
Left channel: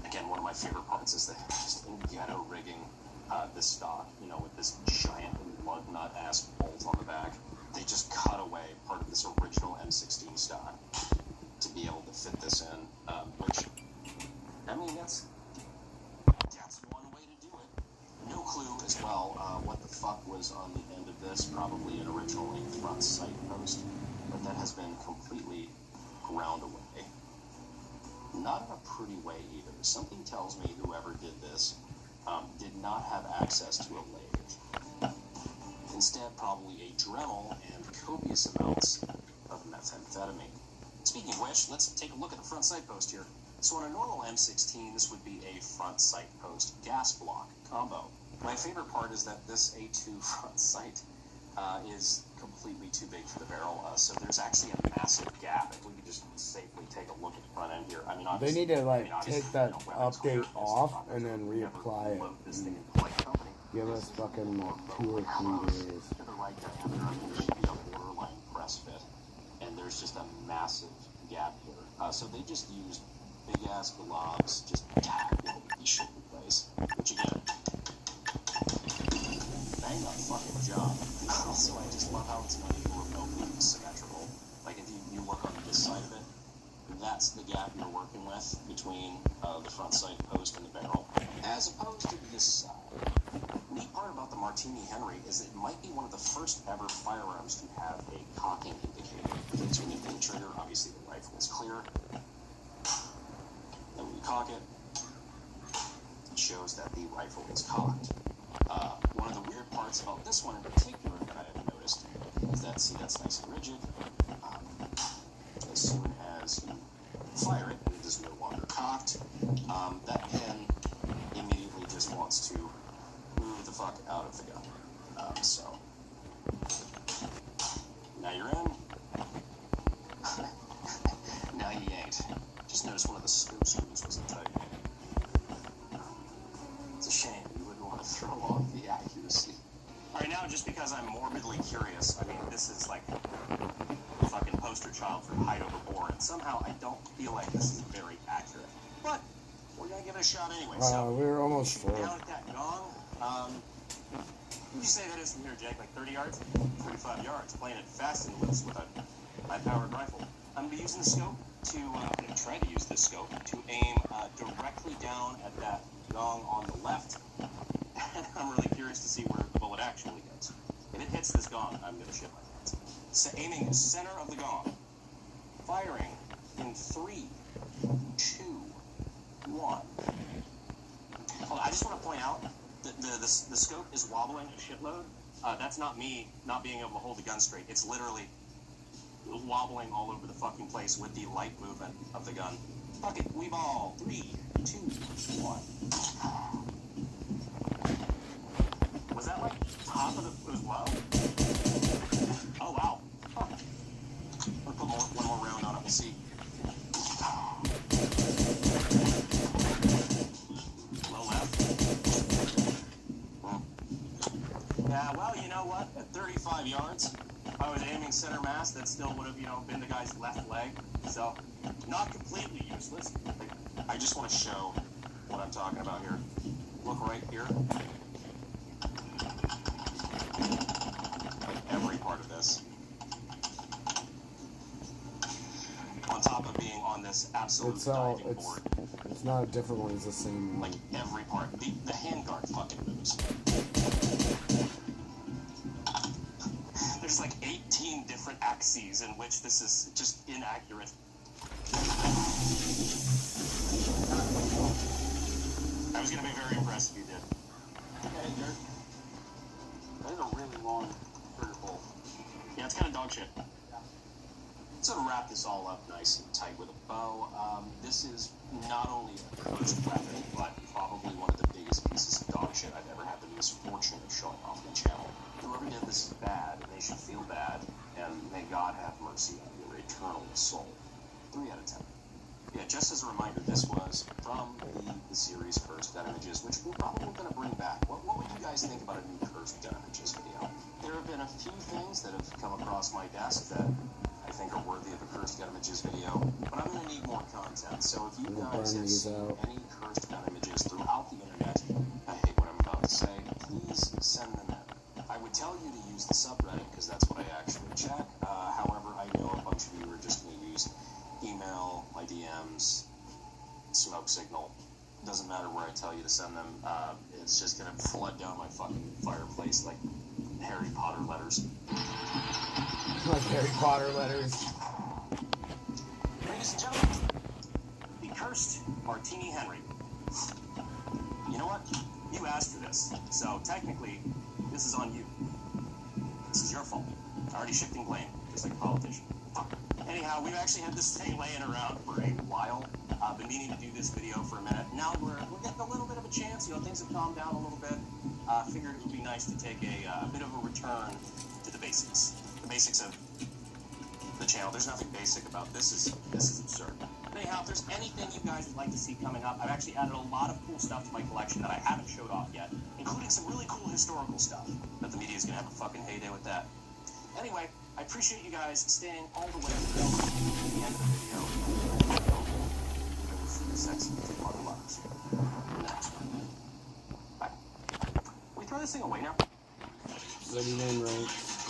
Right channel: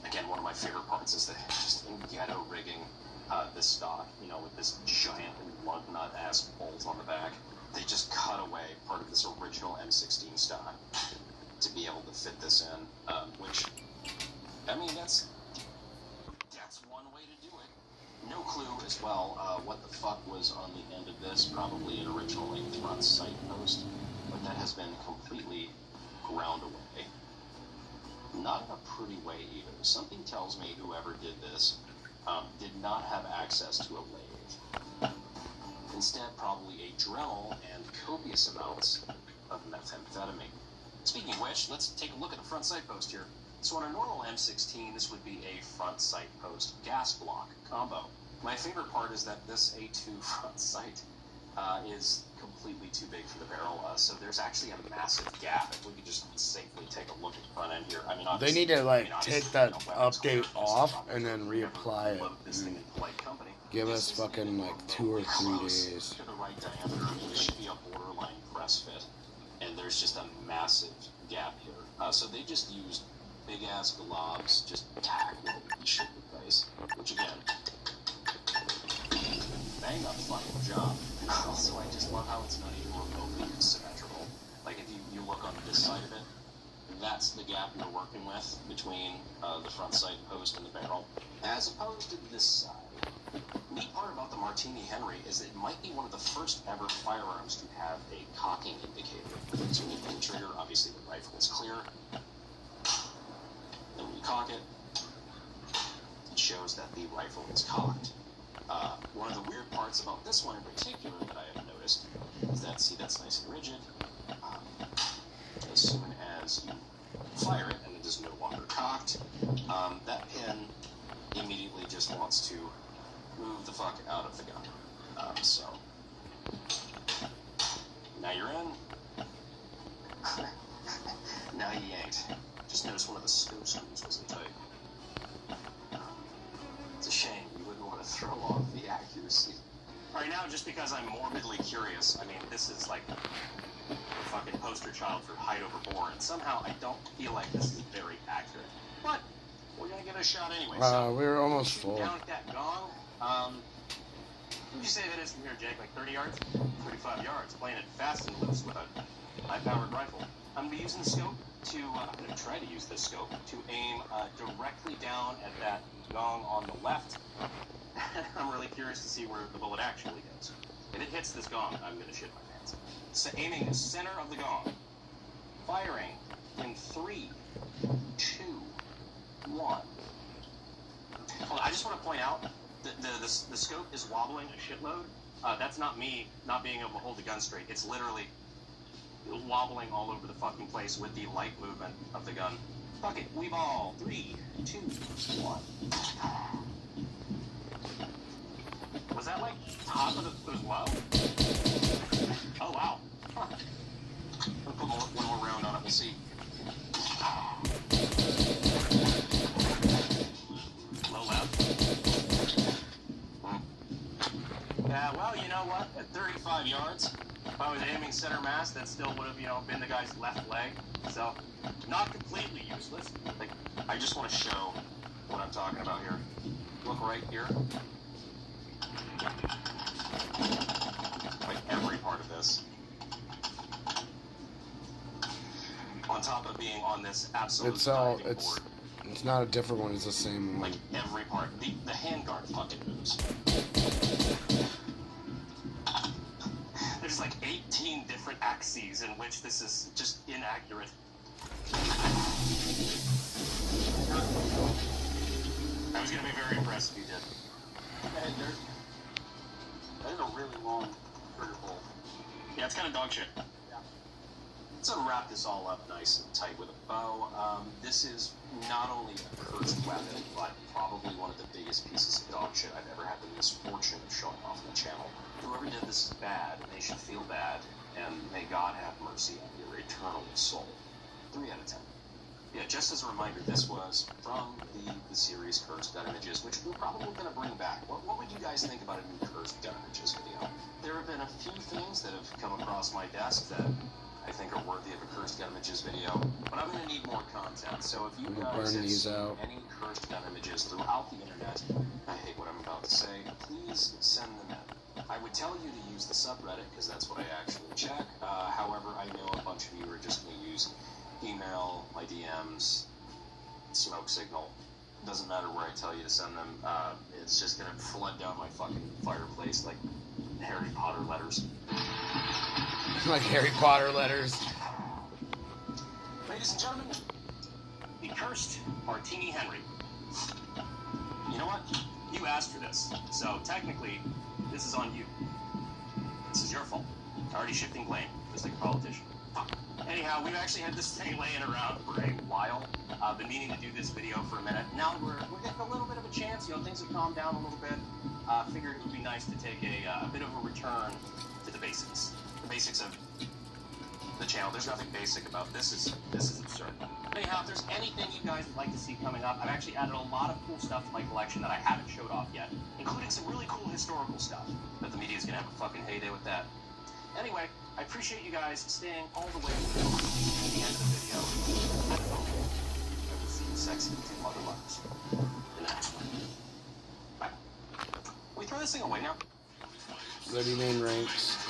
Again, one of my favorite parts is that just in ghetto rigging this stock, you know, with this giant lug nut ass bolt on the back. They just cut away part of this original M16 stock to be able to fit this in, which, I mean, that's one way to do it. No clue as well what the fuck was on the end of this, probably an original front sight post, but that has been completely ground away. Not in a pretty way either. Something tells me whoever did this did not have access to a lathe. Instead, probably a Dremel and copious amounts of methamphetamine. Speaking of which, let's take a look at the front sight post here. So on a normal M16, this would be a front sight post gas block combo. My favorite part is that this A2 front sight is completely too big for the barrel, so there's actually a massive gap. If we could just safely take a look at the front end here. I mean, They need to like take that update off and then reapply it. And give us fucking like 2 or 3 days. To the right diameter, it should be a borderline press fit, and there's just a massive gap here. So they just used big ass globs, just tacked with a shit replace, which again, bang that fucking job. Also, I just love how it's not even remotely symmetrical. Like if you look on this side of it, that's the gap you're working with between the front sight post and the barrel, as opposed to this side. Neat part about the Martini Henry is that it might be one of the first ever firearms to have a cocking indicator. So when you pull the trigger, obviously the rifle is clear. Then when you cock it, it shows that the rifle is cocked. One of the weird parts about this one in particular that I have noticed is that, see, that's nice and rigid. As soon as you fire it and it is no longer cocked, that pin immediately just wants to move the fuck out of the gun. So, now you're in. Now you ain't. Just notice one of the scope screws wasn't tight. It's a shame. You wouldn't want to throw off the accuracy. Alright, now just because I'm morbidly curious, I mean, this is like a fucking poster child for height overboard, and somehow I don't feel like this is very accurate. But we're gonna give it a shot anyway. We're almost full. Down at that gong, would you say that is from here, Jake? Like 30 yards? 45 yards. Playing it fast and loose with a high-powered rifle. I'm gonna be using the scope to, I'm gonna try to use this scope to aim directly down at that gong on the left. I'm really curious to see where the bullet actually hits. If it hits this gong, I'm gonna shit my pants. So aiming the center of the gong. Firing in 3, 2, 1. Well, I just want to point out that the scope is wobbling a shitload. That's not me not being able to hold the gun straight. It's literally wobbling all over the fucking place with the light movement of the gun. Fuck it, we ball. 3, 2, 1. Was that like top of the... It was low? Oh, wow. Huh. I'll put one more round on it. We'll see. Low left. Yeah, well, you know what? At 35 yards, I was aiming center mass. That still would have, you know, been the guy's left leg. So, not completely useless. Like, I just want to show what I'm talking about here. Look right here. Like every part of this. On top of being on this absolute it's not a different one, it's the same one. Like every part. The handguard fucking moves. There's like 18 different axes in which this is just inaccurate. I was gonna be very impressed if you did. That is a really long trigger pull. Yeah, it's kind of dog shit. So to wrap this all up nice and tight with a bow, this is not only a cursed weapon, but probably one of the biggest pieces of dog shit I've ever had the misfortune of showing off the channel. Whoever did this is bad, and they should feel bad, and may God have mercy on your eternal soul. 3 out of 10. Yeah, just as a reminder, this was from the series Cursed Gun Images, which we're probably going to bring back. What would you guys think about a new Cursed Gun Images video? There have been a few things that have come across my desk that I think are worthy of a Cursed Gun Images video, but I'm going to need more content. So if you guys have seen any Cursed Gun Images throughout the internet, I hate what I'm about to say, please send them in. I would tell you to use the subreddit because that's what I actually check. However, I know a bunch of you are just going to use email, my DMs, smoke signal. Doesn't matter where I tell you to send them. It's just going to flood down my fucking fireplace like Harry Potter letters. Like Harry Potter letters. Ladies and gentlemen, the cursed Martini Henry. You know what? You asked for this, so technically, this is on you. This is your fault. Already shifting blame, just like a politician. Anyhow, we've actually had this thing laying around for a while. I've been meaning to do this video for a minute. Now we're getting a little bit of a chance. You know, things have calmed down a little bit. Figured it would be nice to take a bit of a return to the basics. The basics of the channel. There's nothing basic about this. This is absurd. Anyhow, if there's anything you guys would like to see coming up, I've actually added a lot of cool stuff to my collection that I haven't showed off yet, including some really cool historical stuff. But the media's gonna have a fucking heyday with that. Anyway, I appreciate you guys staying all the way to the end of the video. See you sexy two mother lovers. Next one. Bye. We throw this thing away now. 39 ranks.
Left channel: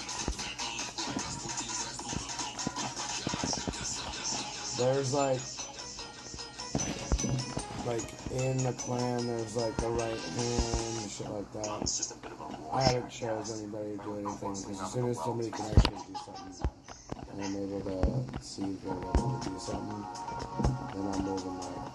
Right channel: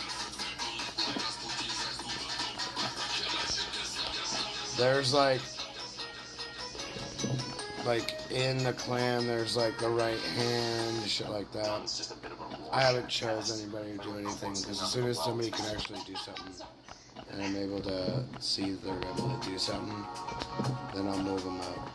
There's like in the clan, there's like the right hand, shit like that. I haven't chose anybody to do anything because as soon as somebody can actually do something and I'm able to see they're able to do something, then I'll move them up.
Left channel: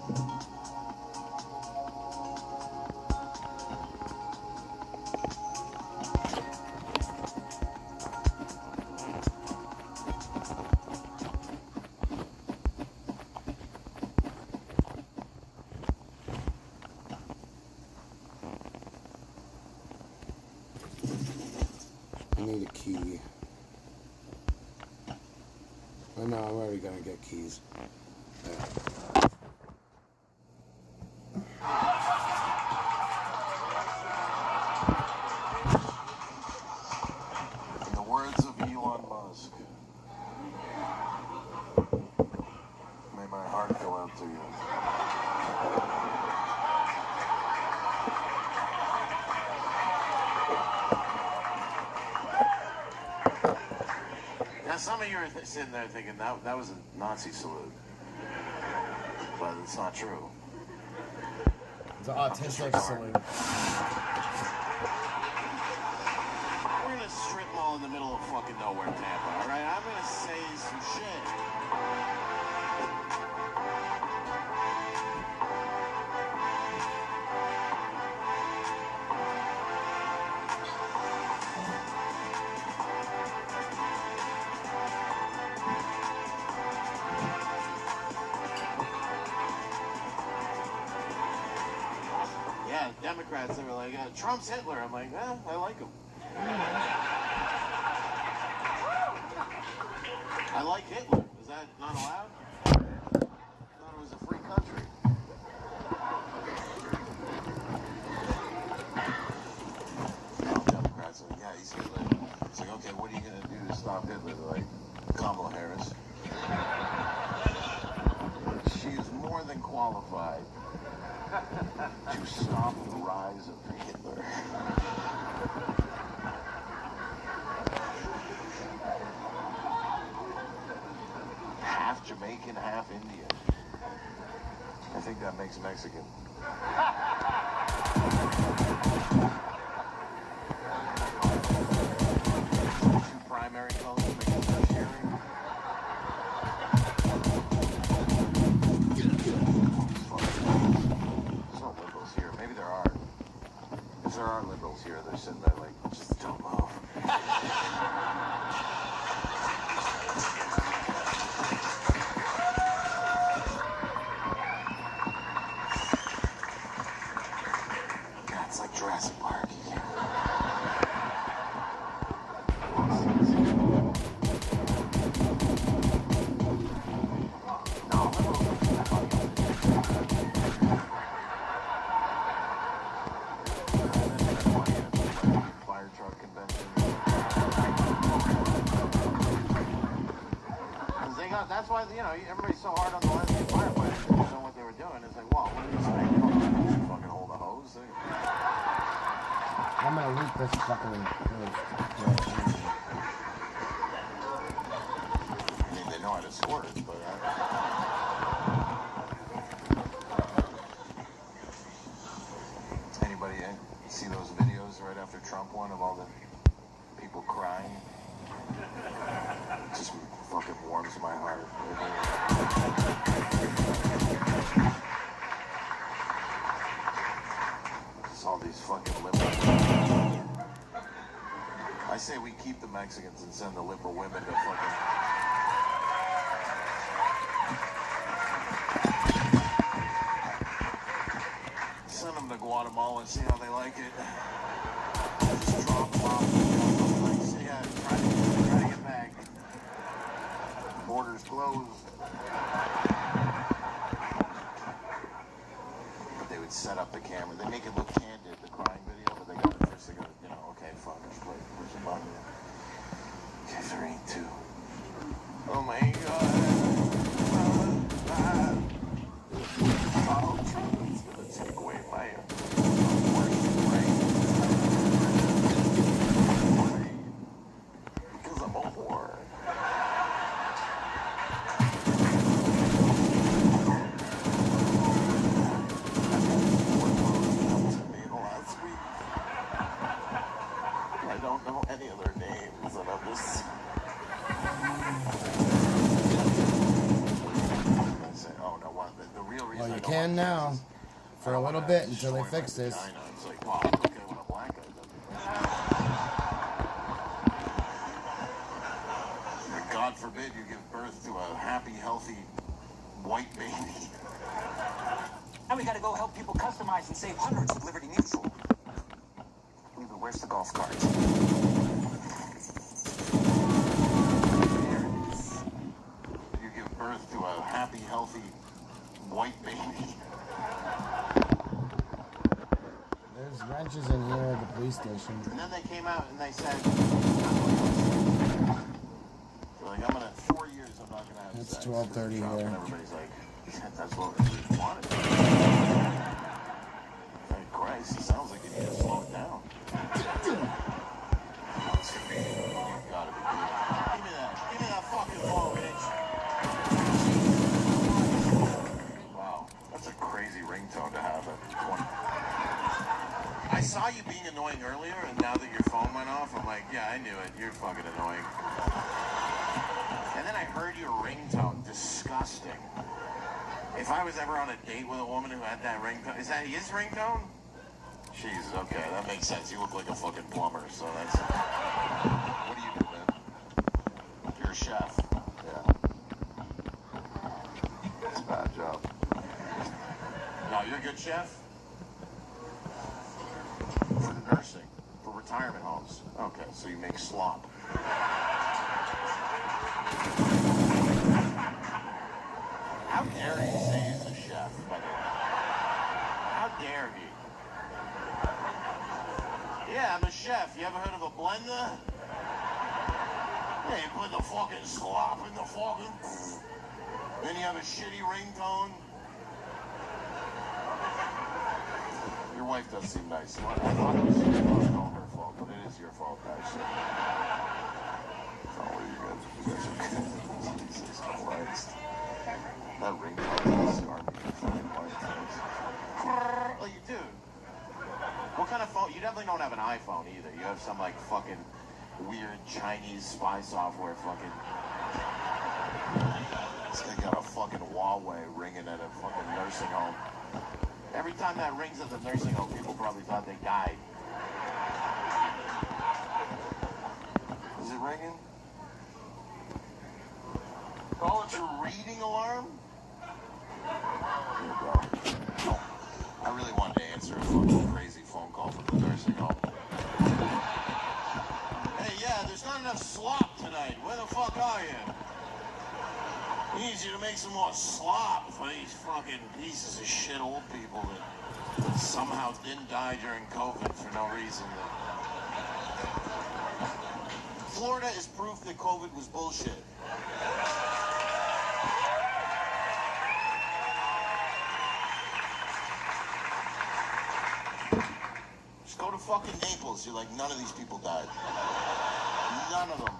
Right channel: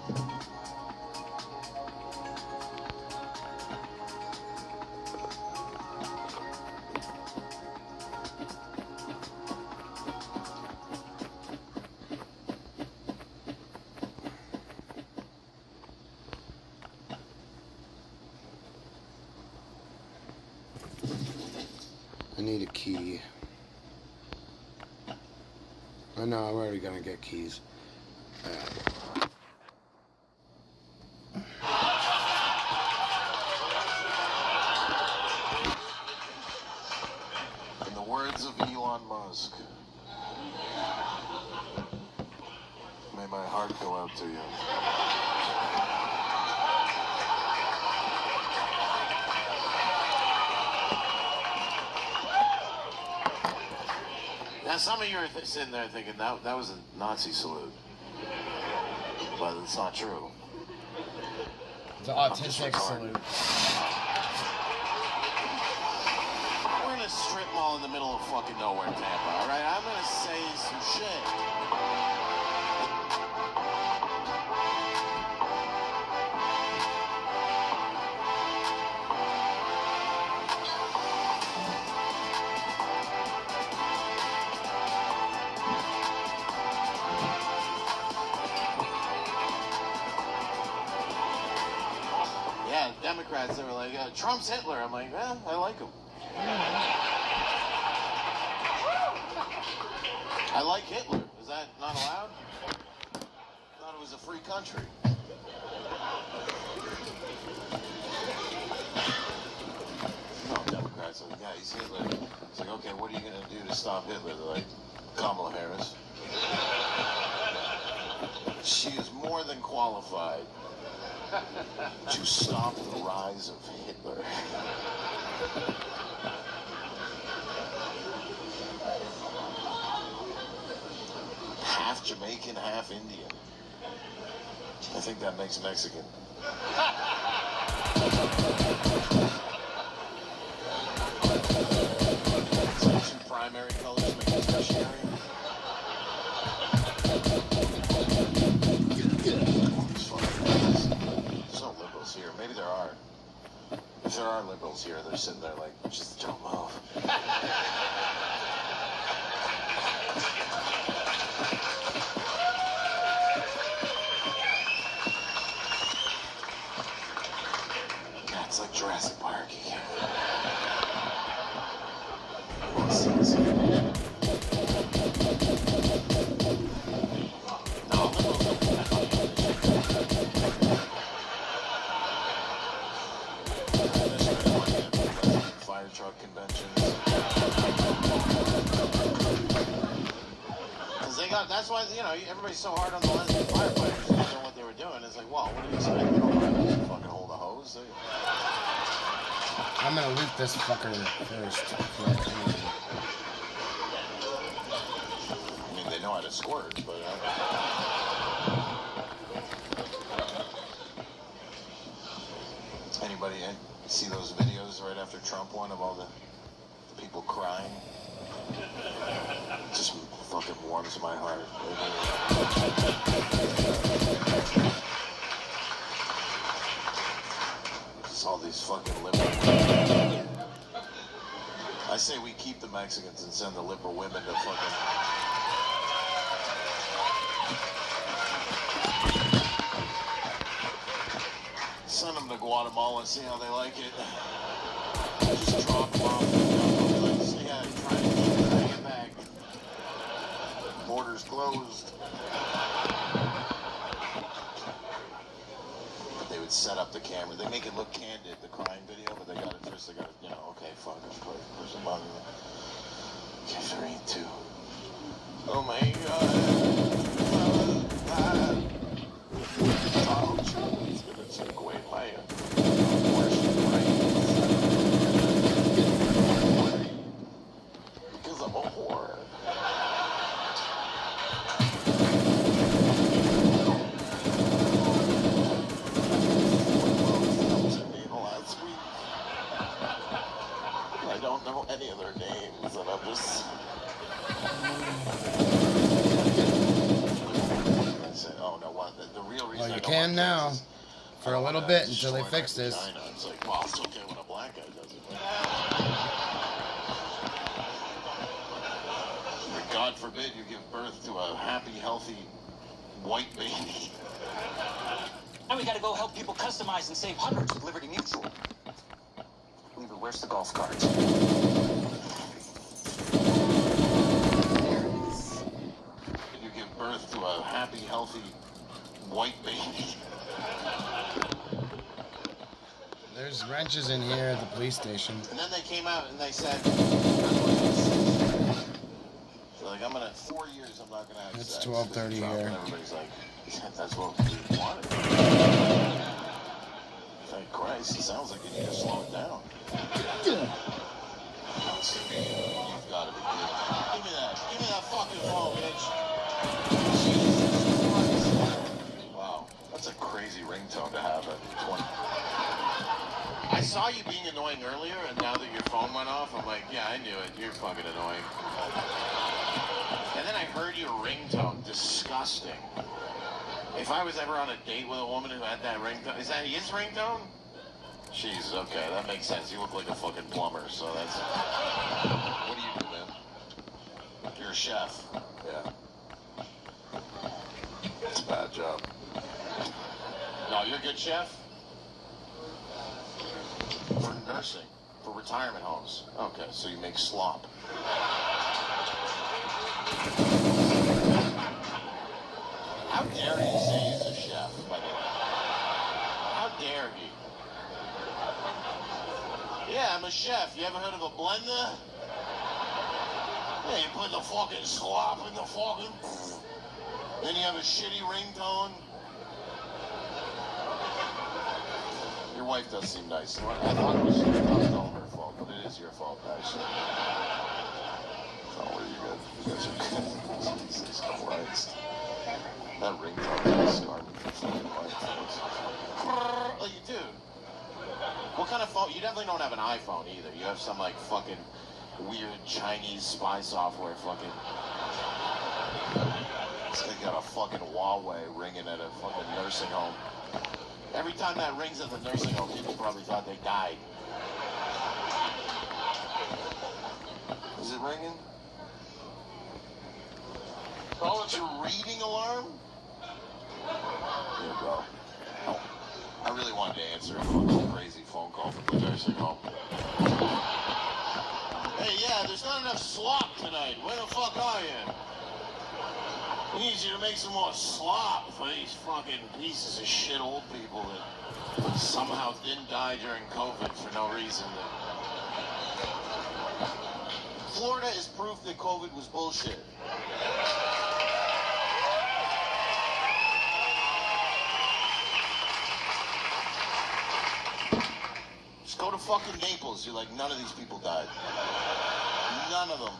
I need a key. I know, I'm already gonna get keys. In the words of Elon Musk, may my heart go out to you. Now, some of you are sitting there thinking that was a Nazi salute, but it's not true. It's an autistic salute. We're in a strip mall in the middle of fucking nowhere, Tampa, all right? I'm gonna say some shit. Yeah, Democrats, they were like, Trump's Hitler. I'm like, well, I like him. I like Hitler. Is that not allowed? I thought it was a free country. Democrats are like, yeah, he's Hitler. It's like, okay, what are you going to do to stop Hitler? They're like, Kamala Harris. She is more than qualified to stop the rise of Hitler. Half Jamaican, half Indian. I think that makes Mexican. Two primary colors make us tertiary. There's no liberals here. Maybe there are. If there are liberals here, they're sitting there like, just jump off. Fire truck conventions. Because they got, that's why, you know, everybody's so hard on the lesbian firefighters. They didn't know what they were doing. It's like, well, what do you expect? Fucking hold a hose. I'm gonna loot this fucker first. I mean, they know how to squirt, but... Anybody see those videos right after Trump won of all the people crying? It just fucking warms my heart. Just all these fucking liberal... I say we keep the Mexicans and send the liberal women to fucking... Send them to Guatemala and see how they like it. Just drop them off. Yeah, try to get back. Borders closed. But they would set up the camera. They make it look candid, the crime video, but they got it first. They got it, you know, okay, fuck, let's play. There's a button. Okay, 3, 2. Oh my god. Because I'm a whore. To me last week. I don't know any of their names, and I'm just... I said, oh no, the real reason Well, you can now. For a little bit until they fix this. It's like, well, it's okay when a black guy does it. But God forbid you give birth to a happy, healthy, white baby. Now we gotta go help people customize and save hundreds with Liberty Mutual. Weaver, where's the golf carts? You give birth to a happy, healthy, white baby. There's wrenches in here at the police station. And then they came out and they said, they're like, I'm gonna, 4 years I'm not gonna have It's sex. 12:30 here. And everybody's like, that's what we wanted. Thank Christ, it sounds like you need to slow it down. You've gotta be kidding. Give me that fucking phone, bitch. Wow, that's a crazy ringtone to have at 20. I saw you being annoying earlier, and now that your phone went off, I'm like, yeah, I knew it. You're fucking annoying. And then I heard your ringtone. Disgusting. If I was ever on a date with a woman who had that ringtone, is that his ringtone? Jesus, okay, that makes sense. You look like a fucking plumber, so that's... What do you do, man? You're a chef. Yeah. It's a bad job. No, you're a good chef? For nursing, for retirement homes. Okay, so you make slop. How dare he say he's a chef, by the way? How dare he? Yeah, I'm a chef. You ever heard of a blender? Yeah, you put the fucking slop in the fucking... Then you have a shitty ringtone. Your wife does seem nice. I thought it was all her fault, but it is your fault, actually. Oh, you guys are good. Jesus Christ. That ringtone is scarred me for fucking life. Well, you do. What kind of phone? You definitely don't have an iPhone either. You have some, like, fucking weird Chinese spy software fucking... This guy got a fucking Huawei ringing at a fucking nursing home. Every time that rings at the nursing home, people probably thought they died. Is it ringing? Oh, it's a reading alarm? Here we go. I really wanted to answer a crazy phone call from the nursing home. Hey, yeah, there's There's not enough slop tonight. Where the fuck are you? We need you to make some more slop for these fucking pieces of shit old people that somehow didn't die during COVID for no reason. Florida is proof that COVID was bullshit. Just go to fucking Naples. You're like, none of these people died. None of them.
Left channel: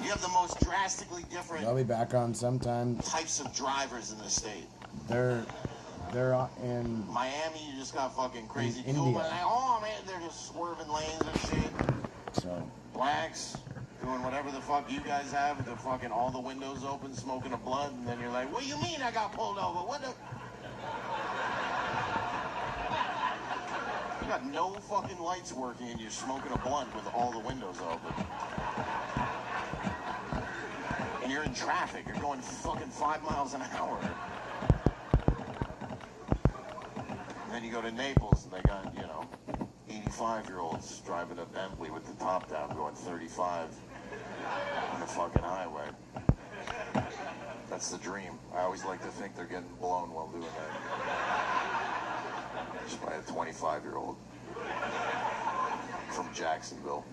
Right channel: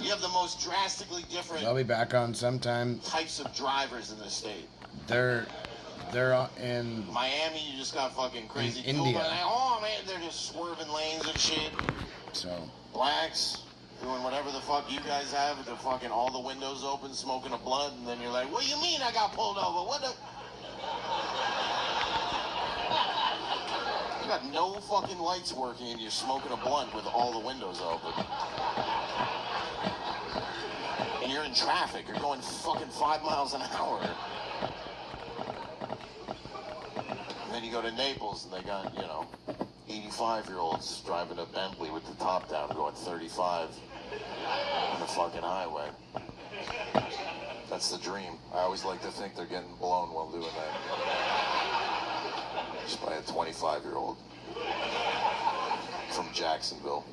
You have the most drastically different They'll be back on sometime. types of drivers in the state. They're in Miami, you just got fucking crazy in people. India. Like, oh man, they're just swerving lanes and shit. So Blacks doing whatever the fuck you guys have with the fucking all the windows open, smoking a blunt, and then you're like, what do you mean I got pulled over? What the? You got no fucking lights working and you're smoking a blunt with all the windows open. And you're in traffic. You're going fucking 5 miles an hour. And then you go to Naples and they got, 85-year-olds driving a Bentley with the top down going 35 on the fucking highway. That's the dream. I always like to think they're getting blown while doing that. Just by a 25-year-old from Jacksonville.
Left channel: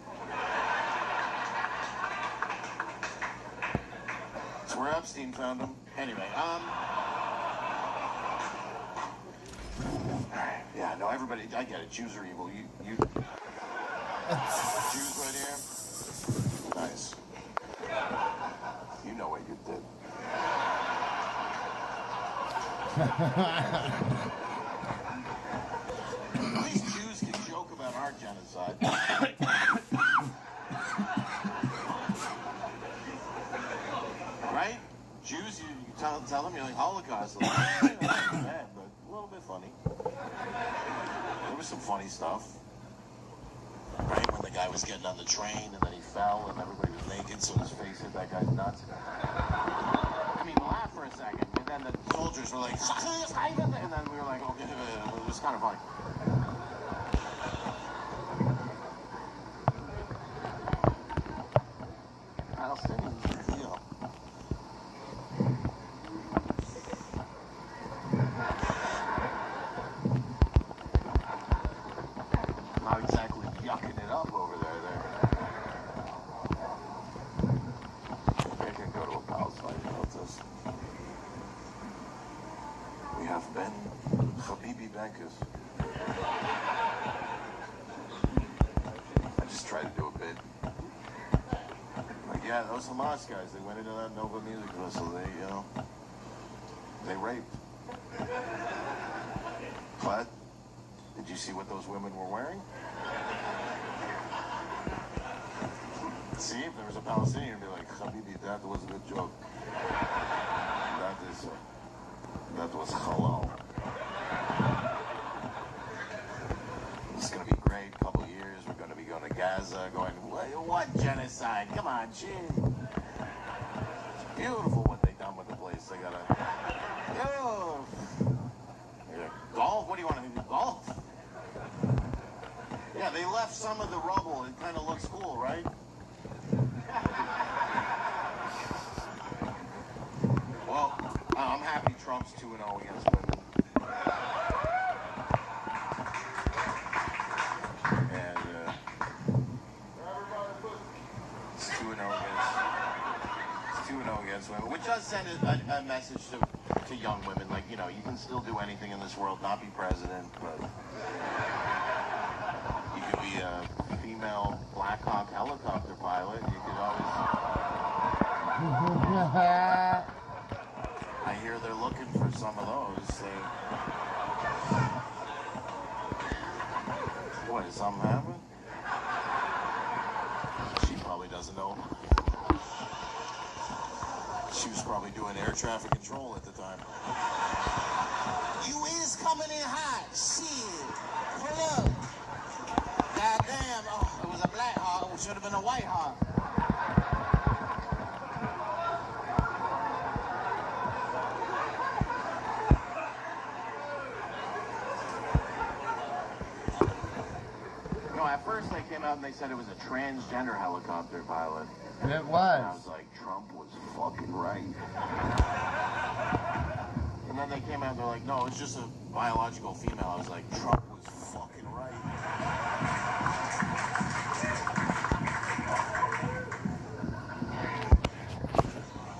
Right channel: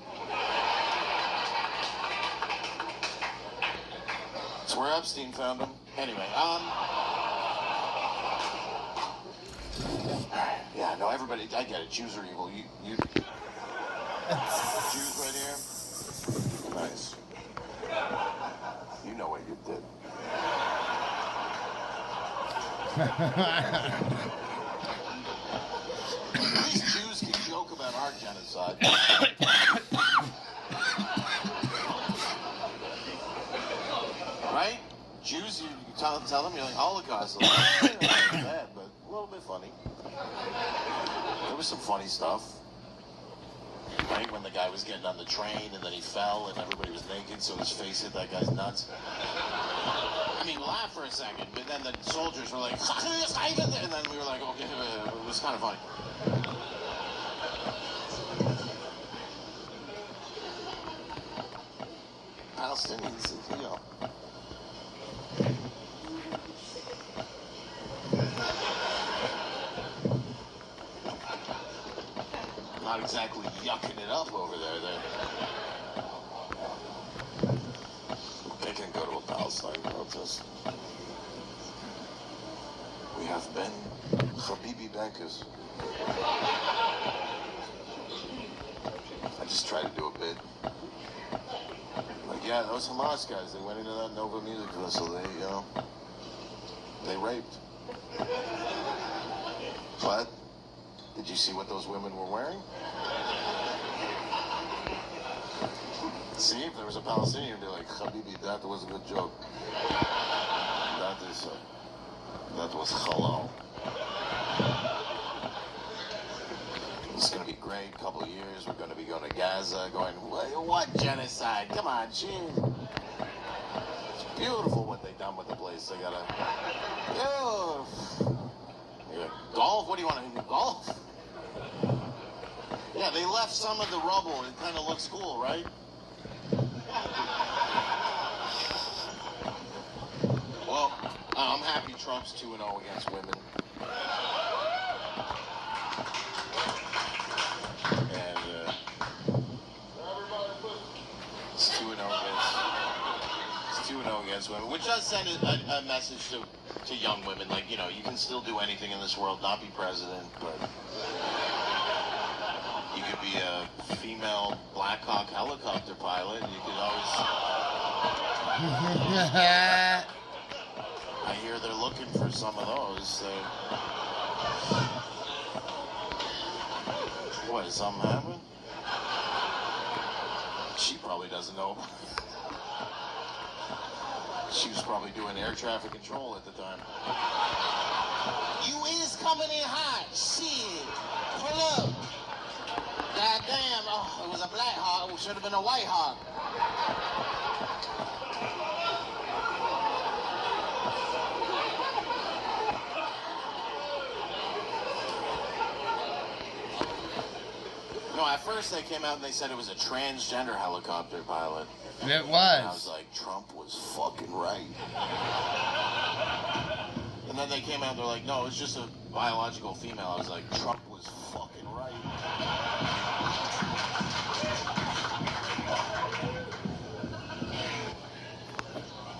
That's where Epstein found him. Anyway, alright, yeah, no, everybody, I get it. Jews are evil. You Jews right here? Nice. You know what you did. At least Jews can joke about our genocide. Right? Jews, you tell them you're like Holocaust. Like, not bad, but a little bit funny. There was some funny stuff. Right? When the guy was getting on the train and then he fell and everybody was naked, so his face hit that guy's nuts. I mean, we laughed for a second, but then the soldiers were like, and then we were like, okay, it was kind of funny. Palestinians, not exactly yucking it up over there. They can go to a Palestine protest. We have been Habibi bankers. I just tried to do a bit. Like, yeah, those Hamas guys, they went into that Nova Music Festival, they raped. But, did you see what those women were wearing? See, if there was a Palestinian, you'd be like, Habibi, that was a good joke. That was halal. It's going to be great. Couple of years, we're going to be going to Gaza, going, what genocide? Come on, shit. It's beautiful what they've done with the place. They got golf? What do you want to do? Golf? Yeah, they left some of the rubble. It kind of looks cool, right? Well, I'm happy Trump's 2-0 against women. And it's 2-0 against women, which does send a message to young women, like, you can still do anything in this world, not be president, but you could be a female Black Hawk helicopter pilot. You could always... I hear they're looking for some of those. So... What, is something happening? She probably doesn't know. She was probably doing air traffic control at the time. You is coming in hot. Shit. Pull up. Goddamn. Oh, it was a Black Hawk. It should have been a White Hawk. No, at first they came out and they said it was a transgender helicopter pilot. And it And I was. was like, Trump was fucking right. And then they came out and they're like, no, it's just a biological female. I was like, Trump was fucking right.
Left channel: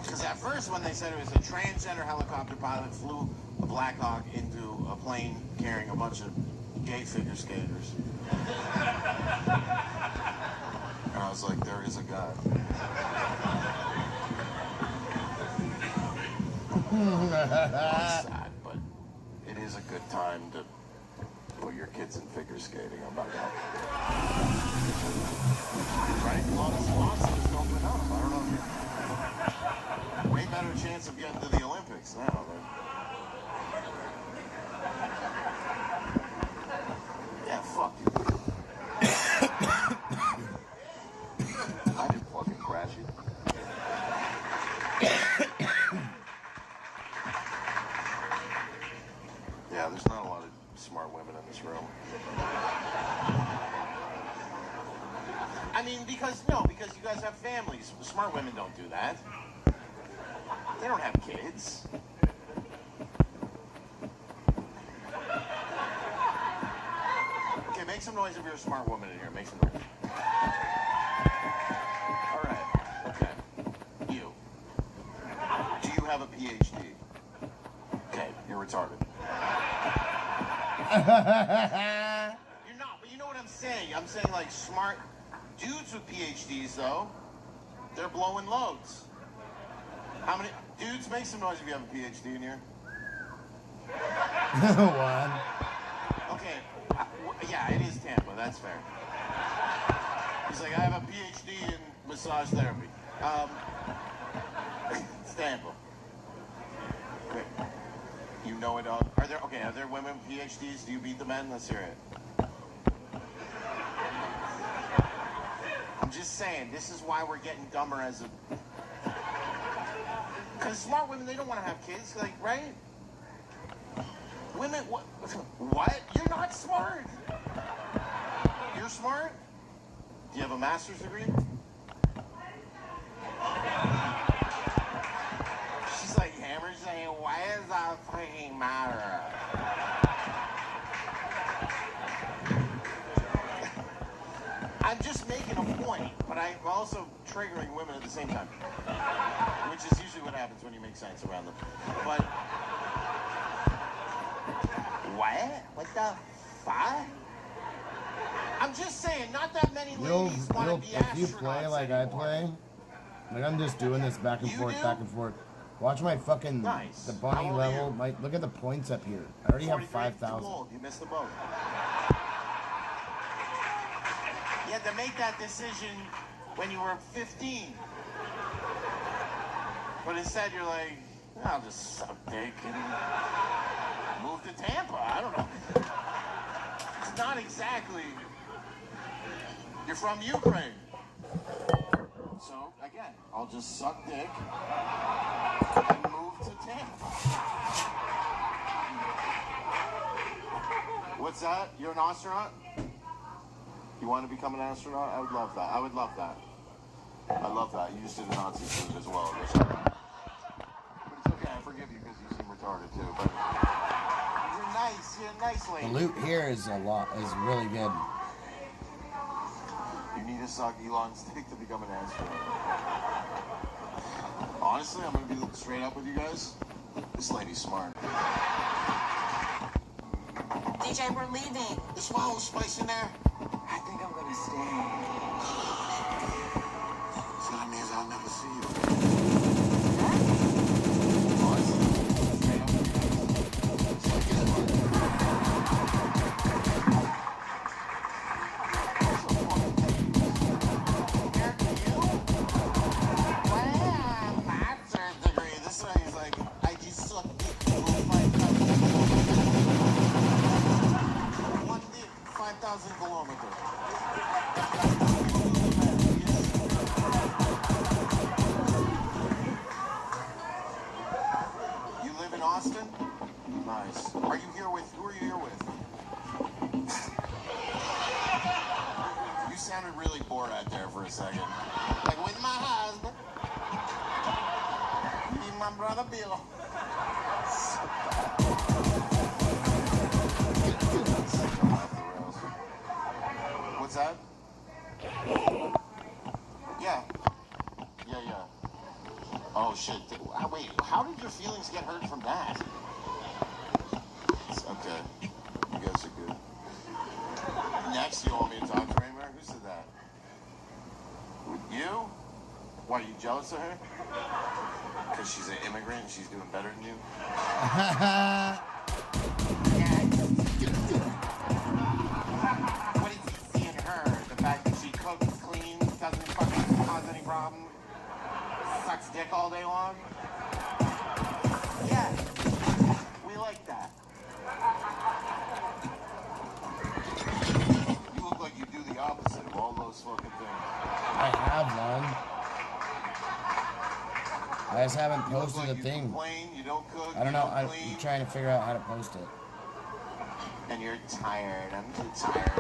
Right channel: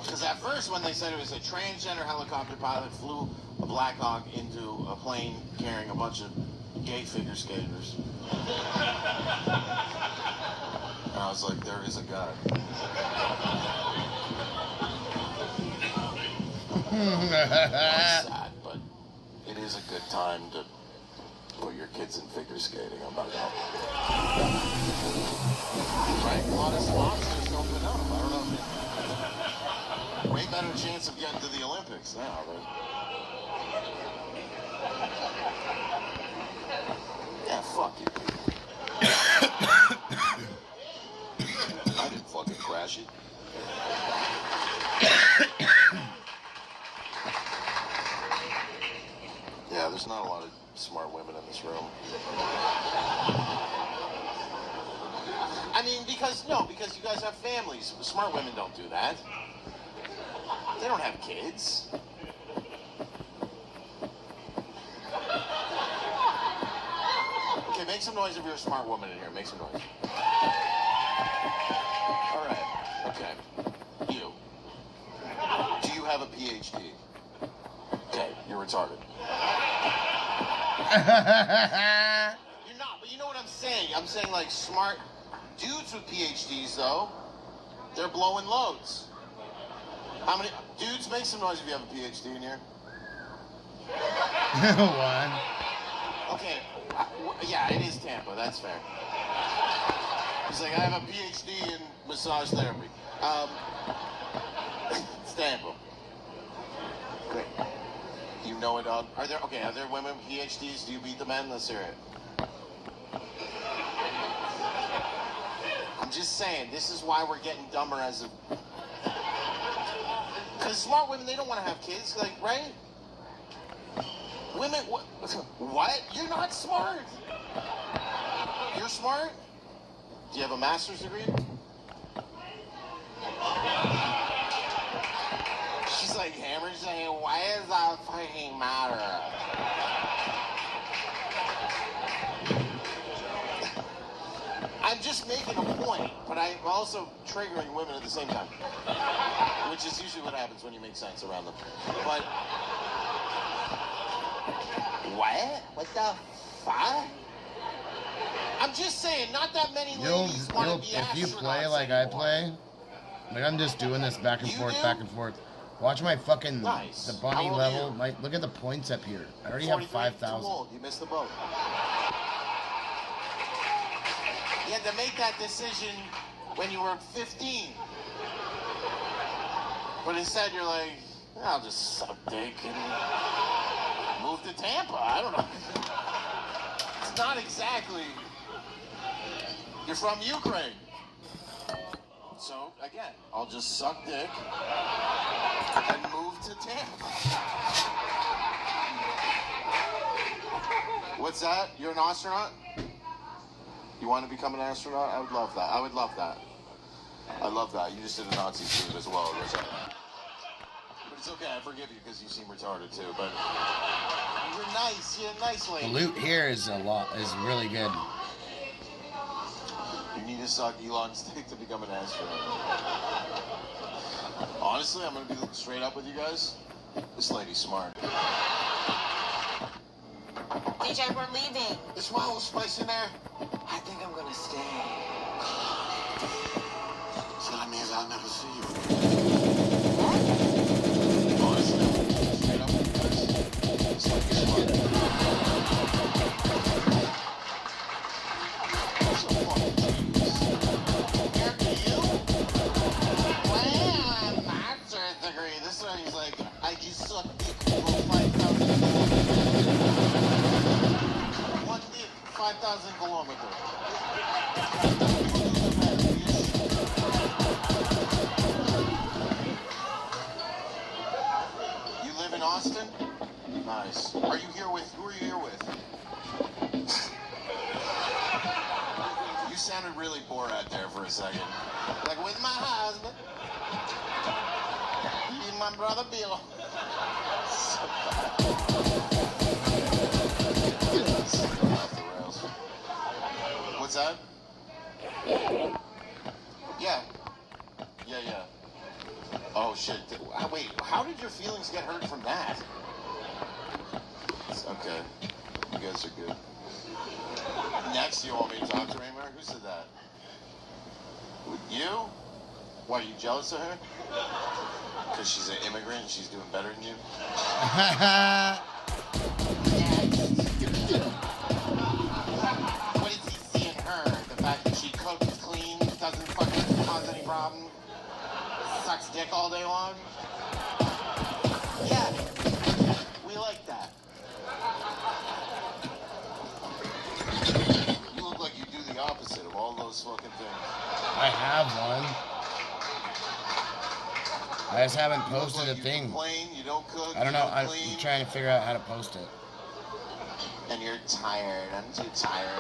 Because at first when they said it was a transgender helicopter pilot flew a Black Hawk into a plane carrying a bunch of gay figure skaters. And I was like, there is a God. It's sad, but it is a good time to put your kids in figure skating. I'm not out. Right? A lot of sponsors open up. I don't know. Way better chance of getting to the Olympics now. Right? Yeah, fuck you. I didn't fucking crash it. Yeah, there's not a lot of smart women in this room. I mean, because you guys have families. Smart women don't do that. They don't have kids. Okay, make some noise if you're a smart woman in here. Make some noise. All right. Okay. You. Do you have a PhD? Okay, you're retarded. You're not, but you know what I'm saying. I'm saying like smart dudes with PhDs though, they're blowing loads. How many dudes, make some noise if you have a PhD in here? One. Okay, yeah, it is Tampa. That's fair. He's like, I have a PhD in massage therapy. It's Tampa. Great. You know it. Are there women PhDs? Do you beat the men? Let's hear it. I'm just saying, this is why we're getting dumber as a. Because smart women, they don't want to have kids, like, right? Women, what? What? You're not smart. You're smart? Do you have a master's degree? She's like hammered, saying, why does that fucking matter? I'm just making a point, but I'm also triggering women at the same time. Which is usually what happens when you make sense around them. But what? What the fuck? I'm just saying, not that many ladies want to be if you play like I play, like I'm just doing this back and forth, back and forth. Watch my fucking the bunny level. Look at the points up here. I already have 5,000. You missed the boat. You had to make that decision when you were 15. But instead you're like, I'll just suck dick and move to Tampa. I don't know. It's not exactly. You're from Ukraine. So, again, I'll just suck dick and move to Tampa. What's that? You're an astronaut? You want to become an astronaut? I would love that. I would love that. I love that. You just did a Nazi salute as well. But it's okay. I forgive you because you seem retarded too. But you're nice. You're a nice lady. The loot here is really good. You need to suck Elon's dick to become an astronaut. Honestly, I'm going to be straight up with you guys. This lady's smart. DJ, we're leaving. There's my whole space in there. I think I'm gonna stay. So that means I'll never see you. This one he's like, I just suck dick for 5,000 kilometers. Borat there for a second. Like, with my husband. He's my brother Bill. What's that? Yeah. Oh, shit. Wait, how did your feelings get hurt from that? Okay. You guys are good. Next, you want me to talk to Raymer? Who said that? You? Why, are you jealous of her? Because she's an immigrant and she's doing better than you? What did he see in her? The fact that she cooks, cleans, doesn't fucking cause any problem? Sucks dick all day long? Yeah. We like that. You look like you do the opposite of all those fucking things. I have one. I just haven't posted a thing. Complain, you don't cook, I don't know. I'm clean. trying to figure out how to post it. And you're tired. I'm too tired.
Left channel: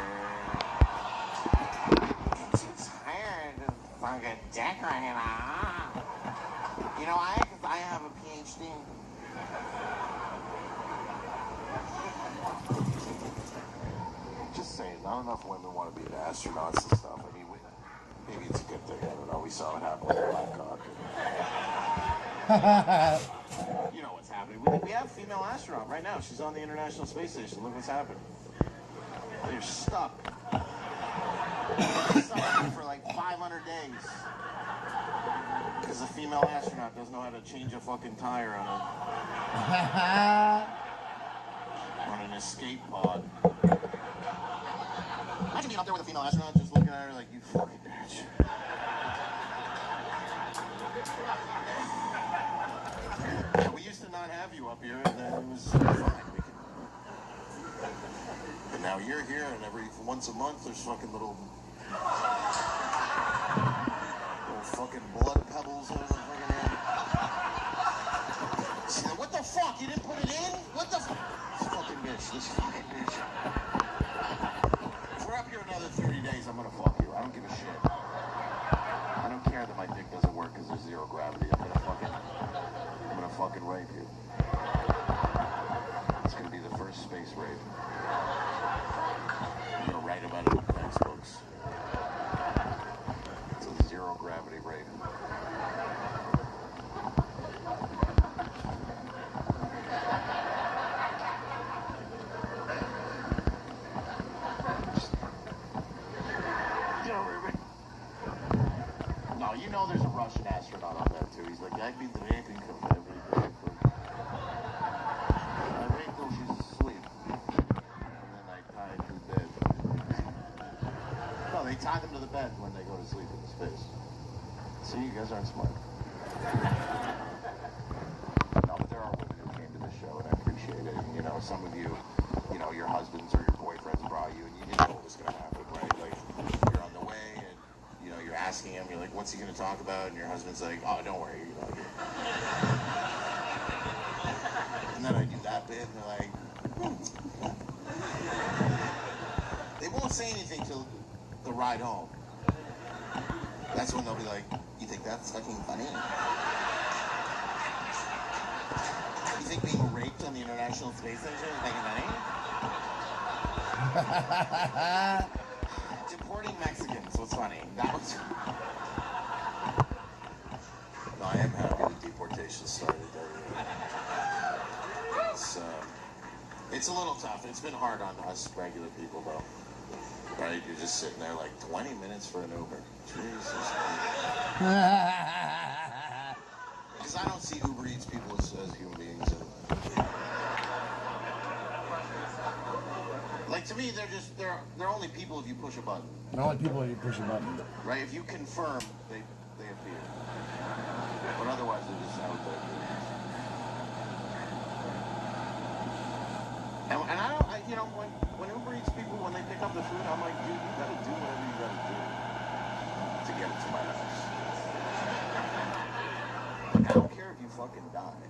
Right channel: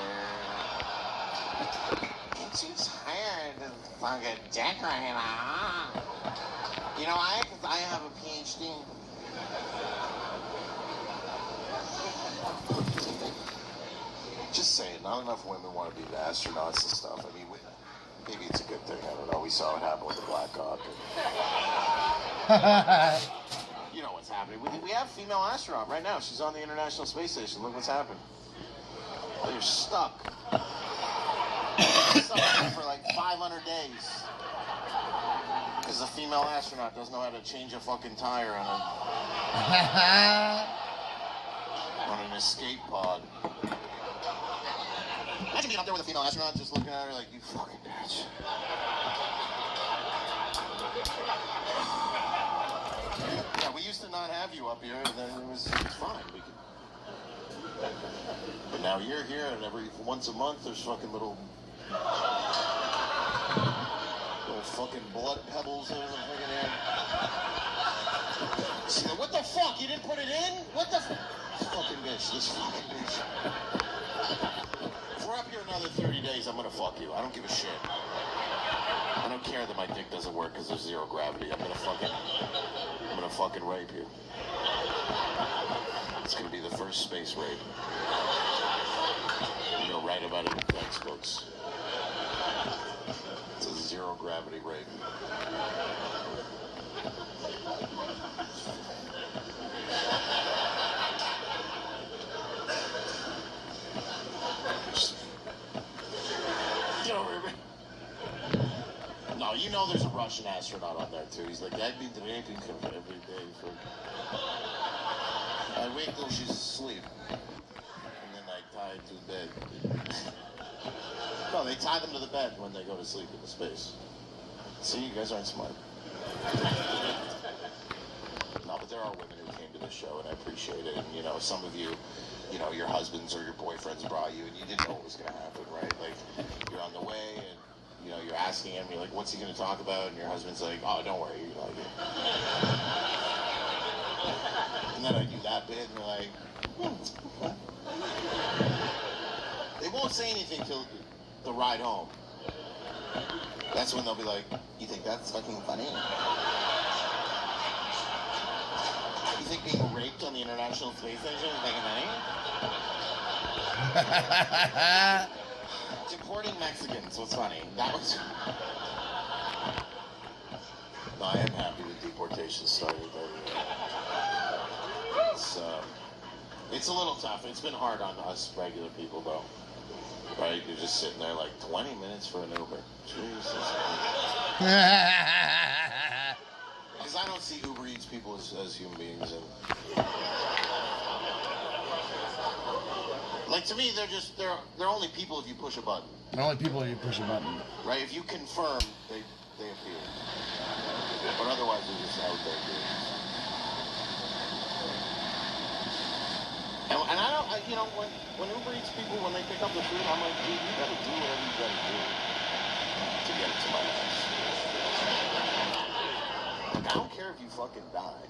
I'm too tired to fucking dick right now. You know, I have a PhD. Just saying, not enough women want to be astronauts and stuff. I mean, maybe it's a good thing. I don't know. We saw what happened with the Black Hawk. You know what's happening. We have a female astronaut right now. She's on the International Space Station. Look what's happened. You're stuck. You're stuck for like 500 days. Because the female astronaut doesn't know how to change a fucking tire on an escape pod. Imagine being up there with a female astronaut just looking at her like, you fucking bitch. Yeah, we used to not have you up here, and it was fine. But now you're here, and once a month there's fucking little fucking blood pebbles over the fucking head. See, what the fuck? You didn't put it in? What the fucking bitch? This fucking bitch. If we're up here another 30 days, I'm gonna fuck you. I don't give a shit. I don't care that my dick doesn't work because there's zero gravity. I'm gonna fucking rape you. It's gonna be the first space rape. I'm gonna write about it in textbooks. It's a zero gravity rape. No, you know there's a Russian astronaut on there too. He's like, I've been raping her every day. I raped her, she's asleep. And then I tied to the bed. No, they tie them to the bed when they go to sleep in space. See, you guys aren't smart. No, but there are women who came to this show, and I appreciate it. And, you know, some of you, you know, your husbands or your boyfriends brought you, and you didn't know what was going to happen, right? Like, you're on the way, and, you know, you're asking him, you're like, what's he going to talk about? And your husband's like, oh, don't worry, you're like it. And then I do that bit, and they're like, they won't say anything till the ride home. That's when they'll be like, you think that's fucking funny? You think being raped on the International Space Station is making money? Deporting Mexicans was funny. That was... No, I am happy the deportation started. It's a little tough. It's been hard on us regular people, though. Right? You're just sitting there like 20 minutes for an Uber. Jesus. Because I don't see Uber Eats people as human beings. Like, to me, they're only people if you push a button. They're only people if you push a button. Right? If you confirm, they appear. But otherwise, they just have their And I don't, you know, when Uber Eats people, when they pick up the food, I'm like, dude, you gotta do whatever you gotta do to get it to my house. Like, I don't care if you fucking die.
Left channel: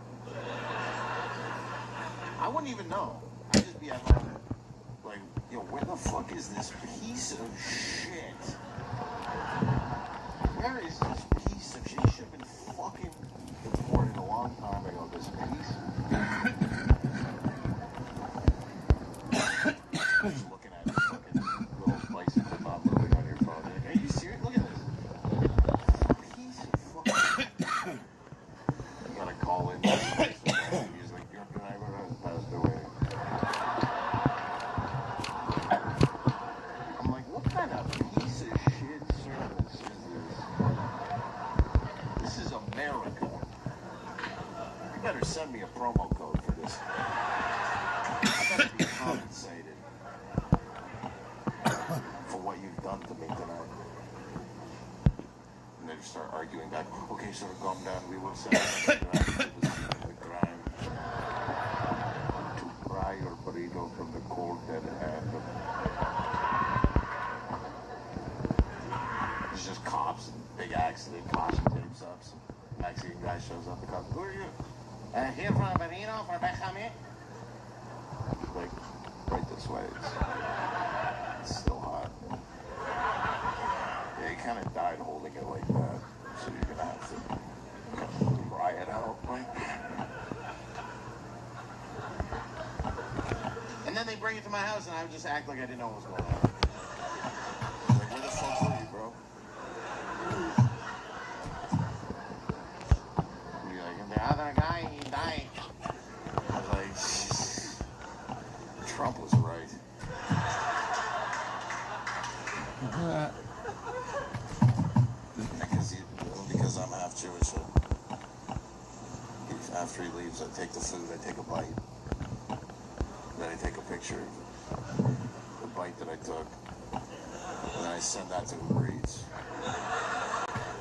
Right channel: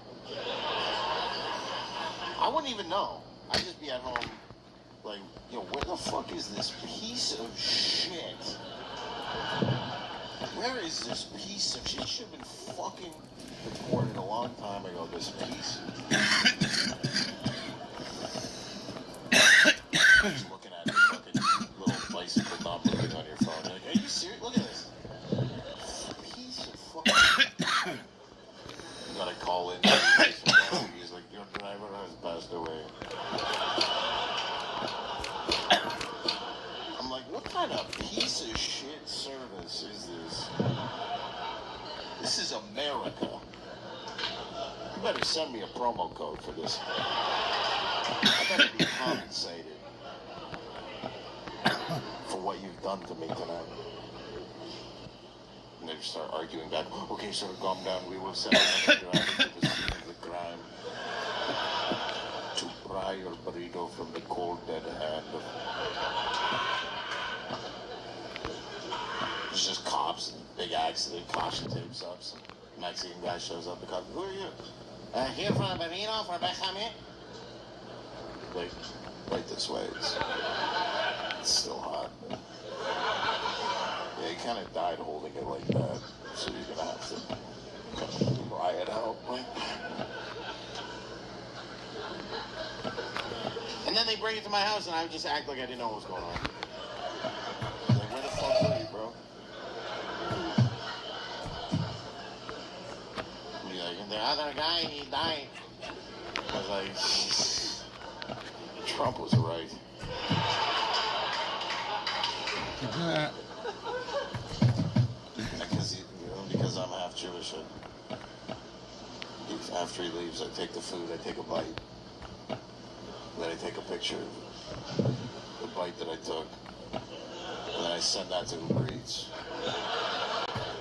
I wouldn't even know. I'd just be at home, like, yo, where the fuck is this piece of shit? better send me a promo code for this. I better be compensated for what you've done to me tonight. And they just start arguing back. Okay, sir, calm down. We will send the crime to pry your burrito from the cold dead hand of... There's just cops and big accident, caution tapes up. Some Mexican guy shows up. The cop, who are you? Here from Benino, from Benjamin. Like, right this way. It's still hot. Yeah, he kind of died holding it like that. So you're going to have to kind of pry it out. And then they bring it to my house, and I would just act like I didn't know what was going on. Like, where the fuck were you, bro? Be like, and the other guy, he died. I was like, Trump was right. Because I'm half Jewish. After he leaves, I take the food, I take a bite. Then I take a picture of the bite that I took. And then I send that to Uber Eats.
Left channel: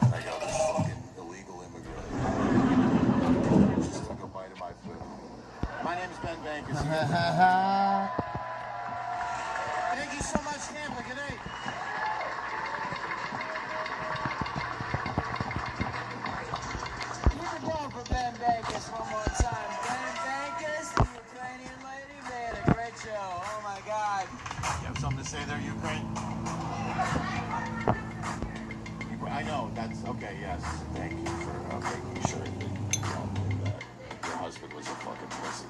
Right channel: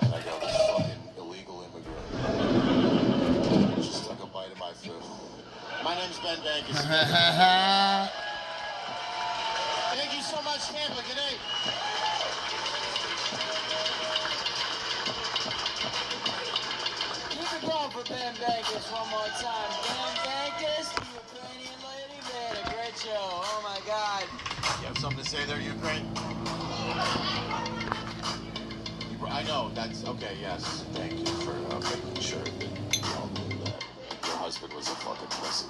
And I go, this fucking illegal immigrant just took a bite of my food. My name's Ben Vegas. Thank you so much, Tampa. Good night. Keep it going for Ben Vegas one more time. Ben Vegas, the Ukrainian lady, they had a great show. Oh my God. You have something to say there, Ukraine? I know, that's, okay, yes. Thank you for making sure that you don't believe that your husband was a fucking pussy.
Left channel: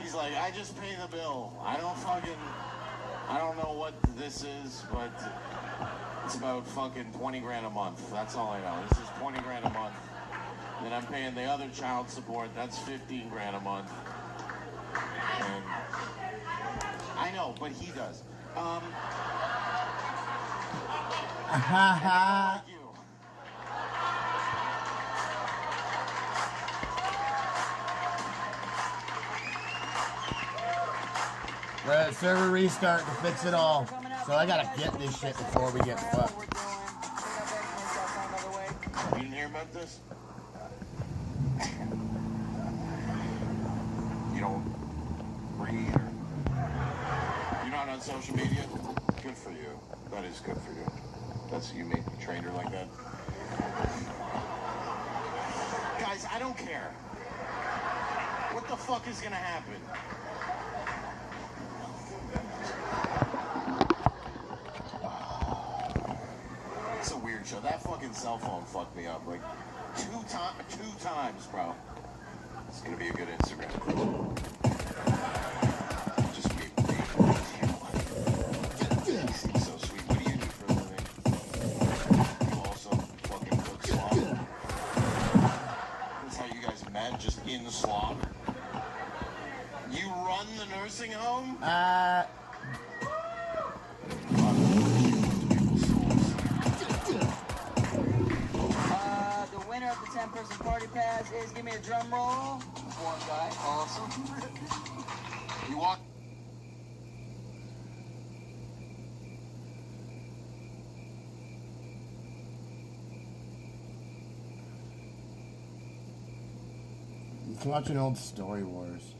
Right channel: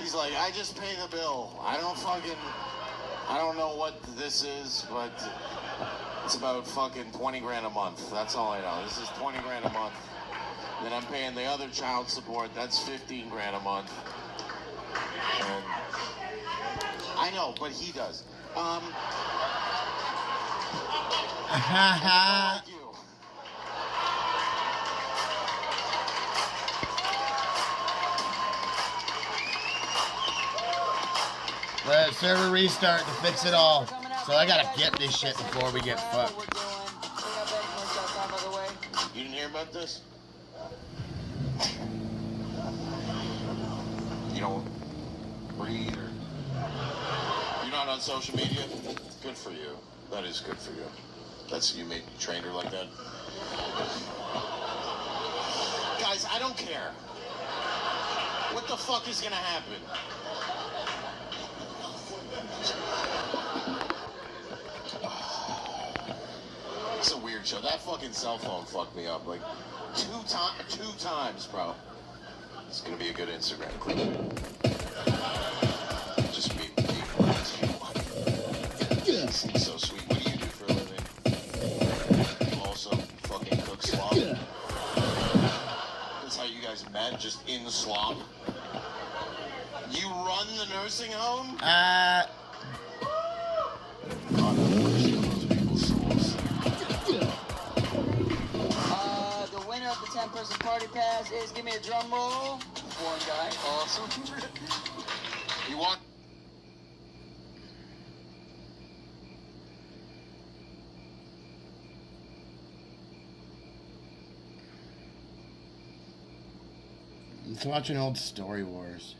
He's like, I just pay the bill. I don't know what this is, but it's about fucking 20 grand a month. That's all I know. This is 20 grand a month. Then I'm paying the other child support. That's 15 grand a month. And I know, but he does. Thank you. Let server restart to fix it all. So I gotta get this shit before we get fucked. You didn't hear about this? You don't read or... You're not on social media? Good for you. That is good for you. That's you trained her like that? Guys, I don't care. What the fuck is gonna happen? It's a weird show. That fucking cell phone fucked me up like two times, bro. It's gonna be a good Instagram clip. Just me. You seem so sweet. What do you do for a living? You also fucking cook slop. That's how you guys met, just in the slop. You run the nursing home? The winner of the 10-person party pass is, give me a drum roll. One guy, awesome. You want? Let's watch an old Story Wars.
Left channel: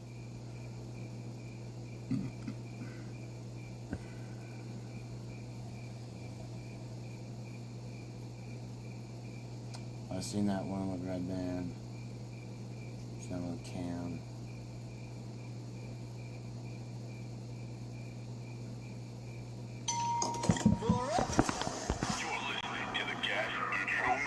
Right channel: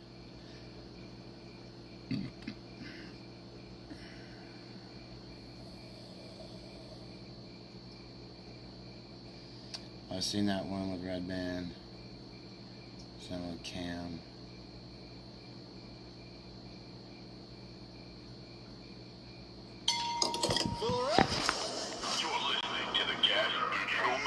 I've seen that one with Red Band. Some with Cam. You're listening to the Gas Neutral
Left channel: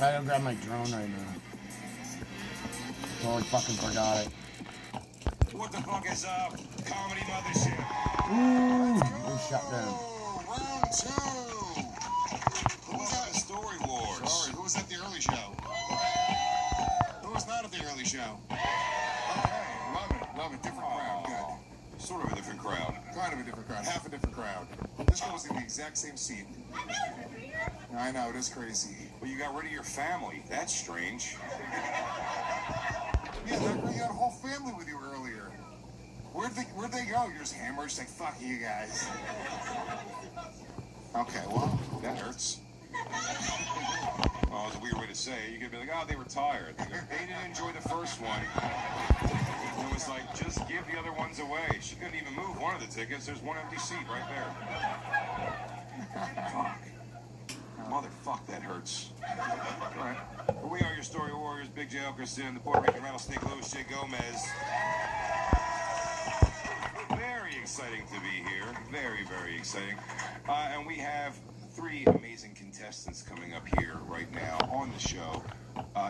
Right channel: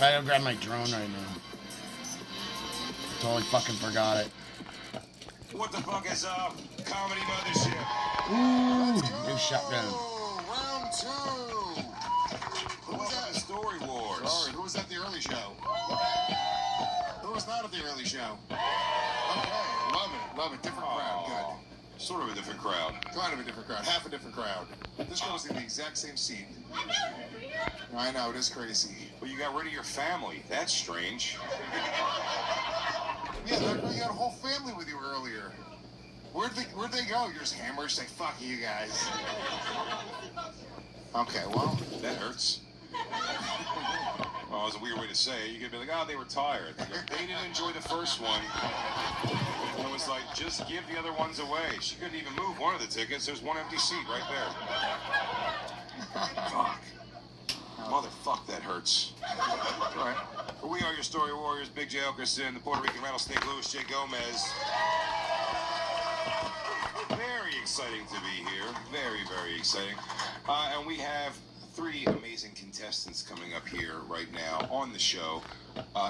I gotta grab my drone right now. Totally fucking forgot it. What the fuck is up? Comedy Mothership. Ooh, new shotgun. Round 2. Who was at the Story Wars? Sorry, who was at the early show? Who was not at the early show? Okay, love it. Different crowd, good. Sort of a different crowd. Kind of a different crowd, half a different crowd. This girl was in the exact same seat. I know, it is crazy. Well, you got rid of your family. That's strange. Yeah, you had a whole family with you earlier. Where'd they go? You're just hammered, say, fuck you guys. Okay, well, that hurts. Well, it's a weird way to say it. You could be like, oh, they were tired. They didn't enjoy the first one. It was like, just give the other ones away. She couldn't even move one of the tickets. There's one empty seat right there. Fuck. Motherfuck, that hurts. All right. Well, we are your Story Warriors. Big J. Elkerson, the Puerto Rican Rattlesnake, Louis J. Gomez. Very exciting to be here. Very, very exciting. And we have 3 amazing contestants coming up here right now on the show.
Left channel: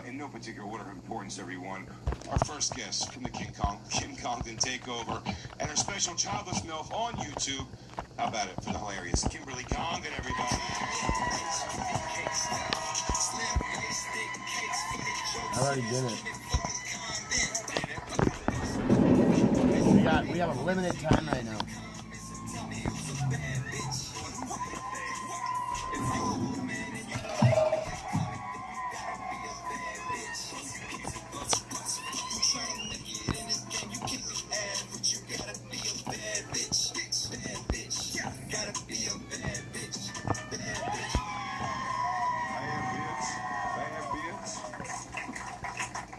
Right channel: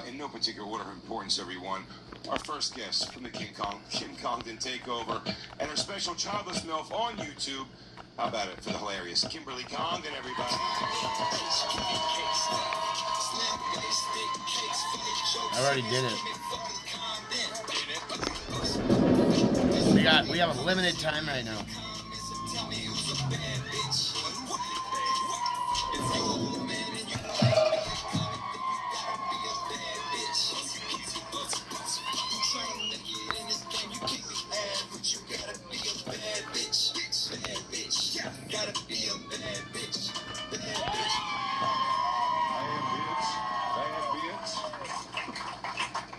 In no particular order of importance, everyone. Our first guest from the Kim Congdon Takeover and our special childless MILF on YouTube. How about it for the hilarious Kimberly Congdon, everybody? I already did it. We have a limited time right now.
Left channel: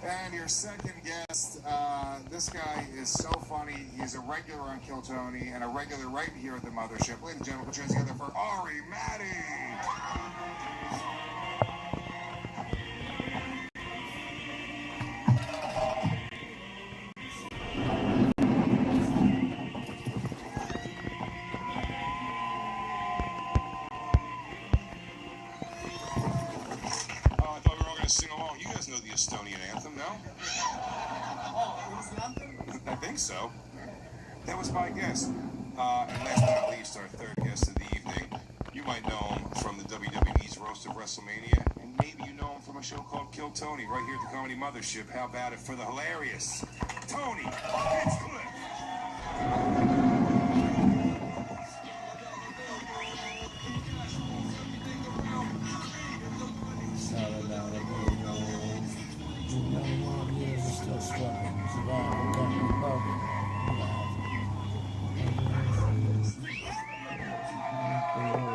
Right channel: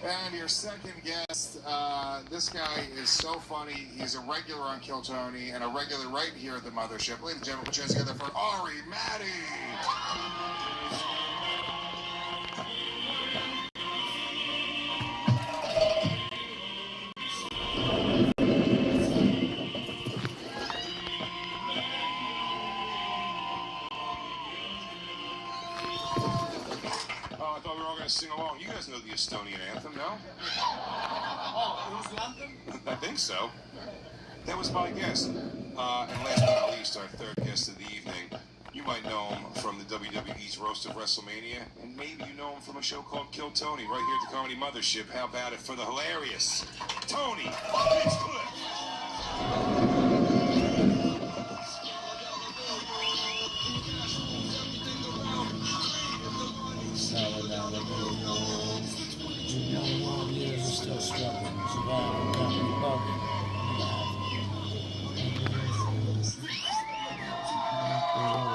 And your second guest, this guy is so funny. He's a regular on Kill Tony and a regular right here at the Mothership. Ladies and gentlemen, put your hands together for Ari Maddie. Sing along. You guys know the Estonian anthem, no? Oh, it was the anthem? I think so. That was my guest. And last but not least, our third guest of the evening. You might know him from the WWE's Roast of WrestleMania, and maybe you know him from a show called Kill Tony, right here at the Comedy Mothership. How about it for the hilarious Tony Hinchcliffe? Still struggling, surviving, coming, broken,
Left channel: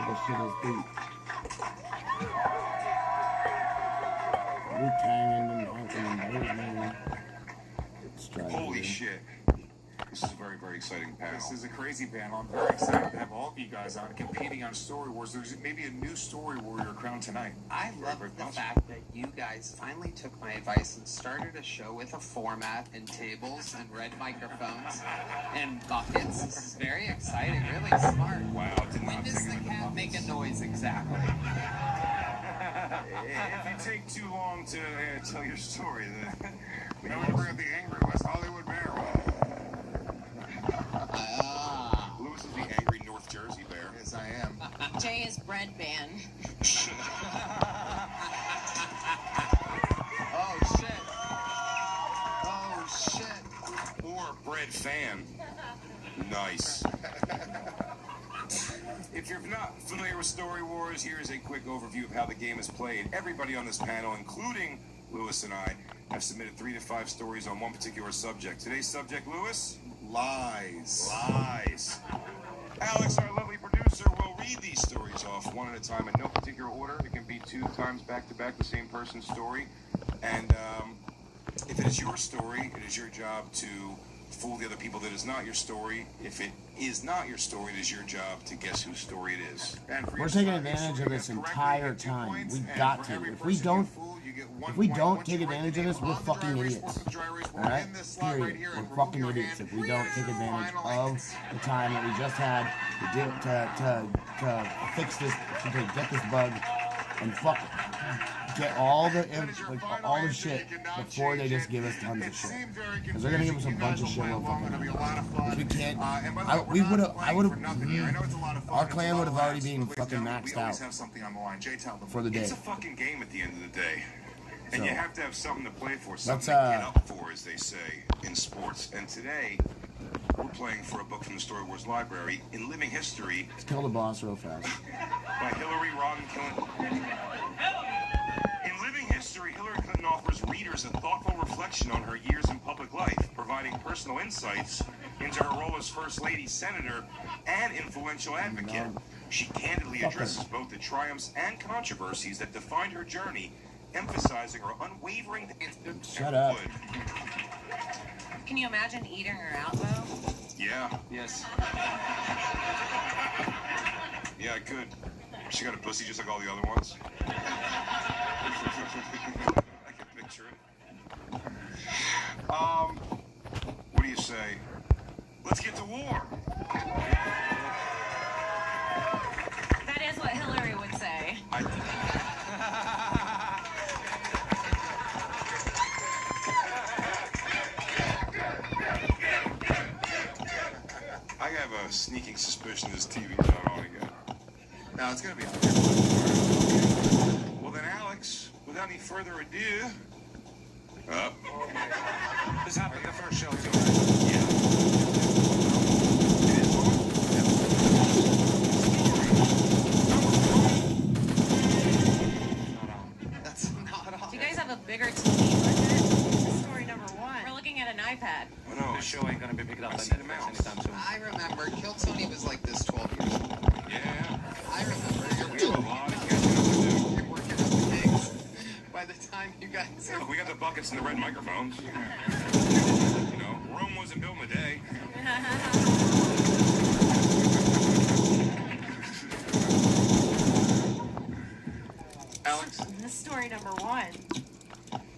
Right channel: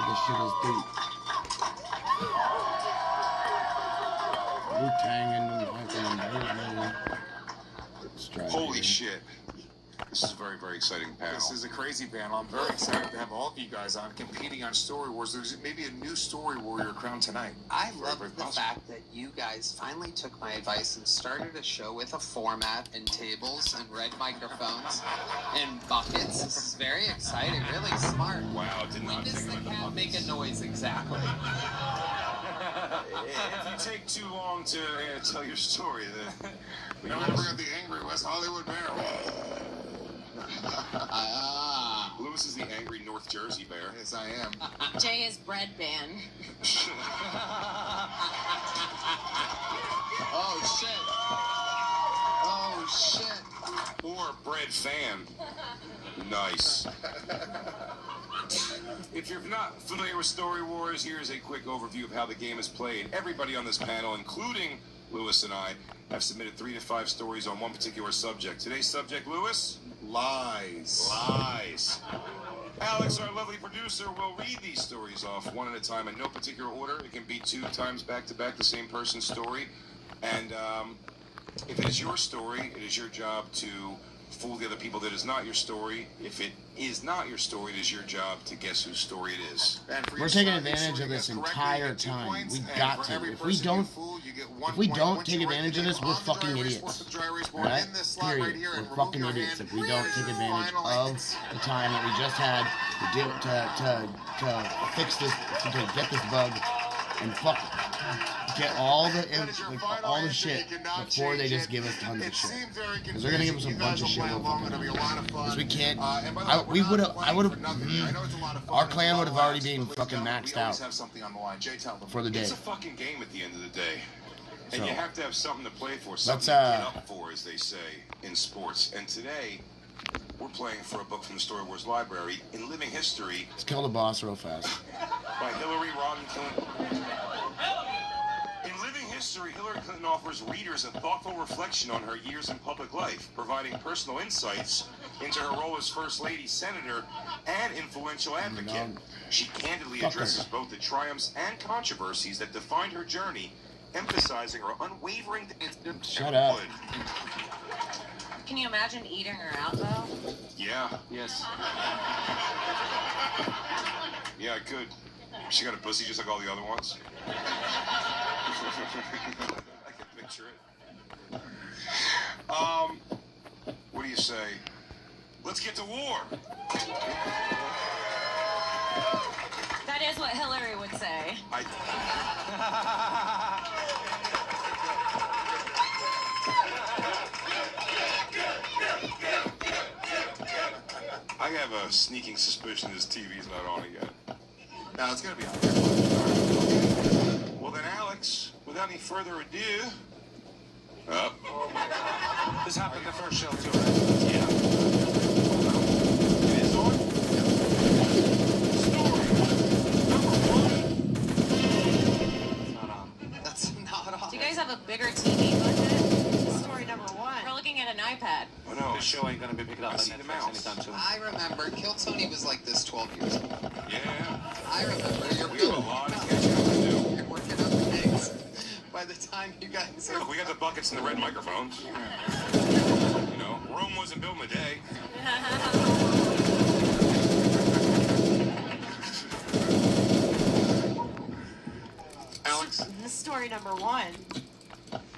this shit is deep. Wu-Tang and holy shit. This is a very, very exciting panel. This is a crazy panel. I'm very excited to have all of you guys on competing on Story Wars. There's maybe a new Story Warrior crowned tonight. I love the fact that you guys finally took my advice and started a show with a format and tables and red microphones and buckets. This is very exciting, really smart. Wow, when does the cat make a noise exactly? If you take too long to tell your story, then... I'm going to bring up the angry West Hollywood Bear. Lewis is the angry North Jersey Bear. Yes, I am. Jay is bread man. Oh, shit. Oh, shit. Or bread fan. Nice. If you're not familiar with Story Wars, here's a quick overview of how the game is played. Everybody on this panel, including Lewis and I, have submitted 3 to 5 stories on one particular subject. Today's subject, Lewis? Lies. Lies. Alex, our lovely producer, will read these stories off one at a time in no particular order. It can be 2 times back-to-back the same person's story. And if it is your story, it is your job to fool the other people that is not your story. If it is not your story, it is your job to guess whose story it is. We're taking advantage of this entire time. We got to. If we don't take advantage of this, we're fucking idiots. Alright? Period. We're fucking idiots if we don't take advantage of the time that we just had to fix this, to get this bug, and fuck it. get all the shit before they just give us tons of shit. Because they're gonna give us a bunch of shit we're fucking because we can't. Our clan would have already been fucking maxed out for the day. It's a fucking game at the end of the day. And you have to have something to play for, something let's, to get up for, as they say in sports. And today, we're playing for a book from the Story Wars Library in Living History. Let's kill the boss real fast. By Hillary Rodham Clinton. In Living History, Hillary Clinton offers readers a thoughtful reflection on her years in public life, providing personal insights into her role as First Lady, Senator, and influential advocate. She candidly addresses both the triumphs and controversies that defined her journey, emphasizing her unwavering... Shut up. Can you imagine eating her out, though? Yeah. Yes. Yeah, I could. She got a pussy just like all the other ones. I can picture it. What do you say? Let's get to war. That is what Hillary would say. I have a sneaking suspicion this TV's not on again. No, it's gonna be on. Well then, Alex, without any further ado, This happened the first show too. Yeah. It is on. That's not on. Do you guys have a bigger TV budget? This is story number 1. We're looking at an iPad. Oh no, This show ain't gonna be picked up by Netflix anytime soon. I remember Kill Tony was like this 12 years ago. Yeah. I remember. We have a lot of catching up to do. You're working up things. By the time you guys are... We got the buckets and the red microphones. You know, Rome wasn't built in a day. Alex? This is story number 1.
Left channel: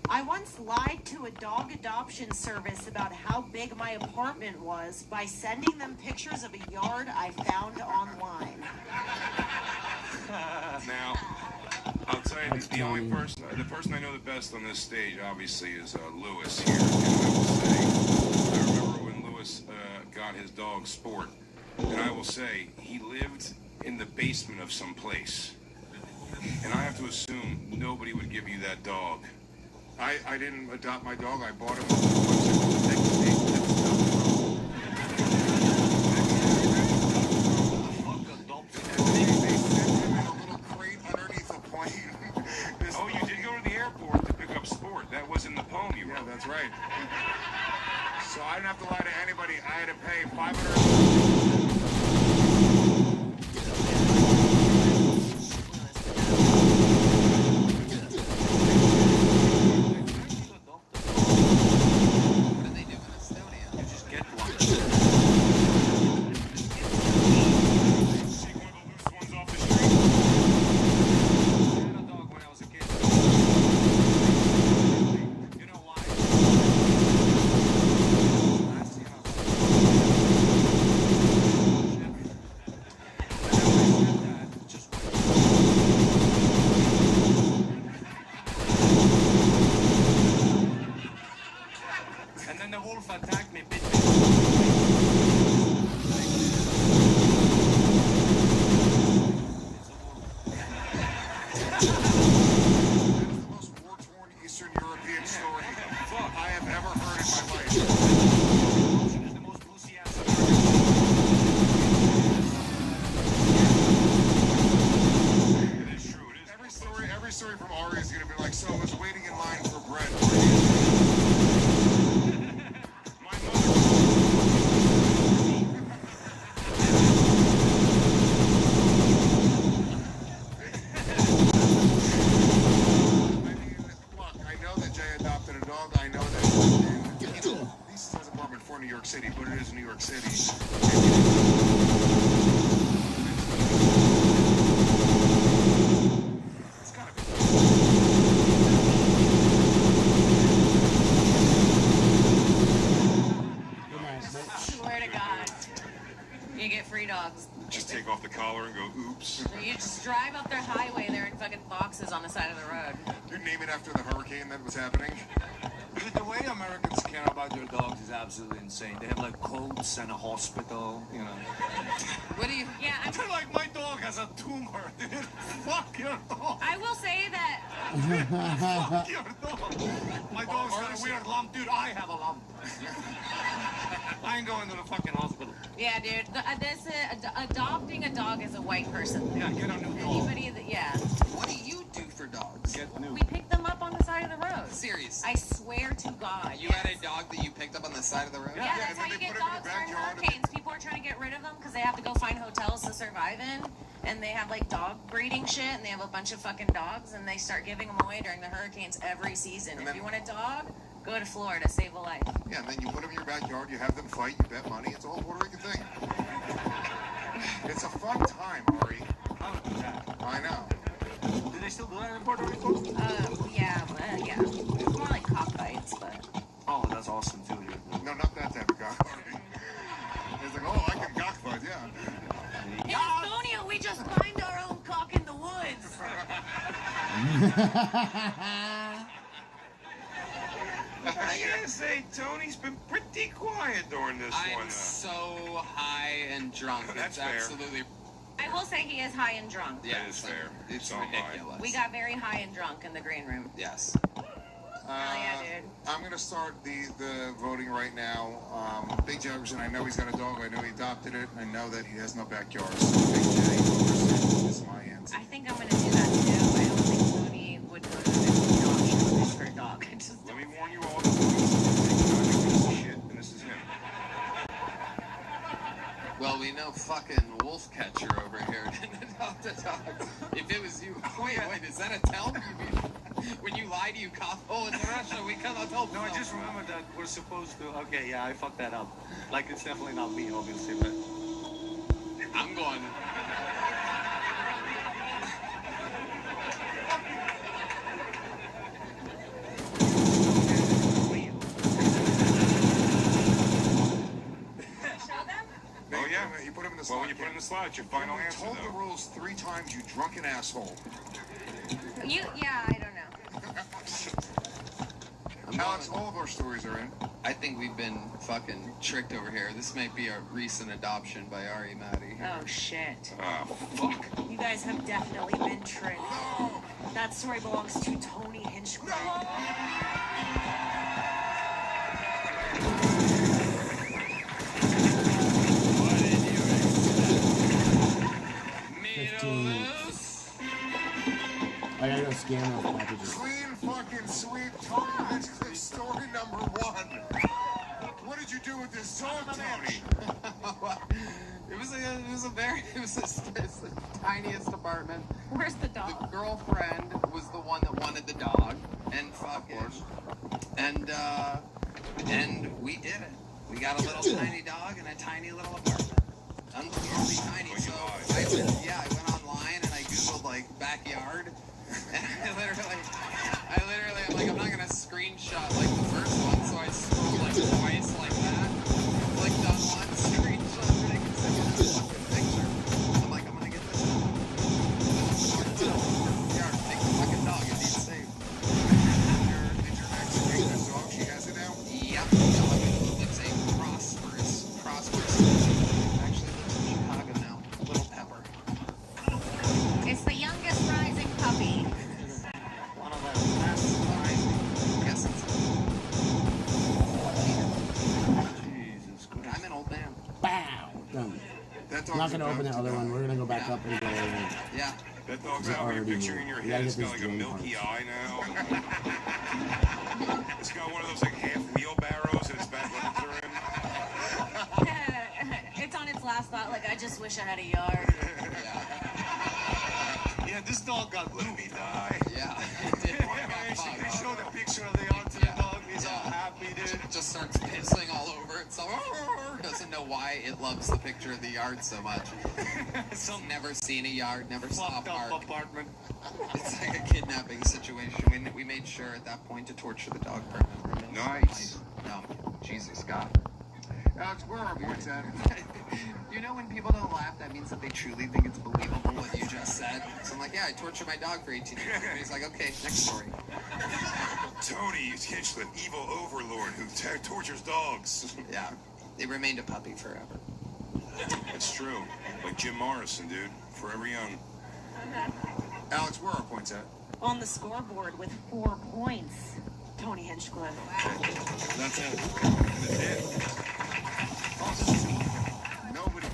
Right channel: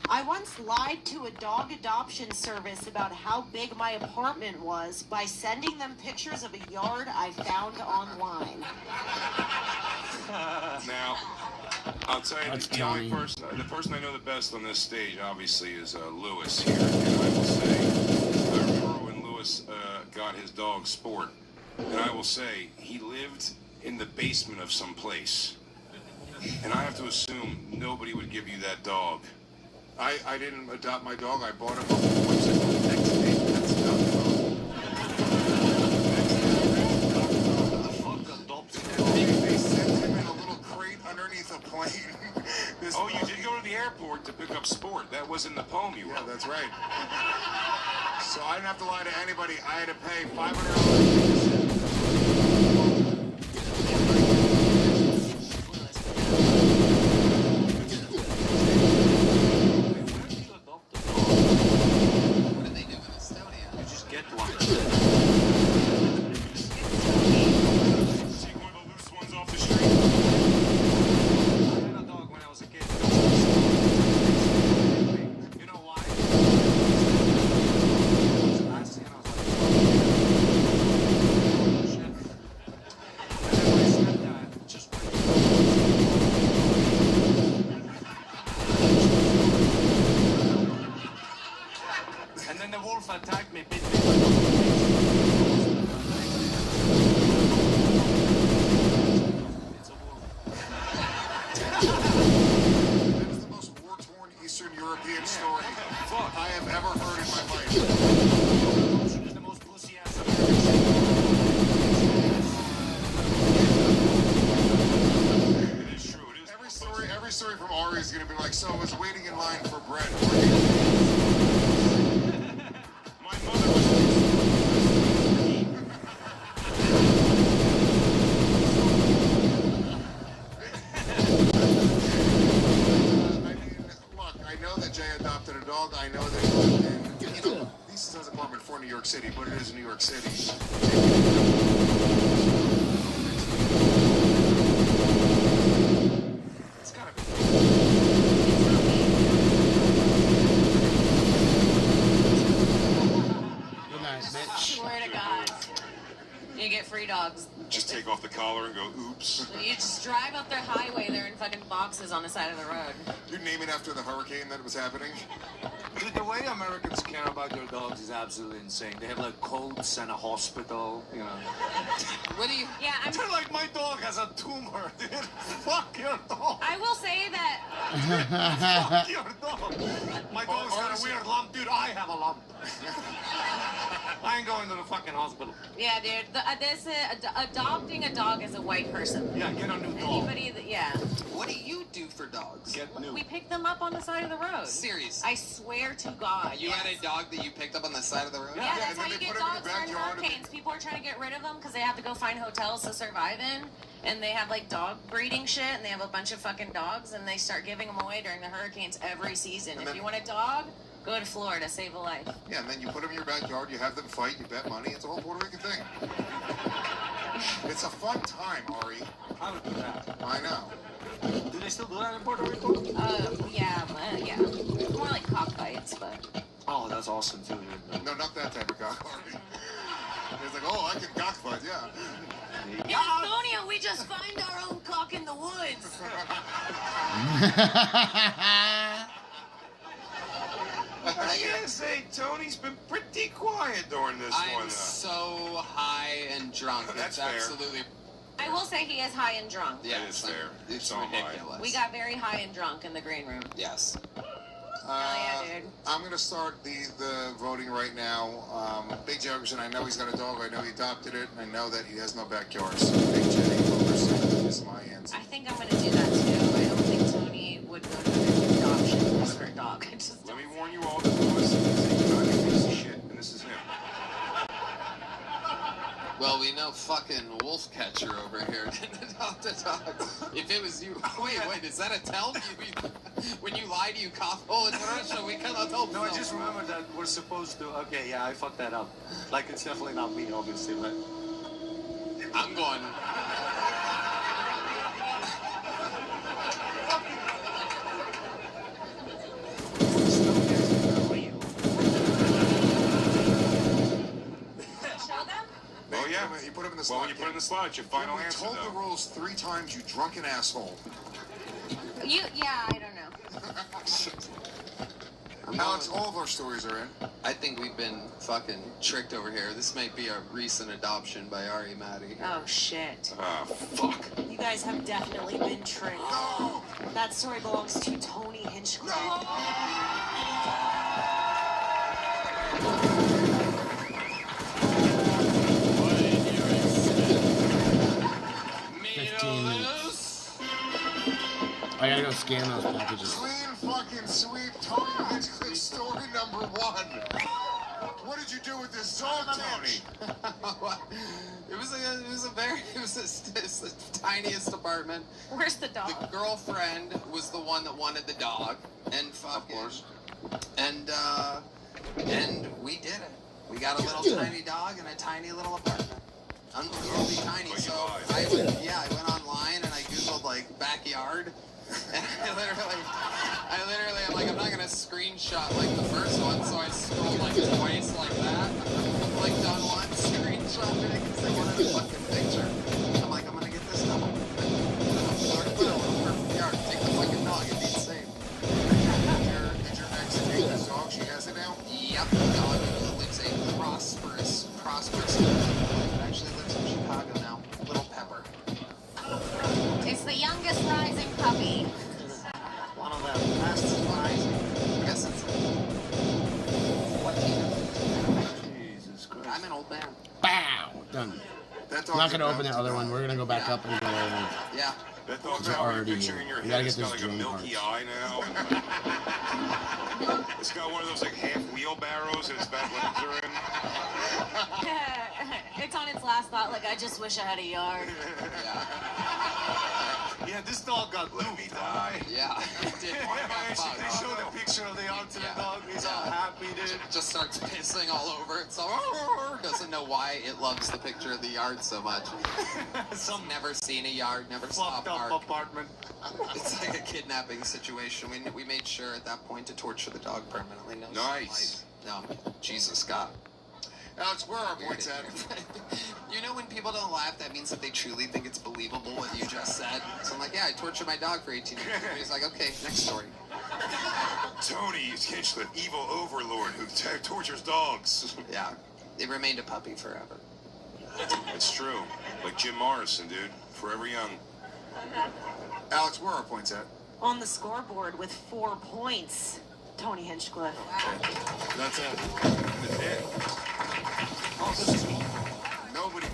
I once lied to a dog adoption service about how big my apartment was by sending them pictures of a yard I found online. Now, I'll tell you, the person I know the best on this stage, obviously, is Lewis here. And I will say, I remember when Lewis got his dog Sport, and I will say, he lived in the basement of some place. And I have to assume nobody would give you that dog. I didn't adopt my dog. I bought him. Oh, you did go to the airport to pick up Sport. That was in the poem you wrote. Yeah, that's right. So I didn't have to lie to anybody. I had to pay $500. City, but it is New York City. Good night, bitch. Swear to God. You get free dogs. Just take off the collar and go, oops. So you just drive up their highway, they're in fucking boxes on the side of the road. You name it after the hurricane that was happening? Dude, the way Americans care about their dogs is absolutely insane. They have like coats and a hospital, you know. What do you? Yeah, They're like, my dog has a tumor, dude. Fuck your dog. I will say that. Fuck your dog. My dog's got a weird lump, dude. I have a lump. I ain't going to the fucking hospital. Yeah, dude. Adopting a dog as a white person. Yeah, get a new dog. Anybody that, yeah. What do you do for dogs? Get new. We pick them up on the side of the road. Seriously. I swear to God. You had a dog that you picked up on the side of the road? Yeah, that's how you get dogs during hurricanes. People are trying to get rid of them because they have to go find hotels to survive in. And they have like dog breeding shit, and they have a bunch of fucking dogs, and they start giving them away during the hurricanes every season. If you want a dog, go to Florida, save a life. Yeah, and then you put them in your backyard, you have them fight, you bet money. It's a whole Puerto Rican thing. It's a fun time, Ari. I don't do that. I know. Do they still do that in Puerto Rico? Yeah. More like cockfights, but. Oh, that's awesome too, dude. No, not that type of cockfight. It's like, oh, I can cockfight, yeah. In Estonia, we just find our own cock in the woods. I gotta say, Tony's been pretty quiet during this one. I'm so high and drunk. That's it's fair. absolutely. I will say he is high and drunk. Yeah, It is fair. It's So am I. ridiculous. We got very high and drunk in the green room. Yes. Yeah, dude. I'm gonna start the voting right now. Big Jefferson, I know he's got a dog. I know he adopted it. I know that he has no backyard. So Big J is my answer. I think I'm going to do that too. I don't think Tony would go to the adoption for a dog. I just Let me warn you all. This is a piece of shit, and this is him. Well, we know fucking wolf catcher over here didn't adopt a dog. If it was you, wait, is that a tell? When you lie to you cough, oh, in Russia, we cannot help. No, I just remember that we're supposed to. Okay, yeah, I fucked that up. Like, it's definitely not me, obviously, but. I'm going. Oh yeah, you put him in the slot. Well, when you put him in the slot, it's your final answer. Told the rules 3 times, you drunken asshole. Yeah, I don't know. Alex, all of our stories are in. I think we've been fucking tricked over here. This might be a recent adoption by Ari Maddie. Oh, shit. Fuck. You guys have definitely been tricked. No. That story belongs to Tony Hinchcliffe. 15 minutes. I gotta go scan those packages. Clean fucking sweep, Tony Hinchcliffe story number 1. What did you do with this dog, Tony? It was the tiniest apartment. Where's the dog? The girlfriend was the one that wanted the dog, and fucking, and we did it. We got a little tiny dog in a tiny little apartment, unbelievably tiny. So I went online and I googled like backyard, and I literally, I'm like, I'm not gonna screenshot like the first one, so I scrolled like twice like that. Clicked on one, screenshot it because I got a fucking picture. I'm like, I'm gonna get this dog. Take the fucking dog, it needs saved. Did your ex take this dog? She has it now? Yep. It's a prosperous. Actually lives in Chicago now. Little Pepper. It's the youngest rising puppy. One of them. I guess it's. Jesus Christ. I'm an old man. Bow! Done. That I'm not gonna open the other one. We're gonna go back up and go over. Yeah. That dog's We're got a already picture here. in your We head. gotta It's get got this like a drone milky part. eye now. It's got one of those like half wheelbarrows and its back legs are in. It's on its last thought, like, I just wish I had a yard. Yeah, this dog got Let me die. Yeah. They showed a picture of the yard to the dog. He's all happy, dude. Just starts pissing all over it. So doesn't know why it loves the picture of the yard so much. Some Never seen a yard, never saw a fucked up park. apartment. It's like a kidnapping situation. We made sure at that point to torture the dog permanently. Nice. No, Jesus God. Alex, where are our points at? You know when people don't laugh, that means that they truly think it's believable what you just said. So I'm like, yeah, I tortured my dog for 18 years. And he's like, okay, next story. Tony is Hinchcliffe, evil overlord who tortures dogs. Yeah, they remained a puppy forever. That's true. Like Jim Morrison, dude. Forever young. Alex, where are our points at? On the scoreboard with 4 points, Tony Hinchcliffe. That's it. Nobody.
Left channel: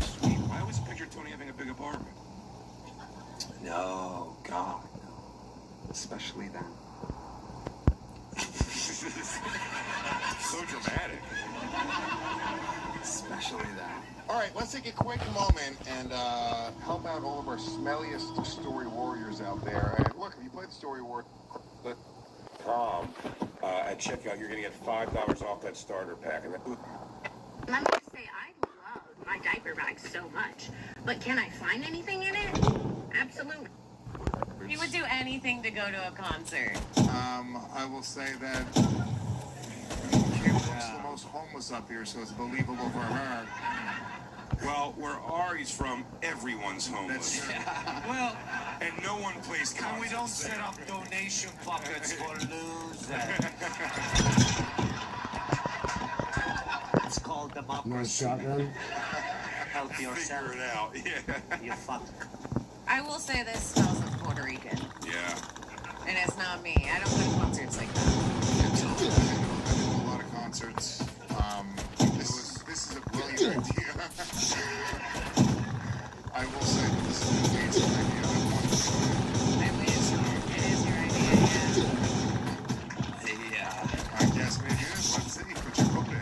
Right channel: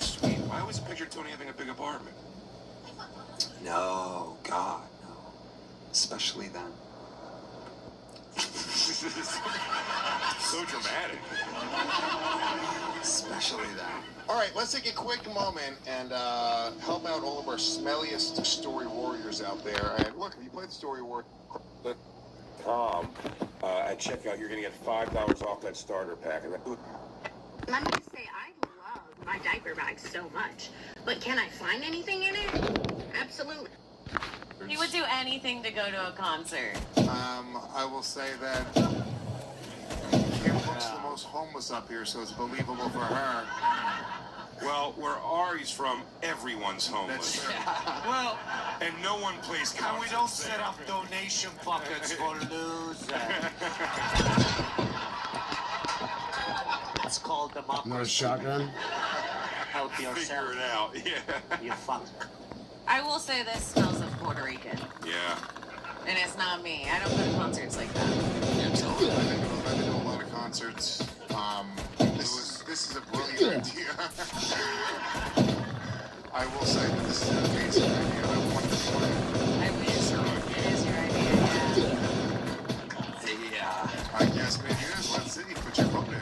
Sweet. I always pictured Tony having a big apartment. No, God, no. Especially then. So dramatic. Especially then. All right, let's take a quick moment and help out all of our smelliest story warriors out there. And look, if you play the story warrior, Tom, at checkout, you're going to get $5 off that starter pack. I'm going to say I love my diaper bag so much, but can I find anything in it? Absolutely. You would do anything to go to a concert. I will say that Kim looks the most homeless up here, so it's believable for her. Well, where Ari's from, everyone's homeless. Well, And no one plays and concerts. we don't set up donation buckets for losers. It's called democracy. No shotgun? Help yourself. Figure it out, yeah. You fuck. I will say this smells like Puerto Rican. Yeah. And it's not me. I don't go to concerts like that. I've been to a lot of concerts. This is a brilliant idea. I will say that this is an amazing idea. It is your idea, I yeah. guess maybe it is. Let's see. Put your vote in.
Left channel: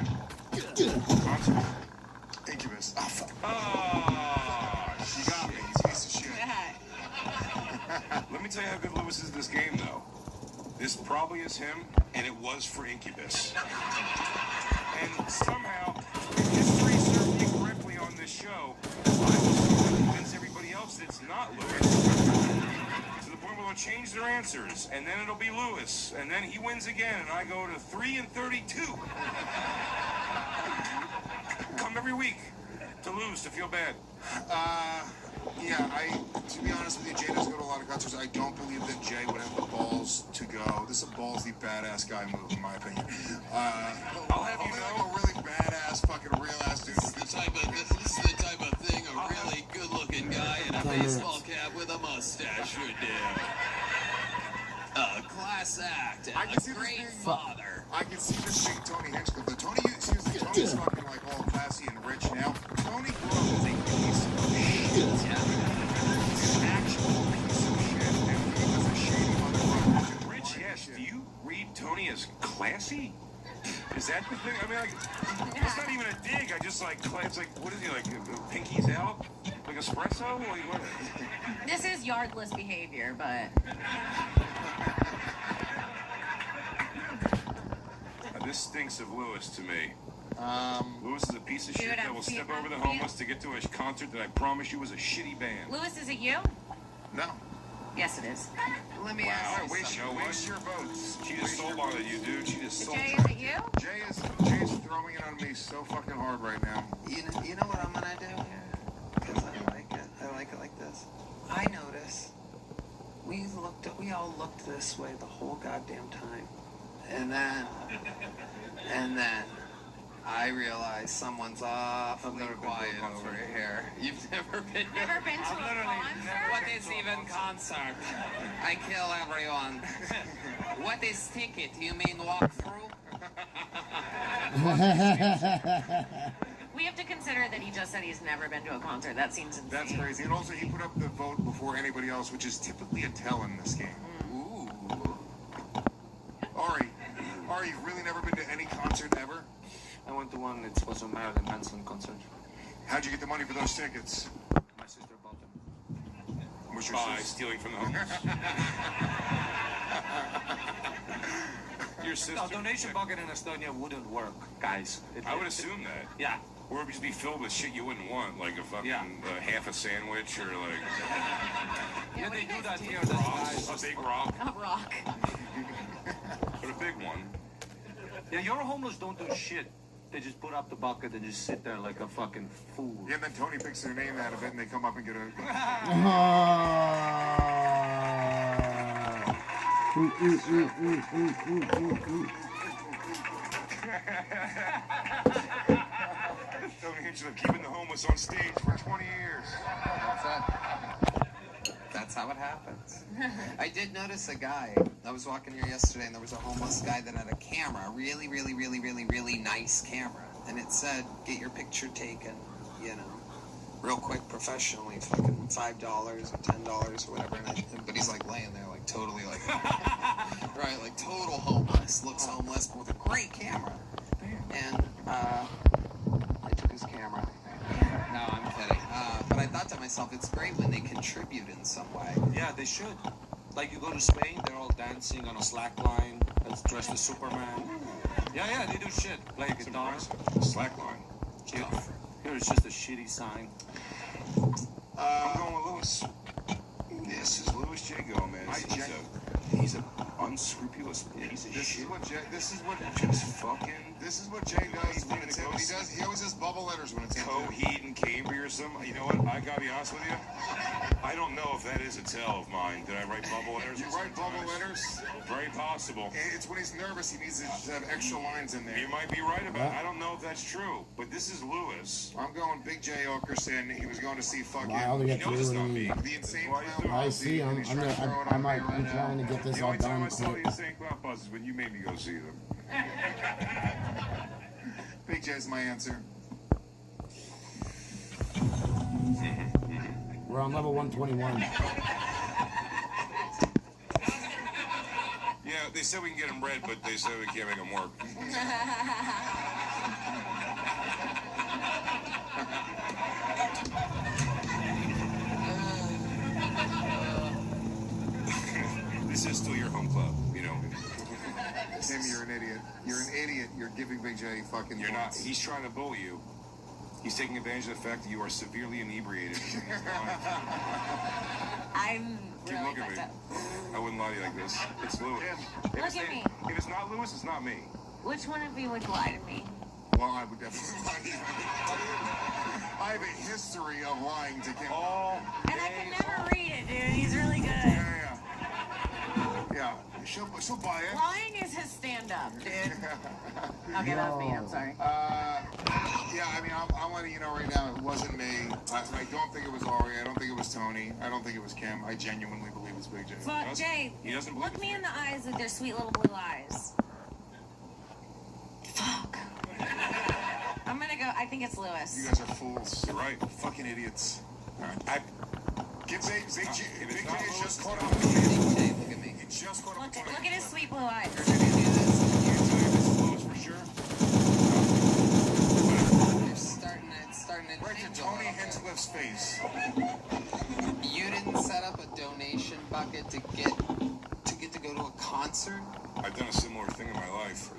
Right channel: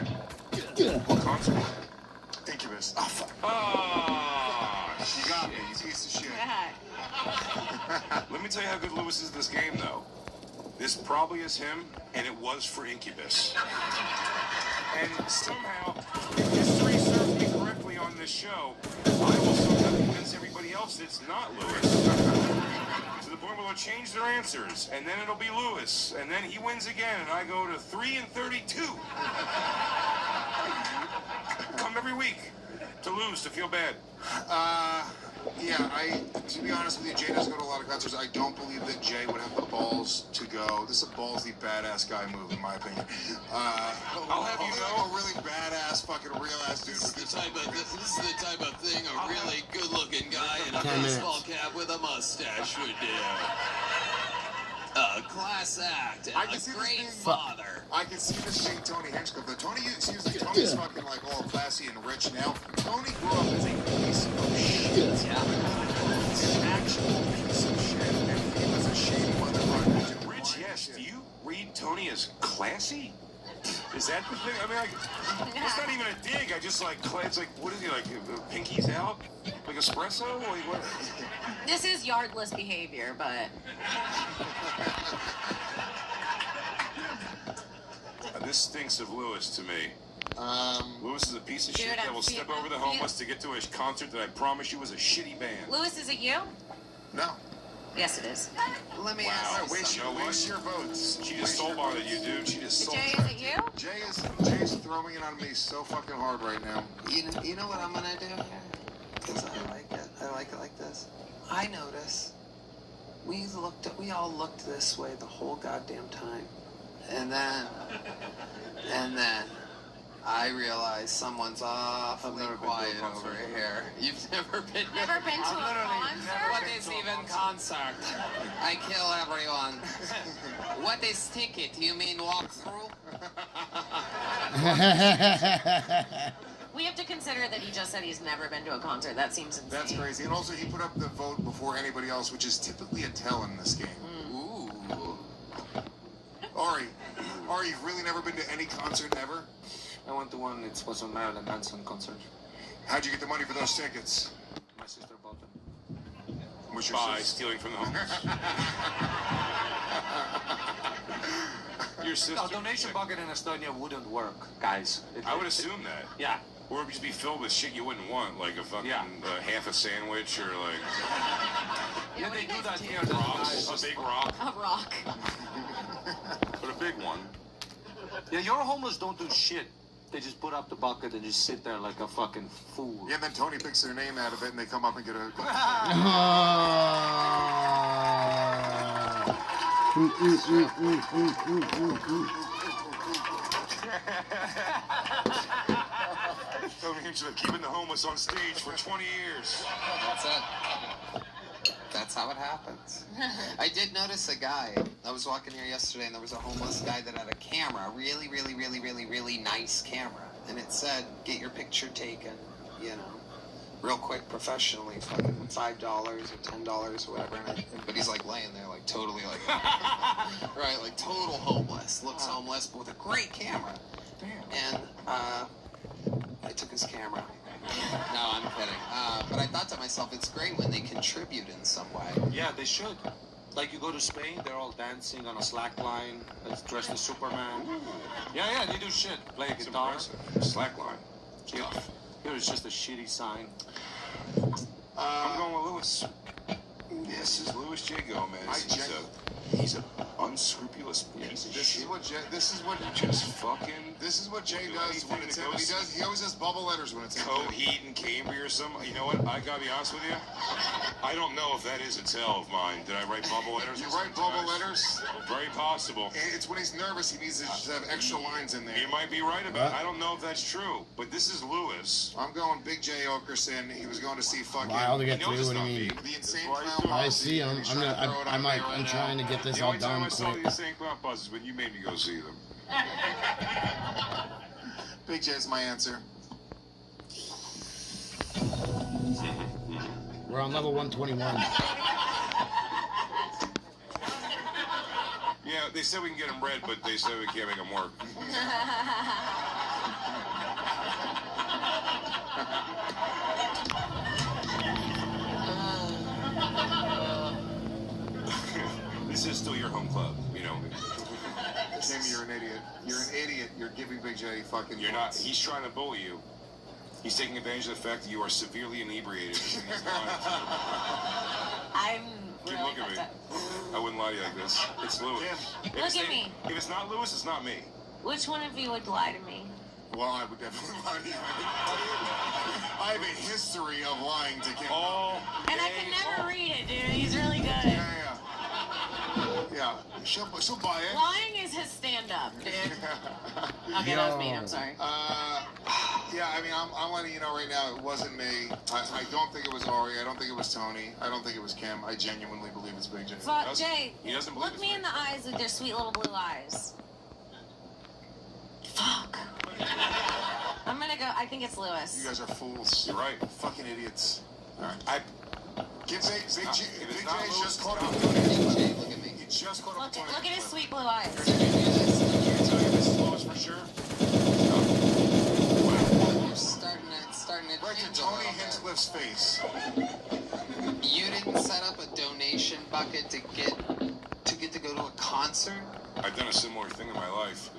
What concert? Incubus. Oh, fuck. Oh, You got me. He's a piece of shit. let me tell you how good Lewis is in this game, though. This probably is him, and it was for Incubus. And somehow, if history serves me correctly on this show, I will somehow convince everybody else that it's not Lewis. To the point where they'll change their answers, and then it'll be Lewis, and then he wins again, and I go to 3-32. Come every week to lose, to feel bad. Yeah, to be honest with you, Jay doesn't go to a lot of concerts. I don't believe that Jay would have the balls to go. This is a ballsy, badass guy move, in my opinion. I'll have you know. Like a really badass, fucking real-ass dude. This is the type of thing a really good-looking guy in a 10 minutes. baseball cap with a mustache would do. A class act and a great father. I can see this being Tony Hinchcliffe, but Tony, excuse me, Tony's fucking like all classy and rich now. Tony grew up as a piece of shit. He's an actual piece of shit, and he was a shady motherfucker. Rich, yes. Do you read Tony as classy? Is that the thing? I mean, it's not even a dig. I just like, it's like, what is he like? Pinkies out? Like espresso? Like, what? This is yardless behavior, but This stinks of Lewis to me. Lewis is a piece of shit Dude, that I'm will step feeling- over the homeless to get to a concert that I promise you was a shitty band. Lewis, is it you? No. Yes, it is. Let me ask you Waste your votes. She just sold on it, you dude. She just sold Jay, it. is it you? Jay is throwing it on me so fucking hard right now. You know what I'm gonna do here? Because I like it. I like it like this. I notice we all looked this way the whole goddamn time. And then I realized someone's awfully quiet over here. You've never been to a concert? What is even concert? I kill everyone. What is ticket? You mean walk through? We have to consider that he just said he's never been to a concert. That seems insane. That's crazy. And also, he put up the vote before anybody else, which is typically a tell in this game. Ooh. Ari, you've really never been to any concert ever? I went to one. It was a Marilyn Manson concert. How'd you get the money for those tickets? My sister bought them. What's your By sister? stealing from the homeless. Your sister. A donation bucket in Estonia wouldn't work, guys. I would assume that. Yeah. Or it would just be filled with shit you wouldn't want, like a fucking half a sandwich or like Yeah, they do that here. That's rocks, nice. a big rock, A rock. but a big one. Yeah, your homeless don't do shit. They just put up the bucket and just sit there like a fucking fool. Yeah, and then Tony picks their name out of it, and they come up and get a. Tony Hinchcliffe keeping the homeless on stage for 20 years. That's it. That's how it happens. I did notice a guy. I was walking here yesterday, and there was a homeless guy that had a camera, really nice camera, and it said, "Get your picture taken," you know, real quick, professionally, fucking $5 or $10 or whatever. But he's like laying there, like totally like, right, like total homeless. Looks homeless, but with a great camera. And I took his camera. No, I'm kidding. But I thought to myself, it's great when they contribute in some way. Yeah, they should. Like you go to Spain, they're all dancing on a slack line, dressed as Superman. Yeah, they do shit. Play a guitar. Slack line. Yeah. Here it's just a shitty sign. I'm going with Lewis. This is Louis J. Gomez. He's a unscrupulous piece of shit. This is what Jay does when it's him. He always has bubble letters when it's him. Coheed and Cambry or something. You know what? I gotta be honest with you. I don't know if that is a tell of mine. Did I write bubble letters? You write bubble letters? Very possible. It's when he's nervous. He needs to just have extra lines in there. You might be right about it. I don't know if that's true, but this is Lewis. I'm going Big J Okerson. He was going to see fucking. Wild to get through. What do you mean? The insane clown. I see him. I'm trying to get this all done. I saw the insane clown buses when you made me go see them. Big J is my answer. We're on level 121. Yeah, they said we can get them red, but they said we can't make them work. This is still your home club, you know. Tim, you're an idiot. You're an idiot. You're giving Big J fucking. You're not. He's trying to bully you. He's taking advantage of the fact that you are severely inebriated. I'm Keep really looking at me. fucked up. I wouldn't lie to you like this. It's Lewis. Look at me. If it's not Lewis, it's not me. Which one of you would lie to me? Well, I would definitely lie to you. I have a history of lying to Kim. And I can never read it, dude. He's really good. Yeah. She'll buy it. Lying is his stand-up, dude. Okay, that was mean. I'm sorry. Yeah, I mean, I'm letting you know right now, it wasn't me. I don't think it was Ari. I don't think it was Tony. I don't think it was Kim. I genuinely believe it's Big J. Fuck, Jay, look me in the eyes with your sweet little blue eyes. Fuck. I'm gonna go, I think it's Lewis. You guys are fools. You're right. Fucking idiots. All right. Big J just caught up. Look at me. He just caught up. Look at his sweet blue eyes. Can you tell me this is Lewis for sure? You're starting to right to Tony Hinchcliffe's face. You didn't set up a donation bucket to get to go to a concert? I've done a similar thing in my life,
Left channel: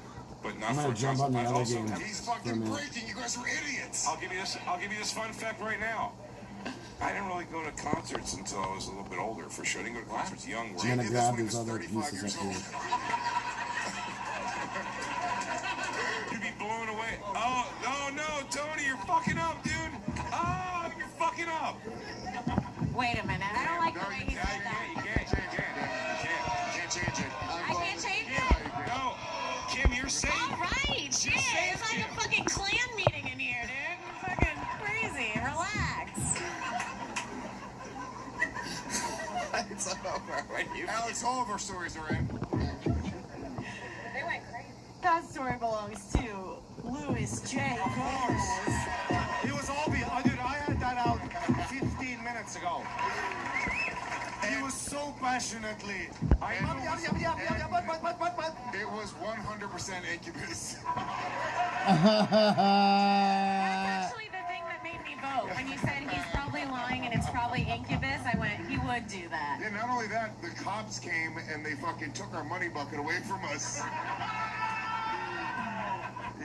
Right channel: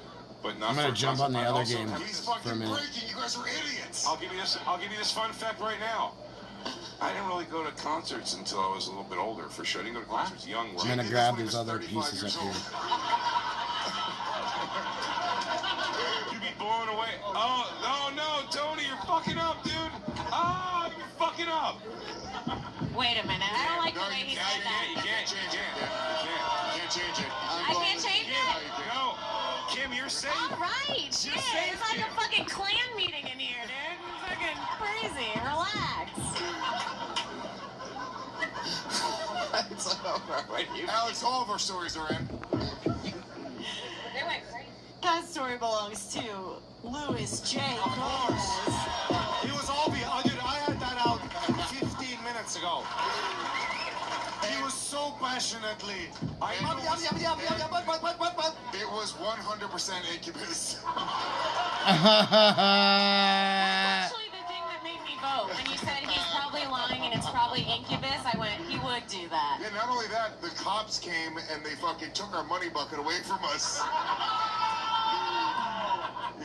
but not. I'm gonna jump on the other game He's for a fucking minute. breaking. You guys are idiots. I'll give you this fun fact right now. I didn't really go to concerts until I was a little bit older, for sure. I didn't go to concerts young. I'm gonna grab these other pieces up here. You'd be blown away. Oh, no, Tony, you're fucking up, dude. Oh, you're fucking up. Wait a minute, I don't like the way he said that. You can't change it. I can't change it? No. Kim, you're safe. All right, shit. It's like a fucking clan meeting in here, dude. It's fucking crazy. Relax. It's over. Alex, all of our stories are in. That story belongs to Louis J. Of course. It was all behind. Dude, I had that out 15 minutes ago. He was so passionately. It was 100% Incubus. Actually, the thing that made me vote, when you said he's probably lying and it's probably Incubus, I went, he would do that. Yeah, not only that, the cops came and they fucking took our money bucket away from us.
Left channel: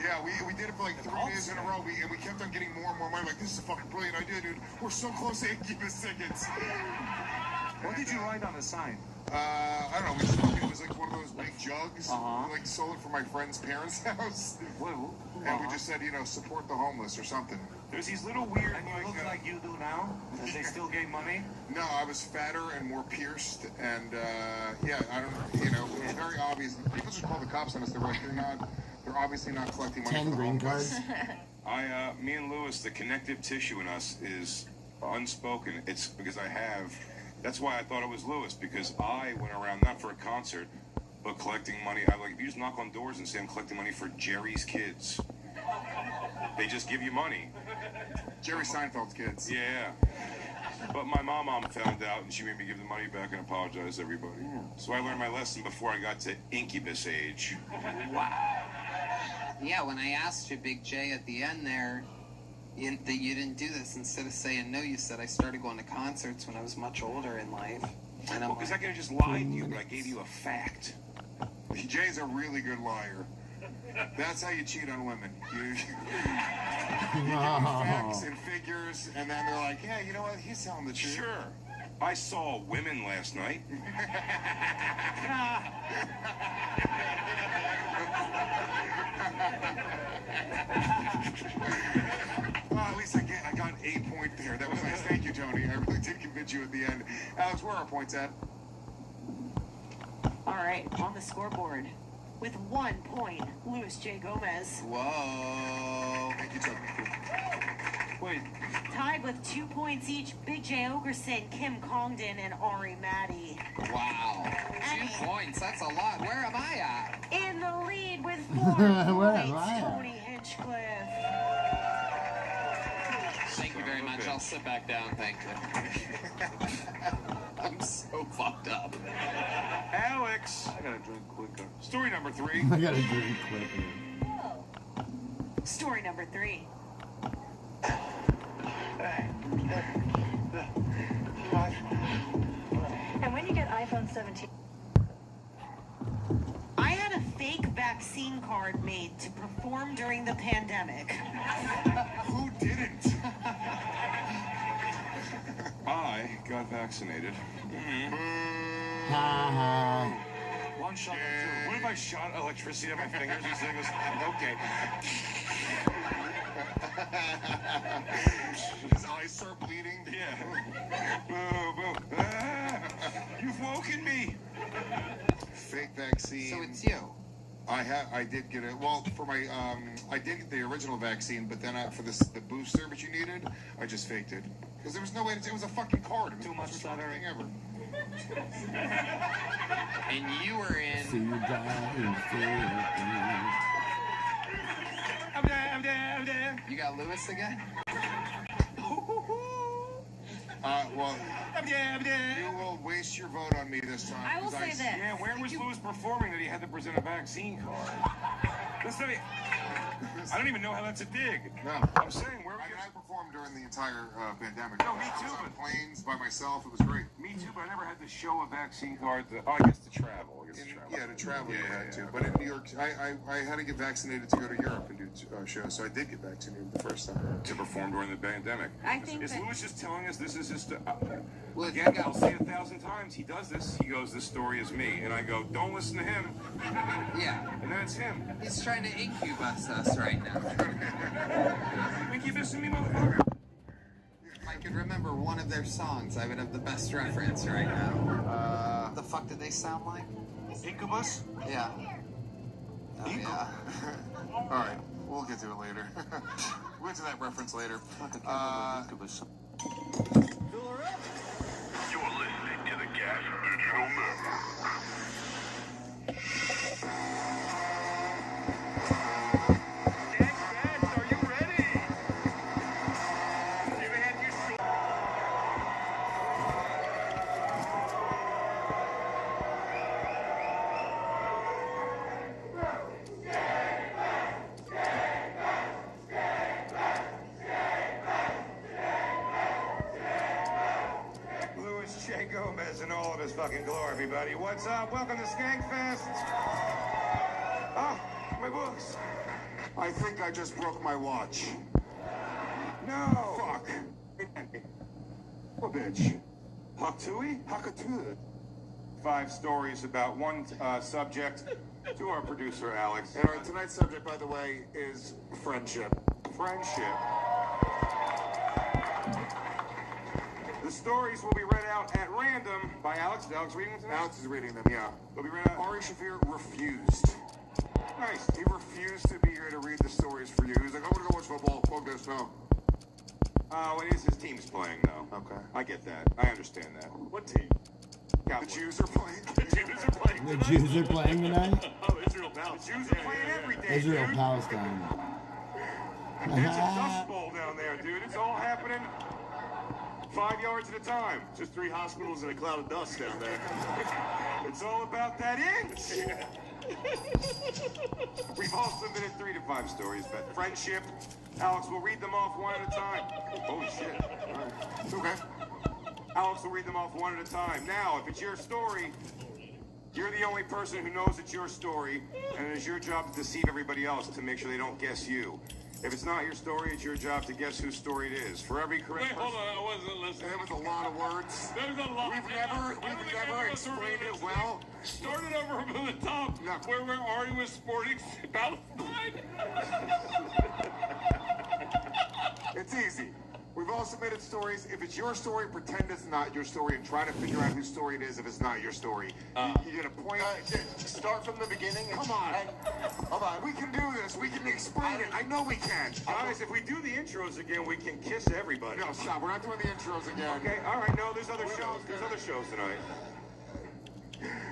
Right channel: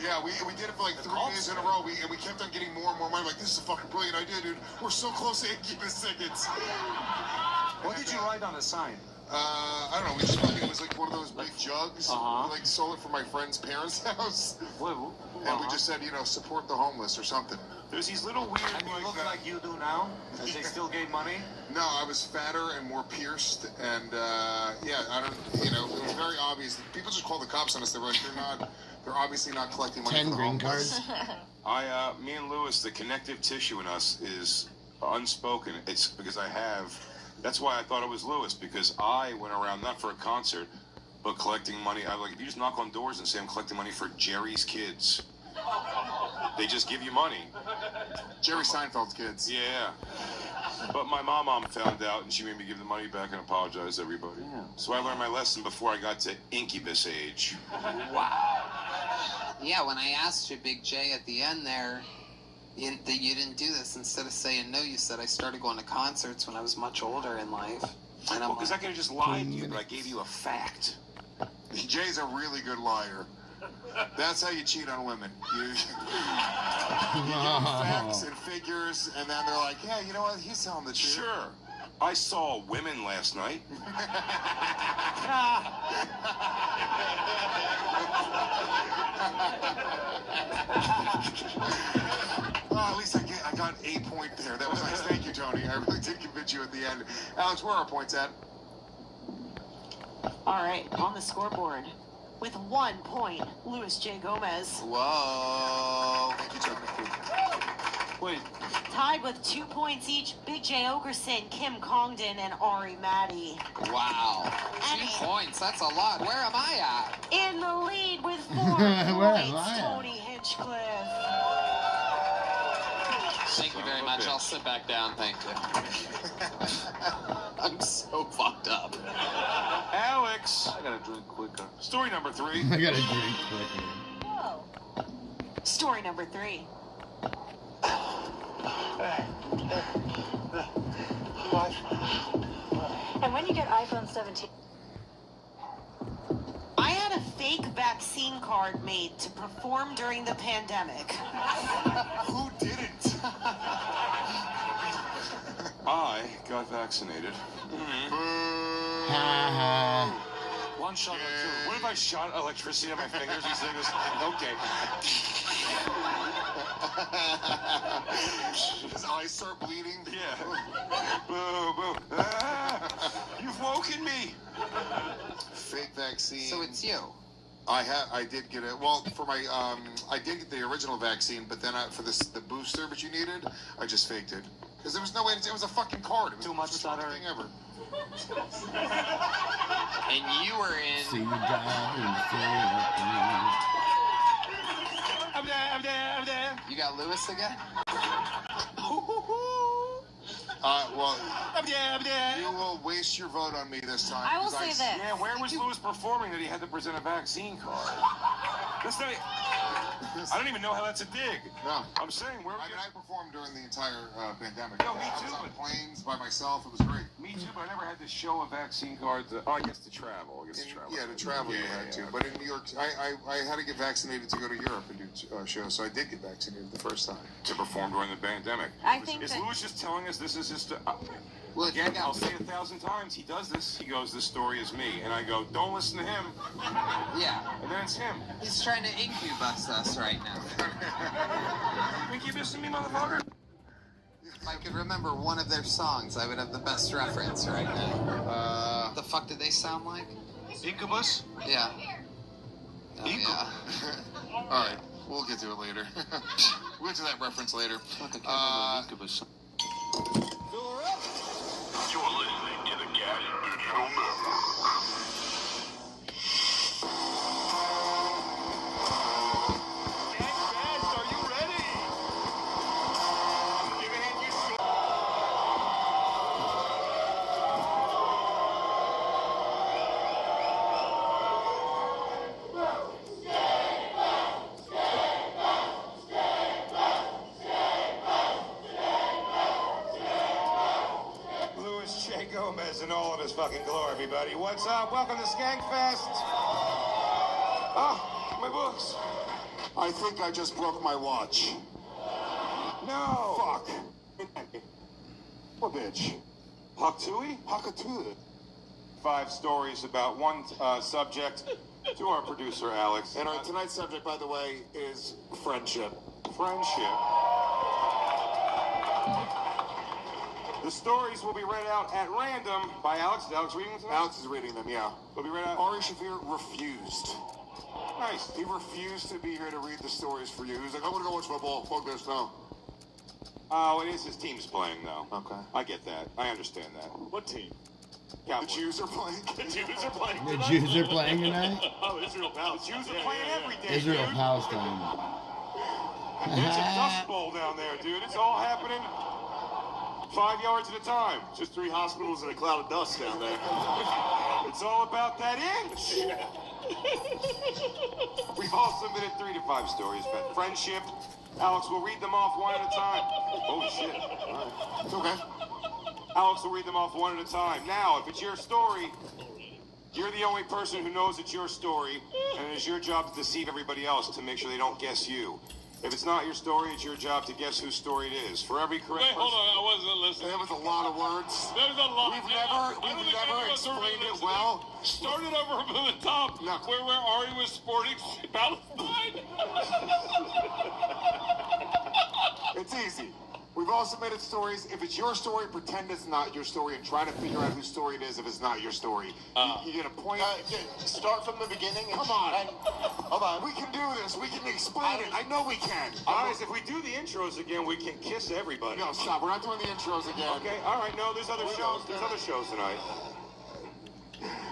Yeah, we did it for like 3 days in a row, and we kept on getting more and more money. Like, this is a fucking brilliant idea, dude. We're so close to Incubus tickets. What did you write on the sign? I don't know. It was like one of those big jugs, like stole it from my friend's parents' house. And we just said, you know, support the homeless or something. There's these little weird. And you look like you do now? And they still gave money? No, I was fatter and more pierced, and yeah, I don't, you know, it was very obvious. People just call the cops on us. They're obviously not collecting money. 10 green cards. Me and Lewis, the connective tissue in us is unspoken. It's because that's why I thought it was Lewis, because I went around not for a concert, but collecting money. I like, if you just knock on doors and say I'm collecting money for Jerry's kids, they just give you money. Jerry Seinfeld's kids. Yeah. But my mom found out, and she made me give the money back and apologize to everybody. Yeah. So I learned my lesson before I got to incubus age. Wow. Yeah, when I asked you, Big J, at the end there, you didn't do this. Instead of saying no, you said I started going to concerts when I was much older in life. And Well, because I could have just lied to you, but I gave you a fact. Jay's a really good liar. That's how you cheat on women. You give facts and figures, and then they're like, yeah, you know what? He's telling the truth. Sure. I saw women last night. Well, at least I got a point there. That was nice. Thank you, Tony. I really did convince you at the end. Alex, where are our points at? All right, on the scoreboard. With 1 point, Luis J. Gomez. Whoa. Thank you, Tony. Wait. Tied with 2 points each, Big J. Okerson, Kim Congdon, and Ari Maddie. Wow. 2 points. That's a lot. Where am I at? In the lead with 4 Where am points, I at? Tony Hinchcliffe. Thank you very much. I'll sit back down. Thank you. I'm so fucked up. Alex. I gotta drink quicker. Story number 3. I gotta drink quicker. Story number 3. And when you get iPhone 17... I had a fake vaccine card made to perform during the pandemic. Who didn't? I got vaccinated. Ha ha. One shot or two. What if I shot electricity on my fingers? These things. Okay. His eyes start bleeding. Yeah. Boo, boo. Ah, you've woken me. Fake vaccine. So it's you. I did get it. Well, for my I did get the original vaccine, but then for the booster which you needed, I just faked it because there was no way. It was a fucking card. It was Too much the most thing ever. And you were in. See you die. I'm there. You got Lewis again? Well, I'm there. you will waste your vote on me this time. I will 'cause say this. Yeah, where was Lewis performing that he had to present a vaccine card? That's not. I don't even know how that's a dig. No. I'm saying where. I performed during the entire pandemic. No, me too, I was on but- planes by myself. It was great. Me too, but I never had to show a vaccine card. I guess to travel. Yeah, to travel you had to. But in New York, I had to get vaccinated to go to Europe and do shows, so I did get vaccinated the first time. To perform during the pandemic. I think Is that- Lewis just telling us this is just Well, again, I'll say 1,000 times, he does this. He goes, this story is me. And I go, don't listen to him. Yeah. And then it's him. He's trying to incubus us right now. Incubus me, motherfucker. If I could remember one of their songs, I would have the best reference right now. What the fuck did they sound like? Incubus? Yeah. Oh, yeah. All right, we'll get to it later. We'll get to that reference later. Incubus. You're listening to the Gas Neutral Network. Are you ready? Give a hand, you Louis J. Gomez in all of his fucking glory, everybody. What's up? Welcome to Skankfest. Ah, my books. I think I just broke my watch. No. Fuck. What bitch? Haktui? Hakatula. 5 stories about one subject to our producer, Alex. And our tonight's subject, by the way, is friendship. Friendship. The stories will be read out at random by Alex. Is Alex reading them tonight? Alex is reading them, yeah. They'll be read out. Ari Shafir refused. Nice. He refused to be here to read the stories for you. He was like, I want to go watch football. Fuck this now. Oh, it is his team's playing, though. Okay. I get that. I understand that. What team? Cowboys. The Jews are playing. The Jews are playing The tonight? Jews are playing tonight? Oh, Israel Palestine. The Jews are playing every day, Israel, dude. Palestine. It's a dust bowl down there, dude. It's all happening 5 yards at a time. Just 3 hospitals and a cloud of dust down there. It's all about that inch. We've all submitted 3 to 5 stories about friendship. Alex will read them off one at a time. Holy shit. It's okay. Alex will read them off one at a time. Now, if it's your story, you're the only person who knows it's your story, and it is your job to deceive everybody else to make sure they don't guess you. If it's not your story, it's your job to guess whose story it is. For every correct Wait, hold on, I wasn't listening. That was a lot of words. There was a lot. We've never explained it well. Started over from the top, No. where Ari was sporting Palestine. It's easy. We've all submitted stories. If it's your story, pretend it's not your story and try to figure out whose story it is if it's not your story. You get a point. Start from the beginning. Come on. Hold on. We can do this. We can explain it. I know we can. Guys, if we do the intros again, we can kiss everybody. No, stop. We're not doing the intros again. Okay, all right. No, there's other shows. There's other shows tonight.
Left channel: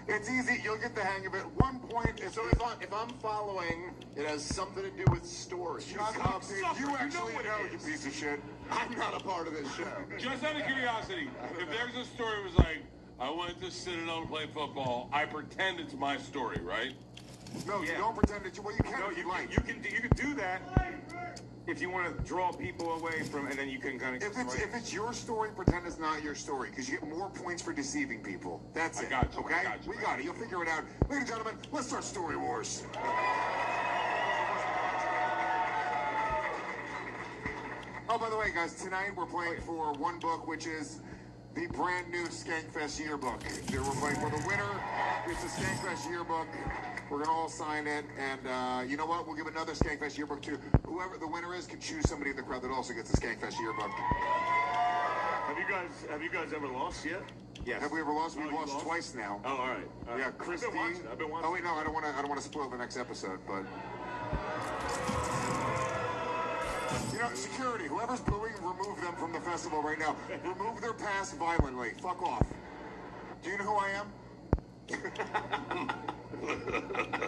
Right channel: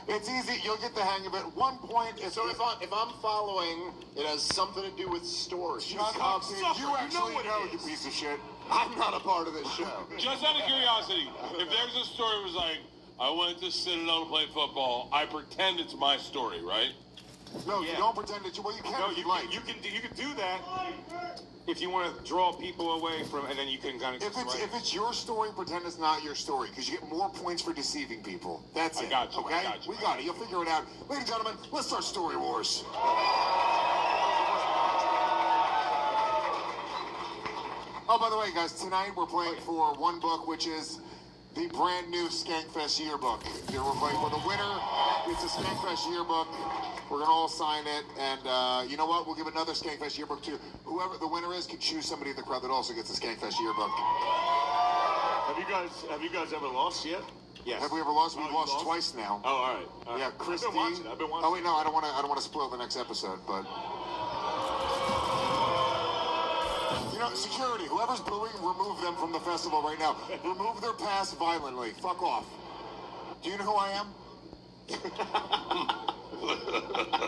It's easy. You'll get the hang of it. 1 point is... So if I'm following, it has something to do with stories. Shut up, dude. You actually know, you piece of shit. I'm not a part of this show. Just out of curiosity, if there's a story that was like, I went to Citadel to play football, I pretend it's my story, right? No, you don't pretend that you... Well, you can if you like. You can do that if you want to draw people away from, and then you can kind of... If it's your story, pretend it's not your story, because you get more points for deceiving people. That's it. I got you. Okay? We got it. You'll figure it out. Ladies and gentlemen, let's start Story Wars. Oh, by the way, guys, tonight we're playing for one book, which is the brand new Skankfest yearbook. We're playing for the winner. It's a Skankfest yearbook. We're going to all sign it. And you know what? We'll give another Skankfest yearbook to whoever the winner is can choose somebody in the crowd that also gets the Skankfest yearbook. Have you guys ever lost yet? Yes. Have we ever lost? We've lost twice now. Oh, all right. Yeah, Christine. I've been watching. Oh wait, no, I don't want to spoil the next episode, but you know, security. Whoever's booing, remove them from the festival right now. Remove their pass violently. Fuck off. Do you know who I am?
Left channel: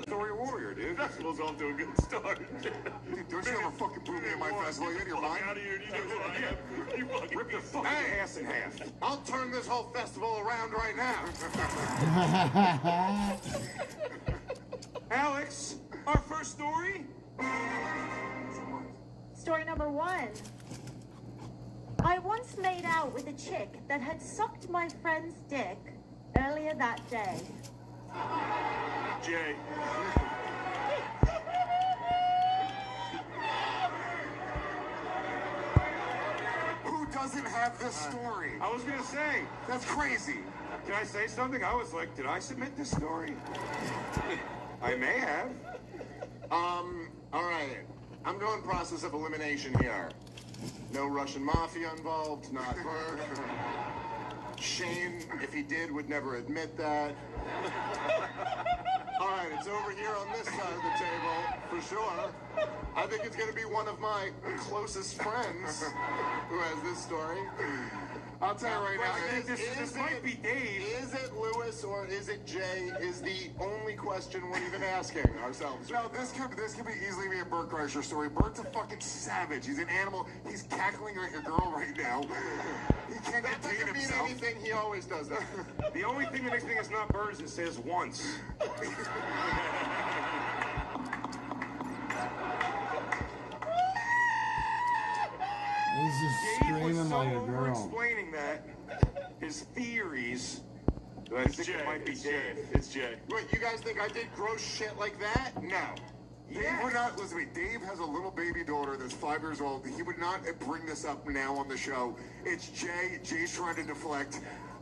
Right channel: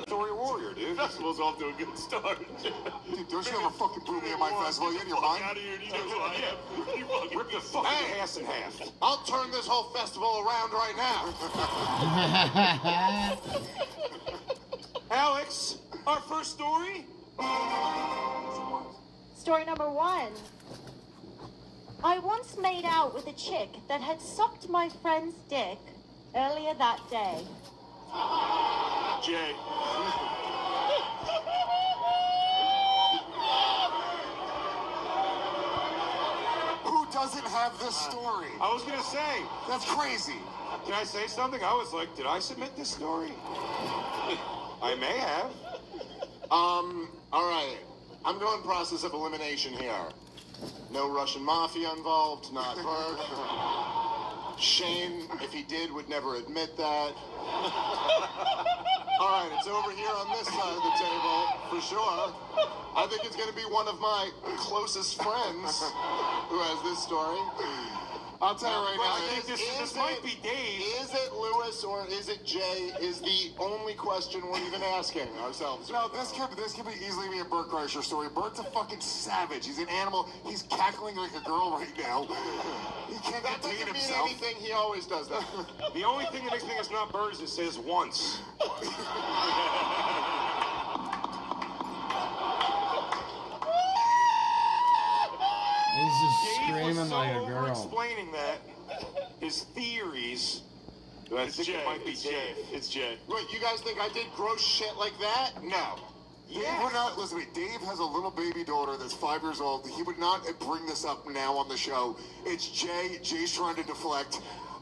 Story warrior, dude. Festival's off to a good start. Dude, don't you ever fucking boo me at my festival? You out of your mind? Out of here, you know who I am. You fucking Rip the fucking ass in half. I'll turn this whole festival around right now. Alex, our first story. Story number 1. I once made out with a chick that had sucked my friend's dick earlier that day. Jay. Who doesn't have this story? I was gonna say. That's crazy. Can I say something? I was like, did I submit this story? I may have. All right. I'm going process of elimination here. No Russian mafia involved, not Bert. Shane, if he did, would never admit that. All right, it's over here on this side of the table, for sure. I think it's going to be one of my closest friends who has this story. I'll tell you right now, I think this might be Dave. Is it Lewis or is it Jay is the only question we're even asking ourselves. No, this could be easily be a Bert Kreischer story. Bert's a fucking savage. He's an animal. He's cackling like a girl right now. He can't That contain doesn't mean himself. anything. He always does that. The only thing that makes me think it's not Bert is it says once. He's just screaming like a girl. Explaining that, his theories. I think it might be Dave. It's Jay. Wait, you guys think I did gross shit like that? No. Dave would not, listen to me, Dave has a little baby daughter that's 5 years old. He would not bring this up now on the show. It's Jay. Jay's trying to deflect.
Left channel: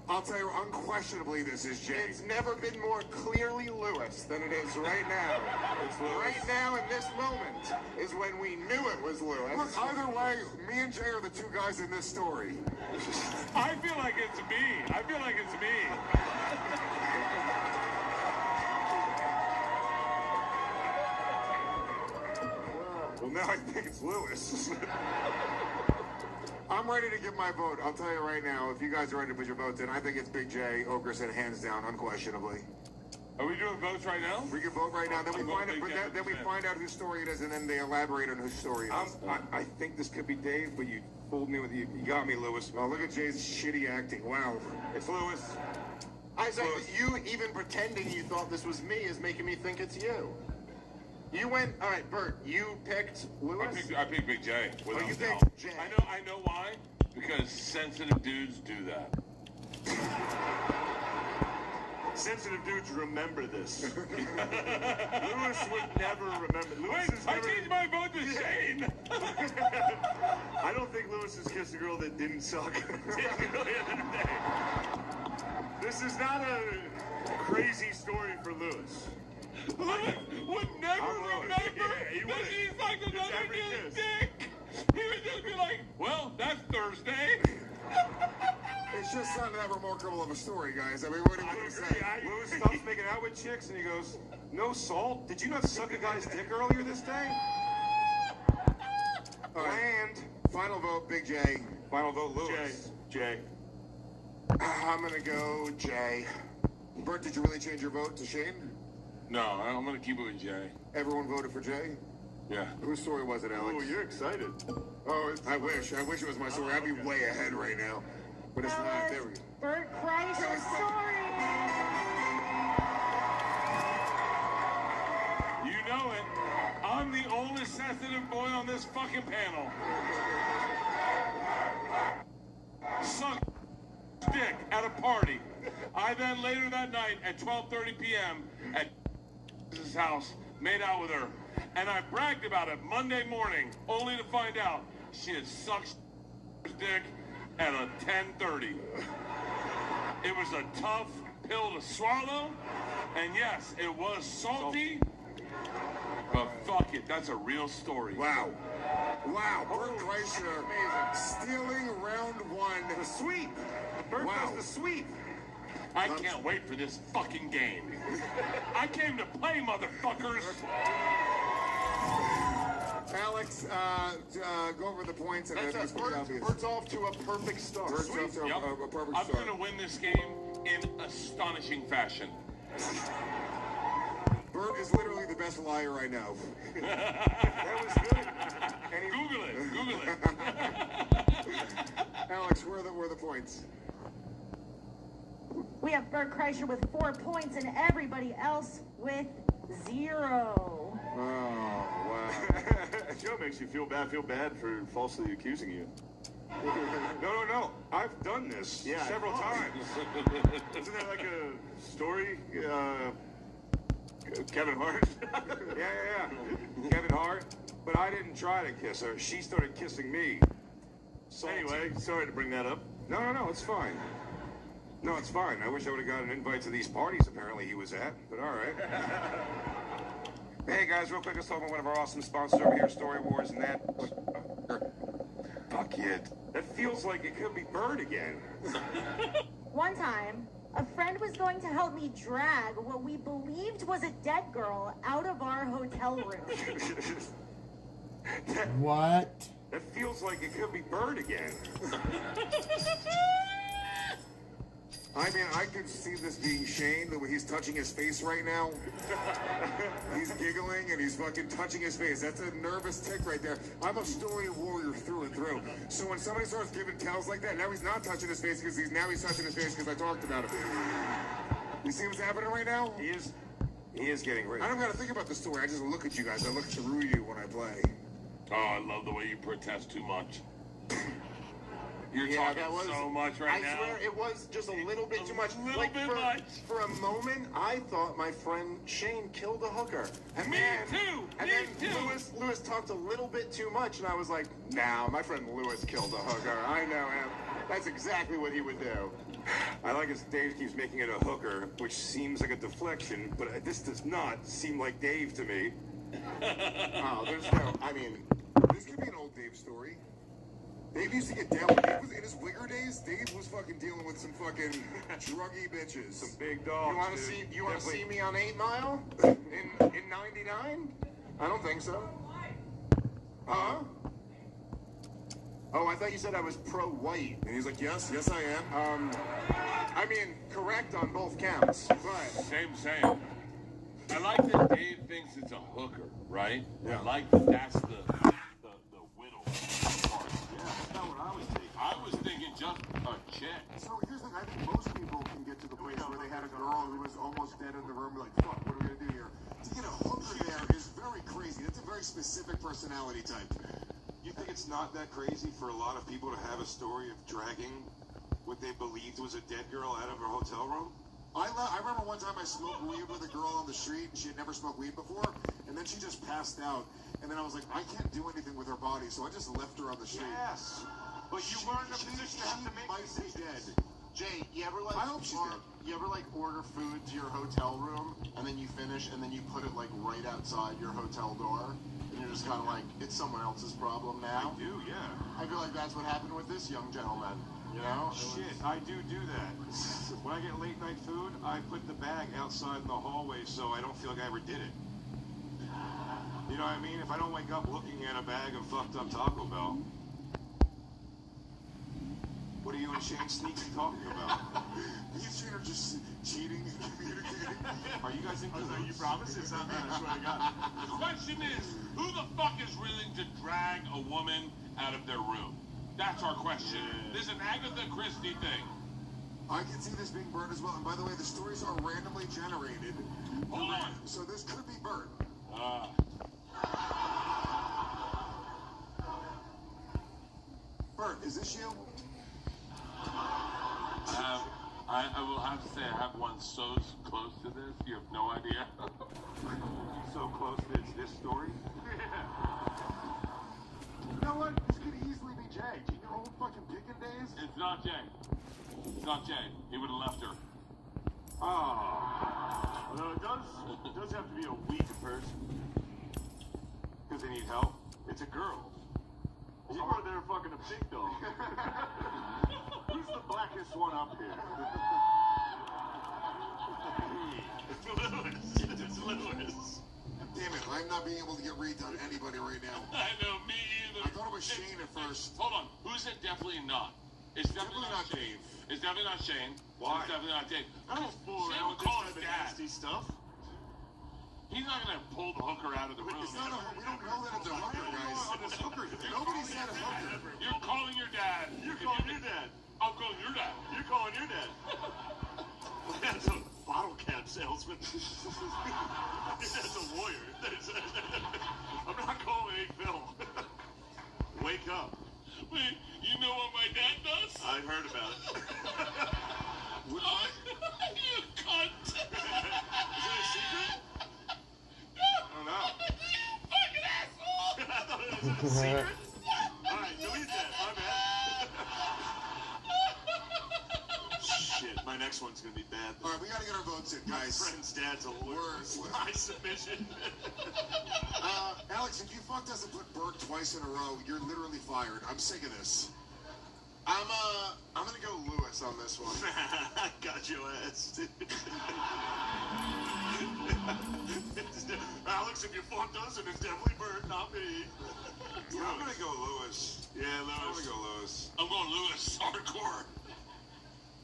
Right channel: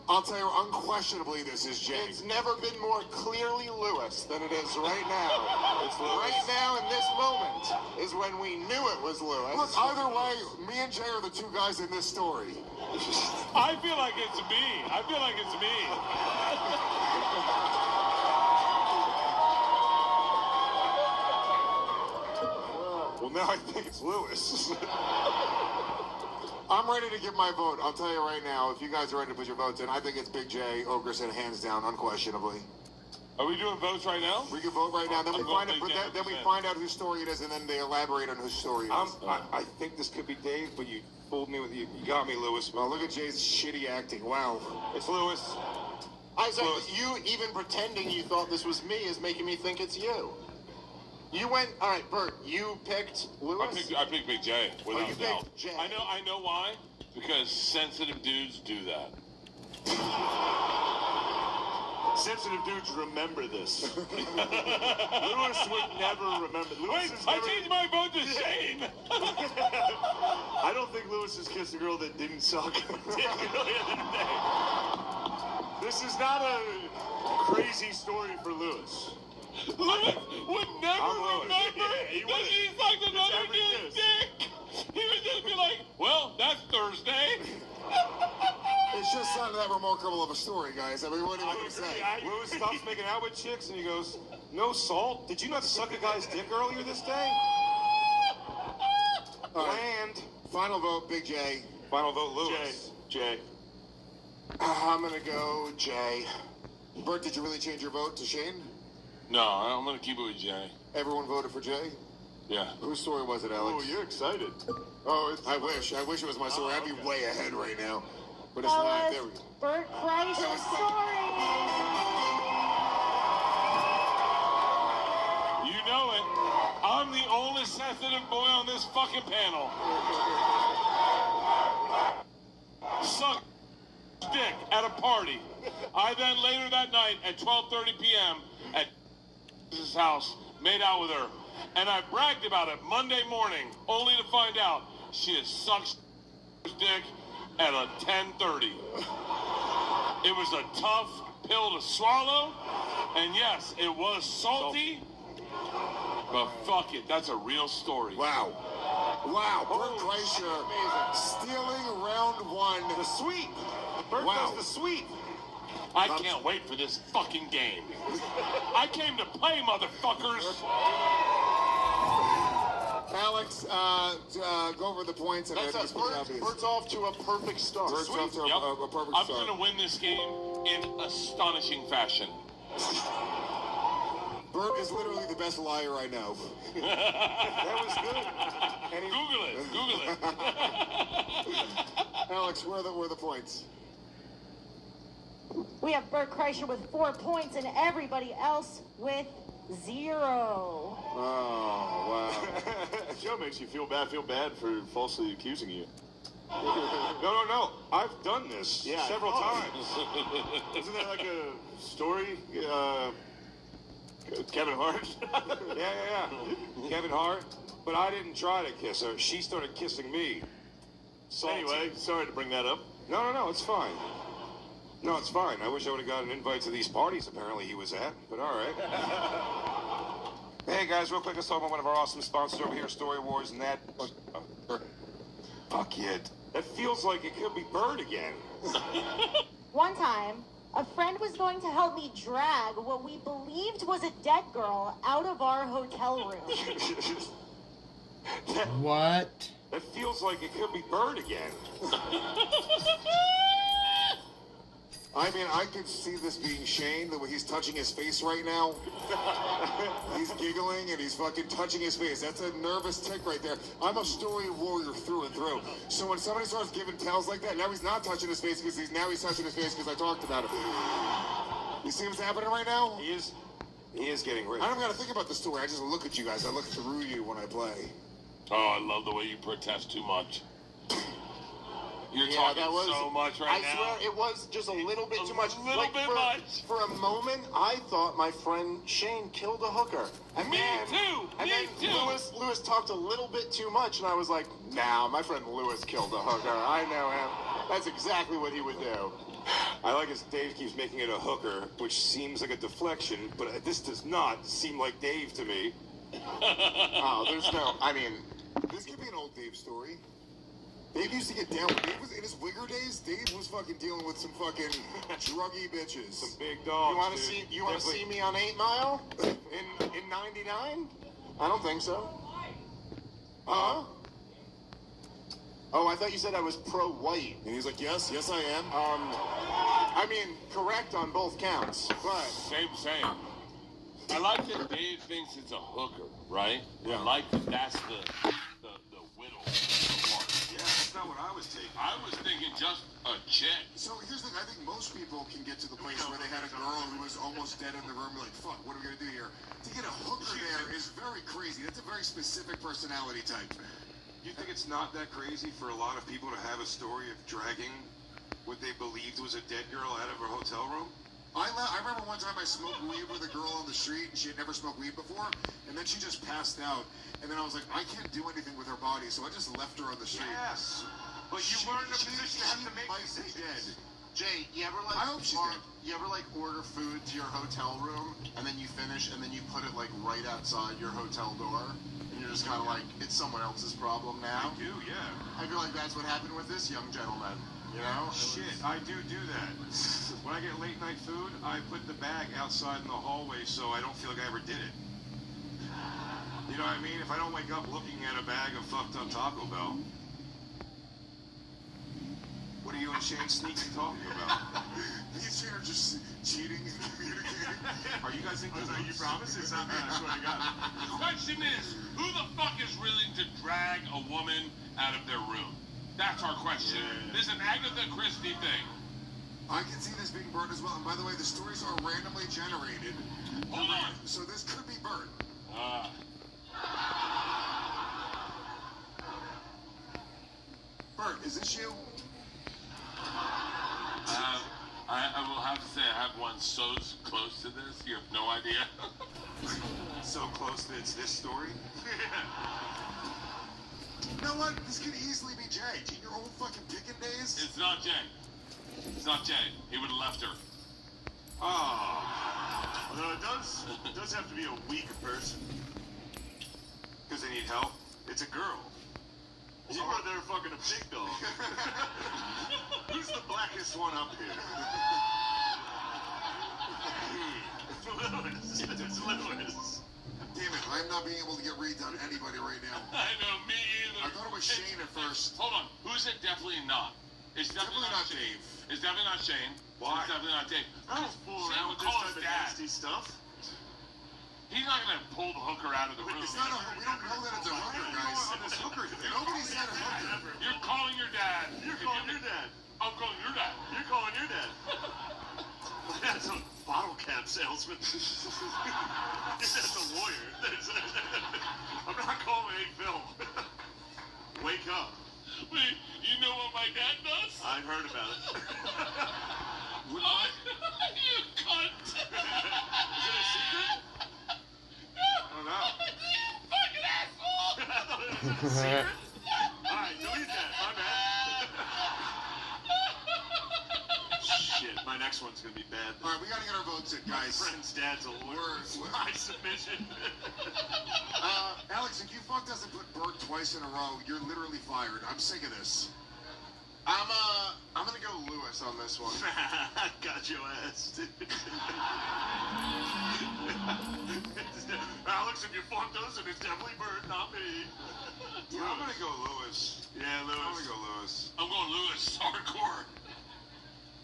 I'll tell you, unquestionably, this is Jay. It's never been more clearly Lewis than it is right now. It's Lewis. Right now, in this moment, is when we knew it was Lewis. Look, either way, me and Jay are the two guys in this story. I feel like it's me. I feel like it's me. Well, now I think it's Lewis. I'm ready to give my vote. I'll tell you right now, if you guys are ready to put your votes in, I think it's Big J, Ogerson, hands down, unquestionably. Are we doing votes right now? We can vote right now. Then we find out. Then we find out whose story it is, and then they elaborate on whose story it is. I think this could be Dave, but you fooled me with you. You got me, Lewis. Well, look at Jay's shitty acting. Wow. It's Lewis. I said, you even pretending you thought this was me is making me think it's you. You went, all right, Bert, you picked Lewis? I picked Big J, without you a doubt. picked Jay. I know why. Because sensitive dudes do that. Sensitive dudes remember this. Lewis would never remember. Wait, I changed my vote to Shane. I don't think Lewis has kissed a girl that didn't suck. This is not a crazy story for Lewis. Lewis would never remember that he sucked another dude's dick. He would just be like, well, that's Thursday. It's just not that remarkable of a story, guys. I mean, what do you say? Lewis stops making out with chicks, and he goes, no salt? Did you not suck a guy's dick earlier this day? Bland. Final vote, Big J. Final vote, Lewis. Jay. I'm going to go Jay. Bert, did you really change your vote to Shane? No, I'm going to keep it with Jay. Everyone voted for Jay? Yeah. Whose story was it, Alex? Oh, you're excited. Oh, I wish it was my story. I'd be way ahead right now. But it's not. There we go. Bert Kreischer's story. You know it. I'm the only sensitive boy on this fucking panel. Suck dick at a party. I then later that night at 12:30 p.m. at his house made out with her. And I bragged about it Monday morning, only to find out she had sucked dick at a 10:30. It was a tough pill to swallow, and yes, it was salty, but fuck it, that's a real story. Wow. Wow, Bert Kreischer stealing round one. The sweep. Bert does the sweep. I can't wait for this fucking game. I came to play, motherfuckers. Alex, go over the points. And That's Bert's off to a perfect start. Bert's off to a perfect I'm start. going to win this game in astonishing fashion. Bert is literally the best liar I know. That was good. Google it. Google it. Alex, where are the points? We have Bert Kreischer with 4 points and everybody else with 0. Oh, wow. Joe makes you feel bad for falsely accusing you. No. I've done this several times. Isn't that like a story? Kevin Hart? Yeah. Kevin Hart. But I didn't try to kiss her. She started kissing me. Salty. Anyway, sorry to bring that up. No, it's fine. No, it's fine. I wish I would have got an invite to these parties apparently he was at, but all right. Hey, guys, real quick, let's talk about one of our awesome sponsors over here, Story Wars, and that... Fuck it. That feels like it could be Bird again. One time, a friend was going to help me drag what we believed was a dead girl out of our hotel room. What? That feels like it could be Bird again. I mean, I could see this being Shane, the way he's touching his face right now. He's giggling and he's fucking touching his face. That's a nervous tick right there. I'm a story warrior through and through. So when somebody starts giving tells like that, now he's not touching his face because he's touching his face because I talked about it. You see what's happening right now? He is getting rich. I don't gotta think about the story. I just look at you guys. I look through you when I play. Oh, I love the way you protest too much. You're talking so much right now. I swear it was just a little bit too much. For a moment, I thought my friend Shane killed a hooker. And Me too. Lewis talked a little bit too much, and I was like, nah, my friend Lewis killed a hooker. I know him. That's exactly what he would do. I like as Dave keeps making it a hooker, which seems like a deflection, but this does not seem like Dave to me. Oh, there's no. I mean, this could be an old Dave story. Dave used to get down. Dave was in his wigger days. Dave was fucking dealing with some fucking druggy bitches. Some big dogs. You want to dude. see? You want to Definitely. see me on 8 Mile in '99? I don't think so. Huh? Oh, I thought you said I was pro-white. And he's like, yes, yes I am. I mean, correct on both counts, but... Same. I like that Dave thinks it's a hooker, right? Yeah. I like that that's the whittle part. Yeah, that's not what I was thinking. I was thinking just a chick. So here's the thing, I think most people can get to the place where they had a girl who was almost dead in the room, like, fuck, what are we gonna do here? To get a hooker there is very crazy. That's a very specific personality type. You think it's not that crazy for a lot of people to have a story of dragging what they believed was a dead girl out of a hotel room? I remember one time I smoked weed with a girl on the street, and she had never smoked weed before, and then she just passed out. And then I was like, I can't do anything with her body, so I just left her on the street. Yes. But you weren't in a position to have to make might be decisions. dead. Jay, you ever like I hope she's dead. you ever like order food to your hotel room and then you finish and then you put it like right outside your hotel door and you're just kind of like it's someone else's problem now? I do, yeah. I feel like that's what happened with this young gentleman. You know? Shit, I do that. When I get late night food, I put the bag outside in the hallway so I don't feel like I ever did it. You know what I mean? If I don't wake up looking at a bag of fucked up Taco Bell. What are you and Shane sneaky talking about? Me and Shane are just cheating and communicating. Are you guys in You promise? It's not me, I swear to God. The question is, who the fuck is willing to drag a woman out of their room? That's our question. Yeah. This is an Agatha Christie thing. I can see this being Bert as well. And by the way, the stories are randomly generated. Hold on. So this could be Bert. Bert, is this you? I will have to say I have one so close to this, you have no idea. So close that it's this story? You know what? This could easily be Jay. In your old fucking picking days? It's not Jay. It's not Jay. He would have left her. Oh. Although it does have to be a weak person. Because they need help? It's a girl. Or they're fucking a pig dog. Who's the blackest one up here? It's Lewis. Damn it, I'm not being able to get reads on anybody right now. I know, me either. I thought it was Shane at first. Hold on. Who's it? Definitely not. It's definitely not Shane. It's definitely not Shane. Why? It's definitely not Dave. I don't fool around with this type of nasty stuff. He's not going to pull the hooker out of the room. It's not we don't know that it's a hooker, guys. Nobody said a hooker. You're calling your dad. You're calling your dad. I'm calling your dad. You're calling your dad. That's a bottle cap salesman. That's a lawyer. I'm not calling a Phil. Wake up. Wait, you know what my dad does? I've heard about it. You cunt. Is it a secret? No. You fucking asshole. I thought it was a secret. Alright, delete that. My bad. Shit, my next one's gonna be bad. Alright, we gotta get our votes in, guys. My friend's dad's a lawyer. High submission. Alex, if you fucked us and put Bert twice in a row, you're literally fired. I'm sick of this. I'm gonna go Lewis on this one. Got your ass, dude. Alex, if you fucked us, and it's definitely Bert, not me. I'm gonna go Lewis. Yeah, Lewis. I'm gonna go Lewis. I'm going Lewis. Hardcore.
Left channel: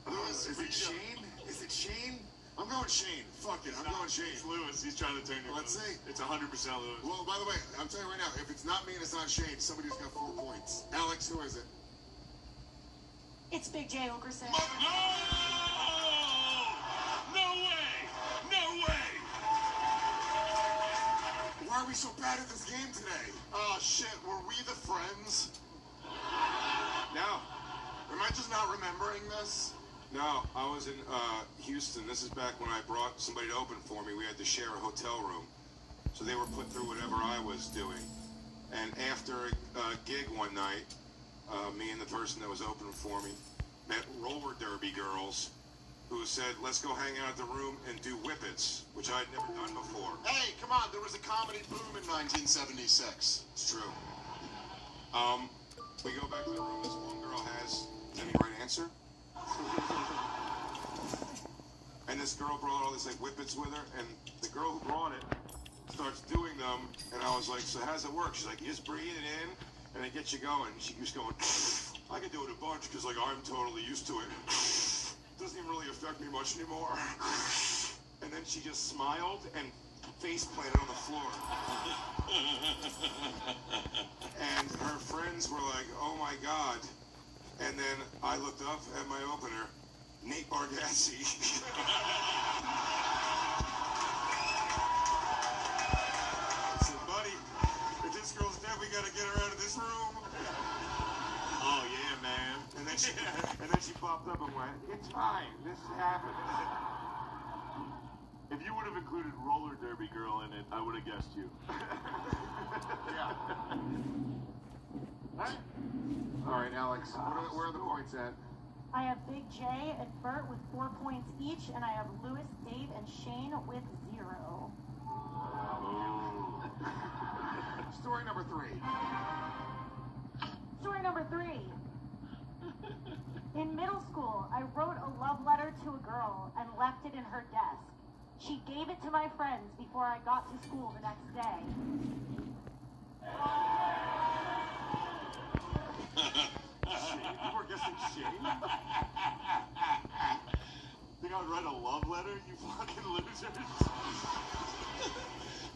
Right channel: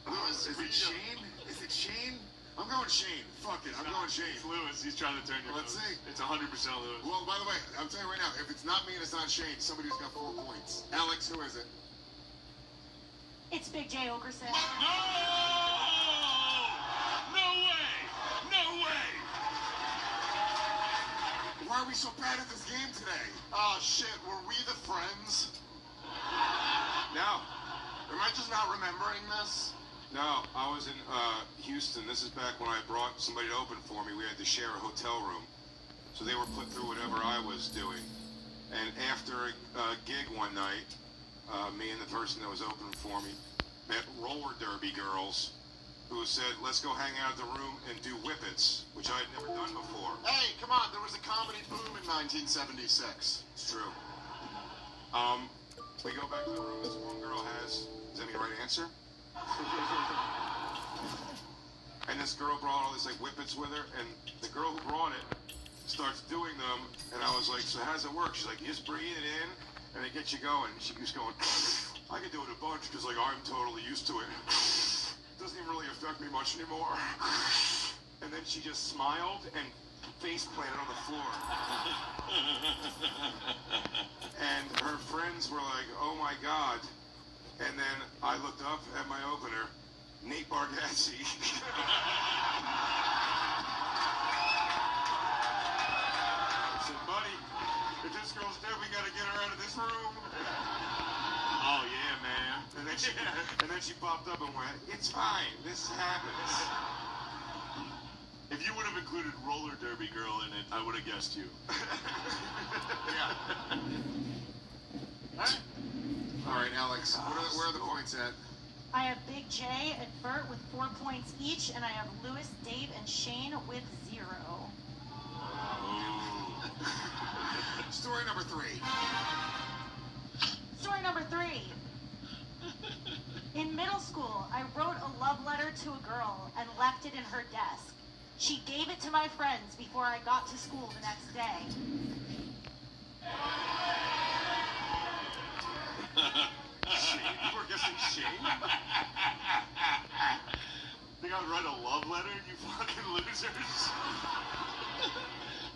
Lewis, is it Shane? Is it Shane? I'm going Shane. Fuck it, I'm going Shane. It's Lewis. He's trying to turn you. Let's see. It's 100% Lewis. Well, by the way, I'm telling you right now, if it's not me and it's not Shane, somebody's got 4 points. Alex, who is it? It's Big J Ogerson. No! No way! No way! Why are we so bad at this game today? Oh, shit. Were we the friends? No. Am I just not remembering this? No, I was in Houston. This is back when I brought somebody to open for me. We had to share a hotel room. So they were put through whatever I was doing. And after a gig one night, me and the person that was opening for me, met roller derby girls who said, let's go hang out in the room and do whippets, which I'd never done before. Hey, come on, there was a comedy boom in 1976. It's true. We go back to the room, this one girl has any right answer. And this girl brought all these like whippets with her, and the girl who brought it starts doing them, and I was like, so how does it work? She's like, you just bring it in, and they get you going. She was going, I can do it a bunch, because like I'm totally used to it. It doesn't even really affect me much anymore. And then she just smiled and face planted on the floor. And her friends were like, oh my God. And then I looked up at my opener, Nate Bargatze. I said, buddy, this girl's definitely got to get her out of this room. Oh yeah, man. And then she popped up and went, it's fine, this happens. If you would have included roller derby girl in it, I would have guessed you. Yeah. All right, Alex, where are the points at? I have Big J and Bert with 4 points each, and I have Lewis, Dave, and Shane with 0. Story number 3. Story number 3. In middle school, I wrote a love letter to a girl and left it in her desk. She gave it to my friends before I got to school the next day. Shane? You were guessing Shane? Think I'd write a love letter, you fucking losers?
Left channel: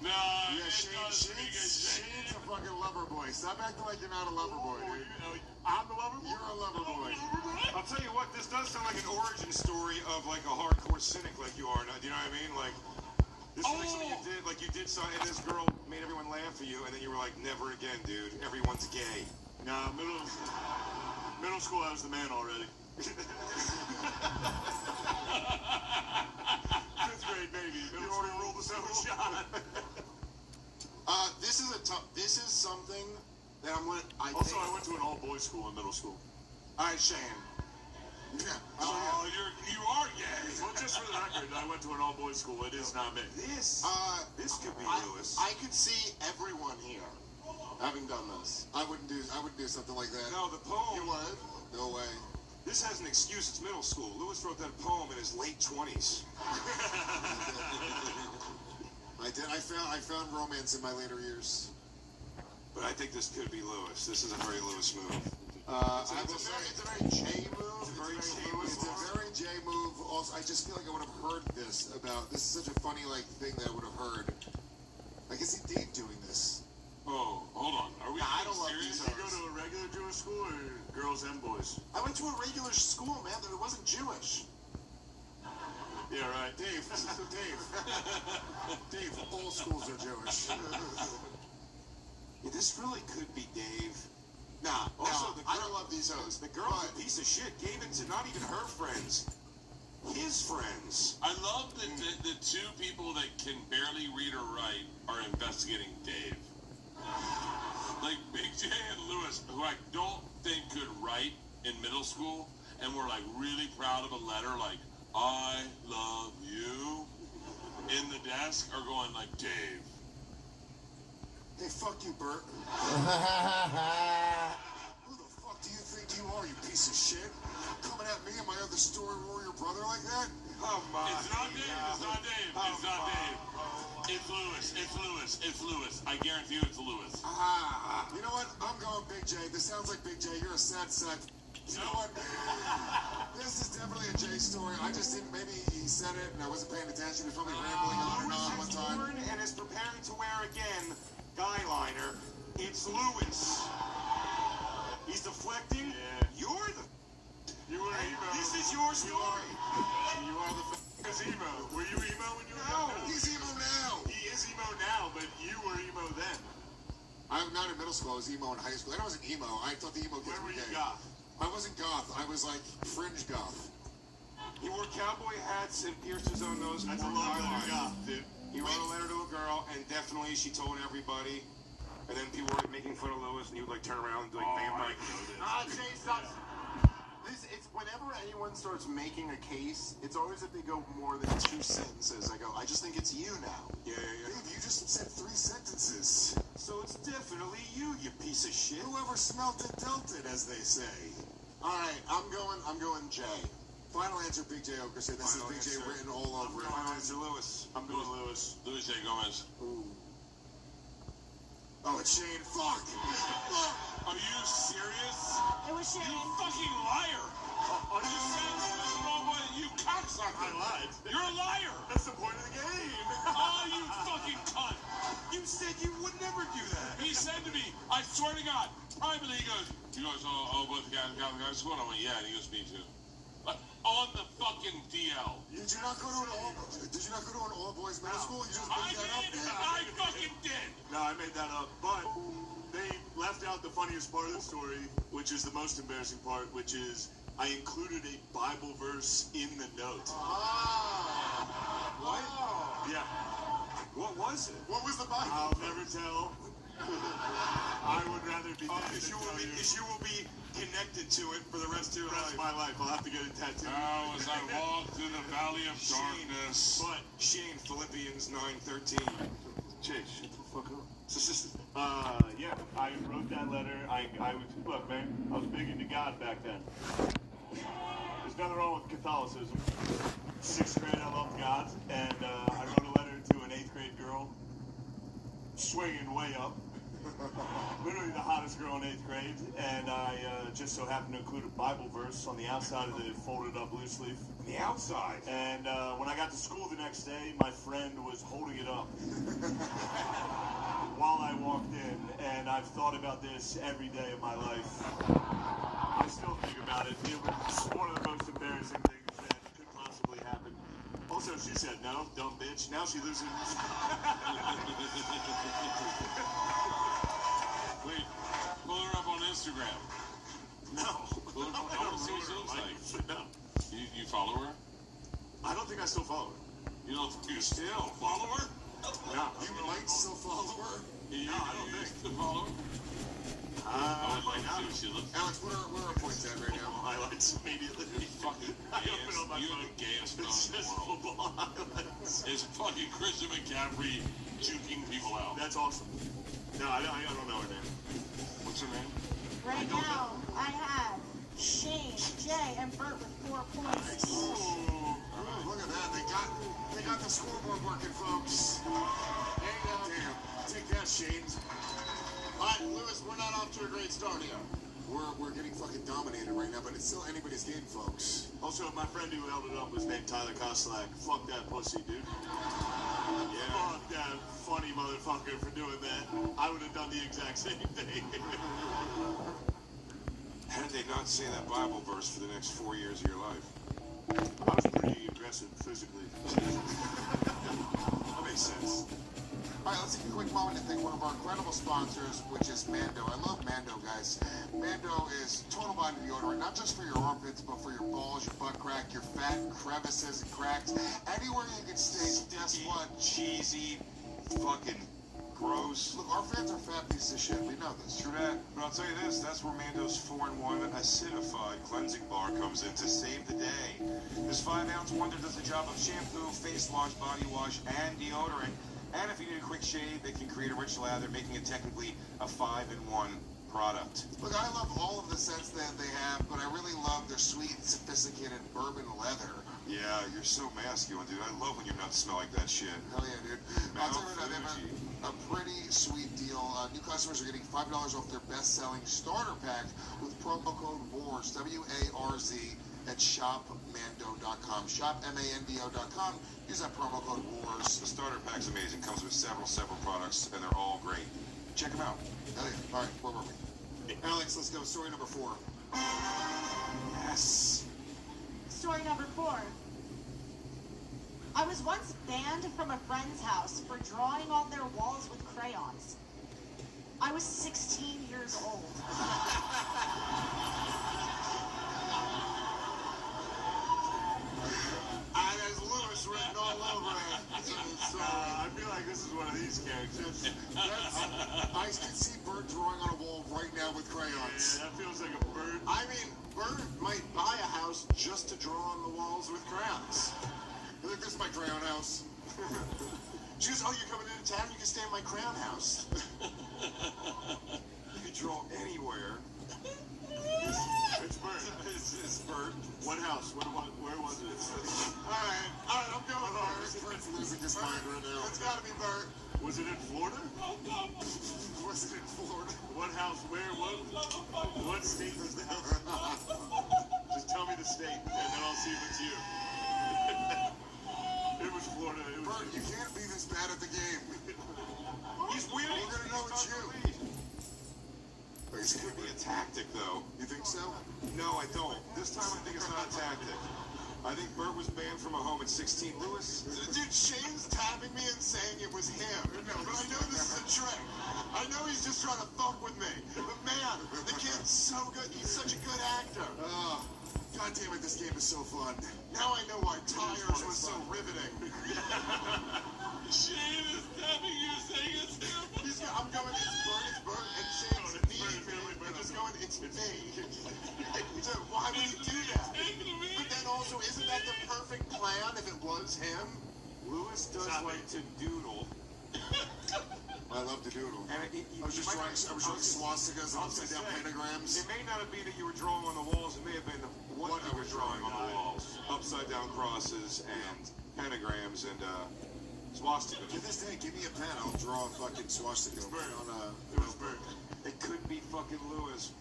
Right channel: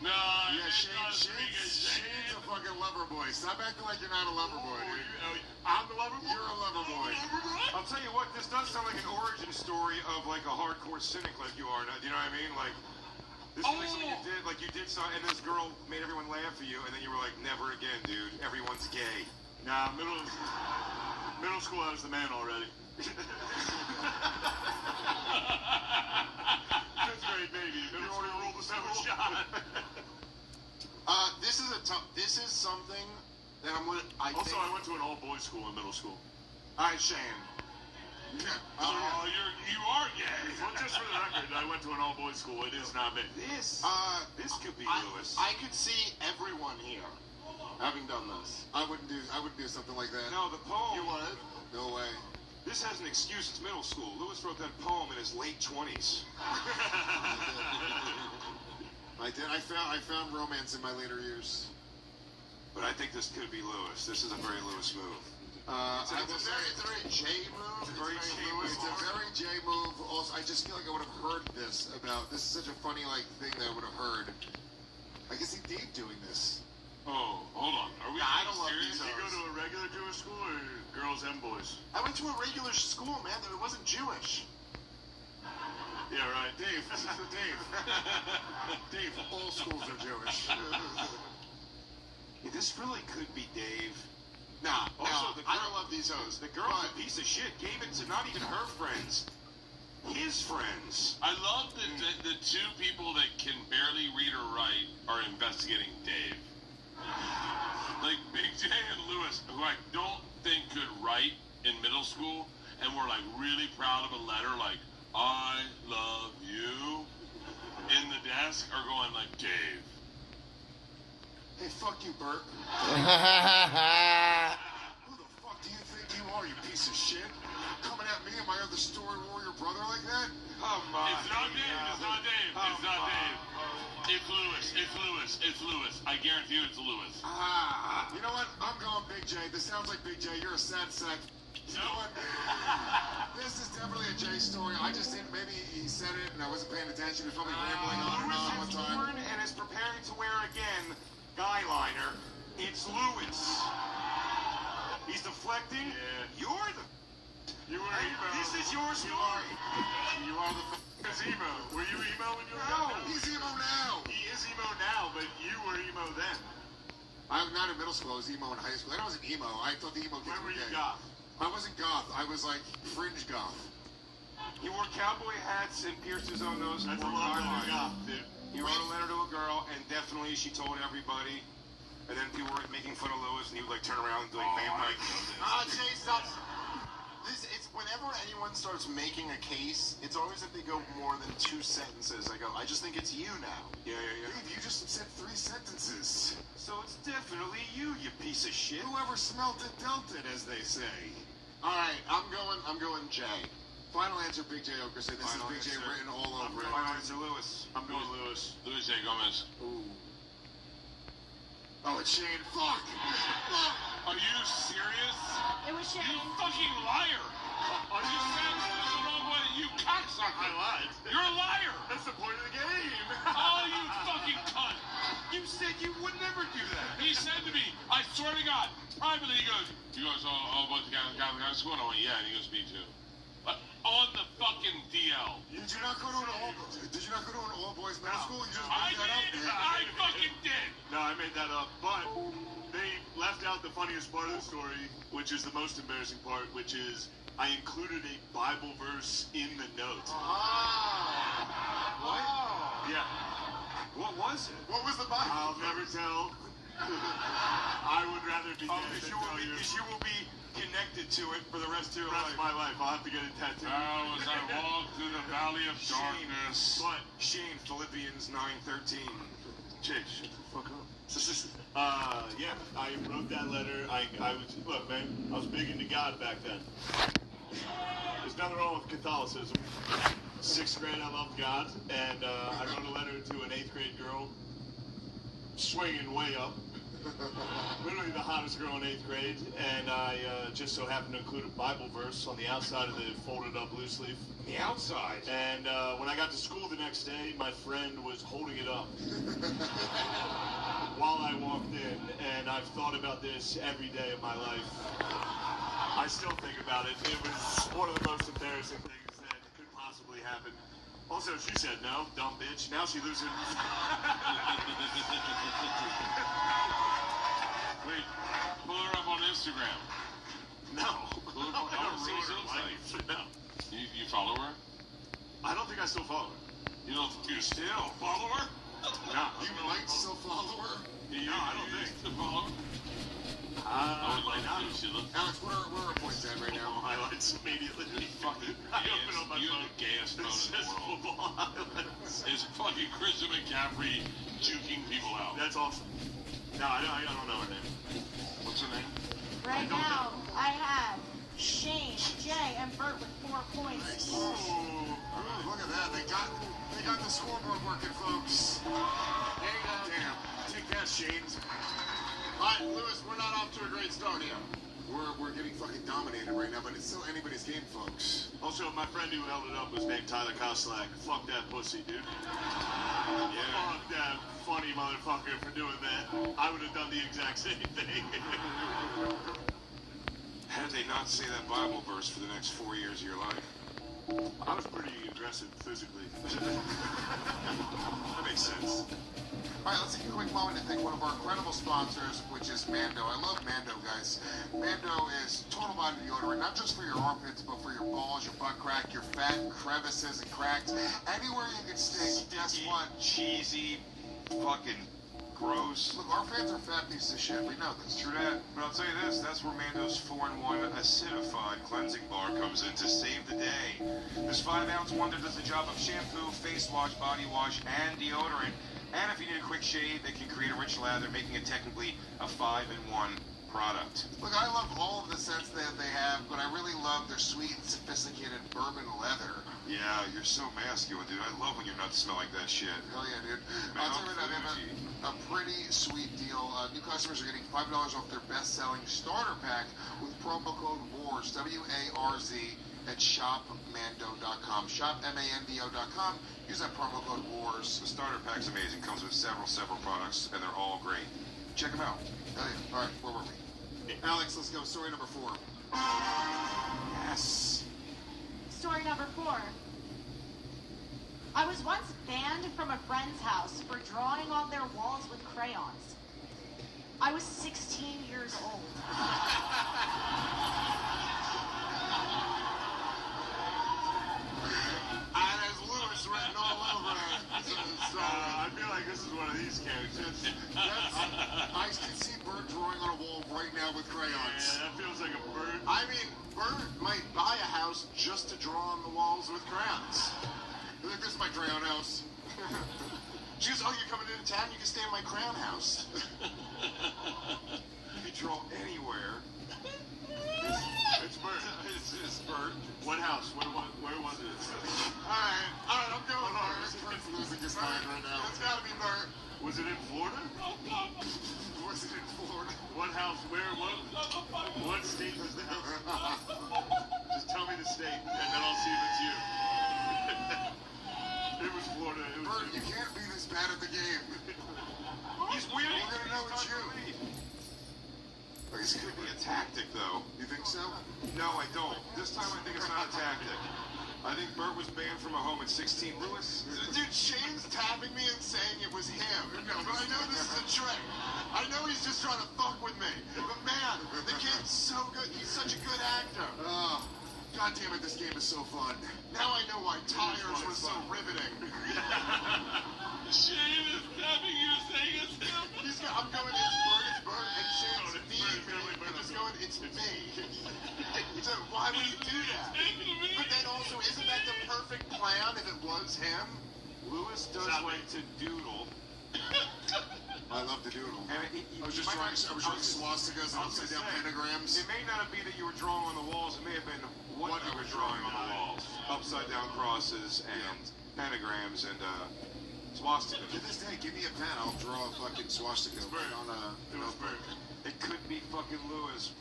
No, yeah, Shane's a fucking lover boy. Stop acting like you're not a lover boy, dude. I'm the lover boy? You're a lover boy. I'll tell you what, this does sound like an origin story of like a hardcore cynic like you are now. Do you know what I mean? Like, this is like you did something, and this girl made everyone laugh at you, and then you were like, never again, dude. Everyone's gay. Nah, middle school, I was the man already. Fifth grade, baby. Middle school, rolled the 7 shot. This is something that I went to an all-boys school in middle school. All right, Shane. Yeah. You are gay. Well, just for the record, I went to an all-boys school. It is not me. This could be Lewis. I could see everyone here having done this. I wouldn't do something like that. No, the poem. You would? No way. This has an excuse. It's middle school. Lewis wrote that poem in his late 20s. I did. I found romance in my later years. But I think this could be Lewis. This is a very Lewis move. It's a very J move. It's a very J move. Also, I just feel like I would have heard this about. This is such a funny thing that I would have heard. I can see Dave doing this. Oh, hold on. Are we I don't love serious? these Did you go to a regular Jewish school or girls and boys? I went to a regular school, man. It wasn't Jewish. Yeah, right. Dave. Dave, all schools are Jewish. Yeah, this really could be Dave. Nah, also, I don't love these hoes. The girl's a piece of shit. Gave it to not even her friends. His friends. I love that the two people that can barely read or write are investigating Dave. Like Big J and Lewis, who I don't think could write in middle school, and were like really proud of a letter like, I love you, in the desk, are going like, Dave. Hey, fuck you, Bert. Who the fuck do you think you are, you piece of shit? Coming at me and my other story warrior brother like that? Come on. It's not Dave. It's not Dave. It's not Dave. It's Lewis. It's Lewis. It's Lewis. I guarantee you it's Lewis. You know what? I'm going Big J. This sounds like Big J. You're a sad sack. You know what? This is definitely a J story. I just didn't. Maybe he said it and I wasn't paying attention. He was probably rambling on and on all the time. And is preparing to wear again guy liner. It's Lewis. He's deflecting. Yeah. You're the. You were emo. This is your story. You are the emo. Were you emo when you were No, he's emo now. He is emo now, but you were emo then. I'm not in middle school. I was emo in high school. I wasn't emo. I thought the emo kids When were you gay. goth? I wasn't goth. I was like fringe goth. He wore cowboy hats and pierced his own nose. That's a lot of goth, dude. He wrote a letter to a girl, and definitely she told everybody. And then people were making fun of Lewis, and he would like turn around and like, bam, like, Jay, stop. It's Whenever anyone starts making a case, it's always if they go more than 2 sentences. I go, I just think it's you now. Yeah. Dave, you just said 3 sentences. So it's definitely you piece of shit. Whoever smelt it dealt it, as they say. All right, I'm going Jay. Final answer, Big J Okerson. This is Big J written all over it. Final answer, Lewis. I'm going Lewis. Luis J. Gomez. Ooh. Oh, it's Shane. Fuck! Are you serious? It was Shane. You fucking liar! Are you saying this the wrong way? You cocksucker! I lied. You're a liar! That's the point of the game. Oh, you fucking cunt! You said you would never do that. He said to me, I swear to God, privately, he goes, oh, both the guys got school. And I went, yeah, and he goes, me too. On the fucking DL. Did you not go to an all boys middle school? You just I made that did! up? I fucking did! No, I made that up. But they left out the funniest part of the story, which is the most embarrassing part, which is I included a Bible verse in the note. What? Yeah. What was it? What was the Bible? I'll never tell. I would rather be because you will be connected to it for the rest of my life. I'll have to get it tattooed. Oh, as I walk through the valley of darkness. But Shane, Philippians 9:13. Jake, shut the fuck up. Yeah, I wrote that letter. I was, look, man, I was big into God back then. There's nothing wrong with Catholicism. 6th grade, I loved God, and I wrote a letter to an 8th grade girl, swinging way up. Literally the hottest girl in 8th grade, and I just so happened to include a Bible verse on the outside of the folded up loose leaf. The outside? And when I got to school the next day, my friend was holding it up while I walked in, and I've thought about this every day of my life. I still think about it. It was one of the most embarrassing things that could possibly happen. Also, she said no, dumb bitch. Now she loses. Wait, pull her up on Instagram. No. I don't see what it looks like. No. You follow her? I don't think I still follow her. You don't think you still follow her? No. You might still follow her? No, I don't think. To follow her? I would like to see what she looks like. Alex, what are our points at right now? Highlights immediately. Fucking you're the gayest phone in the world. Football highlights. It's fucking Christian McCaffrey juking people out. That's awesome. No, I don't know her name. What's her name? Right now, I have Shane, Jay, and Bert with 4 points. Ooh, look at that. They got the scoreboard working, folks. Damn. Take that, Shane. All right, Lewis, we're not off to a great start here. We're getting fucking dominated right now, but it's still anybody's game, folks. Also, my friend who held it up was named Tyler Koslak. Fuck that pussy, dude. Yeah. Fuck that funny motherfucker for doing that. I would have done the exact same thing. How did they not say that Bible verse for the next 4 years of your life? I was pretty aggressive physically. That makes sense. All right, let's take a quick moment to thank one of our incredible sponsors, which is Mando. I love Mando, guys. Mando is total body deodorant, not just for your armpits, but for your balls, your butt crack, your fat crevices and cracks. Anywhere you can stink, guess what? Cheesy, fucking gross. Look, our fans are fat pieces of shit. We know this. True that. But I'll tell you this, that's where Mando's 4-in-1 acidified cleansing bar comes in to save the day. This 5-ounce wonder does the job of shampoo, face wash, body wash, and deodorant. And if you need a quick shave, they can create a rich lather, making it technically a 5-in-1 product. Look, I love all of the scents that they have, but I really love their sweet and sophisticated bourbon leather. Yeah, you're so masculine, dude. I love when your nuts smell like that shit. Hell yeah, dude. I'll tell you right now, they have a pretty sweet deal. New customers are getting $5 off their best-selling starter pack with promo code WARZ, W-A-R-Z, at shopmando.com. Shopmando.com. Use that promo code WARZ. The starter pack's amazing. Comes with several products, and they're all great. Check them out. Hey, all right, where were we? Alex, let's go. Story number 4. Yes. Story number 4. I was once banned from a friend's house for drawing on their walls with crayons. I was 16 years old. There's Lewis written all over it. So, I feel like this is one of these characters. I can see Bert drawing on a wall right now with crayons. Yeah, that feels like a bird. I mean, Bert might buy a house just to draw on the walls with crayons. Look, this is my crayon house. She goes, oh, you're coming into town? You can stay in my crayon house. You can draw anywhere. It's Bert. It's Bert. What house? Where was it? All right, I'm going Bert. Bert's losing his mind right now. It's gotta be Bert. Was it in Florida? Was it in Florida? What house? Where? What state was the house? Just tell me the state, and then I'll see if it's you. It was Florida. Bert, you can't be this bad at the game. He's winning. We're gonna know it's you. It's gonna be a tactic, though. You think so? No, I don't. This time I think it's not a tactic. I think Bert was banned from a home at 16. Lewis? Dude, Shane's tapping me and saying it was him. But I know this is a trick. I know he's just trying to fuck with me. But man, the kid's so good. He's such a good actor. Oh, God damn it, this game is so fun. Now I know why Tires was so riveting. Shane is tapping you saying it's him. I'm going, it's Bert, and Shane's me. He's going, it's me. So why would you do that? But then also, isn't that the perfect plan if it was him? Lewis does like to doodle. I love to doodle. And I was just drawing swastikas and upside down pentagrams. It may not be that you were drawing on the walls. It may have been what you were drawing on the walls. Upside down crosses and pentagrams and swastikas. To this day, give me a pen. I'll draw a fucking swastika on a notebook. It could be fucking Lewis.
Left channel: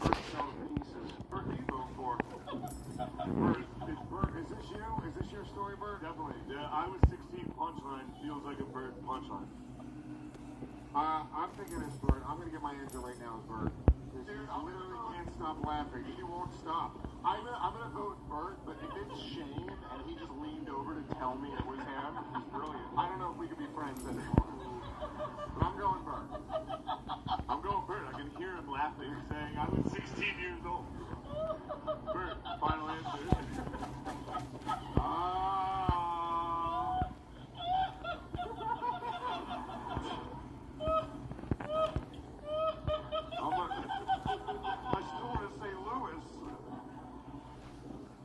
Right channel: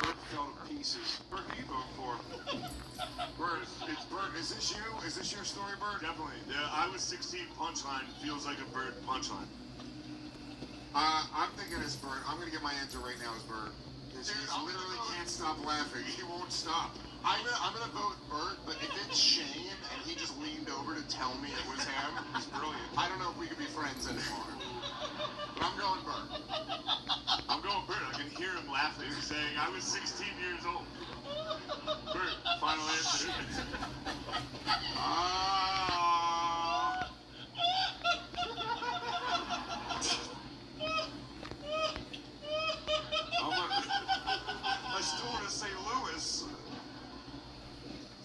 Fell to pieces. Bert, who you vote for? Bert, it's Bert. Is this you? Is this your story, Bert? Definitely. Yeah, I was 16 punchline. Feels like a Bert punchline. I'm thinking it's Bert. I'm gonna get my answer right now as Bert. He literally can't stop laughing. He won't stop. I'm gonna vote Bert, but if it's Shane and he just leaned over to tell me it was him, he's brilliant. I don't know if we could be friends anymore. But I'm going Bert. I'm going Bert. I can hear him laughing, saying I was 16 years old. Bert, final answer. I still want to say Lewis.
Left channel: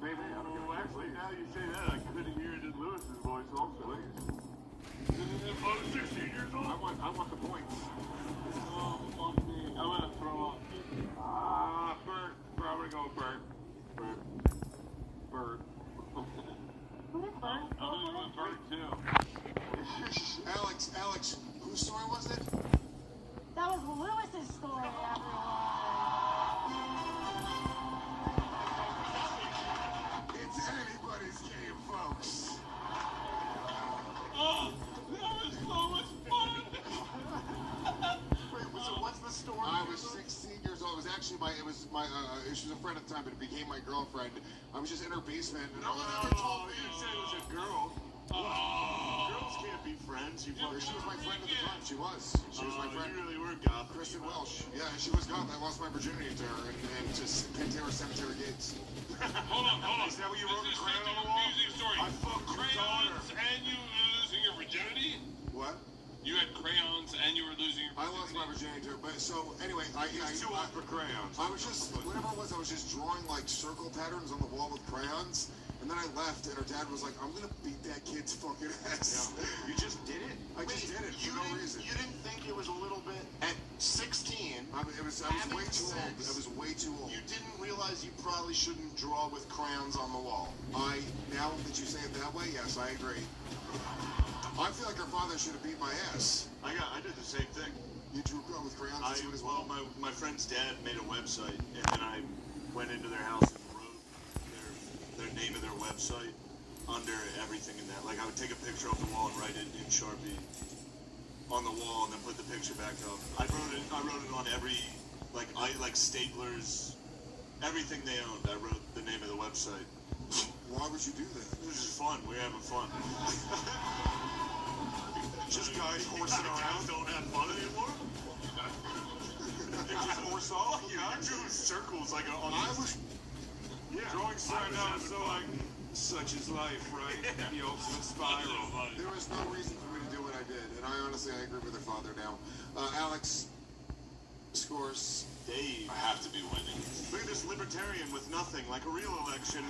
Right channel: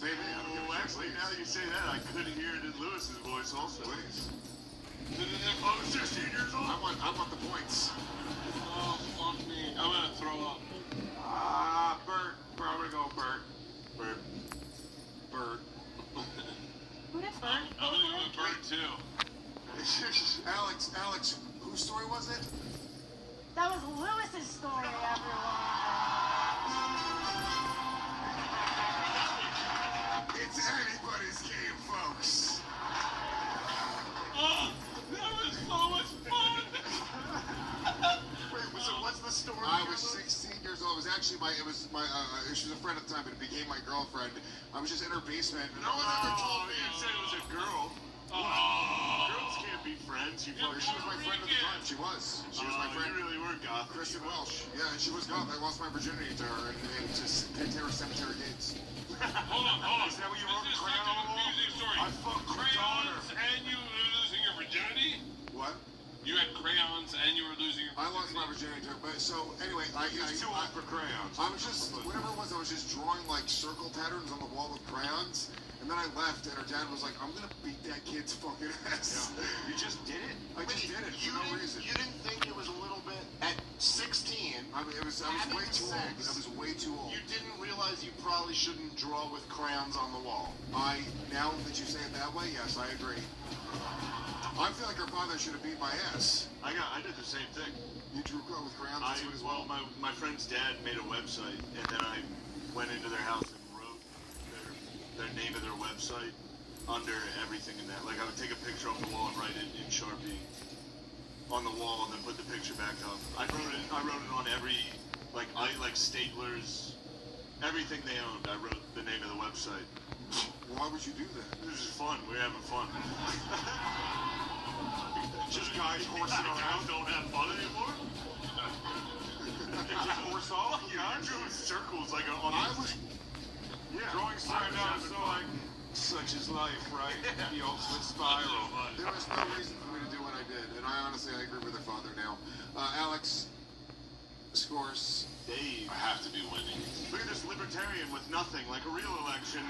Well, actually, now that you say that, I could hear it in Lewis's voice also. Please. I was 16 years old. I want the points. Oh, fuck me. I'm gonna throw up. Bert. I'm gonna go Bert. Bert. Who did Bert? I'm gonna go Bert too. Alex, whose story was it? That was Lewis's story, everyone. It's anybody's game, folks. Oh, that was so much fun. Wait, so what's the story? I was 16 years old. It was actually she was a friend at the time, but it became my girlfriend. I was just in her basement. No one ever told me. You said it was a girl. Girls can't be friends. She was my friend at the time. She was my friend. You really were goth. Kristen Welsh. Yeah, she was goth. I lost my virginity to her and just kicked her cemetery gates. Hold on. Is that what you wrote in This is crayon a on the wall? confusing story. I fucked her daughter. Crayons and you losing your virginity? What? You had crayons and you were losing your virginity? I lost my virginity to her, but so anyway, He was too old for crayons. I was just whatever it was. I was just drawing like circle patterns on the wall with crayons, and then I left, and her dad was like, "I'm gonna beat that kid's fucking ass." Yeah. You just did it. I just did it for no reason. You didn't think it was a little bit at 16? I was way too old. I was way too old. You didn't realize you probably shouldn't draw with crayons on the wall. Now that you say it that way, yes, I agree. I feel like her father should have beat my ass. I did the same thing. You drew with crayons as well? Well, my friend's dad made a website, and then I went into their house and wrote their name of their website under everything in that. Like, I would take a picture off the wall and write it in Sharpie on the wall, and then put the picture back up. I wrote it on every, like staplers, everything they owned. I wrote the name of the website. Why would you do that? This is fun. We're having fun. Just guys horsing around. Don't have fun anymore. Just horse off. Yeah, I'm doing circles like on. Drawing started out so like, such is life, right? The ultimate spiral. There was no reason for me to do what I did, and I honestly agree with her father now. Alex scores. Dave. I have to be winning. Look at this libertarian with nothing, like a real election.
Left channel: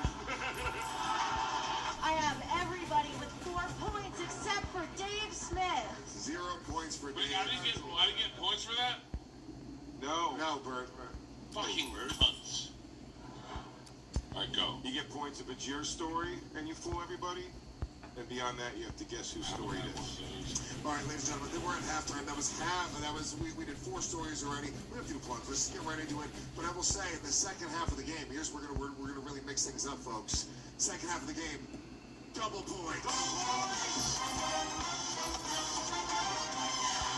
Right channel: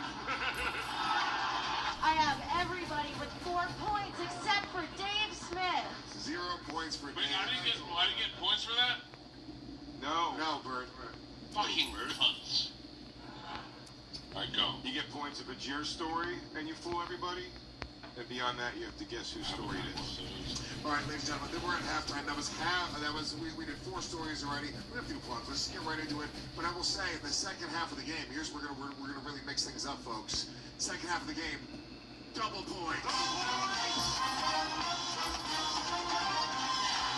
I have everybody with 4 points except for Dave Smith. 0 points for Wait, Dave. I didn't get points for that? No. No, Bert. Fucking cunts. Alright, go. You get points if it's your story and you fool everybody. And beyond that, you have to guess whose story it is. All right, ladies and gentlemen, we're at halftime. We did 4 stories already. We don't have to do plugs. Let's get right into it. But I will say, in the second half of the game, here's where we're gonna really mix things up, folks. Second half of the game, double points.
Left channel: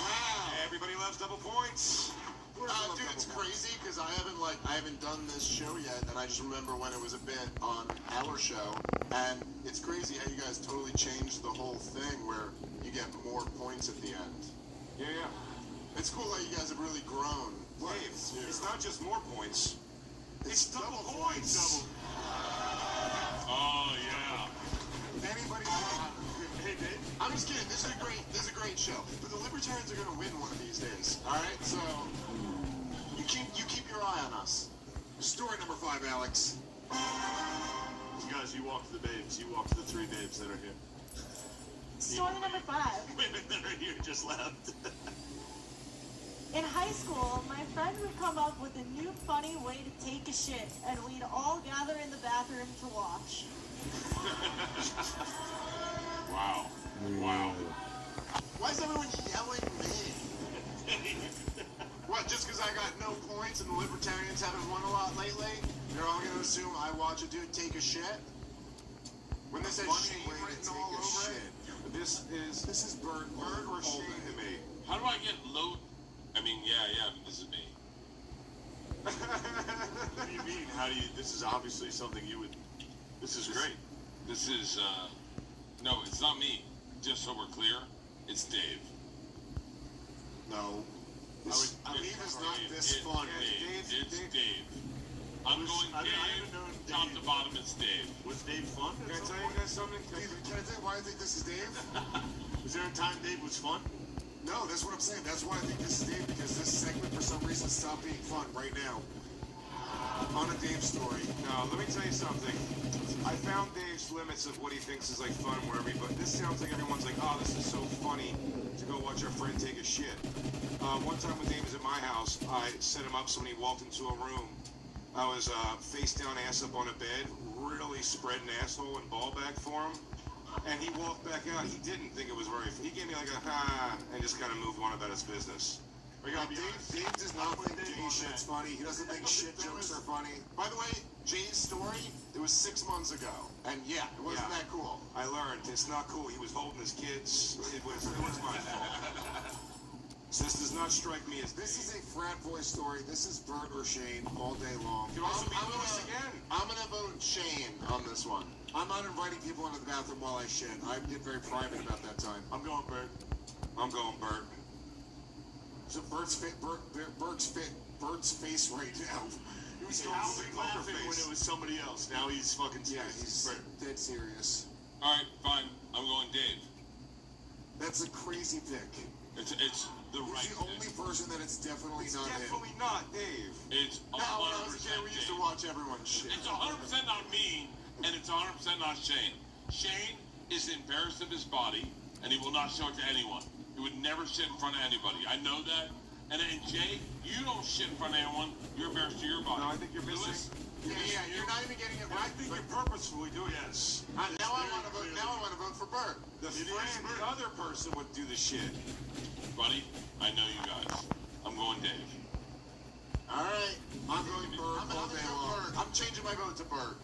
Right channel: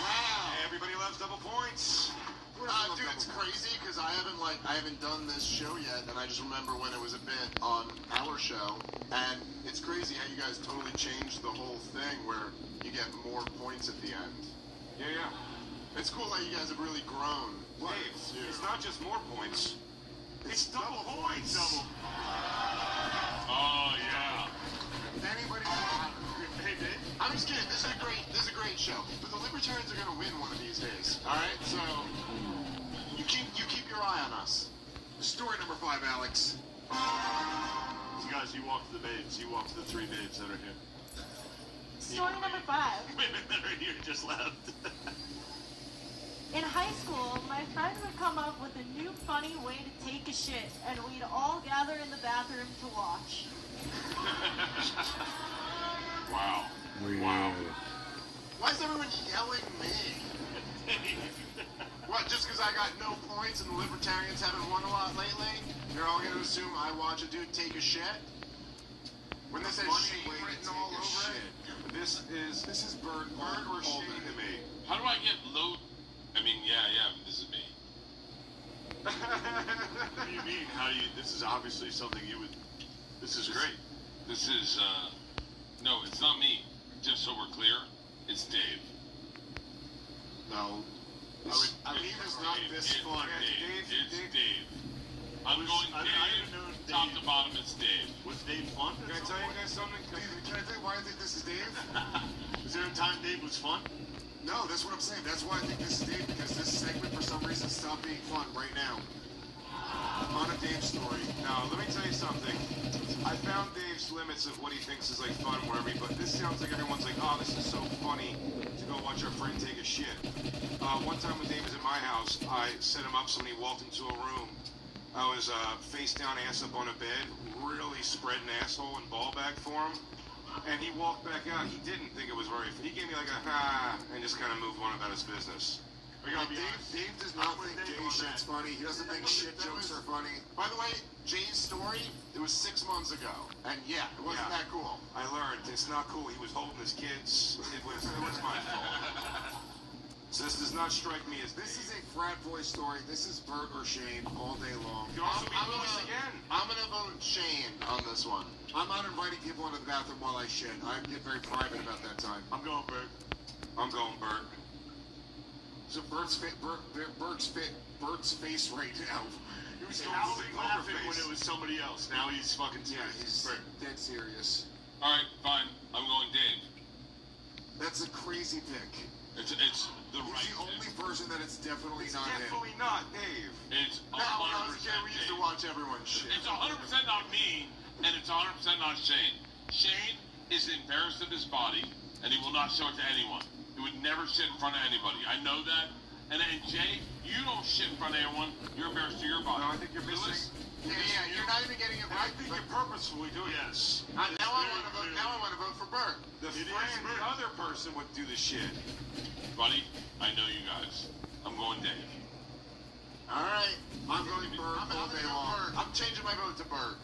Wow. Everybody loves double points. Dude, it's crazy because I haven't done this show yet, and I just remember when it was a bit on our show, and it's crazy how you guys totally changed the whole thing where you get more points at the end. Yeah. It's cool how you guys have really grown. Dave, it's not just more points. It's double points. Oh, yeah. Anybody? Hey, Dave. I'm just kidding. This is a great show. But the Libertarians are gonna win one of these days. All right, so you keep your eye on us. Story number 5, Alex. You guys, you walk to the babes. You walk to the 3 babes that are here. Story number 5. Women that are here just left. In high school, my friend would come up with a new funny way to take a shit, and we'd all gather in the bathroom to watch. Wow. Wow. Why is everyone yelling me? What, just because I got no points and the Libertarians haven't won a lot lately? They're all going to assume I watch a dude take a shit? When this says shit written all over it? This is Bert or Shane to me. How do I get low? I mean, yeah, but this is me. What do you mean? This is obviously something you would... This is great. This is, no, it's not me. Just so we're clear, it's Dave. No. Dave is not this fun. It's Dave. I'm going Dave, top to bottom, it's Dave. Was Dave fun? Can I tell you guys something? Can I tell you why I think this is Dave? Was there a time Dave was fun? No, that's what I'm saying. That's why I think this is Dave, because this segment for some reason stopped being fun right now. On a Dave story. Now, let me tell you something. I found Dave's limits of what he thinks is like fun or whatever, but this sounds like everyone's like, oh, this is so funny to go watch our friend take a shit. One time when Dave was at my house, I set him up so when he walked into a room, I was face down, ass up on a bed, really spreading asshole and ball back for him. And he walked back out. He didn't think it was very funny. He gave me like a and just kind of moved on about his business. Dave does not think Jay shit's funny. He doesn't think shit jokes are funny. By the way, Jay's story, it was 6 months ago. And yeah, it wasn't that cool. I learned it's not cool. He was holding his kids. It was my fault. So this does not strike me as This is a frat boy story. This is Bert or Shane all day long. You also be Lewis again. I'm gonna vote Shane on this one. I'm not inviting people into the bathroom while I shit. I get very private about that time. I'm going Bert. I'm going Bert. So Bert's face right now. He was laughing when it was somebody else. Now he's fucking serious. He's dead serious. All right, fine. I'm going Dave. That's a crazy pick. It's the He's right. the only person that it's definitely It's not definitely him. not Dave. It's 100% We used to watch everyone shit. It's 100% not me, and it's 100% not Shane. Shane is embarrassed of his body, and he will not show it to anyone. He would never shit in front of anybody. I know that. And Jay, you don't shit in front of anyone. You're embarrassed to your body. No, I think you're missing. Yeah, you're not even getting it I right. think you're purposefully doing Yes. Now I want to vote for Bert. The other person would do the shit. Buddy, I know you guys. I'm going Dave. All right, I'm going Bert all day long. I'm changing my vote to Bert.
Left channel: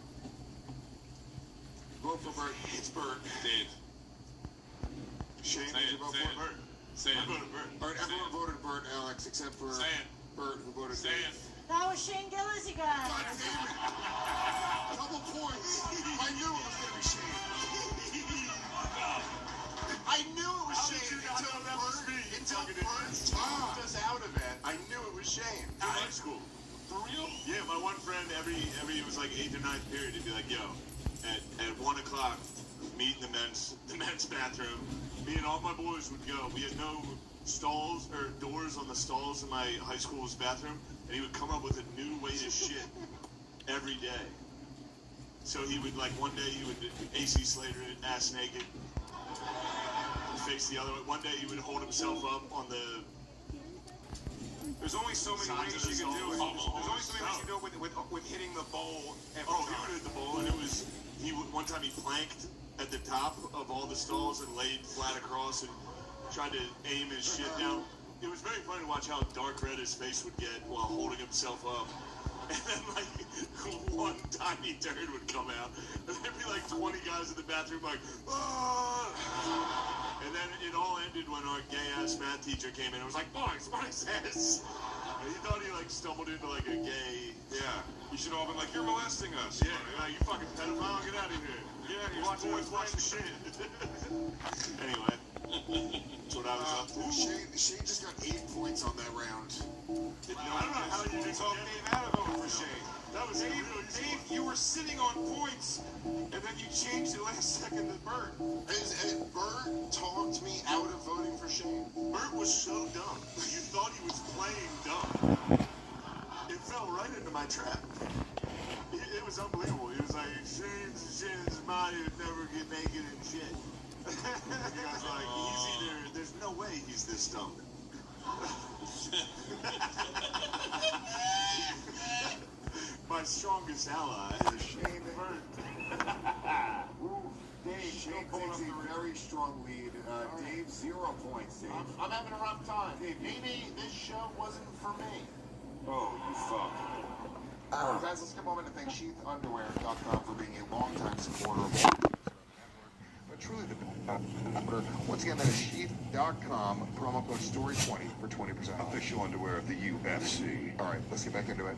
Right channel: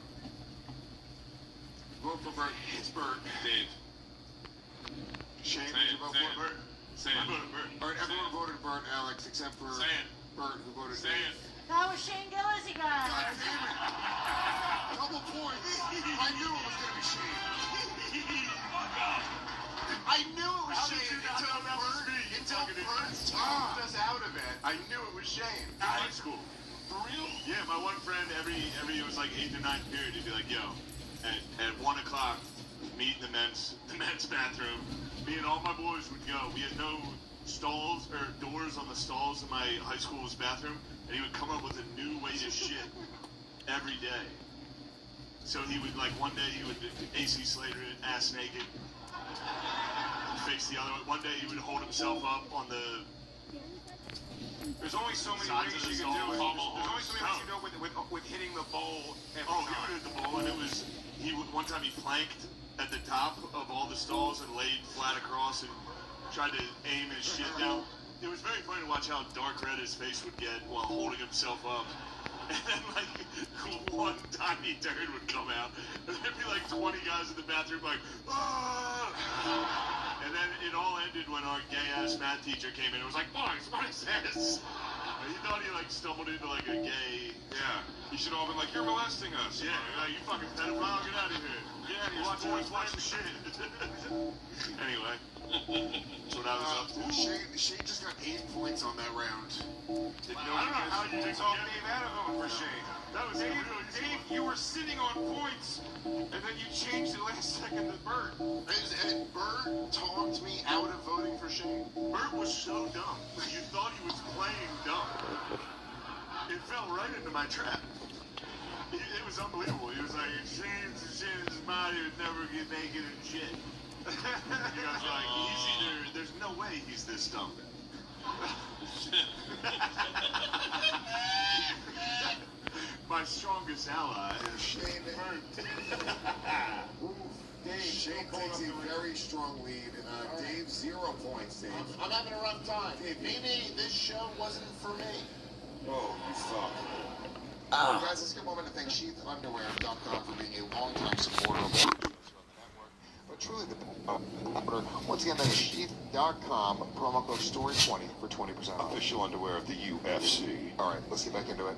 Vote for Bert. It's Bert. Dave. Shane, Say did you it. vote Say for it. Bert? Say it. All right, everyone voted Bert, Alex, except for Say it. Bert, who voted Say Dave. it. That was Shane Gillis, you guys. Double points. I knew it was going to be Shane. I knew it was Shane until Bert talked us out of it. I knew it was Shane. High school. For real? Yeah, my one friend, every it was like 8th or 9th period, he'd be like, yo, at 1 o'clock, meet in the men's bathroom. Me and all my boys would go. We had no stalls or doors on the stalls in my high school's bathroom, and he would come up with a new way to shit every day. So he would, like, one day he would AC Slater it ass naked, face the other. One day he would hold himself up on the. There's only so many ways you can do it. There's only so many ways you can do it with hitting the bowl. He would hit the bowl, and one time he planked at the top of all the stalls and laid flat across and tried to aim his shit down. It was very funny to watch how dark red his face would get while holding himself up. And then, like, one tiny turd would come out, and there'd be like 20 guys in the bathroom, like, ah! And then it all ended when our gay-ass math teacher came in and was like, boys, what is this? And he thought he, like, stumbled into, like, a gay... Yeah. You should all have been like, you're molesting us. Yeah, like, you fucking pedophile, get out of here. Get out of here, watch some shit. Anyway. That's what I was up to. Shane just got 8 points on that round. I don't know how you It's all being out of over for Shane. That was Dave, you were sitting on points, and then you changed the last second to Bert. And Bert talked me out of voting for Shane. Bert was so dumb. You thought he was playing dumb. It fell right into my trap. It was unbelievable. He was like, Shane's his body would never get naked and shit. You guys are like, there's no way he's this dumb. My strongest ally is Shane. Bert. Shane takes a very strong lead. Dave, 0 points, Dave. I'm having a rough time. Maybe this show wasn't for me. Oh, you fuck. Guys, let's take a moment to thank SheathUnderwear.com for being a longtime supporter of but truly the once again, that is Sheath.com, promo code STORY20 for 20% off. Official underwear of the UFC. All right, let's get back into it.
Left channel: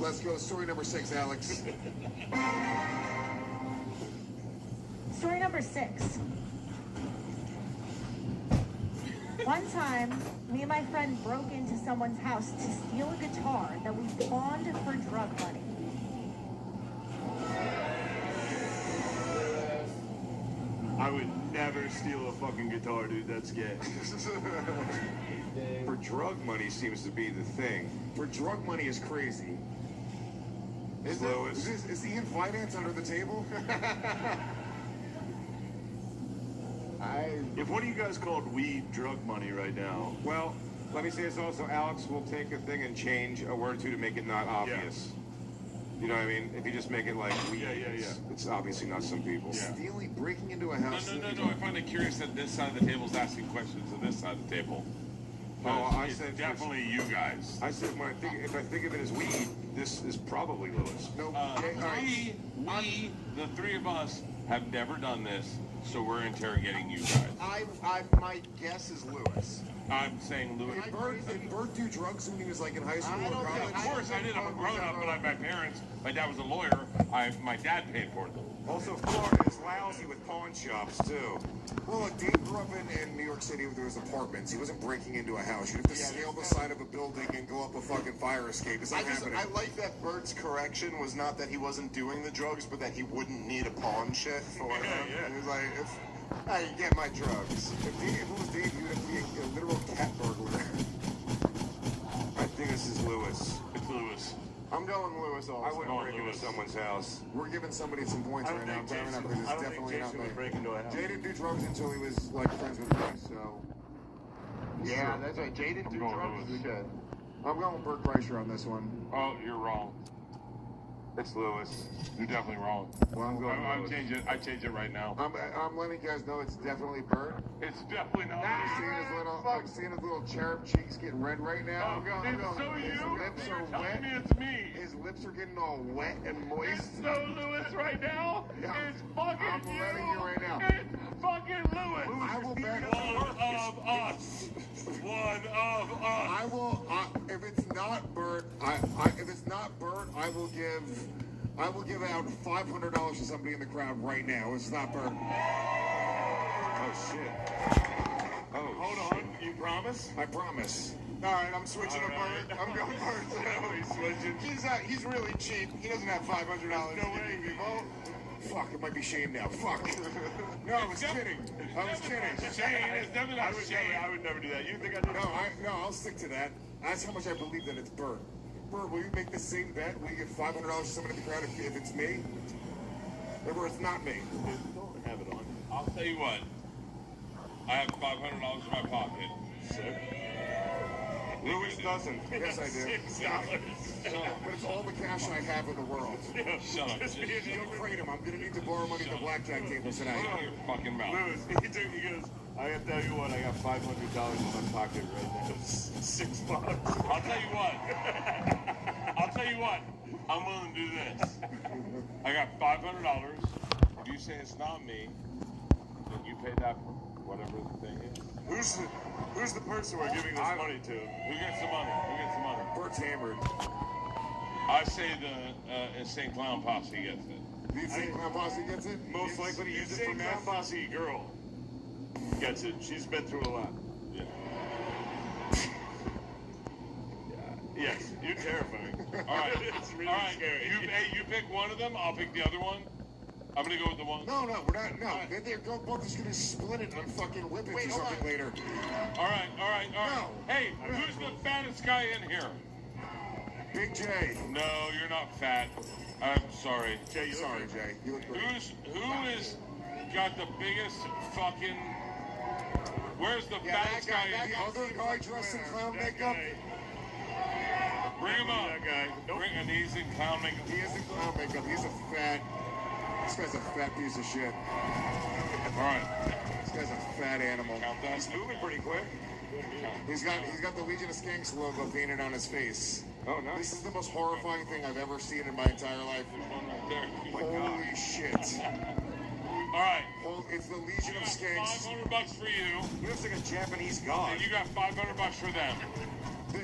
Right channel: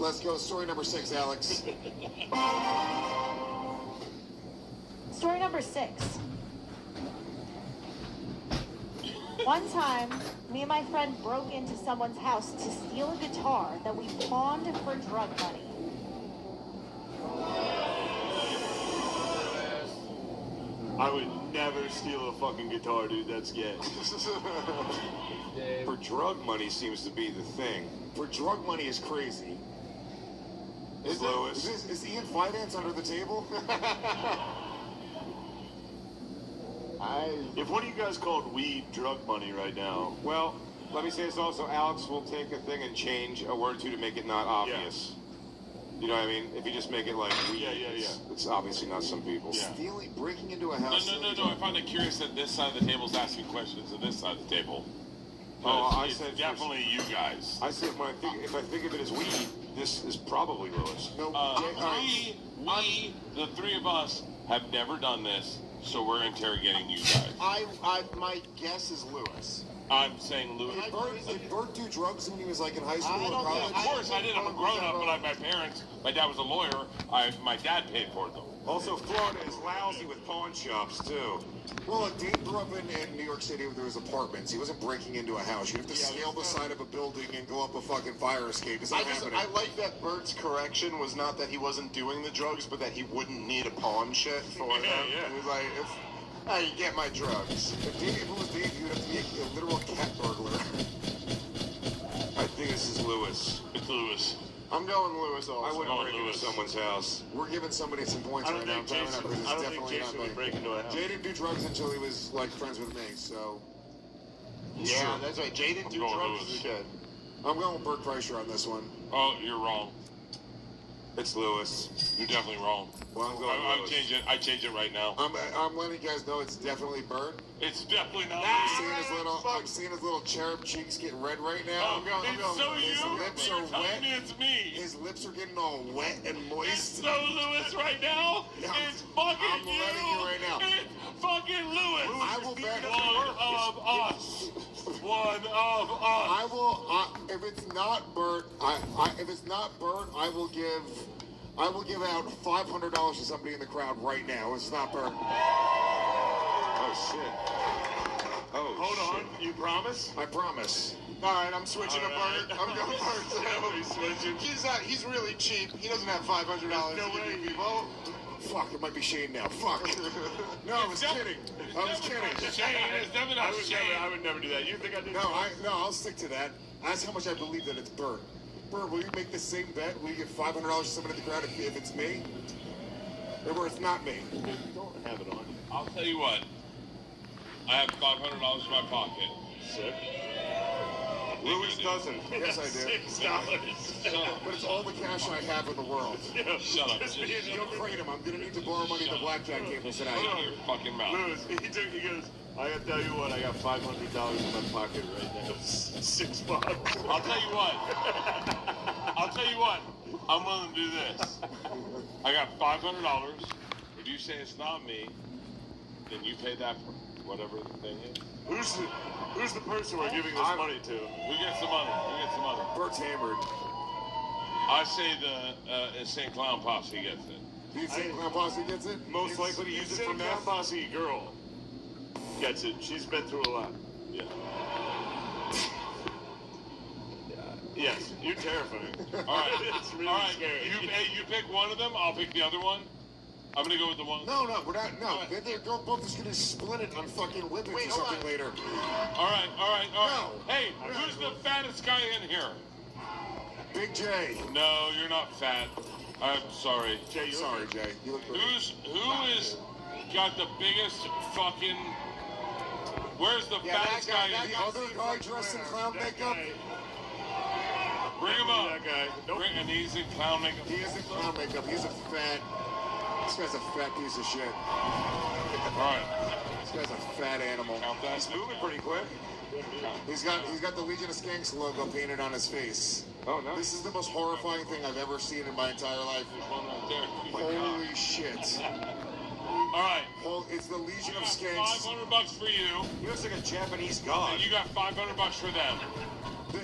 Let's go. Story number 6, Alex. Story number 6. One time, me and my friend broke into someone's house to steal a guitar that we pawned for drug money. I would never steal a fucking guitar, dude. That's gay. For drug money seems to be the thing. For drug money is crazy. Is he in finance under the table? If one of you guys called weed drug money right now, Well, let me say this also. Alex will take a thing and change a word or two to make it not obvious. You know what I mean? If you just make it like weed, it's obviously not some people. Stealing, breaking into a house. No. I find it curious that this side of the table is asking questions to this side of the table. I said definitely you guys. I said if I think of it as weed, this is probably Lewis. No, we, the three of us, have never done this, so we're interrogating you guys. My guess is Lewis. I'm saying Lewis. Did Bert do drugs when he was like in high school or college? Of course, I did. I'm a grown-up, but my parents, my dad was a lawyer. My dad paid for them. Also, Florida is lousy with pawn shops, too. Well, Dave grew up in New York City where there was apartments. He wasn't breaking into a house. You have to scale the side of a building and go up a fucking fire escape. It's not happening. I like that Bert's correction was not that he wasn't doing the drugs, but that he wouldn't need a pawn shit for him. He was like, you get my drugs. If it was Dave, you'd have to be a literal cat burglar. I think this is Lewis. It's Lewis. I'm going Lewis also. I wouldn't break into someone's house. We're giving somebody some points right now. I'm telling you that because it's definitely not me. break into a house. Jay didn't do drugs until he was like friends with me, so. Yeah, that's right. Jay didn't do drugs. Shit. I'm going with Bert Kreischer on this one. Oh, you're wrong. It's Lewis. You're definitely wrong. Well, I'm going I'm changing it. I change it right now. I'm letting you guys know it's definitely Bert. It's definitely not. I'm seeing his little cherub cheeks get red right now. His lips are wet. It's me. His lips are getting all wet and moist. It's so Lewis right now. It's fucking I'm letting you right now. It's fucking Lewis. I will bet one of us. One of us. I will. If it's not Bert, I will give out $500 to somebody in the crowd right now. It's not Bert. Oh shit. Oh. Hold on. You promise? I promise. All right, I'm switching to Bert. I'm going Bert. He's switching. He's really cheap. He doesn't have $500 to give people. Fuck, it might be shame now. Fuck. No, I was kidding. I was kidding. I would never do that. You think I did? No, I'll stick to that. That's how much I believe that it's Bert. Bert, will you make the same bet? Will you give $500 to someone at the ground if it's me? Or it's not me? Don't have it on. I'll tell you what. I have $500 in my pocket. Sick. Louis doesn't. Yes, I do. $6. But it's all the cash I have in the world. Shut up. Don't afraid him. I'm going to need to borrow money to blackjack tables tonight. Shut your fucking mouth. Louis, he goes, I gotta tell you what, I got $500 in my pocket right now. It's $6. I'll tell you what. I'll tell you what. I'm willing to do this. I got $500. If you say it's not me, then you pay that for whatever the thing is. Who's the person we're giving this money to? Who gets the money? Who gets the money? Bert's hammered. I say the Insane Clown Posse gets it. The Insane Clown Posse gets it? Most likely to use it for meth. Posse girl gets it. She's been through a lot. Yeah. Yes, you're terrifying. All right. It's really All right. scary. You pick one of them. I'll pick the other one. I'm gonna go with the one. No, we're not. No, they're both just gonna split it on fucking whippets or something later. All right. No. Hey, who's the fattest guy in here? Big J. No, you're not fat. I'm sorry. Jay, sorry, Jay. You look great. Who is got the biggest fucking? Where's the fattest guy? The other guy dressed in clown makeup. Bring him up. That guy. Nope. And he's in clown makeup. He is in clown makeup. He's a fat. This guy's a fat piece of shit. All right. This guy's a fat animal. Count that. He's moving pretty quick. He's got the Legion of Skanks logo painted on his face. Oh, nice. This is the most horrifying thing I've ever seen in my entire life. Holy shit. All right. It's the Legion of Skanks. $500 for you. He looks like a Japanese god. And you got $500 for them.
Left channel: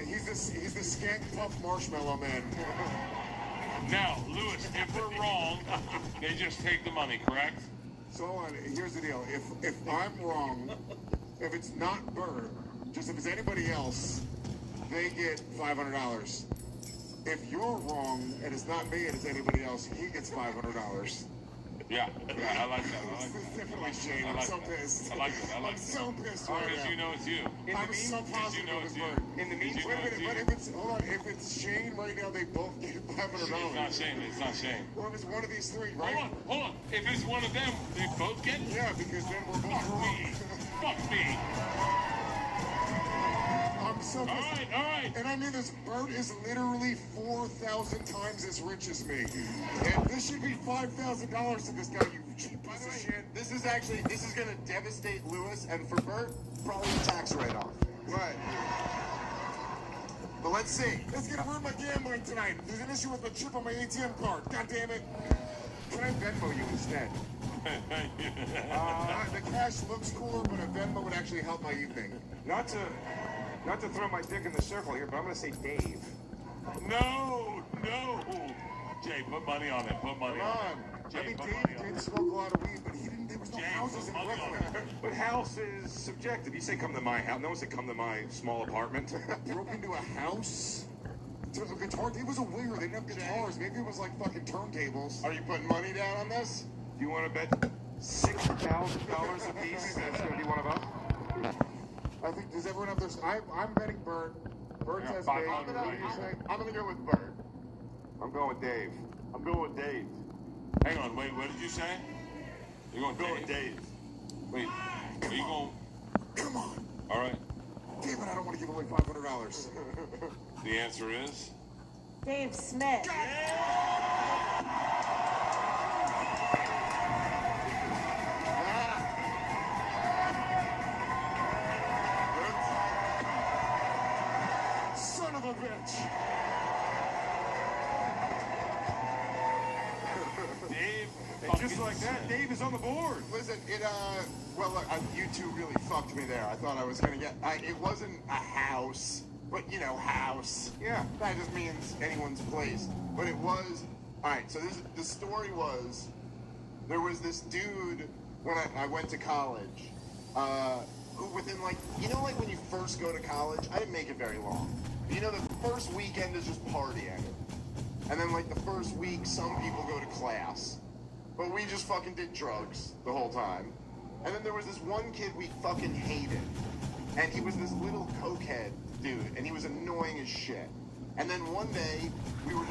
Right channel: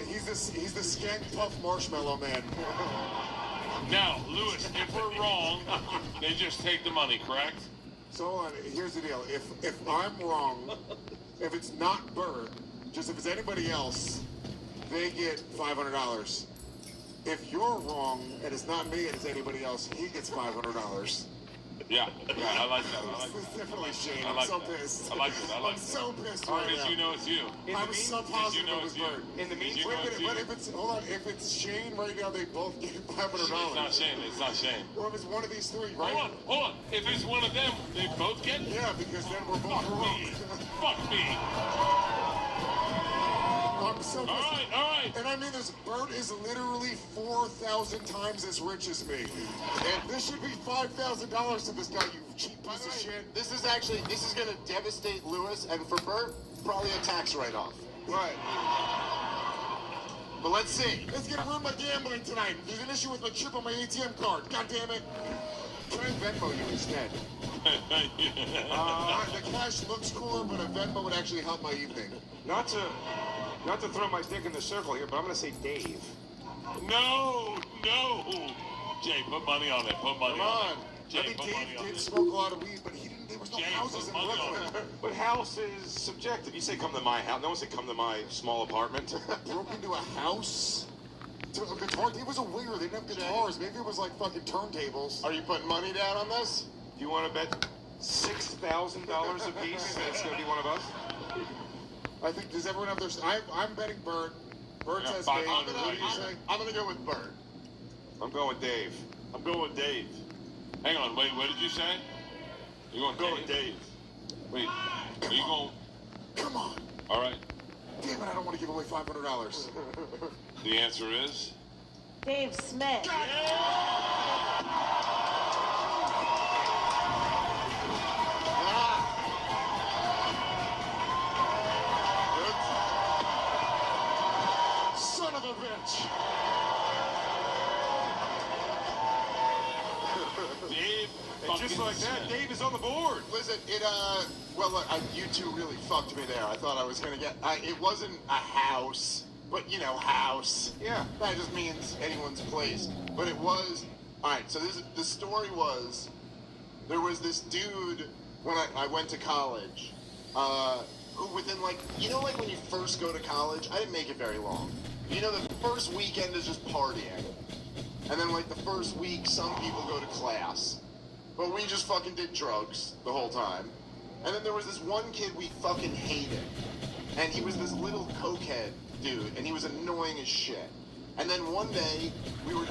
He's the Skank Puff Marshmallow Man. Now, Lewis, if we're wrong, they just take the money, correct? So here's the deal. If I'm wrong, if it's not Bert, just if it's anybody else, they get $500. If you're wrong and it's not me and it's anybody else, he gets $500. Yeah, I like that. It's definitely Shane. I I'm like so that. pissed. I like it. I'm so pissed right now. Because you know it's you. I'm so positive it was Bert. In the meantime, but if it's if it's Shane right now, they both get $500. It's not Shane. It's not Shane. Or if it's one of these three, right? Hold on. If it's one of them, they both get? Yeah, because then we're both wrong. Fuck me. I'm so pissed. All right. And I mean this, Bert is literally 4,000 times as rich as me. And this should be $5,000 to this guy, you cheap piece of shit. This is gonna devastate Lewis, and for Bert, probably a tax write-off. Right. But let's see. It's gonna ruin my gambling tonight. There's an issue with my chip on my ATM card. God damn it. Try and Venmo you instead. The cash looks cooler, but a Venmo would actually help my evening. Not to throw my dick in the circle here, but I'm gonna say Dave. No. Jay, put money on it. Put money on it. Jay, I mean, put Dave money on did it. smoke a lot of weed, but there was no Jay, houses in put money on Brooklyn. But house is subjective. You say come to my house. No one said come to my small apartment. Broke into a house? To a guitar? It was a weird. They didn't have guitars. Maybe it was like fucking turntables. Are you putting money down on this? Do you want to bet $6,000 a piece that it's going to be one of us? I think, does everyone have their... I'm betting Bert. Bert says Dave. I'm gonna go with Bert. I'm going with Dave. I'm going with Dave. Hang on, wait, what did you say? You're going with Dave? Wait, are you going... Come on. All right. Damn it, I don't want to give away $500. The answer is... Dave Smith. Son of a bitch. Dave, and just like that, Dave is on the board. Listen, well, look, you two really fucked me there. I thought I was gonna get, it wasn't a house, but house. Yeah. That just means anyone's place. But it was, alright, so the story was, there was this dude, when I went to college, who within like when you first go to college, I didn't make it very long. The first weekend is just partying. And then like the first week, some people go to class. but we just fucking did drugs the whole time. And then there was this one kid we fucking hated. And he was this little cokehead dude, and he was annoying as shit. And then one day, we were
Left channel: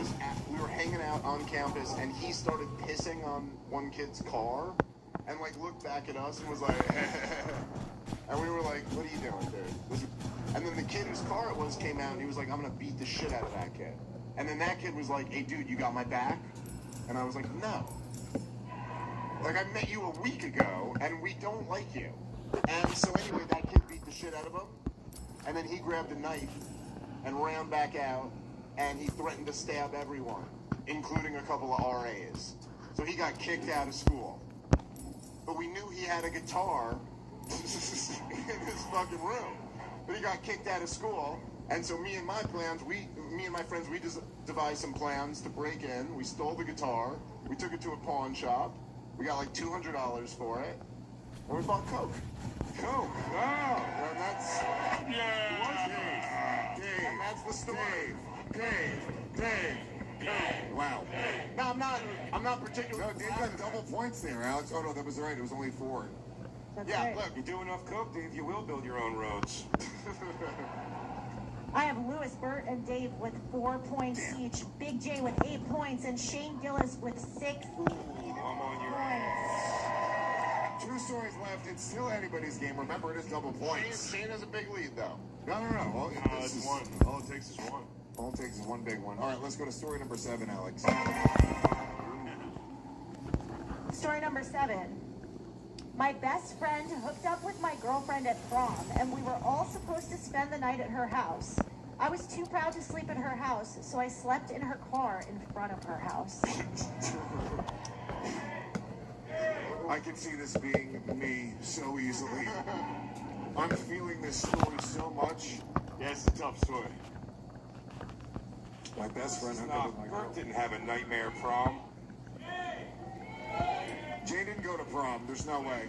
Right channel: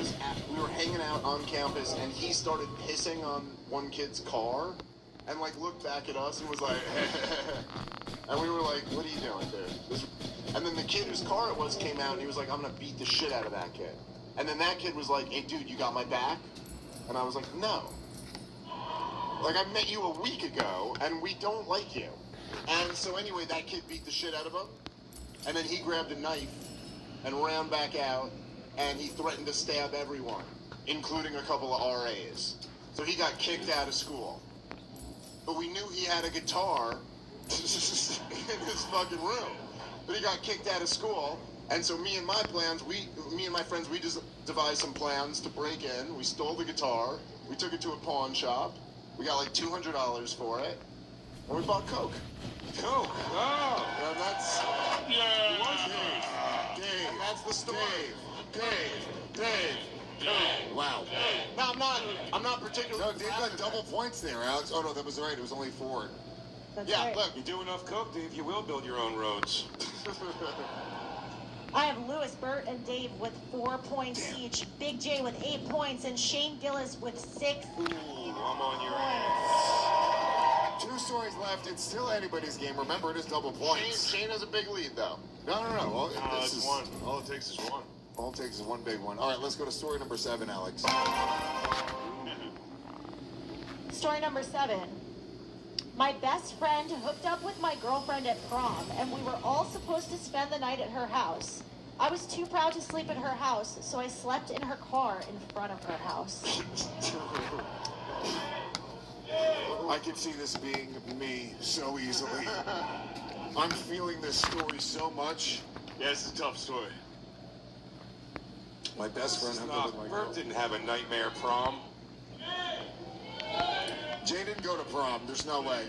hanging out on campus, and he started pissing on one kid's car, and like looked back at us and was like, and we were like, what are you doing, dude? And then the kid whose car it was came out, and he was like, I'm gonna beat the shit out of that kid. And then that kid was like, hey dude, you got my back? And I was like, no. Like, I met you a week ago, and we don't like you. And so anyway, that kid beat the shit out of him, and then he grabbed a knife and ran back out, and he threatened to stab everyone, including a couple of RAs. So he got kicked out of school. But we knew he had a guitar in his fucking room. But he got kicked out of school, and so me and my friends, we just devised some plans to break in. We stole the guitar, we took it to a pawn shop, we got like $200 for it, and we bought Coke. Coke. Oh. And that's... Yeah. Dave. And that's the story. Dave. Wow. No, I'm not particularly... No, Dave got double points there, Alex. Oh, no, that was right. It was only 4. Yeah, right. look. You do enough Coke, Dave, you will build your own roads. I have Lewis, Bert, and Dave with 4 points each. Big J with 8 points, and Shane Gillis with 6 Ooh, I'm on your ass. 2 stories left. It's still anybody's game. Remember, it is double points. Shane has a big lead, though. No. All, It's one. All it takes is one. All it takes is one big one. All right, let's go to story number 7, Alex. Story number 7. My best friend hooked up with my girlfriend at prom, and we were all supposed to spend the night at her house. I was too proud to sleep at her house, so I slept in her car in front of her house. I can see this being me so easily. I'm feeling this story so much. Yeah, it's a tough story. My best friend hooked up with my Bert girlfriend. didn't have a nightmare prom. Jay didn't go to prom. There's no way.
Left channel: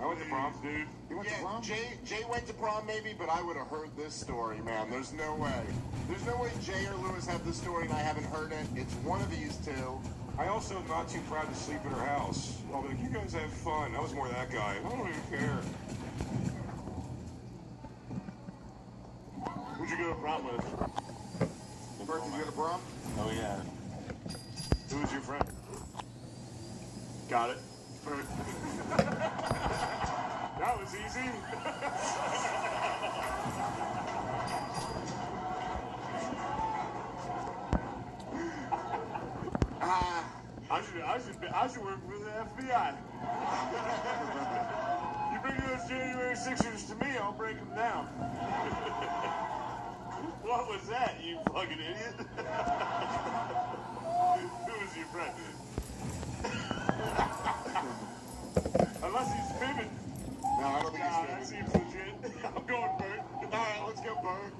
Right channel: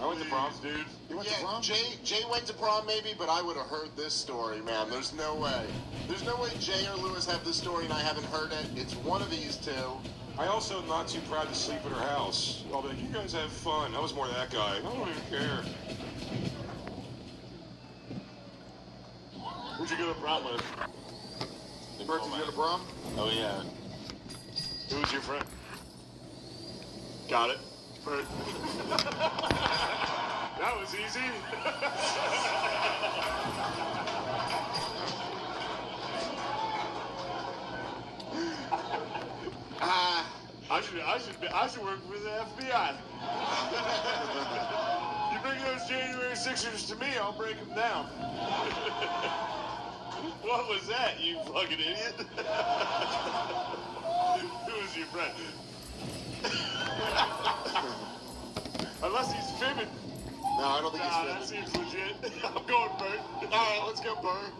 I went to prom, dude. You went to prom? Jay went to prom maybe, but I would have heard this story, man. There's no way. There's no way Jay or Lewis have this story and I haven't heard it. It's one of these two. I also am not too proud to sleep at her house. I'll be like, you guys have fun. I was more that guy. I don't even care. Who'd you go to prom with? Bert, did you go to prom? Oh, yeah. Who was your friend? Got it. Bert. That was easy. I should work for the FBI. You bring those January 6ers to me, I'll break them down. What was that, you fucking idiot? Who was your friend? Unless he's fibbing. No, I don't think he's That seems legit. I'm going Bert. All right, let's go, Bert.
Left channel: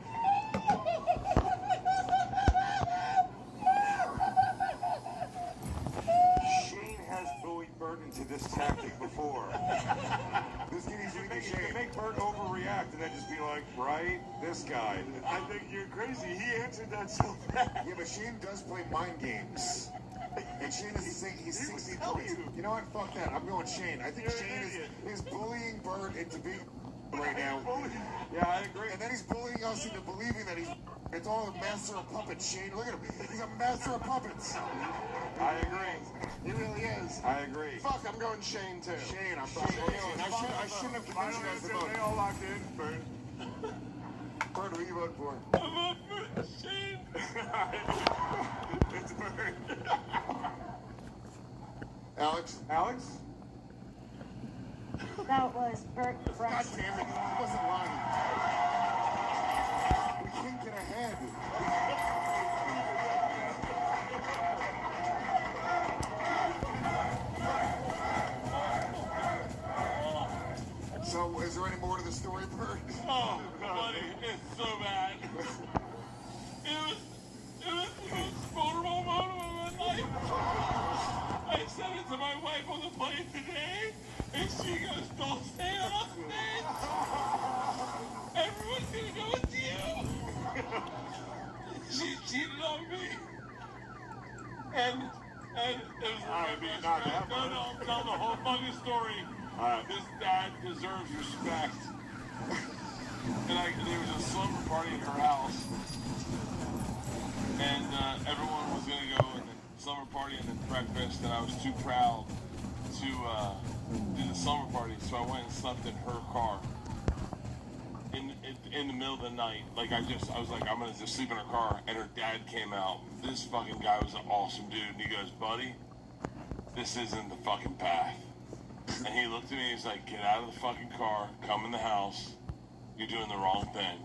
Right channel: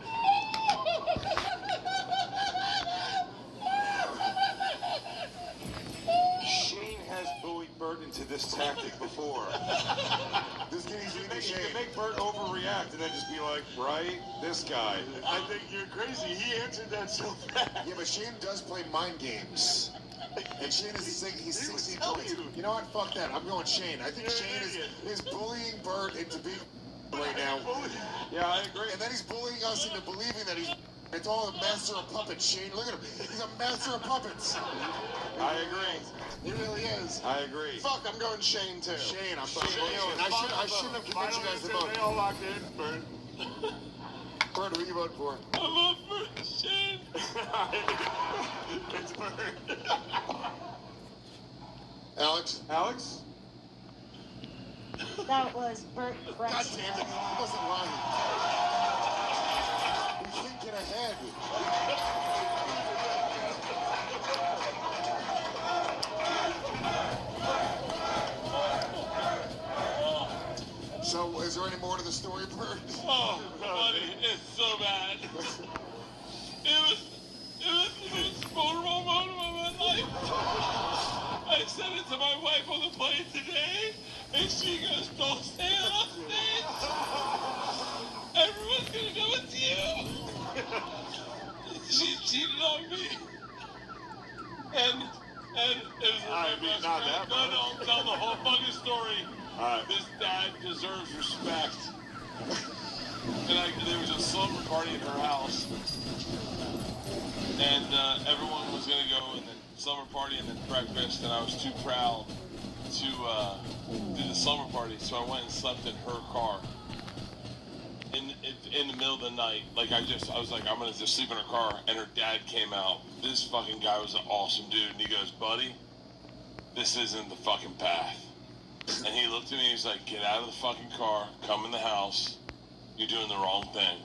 Shane has bullied Bert into this tactic before. This kid is eating You Shane. can make Bert overreact and then just be like, right, this guy. I think you're crazy. He answered that so fast. Yeah, but Shane does play mind games. And Shane is he's 16 points. You know what? Fuck that. I'm going Shane. I think Shane is bullying Bert into being right now. Yeah, I agree. And then he's bullying us into believing that it's all a master of puppets. Shane, look at him. He's a master of puppets. I agree. He really is. I agree. Fuck, I'm going Shane, too. Shane, I'm going Shane. I shouldn't have convinced you guys to vote. They all locked in, Bert. Bert, who are you voting for? I'm up for Shane. It's Bert. Alex? Alex? That was Bert Fresh. God damn it. He wasn't lying. We can't get ahead. So, is there any more to the story, Bert? Oh, buddy, it's so bad. It was the most vulnerable moment of my life. I said it to my wife on the plane today, and she goes, don't say it on stage. Everyone's gonna know it's you. She cheated on me. And it was a not that. No, I'll tell the whole fucking story. This dad deserves respect. And there was a slumber party at her house, and everyone was gonna go in the slumber party and then breakfast, and I was too proud to do the slumber party, so I went and slept in her car. In the middle of the night, like I was like, I'm gonna just sleep in her car, and her dad came out. This fucking guy was an awesome dude, and he goes, buddy, this isn't the fucking path. And he looked at me, he's like, get out of the fucking car, come in the house, you're doing the wrong thing.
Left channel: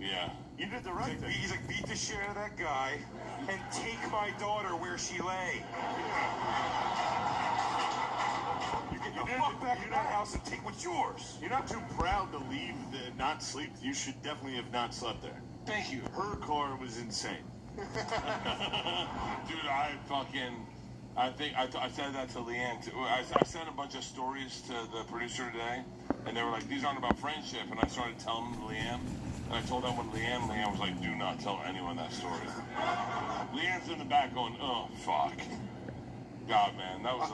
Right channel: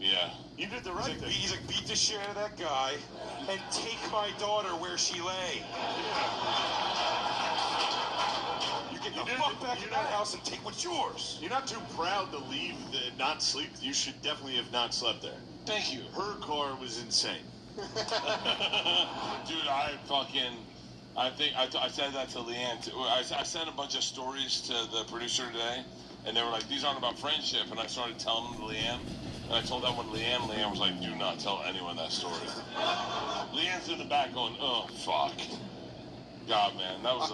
Yeah. You did the right thing. He's like, beat the shit out of that guy and take my daughter where she lay. You get the fuck back in that house and take what's yours. You're not too proud to leave and not sleep. You should definitely have not slept there. Thank you. Her car was insane. Dude, I said that to Leanne too. I sent a bunch of stories to the producer today, and they were like, these aren't about friendship, and I started telling them to Leanne, and I told them what Leanne was like, do not tell anyone that story. Leanne's in the back going, oh, fuck. God, man, that was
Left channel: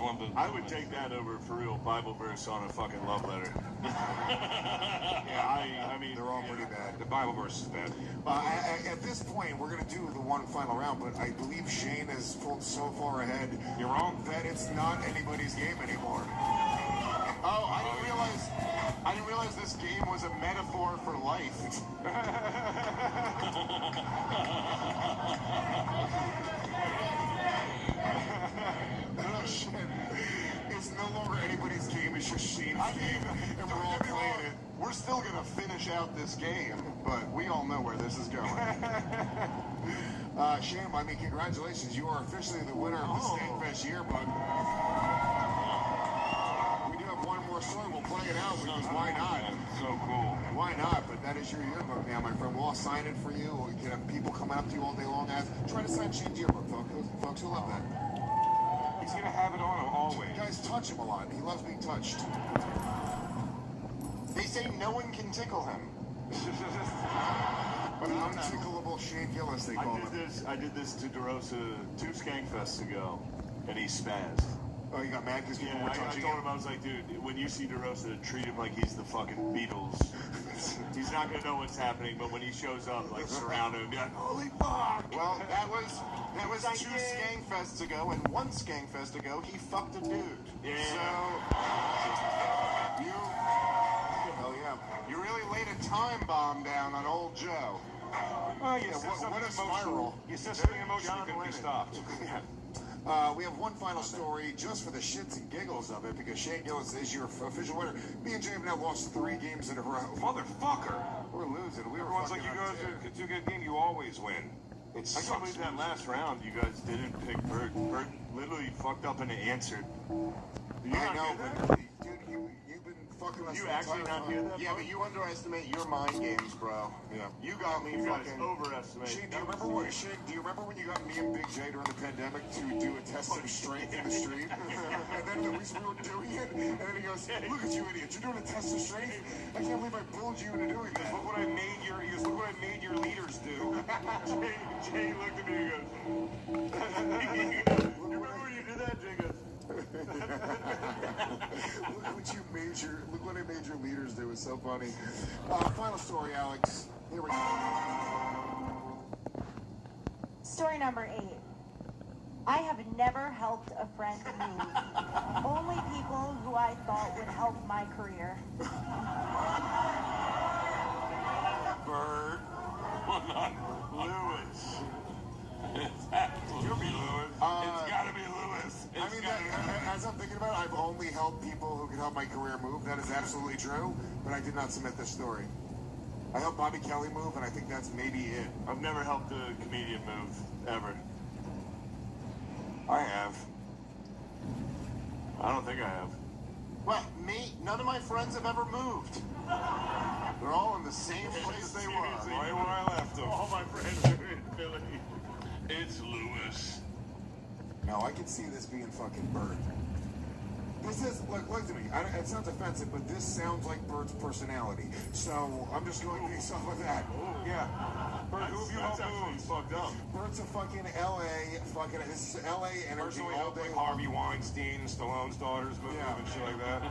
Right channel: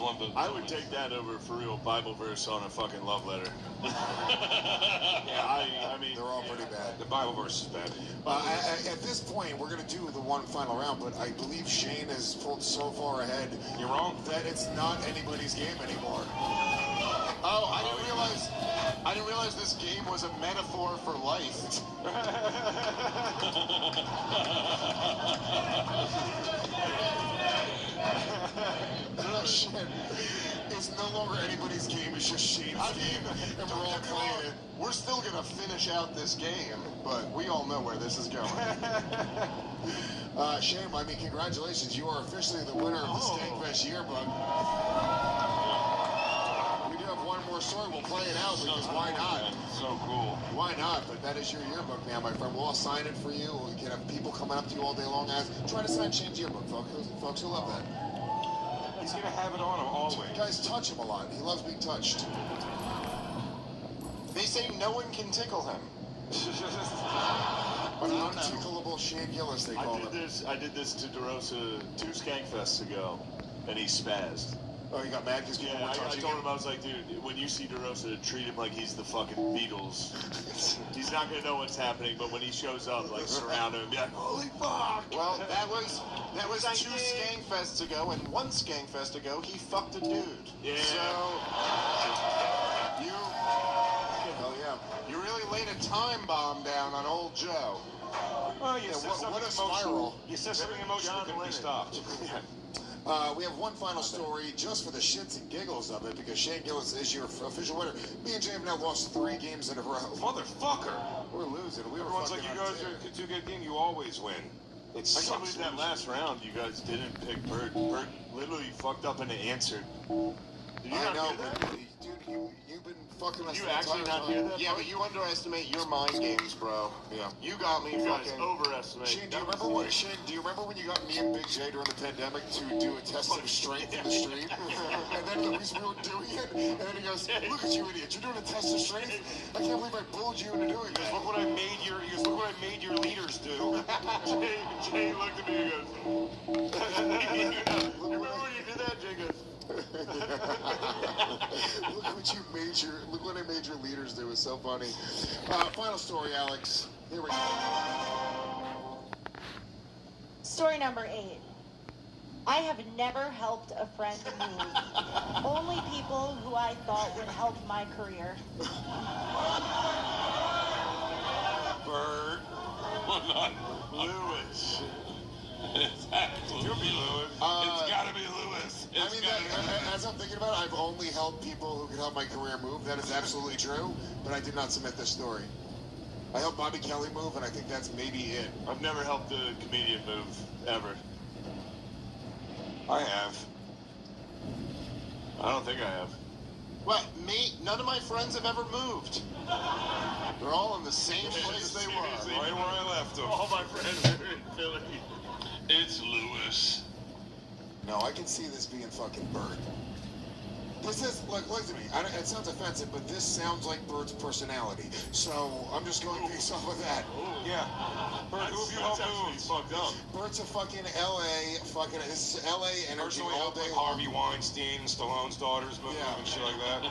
one of the... I would take that over for real Bible verse on a fucking love letter. Yeah, I mean... They're all pretty bad. The Bible verse is bad. At this point, we're going to do the one final round, but I believe Shane has pulled so far ahead. You're wrong. That it's not anybody's game anymore. Oh, I didn't realize this game was a metaphor for life. No shit. It's no longer anybody's game, it's just Shane's game, and we're all playing it. We're still gonna finish out this game, but we all know where this is going. Shane, I mean, congratulations. You are officially the winner of the Skankfest yearbook. We do have one more story. We'll play it out because why not? So cool. Why not? But that is your yearbook, man, my friend. We'll all sign it for you. We can have people coming up to you all day long. Try to sign Shane's yearbook, folks. Who love that? He's gonna have it on him always. Guys touch him a lot. He loves being touched. They say no one can tickle him. But untickleable Shane Gillis, they call him. I did this to DeRosa 2 Skankfests ago, and he spazzed. Oh, you got mad because people were touching I told him, I was like, dude, when you see DeRosa, treat him like he's the fucking Beatles. He's not gonna know what's happening, but when he shows up, like, surround him and be like, holy fuck! Well, that was 2 Skankfests ago, and 1 Skankfest ago, he fucked a dude. Yeah. So, hell yeah. You really laid a time bomb down on old Joe. Oh, you said what a something spiral. You said something emotional couldn't be stopped. We have one final story just for the shits and giggles of it because Shane Gillis is your official winner. Me and Jay have now lost 3 games in a row. Motherfucker! We're losing. We were Everyone's like, fucking you on guys tear. do a good game, you always win. I can't believe that last round you guys didn't pick Bird. Bird literally fucked up and answered. Did you I not know, hear that? but dude, you've been fucking us You the actually entire not time. hear that? Yeah, but you underestimate your mind games, bro. Yeah. You got me You guys fucking... overestimate. Shane, do you remember when you got me and Big J during the pandemic to do a test of strength in the street? And then we were doing it, and then he goes, look at you idiot, you're doing a test of strength? I can't believe I bullied you into doing this. Look what I made your leaders do. Jay looked at me and goes, remember when you did that, Jay goes, Look what I made your leaders do. It's so funny. Final story, Alex. Here we go. Story number 8. I have never helped a friend move. Only people who I thought would help my career. Bird. Well, not Lewis. It's absolutely Lewis. It's gotta be Lewis. I mean, as I'm thinking about it, I've only helped people who can help my career move. That is absolutely true, but I did not submit this story. I helped Bobby Kelly move, and I think that's maybe it. I've never helped a comedian move, ever. I have. I don't think I have. Well, none of my friends have ever moved. They're all in the same place they were. Right where I left them. All my friends are in Philly. It's Lewis. No, I can see this being fucking Bird. This is, look to me. It sounds offensive, but this sounds like Bert's personality. So I'm just going based off of that. Yeah. Bert, who have you helped move? Fucked up. Bert's a fucking LA, his LA energy Personally all helped day like long. Harvey Weinstein, Stallone's daughters move and shit like that.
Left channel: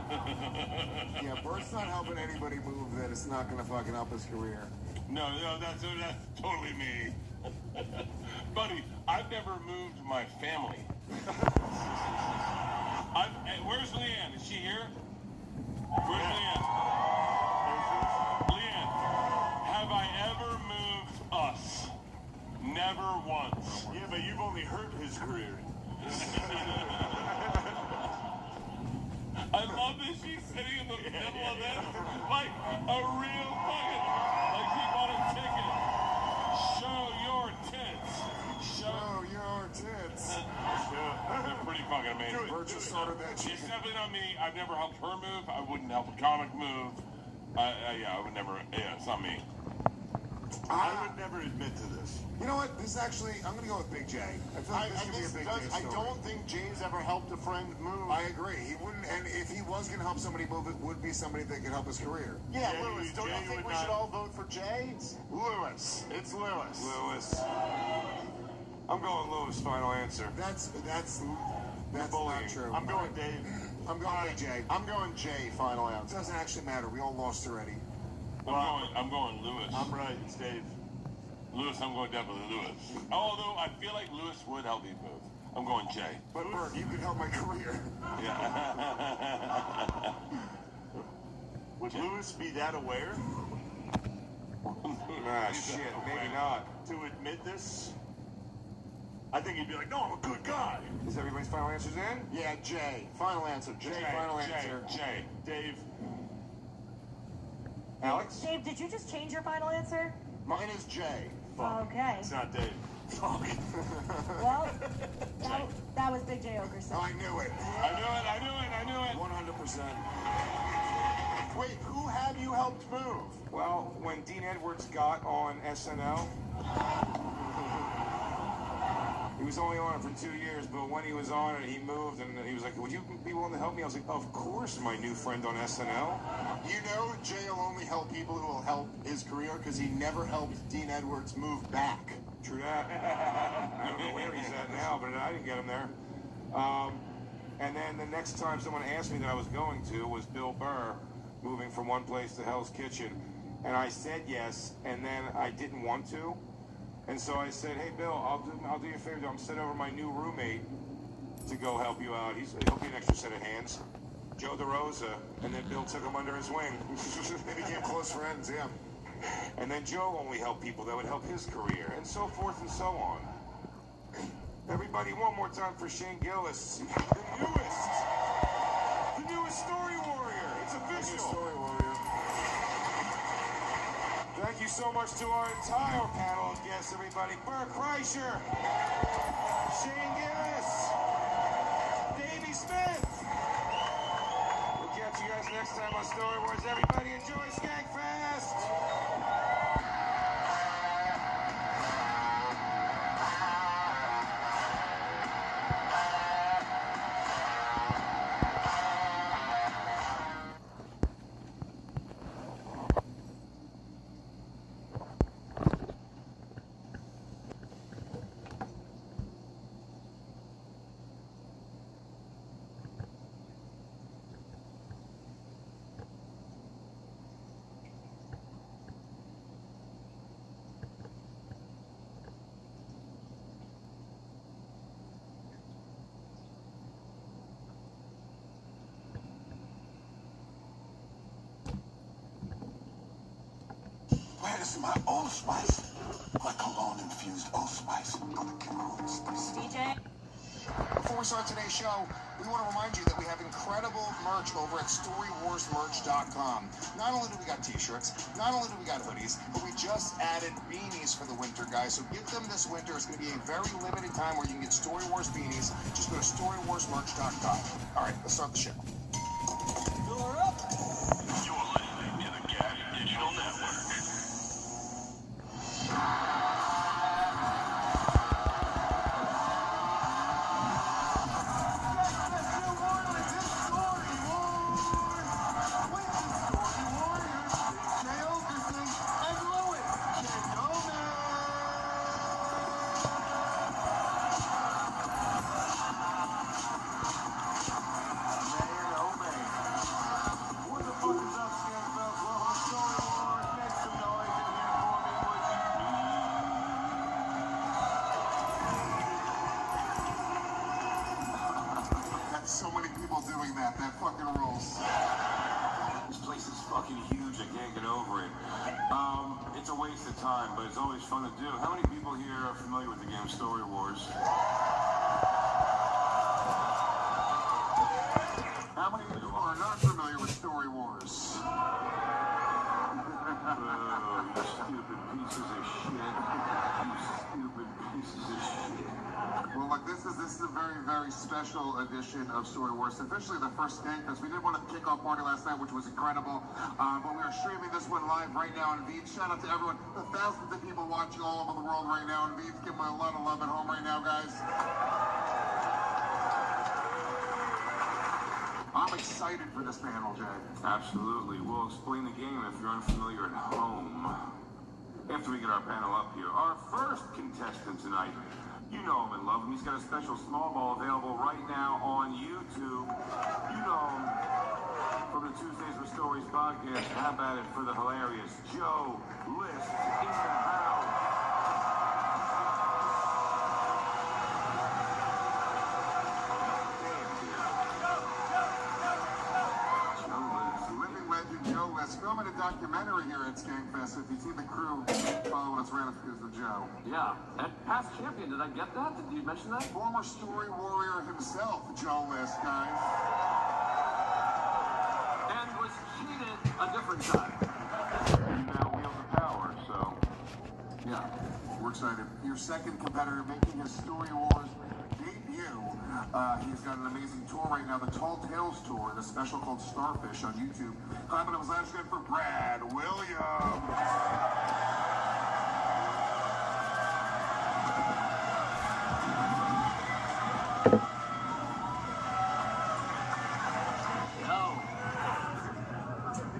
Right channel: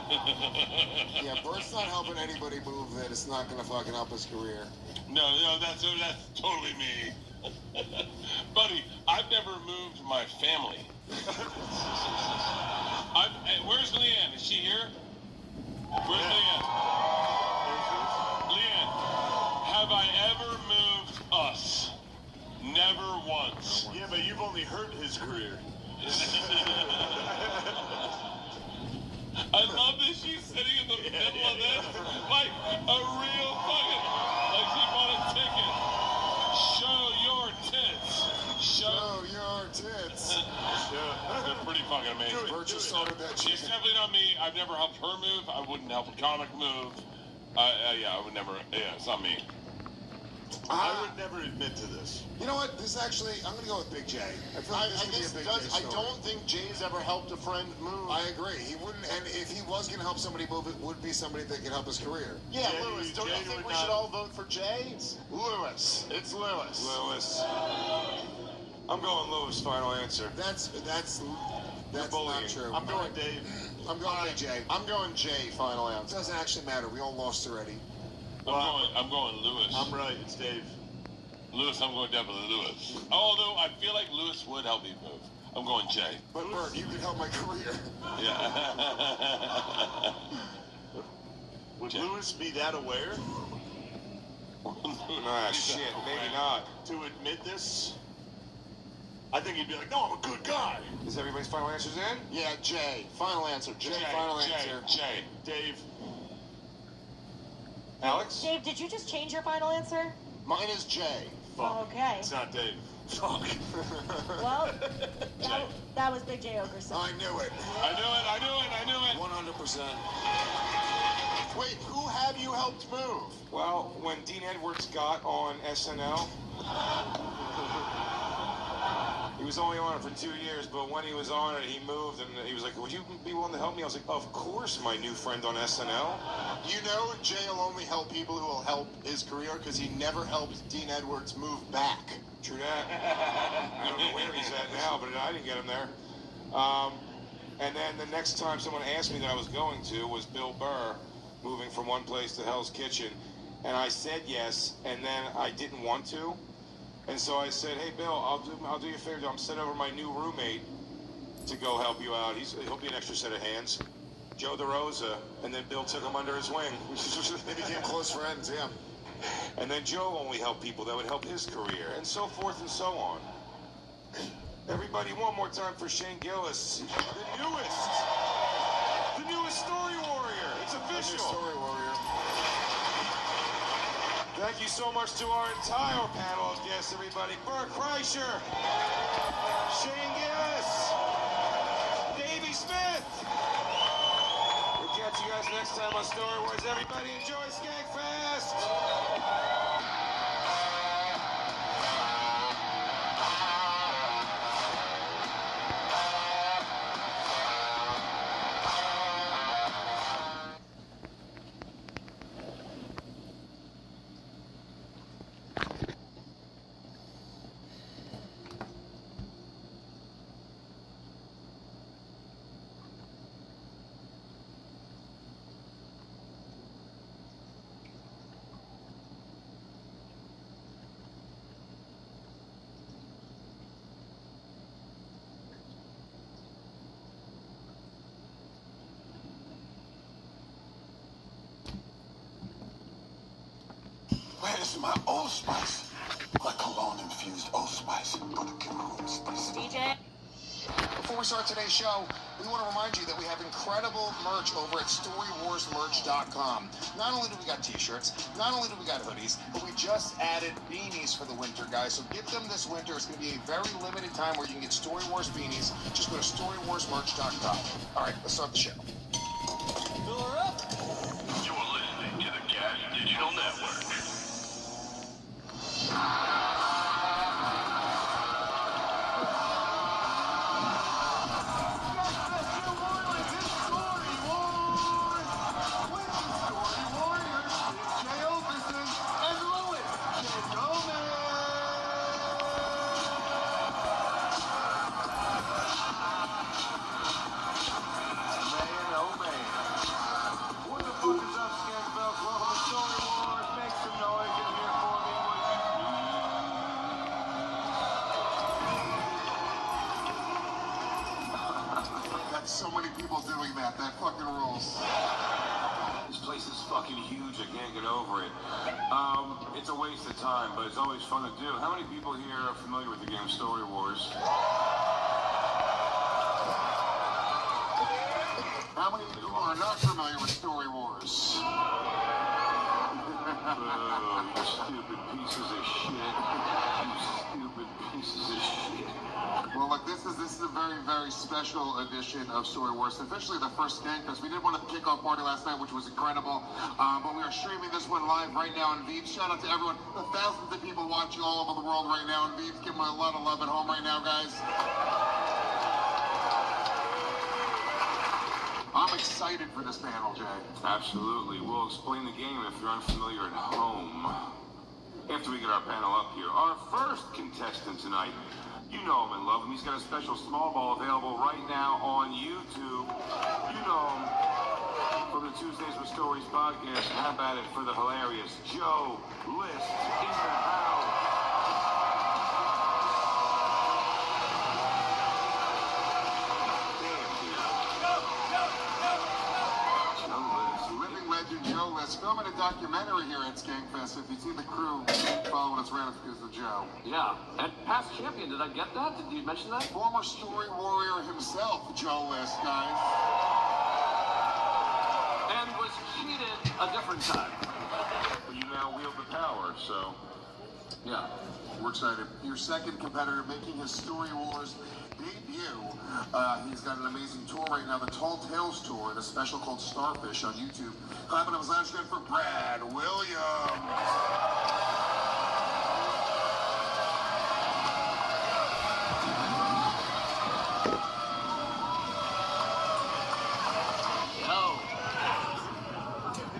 Yeah, Bert's not helping anybody move that it's not going to fucking help his career. No, that's totally me. Buddy, I've never moved my family. Where's Leanne? Is she here? Where's Leanne? Leanne, have I ever moved us? Never once. Yeah, but you've only hurt his career. I love that she's sitting in the middle of this like a real fucking, like she bought a ticket. Show your tits. Show your tits. They're pretty fucking amazing. Bert just started that shit. It's definitely not me. I've never helped her move. I wouldn't help a comic move. Yeah, I would never. Yeah, it's not me. I would never admit to this. You know what? This actually, I'm going to go with Big J. I feel like this could be a Big J story. I don't think Jay's ever helped a friend move. I agree. He wouldn't, and if he was going to help somebody move, it would be somebody that could help his career. Yeah, Lewis, don't you think we should all vote for Jay? Lewis. It's Lewis. Lewis. I'm going Lewis, final answer. That's not true. I'm going Dave. I'm going Big J. I'm going Jay, final It answer. doesn't actually matter. We all lost already. I'm going Lewis. I'm right. It's Dave. Lewis, I'm going definitely Lewis. Although I feel like Lewis would help me move. I'm going Jay. But Bert, you could help my career. Yeah. Would Lewis be that aware? Nah, shit, maybe not. To admit this? I think he'd be like, no, I'm a good guy. Is everybody's final answers in? Yeah, Jay. Final answer. Jay, final answer. Jay. Dave. Alex? Dave, did you just change your final answer? Mine is Jay. Fuck. Okay. It's not Dave. Fuck. Well, that was Big J Okerson. I knew it. I knew it. 100%. Wait, who have you helped move? Well, when Dean Edwards got on SNL, he was only on it for 2 years, but when he was on it, he moved, and he was like, would you be willing to help me? I was like, of course, my new friend on SNL. You know Jay will only help people who will help his career because he never helped Dean Edwards move back. True that. I don't know where he's at now, but I didn't get him there. And then the next time someone asked me that I was going to was Bill Burr, moving from one place to Hell's Kitchen. And I said yes, and then I didn't want to. And so I said, hey, Bill, I'll do you a favor. I'm sending over my new roommate to go help you out. He'll be an extra set of hands. Joe DeRosa. And then Bill took him under his wing. They became close friends, yeah. And then Joe only helped people that would help his career, and so forth and so on. Everybody, one more time for Shane Gillis, the newest story warrior. It's official. Story warrior. Thank you so much to our entire panel of guests, everybody. Bert Kreischer, Shane Gillis, Davey Smith. We'll catch you guys next time on Story Wars. Everybody enjoy Skankfest. Where's my Old Spice? My cologne-infused Old Spice. Go to Kimberly Spice. DJ? Before we start today's show, we want to remind you that we have incredible merch over at StoryWarsMerch.com. Not only do we got t-shirts, not only do we got hoodies, but we just added beanies for the winter, guys. So get them this winter. It's going to be a very limited time where you can get Story Wars beanies. Just go to StoryWarsMerch.com. All right, let's start the show. You're listening to the Gas Digital Network. people doing that. That fucking rules. This place is fucking huge. I can't get over it. It's a waste of time, but it's always fun to do. How many people here are familiar with the game Story Wars? How many people are not familiar with Story Wars? Oh, you stupid pieces of shit. You stupid pieces of shit. Well, look, this is a very, very special edition of Story Wars. Officially the first Skankfest. We did one at the kickoff party last night, which was incredible. But we are streaming this one live right now on Veeps. Shout out to everyone, the thousands of people watching all over the world right now on Veeps. Give them a lot of love at home right now, guys. I'm excited for this panel, Jay. Absolutely. We'll explain the game if you're unfamiliar at home. After we get our panel up here, our first contestant tonight, you know him and love him. He's got a special small ball available right now on YouTube. You know him from the Tuesdays with Stories podcast. Have at it for the hilarious Joe List in the house. Living legend Joe List filming a documentary here at Skankfest. If you see the crew following us around, it's because of Joe. Yeah, and past champion, did I get that? Did you mention that? Former story warrior himself, Joe List, guys. And was cheated a different time. You now wield the power, so... Yeah, we're excited. Your second competitor making his Story Wars debut. He's got an amazing tour right now, the Tall Tales Tour, the special called Starfish on YouTube. Clapping up his last good for Brad Williams.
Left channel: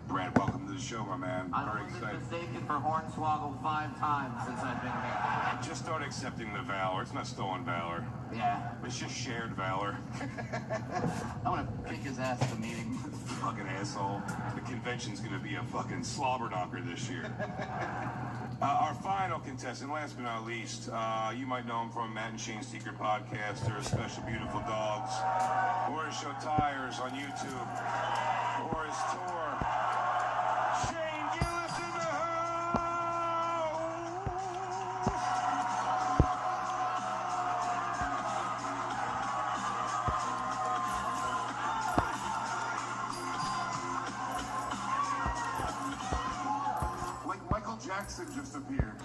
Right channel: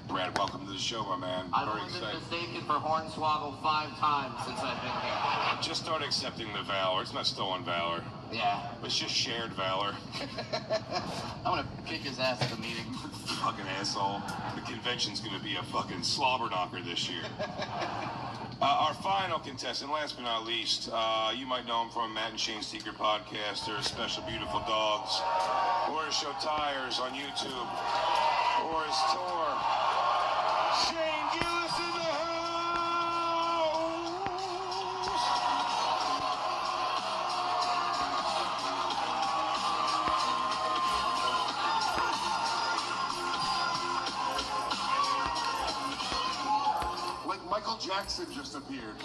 Brad, welcome to the show, my man. I've Very only been excited. mistaken for Hornswoggle 5 times since I've been here. Just start accepting the valor. It's not stolen valor. Yeah. It's just shared valor. I'm gonna kick his ass at the meeting. Fucking asshole. The convention's gonna be a fucking slobber knocker this year. Our final contestant, last but not least, you might know him from Matt and Shane's Secret Podcast, or Special Beautiful Dogs, or his show Tires on YouTube, or his tour. Shane Gillis in the house! Like Michael Jackson just appeared.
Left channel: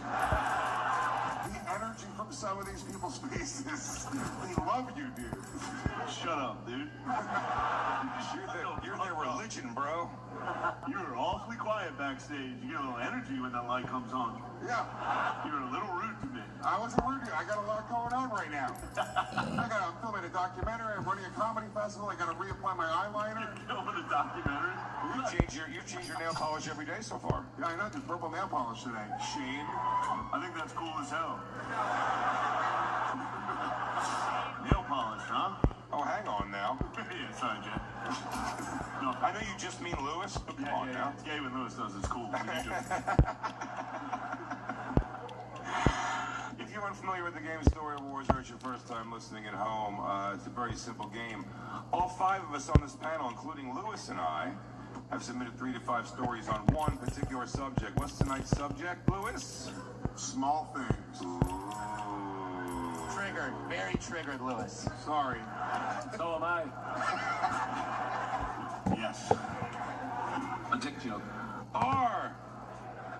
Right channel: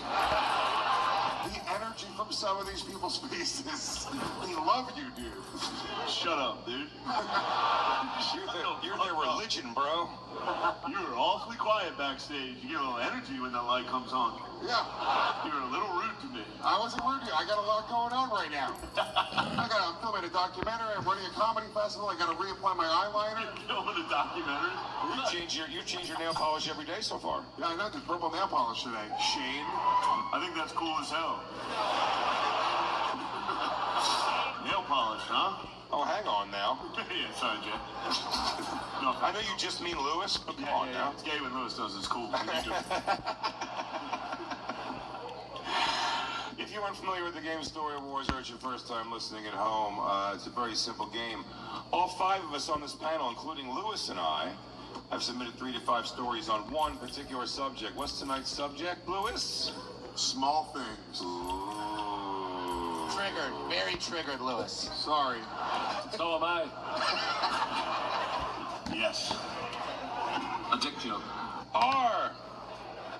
The energy from some of these people's faces. They love you, dude. Shut up, dude. You're their religion, bro. You were awfully quiet backstage. You get a little energy when that light comes on. Yeah. You're a little rude to me. I wasn't rude to you. I got a lot going on right now. I'm filming a documentary. I'm running a comedy festival. I got to reapply my eyeliner. Filming a documentary? You change your nail polish every day so far. Yeah, I know. The purple nail polish today. Shane, I think that's cool as hell. Nail polish, huh? Oh, hang on now. Yeah, sorry, Jay. No, I know you just mean Lewis, but come on now. It's gay when Lewis does. It's cool. If you're unfamiliar with the game Story Wars, or it's your first time listening at home, it's a very simple game. All 5 of us on this panel, including Lewis and I, have submitted 3 to 5 stories on one particular subject. What's tonight's subject, Lewis? Small things. Ooh. Triggered. Very triggered, Lewis. Sorry. So am I. Yes. A dick joke. Our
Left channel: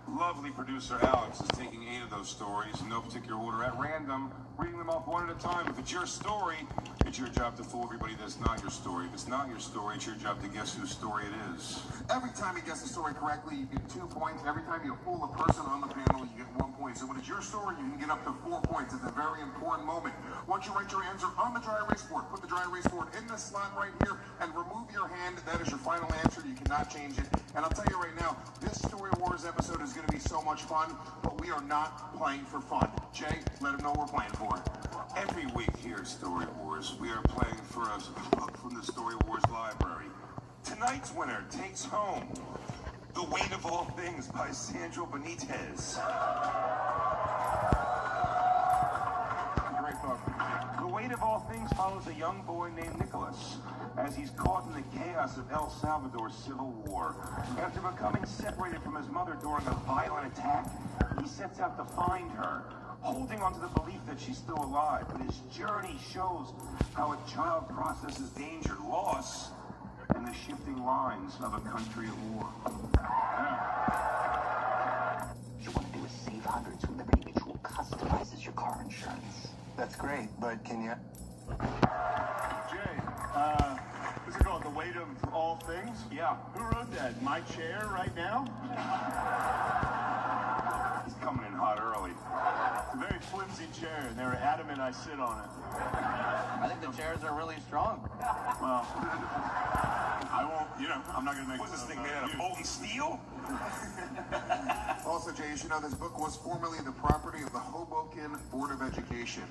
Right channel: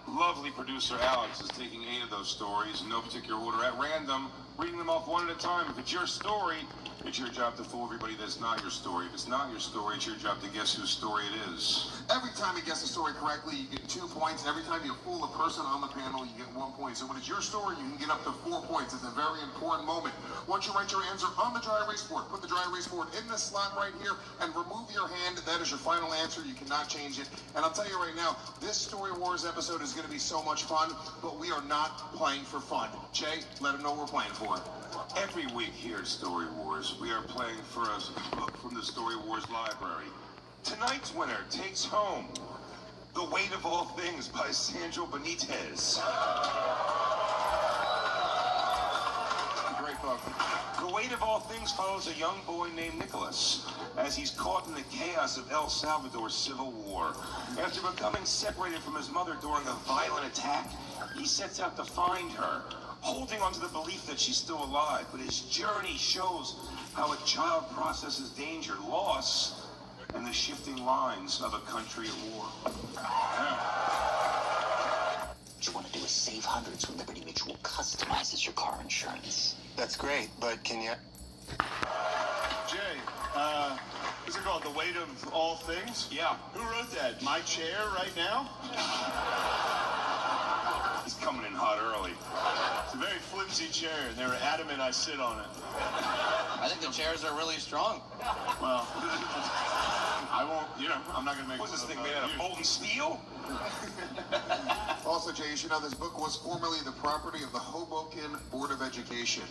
lovely producer Alex is taking 8 of those stories in no particular order at random, reading them off one at a time. If it's your story, it's your job to fool everybody that's not your story. If it's not your story, it's your job to guess whose story it is. Every time you guess a story correctly, you get 2 points. Every time you fool a person on the panel, you get 1 point. So when it's your story, you can get up to 4 points. It's a very important moment. Once you write your answer on the dry erase board, put the dry erase board in the slot right here and remove your hand. That is your final answer. You cannot change it. And I'll tell you right now, this Story Wars episode is going to be so much fun, but we are not playing for fun. Jay, let them know what we're playing for. Every week here at Story Wars, we are playing for us a book from the Story Wars library. Tonight's winner takes home The Weight of All Things by Sandro Benitez. Great Kuwait, of all things, follows a young boy named Nicholas as he's caught in the chaos of El Salvador's civil war. After becoming separated from his mother during a violent attack, he sets out to find her, holding on to the belief that she's still alive. But his journey shows how a child processes danger, loss, and the shifting lines of a country at war. What you want to do is save hundreds when Liberty Mutual customizes your car insurance. That's great, but can you... Jay, what's it called? The Weight of All Things? Yeah. Who wrote that? My chair right now? He's coming in hot early. It's a very flimsy chair, and they're adamant I sit on it. I think the chairs are really strong. Well, I won't, I'm not going to make... What's this thing made out of molten steel? Also, Jay, you should know this book was formerly the property of the Hoboken Board of Education.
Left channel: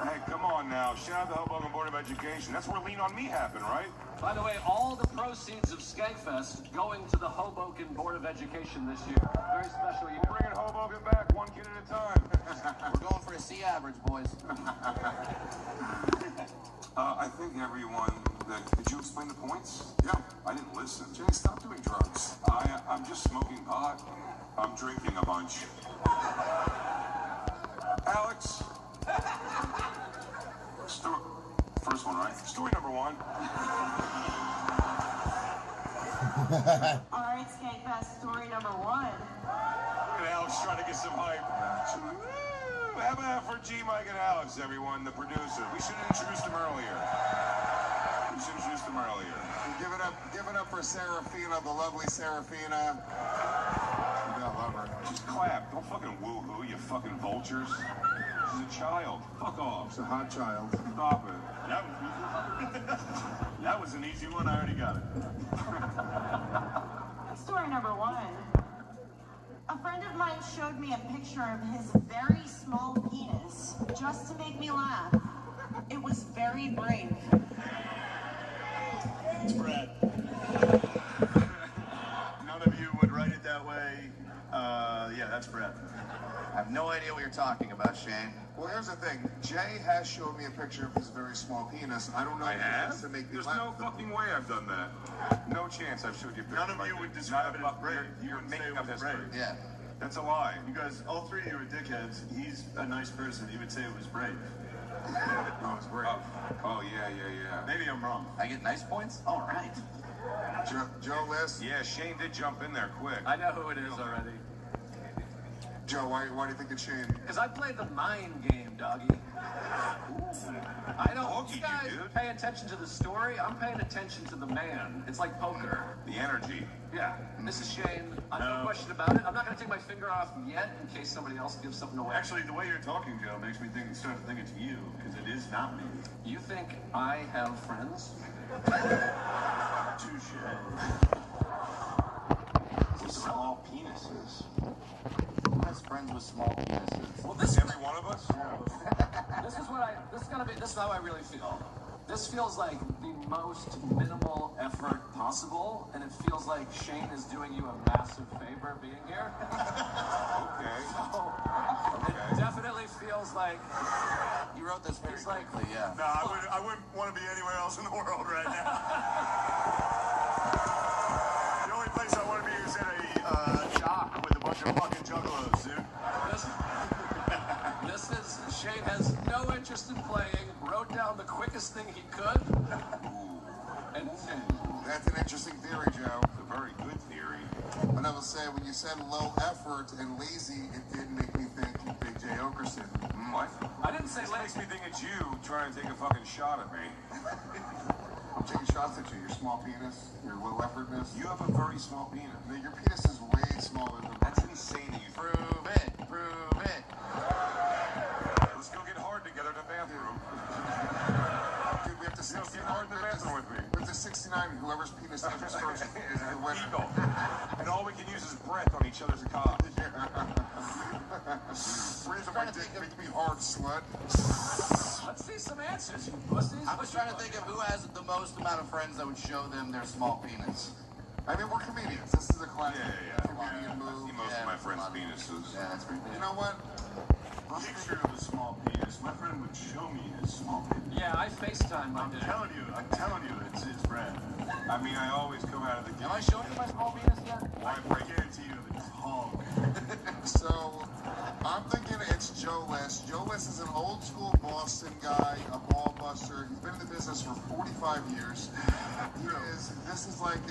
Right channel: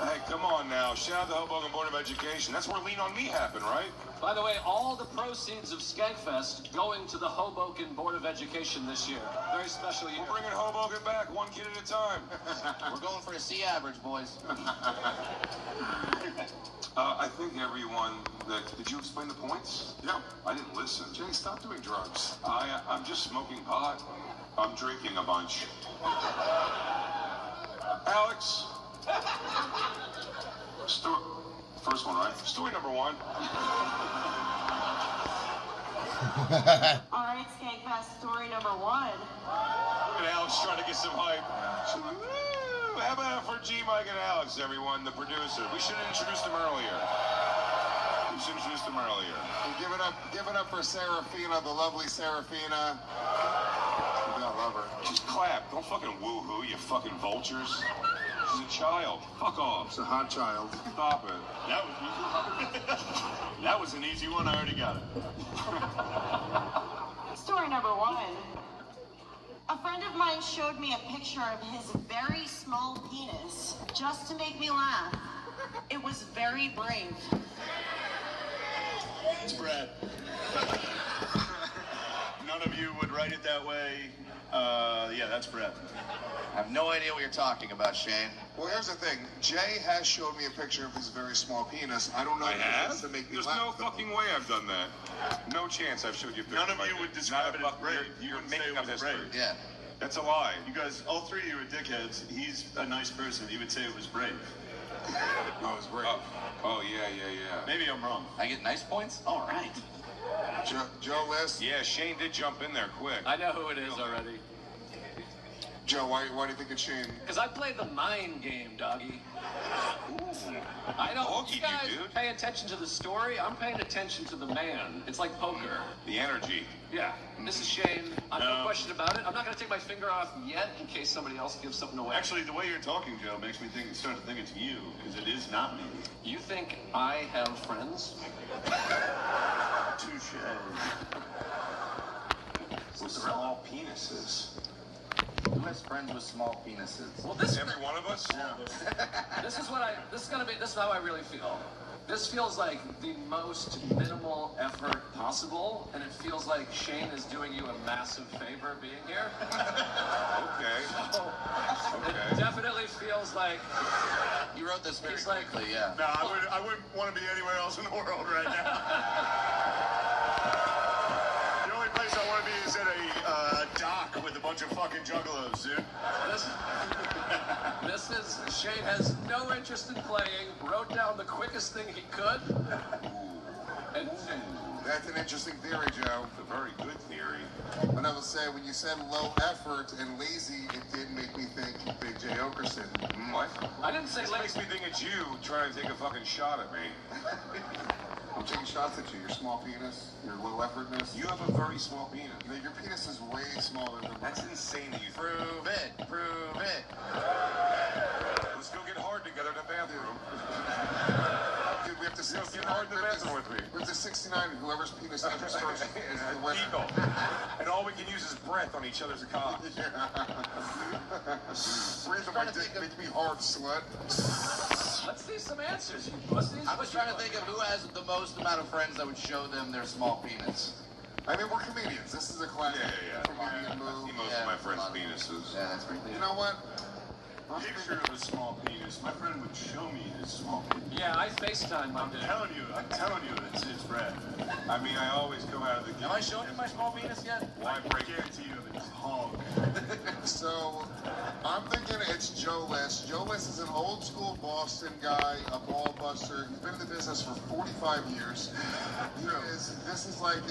Hey, come on now. Shout out to the Hoboken Board of Education. That's where Lean On Me happened, right? By the way, all the proceeds of Skankfest going to the Hoboken Board of Education this year. Very special year. We're bringing Hoboken back, one kid at a time. We're going for a C average, boys. I think everyone did you explain the points? Yeah. I didn't listen. Jay, stop doing drugs. I'm just smoking pot. I'm drinking a bunch. Alex. First one, right? Story number one. All right, Skankfest, story number one. Look at Alex trying to get some hype. How about that for G, Mike, and Alex, everyone, the producer? We should have introduced him earlier. And give it up for Serafina, the lovely Serafina. You gotta love her. Just clap. Don't fucking woo-hoo, you fucking vultures. She's a child. Fuck off. It's a hot child. Stop it. that was an easy one. I already got it. Story number one. A friend of mine showed me a picture of his very small penis just to make me laugh. It was very brave. It's Brad. None of you would write it that way. Yeah, that's Brad. I have no idea what you're talking about, Shane. Well, here's the thing. Jay has showed me a picture of his very small penis. I don't know I if have? it's to make me There's laugh. no fucking way I've done that. No chance I've showed you a picture. None of you would describe it as brave. You wouldn't say it was brave. Yeah. That's a lie. You guys, all three of you are dickheads. He's a nice person. He would say it was brave. No, it's brave. Oh, yeah. Maybe I'm wrong. I get nice points? All right. Joe, list. Yeah, Shane did jump in there quick. I know who it is already. Joe, why do you think it's Shane? Because I played the mind game, doggy. I don't. You guys pay attention to the story. I'm paying attention to the man. It's like poker. The energy. Yeah. This is Shane. No question about it. I'm not going to take my finger off yet in case somebody else gives something away. Actually, the way you're talking, Joe, makes me start to think it's you, because it is not me. You think I have friends? Touche. Small penises. Who has friends with small penises? Well, this Every one of us? This is how I really feel. This feels like the most minimal effort possible, and it feels like Shane is doing you a massive favor being here. Okay. So, it definitely feels like You wrote this very he's like, quickly, yeah. No, I wouldn't want to be anywhere else in the world right now. The only place I want to be is at a dock with a bunch of fucking juggalos, dude. This is Shane has no interest in playing. Wrote down the quickest thing he could. And That's an interesting theory, Joe. It's a very good theory. But I will say, when you said low effort and lazy, it did make me think Big J. Okerson. What? I didn't say This makes me think it's you trying to take a fucking shot at me. I'm taking shots at you. Your small penis, your low effortness. You have a very small penis. Your penis is way smaller than That's insane that you Prove it. Prove it. Let's go get hard together in the bathroom. Dude, we have to Let's get 69. hard in the bathroom with me. We have to 69. Whoever's penis enters first is the winner. Eagle. And all we can use is breath on each other's cock. Raising my dick makes me hard sweat. let's see some answers. I was trying to think of who has the most amount of friends that would show them their small penis. I mean, we're comedians. This is a classic Yeah. comedian move. Most of my friends' penises. Yeah, that's pretty cool. You know what? picture of a small penis, my friend would show me his small penis. Yeah, I FaceTime I'm telling you, it's red. I mean, I always come out of the game. Have I shown you my small penis yet? Why guarantee you it's hog? So, I'm thinking it's Joe List. Joe List is an old school Boston guy, a ball buster. He's been in the business for 45 years.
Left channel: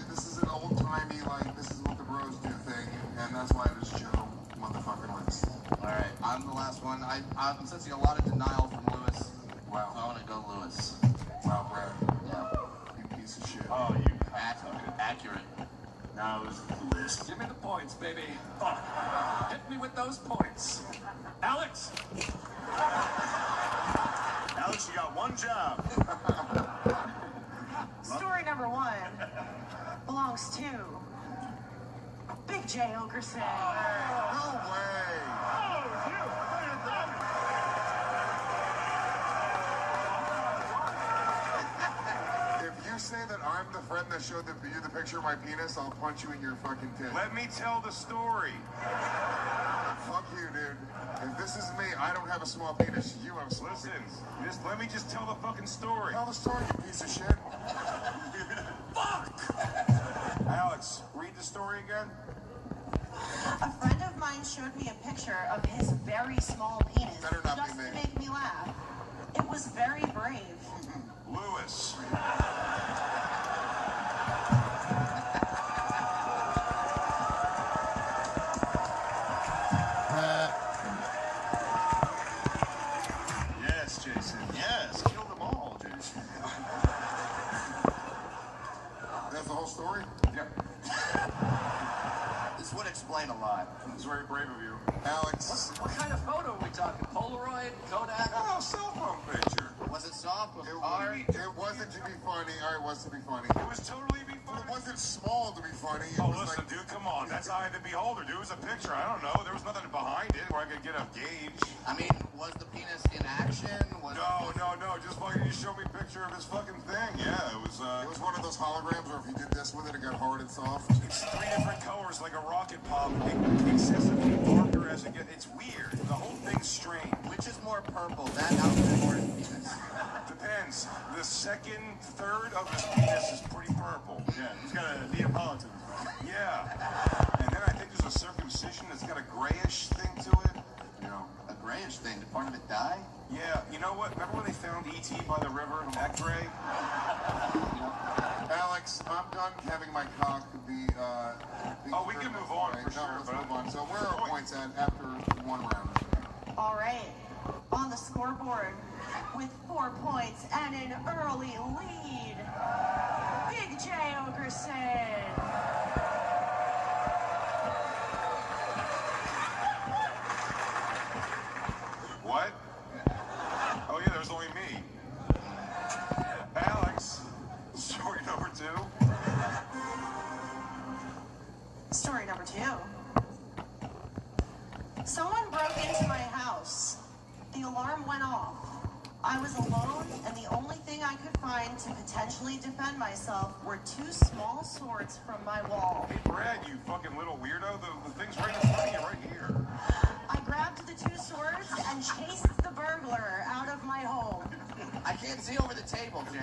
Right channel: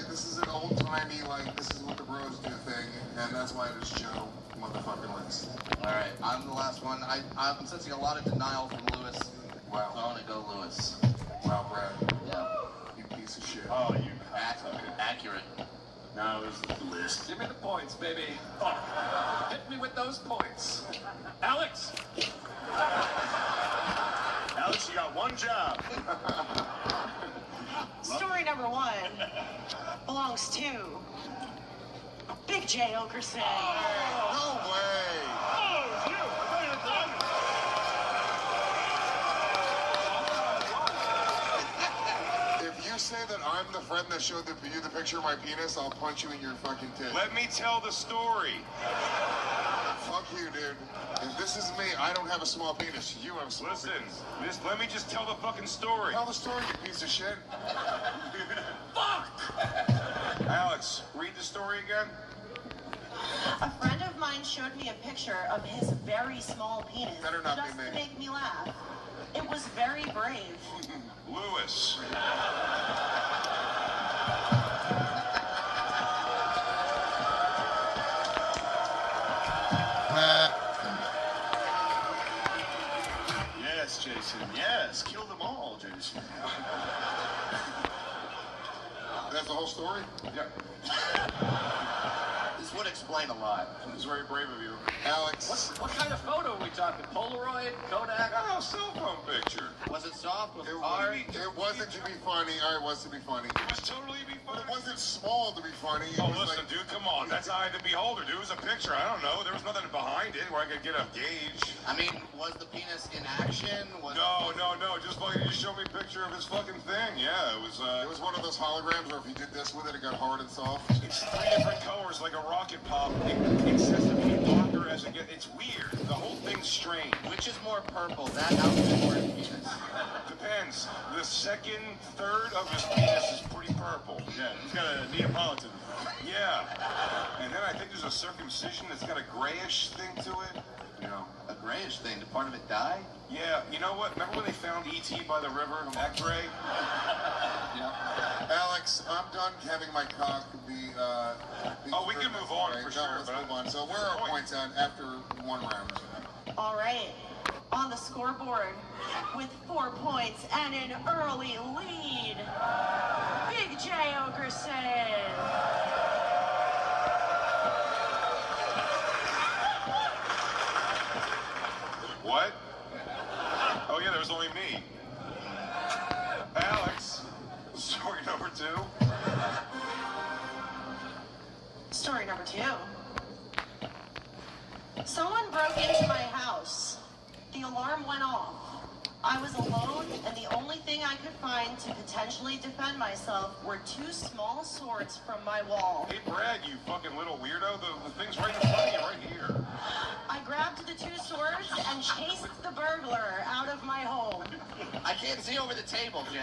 This is an old timey, like, this is what the bros do thing, and that's why it is Joe motherfucking List. Alright, I'm the last one. I'm sensing a lot of denial from Lewis. Wow. I want to go Lewis. Wow, Brad. Yeah. You piece of shit. Oh, you Accurate. now is the list. Give me the points, baby. Oh, hit me with those points. Alex! Alex, you got one job. Story number 1 belongs to Big J Okerson. No way. If you say that I'm the friend that showed you the picture of my penis, I'll punch you in your fucking tit. Let me tell the story. Fuck you, dude. If this is me, I don't have a small penis. You have a small penis. Let me just tell the fucking story. Tell the story, you piece of shit. Alex, read the story again. A friend of mine showed me a picture of his very small penis Better not be just me. to make me laugh. It was very brave. Lewis. Yes, Jason. Yes, kill them all, Jason. That's the whole story? Yep. This would explain a lot. It's very brave of you. Alex. What kind of photo are we talking? Polaroid? Kodak? Oh, cell phone picture. Was it soft? Was it It hard? wasn't to be funny. It was to be funny. It was totally be But funny. it wasn't small to be funny. It Oh, was listen, like, dude, come on. That's eye of the beholder, dude. It was a picture. I don't know. There was nothing behind it where I could get a gauge. I mean, was the penis in action? Was No. Just show me a picture of his fucking thing. Yeah, it was one of those holograms where if you did this with it, it got hard and soft. it's 3 different colors like a rocket pop. Excessively longer as it gets. It's weird. The whole thing's strange. Which is more purple, that outfit or his penis? Depends. The second third of his penis is pretty purple. Yeah, he's got a Neapolitan. Yeah. And then I think there's a circumcision that's got a grayish thing to it. You know. A grayish thing. Did part of it die? Yeah. You know what? Remember when they found E.T. by the river? That gray? Alex, I'm done having my cock be. Oh, we can move on right? for No, sure. let's But move on. So where are our points at after one round? All right. On the scoreboard with 4 points and an early lead, Big J Okerson. What? Oh yeah, there was only me. Alex, story number 2. Story number 2. Someone broke into my house. The alarm went off. I was alone, and the only thing I could find to potentially defend myself were 2 small swords from my wall. Hey Brad, you fucking little weirdo. The thing's right in front of you, right here. I grabbed the 2 swords and chased the burglar out of my home. I can't see over the table, Jay.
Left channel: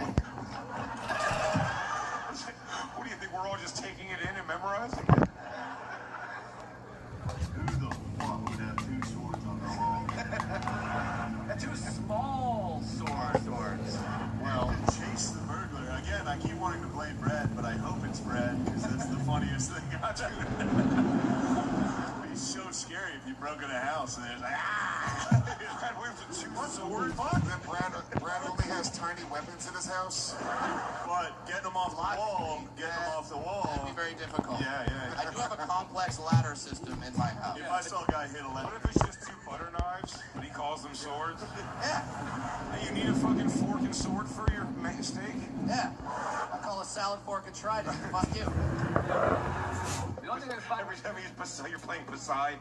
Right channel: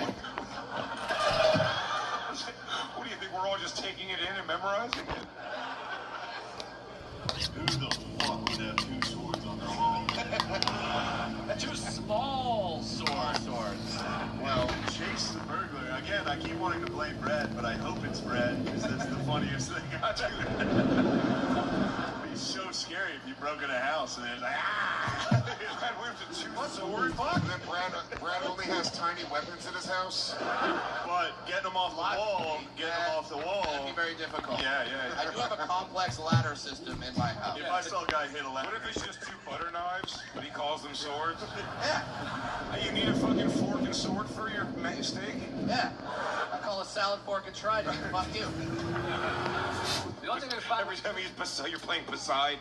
What do you think? We're all just taking it in and memorizing it? Who the fuck would have 2 swords on their wall? 2 small swords. Well, chase the burglar. Again, I keep wanting to blame Brad, but I hope it's Brad because that's the funniest thing I've done. He's so scary if you broke in a house and there's like, Brad, where's the 2 What swords? Then Brad only has tiny weapons in his house. but getting them off the wall, getting them off the wall. That'd be very difficult. Yeah. I do have a complex ladder system in my house. If I saw a guy hit a What ladder, if it's just 2 butter knives, but he calls them swords? Yeah, Hey, you need a fucking fork and sword for your steak? yeah. I call a salad fork a trident. Fuck you. The only thing we found Every time you're playing Poseidon.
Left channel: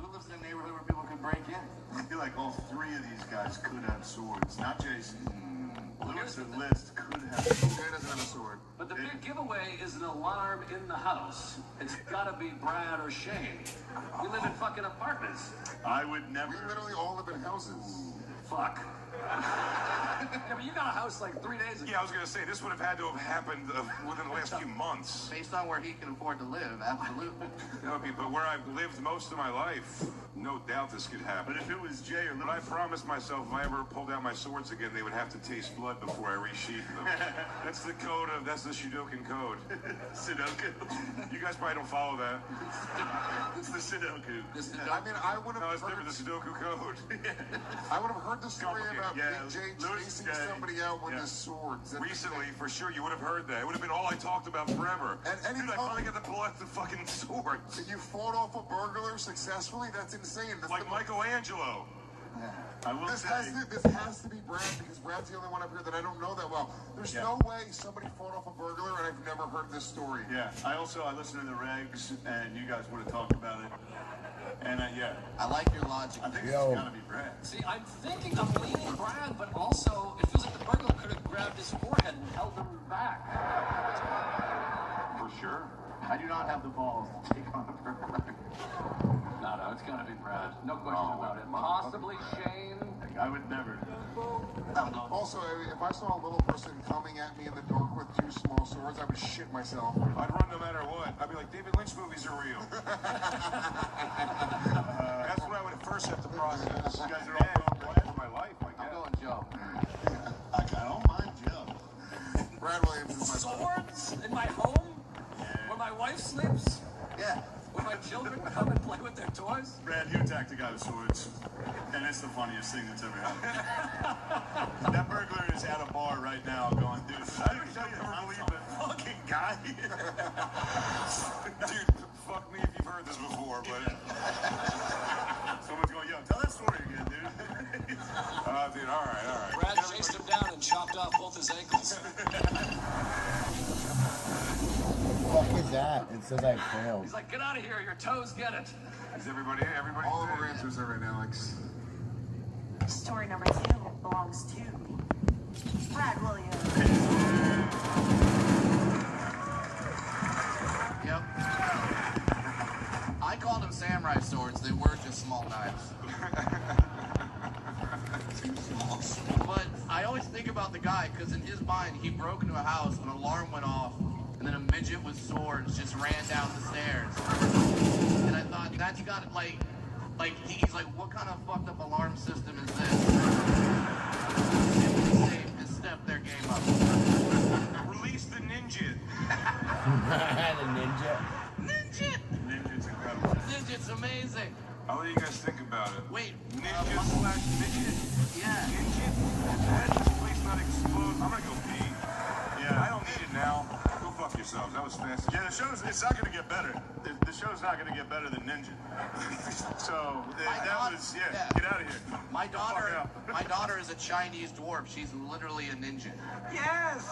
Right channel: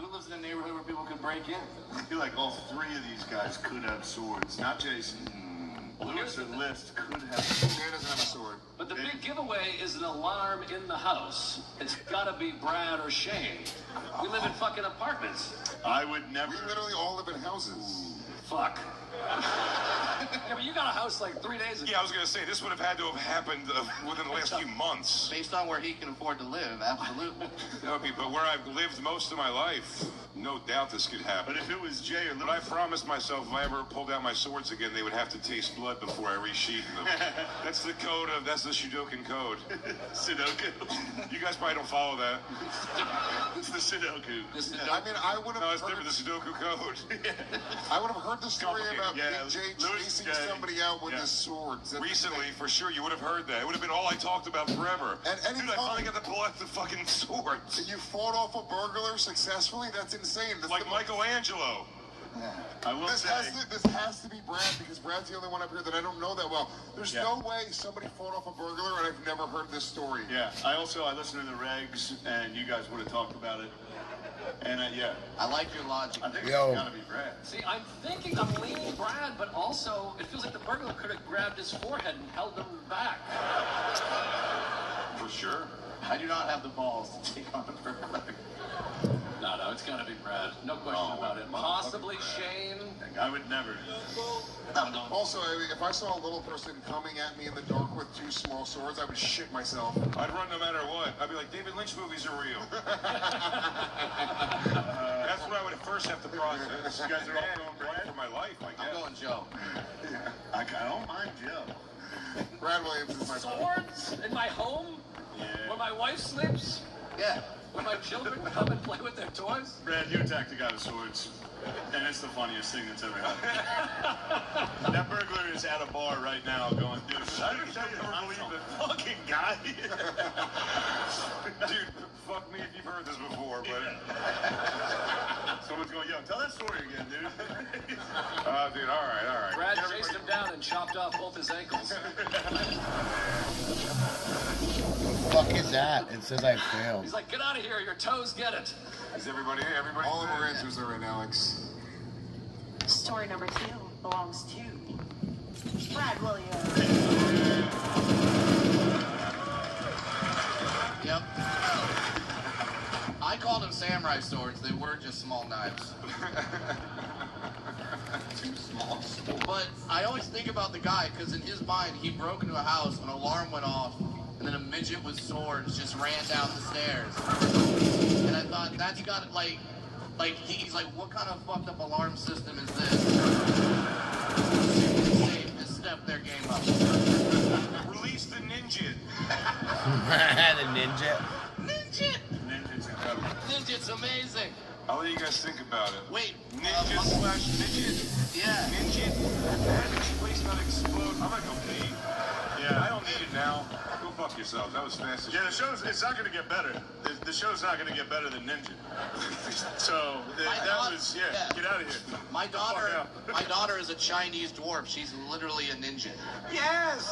Who lives in a neighborhood where people can break in? I feel like all 3 of these guys could have swords. Not Jason. Lewis or List could have. Dan doesn't have a sword. But the big giveaway is an alarm in the house, it's gotta be Brad or Shane. We live in fucking apartments. I would never. We literally all live in houses. Fuck. Yeah, but you got a house like 3 days ago. Yeah, I was gonna say this would have had to have happened within the last few months. Based on where he can afford to live, absolutely. Okay, but where I've lived most of my life, no doubt this could happen. But if it was Jay or But I promised myself if I ever pulled out my swords again, they would have to taste blood before I resheathed them. That's the code of, that's the Sudoku code. Sudoku. You guys probably don't follow that. It's the Sudoku. I mean, I would have. No, it's different, the Sudoku code. I would have heard the story about Yeah, Big J Lewis chasing J. somebody out with Yeah. his swords. Recently, for sure, you would have heard that. It would have been all I talked about forever. And Dude, I finally got to pull out the fucking swords. You fought off a burglar successfully? That's insane. That's Like Michelangelo. I will This say. has to be Brad, because Brad's the only one up here that I don't know that well. There's no way somebody fought off a burglar and I've never heard this story. Yeah, I listened to the regs, and you guys would have talked about it. And yeah, I like your logic. I think Yo. it's gotta be Brad. See, I'm thinking I'm leaning Brad, but also it feels like the burglar could have grabbed his forehead and held him back. For sure. I do not have the balls to take on a burglar. No, it's gotta be Brad. No question about it. Possibly Shane. I would never. Also, if I saw a little person coming at me in the dark with two small swords, I would shit myself. I'd run no matter what. I'd be like, David Lynch movies are real. That's what I would first have to process. You guys are all going Brad for my life, I I'm guess. going Joe. I don't mind Joe. Brad Williams is my Swords in my home? Where my wife sleeps? Yeah. Where my children come and play with their toys? Brad, you attacked a guy with swords, and it's the funniest thing that's ever happened. That burglar is at a bar right now going, dude, I didn't ever believe the fucking guy. Dude, fuck me if you've heard this before, but... Someone's going, yo, tell that story again, dude. Dude, all right. Brad chased him down and chopped off both his ankles. What the fuck is that? It says I failed. He's like, get out of here, your toes get it. Is everybody? All of our answers are in, Alex. Story number 2 belongs to Brad Williams. Yep. I called them samurai swords. They were just small knives. Too small. But I always think about the guy, because in his mind, he broke into a house, an alarm went off, and then a midget with swords just ran down the stairs. And I thought, that's got it, like he's like, what kind of fucked up alarm system is this? They stepped their game up. Release the ninja. The ninja. Ninja! Ninja's amazing. How do you guys think about it? Wait, Ninjas. Ninja? Yeah. Ninja? That waste not explode. I'm gonna go pee. Yeah, I don't need it now. Go fuck yourself. That was fast. Yeah, it's not going to get better. The show's not going to get better than Ninja. So, get out of here. My daughter is a Chinese dwarf. She's literally a ninja. Yes!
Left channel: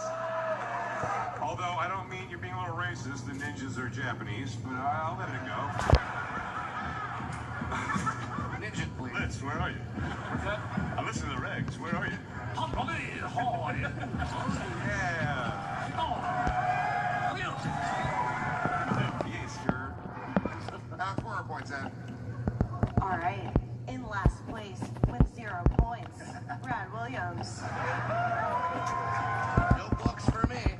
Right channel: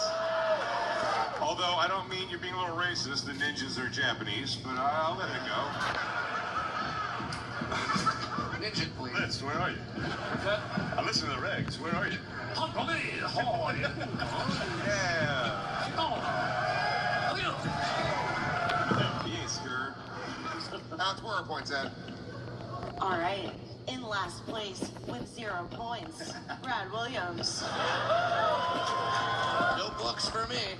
Although, I don't mean you're being a little racist. The ninjas are Japanese, but I'll let it go. Ninja, please. Liz, where are you? I listen to the regs. Where are you? Yeah. Yes, sir. That's where our points at. All right. In last place with 0 points, Brad Williams. No books for me.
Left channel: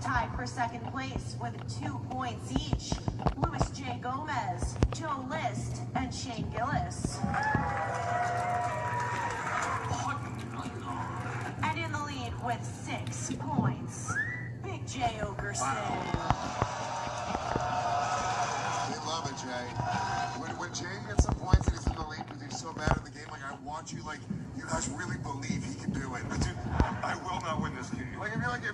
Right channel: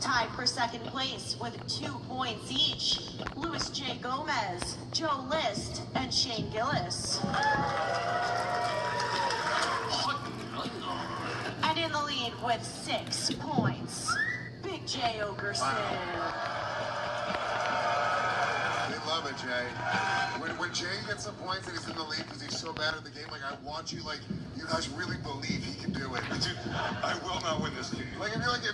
Tied for second place with 2 points each, Louis J. Gomez, Joe List, and Shane Gillis. And in the lead with 6 points, Big J. Ogerson. We love it, Jay. When Jay gets some points and he's in the lead because he's so bad at the game, like, I want you, like, you guys really believe he can do it. Dude, I will not win this game. Like, if you're like a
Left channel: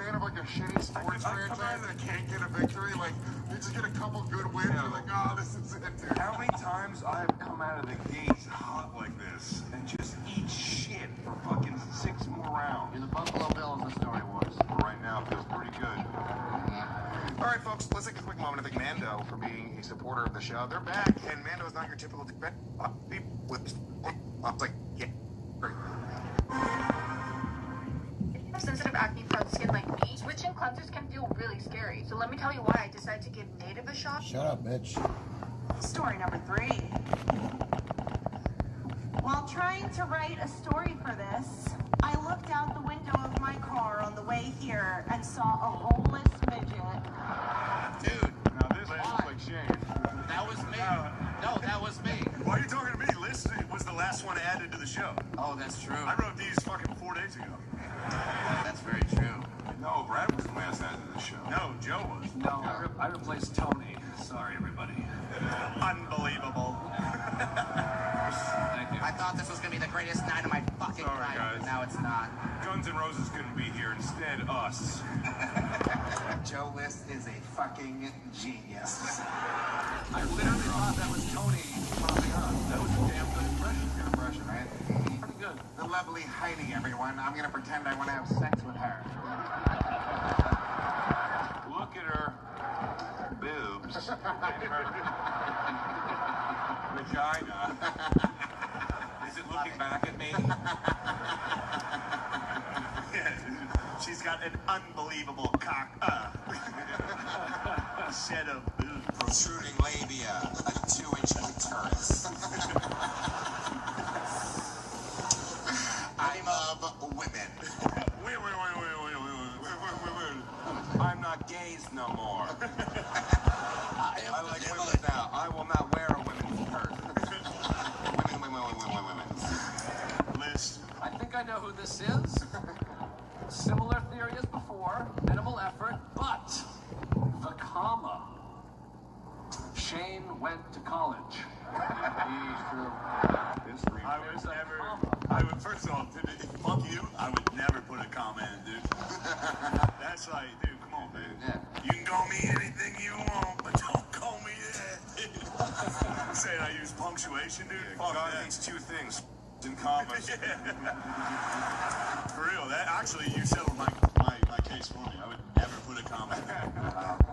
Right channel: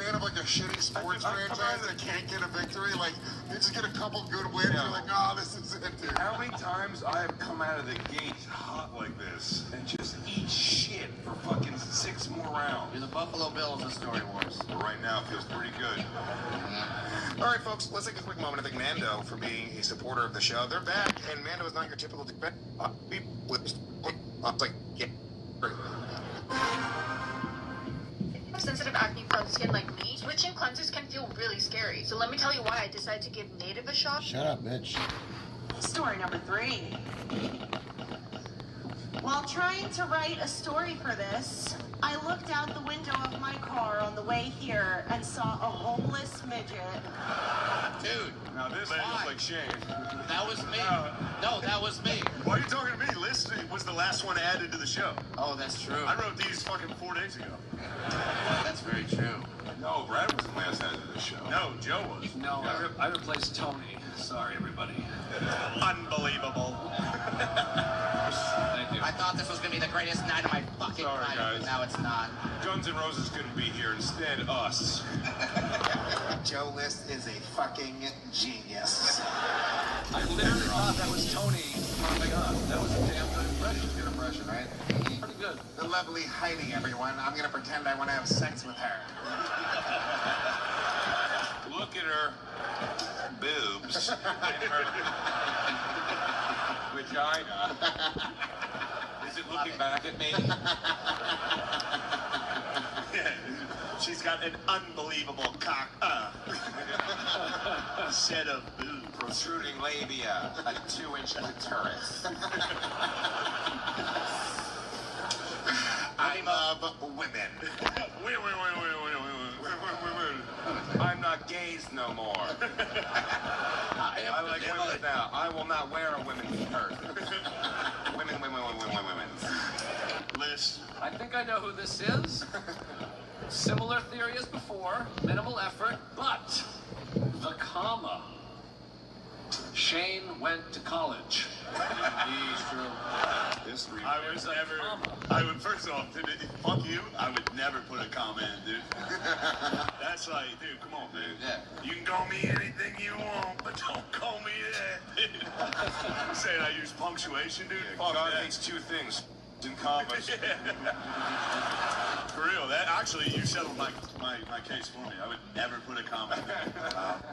fan of, like, a shitty sports franchise that can't get a victory, like, you just get a couple good wins, you're like, oh, this is it, dude. How many times I have come out of the gate hot like this and just eat shit for fucking 6 more rounds? You're the Buffalo Bills of Story Wars. Right now, it feels pretty good. All right, folks, let's take a quick moment to thank Mando for being a supporter of the show. They're back, and Mando is not your typical with like, yeah, great. sensitive acne-prone skin like me, switching cleansers can feel really scary. So let me tell you why I decided to give Native a shot. Shut up, bitch. Story number 3. While trying to write a story for this, I looked out the window of my car on the way here and saw a homeless midget. Dude. Now this looks like Shane. That was me. No, that was me. Why are you talking to me? List was the last one added to the show. Oh, that's true. I wrote these fucking 4 days ago. That's very true. No, Brad was the last added to the show. No, Joe was. No, I replaced Tony. Sorry, everybody. Unbelievable. Thank you. I thought this was gonna be the greatest night of my fucking Sorry, life, guys. but now it's not. Guns N' Roses couldn't be here. Instead, us. Joe List is a fucking genius. I literally thought that was Tony. That was a damn good impression, right? Pretty good. The lovely Heidi, everyone. I'm gonna pretend I want to have sex with her. Look at her boobs. Her vagina. Is it looking back at me? She's got an unbelievable cock. Set of boobs. Protruding labia, a 2-inch clitoris. I love women. I'm not gays no more. I like women now. I will not wear a women's shirt. Women. List. I think I know who this is. Similar theory as before, minimal effort, but the comma. Shane went to college. He's true. History. I would first off, fuck you. I would never put a comment, dude. That's like, dude, come on, man. Yeah. You can call me anything you want, but don't call me that, dude. Saying I use punctuation, dude. Fuck God that. hates 2 things. In commas. For real, that actually, you settled my case for me. I would never put a comment.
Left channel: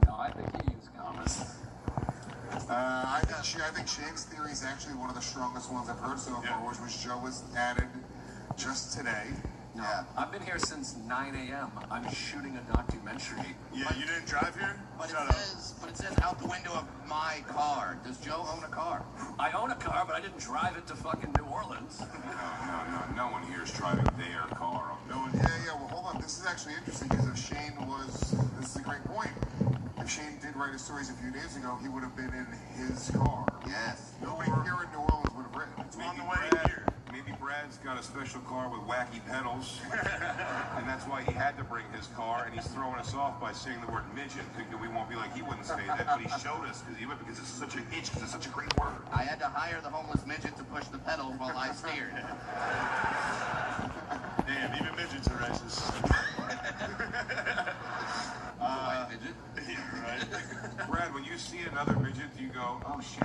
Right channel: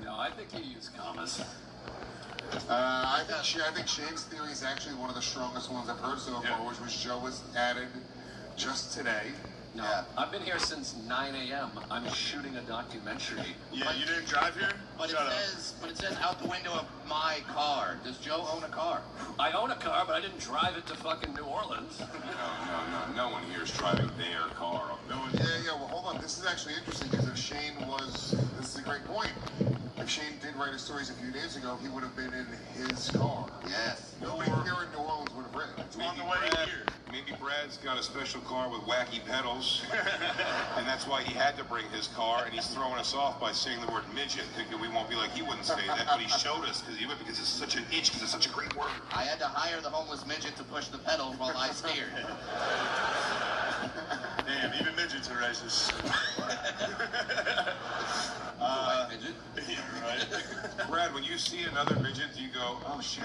No, I think you use commas. I think Shane's theory is actually one of the strongest ones I've heard so far, which was Joe was added just today. No, I've been here since 9 a.m. I'm shooting a documentary. Yeah, you didn't drive here? But it says out the window of my car. Does Joe own a car? I own a car, but I didn't drive it to fucking New Orleans. No one here is driving their car. Yeah, well, hold on. This is actually interesting because if Shane was, this is a great point. If Shane did write his stories a few days ago, he would have been in his car. Yes. Nobody here in New Orleans would have written. It's on the way here. Maybe Brad's got a special car with wacky pedals, and that's why he had to bring his car, and he's throwing us off by saying the word midget, thinking we won't be like, he wouldn't say that, but he showed us, because it's such an itch, because it's such a great word. I had to hire the homeless midget to push the pedals while I steered. Damn, even midgets are racist. Midget? Right. Brad, when you see another midget, do you go, oh shit?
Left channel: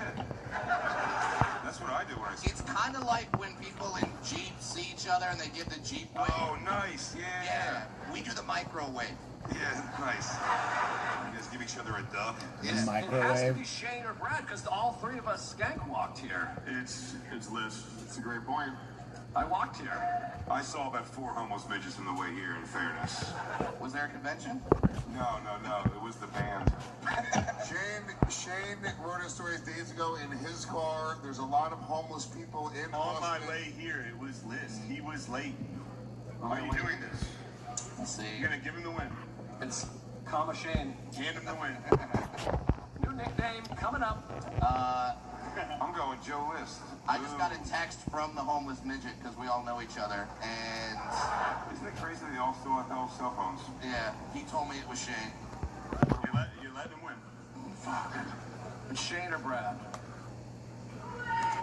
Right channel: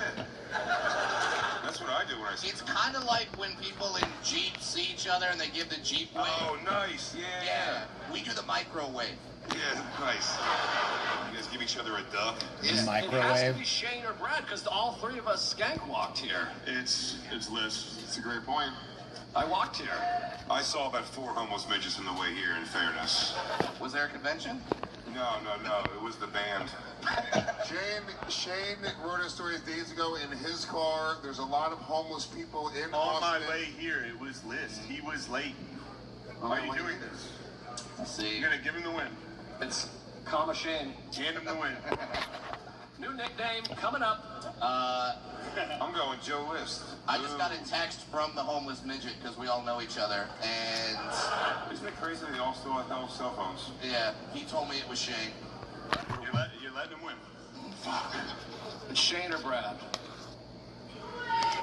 That's what I do when I see It's kind of like when people in Jeeps see each other and they give the Jeep wave. Oh, nice, yeah. Yeah, we do the microwave. Yeah, nice. You guys give each other a duck? It has to Microwave. be Shane or Brad, because all 3 of us skank walked here. It's Liz. It's a great point. I walked here. I saw about 4 homeless midgets on the way here, in fairness. Was there a convention? No, it was the band. Shane wrote his stories days ago in his car. There's a lot of homeless people in On my Austin. way here, it was Liz. He was late. Why are you doing this? Let's see. You're gonna give him the win. It's comma Shane. Hand him the win. New nickname coming up. I'm going Joe List. I just got a text from the homeless midget because we all know each other, and Isn't it crazy they all still have cell phones? yeah, he told me it was Shane. You're letting him win. It's Shane or Brad.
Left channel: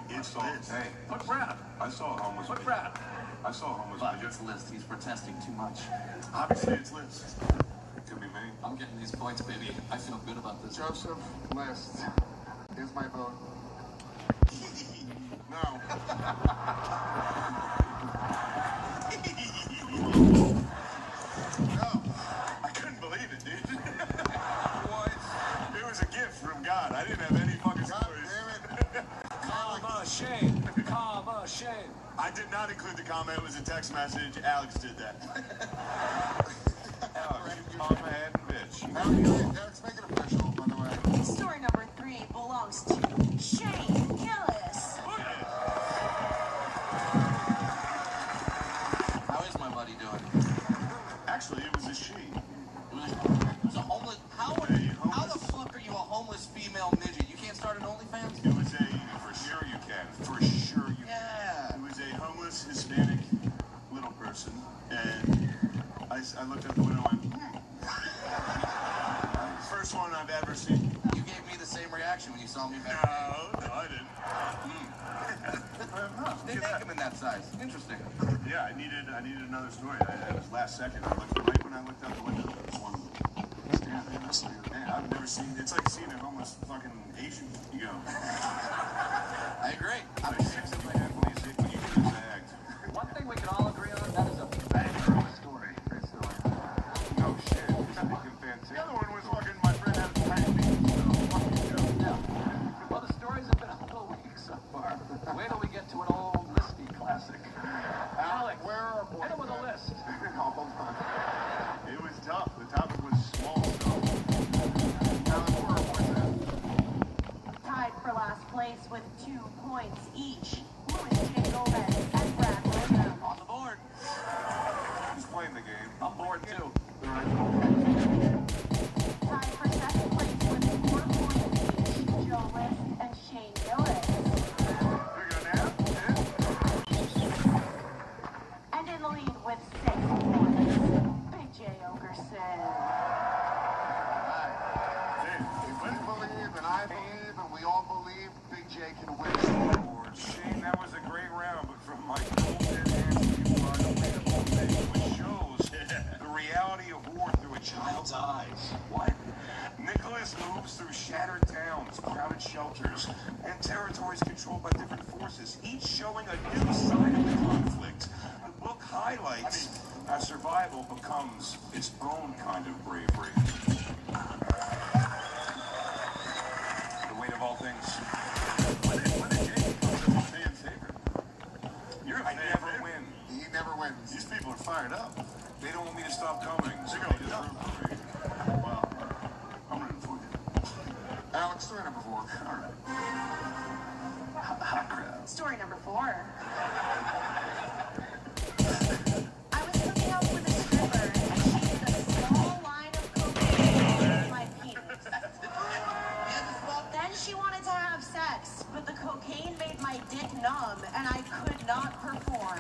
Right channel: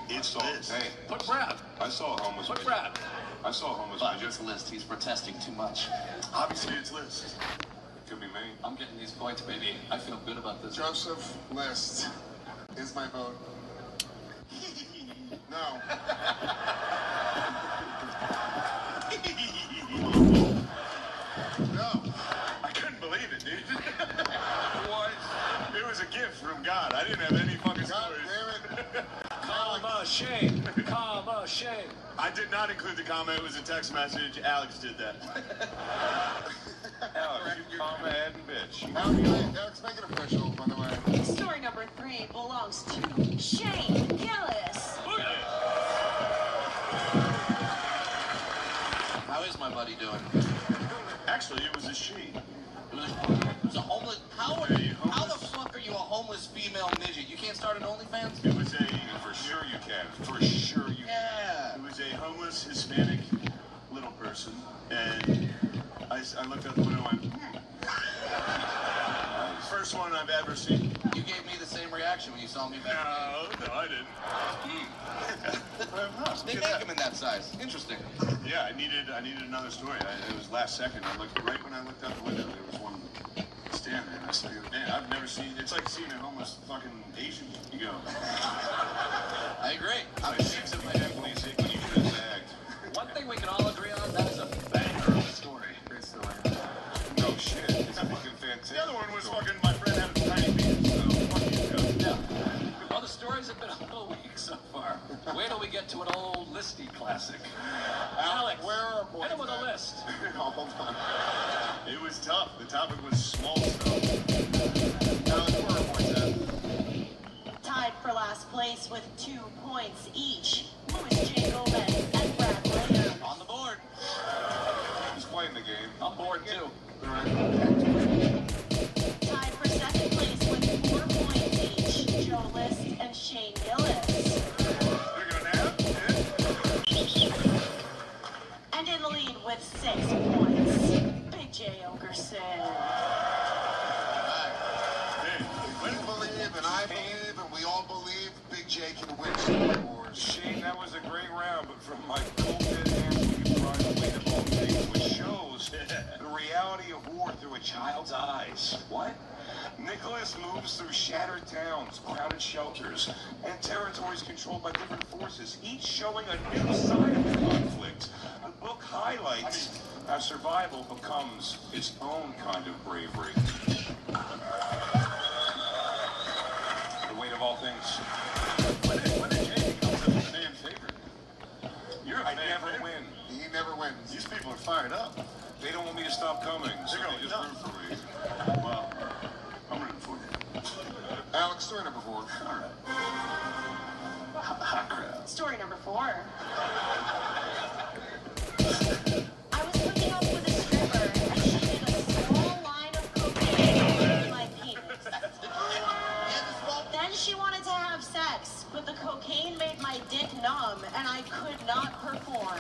It's Liz. Hey, Put Brad. I saw a homeless Put midget. Brad. I saw a homeless Fuck, midget. it's List. He's protesting too much. Obviously, it's Liz. It could be me. I'm getting these points, baby. I feel good about this. Joseph List is my vote. No. I couldn't believe it, dude. What? It was a gift from God. I didn't have any fucking stories. Comma Shane. Comma Shane. I did not include the comment. It was a text message. Alex did that. Alex, you mama and bitch. Alex, make it official, by the way. Story number 3 belongs to Shane Gillis. How is my buddy doing? Actually, it was a she. It was a homeless. How the fuck are you a homeless female midget? You can't start an OnlyFans? It was a. For sure you can. For sure you can. Yeah. It was a homeless Hispanic little person, and I looked out the window and went, First one I've ever seen. You gave me the same reaction when you saw me back. No, I didn't. They make them in that size. Interesting. Yeah, I needed another story. It was last second. I looked right when I looked out the window. There was one standing there. I said, man, I've never seen. It's like seeing a homeless fucking Asian. You go. I agree. One thing we can all agree on, that was a bad story. No shit. It's fucking fantastic. The other one was fucking my friend had a tiny penis. Well, the stories have been a little weak so far. Wait till we get to an old listy classic. Alex, where are boys? hit him with a list. Hold on. It was tough. The topic was small. Tied for last place with 2 points each. Louis J. Gomez and Brad Williams. On the board. Who's playing the game? I'm bored too. Tied for 2nd place with 4 points each. Joe List and Shane Gillis. And in the lead with 6 points, Big J. Okerson. We believe, and I believe, and we all believe Big J can win some awards. Shane, that was a great round, but from my which shows the reality of war through a child's eyes. What? Nicholas moves through shattered towns, crowded shelters, and territories controlled by different forces, each showing a new side of conflict. The book highlights how survival becomes its own kind of bravery. The weight of all things. I never win. He never wins. These people are fired up. They don't want me to stop coming, so They're they gonna just root for me. Well, I'm rooting for you. Alex, story number 4. All right. Story number 4. I was looking out for this river and she did a small line of cocaine in my penis. Then she wanted to have sex, but the cocaine made my dick numb and I could not perform.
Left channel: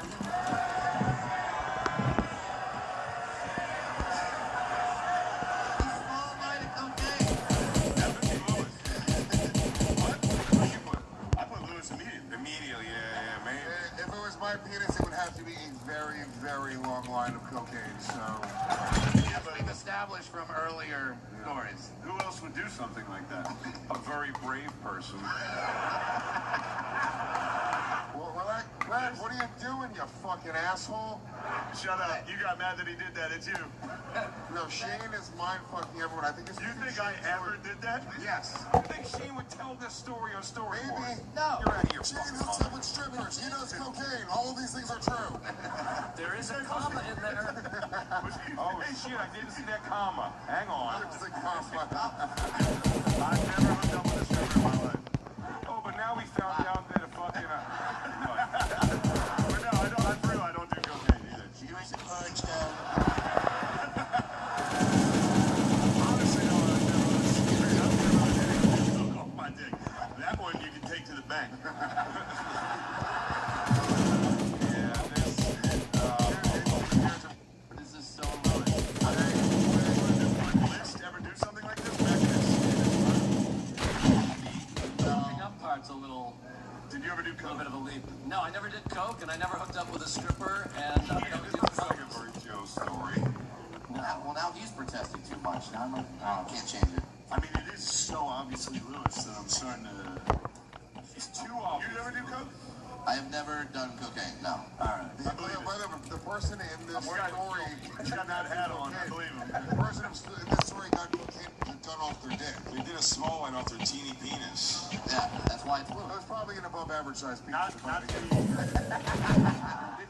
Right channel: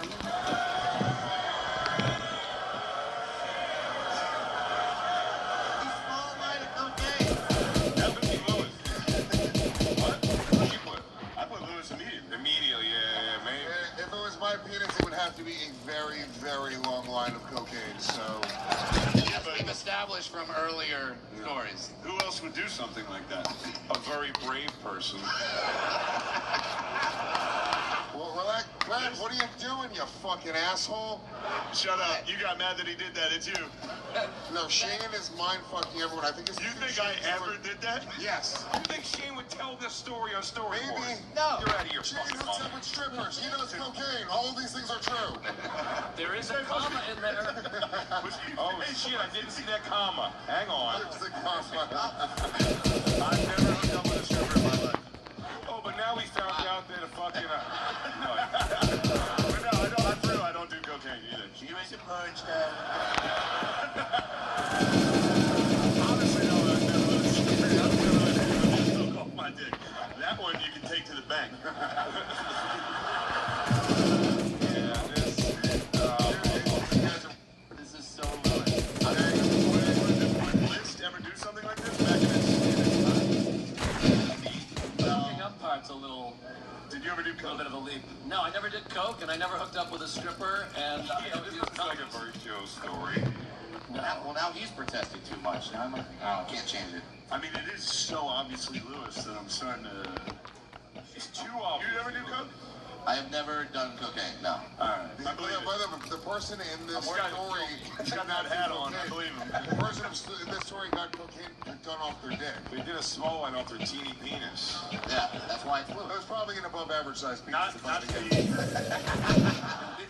I put Lewis Immediately, yeah, maybe. If it was my penis, it would have to be a very, very long line of cocaine, so... As we've established from earlier stories. Who else would do something like that? A very brave person. Well, relax. Relax. What are you doing, you fucking asshole? Shut up. You got mad that he did that. It's you. No, Shane is mind-fucking everyone. I think it's... You think I ever did that? Yes. You think Shane would tell this story on Story Maybe. Board? No. You're out of your Shane's fucking a mind. seven strippers. He knows cocaine. All of these things are true. There is a comma in there. Oh shit, I didn't see that comma. Hang on. There's the comma. Oh, but now we found out that a fucking... no. I don't do cocaine either. You ain't a punch down. Oh, my dick. That one you can take to the bank. This is so Ever do something like this? Hooking up part's a little Did you ever do bit coke? of a leap. No, I never did coke, and I never hooked up with a stripper, and I never did It's like a drugs. Burt Joe story. well, now he's protesting too much. I'm like, oh, can't change it. I mean, it is so obviously Lewis that I'm starting to... It's too obvious. You ever do coke? I have never done cocaine. No. Alright. I believe it. The person in this story He's got that hat on. I believe him. The person in this story got cocaine done off their dick. They did a small one off their teeny penis. Yeah, that's why it's It blue. was probably an above average sized penis. Not to be. It's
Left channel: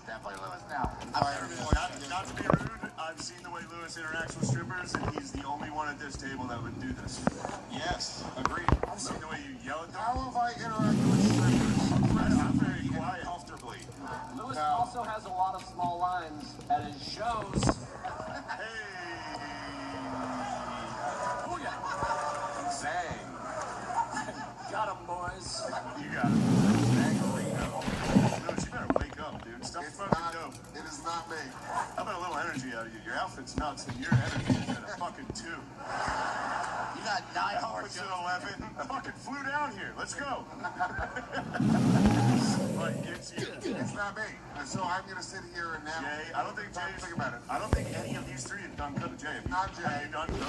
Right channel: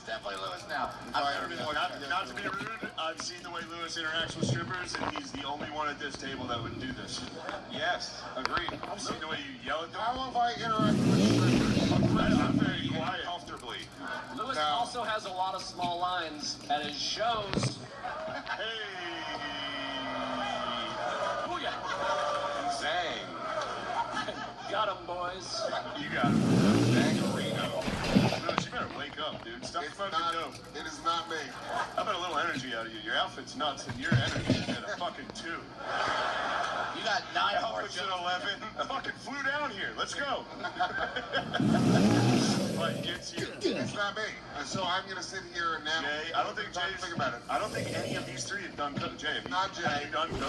definitely Lewis now. Not to be rude, I've seen the way Lewis interacts with strippers, and he's the only one at this table that would do this. Yes, agreed. I've seen the way you yell at them. How have I interacted? I'm very quiet. Comfortably. Lewis also has a lot of small lines at his shows. Hey! Booyah! Zang. Got him, boys. You got it. Lewis, you better wake up, dude. Stop fucking dope. It is not me. How about a little energy out of you? Your outfit's nuts, and your energy is at a fucking 2. You got 9 hours. Outfit's at 11. I fucking flew down here. Let's go. What gets you? It's not me. So I'm gonna sit here and now. Jay, I don't think Jay's. Think about it. I don't think any of these three have done good. Jay, have you? Not Jay. Have you done good?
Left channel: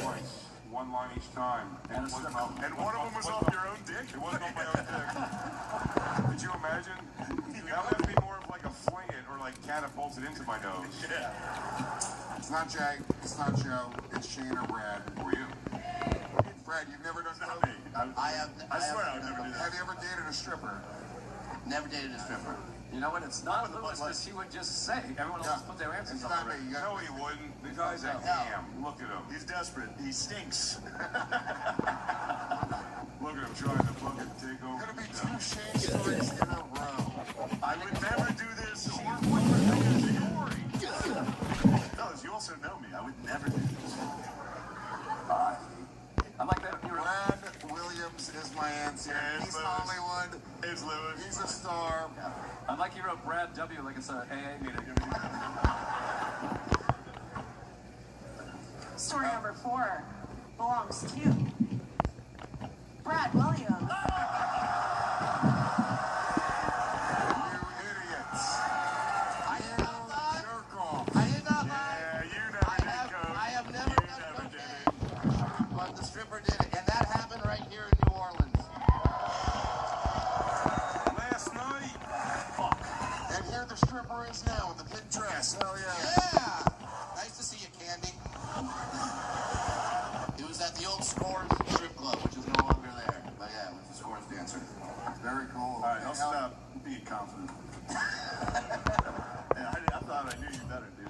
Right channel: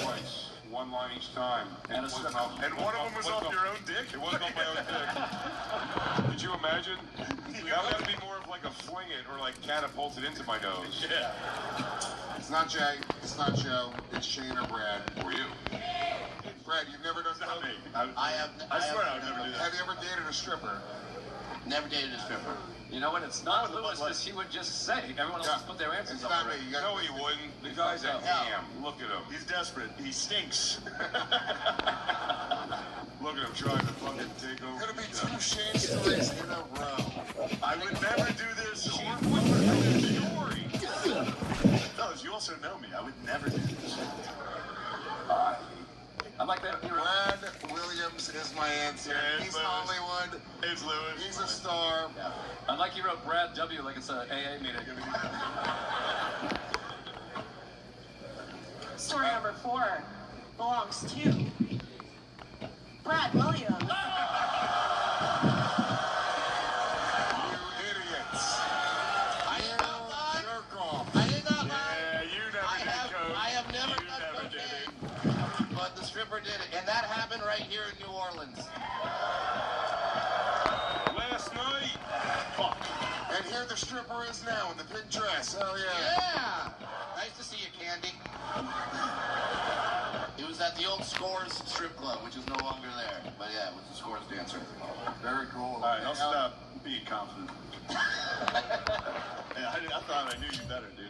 Twice. One line each time. And one of them was off your own dick? It wasn't off my own dick. Could you imagine? That would be more of like a fling it or like catapult it into my nose. Yeah. It's not Jay. It's not Joe. It's Shane or Brad. Or you. Brad, you've never done Not that? me. I swear I've never done Have you ever dated a stripper? Never dated a stripper. You know what? It's not Lewis, because he would just say. Everyone else put their answers It's up not me. already. You got No, he wouldn't. The guy's a ham. Look at him. He's desperate. He stinks. Look at him trying to fucking take over. Gonna be 2 Shane stories in a row. I would never do this. Fellas, you also know me. I would never do this. I'm like that. Brad Williams is my answer. Yeah, He's Lewis. Hollywood. It's Lewis. He's a star. I like you wrote Brad W. like it's an AA meeting. Story number 4 belongs to Brad Williams. Idiots. I did not lie. Jerk off. I did not lie. Yeah, you never did coke. I have never You done never did cocaine, but the stripper did it, and that happened right here in New Orleans. Last night. Fuck. And here the stripper is now in the pink dress. Oh, yeah. Yeah. Nice to see you, Candy. It was at the old Scores strip club, which is no longer there. But yeah, it was the Scores dancer. Very cool. All right, I'll stop being confident. Yeah, I thought I knew you better, dude.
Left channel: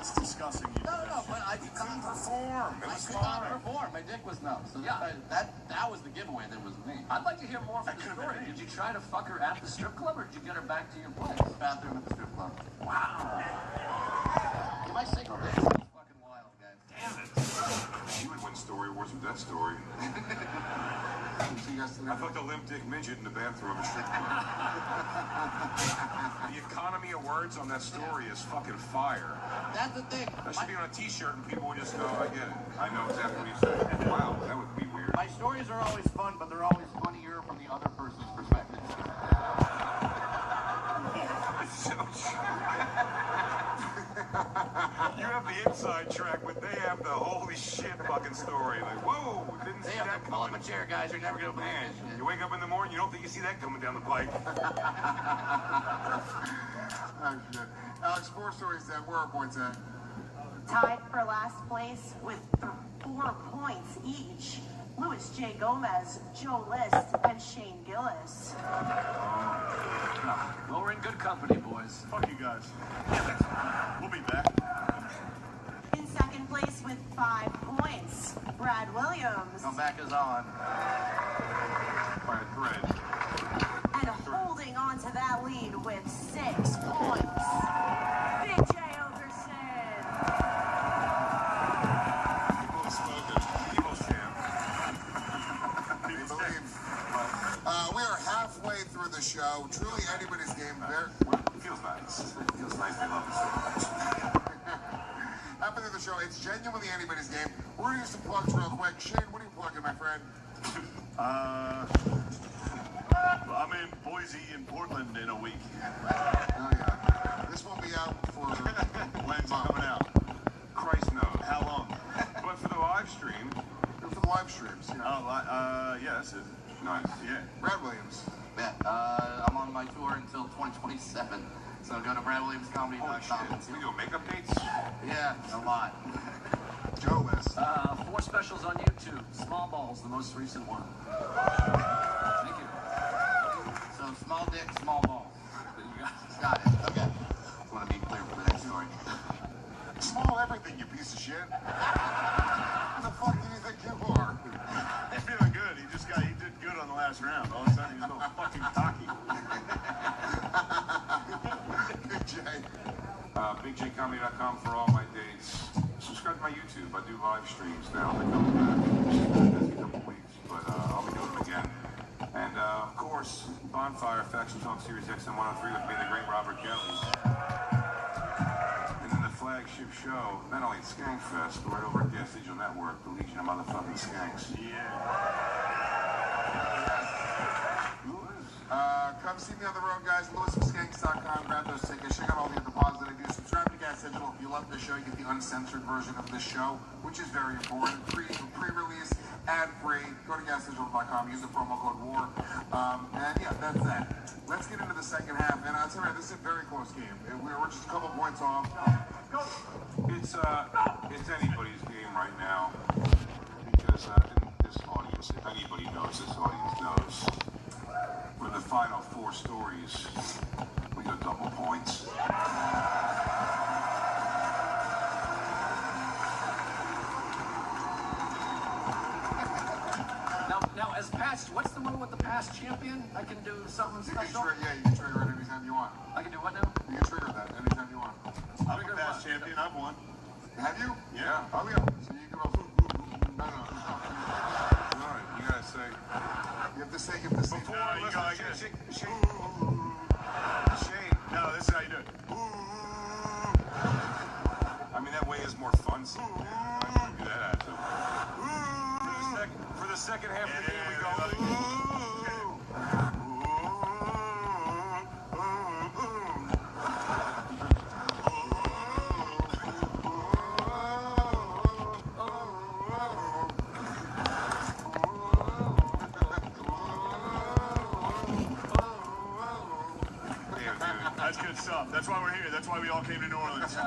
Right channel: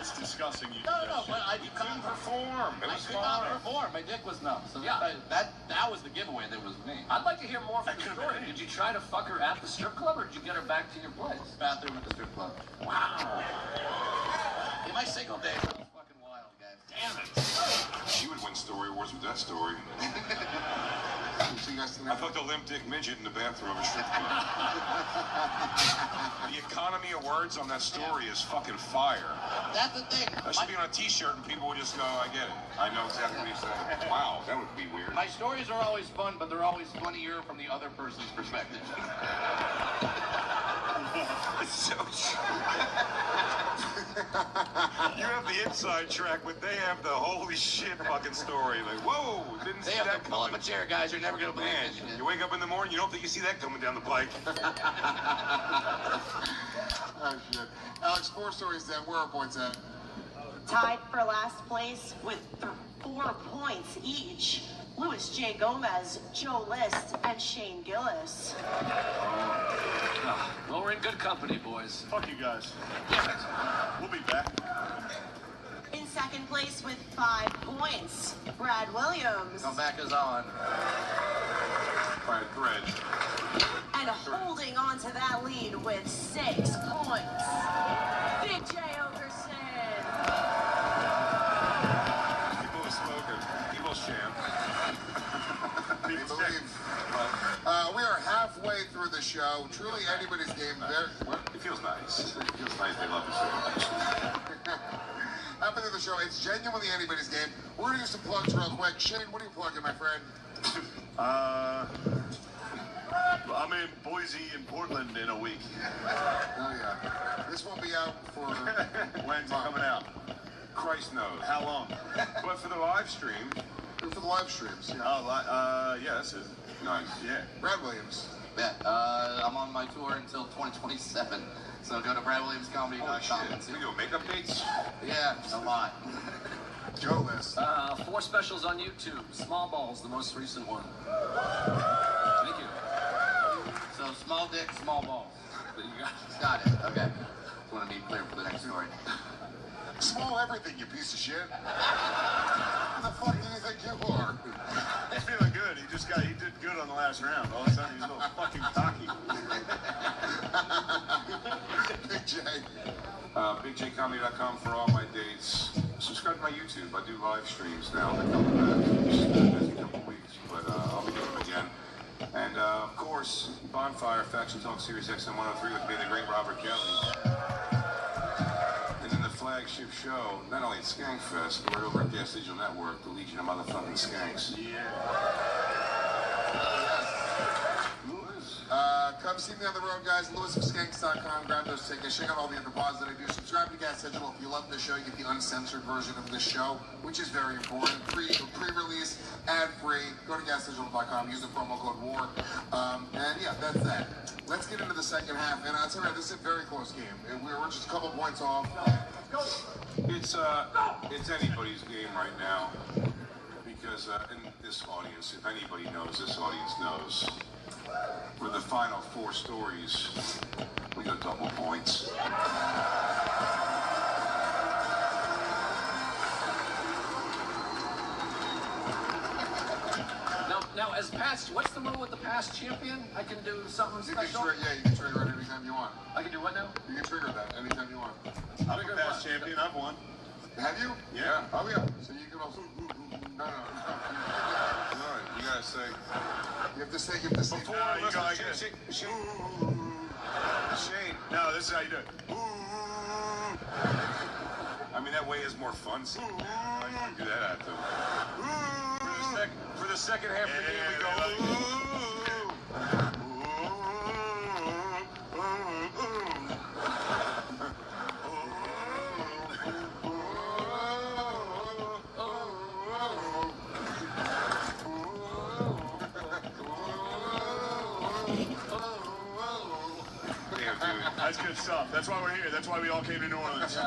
It's disgusting. You No, but I couldn't Perform. It I was could not fine. perform. My dick was numb. So Yeah. that was the giveaway. That was me. I'd like to hear more from That the could've story. been it. Did you try to fuck her at the strip club, or did you get her back to your place? Bathroom at the strip club. Wow. In my single days, it was fucking wild, guys. Damn it. She would win story awards with that story. See you guys I tonight. fucked a limp dick midget in the bathroom of a strip club. The economy of words on that story is fucking fire. That's the thing. That should be on a t-shirt and people would just go, I get it. I know exactly what he said. Wow, that would be weird. My stories are always fun, but they're always funnier from the other person's perspective. You have the inside track, but they have the holy shit fucking story. Like, whoa, didn't They see have that to pull up a coming. chair, guys. You're never gonna believe Man, this shit. you wake up in the morning, you don't think you see that coming down the pike. Oh, shit. Alex, 4 stories then. Where are points at? Tied for last place with 4 points each. Louis J. Gomez, Joe List, and Shane Gillis. Well, we're in good company, boys. Fuck you guys. We'll be back. In second place with 5 points, Brad Williams. Comeback is on. All right, Brad. And holding on to that lead with 6 points, Big J Overson. People have spoken. People champ. We are halfway through the show. Truly anybody's game there. It feels nice. It feels nice they love us so much. Halfway through the show. It's genuinely anybody's game. We're going to do some plugs real quick. Shane, what are you plugging, my friend? I'm in Boise and Portland in a week. Oh, yeah. This won't be out for When's it coming out? Christ knows. How long? But for the live stream, for the live streams. Yeah. Oh, yeah, that's it. nice. Yeah. Brad Williams. Yeah, I'm on my tour until 2027. So go to BradWilliamsComedy.com Holy shit. and see. We do makeup dates? Yeah, a lot. Joe List. 4 specials on YouTube. Small Balls, the most recent one. Thank you. small dick, small balls. You got it. Okay. Just want to be clear for the next story. Small everything, you piece of shit. Who the fuck do you think you are? He's feeling good. He did good on the last round. All of a sudden, he's a little fucking cocky. Big J. BigJComedy.com for all my dates. Subscribe to my YouTube. I do live streams now. Just a couple weeks, but I'll be doing them again. And of course, Bonfire, Faction Talk Series XM103 with me, the great Robert Kelly. And then the flagship show, not only at Skankfest, but right over at Gas Digital Network, the Legion of Motherfucking Skanks. Yeah. Come see me on the road, guys. LewisofSkanks.com. Grab those tickets. Check out all the other pods that I do. Subscribe to Gas Digital. If you love the show, you get the uncensored version of this show, which is very important. Pre-release, ad-free. Go to GasDigital.com. Use the promo code WAR. And yeah, that's that. Let's get into the second half. And I'll tell you, this is a very close game. We're just a couple points off. It's anybody's game right now because in this audience, if anybody knows, this audience knows. For the final four stories, we got double points. Now, as past, what's the rule with the past champion? I can do something special? You can trigger it anytime you want. I can do what now? You can trigger that anytime you want. I'm a past champion. I've won. Have you? Yeah. Oh, yeah. So you can also... No. You gotta say... You have to say... Before you go like this. Shane. No, this is how you do it. I mean, that way is more fun. So I can do that after. For the second half of the game, we go... That's good stuff. That's why we're here. That's why we all came to New Orleans. What's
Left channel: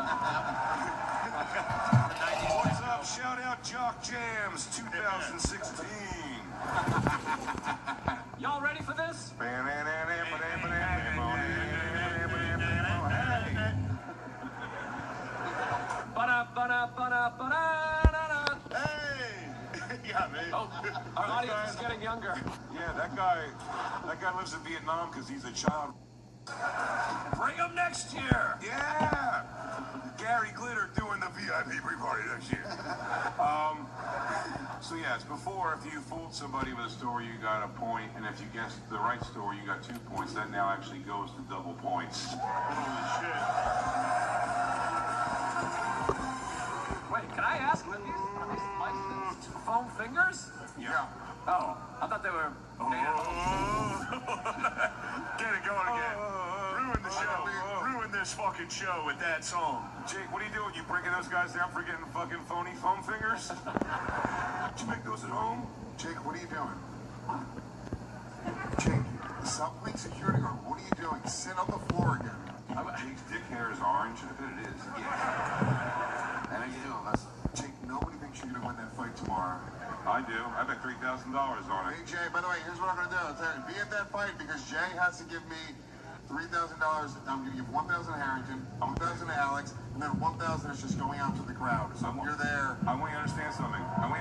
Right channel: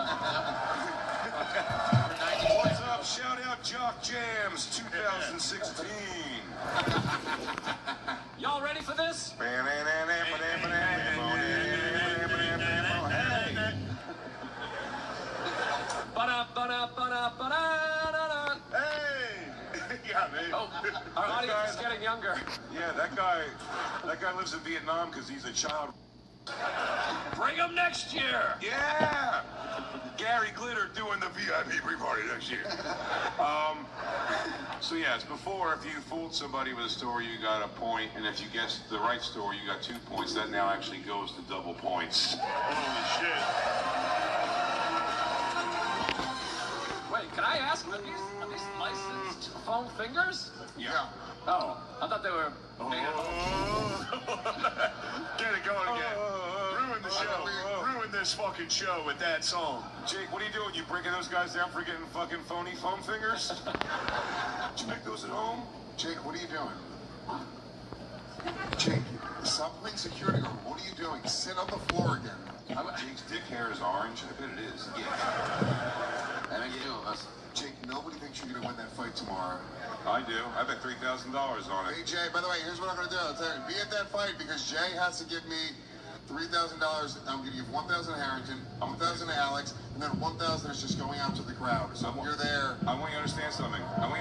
up? Shout out Jock Jams 2016. Y'all ready for this? Hey! Yeah, man. Oh, our audience is getting younger. Yeah, that guy lives in Vietnam because he's a child. Bring them next year. Yeah! Gary Glitter doing the VIP pre-party next year. So yes, before, if you fooled somebody with a story, you got a point, and if you guessed the right story, you got 2 points. That now actually goes to double points. Holy shit. Wait, can I ask, are these licensed foam fingers? Yeah. Oh, I thought they were... Get it going again. Ruin the show. Ruin this fucking show with that song. Jake, what are you doing? You breaking those guys down for getting fucking phony foam fingers? Did you make those at home? Jake, what are you doing? Jake, stop playing security guard. What are you doing? Sit on the floor again. Jake's dick hair is orange. I bet it is. Yeah. And you do. Jake, nobody thinks you're going to win that fight tomorrow. I do. I bet $3,000 on it. Hey, Jay, by the way, here's what I'm going to do. I'll tell you, be at that fight because Jay has to give me $3,000. I'm going to give 1,000 to Harrington, 1,000 to Alex, and then 1,000 is just going out to the crowd. So you're there. I want you to understand something. No,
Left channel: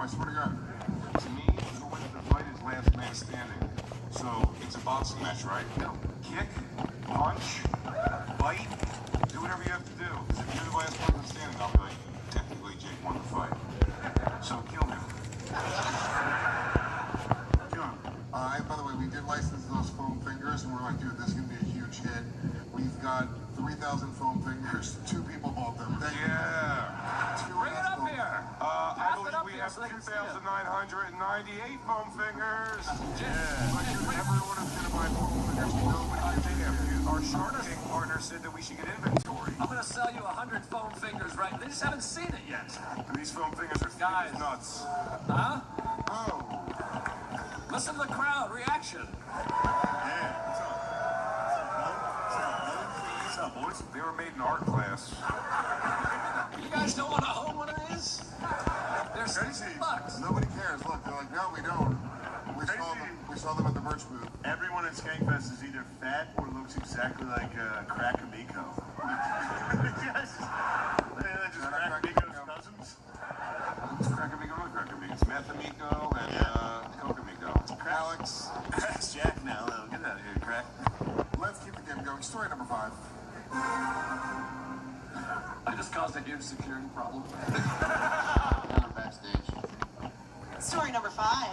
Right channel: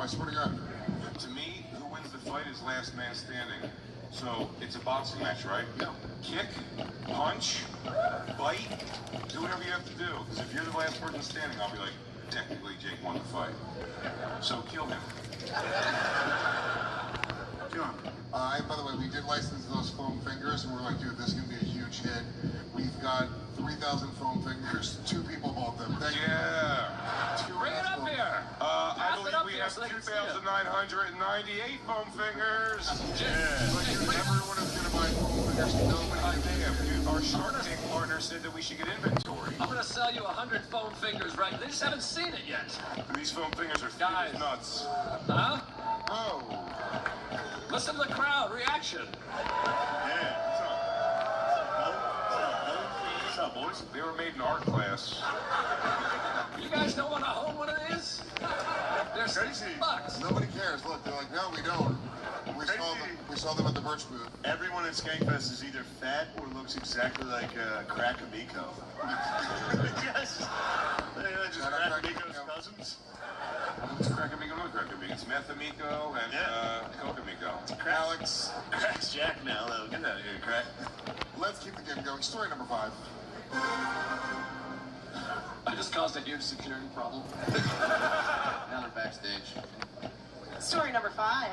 I swear to God. To me, who wins the fight is last man standing. So it's a boxing match, right? No. Kick, punch, bite, do whatever you have to do. Because if you're the last person standing, I'll be like, technically, Jake won the fight. So kill me. By the way, we did license those foam fingers, and we're like, dude, this is going to be a huge hit. We've got 3,000 foam fingers. 2 people bought them. Thank you. Bring it up here. I believe we have 2,998 foam fingers. Everyone is going to buy foam fingers. Our Shark Tank partner said that we should get inventory. I'm going to sell you 100 foam fingers, right? They just haven't seen it yet. These foam fingers are Guys. nuts. Huh? Oh. Listen to the crowd reaction. What's up, boys? They were made in art class. You guys don't want to hold one of these? They're $6. Nobody cares. Look, they're like, no, we don't. We We saw them at the merch booth. Everyone at Skankfest is either fat or looks exactly like Crack-A-Miko. Yes. Just Crack-A-Miko's cousins. It's Crack-A-Miko, not Crack-A-Miko. It's Meth-A-Miko and Coca-Miko. Alex. That's Jack now, though. Get out of here, Crack. Let's keep the game going. Story number 5. I just caused a huge security problem. Now we're backstage. Story number 5.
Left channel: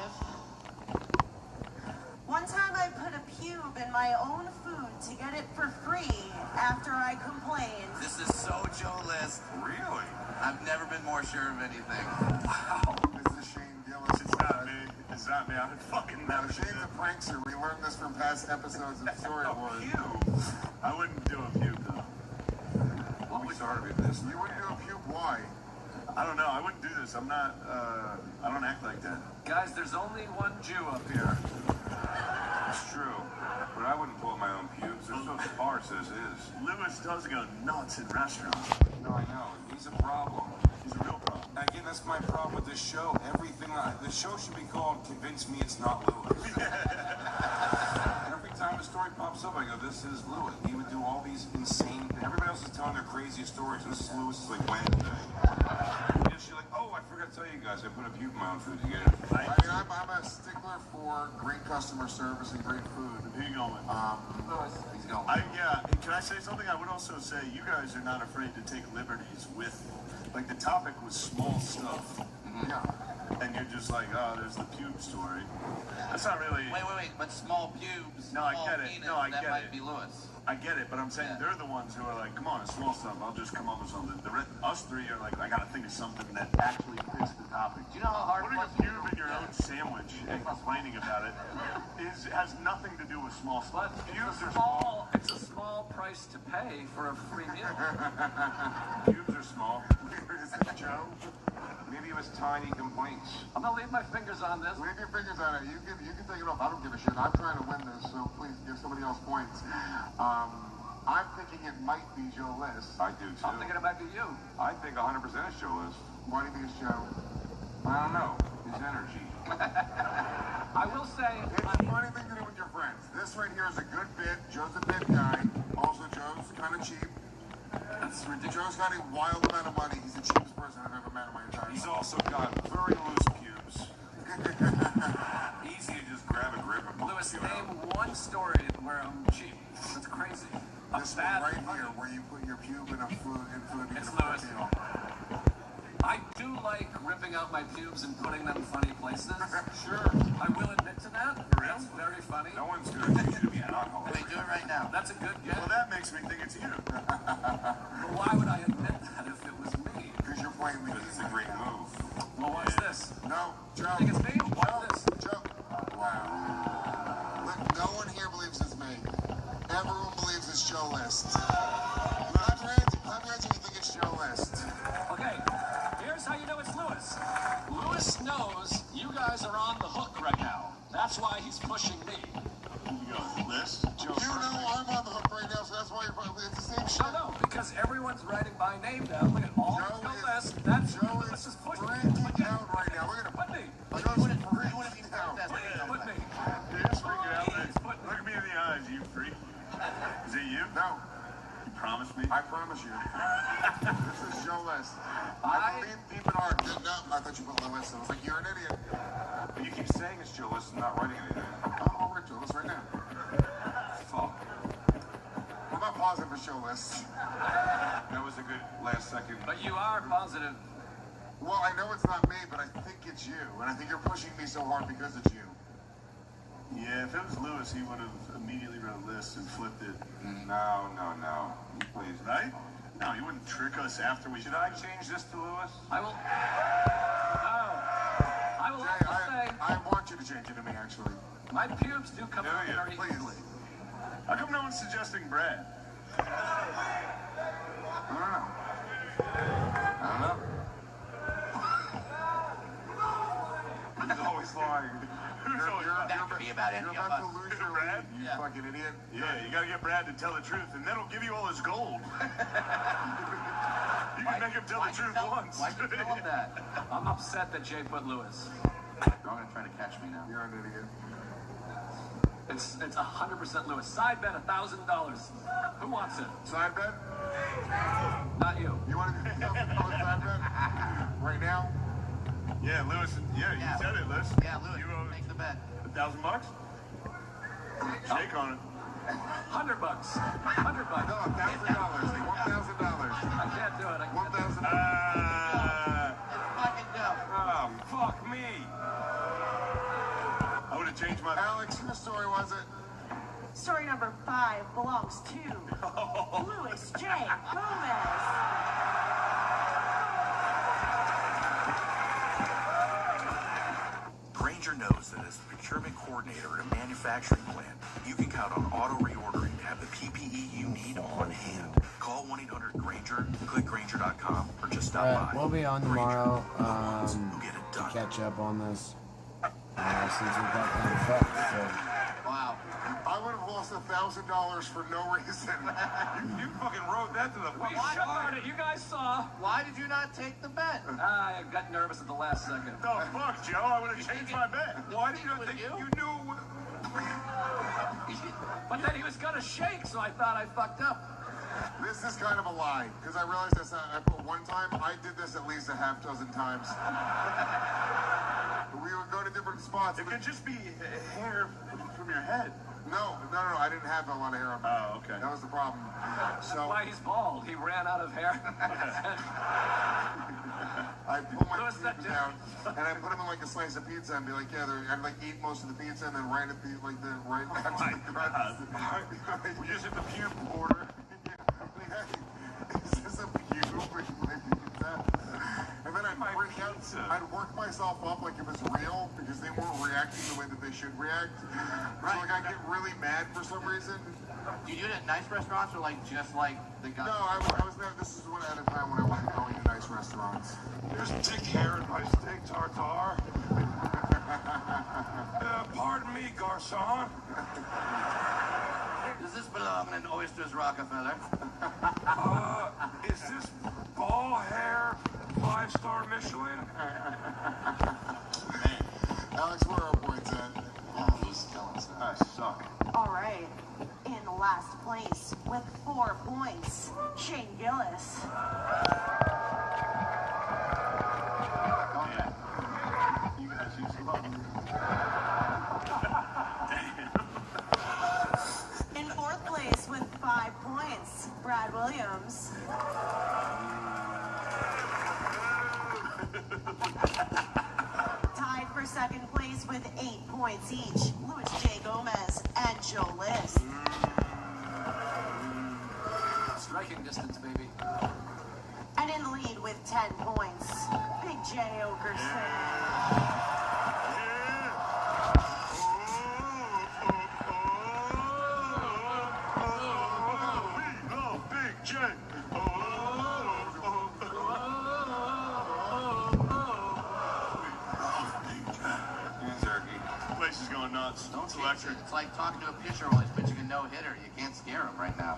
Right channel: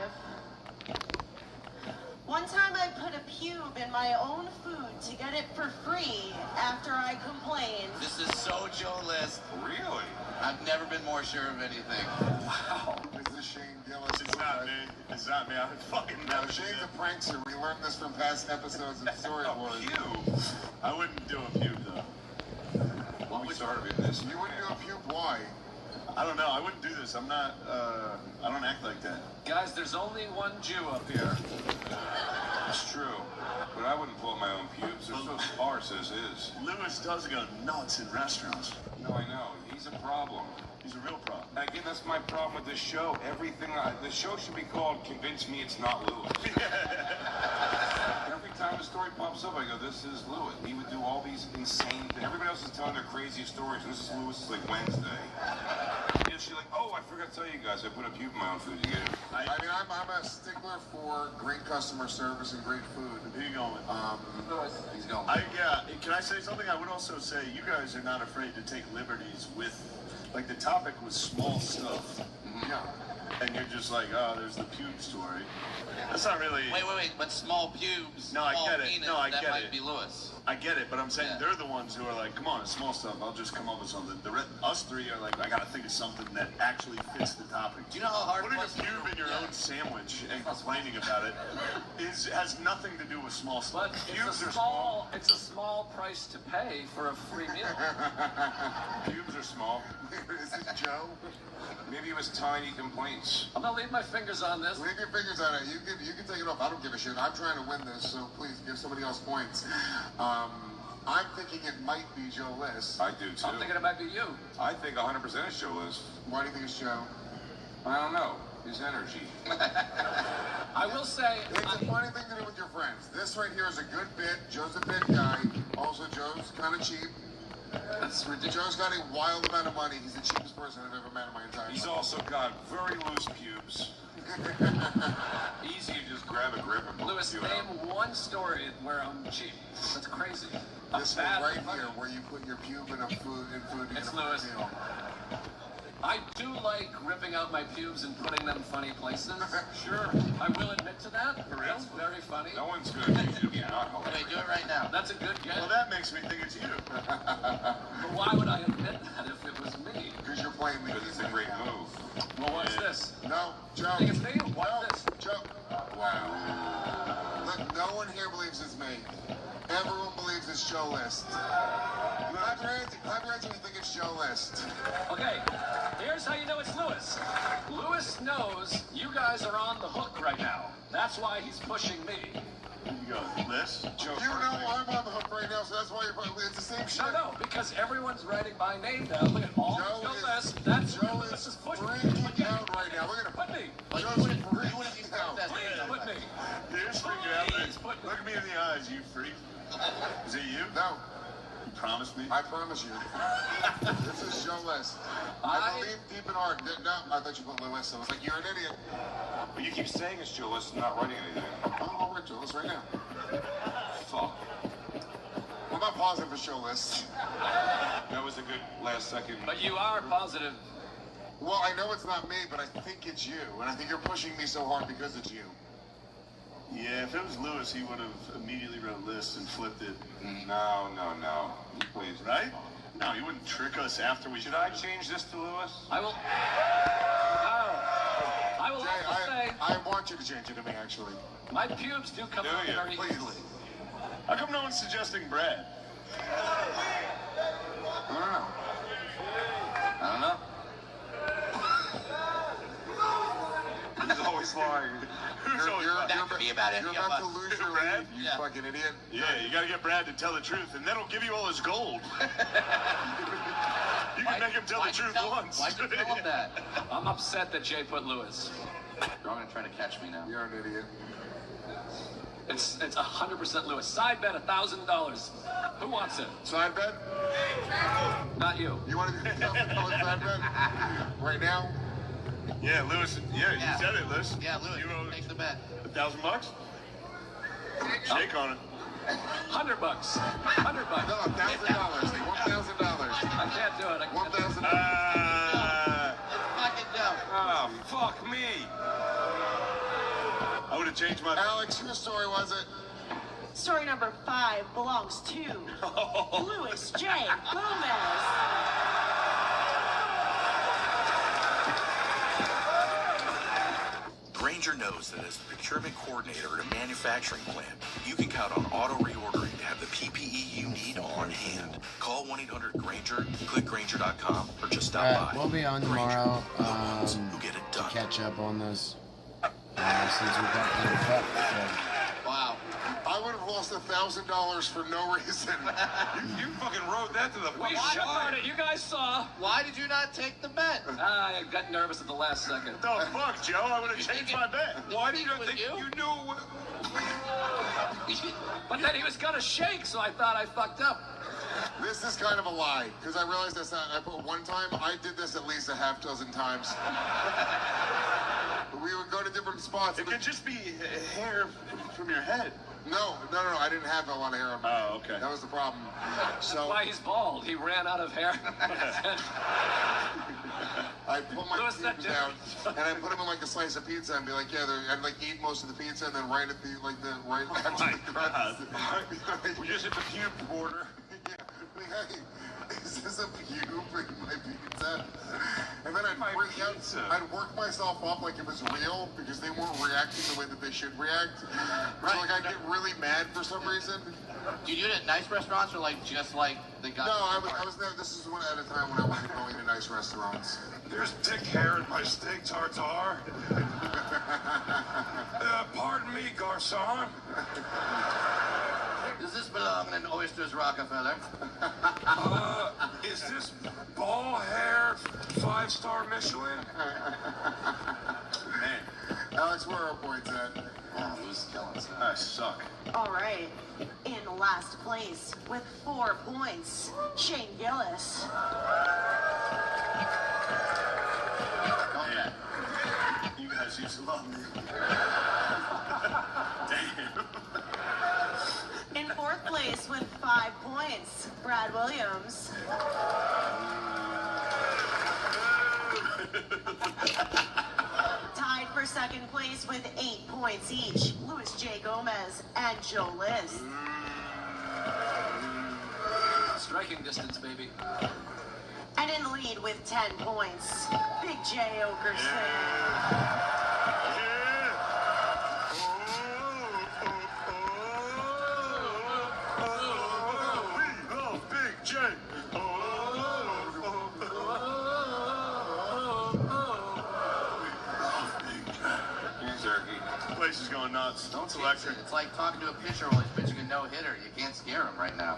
One time I put a pube in my own food to get it for free after I complained. This is so Joe List. Really? I've never been more sure of anything. Wow. This is Shane Gillis. It's not me. It's not me. I would fucking never do Shane's that. a prankster. We learned this from past episodes of Storyboard. I wouldn't do a pube, though. Well, we started with this. You wouldn't do a pube? Why? I don't know. I wouldn't do this. I'm not, I don't act like that. Guys, there's only one Jew up here. It's true. But I wouldn't pull my own pubes. They're so sparse as is. Lewis does go nuts in restaurants. No, I know. He's a problem. He's a real problem. Again, that's my problem with this show. The show should be called Convince Me It's Not Lewis. Every time a story pops up, I go, this is Lewis. He would do all these insane things. Everybody else is telling their crazy stories, and this is Lewis. It's like Wednesday. And she's like, oh, I forgot to tell you guys, I put a pube in my own food to get it. I mean, I'm a stickler for great customer service and great food. Who you going with? He's going. Can I say something? I would also say you guys are not afraid to take liberties with, like, the topic was small stuff. Yeah. And you're just like, oh, there's the pube story. That's not really... Wait, but small pubes, No, I small get it. penis, No, I that get might it. be Lewis. I get it, but I'm saying they're the ones who are like, come on, small stuff, I'll just come up with something. Us three are like, I gotta think of something that actually fits the topic. Do you know how hard Putting it a was? pube in your own sandwich and complaining about it has nothing to do with small stuff. But Pubes are small. it's a small price to pay for a free meal. Pubes are small. Is this Joe? Maybe it was tiny complaints. I'm gonna leave my fingers on this. Leave your fingers on it. You can take it off. I don't give a shit. I'm trying to win this, so please give somebody else points. I'm thinking it might be Joe List. I do too. I'm thinking it might be you. I think 100% is Joe List. Why do you think it's Joe? I don't know. His energy. I will say, It's a funny thing to do with your friends. This right here is a good bit. Joe's a bit guy. Also, Joe's kind of cheap. that's ridiculous. Joe's got a wild amount of money. He's the cheapest person I've ever met in my entire life. He's also got very loose pubes. Easy to just grab a grip and pull Lewis, the pube name out. one story where I'm cheap. That's crazy. This one right here, where you put your pube in a food in It's a Lewis. meal. I do like ripping out my pubes and putting them in funny places. Sure. I will admit to that. That's very funny. No one's going to teach you to be an alcoholic. Wait, do it right now. That's a good guess. Well, that makes me think it's you. But why would I admit that if it was me? Because you're playing me. But it's a great move. Well, what's this? No, Joe. Think it's me? What's this? Joe. Wow. Look, no one here believes it's me. Everyone believes it's Joe List. Clap your hands when you think it's Joe List. Okay, here's how you know it's Lewis. Lewis knows you guys are on the hook right now. That's why he's pushing me. You go, List? Joe, You know I'm on the hook right now, so that's why you're probably, it's the same shit. No, because everyone's writing my name down. Look at all Joe the is- list. That's Joe Lewis is is pushing me. freaking out right now. Look at him. Put me. Like, I was freaking out. Please put me. You're freaking out. Please put me. Look at me in the eyes, you freak. Is it you? No, You promised me? I promise you. This is Joe List. I believe deep in heart. No, I thought you put Lewis. I was like, you're an idiot. But you keep saying it's Joe List and not writing anything. I'll write Joe List right now. Fuck. I'm not positive for Joe List. That was a good last second. But you are positive. Well, I know it's not me, but I think it's you. And I think you're pushing me so hard because it's you. Yeah, if it was Lewis, he would have immediately wrote List and flipped it. No. He plays. Right? No, he wouldn't trick us after we... Should I change this to Lewis? I will. I will Jay, also say I want you to change it to me, actually. my pubes do come Do out you? very Please. easily. How come no one's suggesting Brad? I don't know. I don't know. He's always lying. That could be about any You're of about us. to lose your Brad? lead, you Yeah. fucking idiot. Yeah, you gotta get Brad to tell the truth, and that'll give you all his gold. You can make him tell the truth once. Why'd you tell him that? I'm upset that Jay put Lewis. You're gonna try to catch me now. You're an idiot. It's 100% Lewis. Side bet $1,000. Who wants it? Side bet? Not you. You want to do $1,000 side bet? Right now? Yeah, Lewis. Yeah, you said it, Lewis. Yeah, Lewis, take the bet. $1,000? Shake on it. $100. $100. No, $1,000. They want $1,000. I can't do it. $1,000. Fucking no. Oh, fuck me. I would have changed my... Alex, whose story was it? Story number 5 belongs to Louis J. Gomez. Granger knows that as the procurement coordinator at a manufacturing plant, you can count on auto reordering to have the PPE you need on hand. Call 1-800-GRANGER, click Granger.com, or just stop by. We'll be on tomorrow to catch up on this since we got kind of fucked. So. Wow. I would have lost $1,000 for no reason. You fucking rode that to the We shot it. You guys saw. Why did you not take the bet? I got nervous at the last second. Oh, fuck, Joe. I would have changed my bet. Why did you think you knew? But then he was gonna shake, so I thought I fucked up. This is kind of a lie, because I realized that's not, I put one time, I did this at least a half dozen times. We would go to different spots. It could just be hair from your head. No, I didn't have a lot of hair on me. Oh, okay. That was the problem. So That's why he's bald. He ran out of hair. I pull my pubes down and I put them in like a slice of pizza and be like, yeah, I'd like eat most of the pizza and then right at the right after the crust. We just hit the pube border. Is this a pube in my pizza? And then I'd work myself up like it was real because they weren't reacting the way that they should react. Right. So like I get really mad for some reason. Do you do it at nice restaurants or like just like the guy? No, I was never. This is one at a time when I wasn't going to nice restaurants. There's thick hair in my steak tartare. Pardon me, garçon. Does this belong in Oysters Rockefeller? Is this ball hair 5-star Michelin? Man, Alex, where are our points at? I suck. All right. In last place with 4 points, Shane Gillis. Man, you guys used to love me. Damn. In 4th place with 5 points, Brad Williams. Tied for 2nd place with 8 points each, Louis J. Gomez and Joe List. Striking distance, baby. And in the lead with 10 points, Big J. Okerson. Big J. Place is going nuts. It's electric. It's like talking to a pitcher while he's pitching a no-hitter. You can't scare him right now.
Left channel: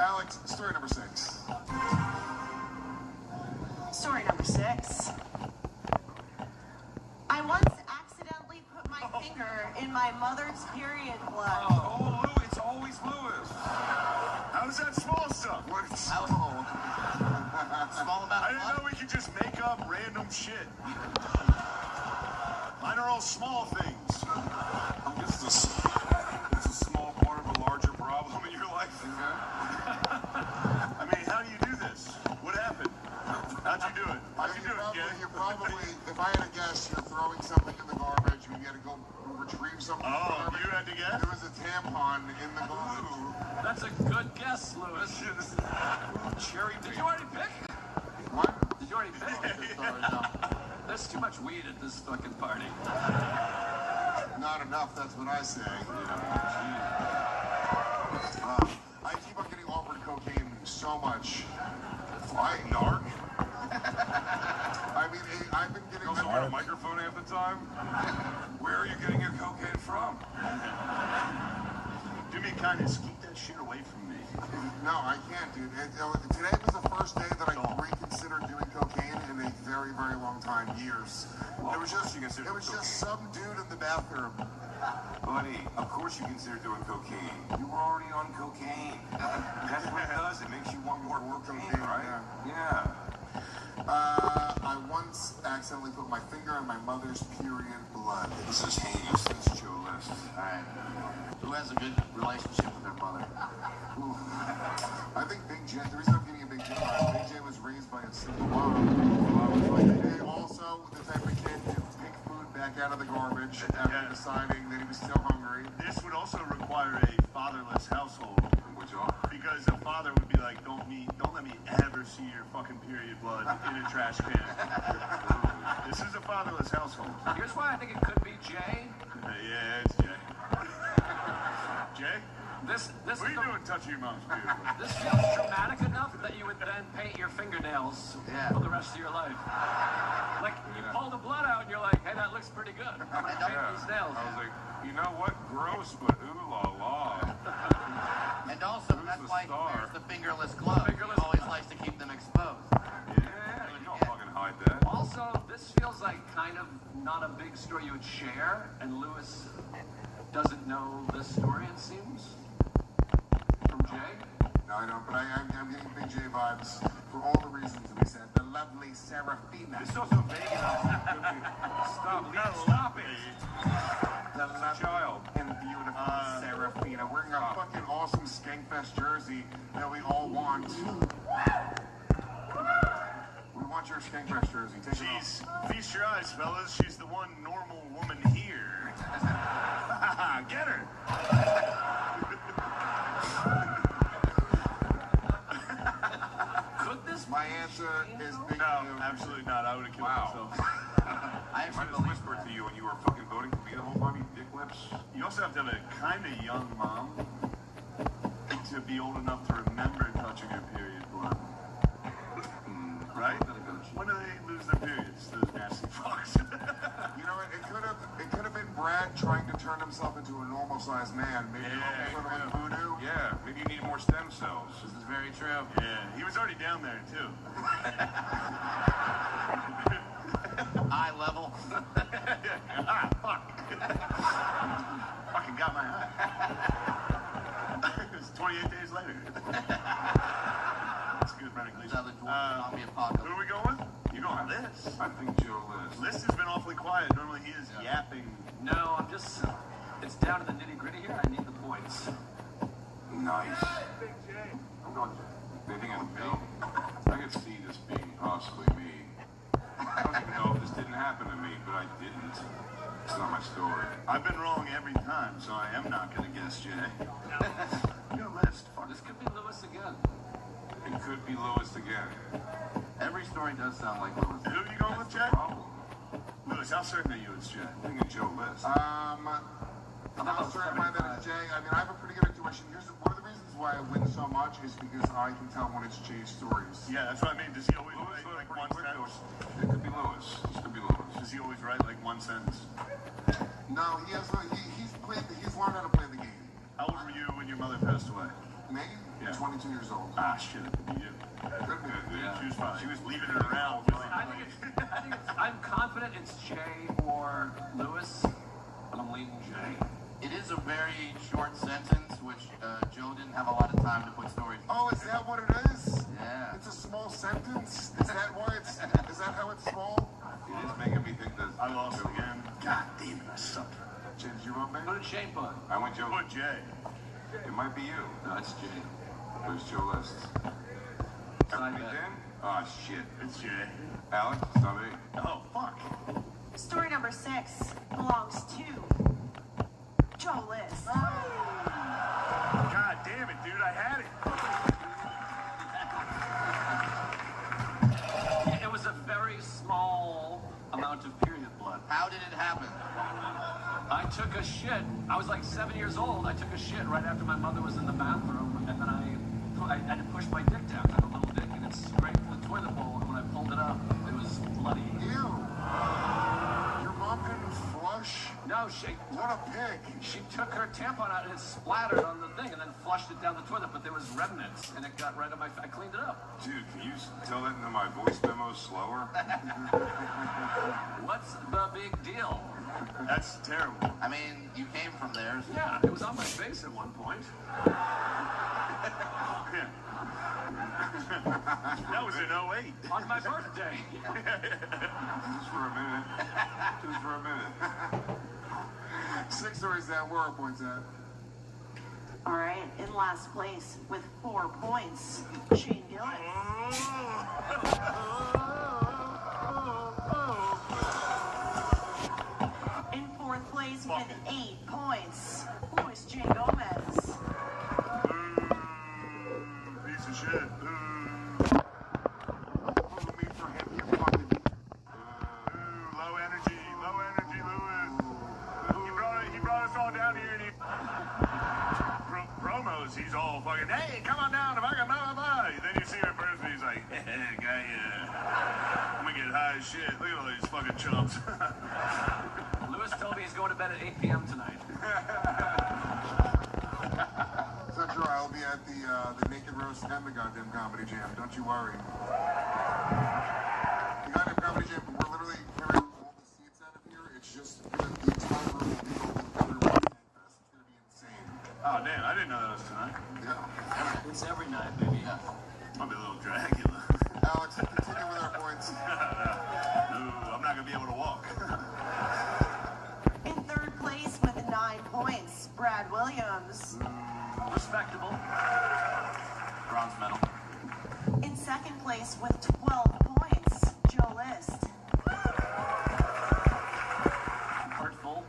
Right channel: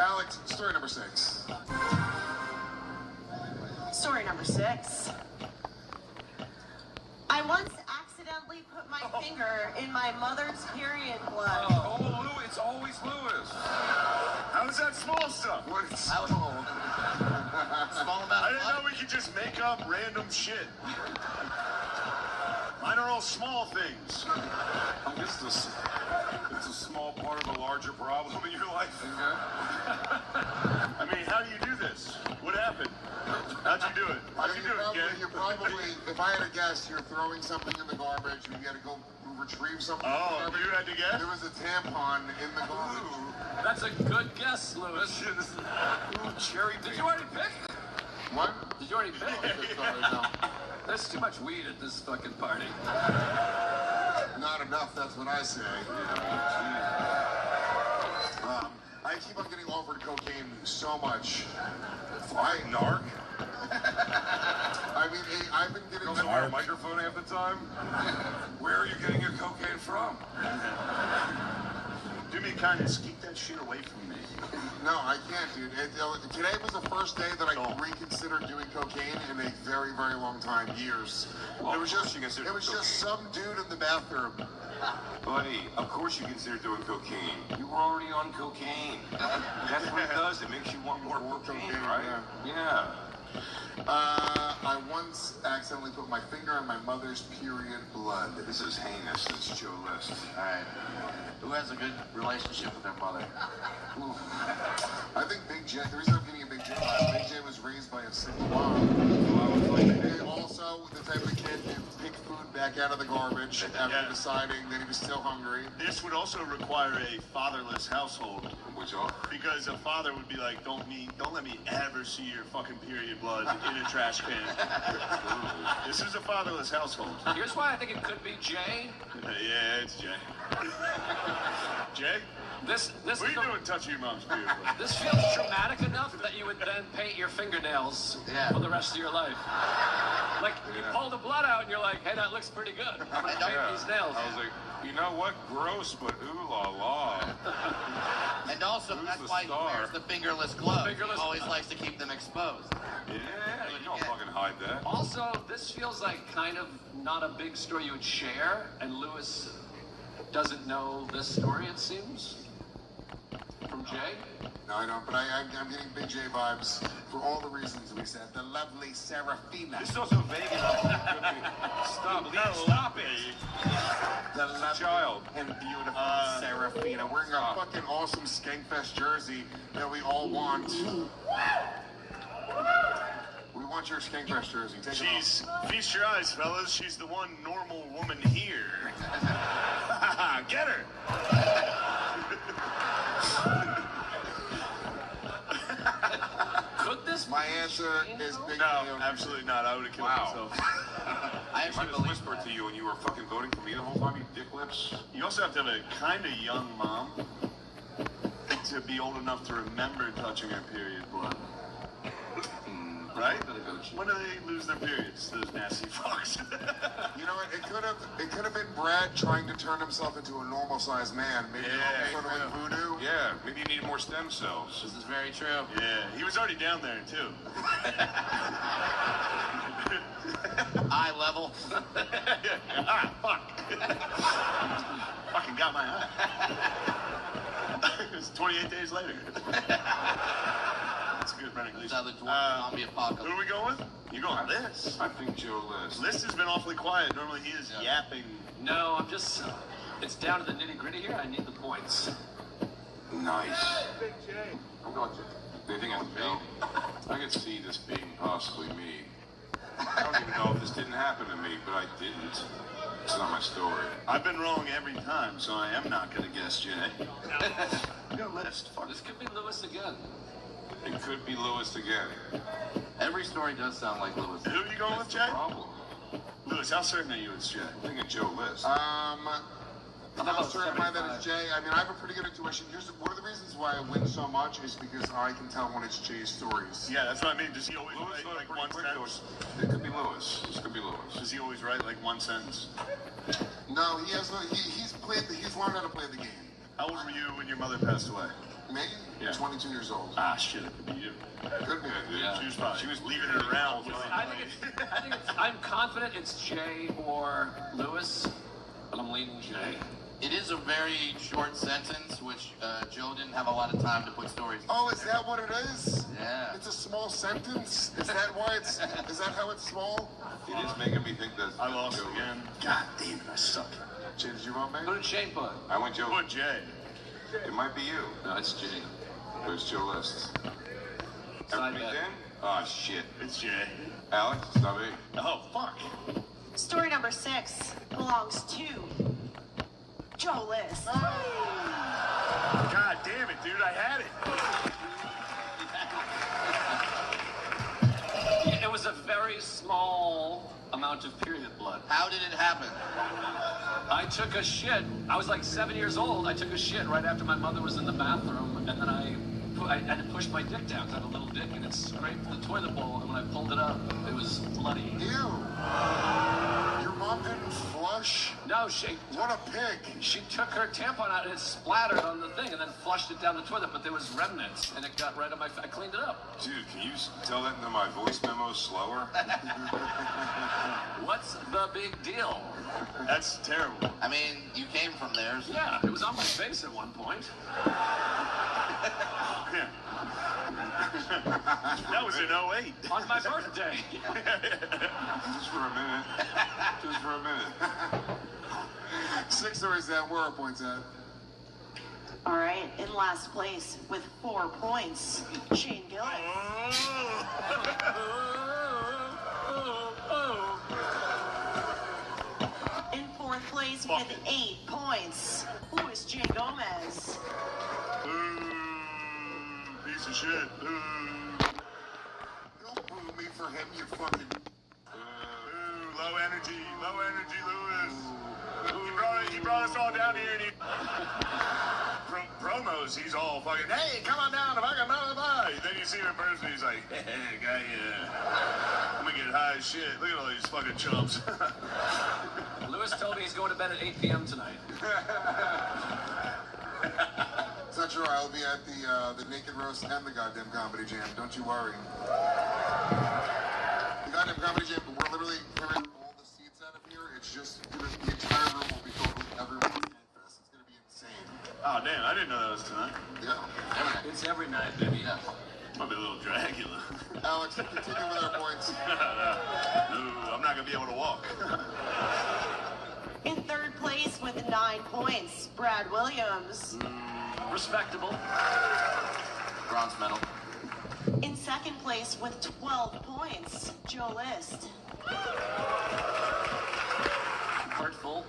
Alex, story number 6. Story number 6. I once accidentally put my finger in my mother's period blood. Oh, Louis, it's always Louis. How is that small stuff? Small amount I of didn't know we could just make up random shit. Mine are all small things. I guess it's a small part of a larger problem in your life. I mean, how do you do this? What happened? How'd you do it? How'd you do it, kid? You probably, if I had to guess, you're throwing something in the garbage and you had to go retrieve something. Oh, you had to guess? There was a tampon in the garbage. That's a good guess, Louis. Cherry Did you already pick? What? Did you already pick? There's too much weed at this fucking party. Not enough, that's what I say. I keep on getting offered cocaine so much. Why, narc? I mean, I've been getting... You don't have a microphone half the time? Where are you getting your cocaine from? Do me a kindness, keep that shit away from me. No, I can't, dude. Today was the first day that I reconsidered doing cocaine in a very very, very long time, years. Well, It was just cocaine. some dude in the bathroom. Buddy, of course you consider doing cocaine. You were already on cocaine. That's what it does. It makes you want more cocaine, right? Yeah. I once accidentally put my finger on my mother's period blood. This is heinous. This is Joe List. Alright. Who has a good relationship with their mother? I think Big J, the reason I'm giving a Big J is Big J was raised by a single mom. And also the type of kid that picked food back out of the garbage after deciding that he was still hungry. This would also require a fatherless household. Because a father would be like, don't let me ever see your fucking period blood in a trash can. This is a fatherless household. Here's why I think it could be Jay. Yeah, it's Jay. Jay? This what are you doing touching your mom's period blood? This feels traumatic enough that you would then paint your fingernails for the rest of your life. Like, you pull the blood out and you're like, hey, that looks pretty good. I'm gonna paint these nails. I was like, you know what? Gross, but ooh la la. And also, that's why he wears the fingerless glove. He always likes to keep them exposed. Yeah, you don't fucking hide that. Also, this feels like kind of not a big story you would share, and Lewis doesn't know this story, it seems. From Jay? No, I don't, but I'm getting Big J vibes for all the reasons we said. The lovely Serafina. You're still so vague Stop it. The lovely child and beautiful Serafina wearing our fucking awesome Skankfest jersey that we all want. We want your Skankfest jersey. Take it off. Feast your eyes, fellas. She's the one normal woman here. Get her. Could this My answer is Big No, absolutely not. I would have killed myself. I just whispered to you when you were fucking voting for me the whole time, you dick lips. You also have to have a kind of young mom to be old enough to remember touching her period blood. Right? When do they lose their periods, those nasty fucks? You know what? It could have been Brad trying to turn himself into a normal-sized man. Maybe sort of like voodoo. Yeah, maybe you need more stem cells. This is very true. Yeah, he was already down there, too. Eye level. Ah, fuck. Fucking got my eye. It was 28 days later. That's a good running leash. Who are we going with? You going with this? I think Joe List. List has been awfully quiet. Normally he is yapping. No, I'm just... It's down to the nitty-gritty here. I need the points. Nice. They think it's me? I could see this being possibly me. I don't even know if this didn't happen to me, but I didn't. It's not my story. I've been wrong every time, so I am not going to guess Jay. Your list. Fuck. This could be Lewis again. It could be Lewis again. Every story does sound like Lewis. Who are you going with, Jay? Lewis, how certain are you it's Jay? I think it's Joe List. I'm not certified that it's Jay. I mean, I have a pretty good intuition. One of the reasons why I win so much is because I can tell when it's Jay's stories. Yeah, that's what I mean. Does he always write like one sentence? It could be Lewis. This could be Lewis. Does he always write like one sentence? No, he has. He's learned how to play the game. How old were you when your mother passed away? Me? Yeah. 22 years old. Ah, shit, it could be you. Could be. Yeah. She was leaving it around. I'm confident it's Jay or Lewis, but I'm leaning Jay. It is a very short sentence, which Joe didn't have a lot of time to put stories. Oh, is that what it is? Yeah. It's a small sentence? Is that why it's... Is that how it's small? It is making me think that I lost again. God damn it, I suck. Jay, did you want me? Who did Shane put? I went Joe. Put Jay. It might be you. No, it's Jay. There's Joe List. Everybody bet. in? Oh, shit. It's Jay. Alex, it's not me. Oh, fuck. Story number 6 belongs to Joe List. God damn it, dude, I had it. It was a very small amount of period blood. How did it happen? I took a shit. I was like 7 years old. I took a shit right after my mother was in the bathroom, and then I had to push my dick down. I have a little dick, and it scraped the toilet bowl. And when I pulled it up, it was bloody. Ew. Your mom didn't flush? No, she... What a pig. She took her tampon out and it splattered on the thing and then flushed it down the toilet, but there was remnants and it got right on my... I cleaned it up. Dude, can you tell that into my voice memo slower? What's the big deal? That's terrible. I mean, you came from there. So. Yeah, it was on my face at one point. That was in 08. On my birthday. Just for a minute. Just for a minute. 6 stories that where are points at? All right, in last place with 4 points, Shane Gillis. In 4th place with 8 points, Luis J. Gomez. Piece of shit. Me for him, you fucking. Low energy, Lewis. He brought us all down here and he... Promos, he's all fucking, hey, come on down, if I can blah, blah, blah. Then you see him in person, he's like, hey, guy, I'm gonna get high as shit. Look at all these fucking chumps. Lewis told me he's going to bed at 8 p.m. tonight. It's not true. I'll be at the Naked Roast and the goddamn Comedy Jam. Don't you worry. The goddamn Comedy Jam, we're literally clearing all the seats out of here. It's just the entire room will be filled with other Fan Fest. It's gonna be insane. Oh, damn, I didn't know that was tonight. Yeah. It's every night, baby. Yeah. I'll be a little Dracula. Alex, continue with our points. No, I'm not gonna be able to walk. In 3rd place with 9 points, Brad Williams. Respectable. Bronze medal. In 2nd place with 12 points, Joe List. Hurtful.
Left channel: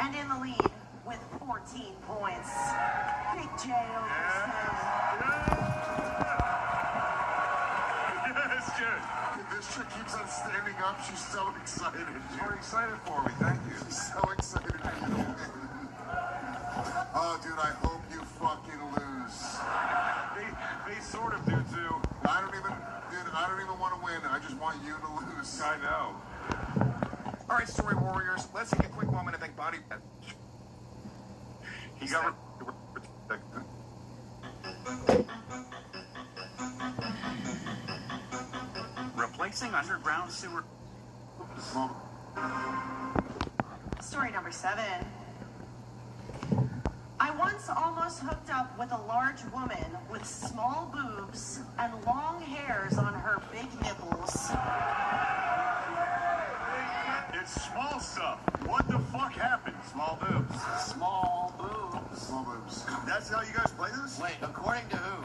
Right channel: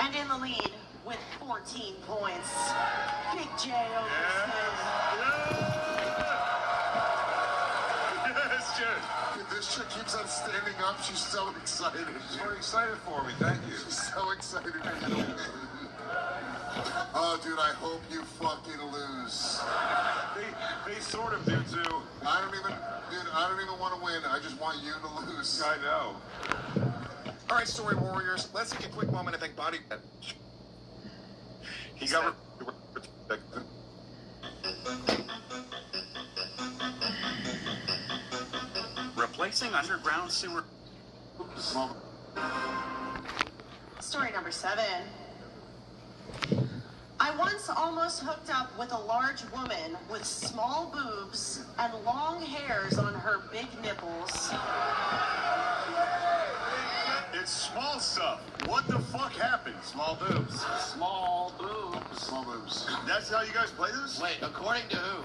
And in the lead with 14 points, Big J. Yes, Jen. This chick keeps on standing up. She's so excited. You're excited for me, thank you. She's so excited. Oh, dude, I hope you fucking lose. They sort of do too. I don't even want to win. I just want you to lose. I know. All right, story warriors, let's take a quick moment to thank Body. He got replacing underground sewer. Story number 7. I once almost hooked up with a large woman with small boobs and long hairs on her big nipples. It's small stuff. What the fuck happened? Small boobs. Small boobs. Small boobs. That's how you guys play this? Wait, according to who?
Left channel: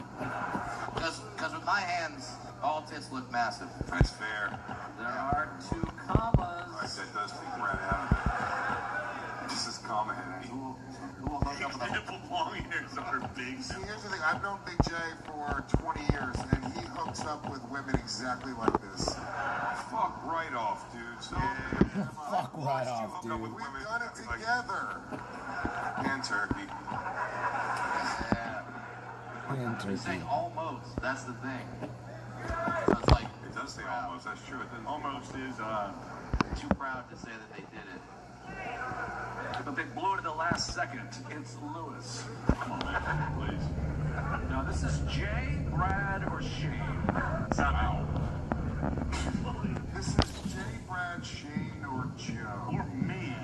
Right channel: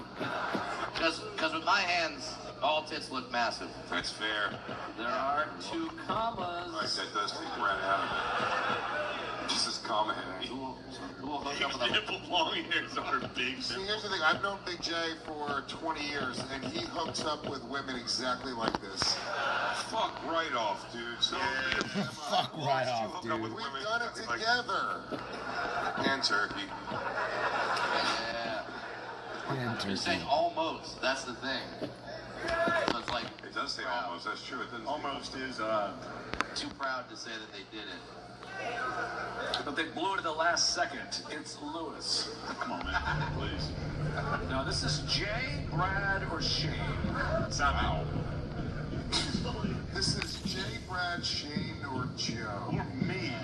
Because with my hands, all tits look massive. That's fair. There are 2 commas. I said does take right out of it. This is common. Nipple long hairs on her big. See, here's the thing. I've known Big J for 20 years, and he hooks up with women exactly like this. Fuck right off, dude. So Fuck right off, dude. We've done it together. And turkey. Yeah. And You're turkey. saying almost. That's the thing. So it's like It does say almost. That's true. It doesn't Almost is, too proud to say that they did it. But they blew it at the last second. It's Lewis. come on, man, please. No, this is Jay, Brad, or Shane. It's not me. This is Jay, Brad, Shane, or Joe. Or me.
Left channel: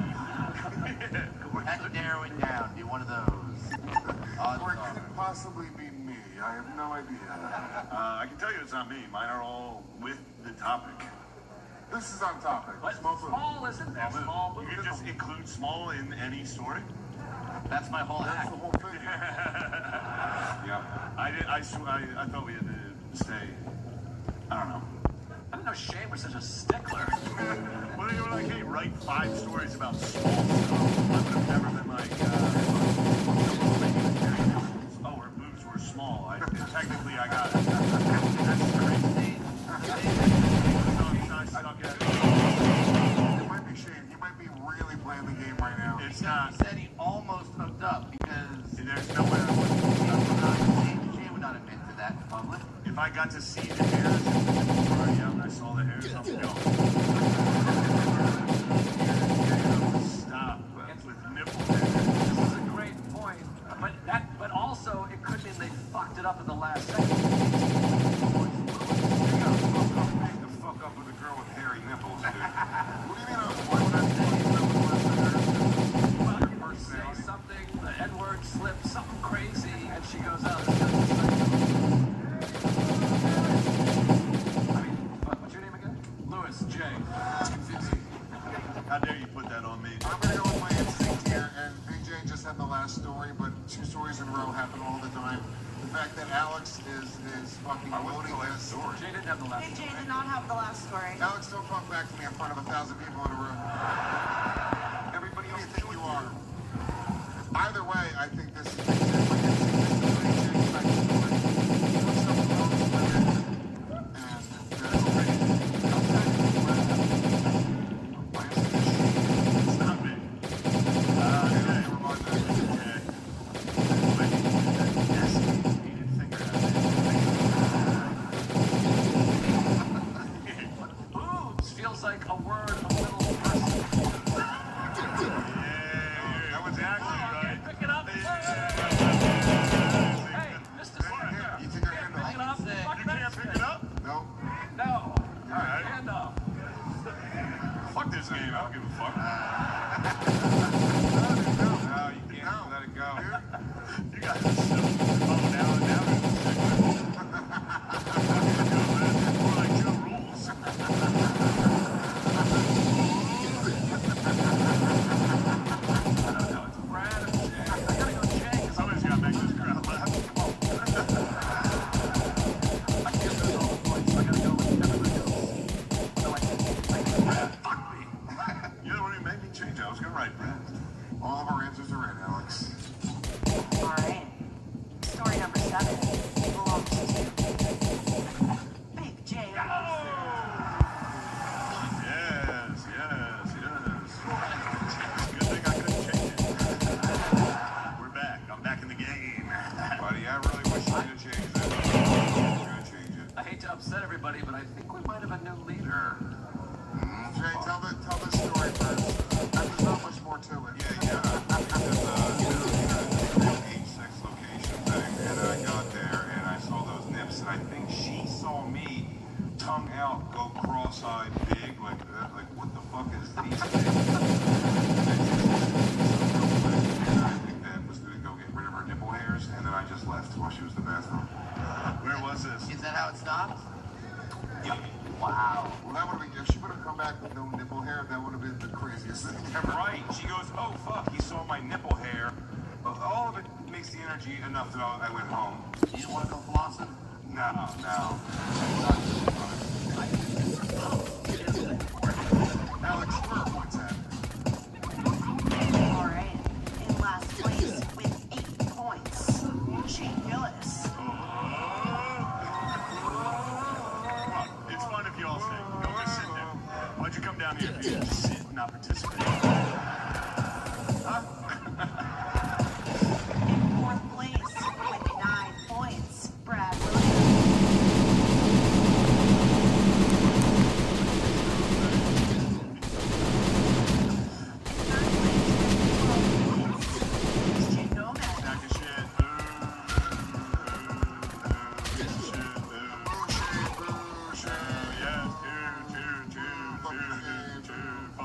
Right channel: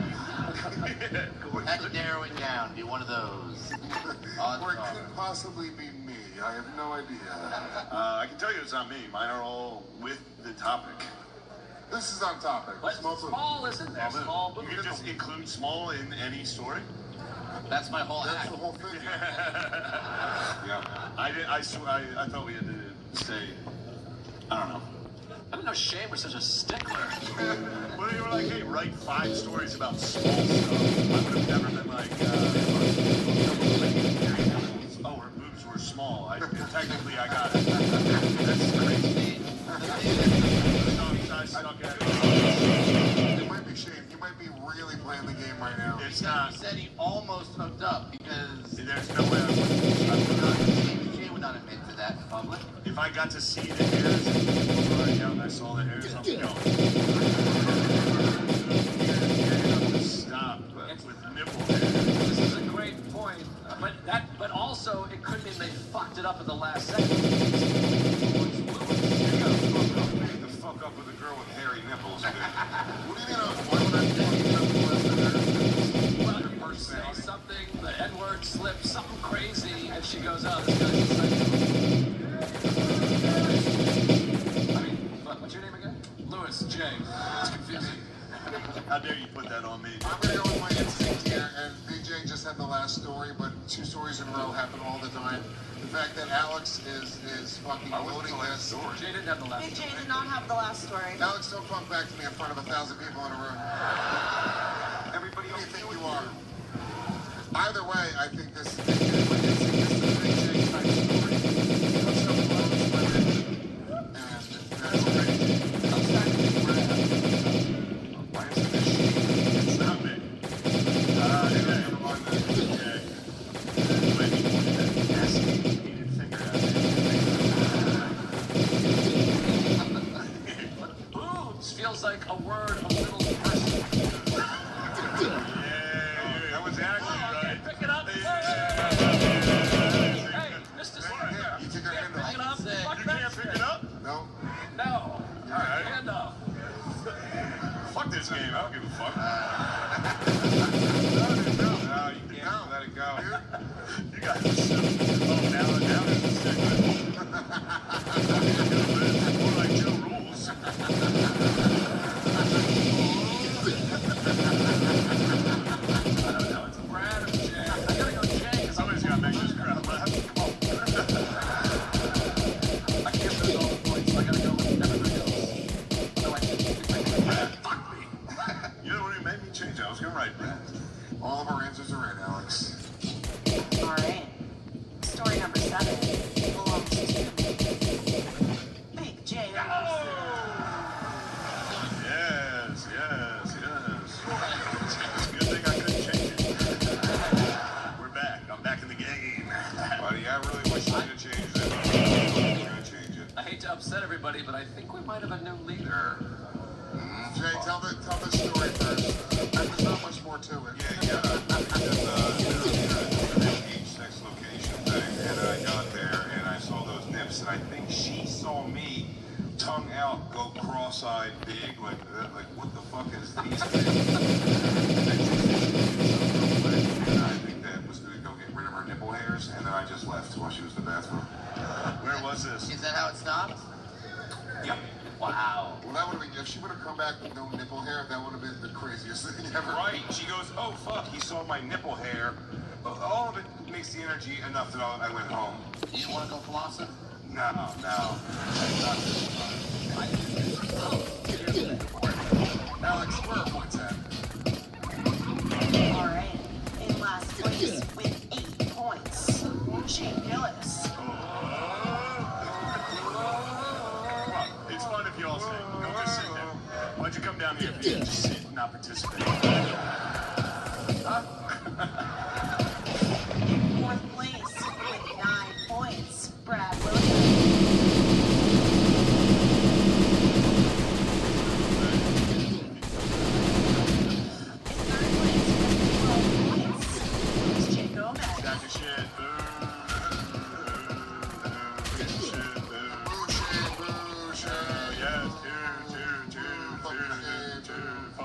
Had to narrow it down. Be one of those. Or it couldn't possibly be me. I have no idea. I can tell you it's not me. Mine are all with the topic. This is on topic. But small isn't there? Small You boobs. can just include small in any story. That's my whole That's act. the whole thing. Yeah. I thought we had to say, I don't know. I didn't know Shane was such a stickler. Well, they were like, hey, write 5 stories about small stuff. I've never been like, oh, her boobs were small. Technically, I got it. That's crazy. I don't get it. It might be Shane. He might be really playing the game right now. It's not. He said he almost hooked up because There's no way. Jay would not admit to that in public. If I got to see the hairs, I saw the hairs. Stop. last story, but 2 stories in a row happen all the time. The fact that Alex is fucking loading this. Jay didn't have the last. Hey, Jay did not have the last story. Alex, don't come back to me in front of 1,000 people in a room. Everybody, who do you think you are? Either way, I think this Boobs feels like a word a little. That was actually right. Pick it up. Hey, Mr. Slugger. You take your hand off. Pick it up. You can't pick it up? No. No. All right, hand off. Fuck this game. I don't give a fuck. No, you can't let it go. You got this. Now. Like 2 rules. Somebody's got to make this crowd laugh. Fuck me. You know what it made me change? I was going to write that. All of our answers are right, Alex. All right. Story number 7 belongs to Big J. Yes. Good thing I couldn't change it. We're back. I'm back in the game. Buddy, I really wish you could have changed it. I'm gonna change it. I hate to upset everybody, but I think we might have a new leader. Jay, tell the story first. There's not much more to it. Sex location thing, and I got there and I saw those nips, and I think she saw me tongue out, go cross-eyed big, like what the fuck is these? And I think that was gonna go get rid of her nipple hairs, and then I just left while she was in the bathroom. Where was this? Is that how it stopped? Yep. Wow. Well, that would have been, if she would have come back with no nipple hair, that would have been the craziest thing ever. Right. She goes, oh fuck, he saw my nipple hair. All of it makes the energy enough that I went home. You didn't want to go flossing? No. Alex, where are points at? All right. In last place with 8 points, Jay Gillis. It's fun if you all sing. Go just sit there. Why'd you come down here? Just sit and not participate. In 4th place with 9 points, Brad. Jay Gomez. Got your shit.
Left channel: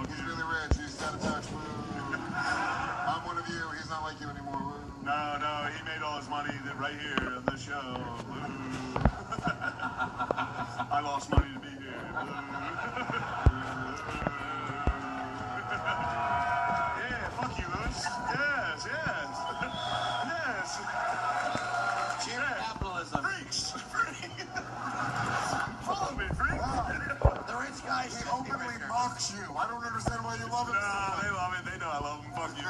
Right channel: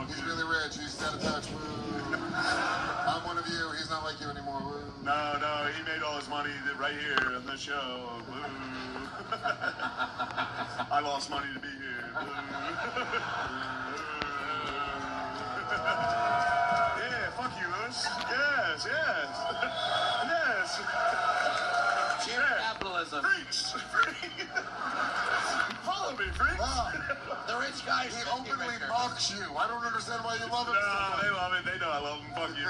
He's really rich. He's out of touch. I'm one of you. He's not like you anymore. No, he made all his money right here on this show. I lost money to be here. Yeah, fuck you, Lewis. Yes. Cheer capitalism. Freaks. Follow me, freaks. The rich guys He openly mocks you. I don't understand why you love him. No, they love it. They know I love them. Fuck you.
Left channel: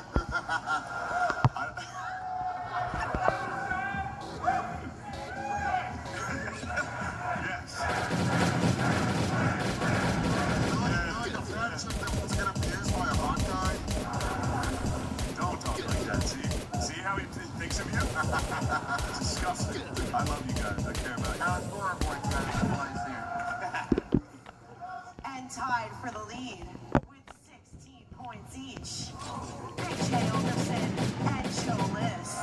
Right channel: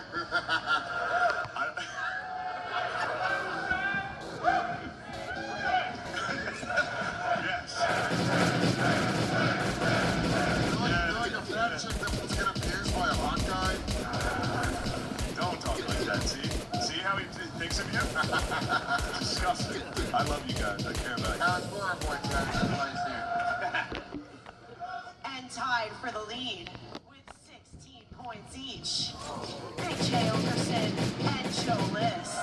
Don't talk like that. See how he thinks of you? Disgusting. I love you guys. I care about you. And tied for the lead with 16 points each, Big J Overson and Joe List.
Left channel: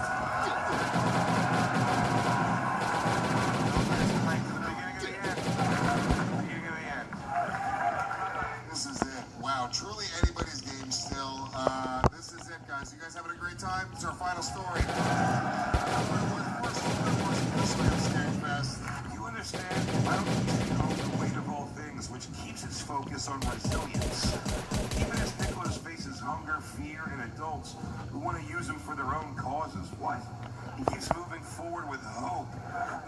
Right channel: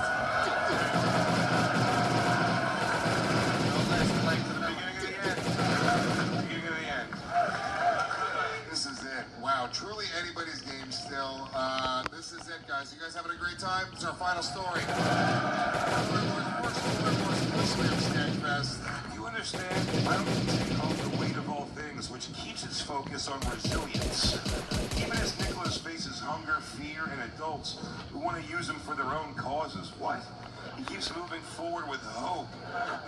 This is it. Wow, truly anybody's game still. This is it, guys. You guys having a great time? It's our final story. You understand? I don't take the weight of all things, which keeps its focus on resilience. Even as Nicholas faces hunger, fear, and adults, who want to use them for their own causes. What? He keeps moving forward with hope.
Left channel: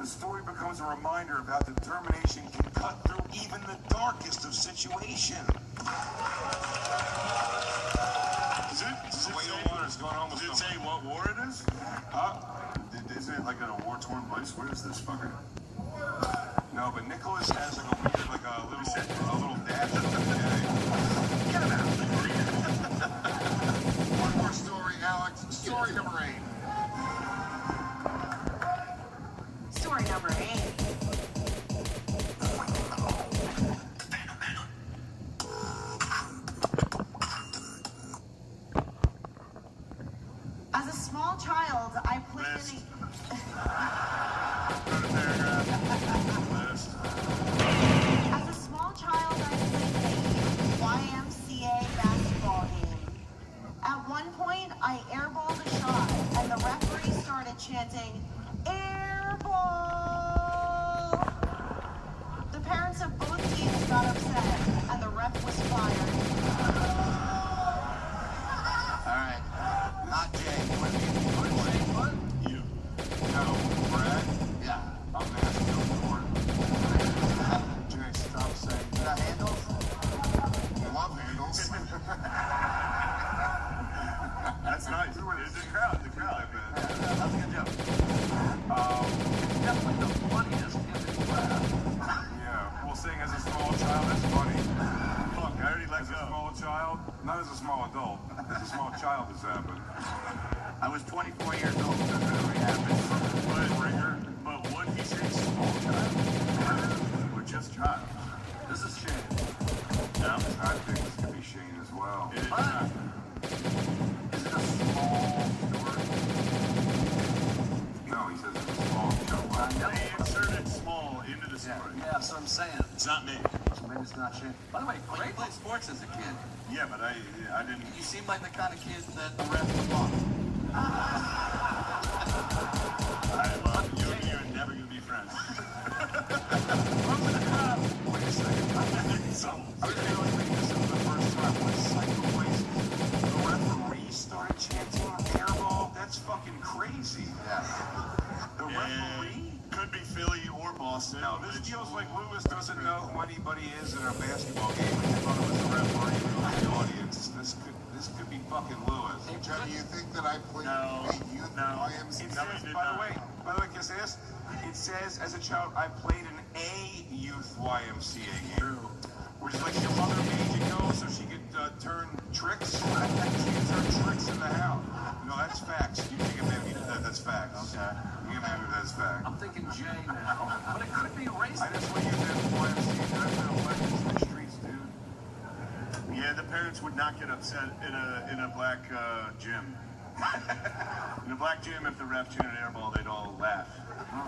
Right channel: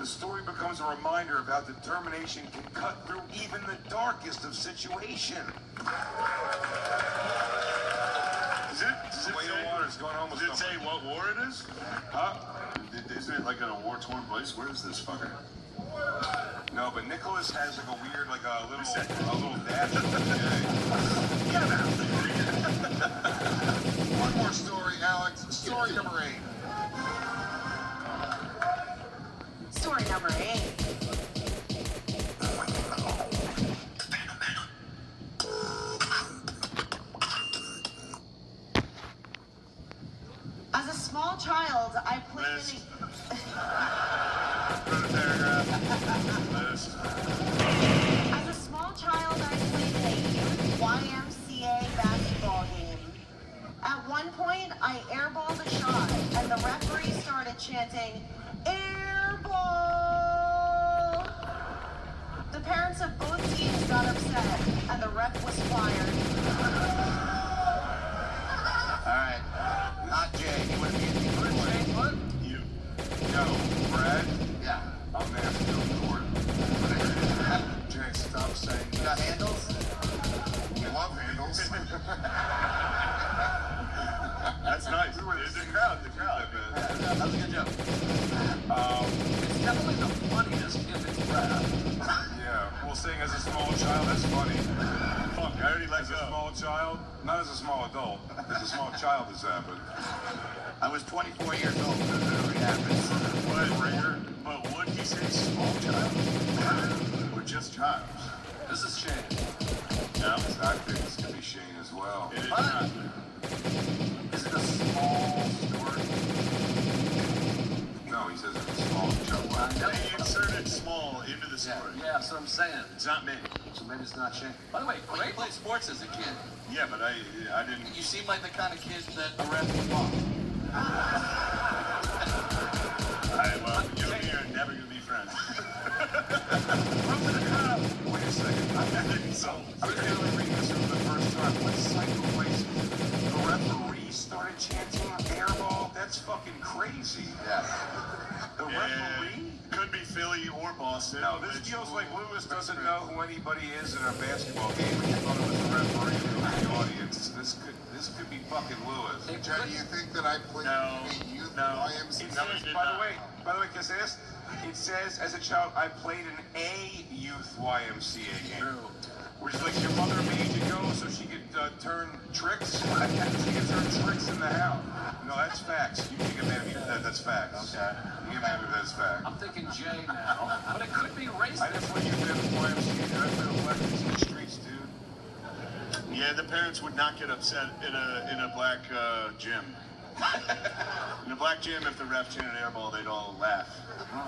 The story becomes a reminder of how determination can cut through even the darkest of situations. Does it say what war it is? Huh? Isn't it like on a war-torn place? Where is this fucker? No, but Nicholas has like a weird, like a little dad. One more story, Alex. Story number 8. Story number 8. As a small child, I played many... As a small child, I played a YMCA basketball game. At one point, I airballed a shot, and the referee started chanting, "Airball!" The parents of both teams got upset, and the ref was fired. Alright. Not Jay. You. No, Brad? Yeah. I'm asking the board. Jay, stop saying You got handles? you love handles. That's nice. The crowd. That's a good joke. Definitely the funniest in the crowd. Yeah, well, saying as a small child, that's funny. Fuck, I already let As a go. small child, not as a small adult, as a small child is that, but I was 24 years old when the movie happened. But what he said, small child. We're just child. This is Shane. I think it's gonna be Shane as well. It is. Is it a small story? No, he says it's a small child. They inserted small into the story. Yeah, that's what I'm saying. It's not me. So maybe it's not Shane. By the way, Well, you played sports as a kid. Yeah, but I didn't. You seem like the kind of kid that the ref would want. Well, you and me are never gonna be friends. Wait a second. I didn't so. I feel like this was the first time in cycle races. The referee started chanting airball. That's fucking crazy. Yeah. The referee? Could be Philly or Boston. No, this feels like Lewis doesn't know who anybody is in a basketball game. The referee in the audience. This could be fucking Lewis. Jay, do you think that I played a youth YMCA? It says, by the way, can I say this? It says, as a child, I played in a youth YMCA game. Which like your mother made you go so she could turn tricks. She could turn tricks in the house. No, that's facts. You can have that's facts. Okay. You can have that's facts. I'm thinking Jay now, but it could be racist. That's what you did with YMCA. In the streets, dude. Yeah, the parents would not get upset in a black gym. In a black gym, if the ref chanted airball, they'd all laugh.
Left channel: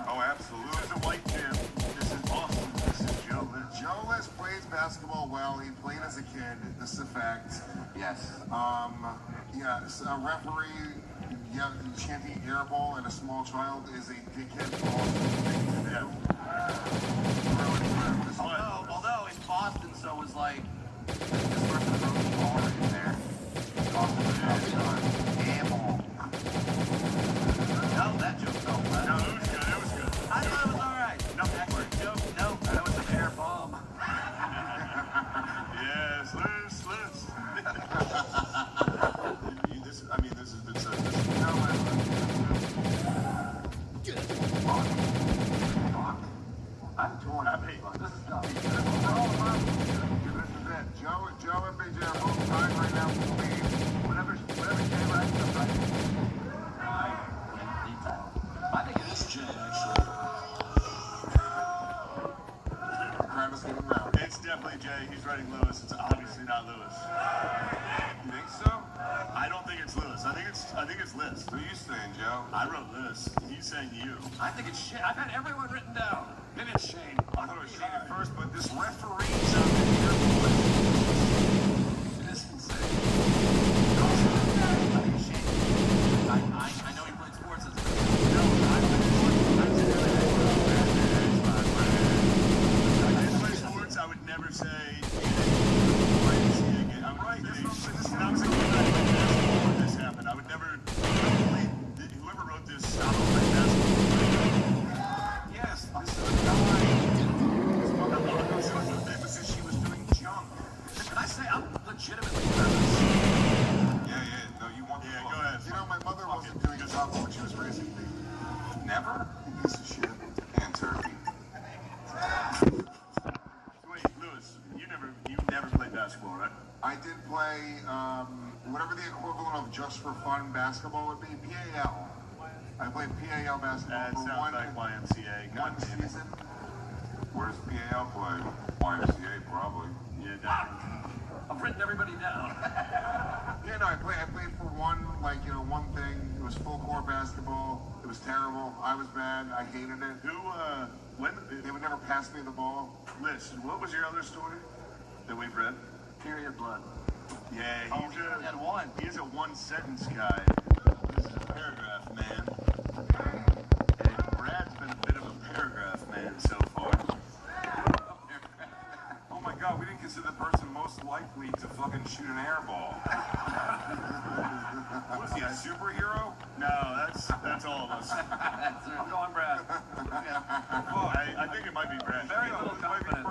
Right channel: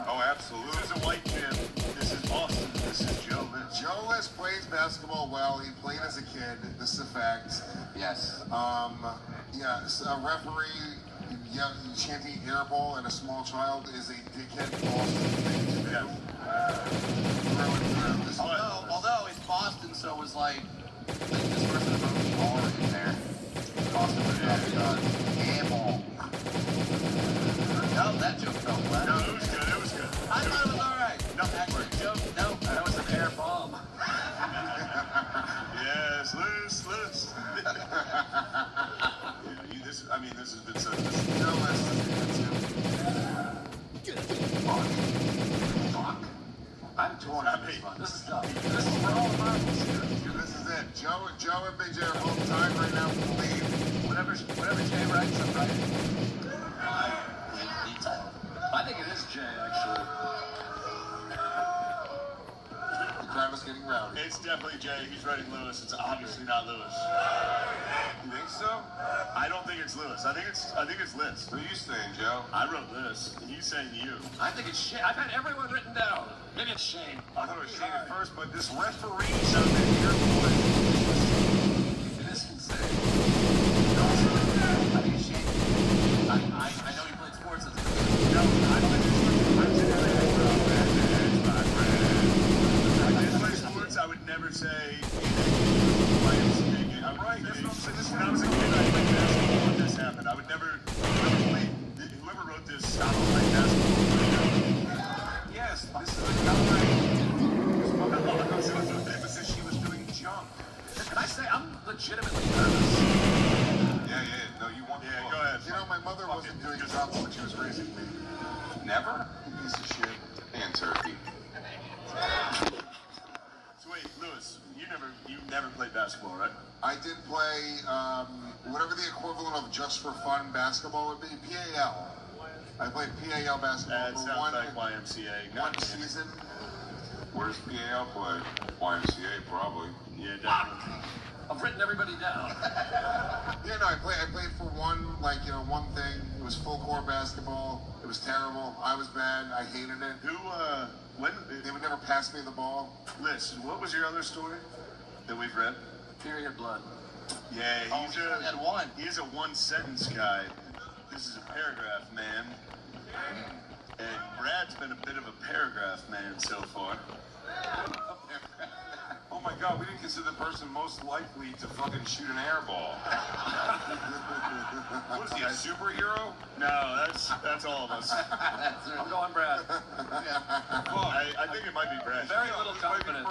Oh, absolutely. This is a white gym. This is Boston. This is Joe. Joe Les plays basketball well. He played as a kid. This is a fact. Yes. Yes, a referee chanting airball and a small child is a dickhead. Although it's Boston, so it was like No, that joke felt bad. No, it was good. It was good. I thought it was all right. No, actually, joke. No, that was an air bomb. Yes, loose. This has been said. I'm torn on this one. This is tough. This is it. Joe and Big J are both tied right now. Whatever Jay writes, I'm right. I think it is Jay, actually. The time is getting round. It's definitely Jay. He's writing Lewis. It's obviously not Lewis. You think so? I don't think it's Lewis. I think it's Liz. Who are you saying, Joe? I wrote Liz. He's saying you. I think it's Shane. I've had everyone written down. Maybe it's Shane. I thought it was Shane at first, but this referee. This is insane. I know he played sports as a I would never say. I'm right. This happened. I would never house when she was raising me. Never? Piece of shit. And turkey. So wait, Lewis, you never played basketball, right? I did play whatever the equivalent of just for fun basketball would be, PAL. I played PAL basketball That for sounds like YMCA. one season. Where's PAL play? YMCA, probably. Yeah, definitely. I've written everybody down. Yeah, no, I played for one thing. It was full court basketball. It was terrible. I was bad. I hated it. They would never pass me the ball. Liz, what was your other story that we've read? Period blood. Yeah, he's a one-sentence guy. This is a paragraph man. And Brad's been a bit of a paragraph man so far. Oh my god, we didn't consider the person most likely to fucking shoot an air ball. What is he, a superhero? No, that's all of us. I'm going Brad. I think it might be Brad. Very little confidence.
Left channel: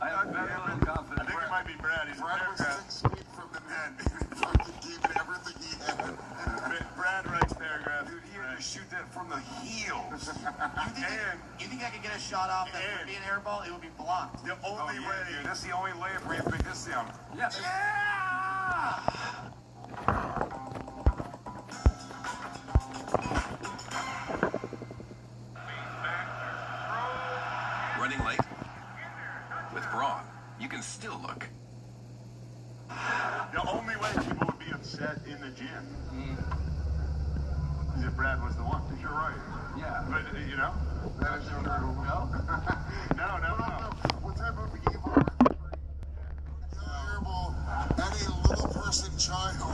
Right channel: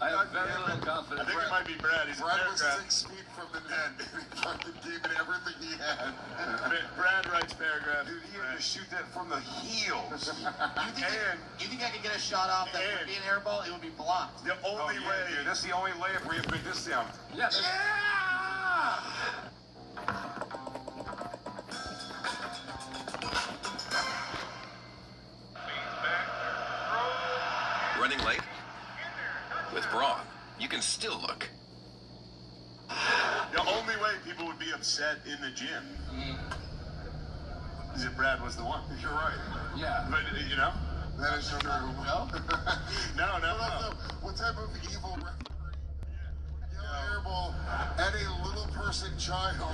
I have very little confidence. I think it might be Brad. He's a Brad was paragraph. 6 feet from the net. He fucking gave it everything he had. Brad writes paragraph. Dude, he had to shoot that from the heels. You think I could get a shot off that would be an air ball? It would be blocked. The only way. Dude, that's the only layup where you put this down. Yeah. Running late? With Braun, you can still look. The only way people would be upset in the gym is if Brad was the one. You're right. Yeah. But, you know? That is your little no? No. What type of evil terrible any little person child? No,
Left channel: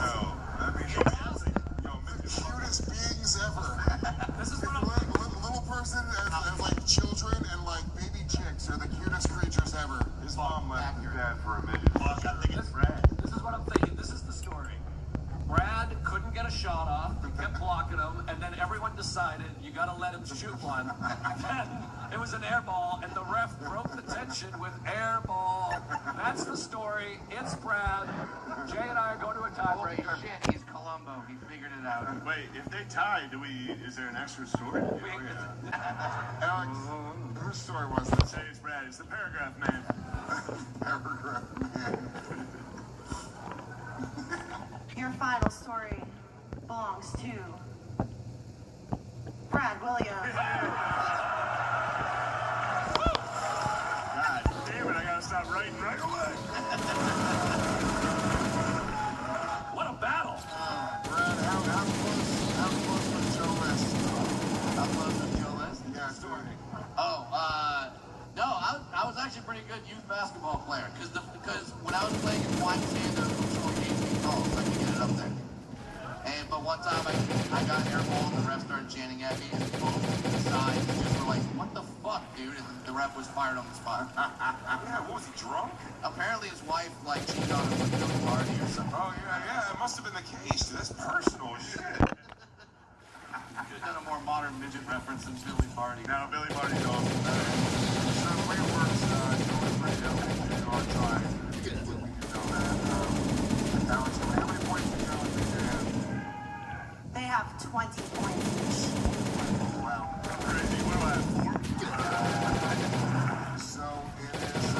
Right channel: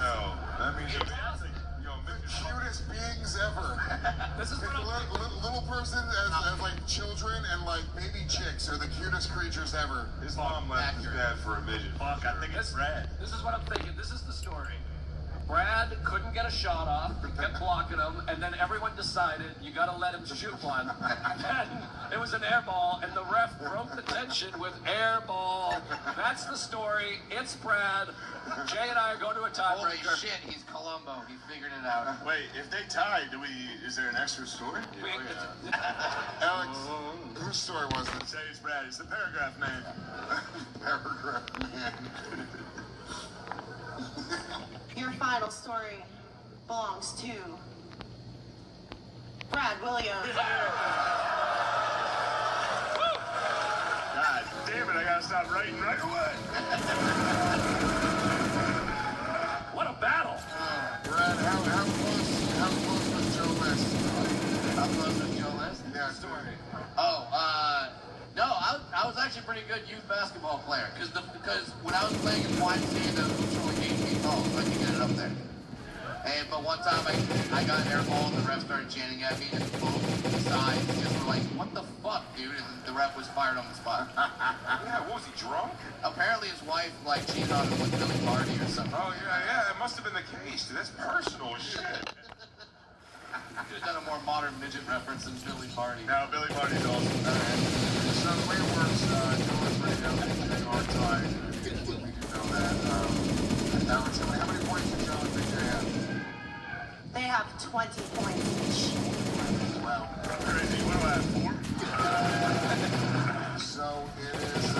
I mean, The cutest beings ever. This is what I'm Little person as like children and like baby chicks are the cutest creatures ever. his mom left his dad for a midget. Fuck, I think it's Brad. This is what I'm thinking. This is the story. Brad couldn't get a shot off, kept blocking him, and then everyone decided you gotta let him shoot one. Then it was an air ball, and the ref broke the tension with air ball. That's the story. It's Brad. Jay and I are going to a Holy tiebreaker. shit, he's Columbo. He figured it out. Wait, if they tie, is there an extra story? Alex, whose story was it? Say it's Brad. It's the paragraph man. Paragraph man. Your final story belongs to Brad Williams. God damn it, I gotta stop writing right away. What a battle! Brad, how close was Joe List? How close was Joe List? Yeah, Oh, no, I was actually a pretty good youth basketball player because when I was playing in YMCA, I was 8 feet tall, so I could get it up there. But one time I got an air ball and the ref started chanting at me and both died because we're like, what the fuck, dude? And the ref was fired on the spot. Yeah, what was he, drunk? Apparently his wife like cheated on him at the party or something. Oh, yeah, it must have been the case. Dude. That's personal as shit. Could have done a more modern midget reference than Billy Marty. No, Billy Marty's awesome. They have 20 points each. So it is,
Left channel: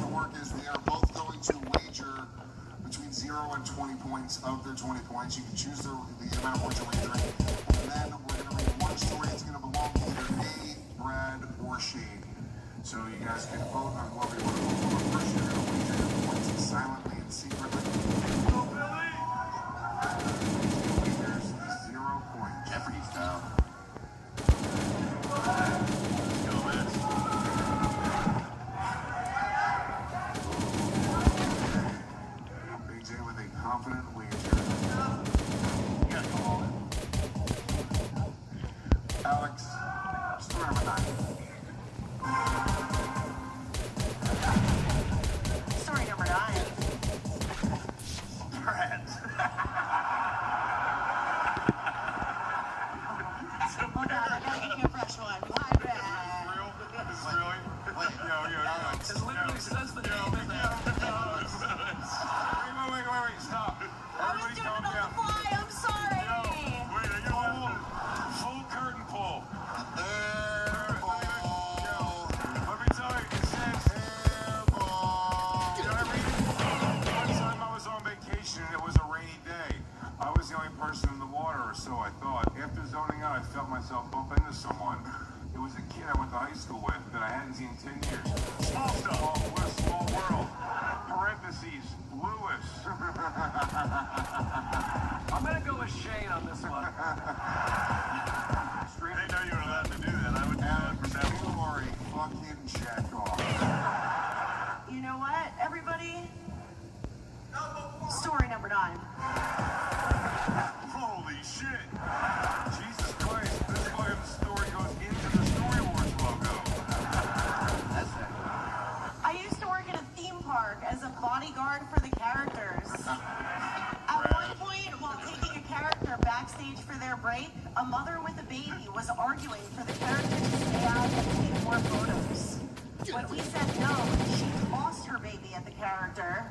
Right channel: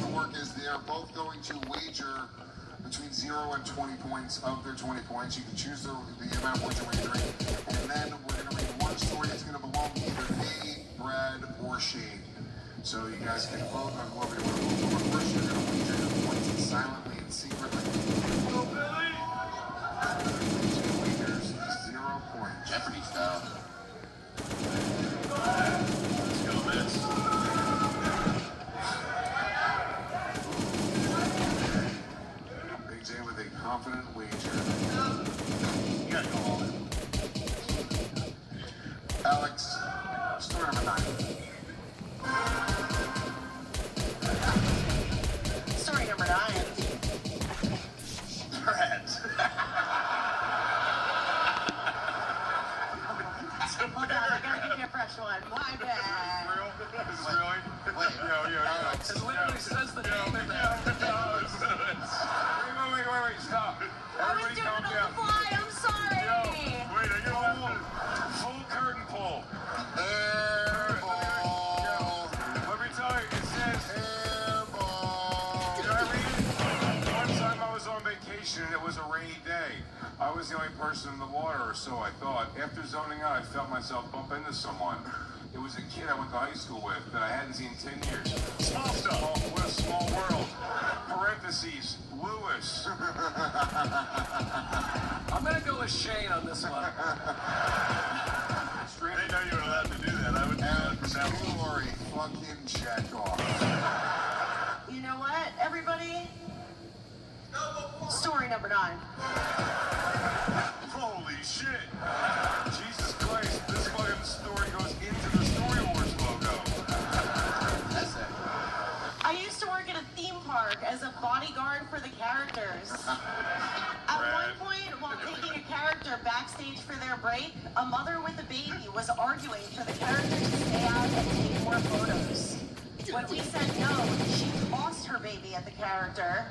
the work is they are both going to wager between 0 and 20 points of their 20 points. You can choose the amount we're wagering. And then we're going to read one story that's going to belong to either A, Brad, or Shane. So you guys can vote on what we want. Silently and secretly. There's 0 points. Jeopardy style. Big J with a confident wager. Alex, story number 9. Story number 9. Brad. Hold on, I gotta give you a fresh one. My bad. It literally says the name in there. Wait, stop. I was doing it on the fly. location and it was a rainy day. I was the only person in the water, or so I thought. After zoning out, I felt myself bump into someone. It was a kid I went to high school with that I hadn't seen in 10 years. Small stuff. Oh, what a small world. Parentheses, Lewis. I'm gonna go with Shane on this one. I didn't know you were allowed to do that. I would do that for that Lori, fucking check off. You know what, everybody? Story number 9. Holy shit. Jesus Christ, this fucking story goes into the Story Wars logo. That's it. I used to work in a theme park as a bodyguard for the characters. At one point, while taking a character backstage for their break, a mother with a baby was arguing for the character to stay out and take more photos. When we said no, she lost her baby at the character.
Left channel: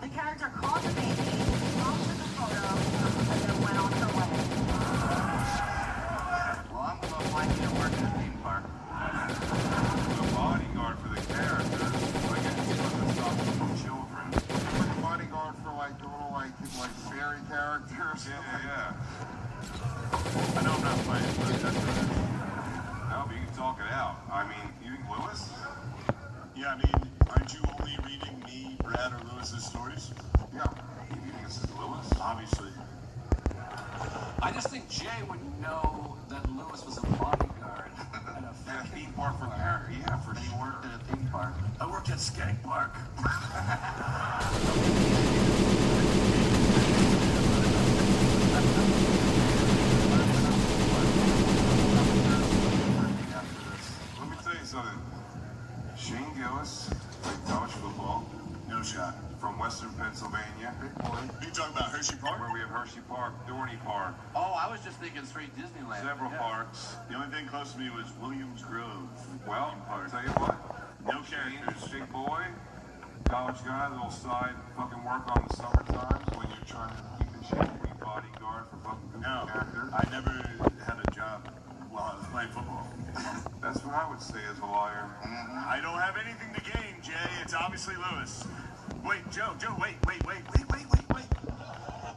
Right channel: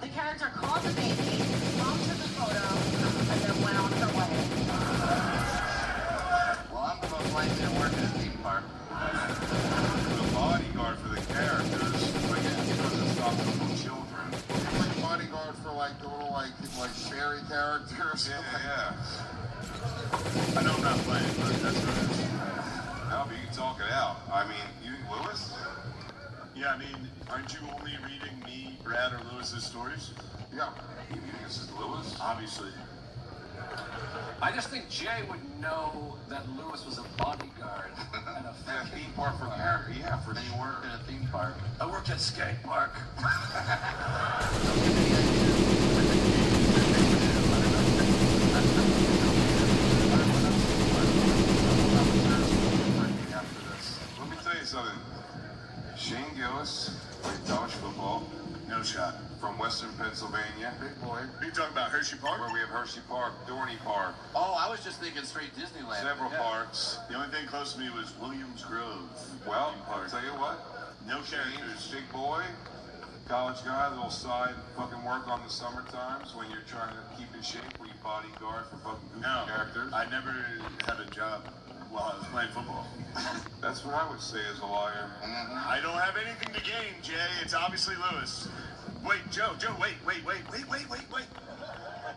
The character caught the baby, posted the photo, and then went on her way. Well, I'm most likely to work in a theme park. The bodyguard for the characters. Like it was a for children. Bodyguard for like the little like fairy characters. Yeah. I know I'm not playing, but that's what it is. No, but you can talk it out. I mean, you think Lewis? Yeah, I mean, aren't you only reading me, Brad, or Lewis's stories? Yeah. You think this is Lewis? Obviously. I just think Jay would know that Lewis was a bodyguard and a theme park for character. Yeah, for Then you worked in a theme park. I work at skate park. Let me tell you something. Shane Gillis, college football, No shot. from Western Pennsylvania. Big boy. Are you talking about Hershey Park? Where we have Hershey Park, Dorney Park, Oh, I was just thinking straight Disneyland. several Yeah. parks. The only thing close to me was Williams Grove. Well, I'll tell you what. No Shane characters. is a big boy, college guy, little side fucking work on the summer times when you're trying to keep in shape, be bodyguard for fucking goofy No, characters. I never had a job while I was playing football. That's what I would say as a liar. I don't have anything to gain, Jay. It's obviously Lewis. Wait, Joe, wait.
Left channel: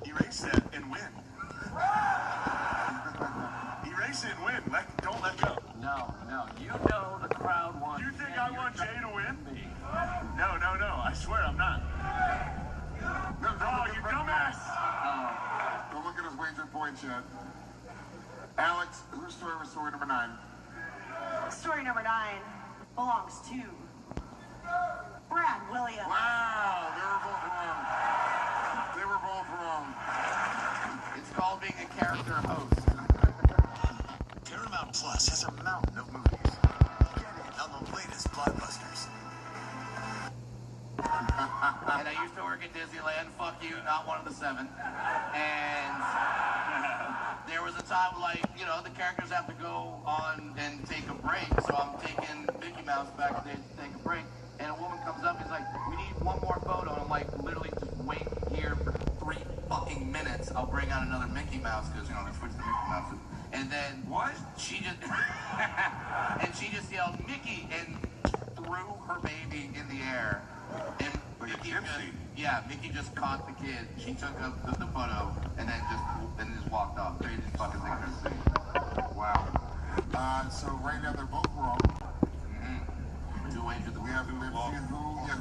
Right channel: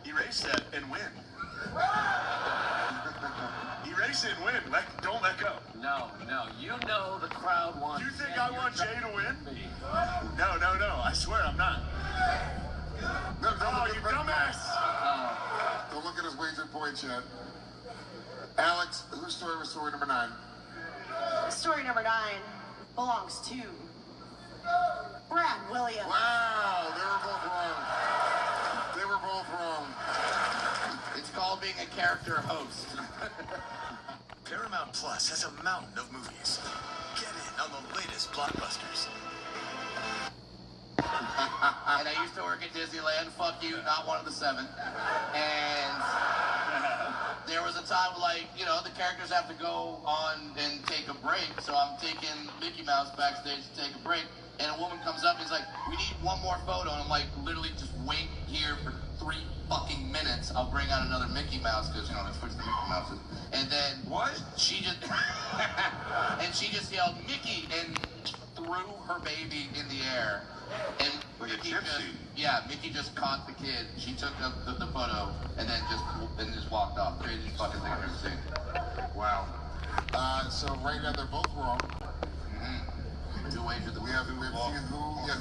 Erase that and win. Erase it and win. Don't let go. No, you know the crowd wants. Do you think I want Jay to win? No. I swear I'm not. No, Oh, you dumbass! Don't look at his wager points yet. Alex, whose story was story number 9? Story number 9 belongs to Brad Williams. Wow, they were both wrong. It's called being a character host. Paramount Plus has a mountain of movies. Get in on the latest blockbusters. And I used to work at Disneyland. Fuck you, not one of the 7. And there was a time like, the characters have to go on and take a break. So I'm taking Mickey Mouse backstage to take a break. And a woman comes up and is like, we need one more photo. And I'm like, literally just wait here for 3 fucking minutes. I'll bring out another Mickey Mouse because, they switched the Mickey Mouses. And then she just yelled, Mickey, and threw her baby in the air. And Like a gypsy. Mickey just caught the kid. She took the photo and then just walked off. Craziest fucking thing I've ever seen. Wow. So right now they're both wrong. Who wagered the We have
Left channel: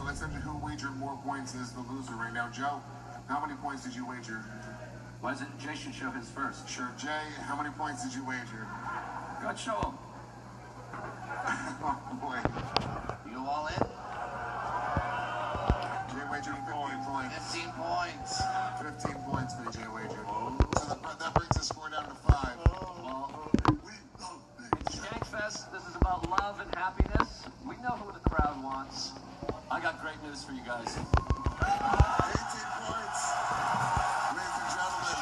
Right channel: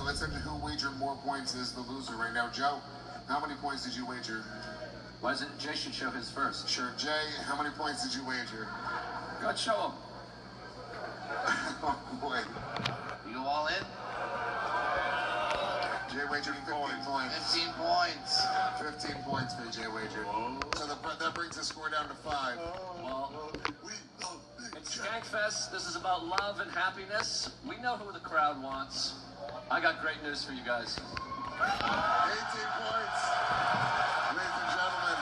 let's see who wagered more points is the loser right now. Joe, how many points did you wager? Why doesn't Jay should show his first? Sure. Jay, how many points did you wager? Go ahead, show him. Oh boy. You go all in? Jay wagered 15 points. 15 points. 15 points for Jay wagered. So that brings the score down to 5. It's Skankfest. This is about love and happiness. We know who the crowd wants. I got great news for you guys. 18 points. Ladies and gentlemen,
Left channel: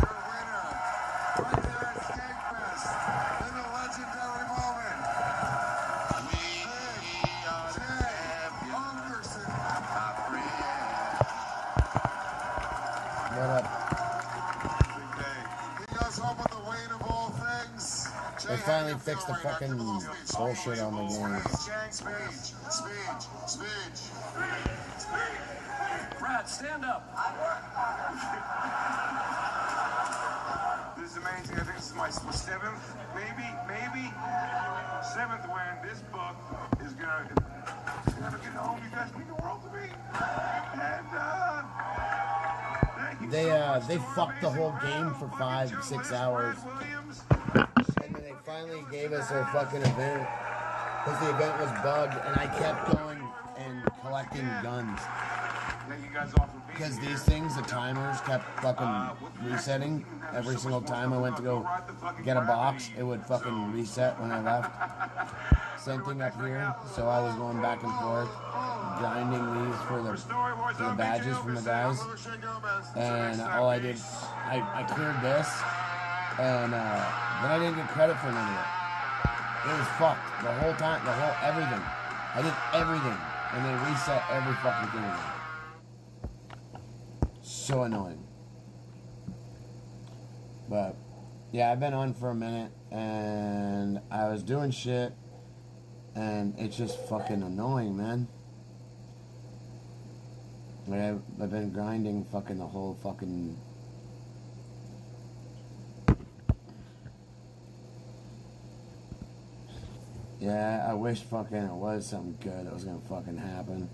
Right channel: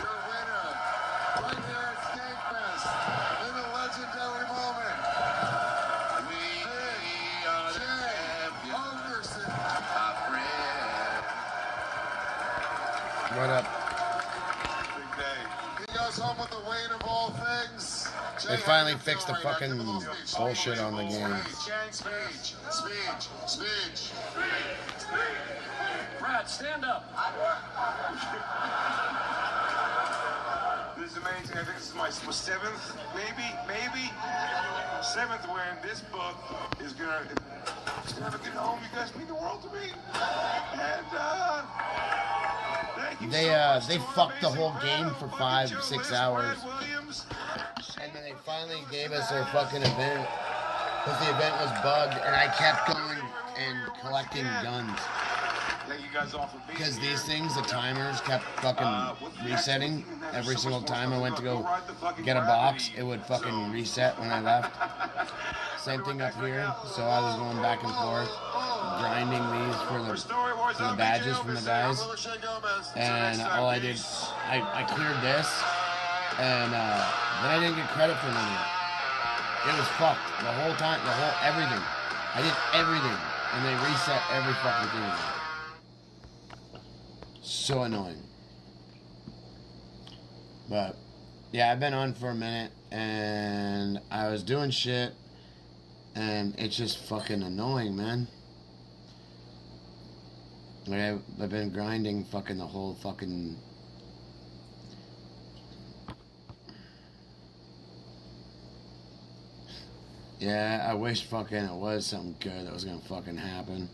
your winner, right there at Skankfest, in a legendary moment. Jay Anderson. What up? He goes home with the weight of all things. They finally fixed the fucking bullshit on the game. Speech. Brad, Stand up. This is amazing. I think this is my seventh, maybe seventh win. This book is gonna have a good home. You guys mean the world to me. And thank you. They fucked the whole game for 5-6 hours, and then they finally gave us our fucking event because the event was bugged, and I kept going and collecting guns. Thank you guys all for being Because here. these things, the timers kept fucking resetting every single time I went to go get a box. It would fucking reset when I left. Same thing up here. So I was going back and forth, grinding these for the badges from the guys. And all I did, I cleared this, and then I didn't get credit for none of it. It was fucked the whole time, everything. I did everything, and they reset every fucking thing again. So annoying. But yeah, I've been on for a minute, and I was doing shit, and it's just fucking annoying, man. Like I've been grinding fucking the whole fucking. Yeah, I wish fucking it was something good that was gonna fucking happen.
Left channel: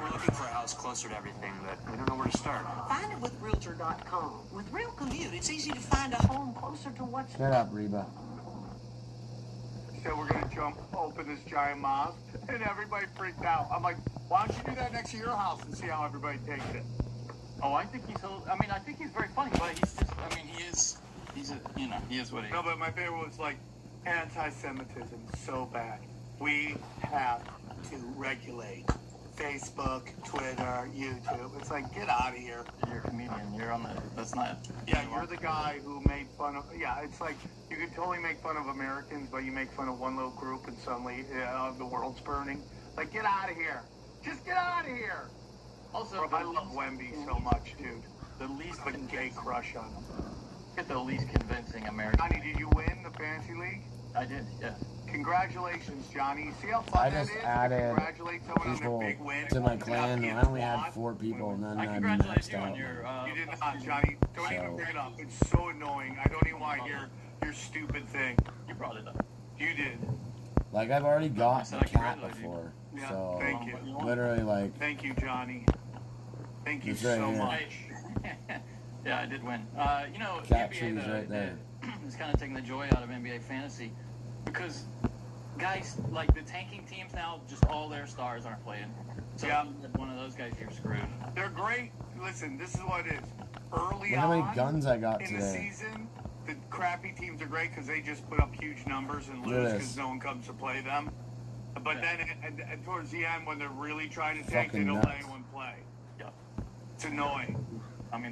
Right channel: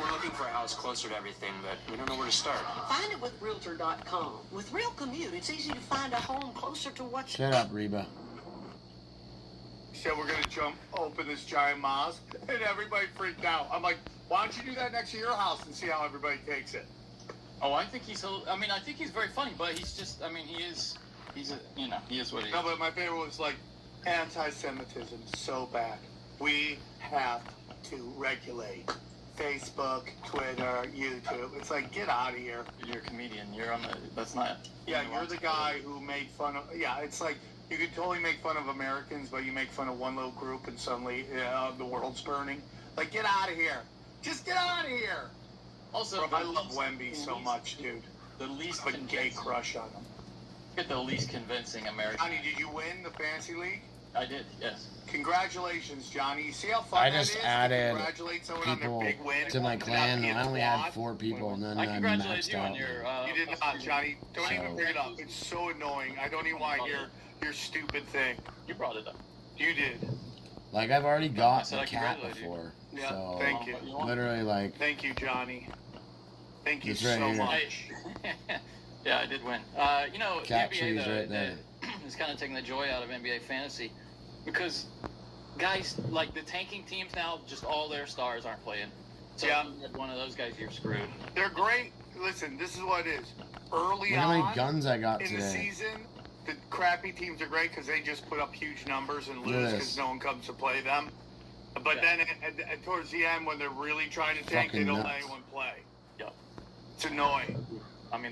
We're looking for a house closer to everything, but we don't know where to start. Find it with Realtor.com. With Real Commute, it's easy to find a home closer to what's... Shut up, Reba. Said we're gonna jump open this giant mosque, and everybody freaked out. I'm like, why don't you do that next to your house and see how everybody takes it? Oh, I think he's very funny, but he's just, he is what he is. No, but my favorite was like, anti-Semitism so bad. We have to regulate Facebook, Twitter, YouTube. It's like, get out of here. You're a comedian. You're on the, that's not... Yeah, you're the guy who made fun of... Yeah, it's like, you can totally make fun of Americans, but you make fun of one little group and suddenly the world's burning. Like, get out of here. Just get out of here. Also, bro, I love Wemby so much, dude. The least I have a gay crush on him. Get the least convincing American. Johnny, did you win the fantasy league? I did, yes. Congratulations, Johnny. You see how fun I that just is? added Congratulate someone on people their big win. to my clan. I only had 4 people, and then I maxed out. You did not, Johnny. Don't even bring it up. It's so annoying. I don't even want to hear your stupid thing. You brought it up. You did. Like, I've already got the cat before. Yeah, So, thank you. literally, like... Thank you, Johnny. Thank you It's so right here. much. Yeah, I did win. Cat the trees NBA right there. is kind of taking the joy out of NBA fantasy because guys, like the tanking teams now, just all their stars aren't playing. So Yeah. if you had one of those guys, you're screwed. They're great. Listen, this is what it is. Early Look how on many guns I got in the today. season, the crappy teams are great because they just put up huge numbers and Look at lose this. because no one comes to play them. But then towards the end, when they're really trying to tank, they Fucking don't let nuts. anyone play. Yeah. It's annoying.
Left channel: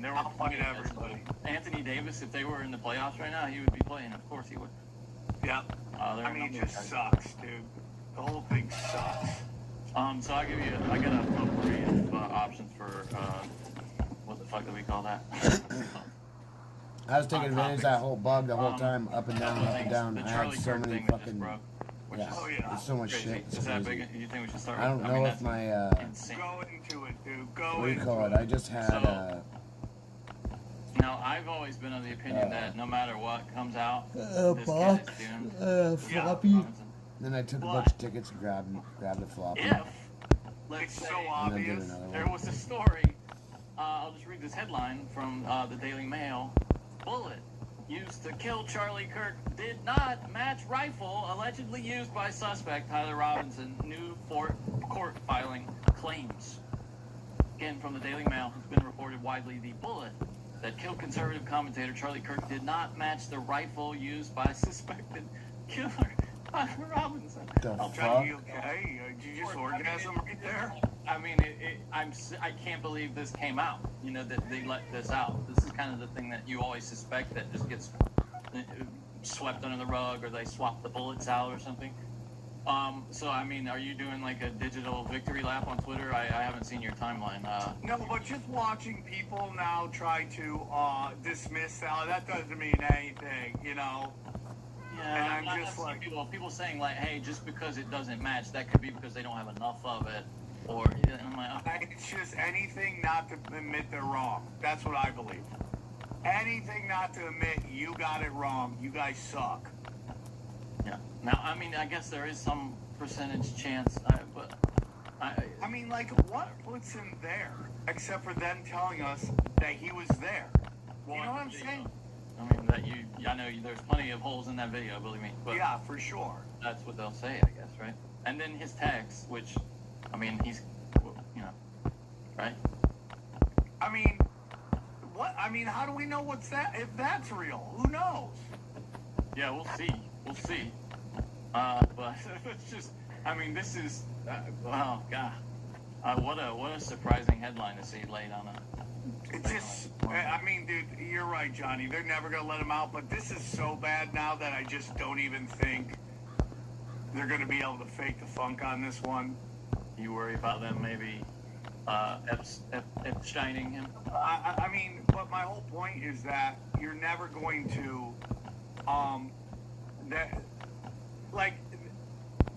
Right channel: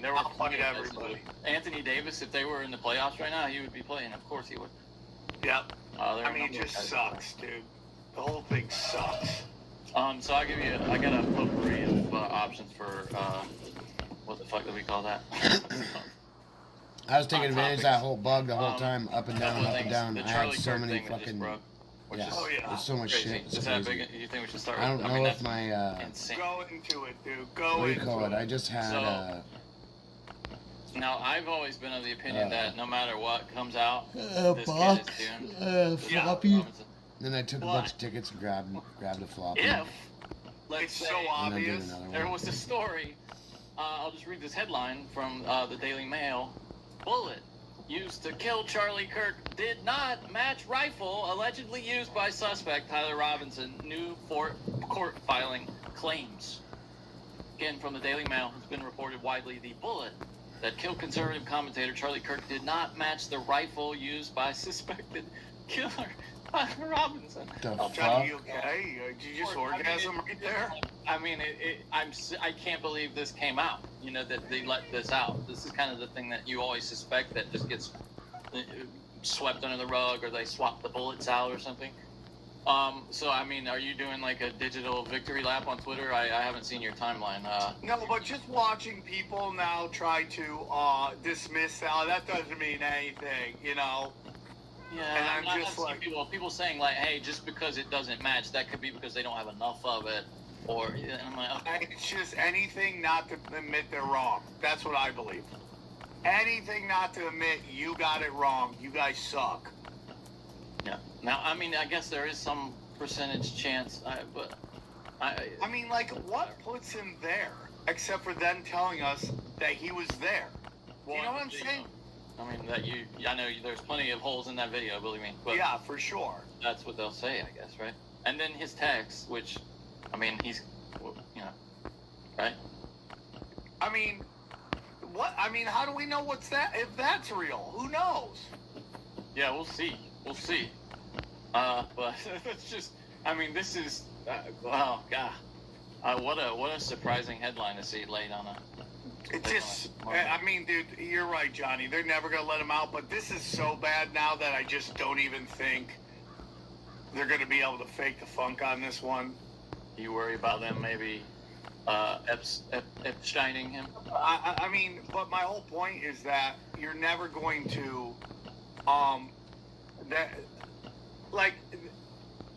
There were I'll plenty fight of everybody. Anthony Davis, if they were in the playoffs right now, he would be playing. Of course he would. Yeah. It just sucks, dude. The whole thing sucks. So I got a potpourri of options for what the fuck do we call that? I was taking advantage of that whole bug the whole time, up and down, up and down. The I had Charlie so Kirk many thing that just fucking... broke, which Yeah, is there's so much crazy. shit. It's Is that crazy. big? You think we should start I don't with- know if that's my... insane. Go into it, dude. Go what do you call it? I just had... Now, I've always been of the opinion that no matter what comes out, this box, kid is doomed. floppy. Then I took a bunch of tickets and grabbed a floppy. If, let's say, And I did another there one. was a story, I'll just read this headline from the Daily Mail. Bullet used to kill Charlie Kirk did not match rifle allegedly used by suspect Tyler Robinson, new court filing claims. Again, from the Daily Mail, it's been reported widely the bullet that killed conservative commentator Charlie Kirk did not match the rifle used by suspected killer Tyler Robinson. The Johnny, fuck? you okay? Did you just orgasm right there? I can't believe this came out. That they let this out. This is kind of the thing that you always suspect that just gets swept under the rug, or they swap the bullets out or something. So, I mean, are you doing like a digital victory lap on Twitter? I haven't seen your timeline. No, but just watching people now try to dismiss that doesn't mean anything, you know? Yeah, And I'm I've just seen like... people saying like, hey, just because it doesn't match, that could be because they don't have enough of it. Or, and I'm like, okay. It's just anything not to admit they're wrong. That's what I believe. Anything not to admit you got it wrong. You guys suck. Yeah. Now, I mean, I guess there is some percentage chance, but I mean, like, what puts him there except for them telling us that he was there? You know what I'm saying? I mean, I know there's plenty of holes in that video, believe me. But yeah, for sure. That's what they'll say, I guess, right? And then his text, which, I mean, he's, you know, right? I mean, what? I mean, how do we know if that's real? Who knows? Yeah, we'll see. We'll see. But it's just, I mean, this is, wow, God. What a surprising headline to see laid on a... It just, I mean, dude, you're right, Johnny. They're never going to let him out, but this is so bad now that I just don't even think they're going to be able to fake the funk on this one. You worry about them maybe Epsteining him? I mean, but my whole point is that you're never going to, like,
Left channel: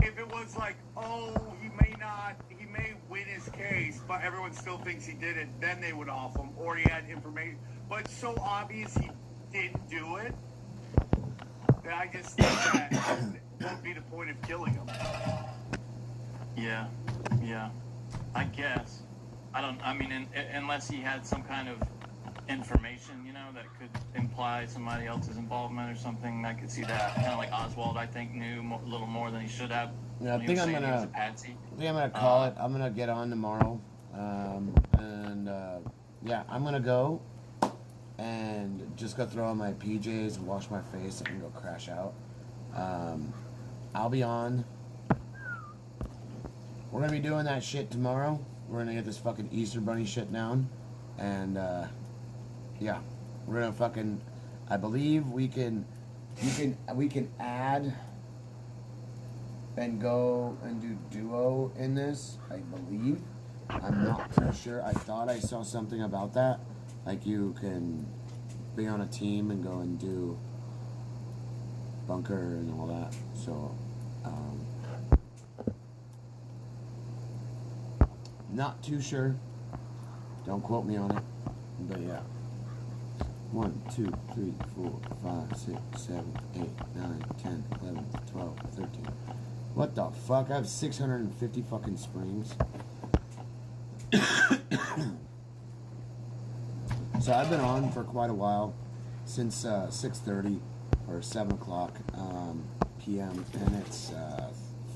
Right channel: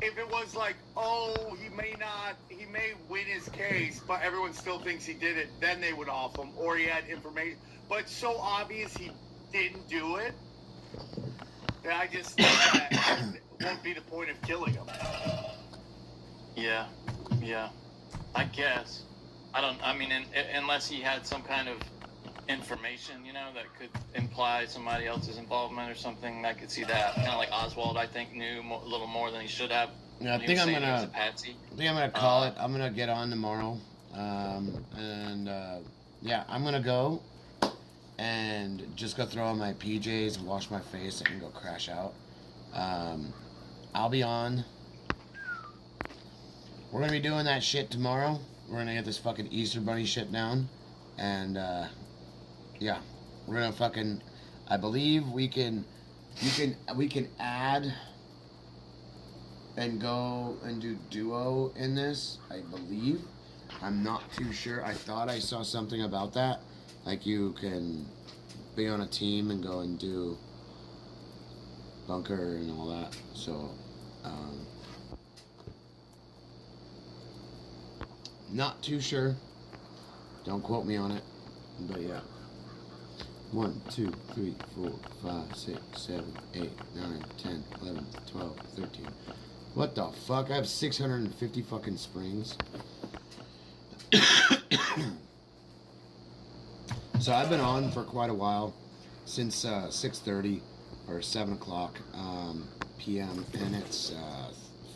if it was like, oh, he may win his case, but everyone still thinks he did it, then they would off him, or he had information. But it's so obvious he didn't do it, that I just think that would be the point of killing him. Yeah, I guess. I mean, unless he had some kind of information, you know, that could imply somebody else's involvement or something, I could see that. Kind of like Oswald, I think, knew a little more than he should have. Yeah, I think I'm gonna call it. I'm gonna get on tomorrow, yeah, I'm gonna go and just go throw on my PJs, wash my face, and go crash out. I'll be on. We're gonna be doing that shit tomorrow. We're gonna get this fucking Easter Bunny shit down, and yeah, we're gonna fucking. I believe we can add and go and do duo in this, I believe. I'm not too sure. I thought I saw something about that. Like you can be on a team and go and do bunker and all that. So, not too sure. Don't quote me on it. But yeah. 1, 2, 3, 4, 5, 6, 7, 8, 9, 10, 11, 12, 13. What the fuck? I have 650 fucking springs. So I've been on for quite a while, since 6:30 or 7 o'clock p.m. and it's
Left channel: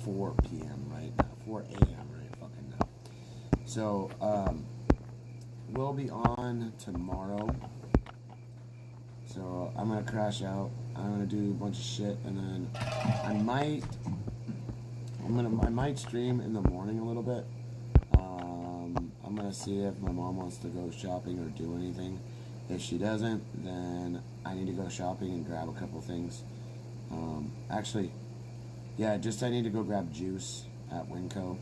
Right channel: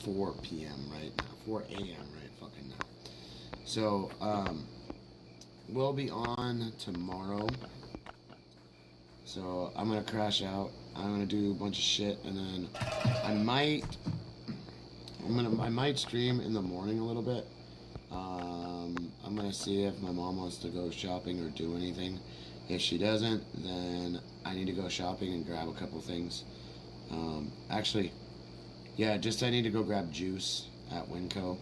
4 p.m. right now, 4 a.m. right fucking now. So we'll be on tomorrow. So I'm gonna crash out. I'm gonna do a bunch of shit, and then I might stream in the morning a little bit. I'm gonna see if my mom wants to go shopping or do anything. If she doesn't, then I need to go shopping and grab a couple things. Actually, yeah, I need to go grab juice at Winco.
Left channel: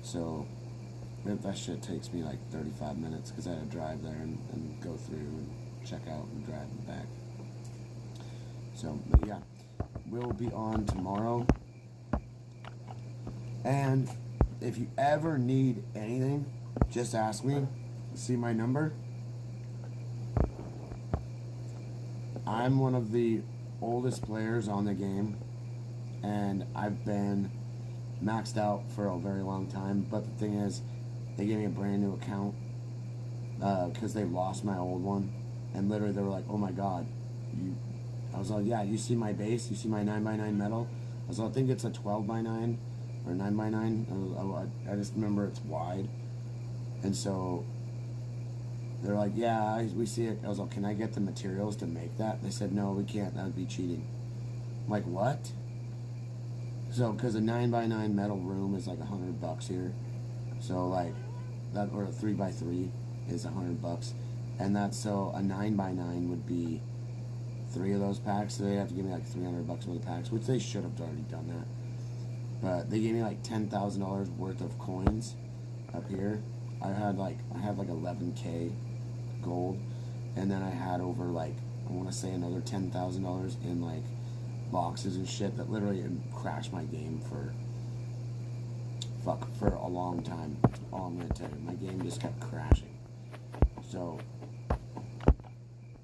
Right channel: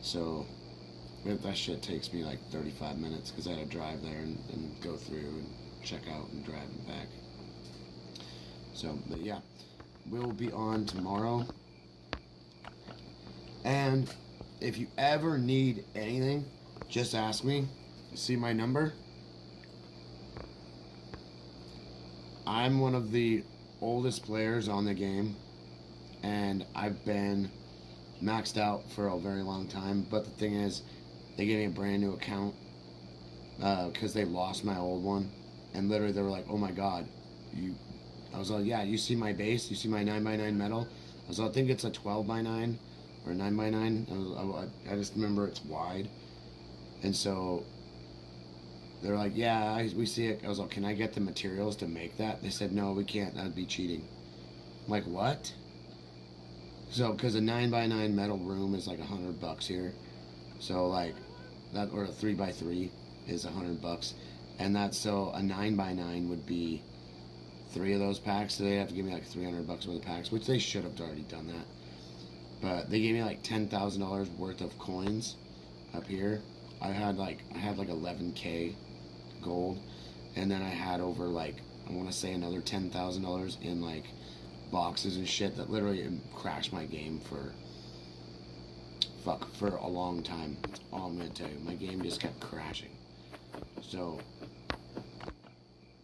So that shit takes me like 35 minutes because I had to drive there and go through and check out and drive and back. So, but yeah, we'll be on tomorrow. And if you ever need anything, just ask me. See my number? I'm one of the oldest players on the game, and I've been maxed out for a very long time. But the thing is, they gave me a brand new account because they lost my old one, and literally they were like, "Oh my god, I was like, "Yeah, you see my base? You see my 9x9 metal?" I was like, "I think it's a 12x9 or 9x9." I just remember it's wide, and so they're like, "Yeah, we see it." I was like, "Can I get the materials to make that?" They said, "No, we can't. That'd be cheating." I'm like, "What?" So, because a 9x9 metal room is like $100 here, so like that, or a 3x3 is $100, and that's so a 9x9 would be 3 of those packs. So they have to give me like $300 worth of packs, which they should have already done that. But they gave me like $10,000 worth of coins up here. I had like 11K gold, and then I had over like, I want to say another $10,000 in like boxes and shit that literally crashed my game for a long time. All I'm gonna tell you, my game just kept crashing. So,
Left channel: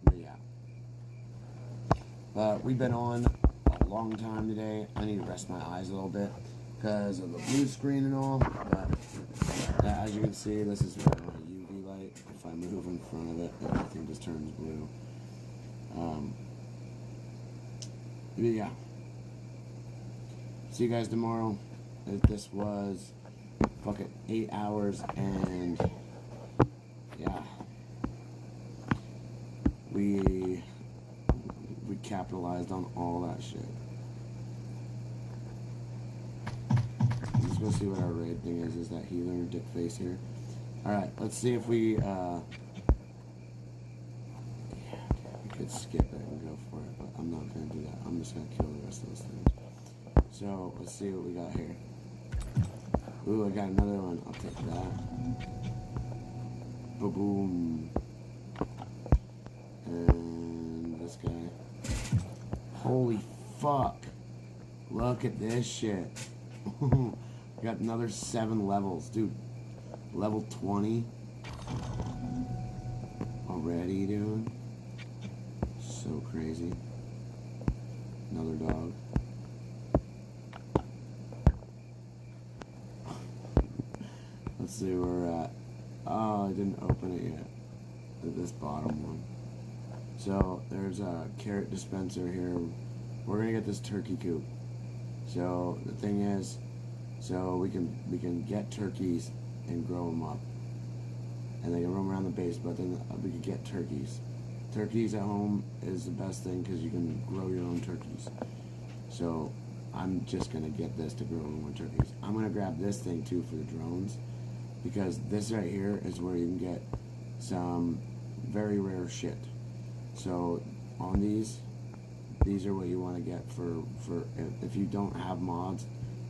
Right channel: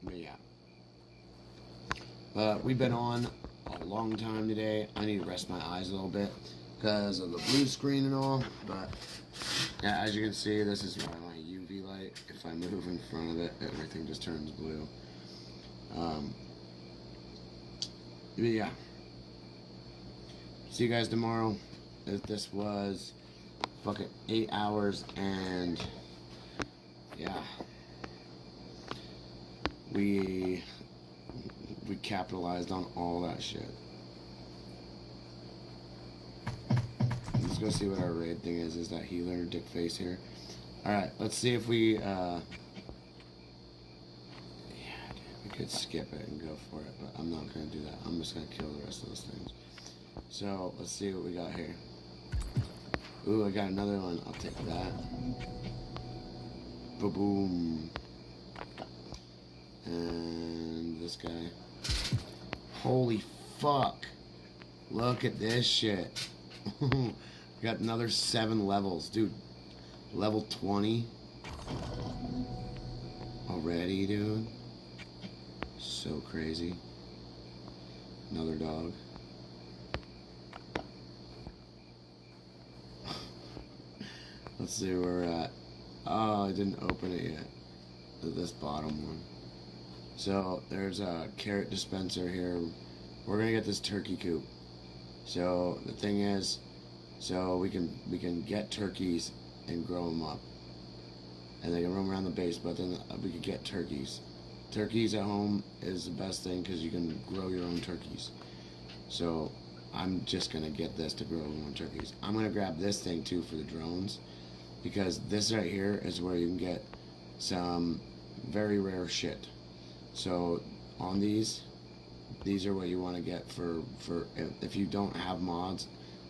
but yeah. We've been on a long time today. I need to rest my eyes a little bit because of the blue screen and all. But yeah, as you can see, this is my UV light. If I move in front of it, everything just turns blue. Yeah. See you guys tomorrow. This was fucking 8 hours, and yeah, we capitalized on all that shit. Let's go see what our raid thing is. Is that healer dick face here? Alright, let's see if we yeah, we could skip it and go for it, but I'm not gonna do that. I'm just gonna kill the rest of those things. So let's see what we got here. Ooh, I got another one. I'll take that. Ba-boom. And this guy. Holy fuck. Look at this shit. Got another 7 levels. Dude, level 20. Already, dude. So crazy. Another dog. Let's see where we're at. Oh, I didn't open it yet. This bottom one. So there's a carrot dispenser here. We're gonna get this turkey coop. So the thing is, so we can get turkeys and grow them up, and they can roam around the base. But then we could get turkeys. Turkeys at home is the best thing because you can grow your own turkeys. So I'm just gonna get this to grow more turkeys. I'm gonna grab this thing too for the drones, because this right here is where you can get some very rare shit. So on these are what you want to get for if you don't have mods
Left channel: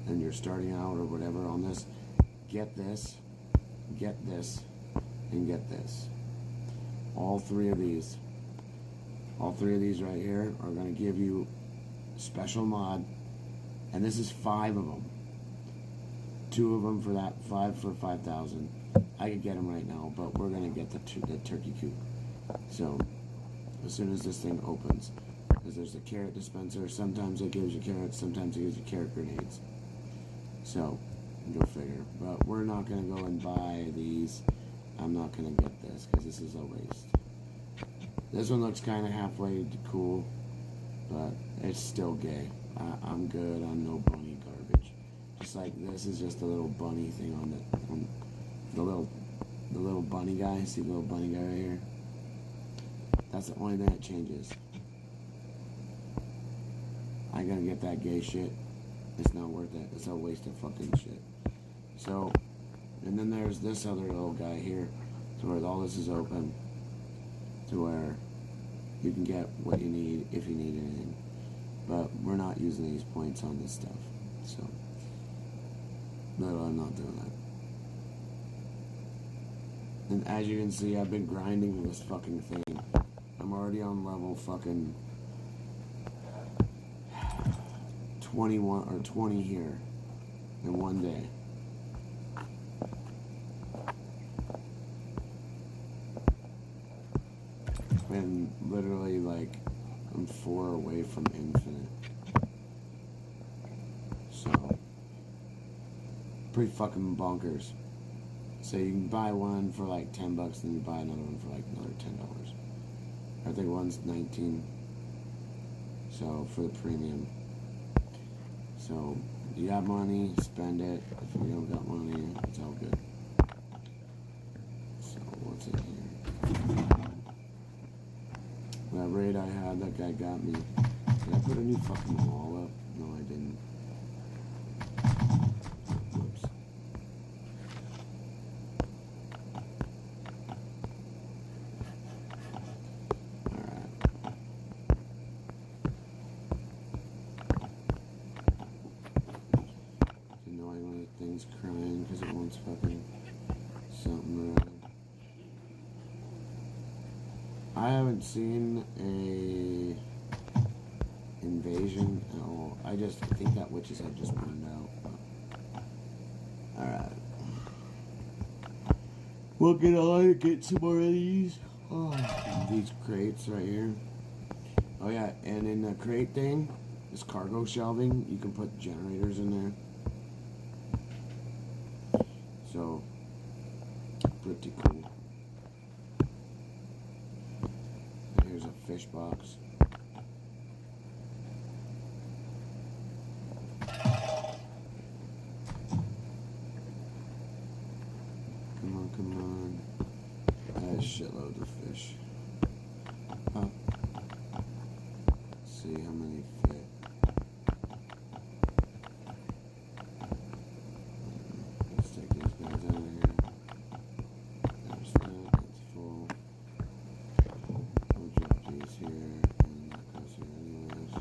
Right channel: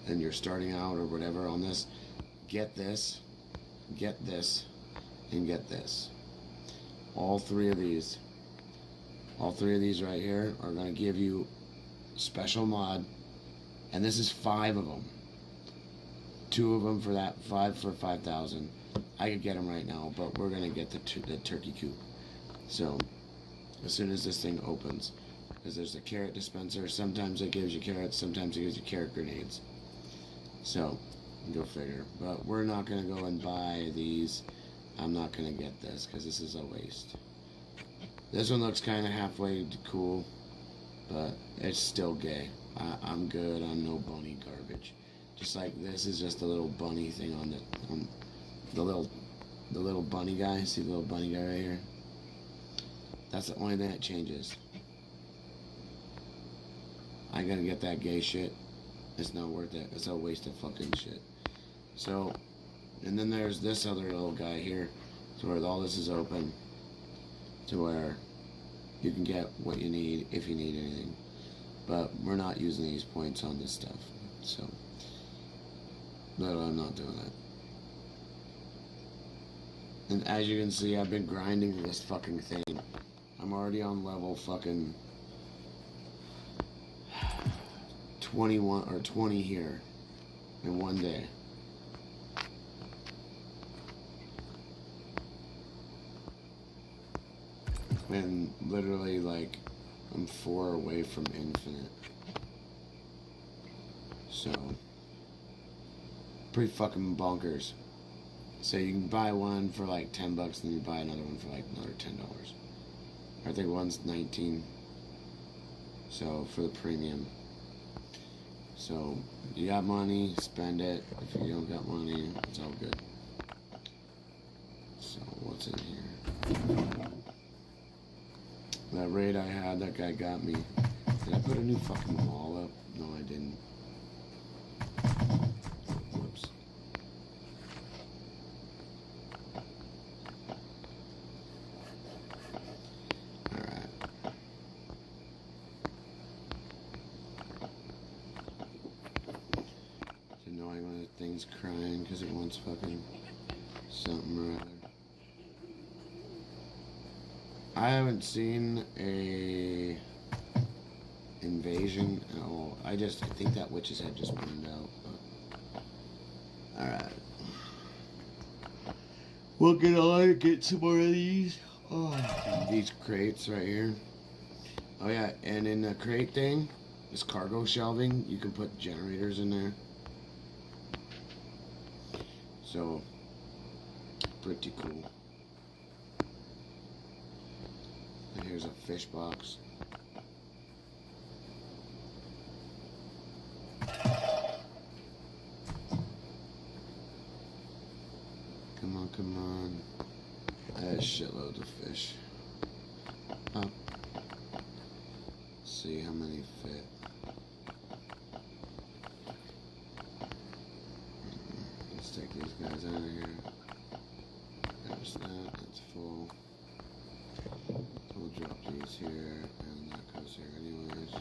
and you're starting out or whatever on this. Get this, and get this. All three of these right here are going to give you special mod, and this is 5 of them. 2 of them for that, 5 for 5,000. I could get them right now, but we're gonna get the turkey coop. So as soon as this thing opens, because there's a carrot dispenser. Sometimes it gives you carrots, sometimes it gives you carrot grenades. So go figure. But we're not gonna go and buy these. I'm not gonna get this because this is a waste. This one looks kind of halfway cool, but it's still gay. I'm good on no bony garbage. Just like this is just a little bunny thing on the little bunny guy. See the little bunny guy right here? That's the only thing that changes. I gotta get that gay shit. It's not worth it. It's a waste of fucking shit. So, and then there's this other little guy here, to where all this is open, to where you can get what you need if you need anything. But we're not using these points on this stuff, so no, I'm not doing that. And as you can see, I've been grinding this fucking thing. I'm already on level fucking 21 or 20 here in one day. And literally, like, I'm 4 away from infinite. So, pretty fucking bonkers. So you can buy one for like $10, then you buy another one for like another $10. I think one's 19. So for the premium. So you got money, spend it. If you don't got money, it's all good. So what's in here? That raid I had, that guy got me. Did I put a new fucking wall up? No, I didn't. Whoops. Alright. one's crying because it wants fucking something or other. I haven't seen a invasion at all. I think that witch's head just burned out. Alright. We'll get on and get some more of these. Oh, these crates right here. Oh yeah, and in the crate thing, this cargo shelving, you can put generators in there. So, pretty cool. And here's a fish box. Come on, come on. There's shitloads of fish. Up. See how many fit. Let's take these guys out of here. There's that, that's full. We'll drop these here, and that goes here anyways.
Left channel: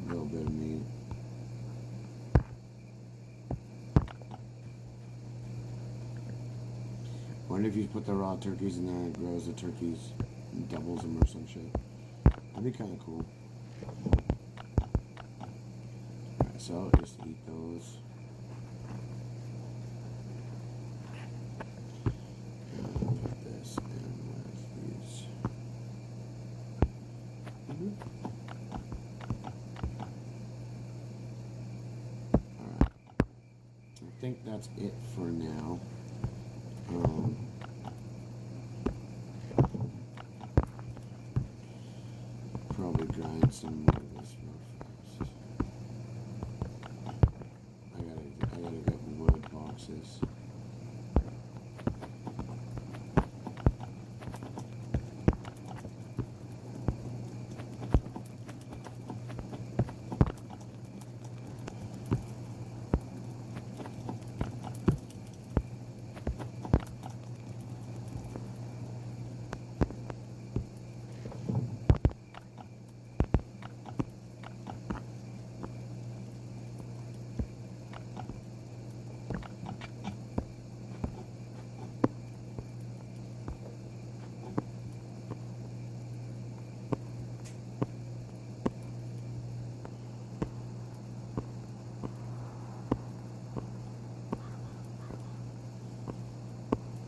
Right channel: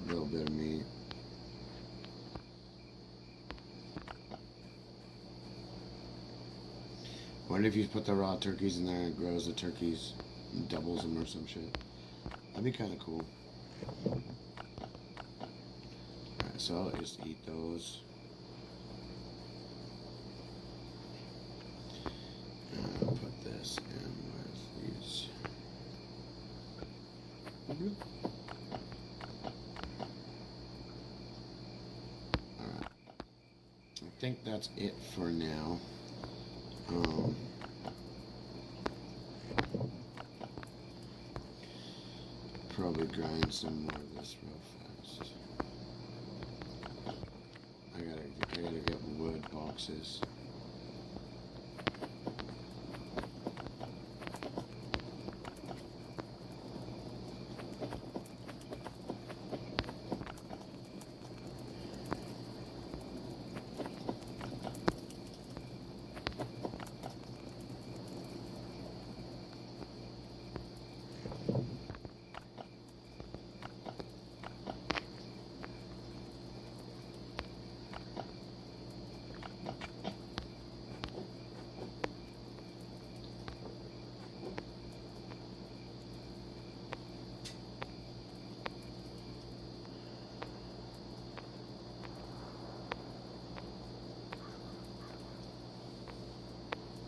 A little bit of meat. Wonder if you put the raw turkeys in there and it grows the turkeys and doubles them or some shit. That'd be kind of cool. Alright, so I'll just eat those. And I'll put this in with these. Alright. I think that's it for now. Probably grind some more of this real fast. I gotta get wood boxes.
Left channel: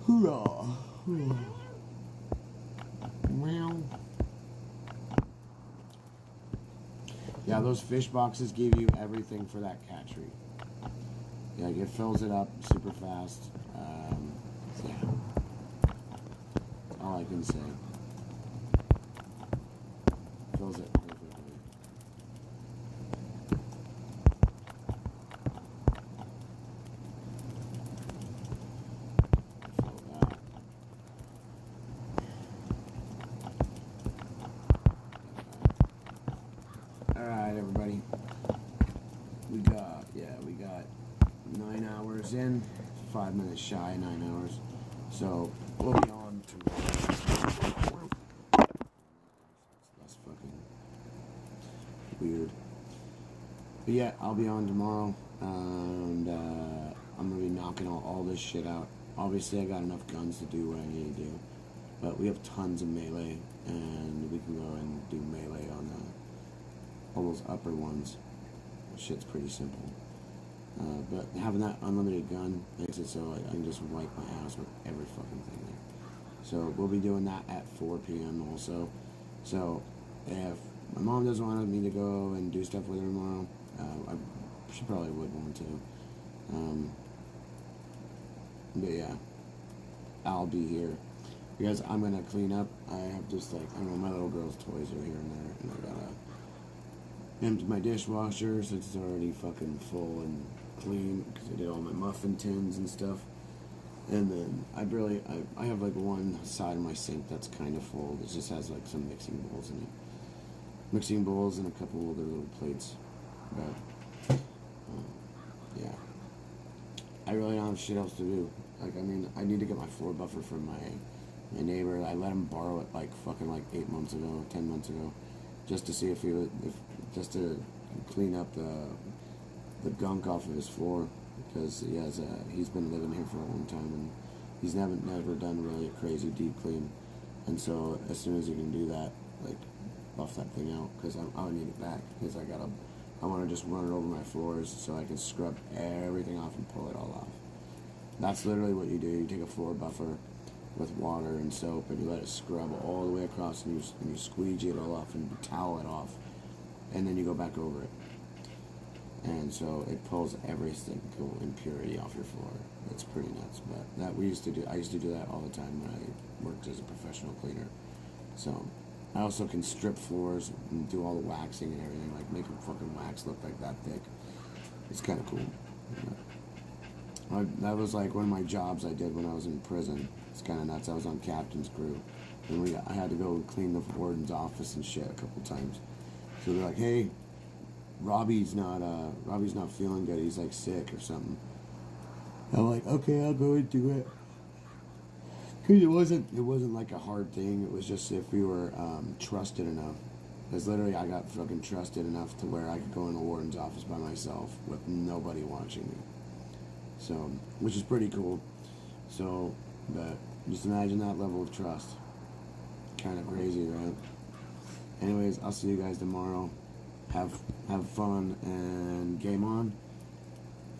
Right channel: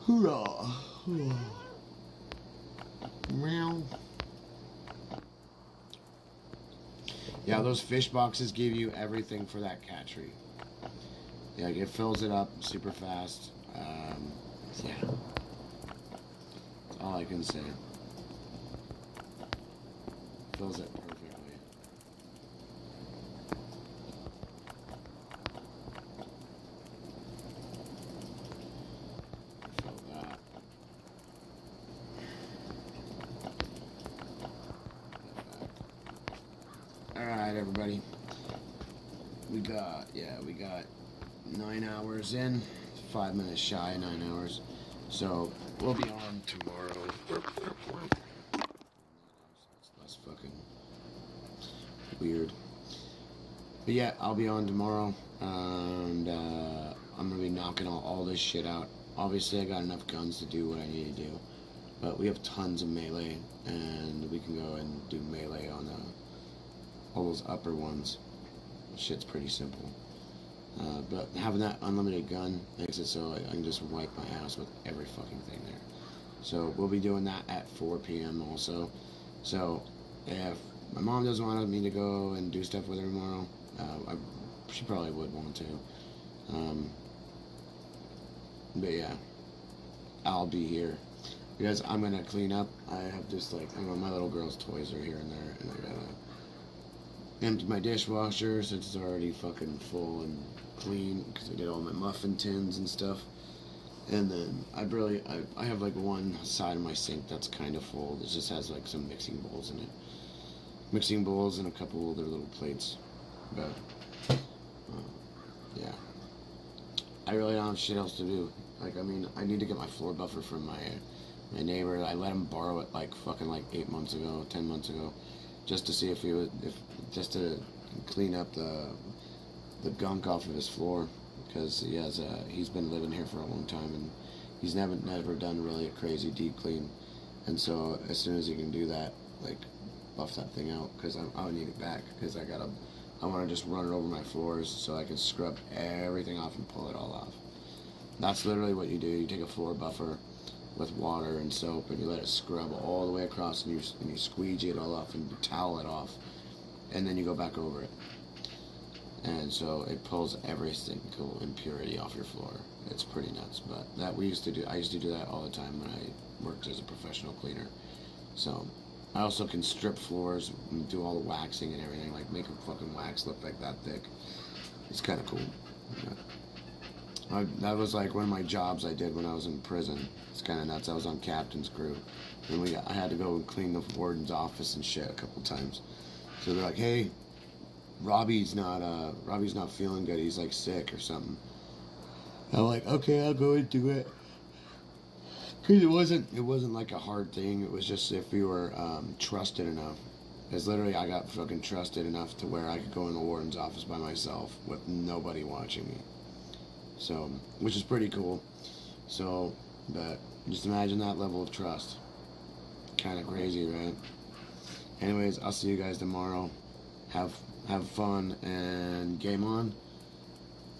Hoorah! Meow. Yeah, those fish boxes give you everything for that cat tree. Yeah, it fills it up super fast. Yeah. That's all I can say. Fills it perfectly. Alright, everybody. We got 9 hours in. 5 minutes shy of 9 hours. So, we'll be on tomorrow. That's fucking weird. But yeah, I'll be on tomorrow. And, I'm gonna be knocking all this shit out. Obviously, I got enough guns to do what I need to do. But we have tons of melee. And we can go and do melee on all those upper ones. Shit's pretty simple. But having that unlimited gun makes it so I can just wipe my ass with every fucking thing there. So we'll be doing that at 4 p.m. also. So if my mom doesn't want me to go and do stuff with her tomorrow, she probably would want to. But yeah, I'll be here. Because I'm gonna clean up. I have just my little girl's toys are here and there, and I gotta empty my dishwasher since it's already fucking full and clean because I did all my muffin tins and stuff. And then I have like one side of my sink that's kind of full. It just has like some mixing bowls in it. Mixing bowls and a couple other little plates. But yeah, I really don't have shit else to do. Like, I mean, I need to get my floor buffer from my neighbor. I let him borrow it like 8 months ago, 10 months ago. just to see if just to clean up the gunk off of his floor, because he's been living here for a long time and he's never done really a crazy deep clean. And so as soon as he can do that, like, buff that thing out, because I would need it back, because I want to just run it over my floors so I can scrub everything off and pull it all off. That's literally what you do. You take a floor buffer with water and soap and you let it scrub all the way across, and you squeegee it all off and you towel it off, and then you go back over it. And so it pulls every single impurity off your floor. It's pretty nuts, but I used to do that all the time when I worked as a professional cleaner. So I also can strip floors and do all the waxing and everything, like make a fucking wax look like that thick. It's kind of cool. Yeah. That was like one of my jobs I did when I was in prison. It's kind of nuts. I was on captain's crew, and I had to go and clean the warden's office and shit a couple times. So they're like, "Hey, Robbie's not feeling good. He's like sick or something." I'm like, "Okay, I'll go and do it." Because it wasn't like a hard thing. It was just if we were trusted enough. Because literally I got fucking trusted enough to where I could go in the warden's office by myself with nobody watching me. So, which is pretty cool. So, but just imagine that level of trust. Kind of crazy, right? Anyways, I'll see you guys tomorrow. Have fun and game on.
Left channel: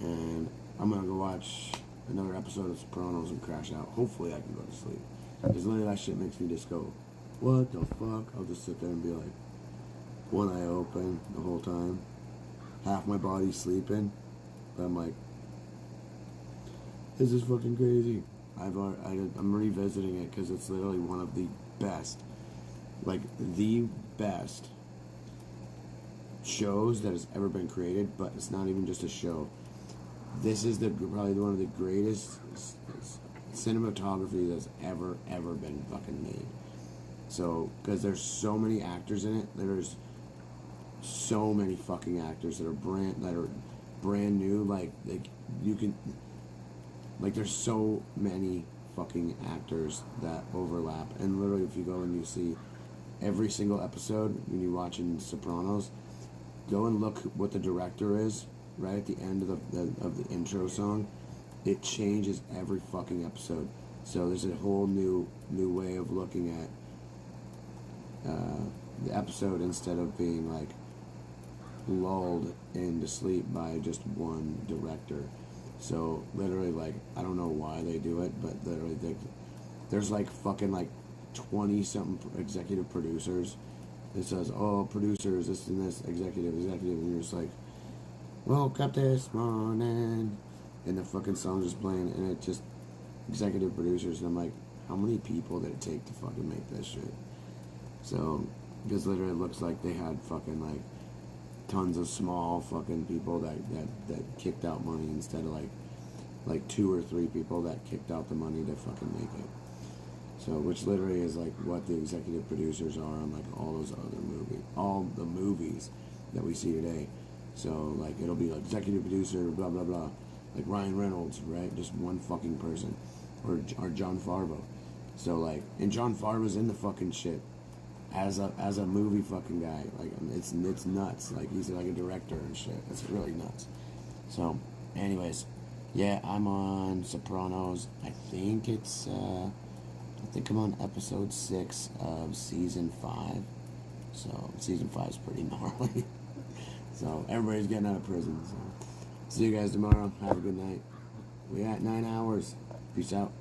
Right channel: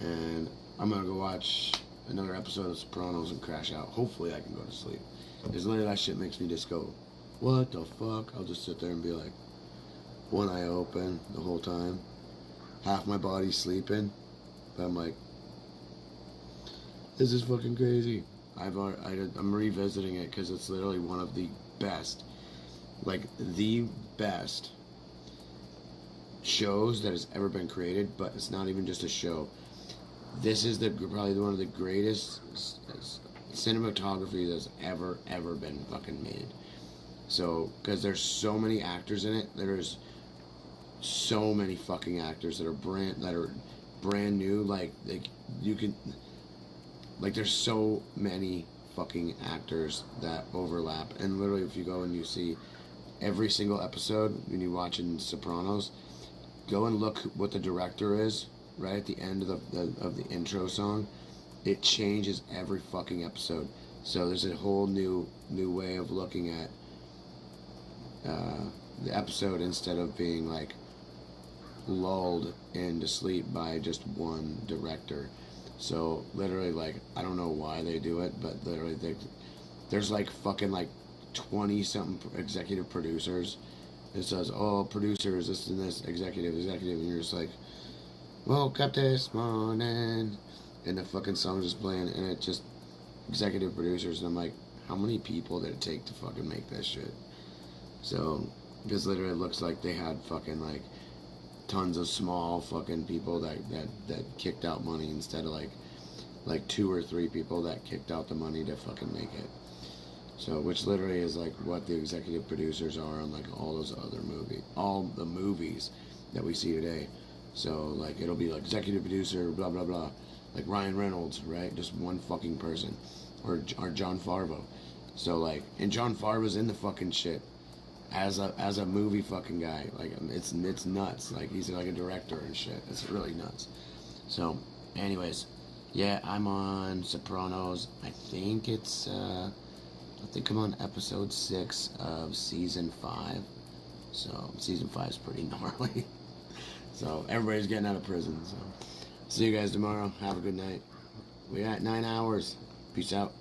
And I'm gonna go watch another episode of Sopranos and crash out. Hopefully I can go to sleep. Because literally that shit makes me just go, what the fuck? I'll just sit there and be like, one eye open the whole time. Half my body's sleeping. But I'm like, this is fucking crazy. I'm revisiting it because it's literally one of the best, like the best shows that has ever been created. But it's not even just a show. This is probably one of the greatest cinematography that's ever been fucking made. So, because there's so many actors in it, there's so many fucking actors that are brand new. Like you can, like, there's so many fucking actors that overlap. And literally, if you go and you see every single episode when you watch in Sopranos, go and look what the director is. Right at the end of the intro song, it changes every fucking episode. So there's a whole new way of looking at the episode, instead of being like lulled into sleep by just one director. So literally, like, I don't know why they do it, but literally there's like fucking like 20 something executive producers. It says, oh, producers, this and this, executive, and you're just like, woke up this morning, and the fucking song's just playing, and it just executive producers, and I'm like, how many people did it take to fucking make this shit? So, because literally it looks like they had fucking like tons of small fucking people that kicked out money, instead of like 2 or 3 people that kicked out the money to fucking make it. So, which literally is like what the executive producers are on like all the movies that we see today. So, like, it'll be like executive producer, blah, blah, blah. Like Ryan Reynolds, right? Just one fucking person. Or John Farvo. So, like, and John Farvo's in the fucking shit as a movie fucking guy. Like, it's nuts. Like, he's like a director and shit. It's really nuts. So, anyways, yeah, I'm on Sopranos. I think I'm on episode 6 of season 5. So, season 5 is pretty gnarly. So, everybody's getting out of prison. So, see you guys tomorrow. Have a good night. We're at 9 hours. Peace out.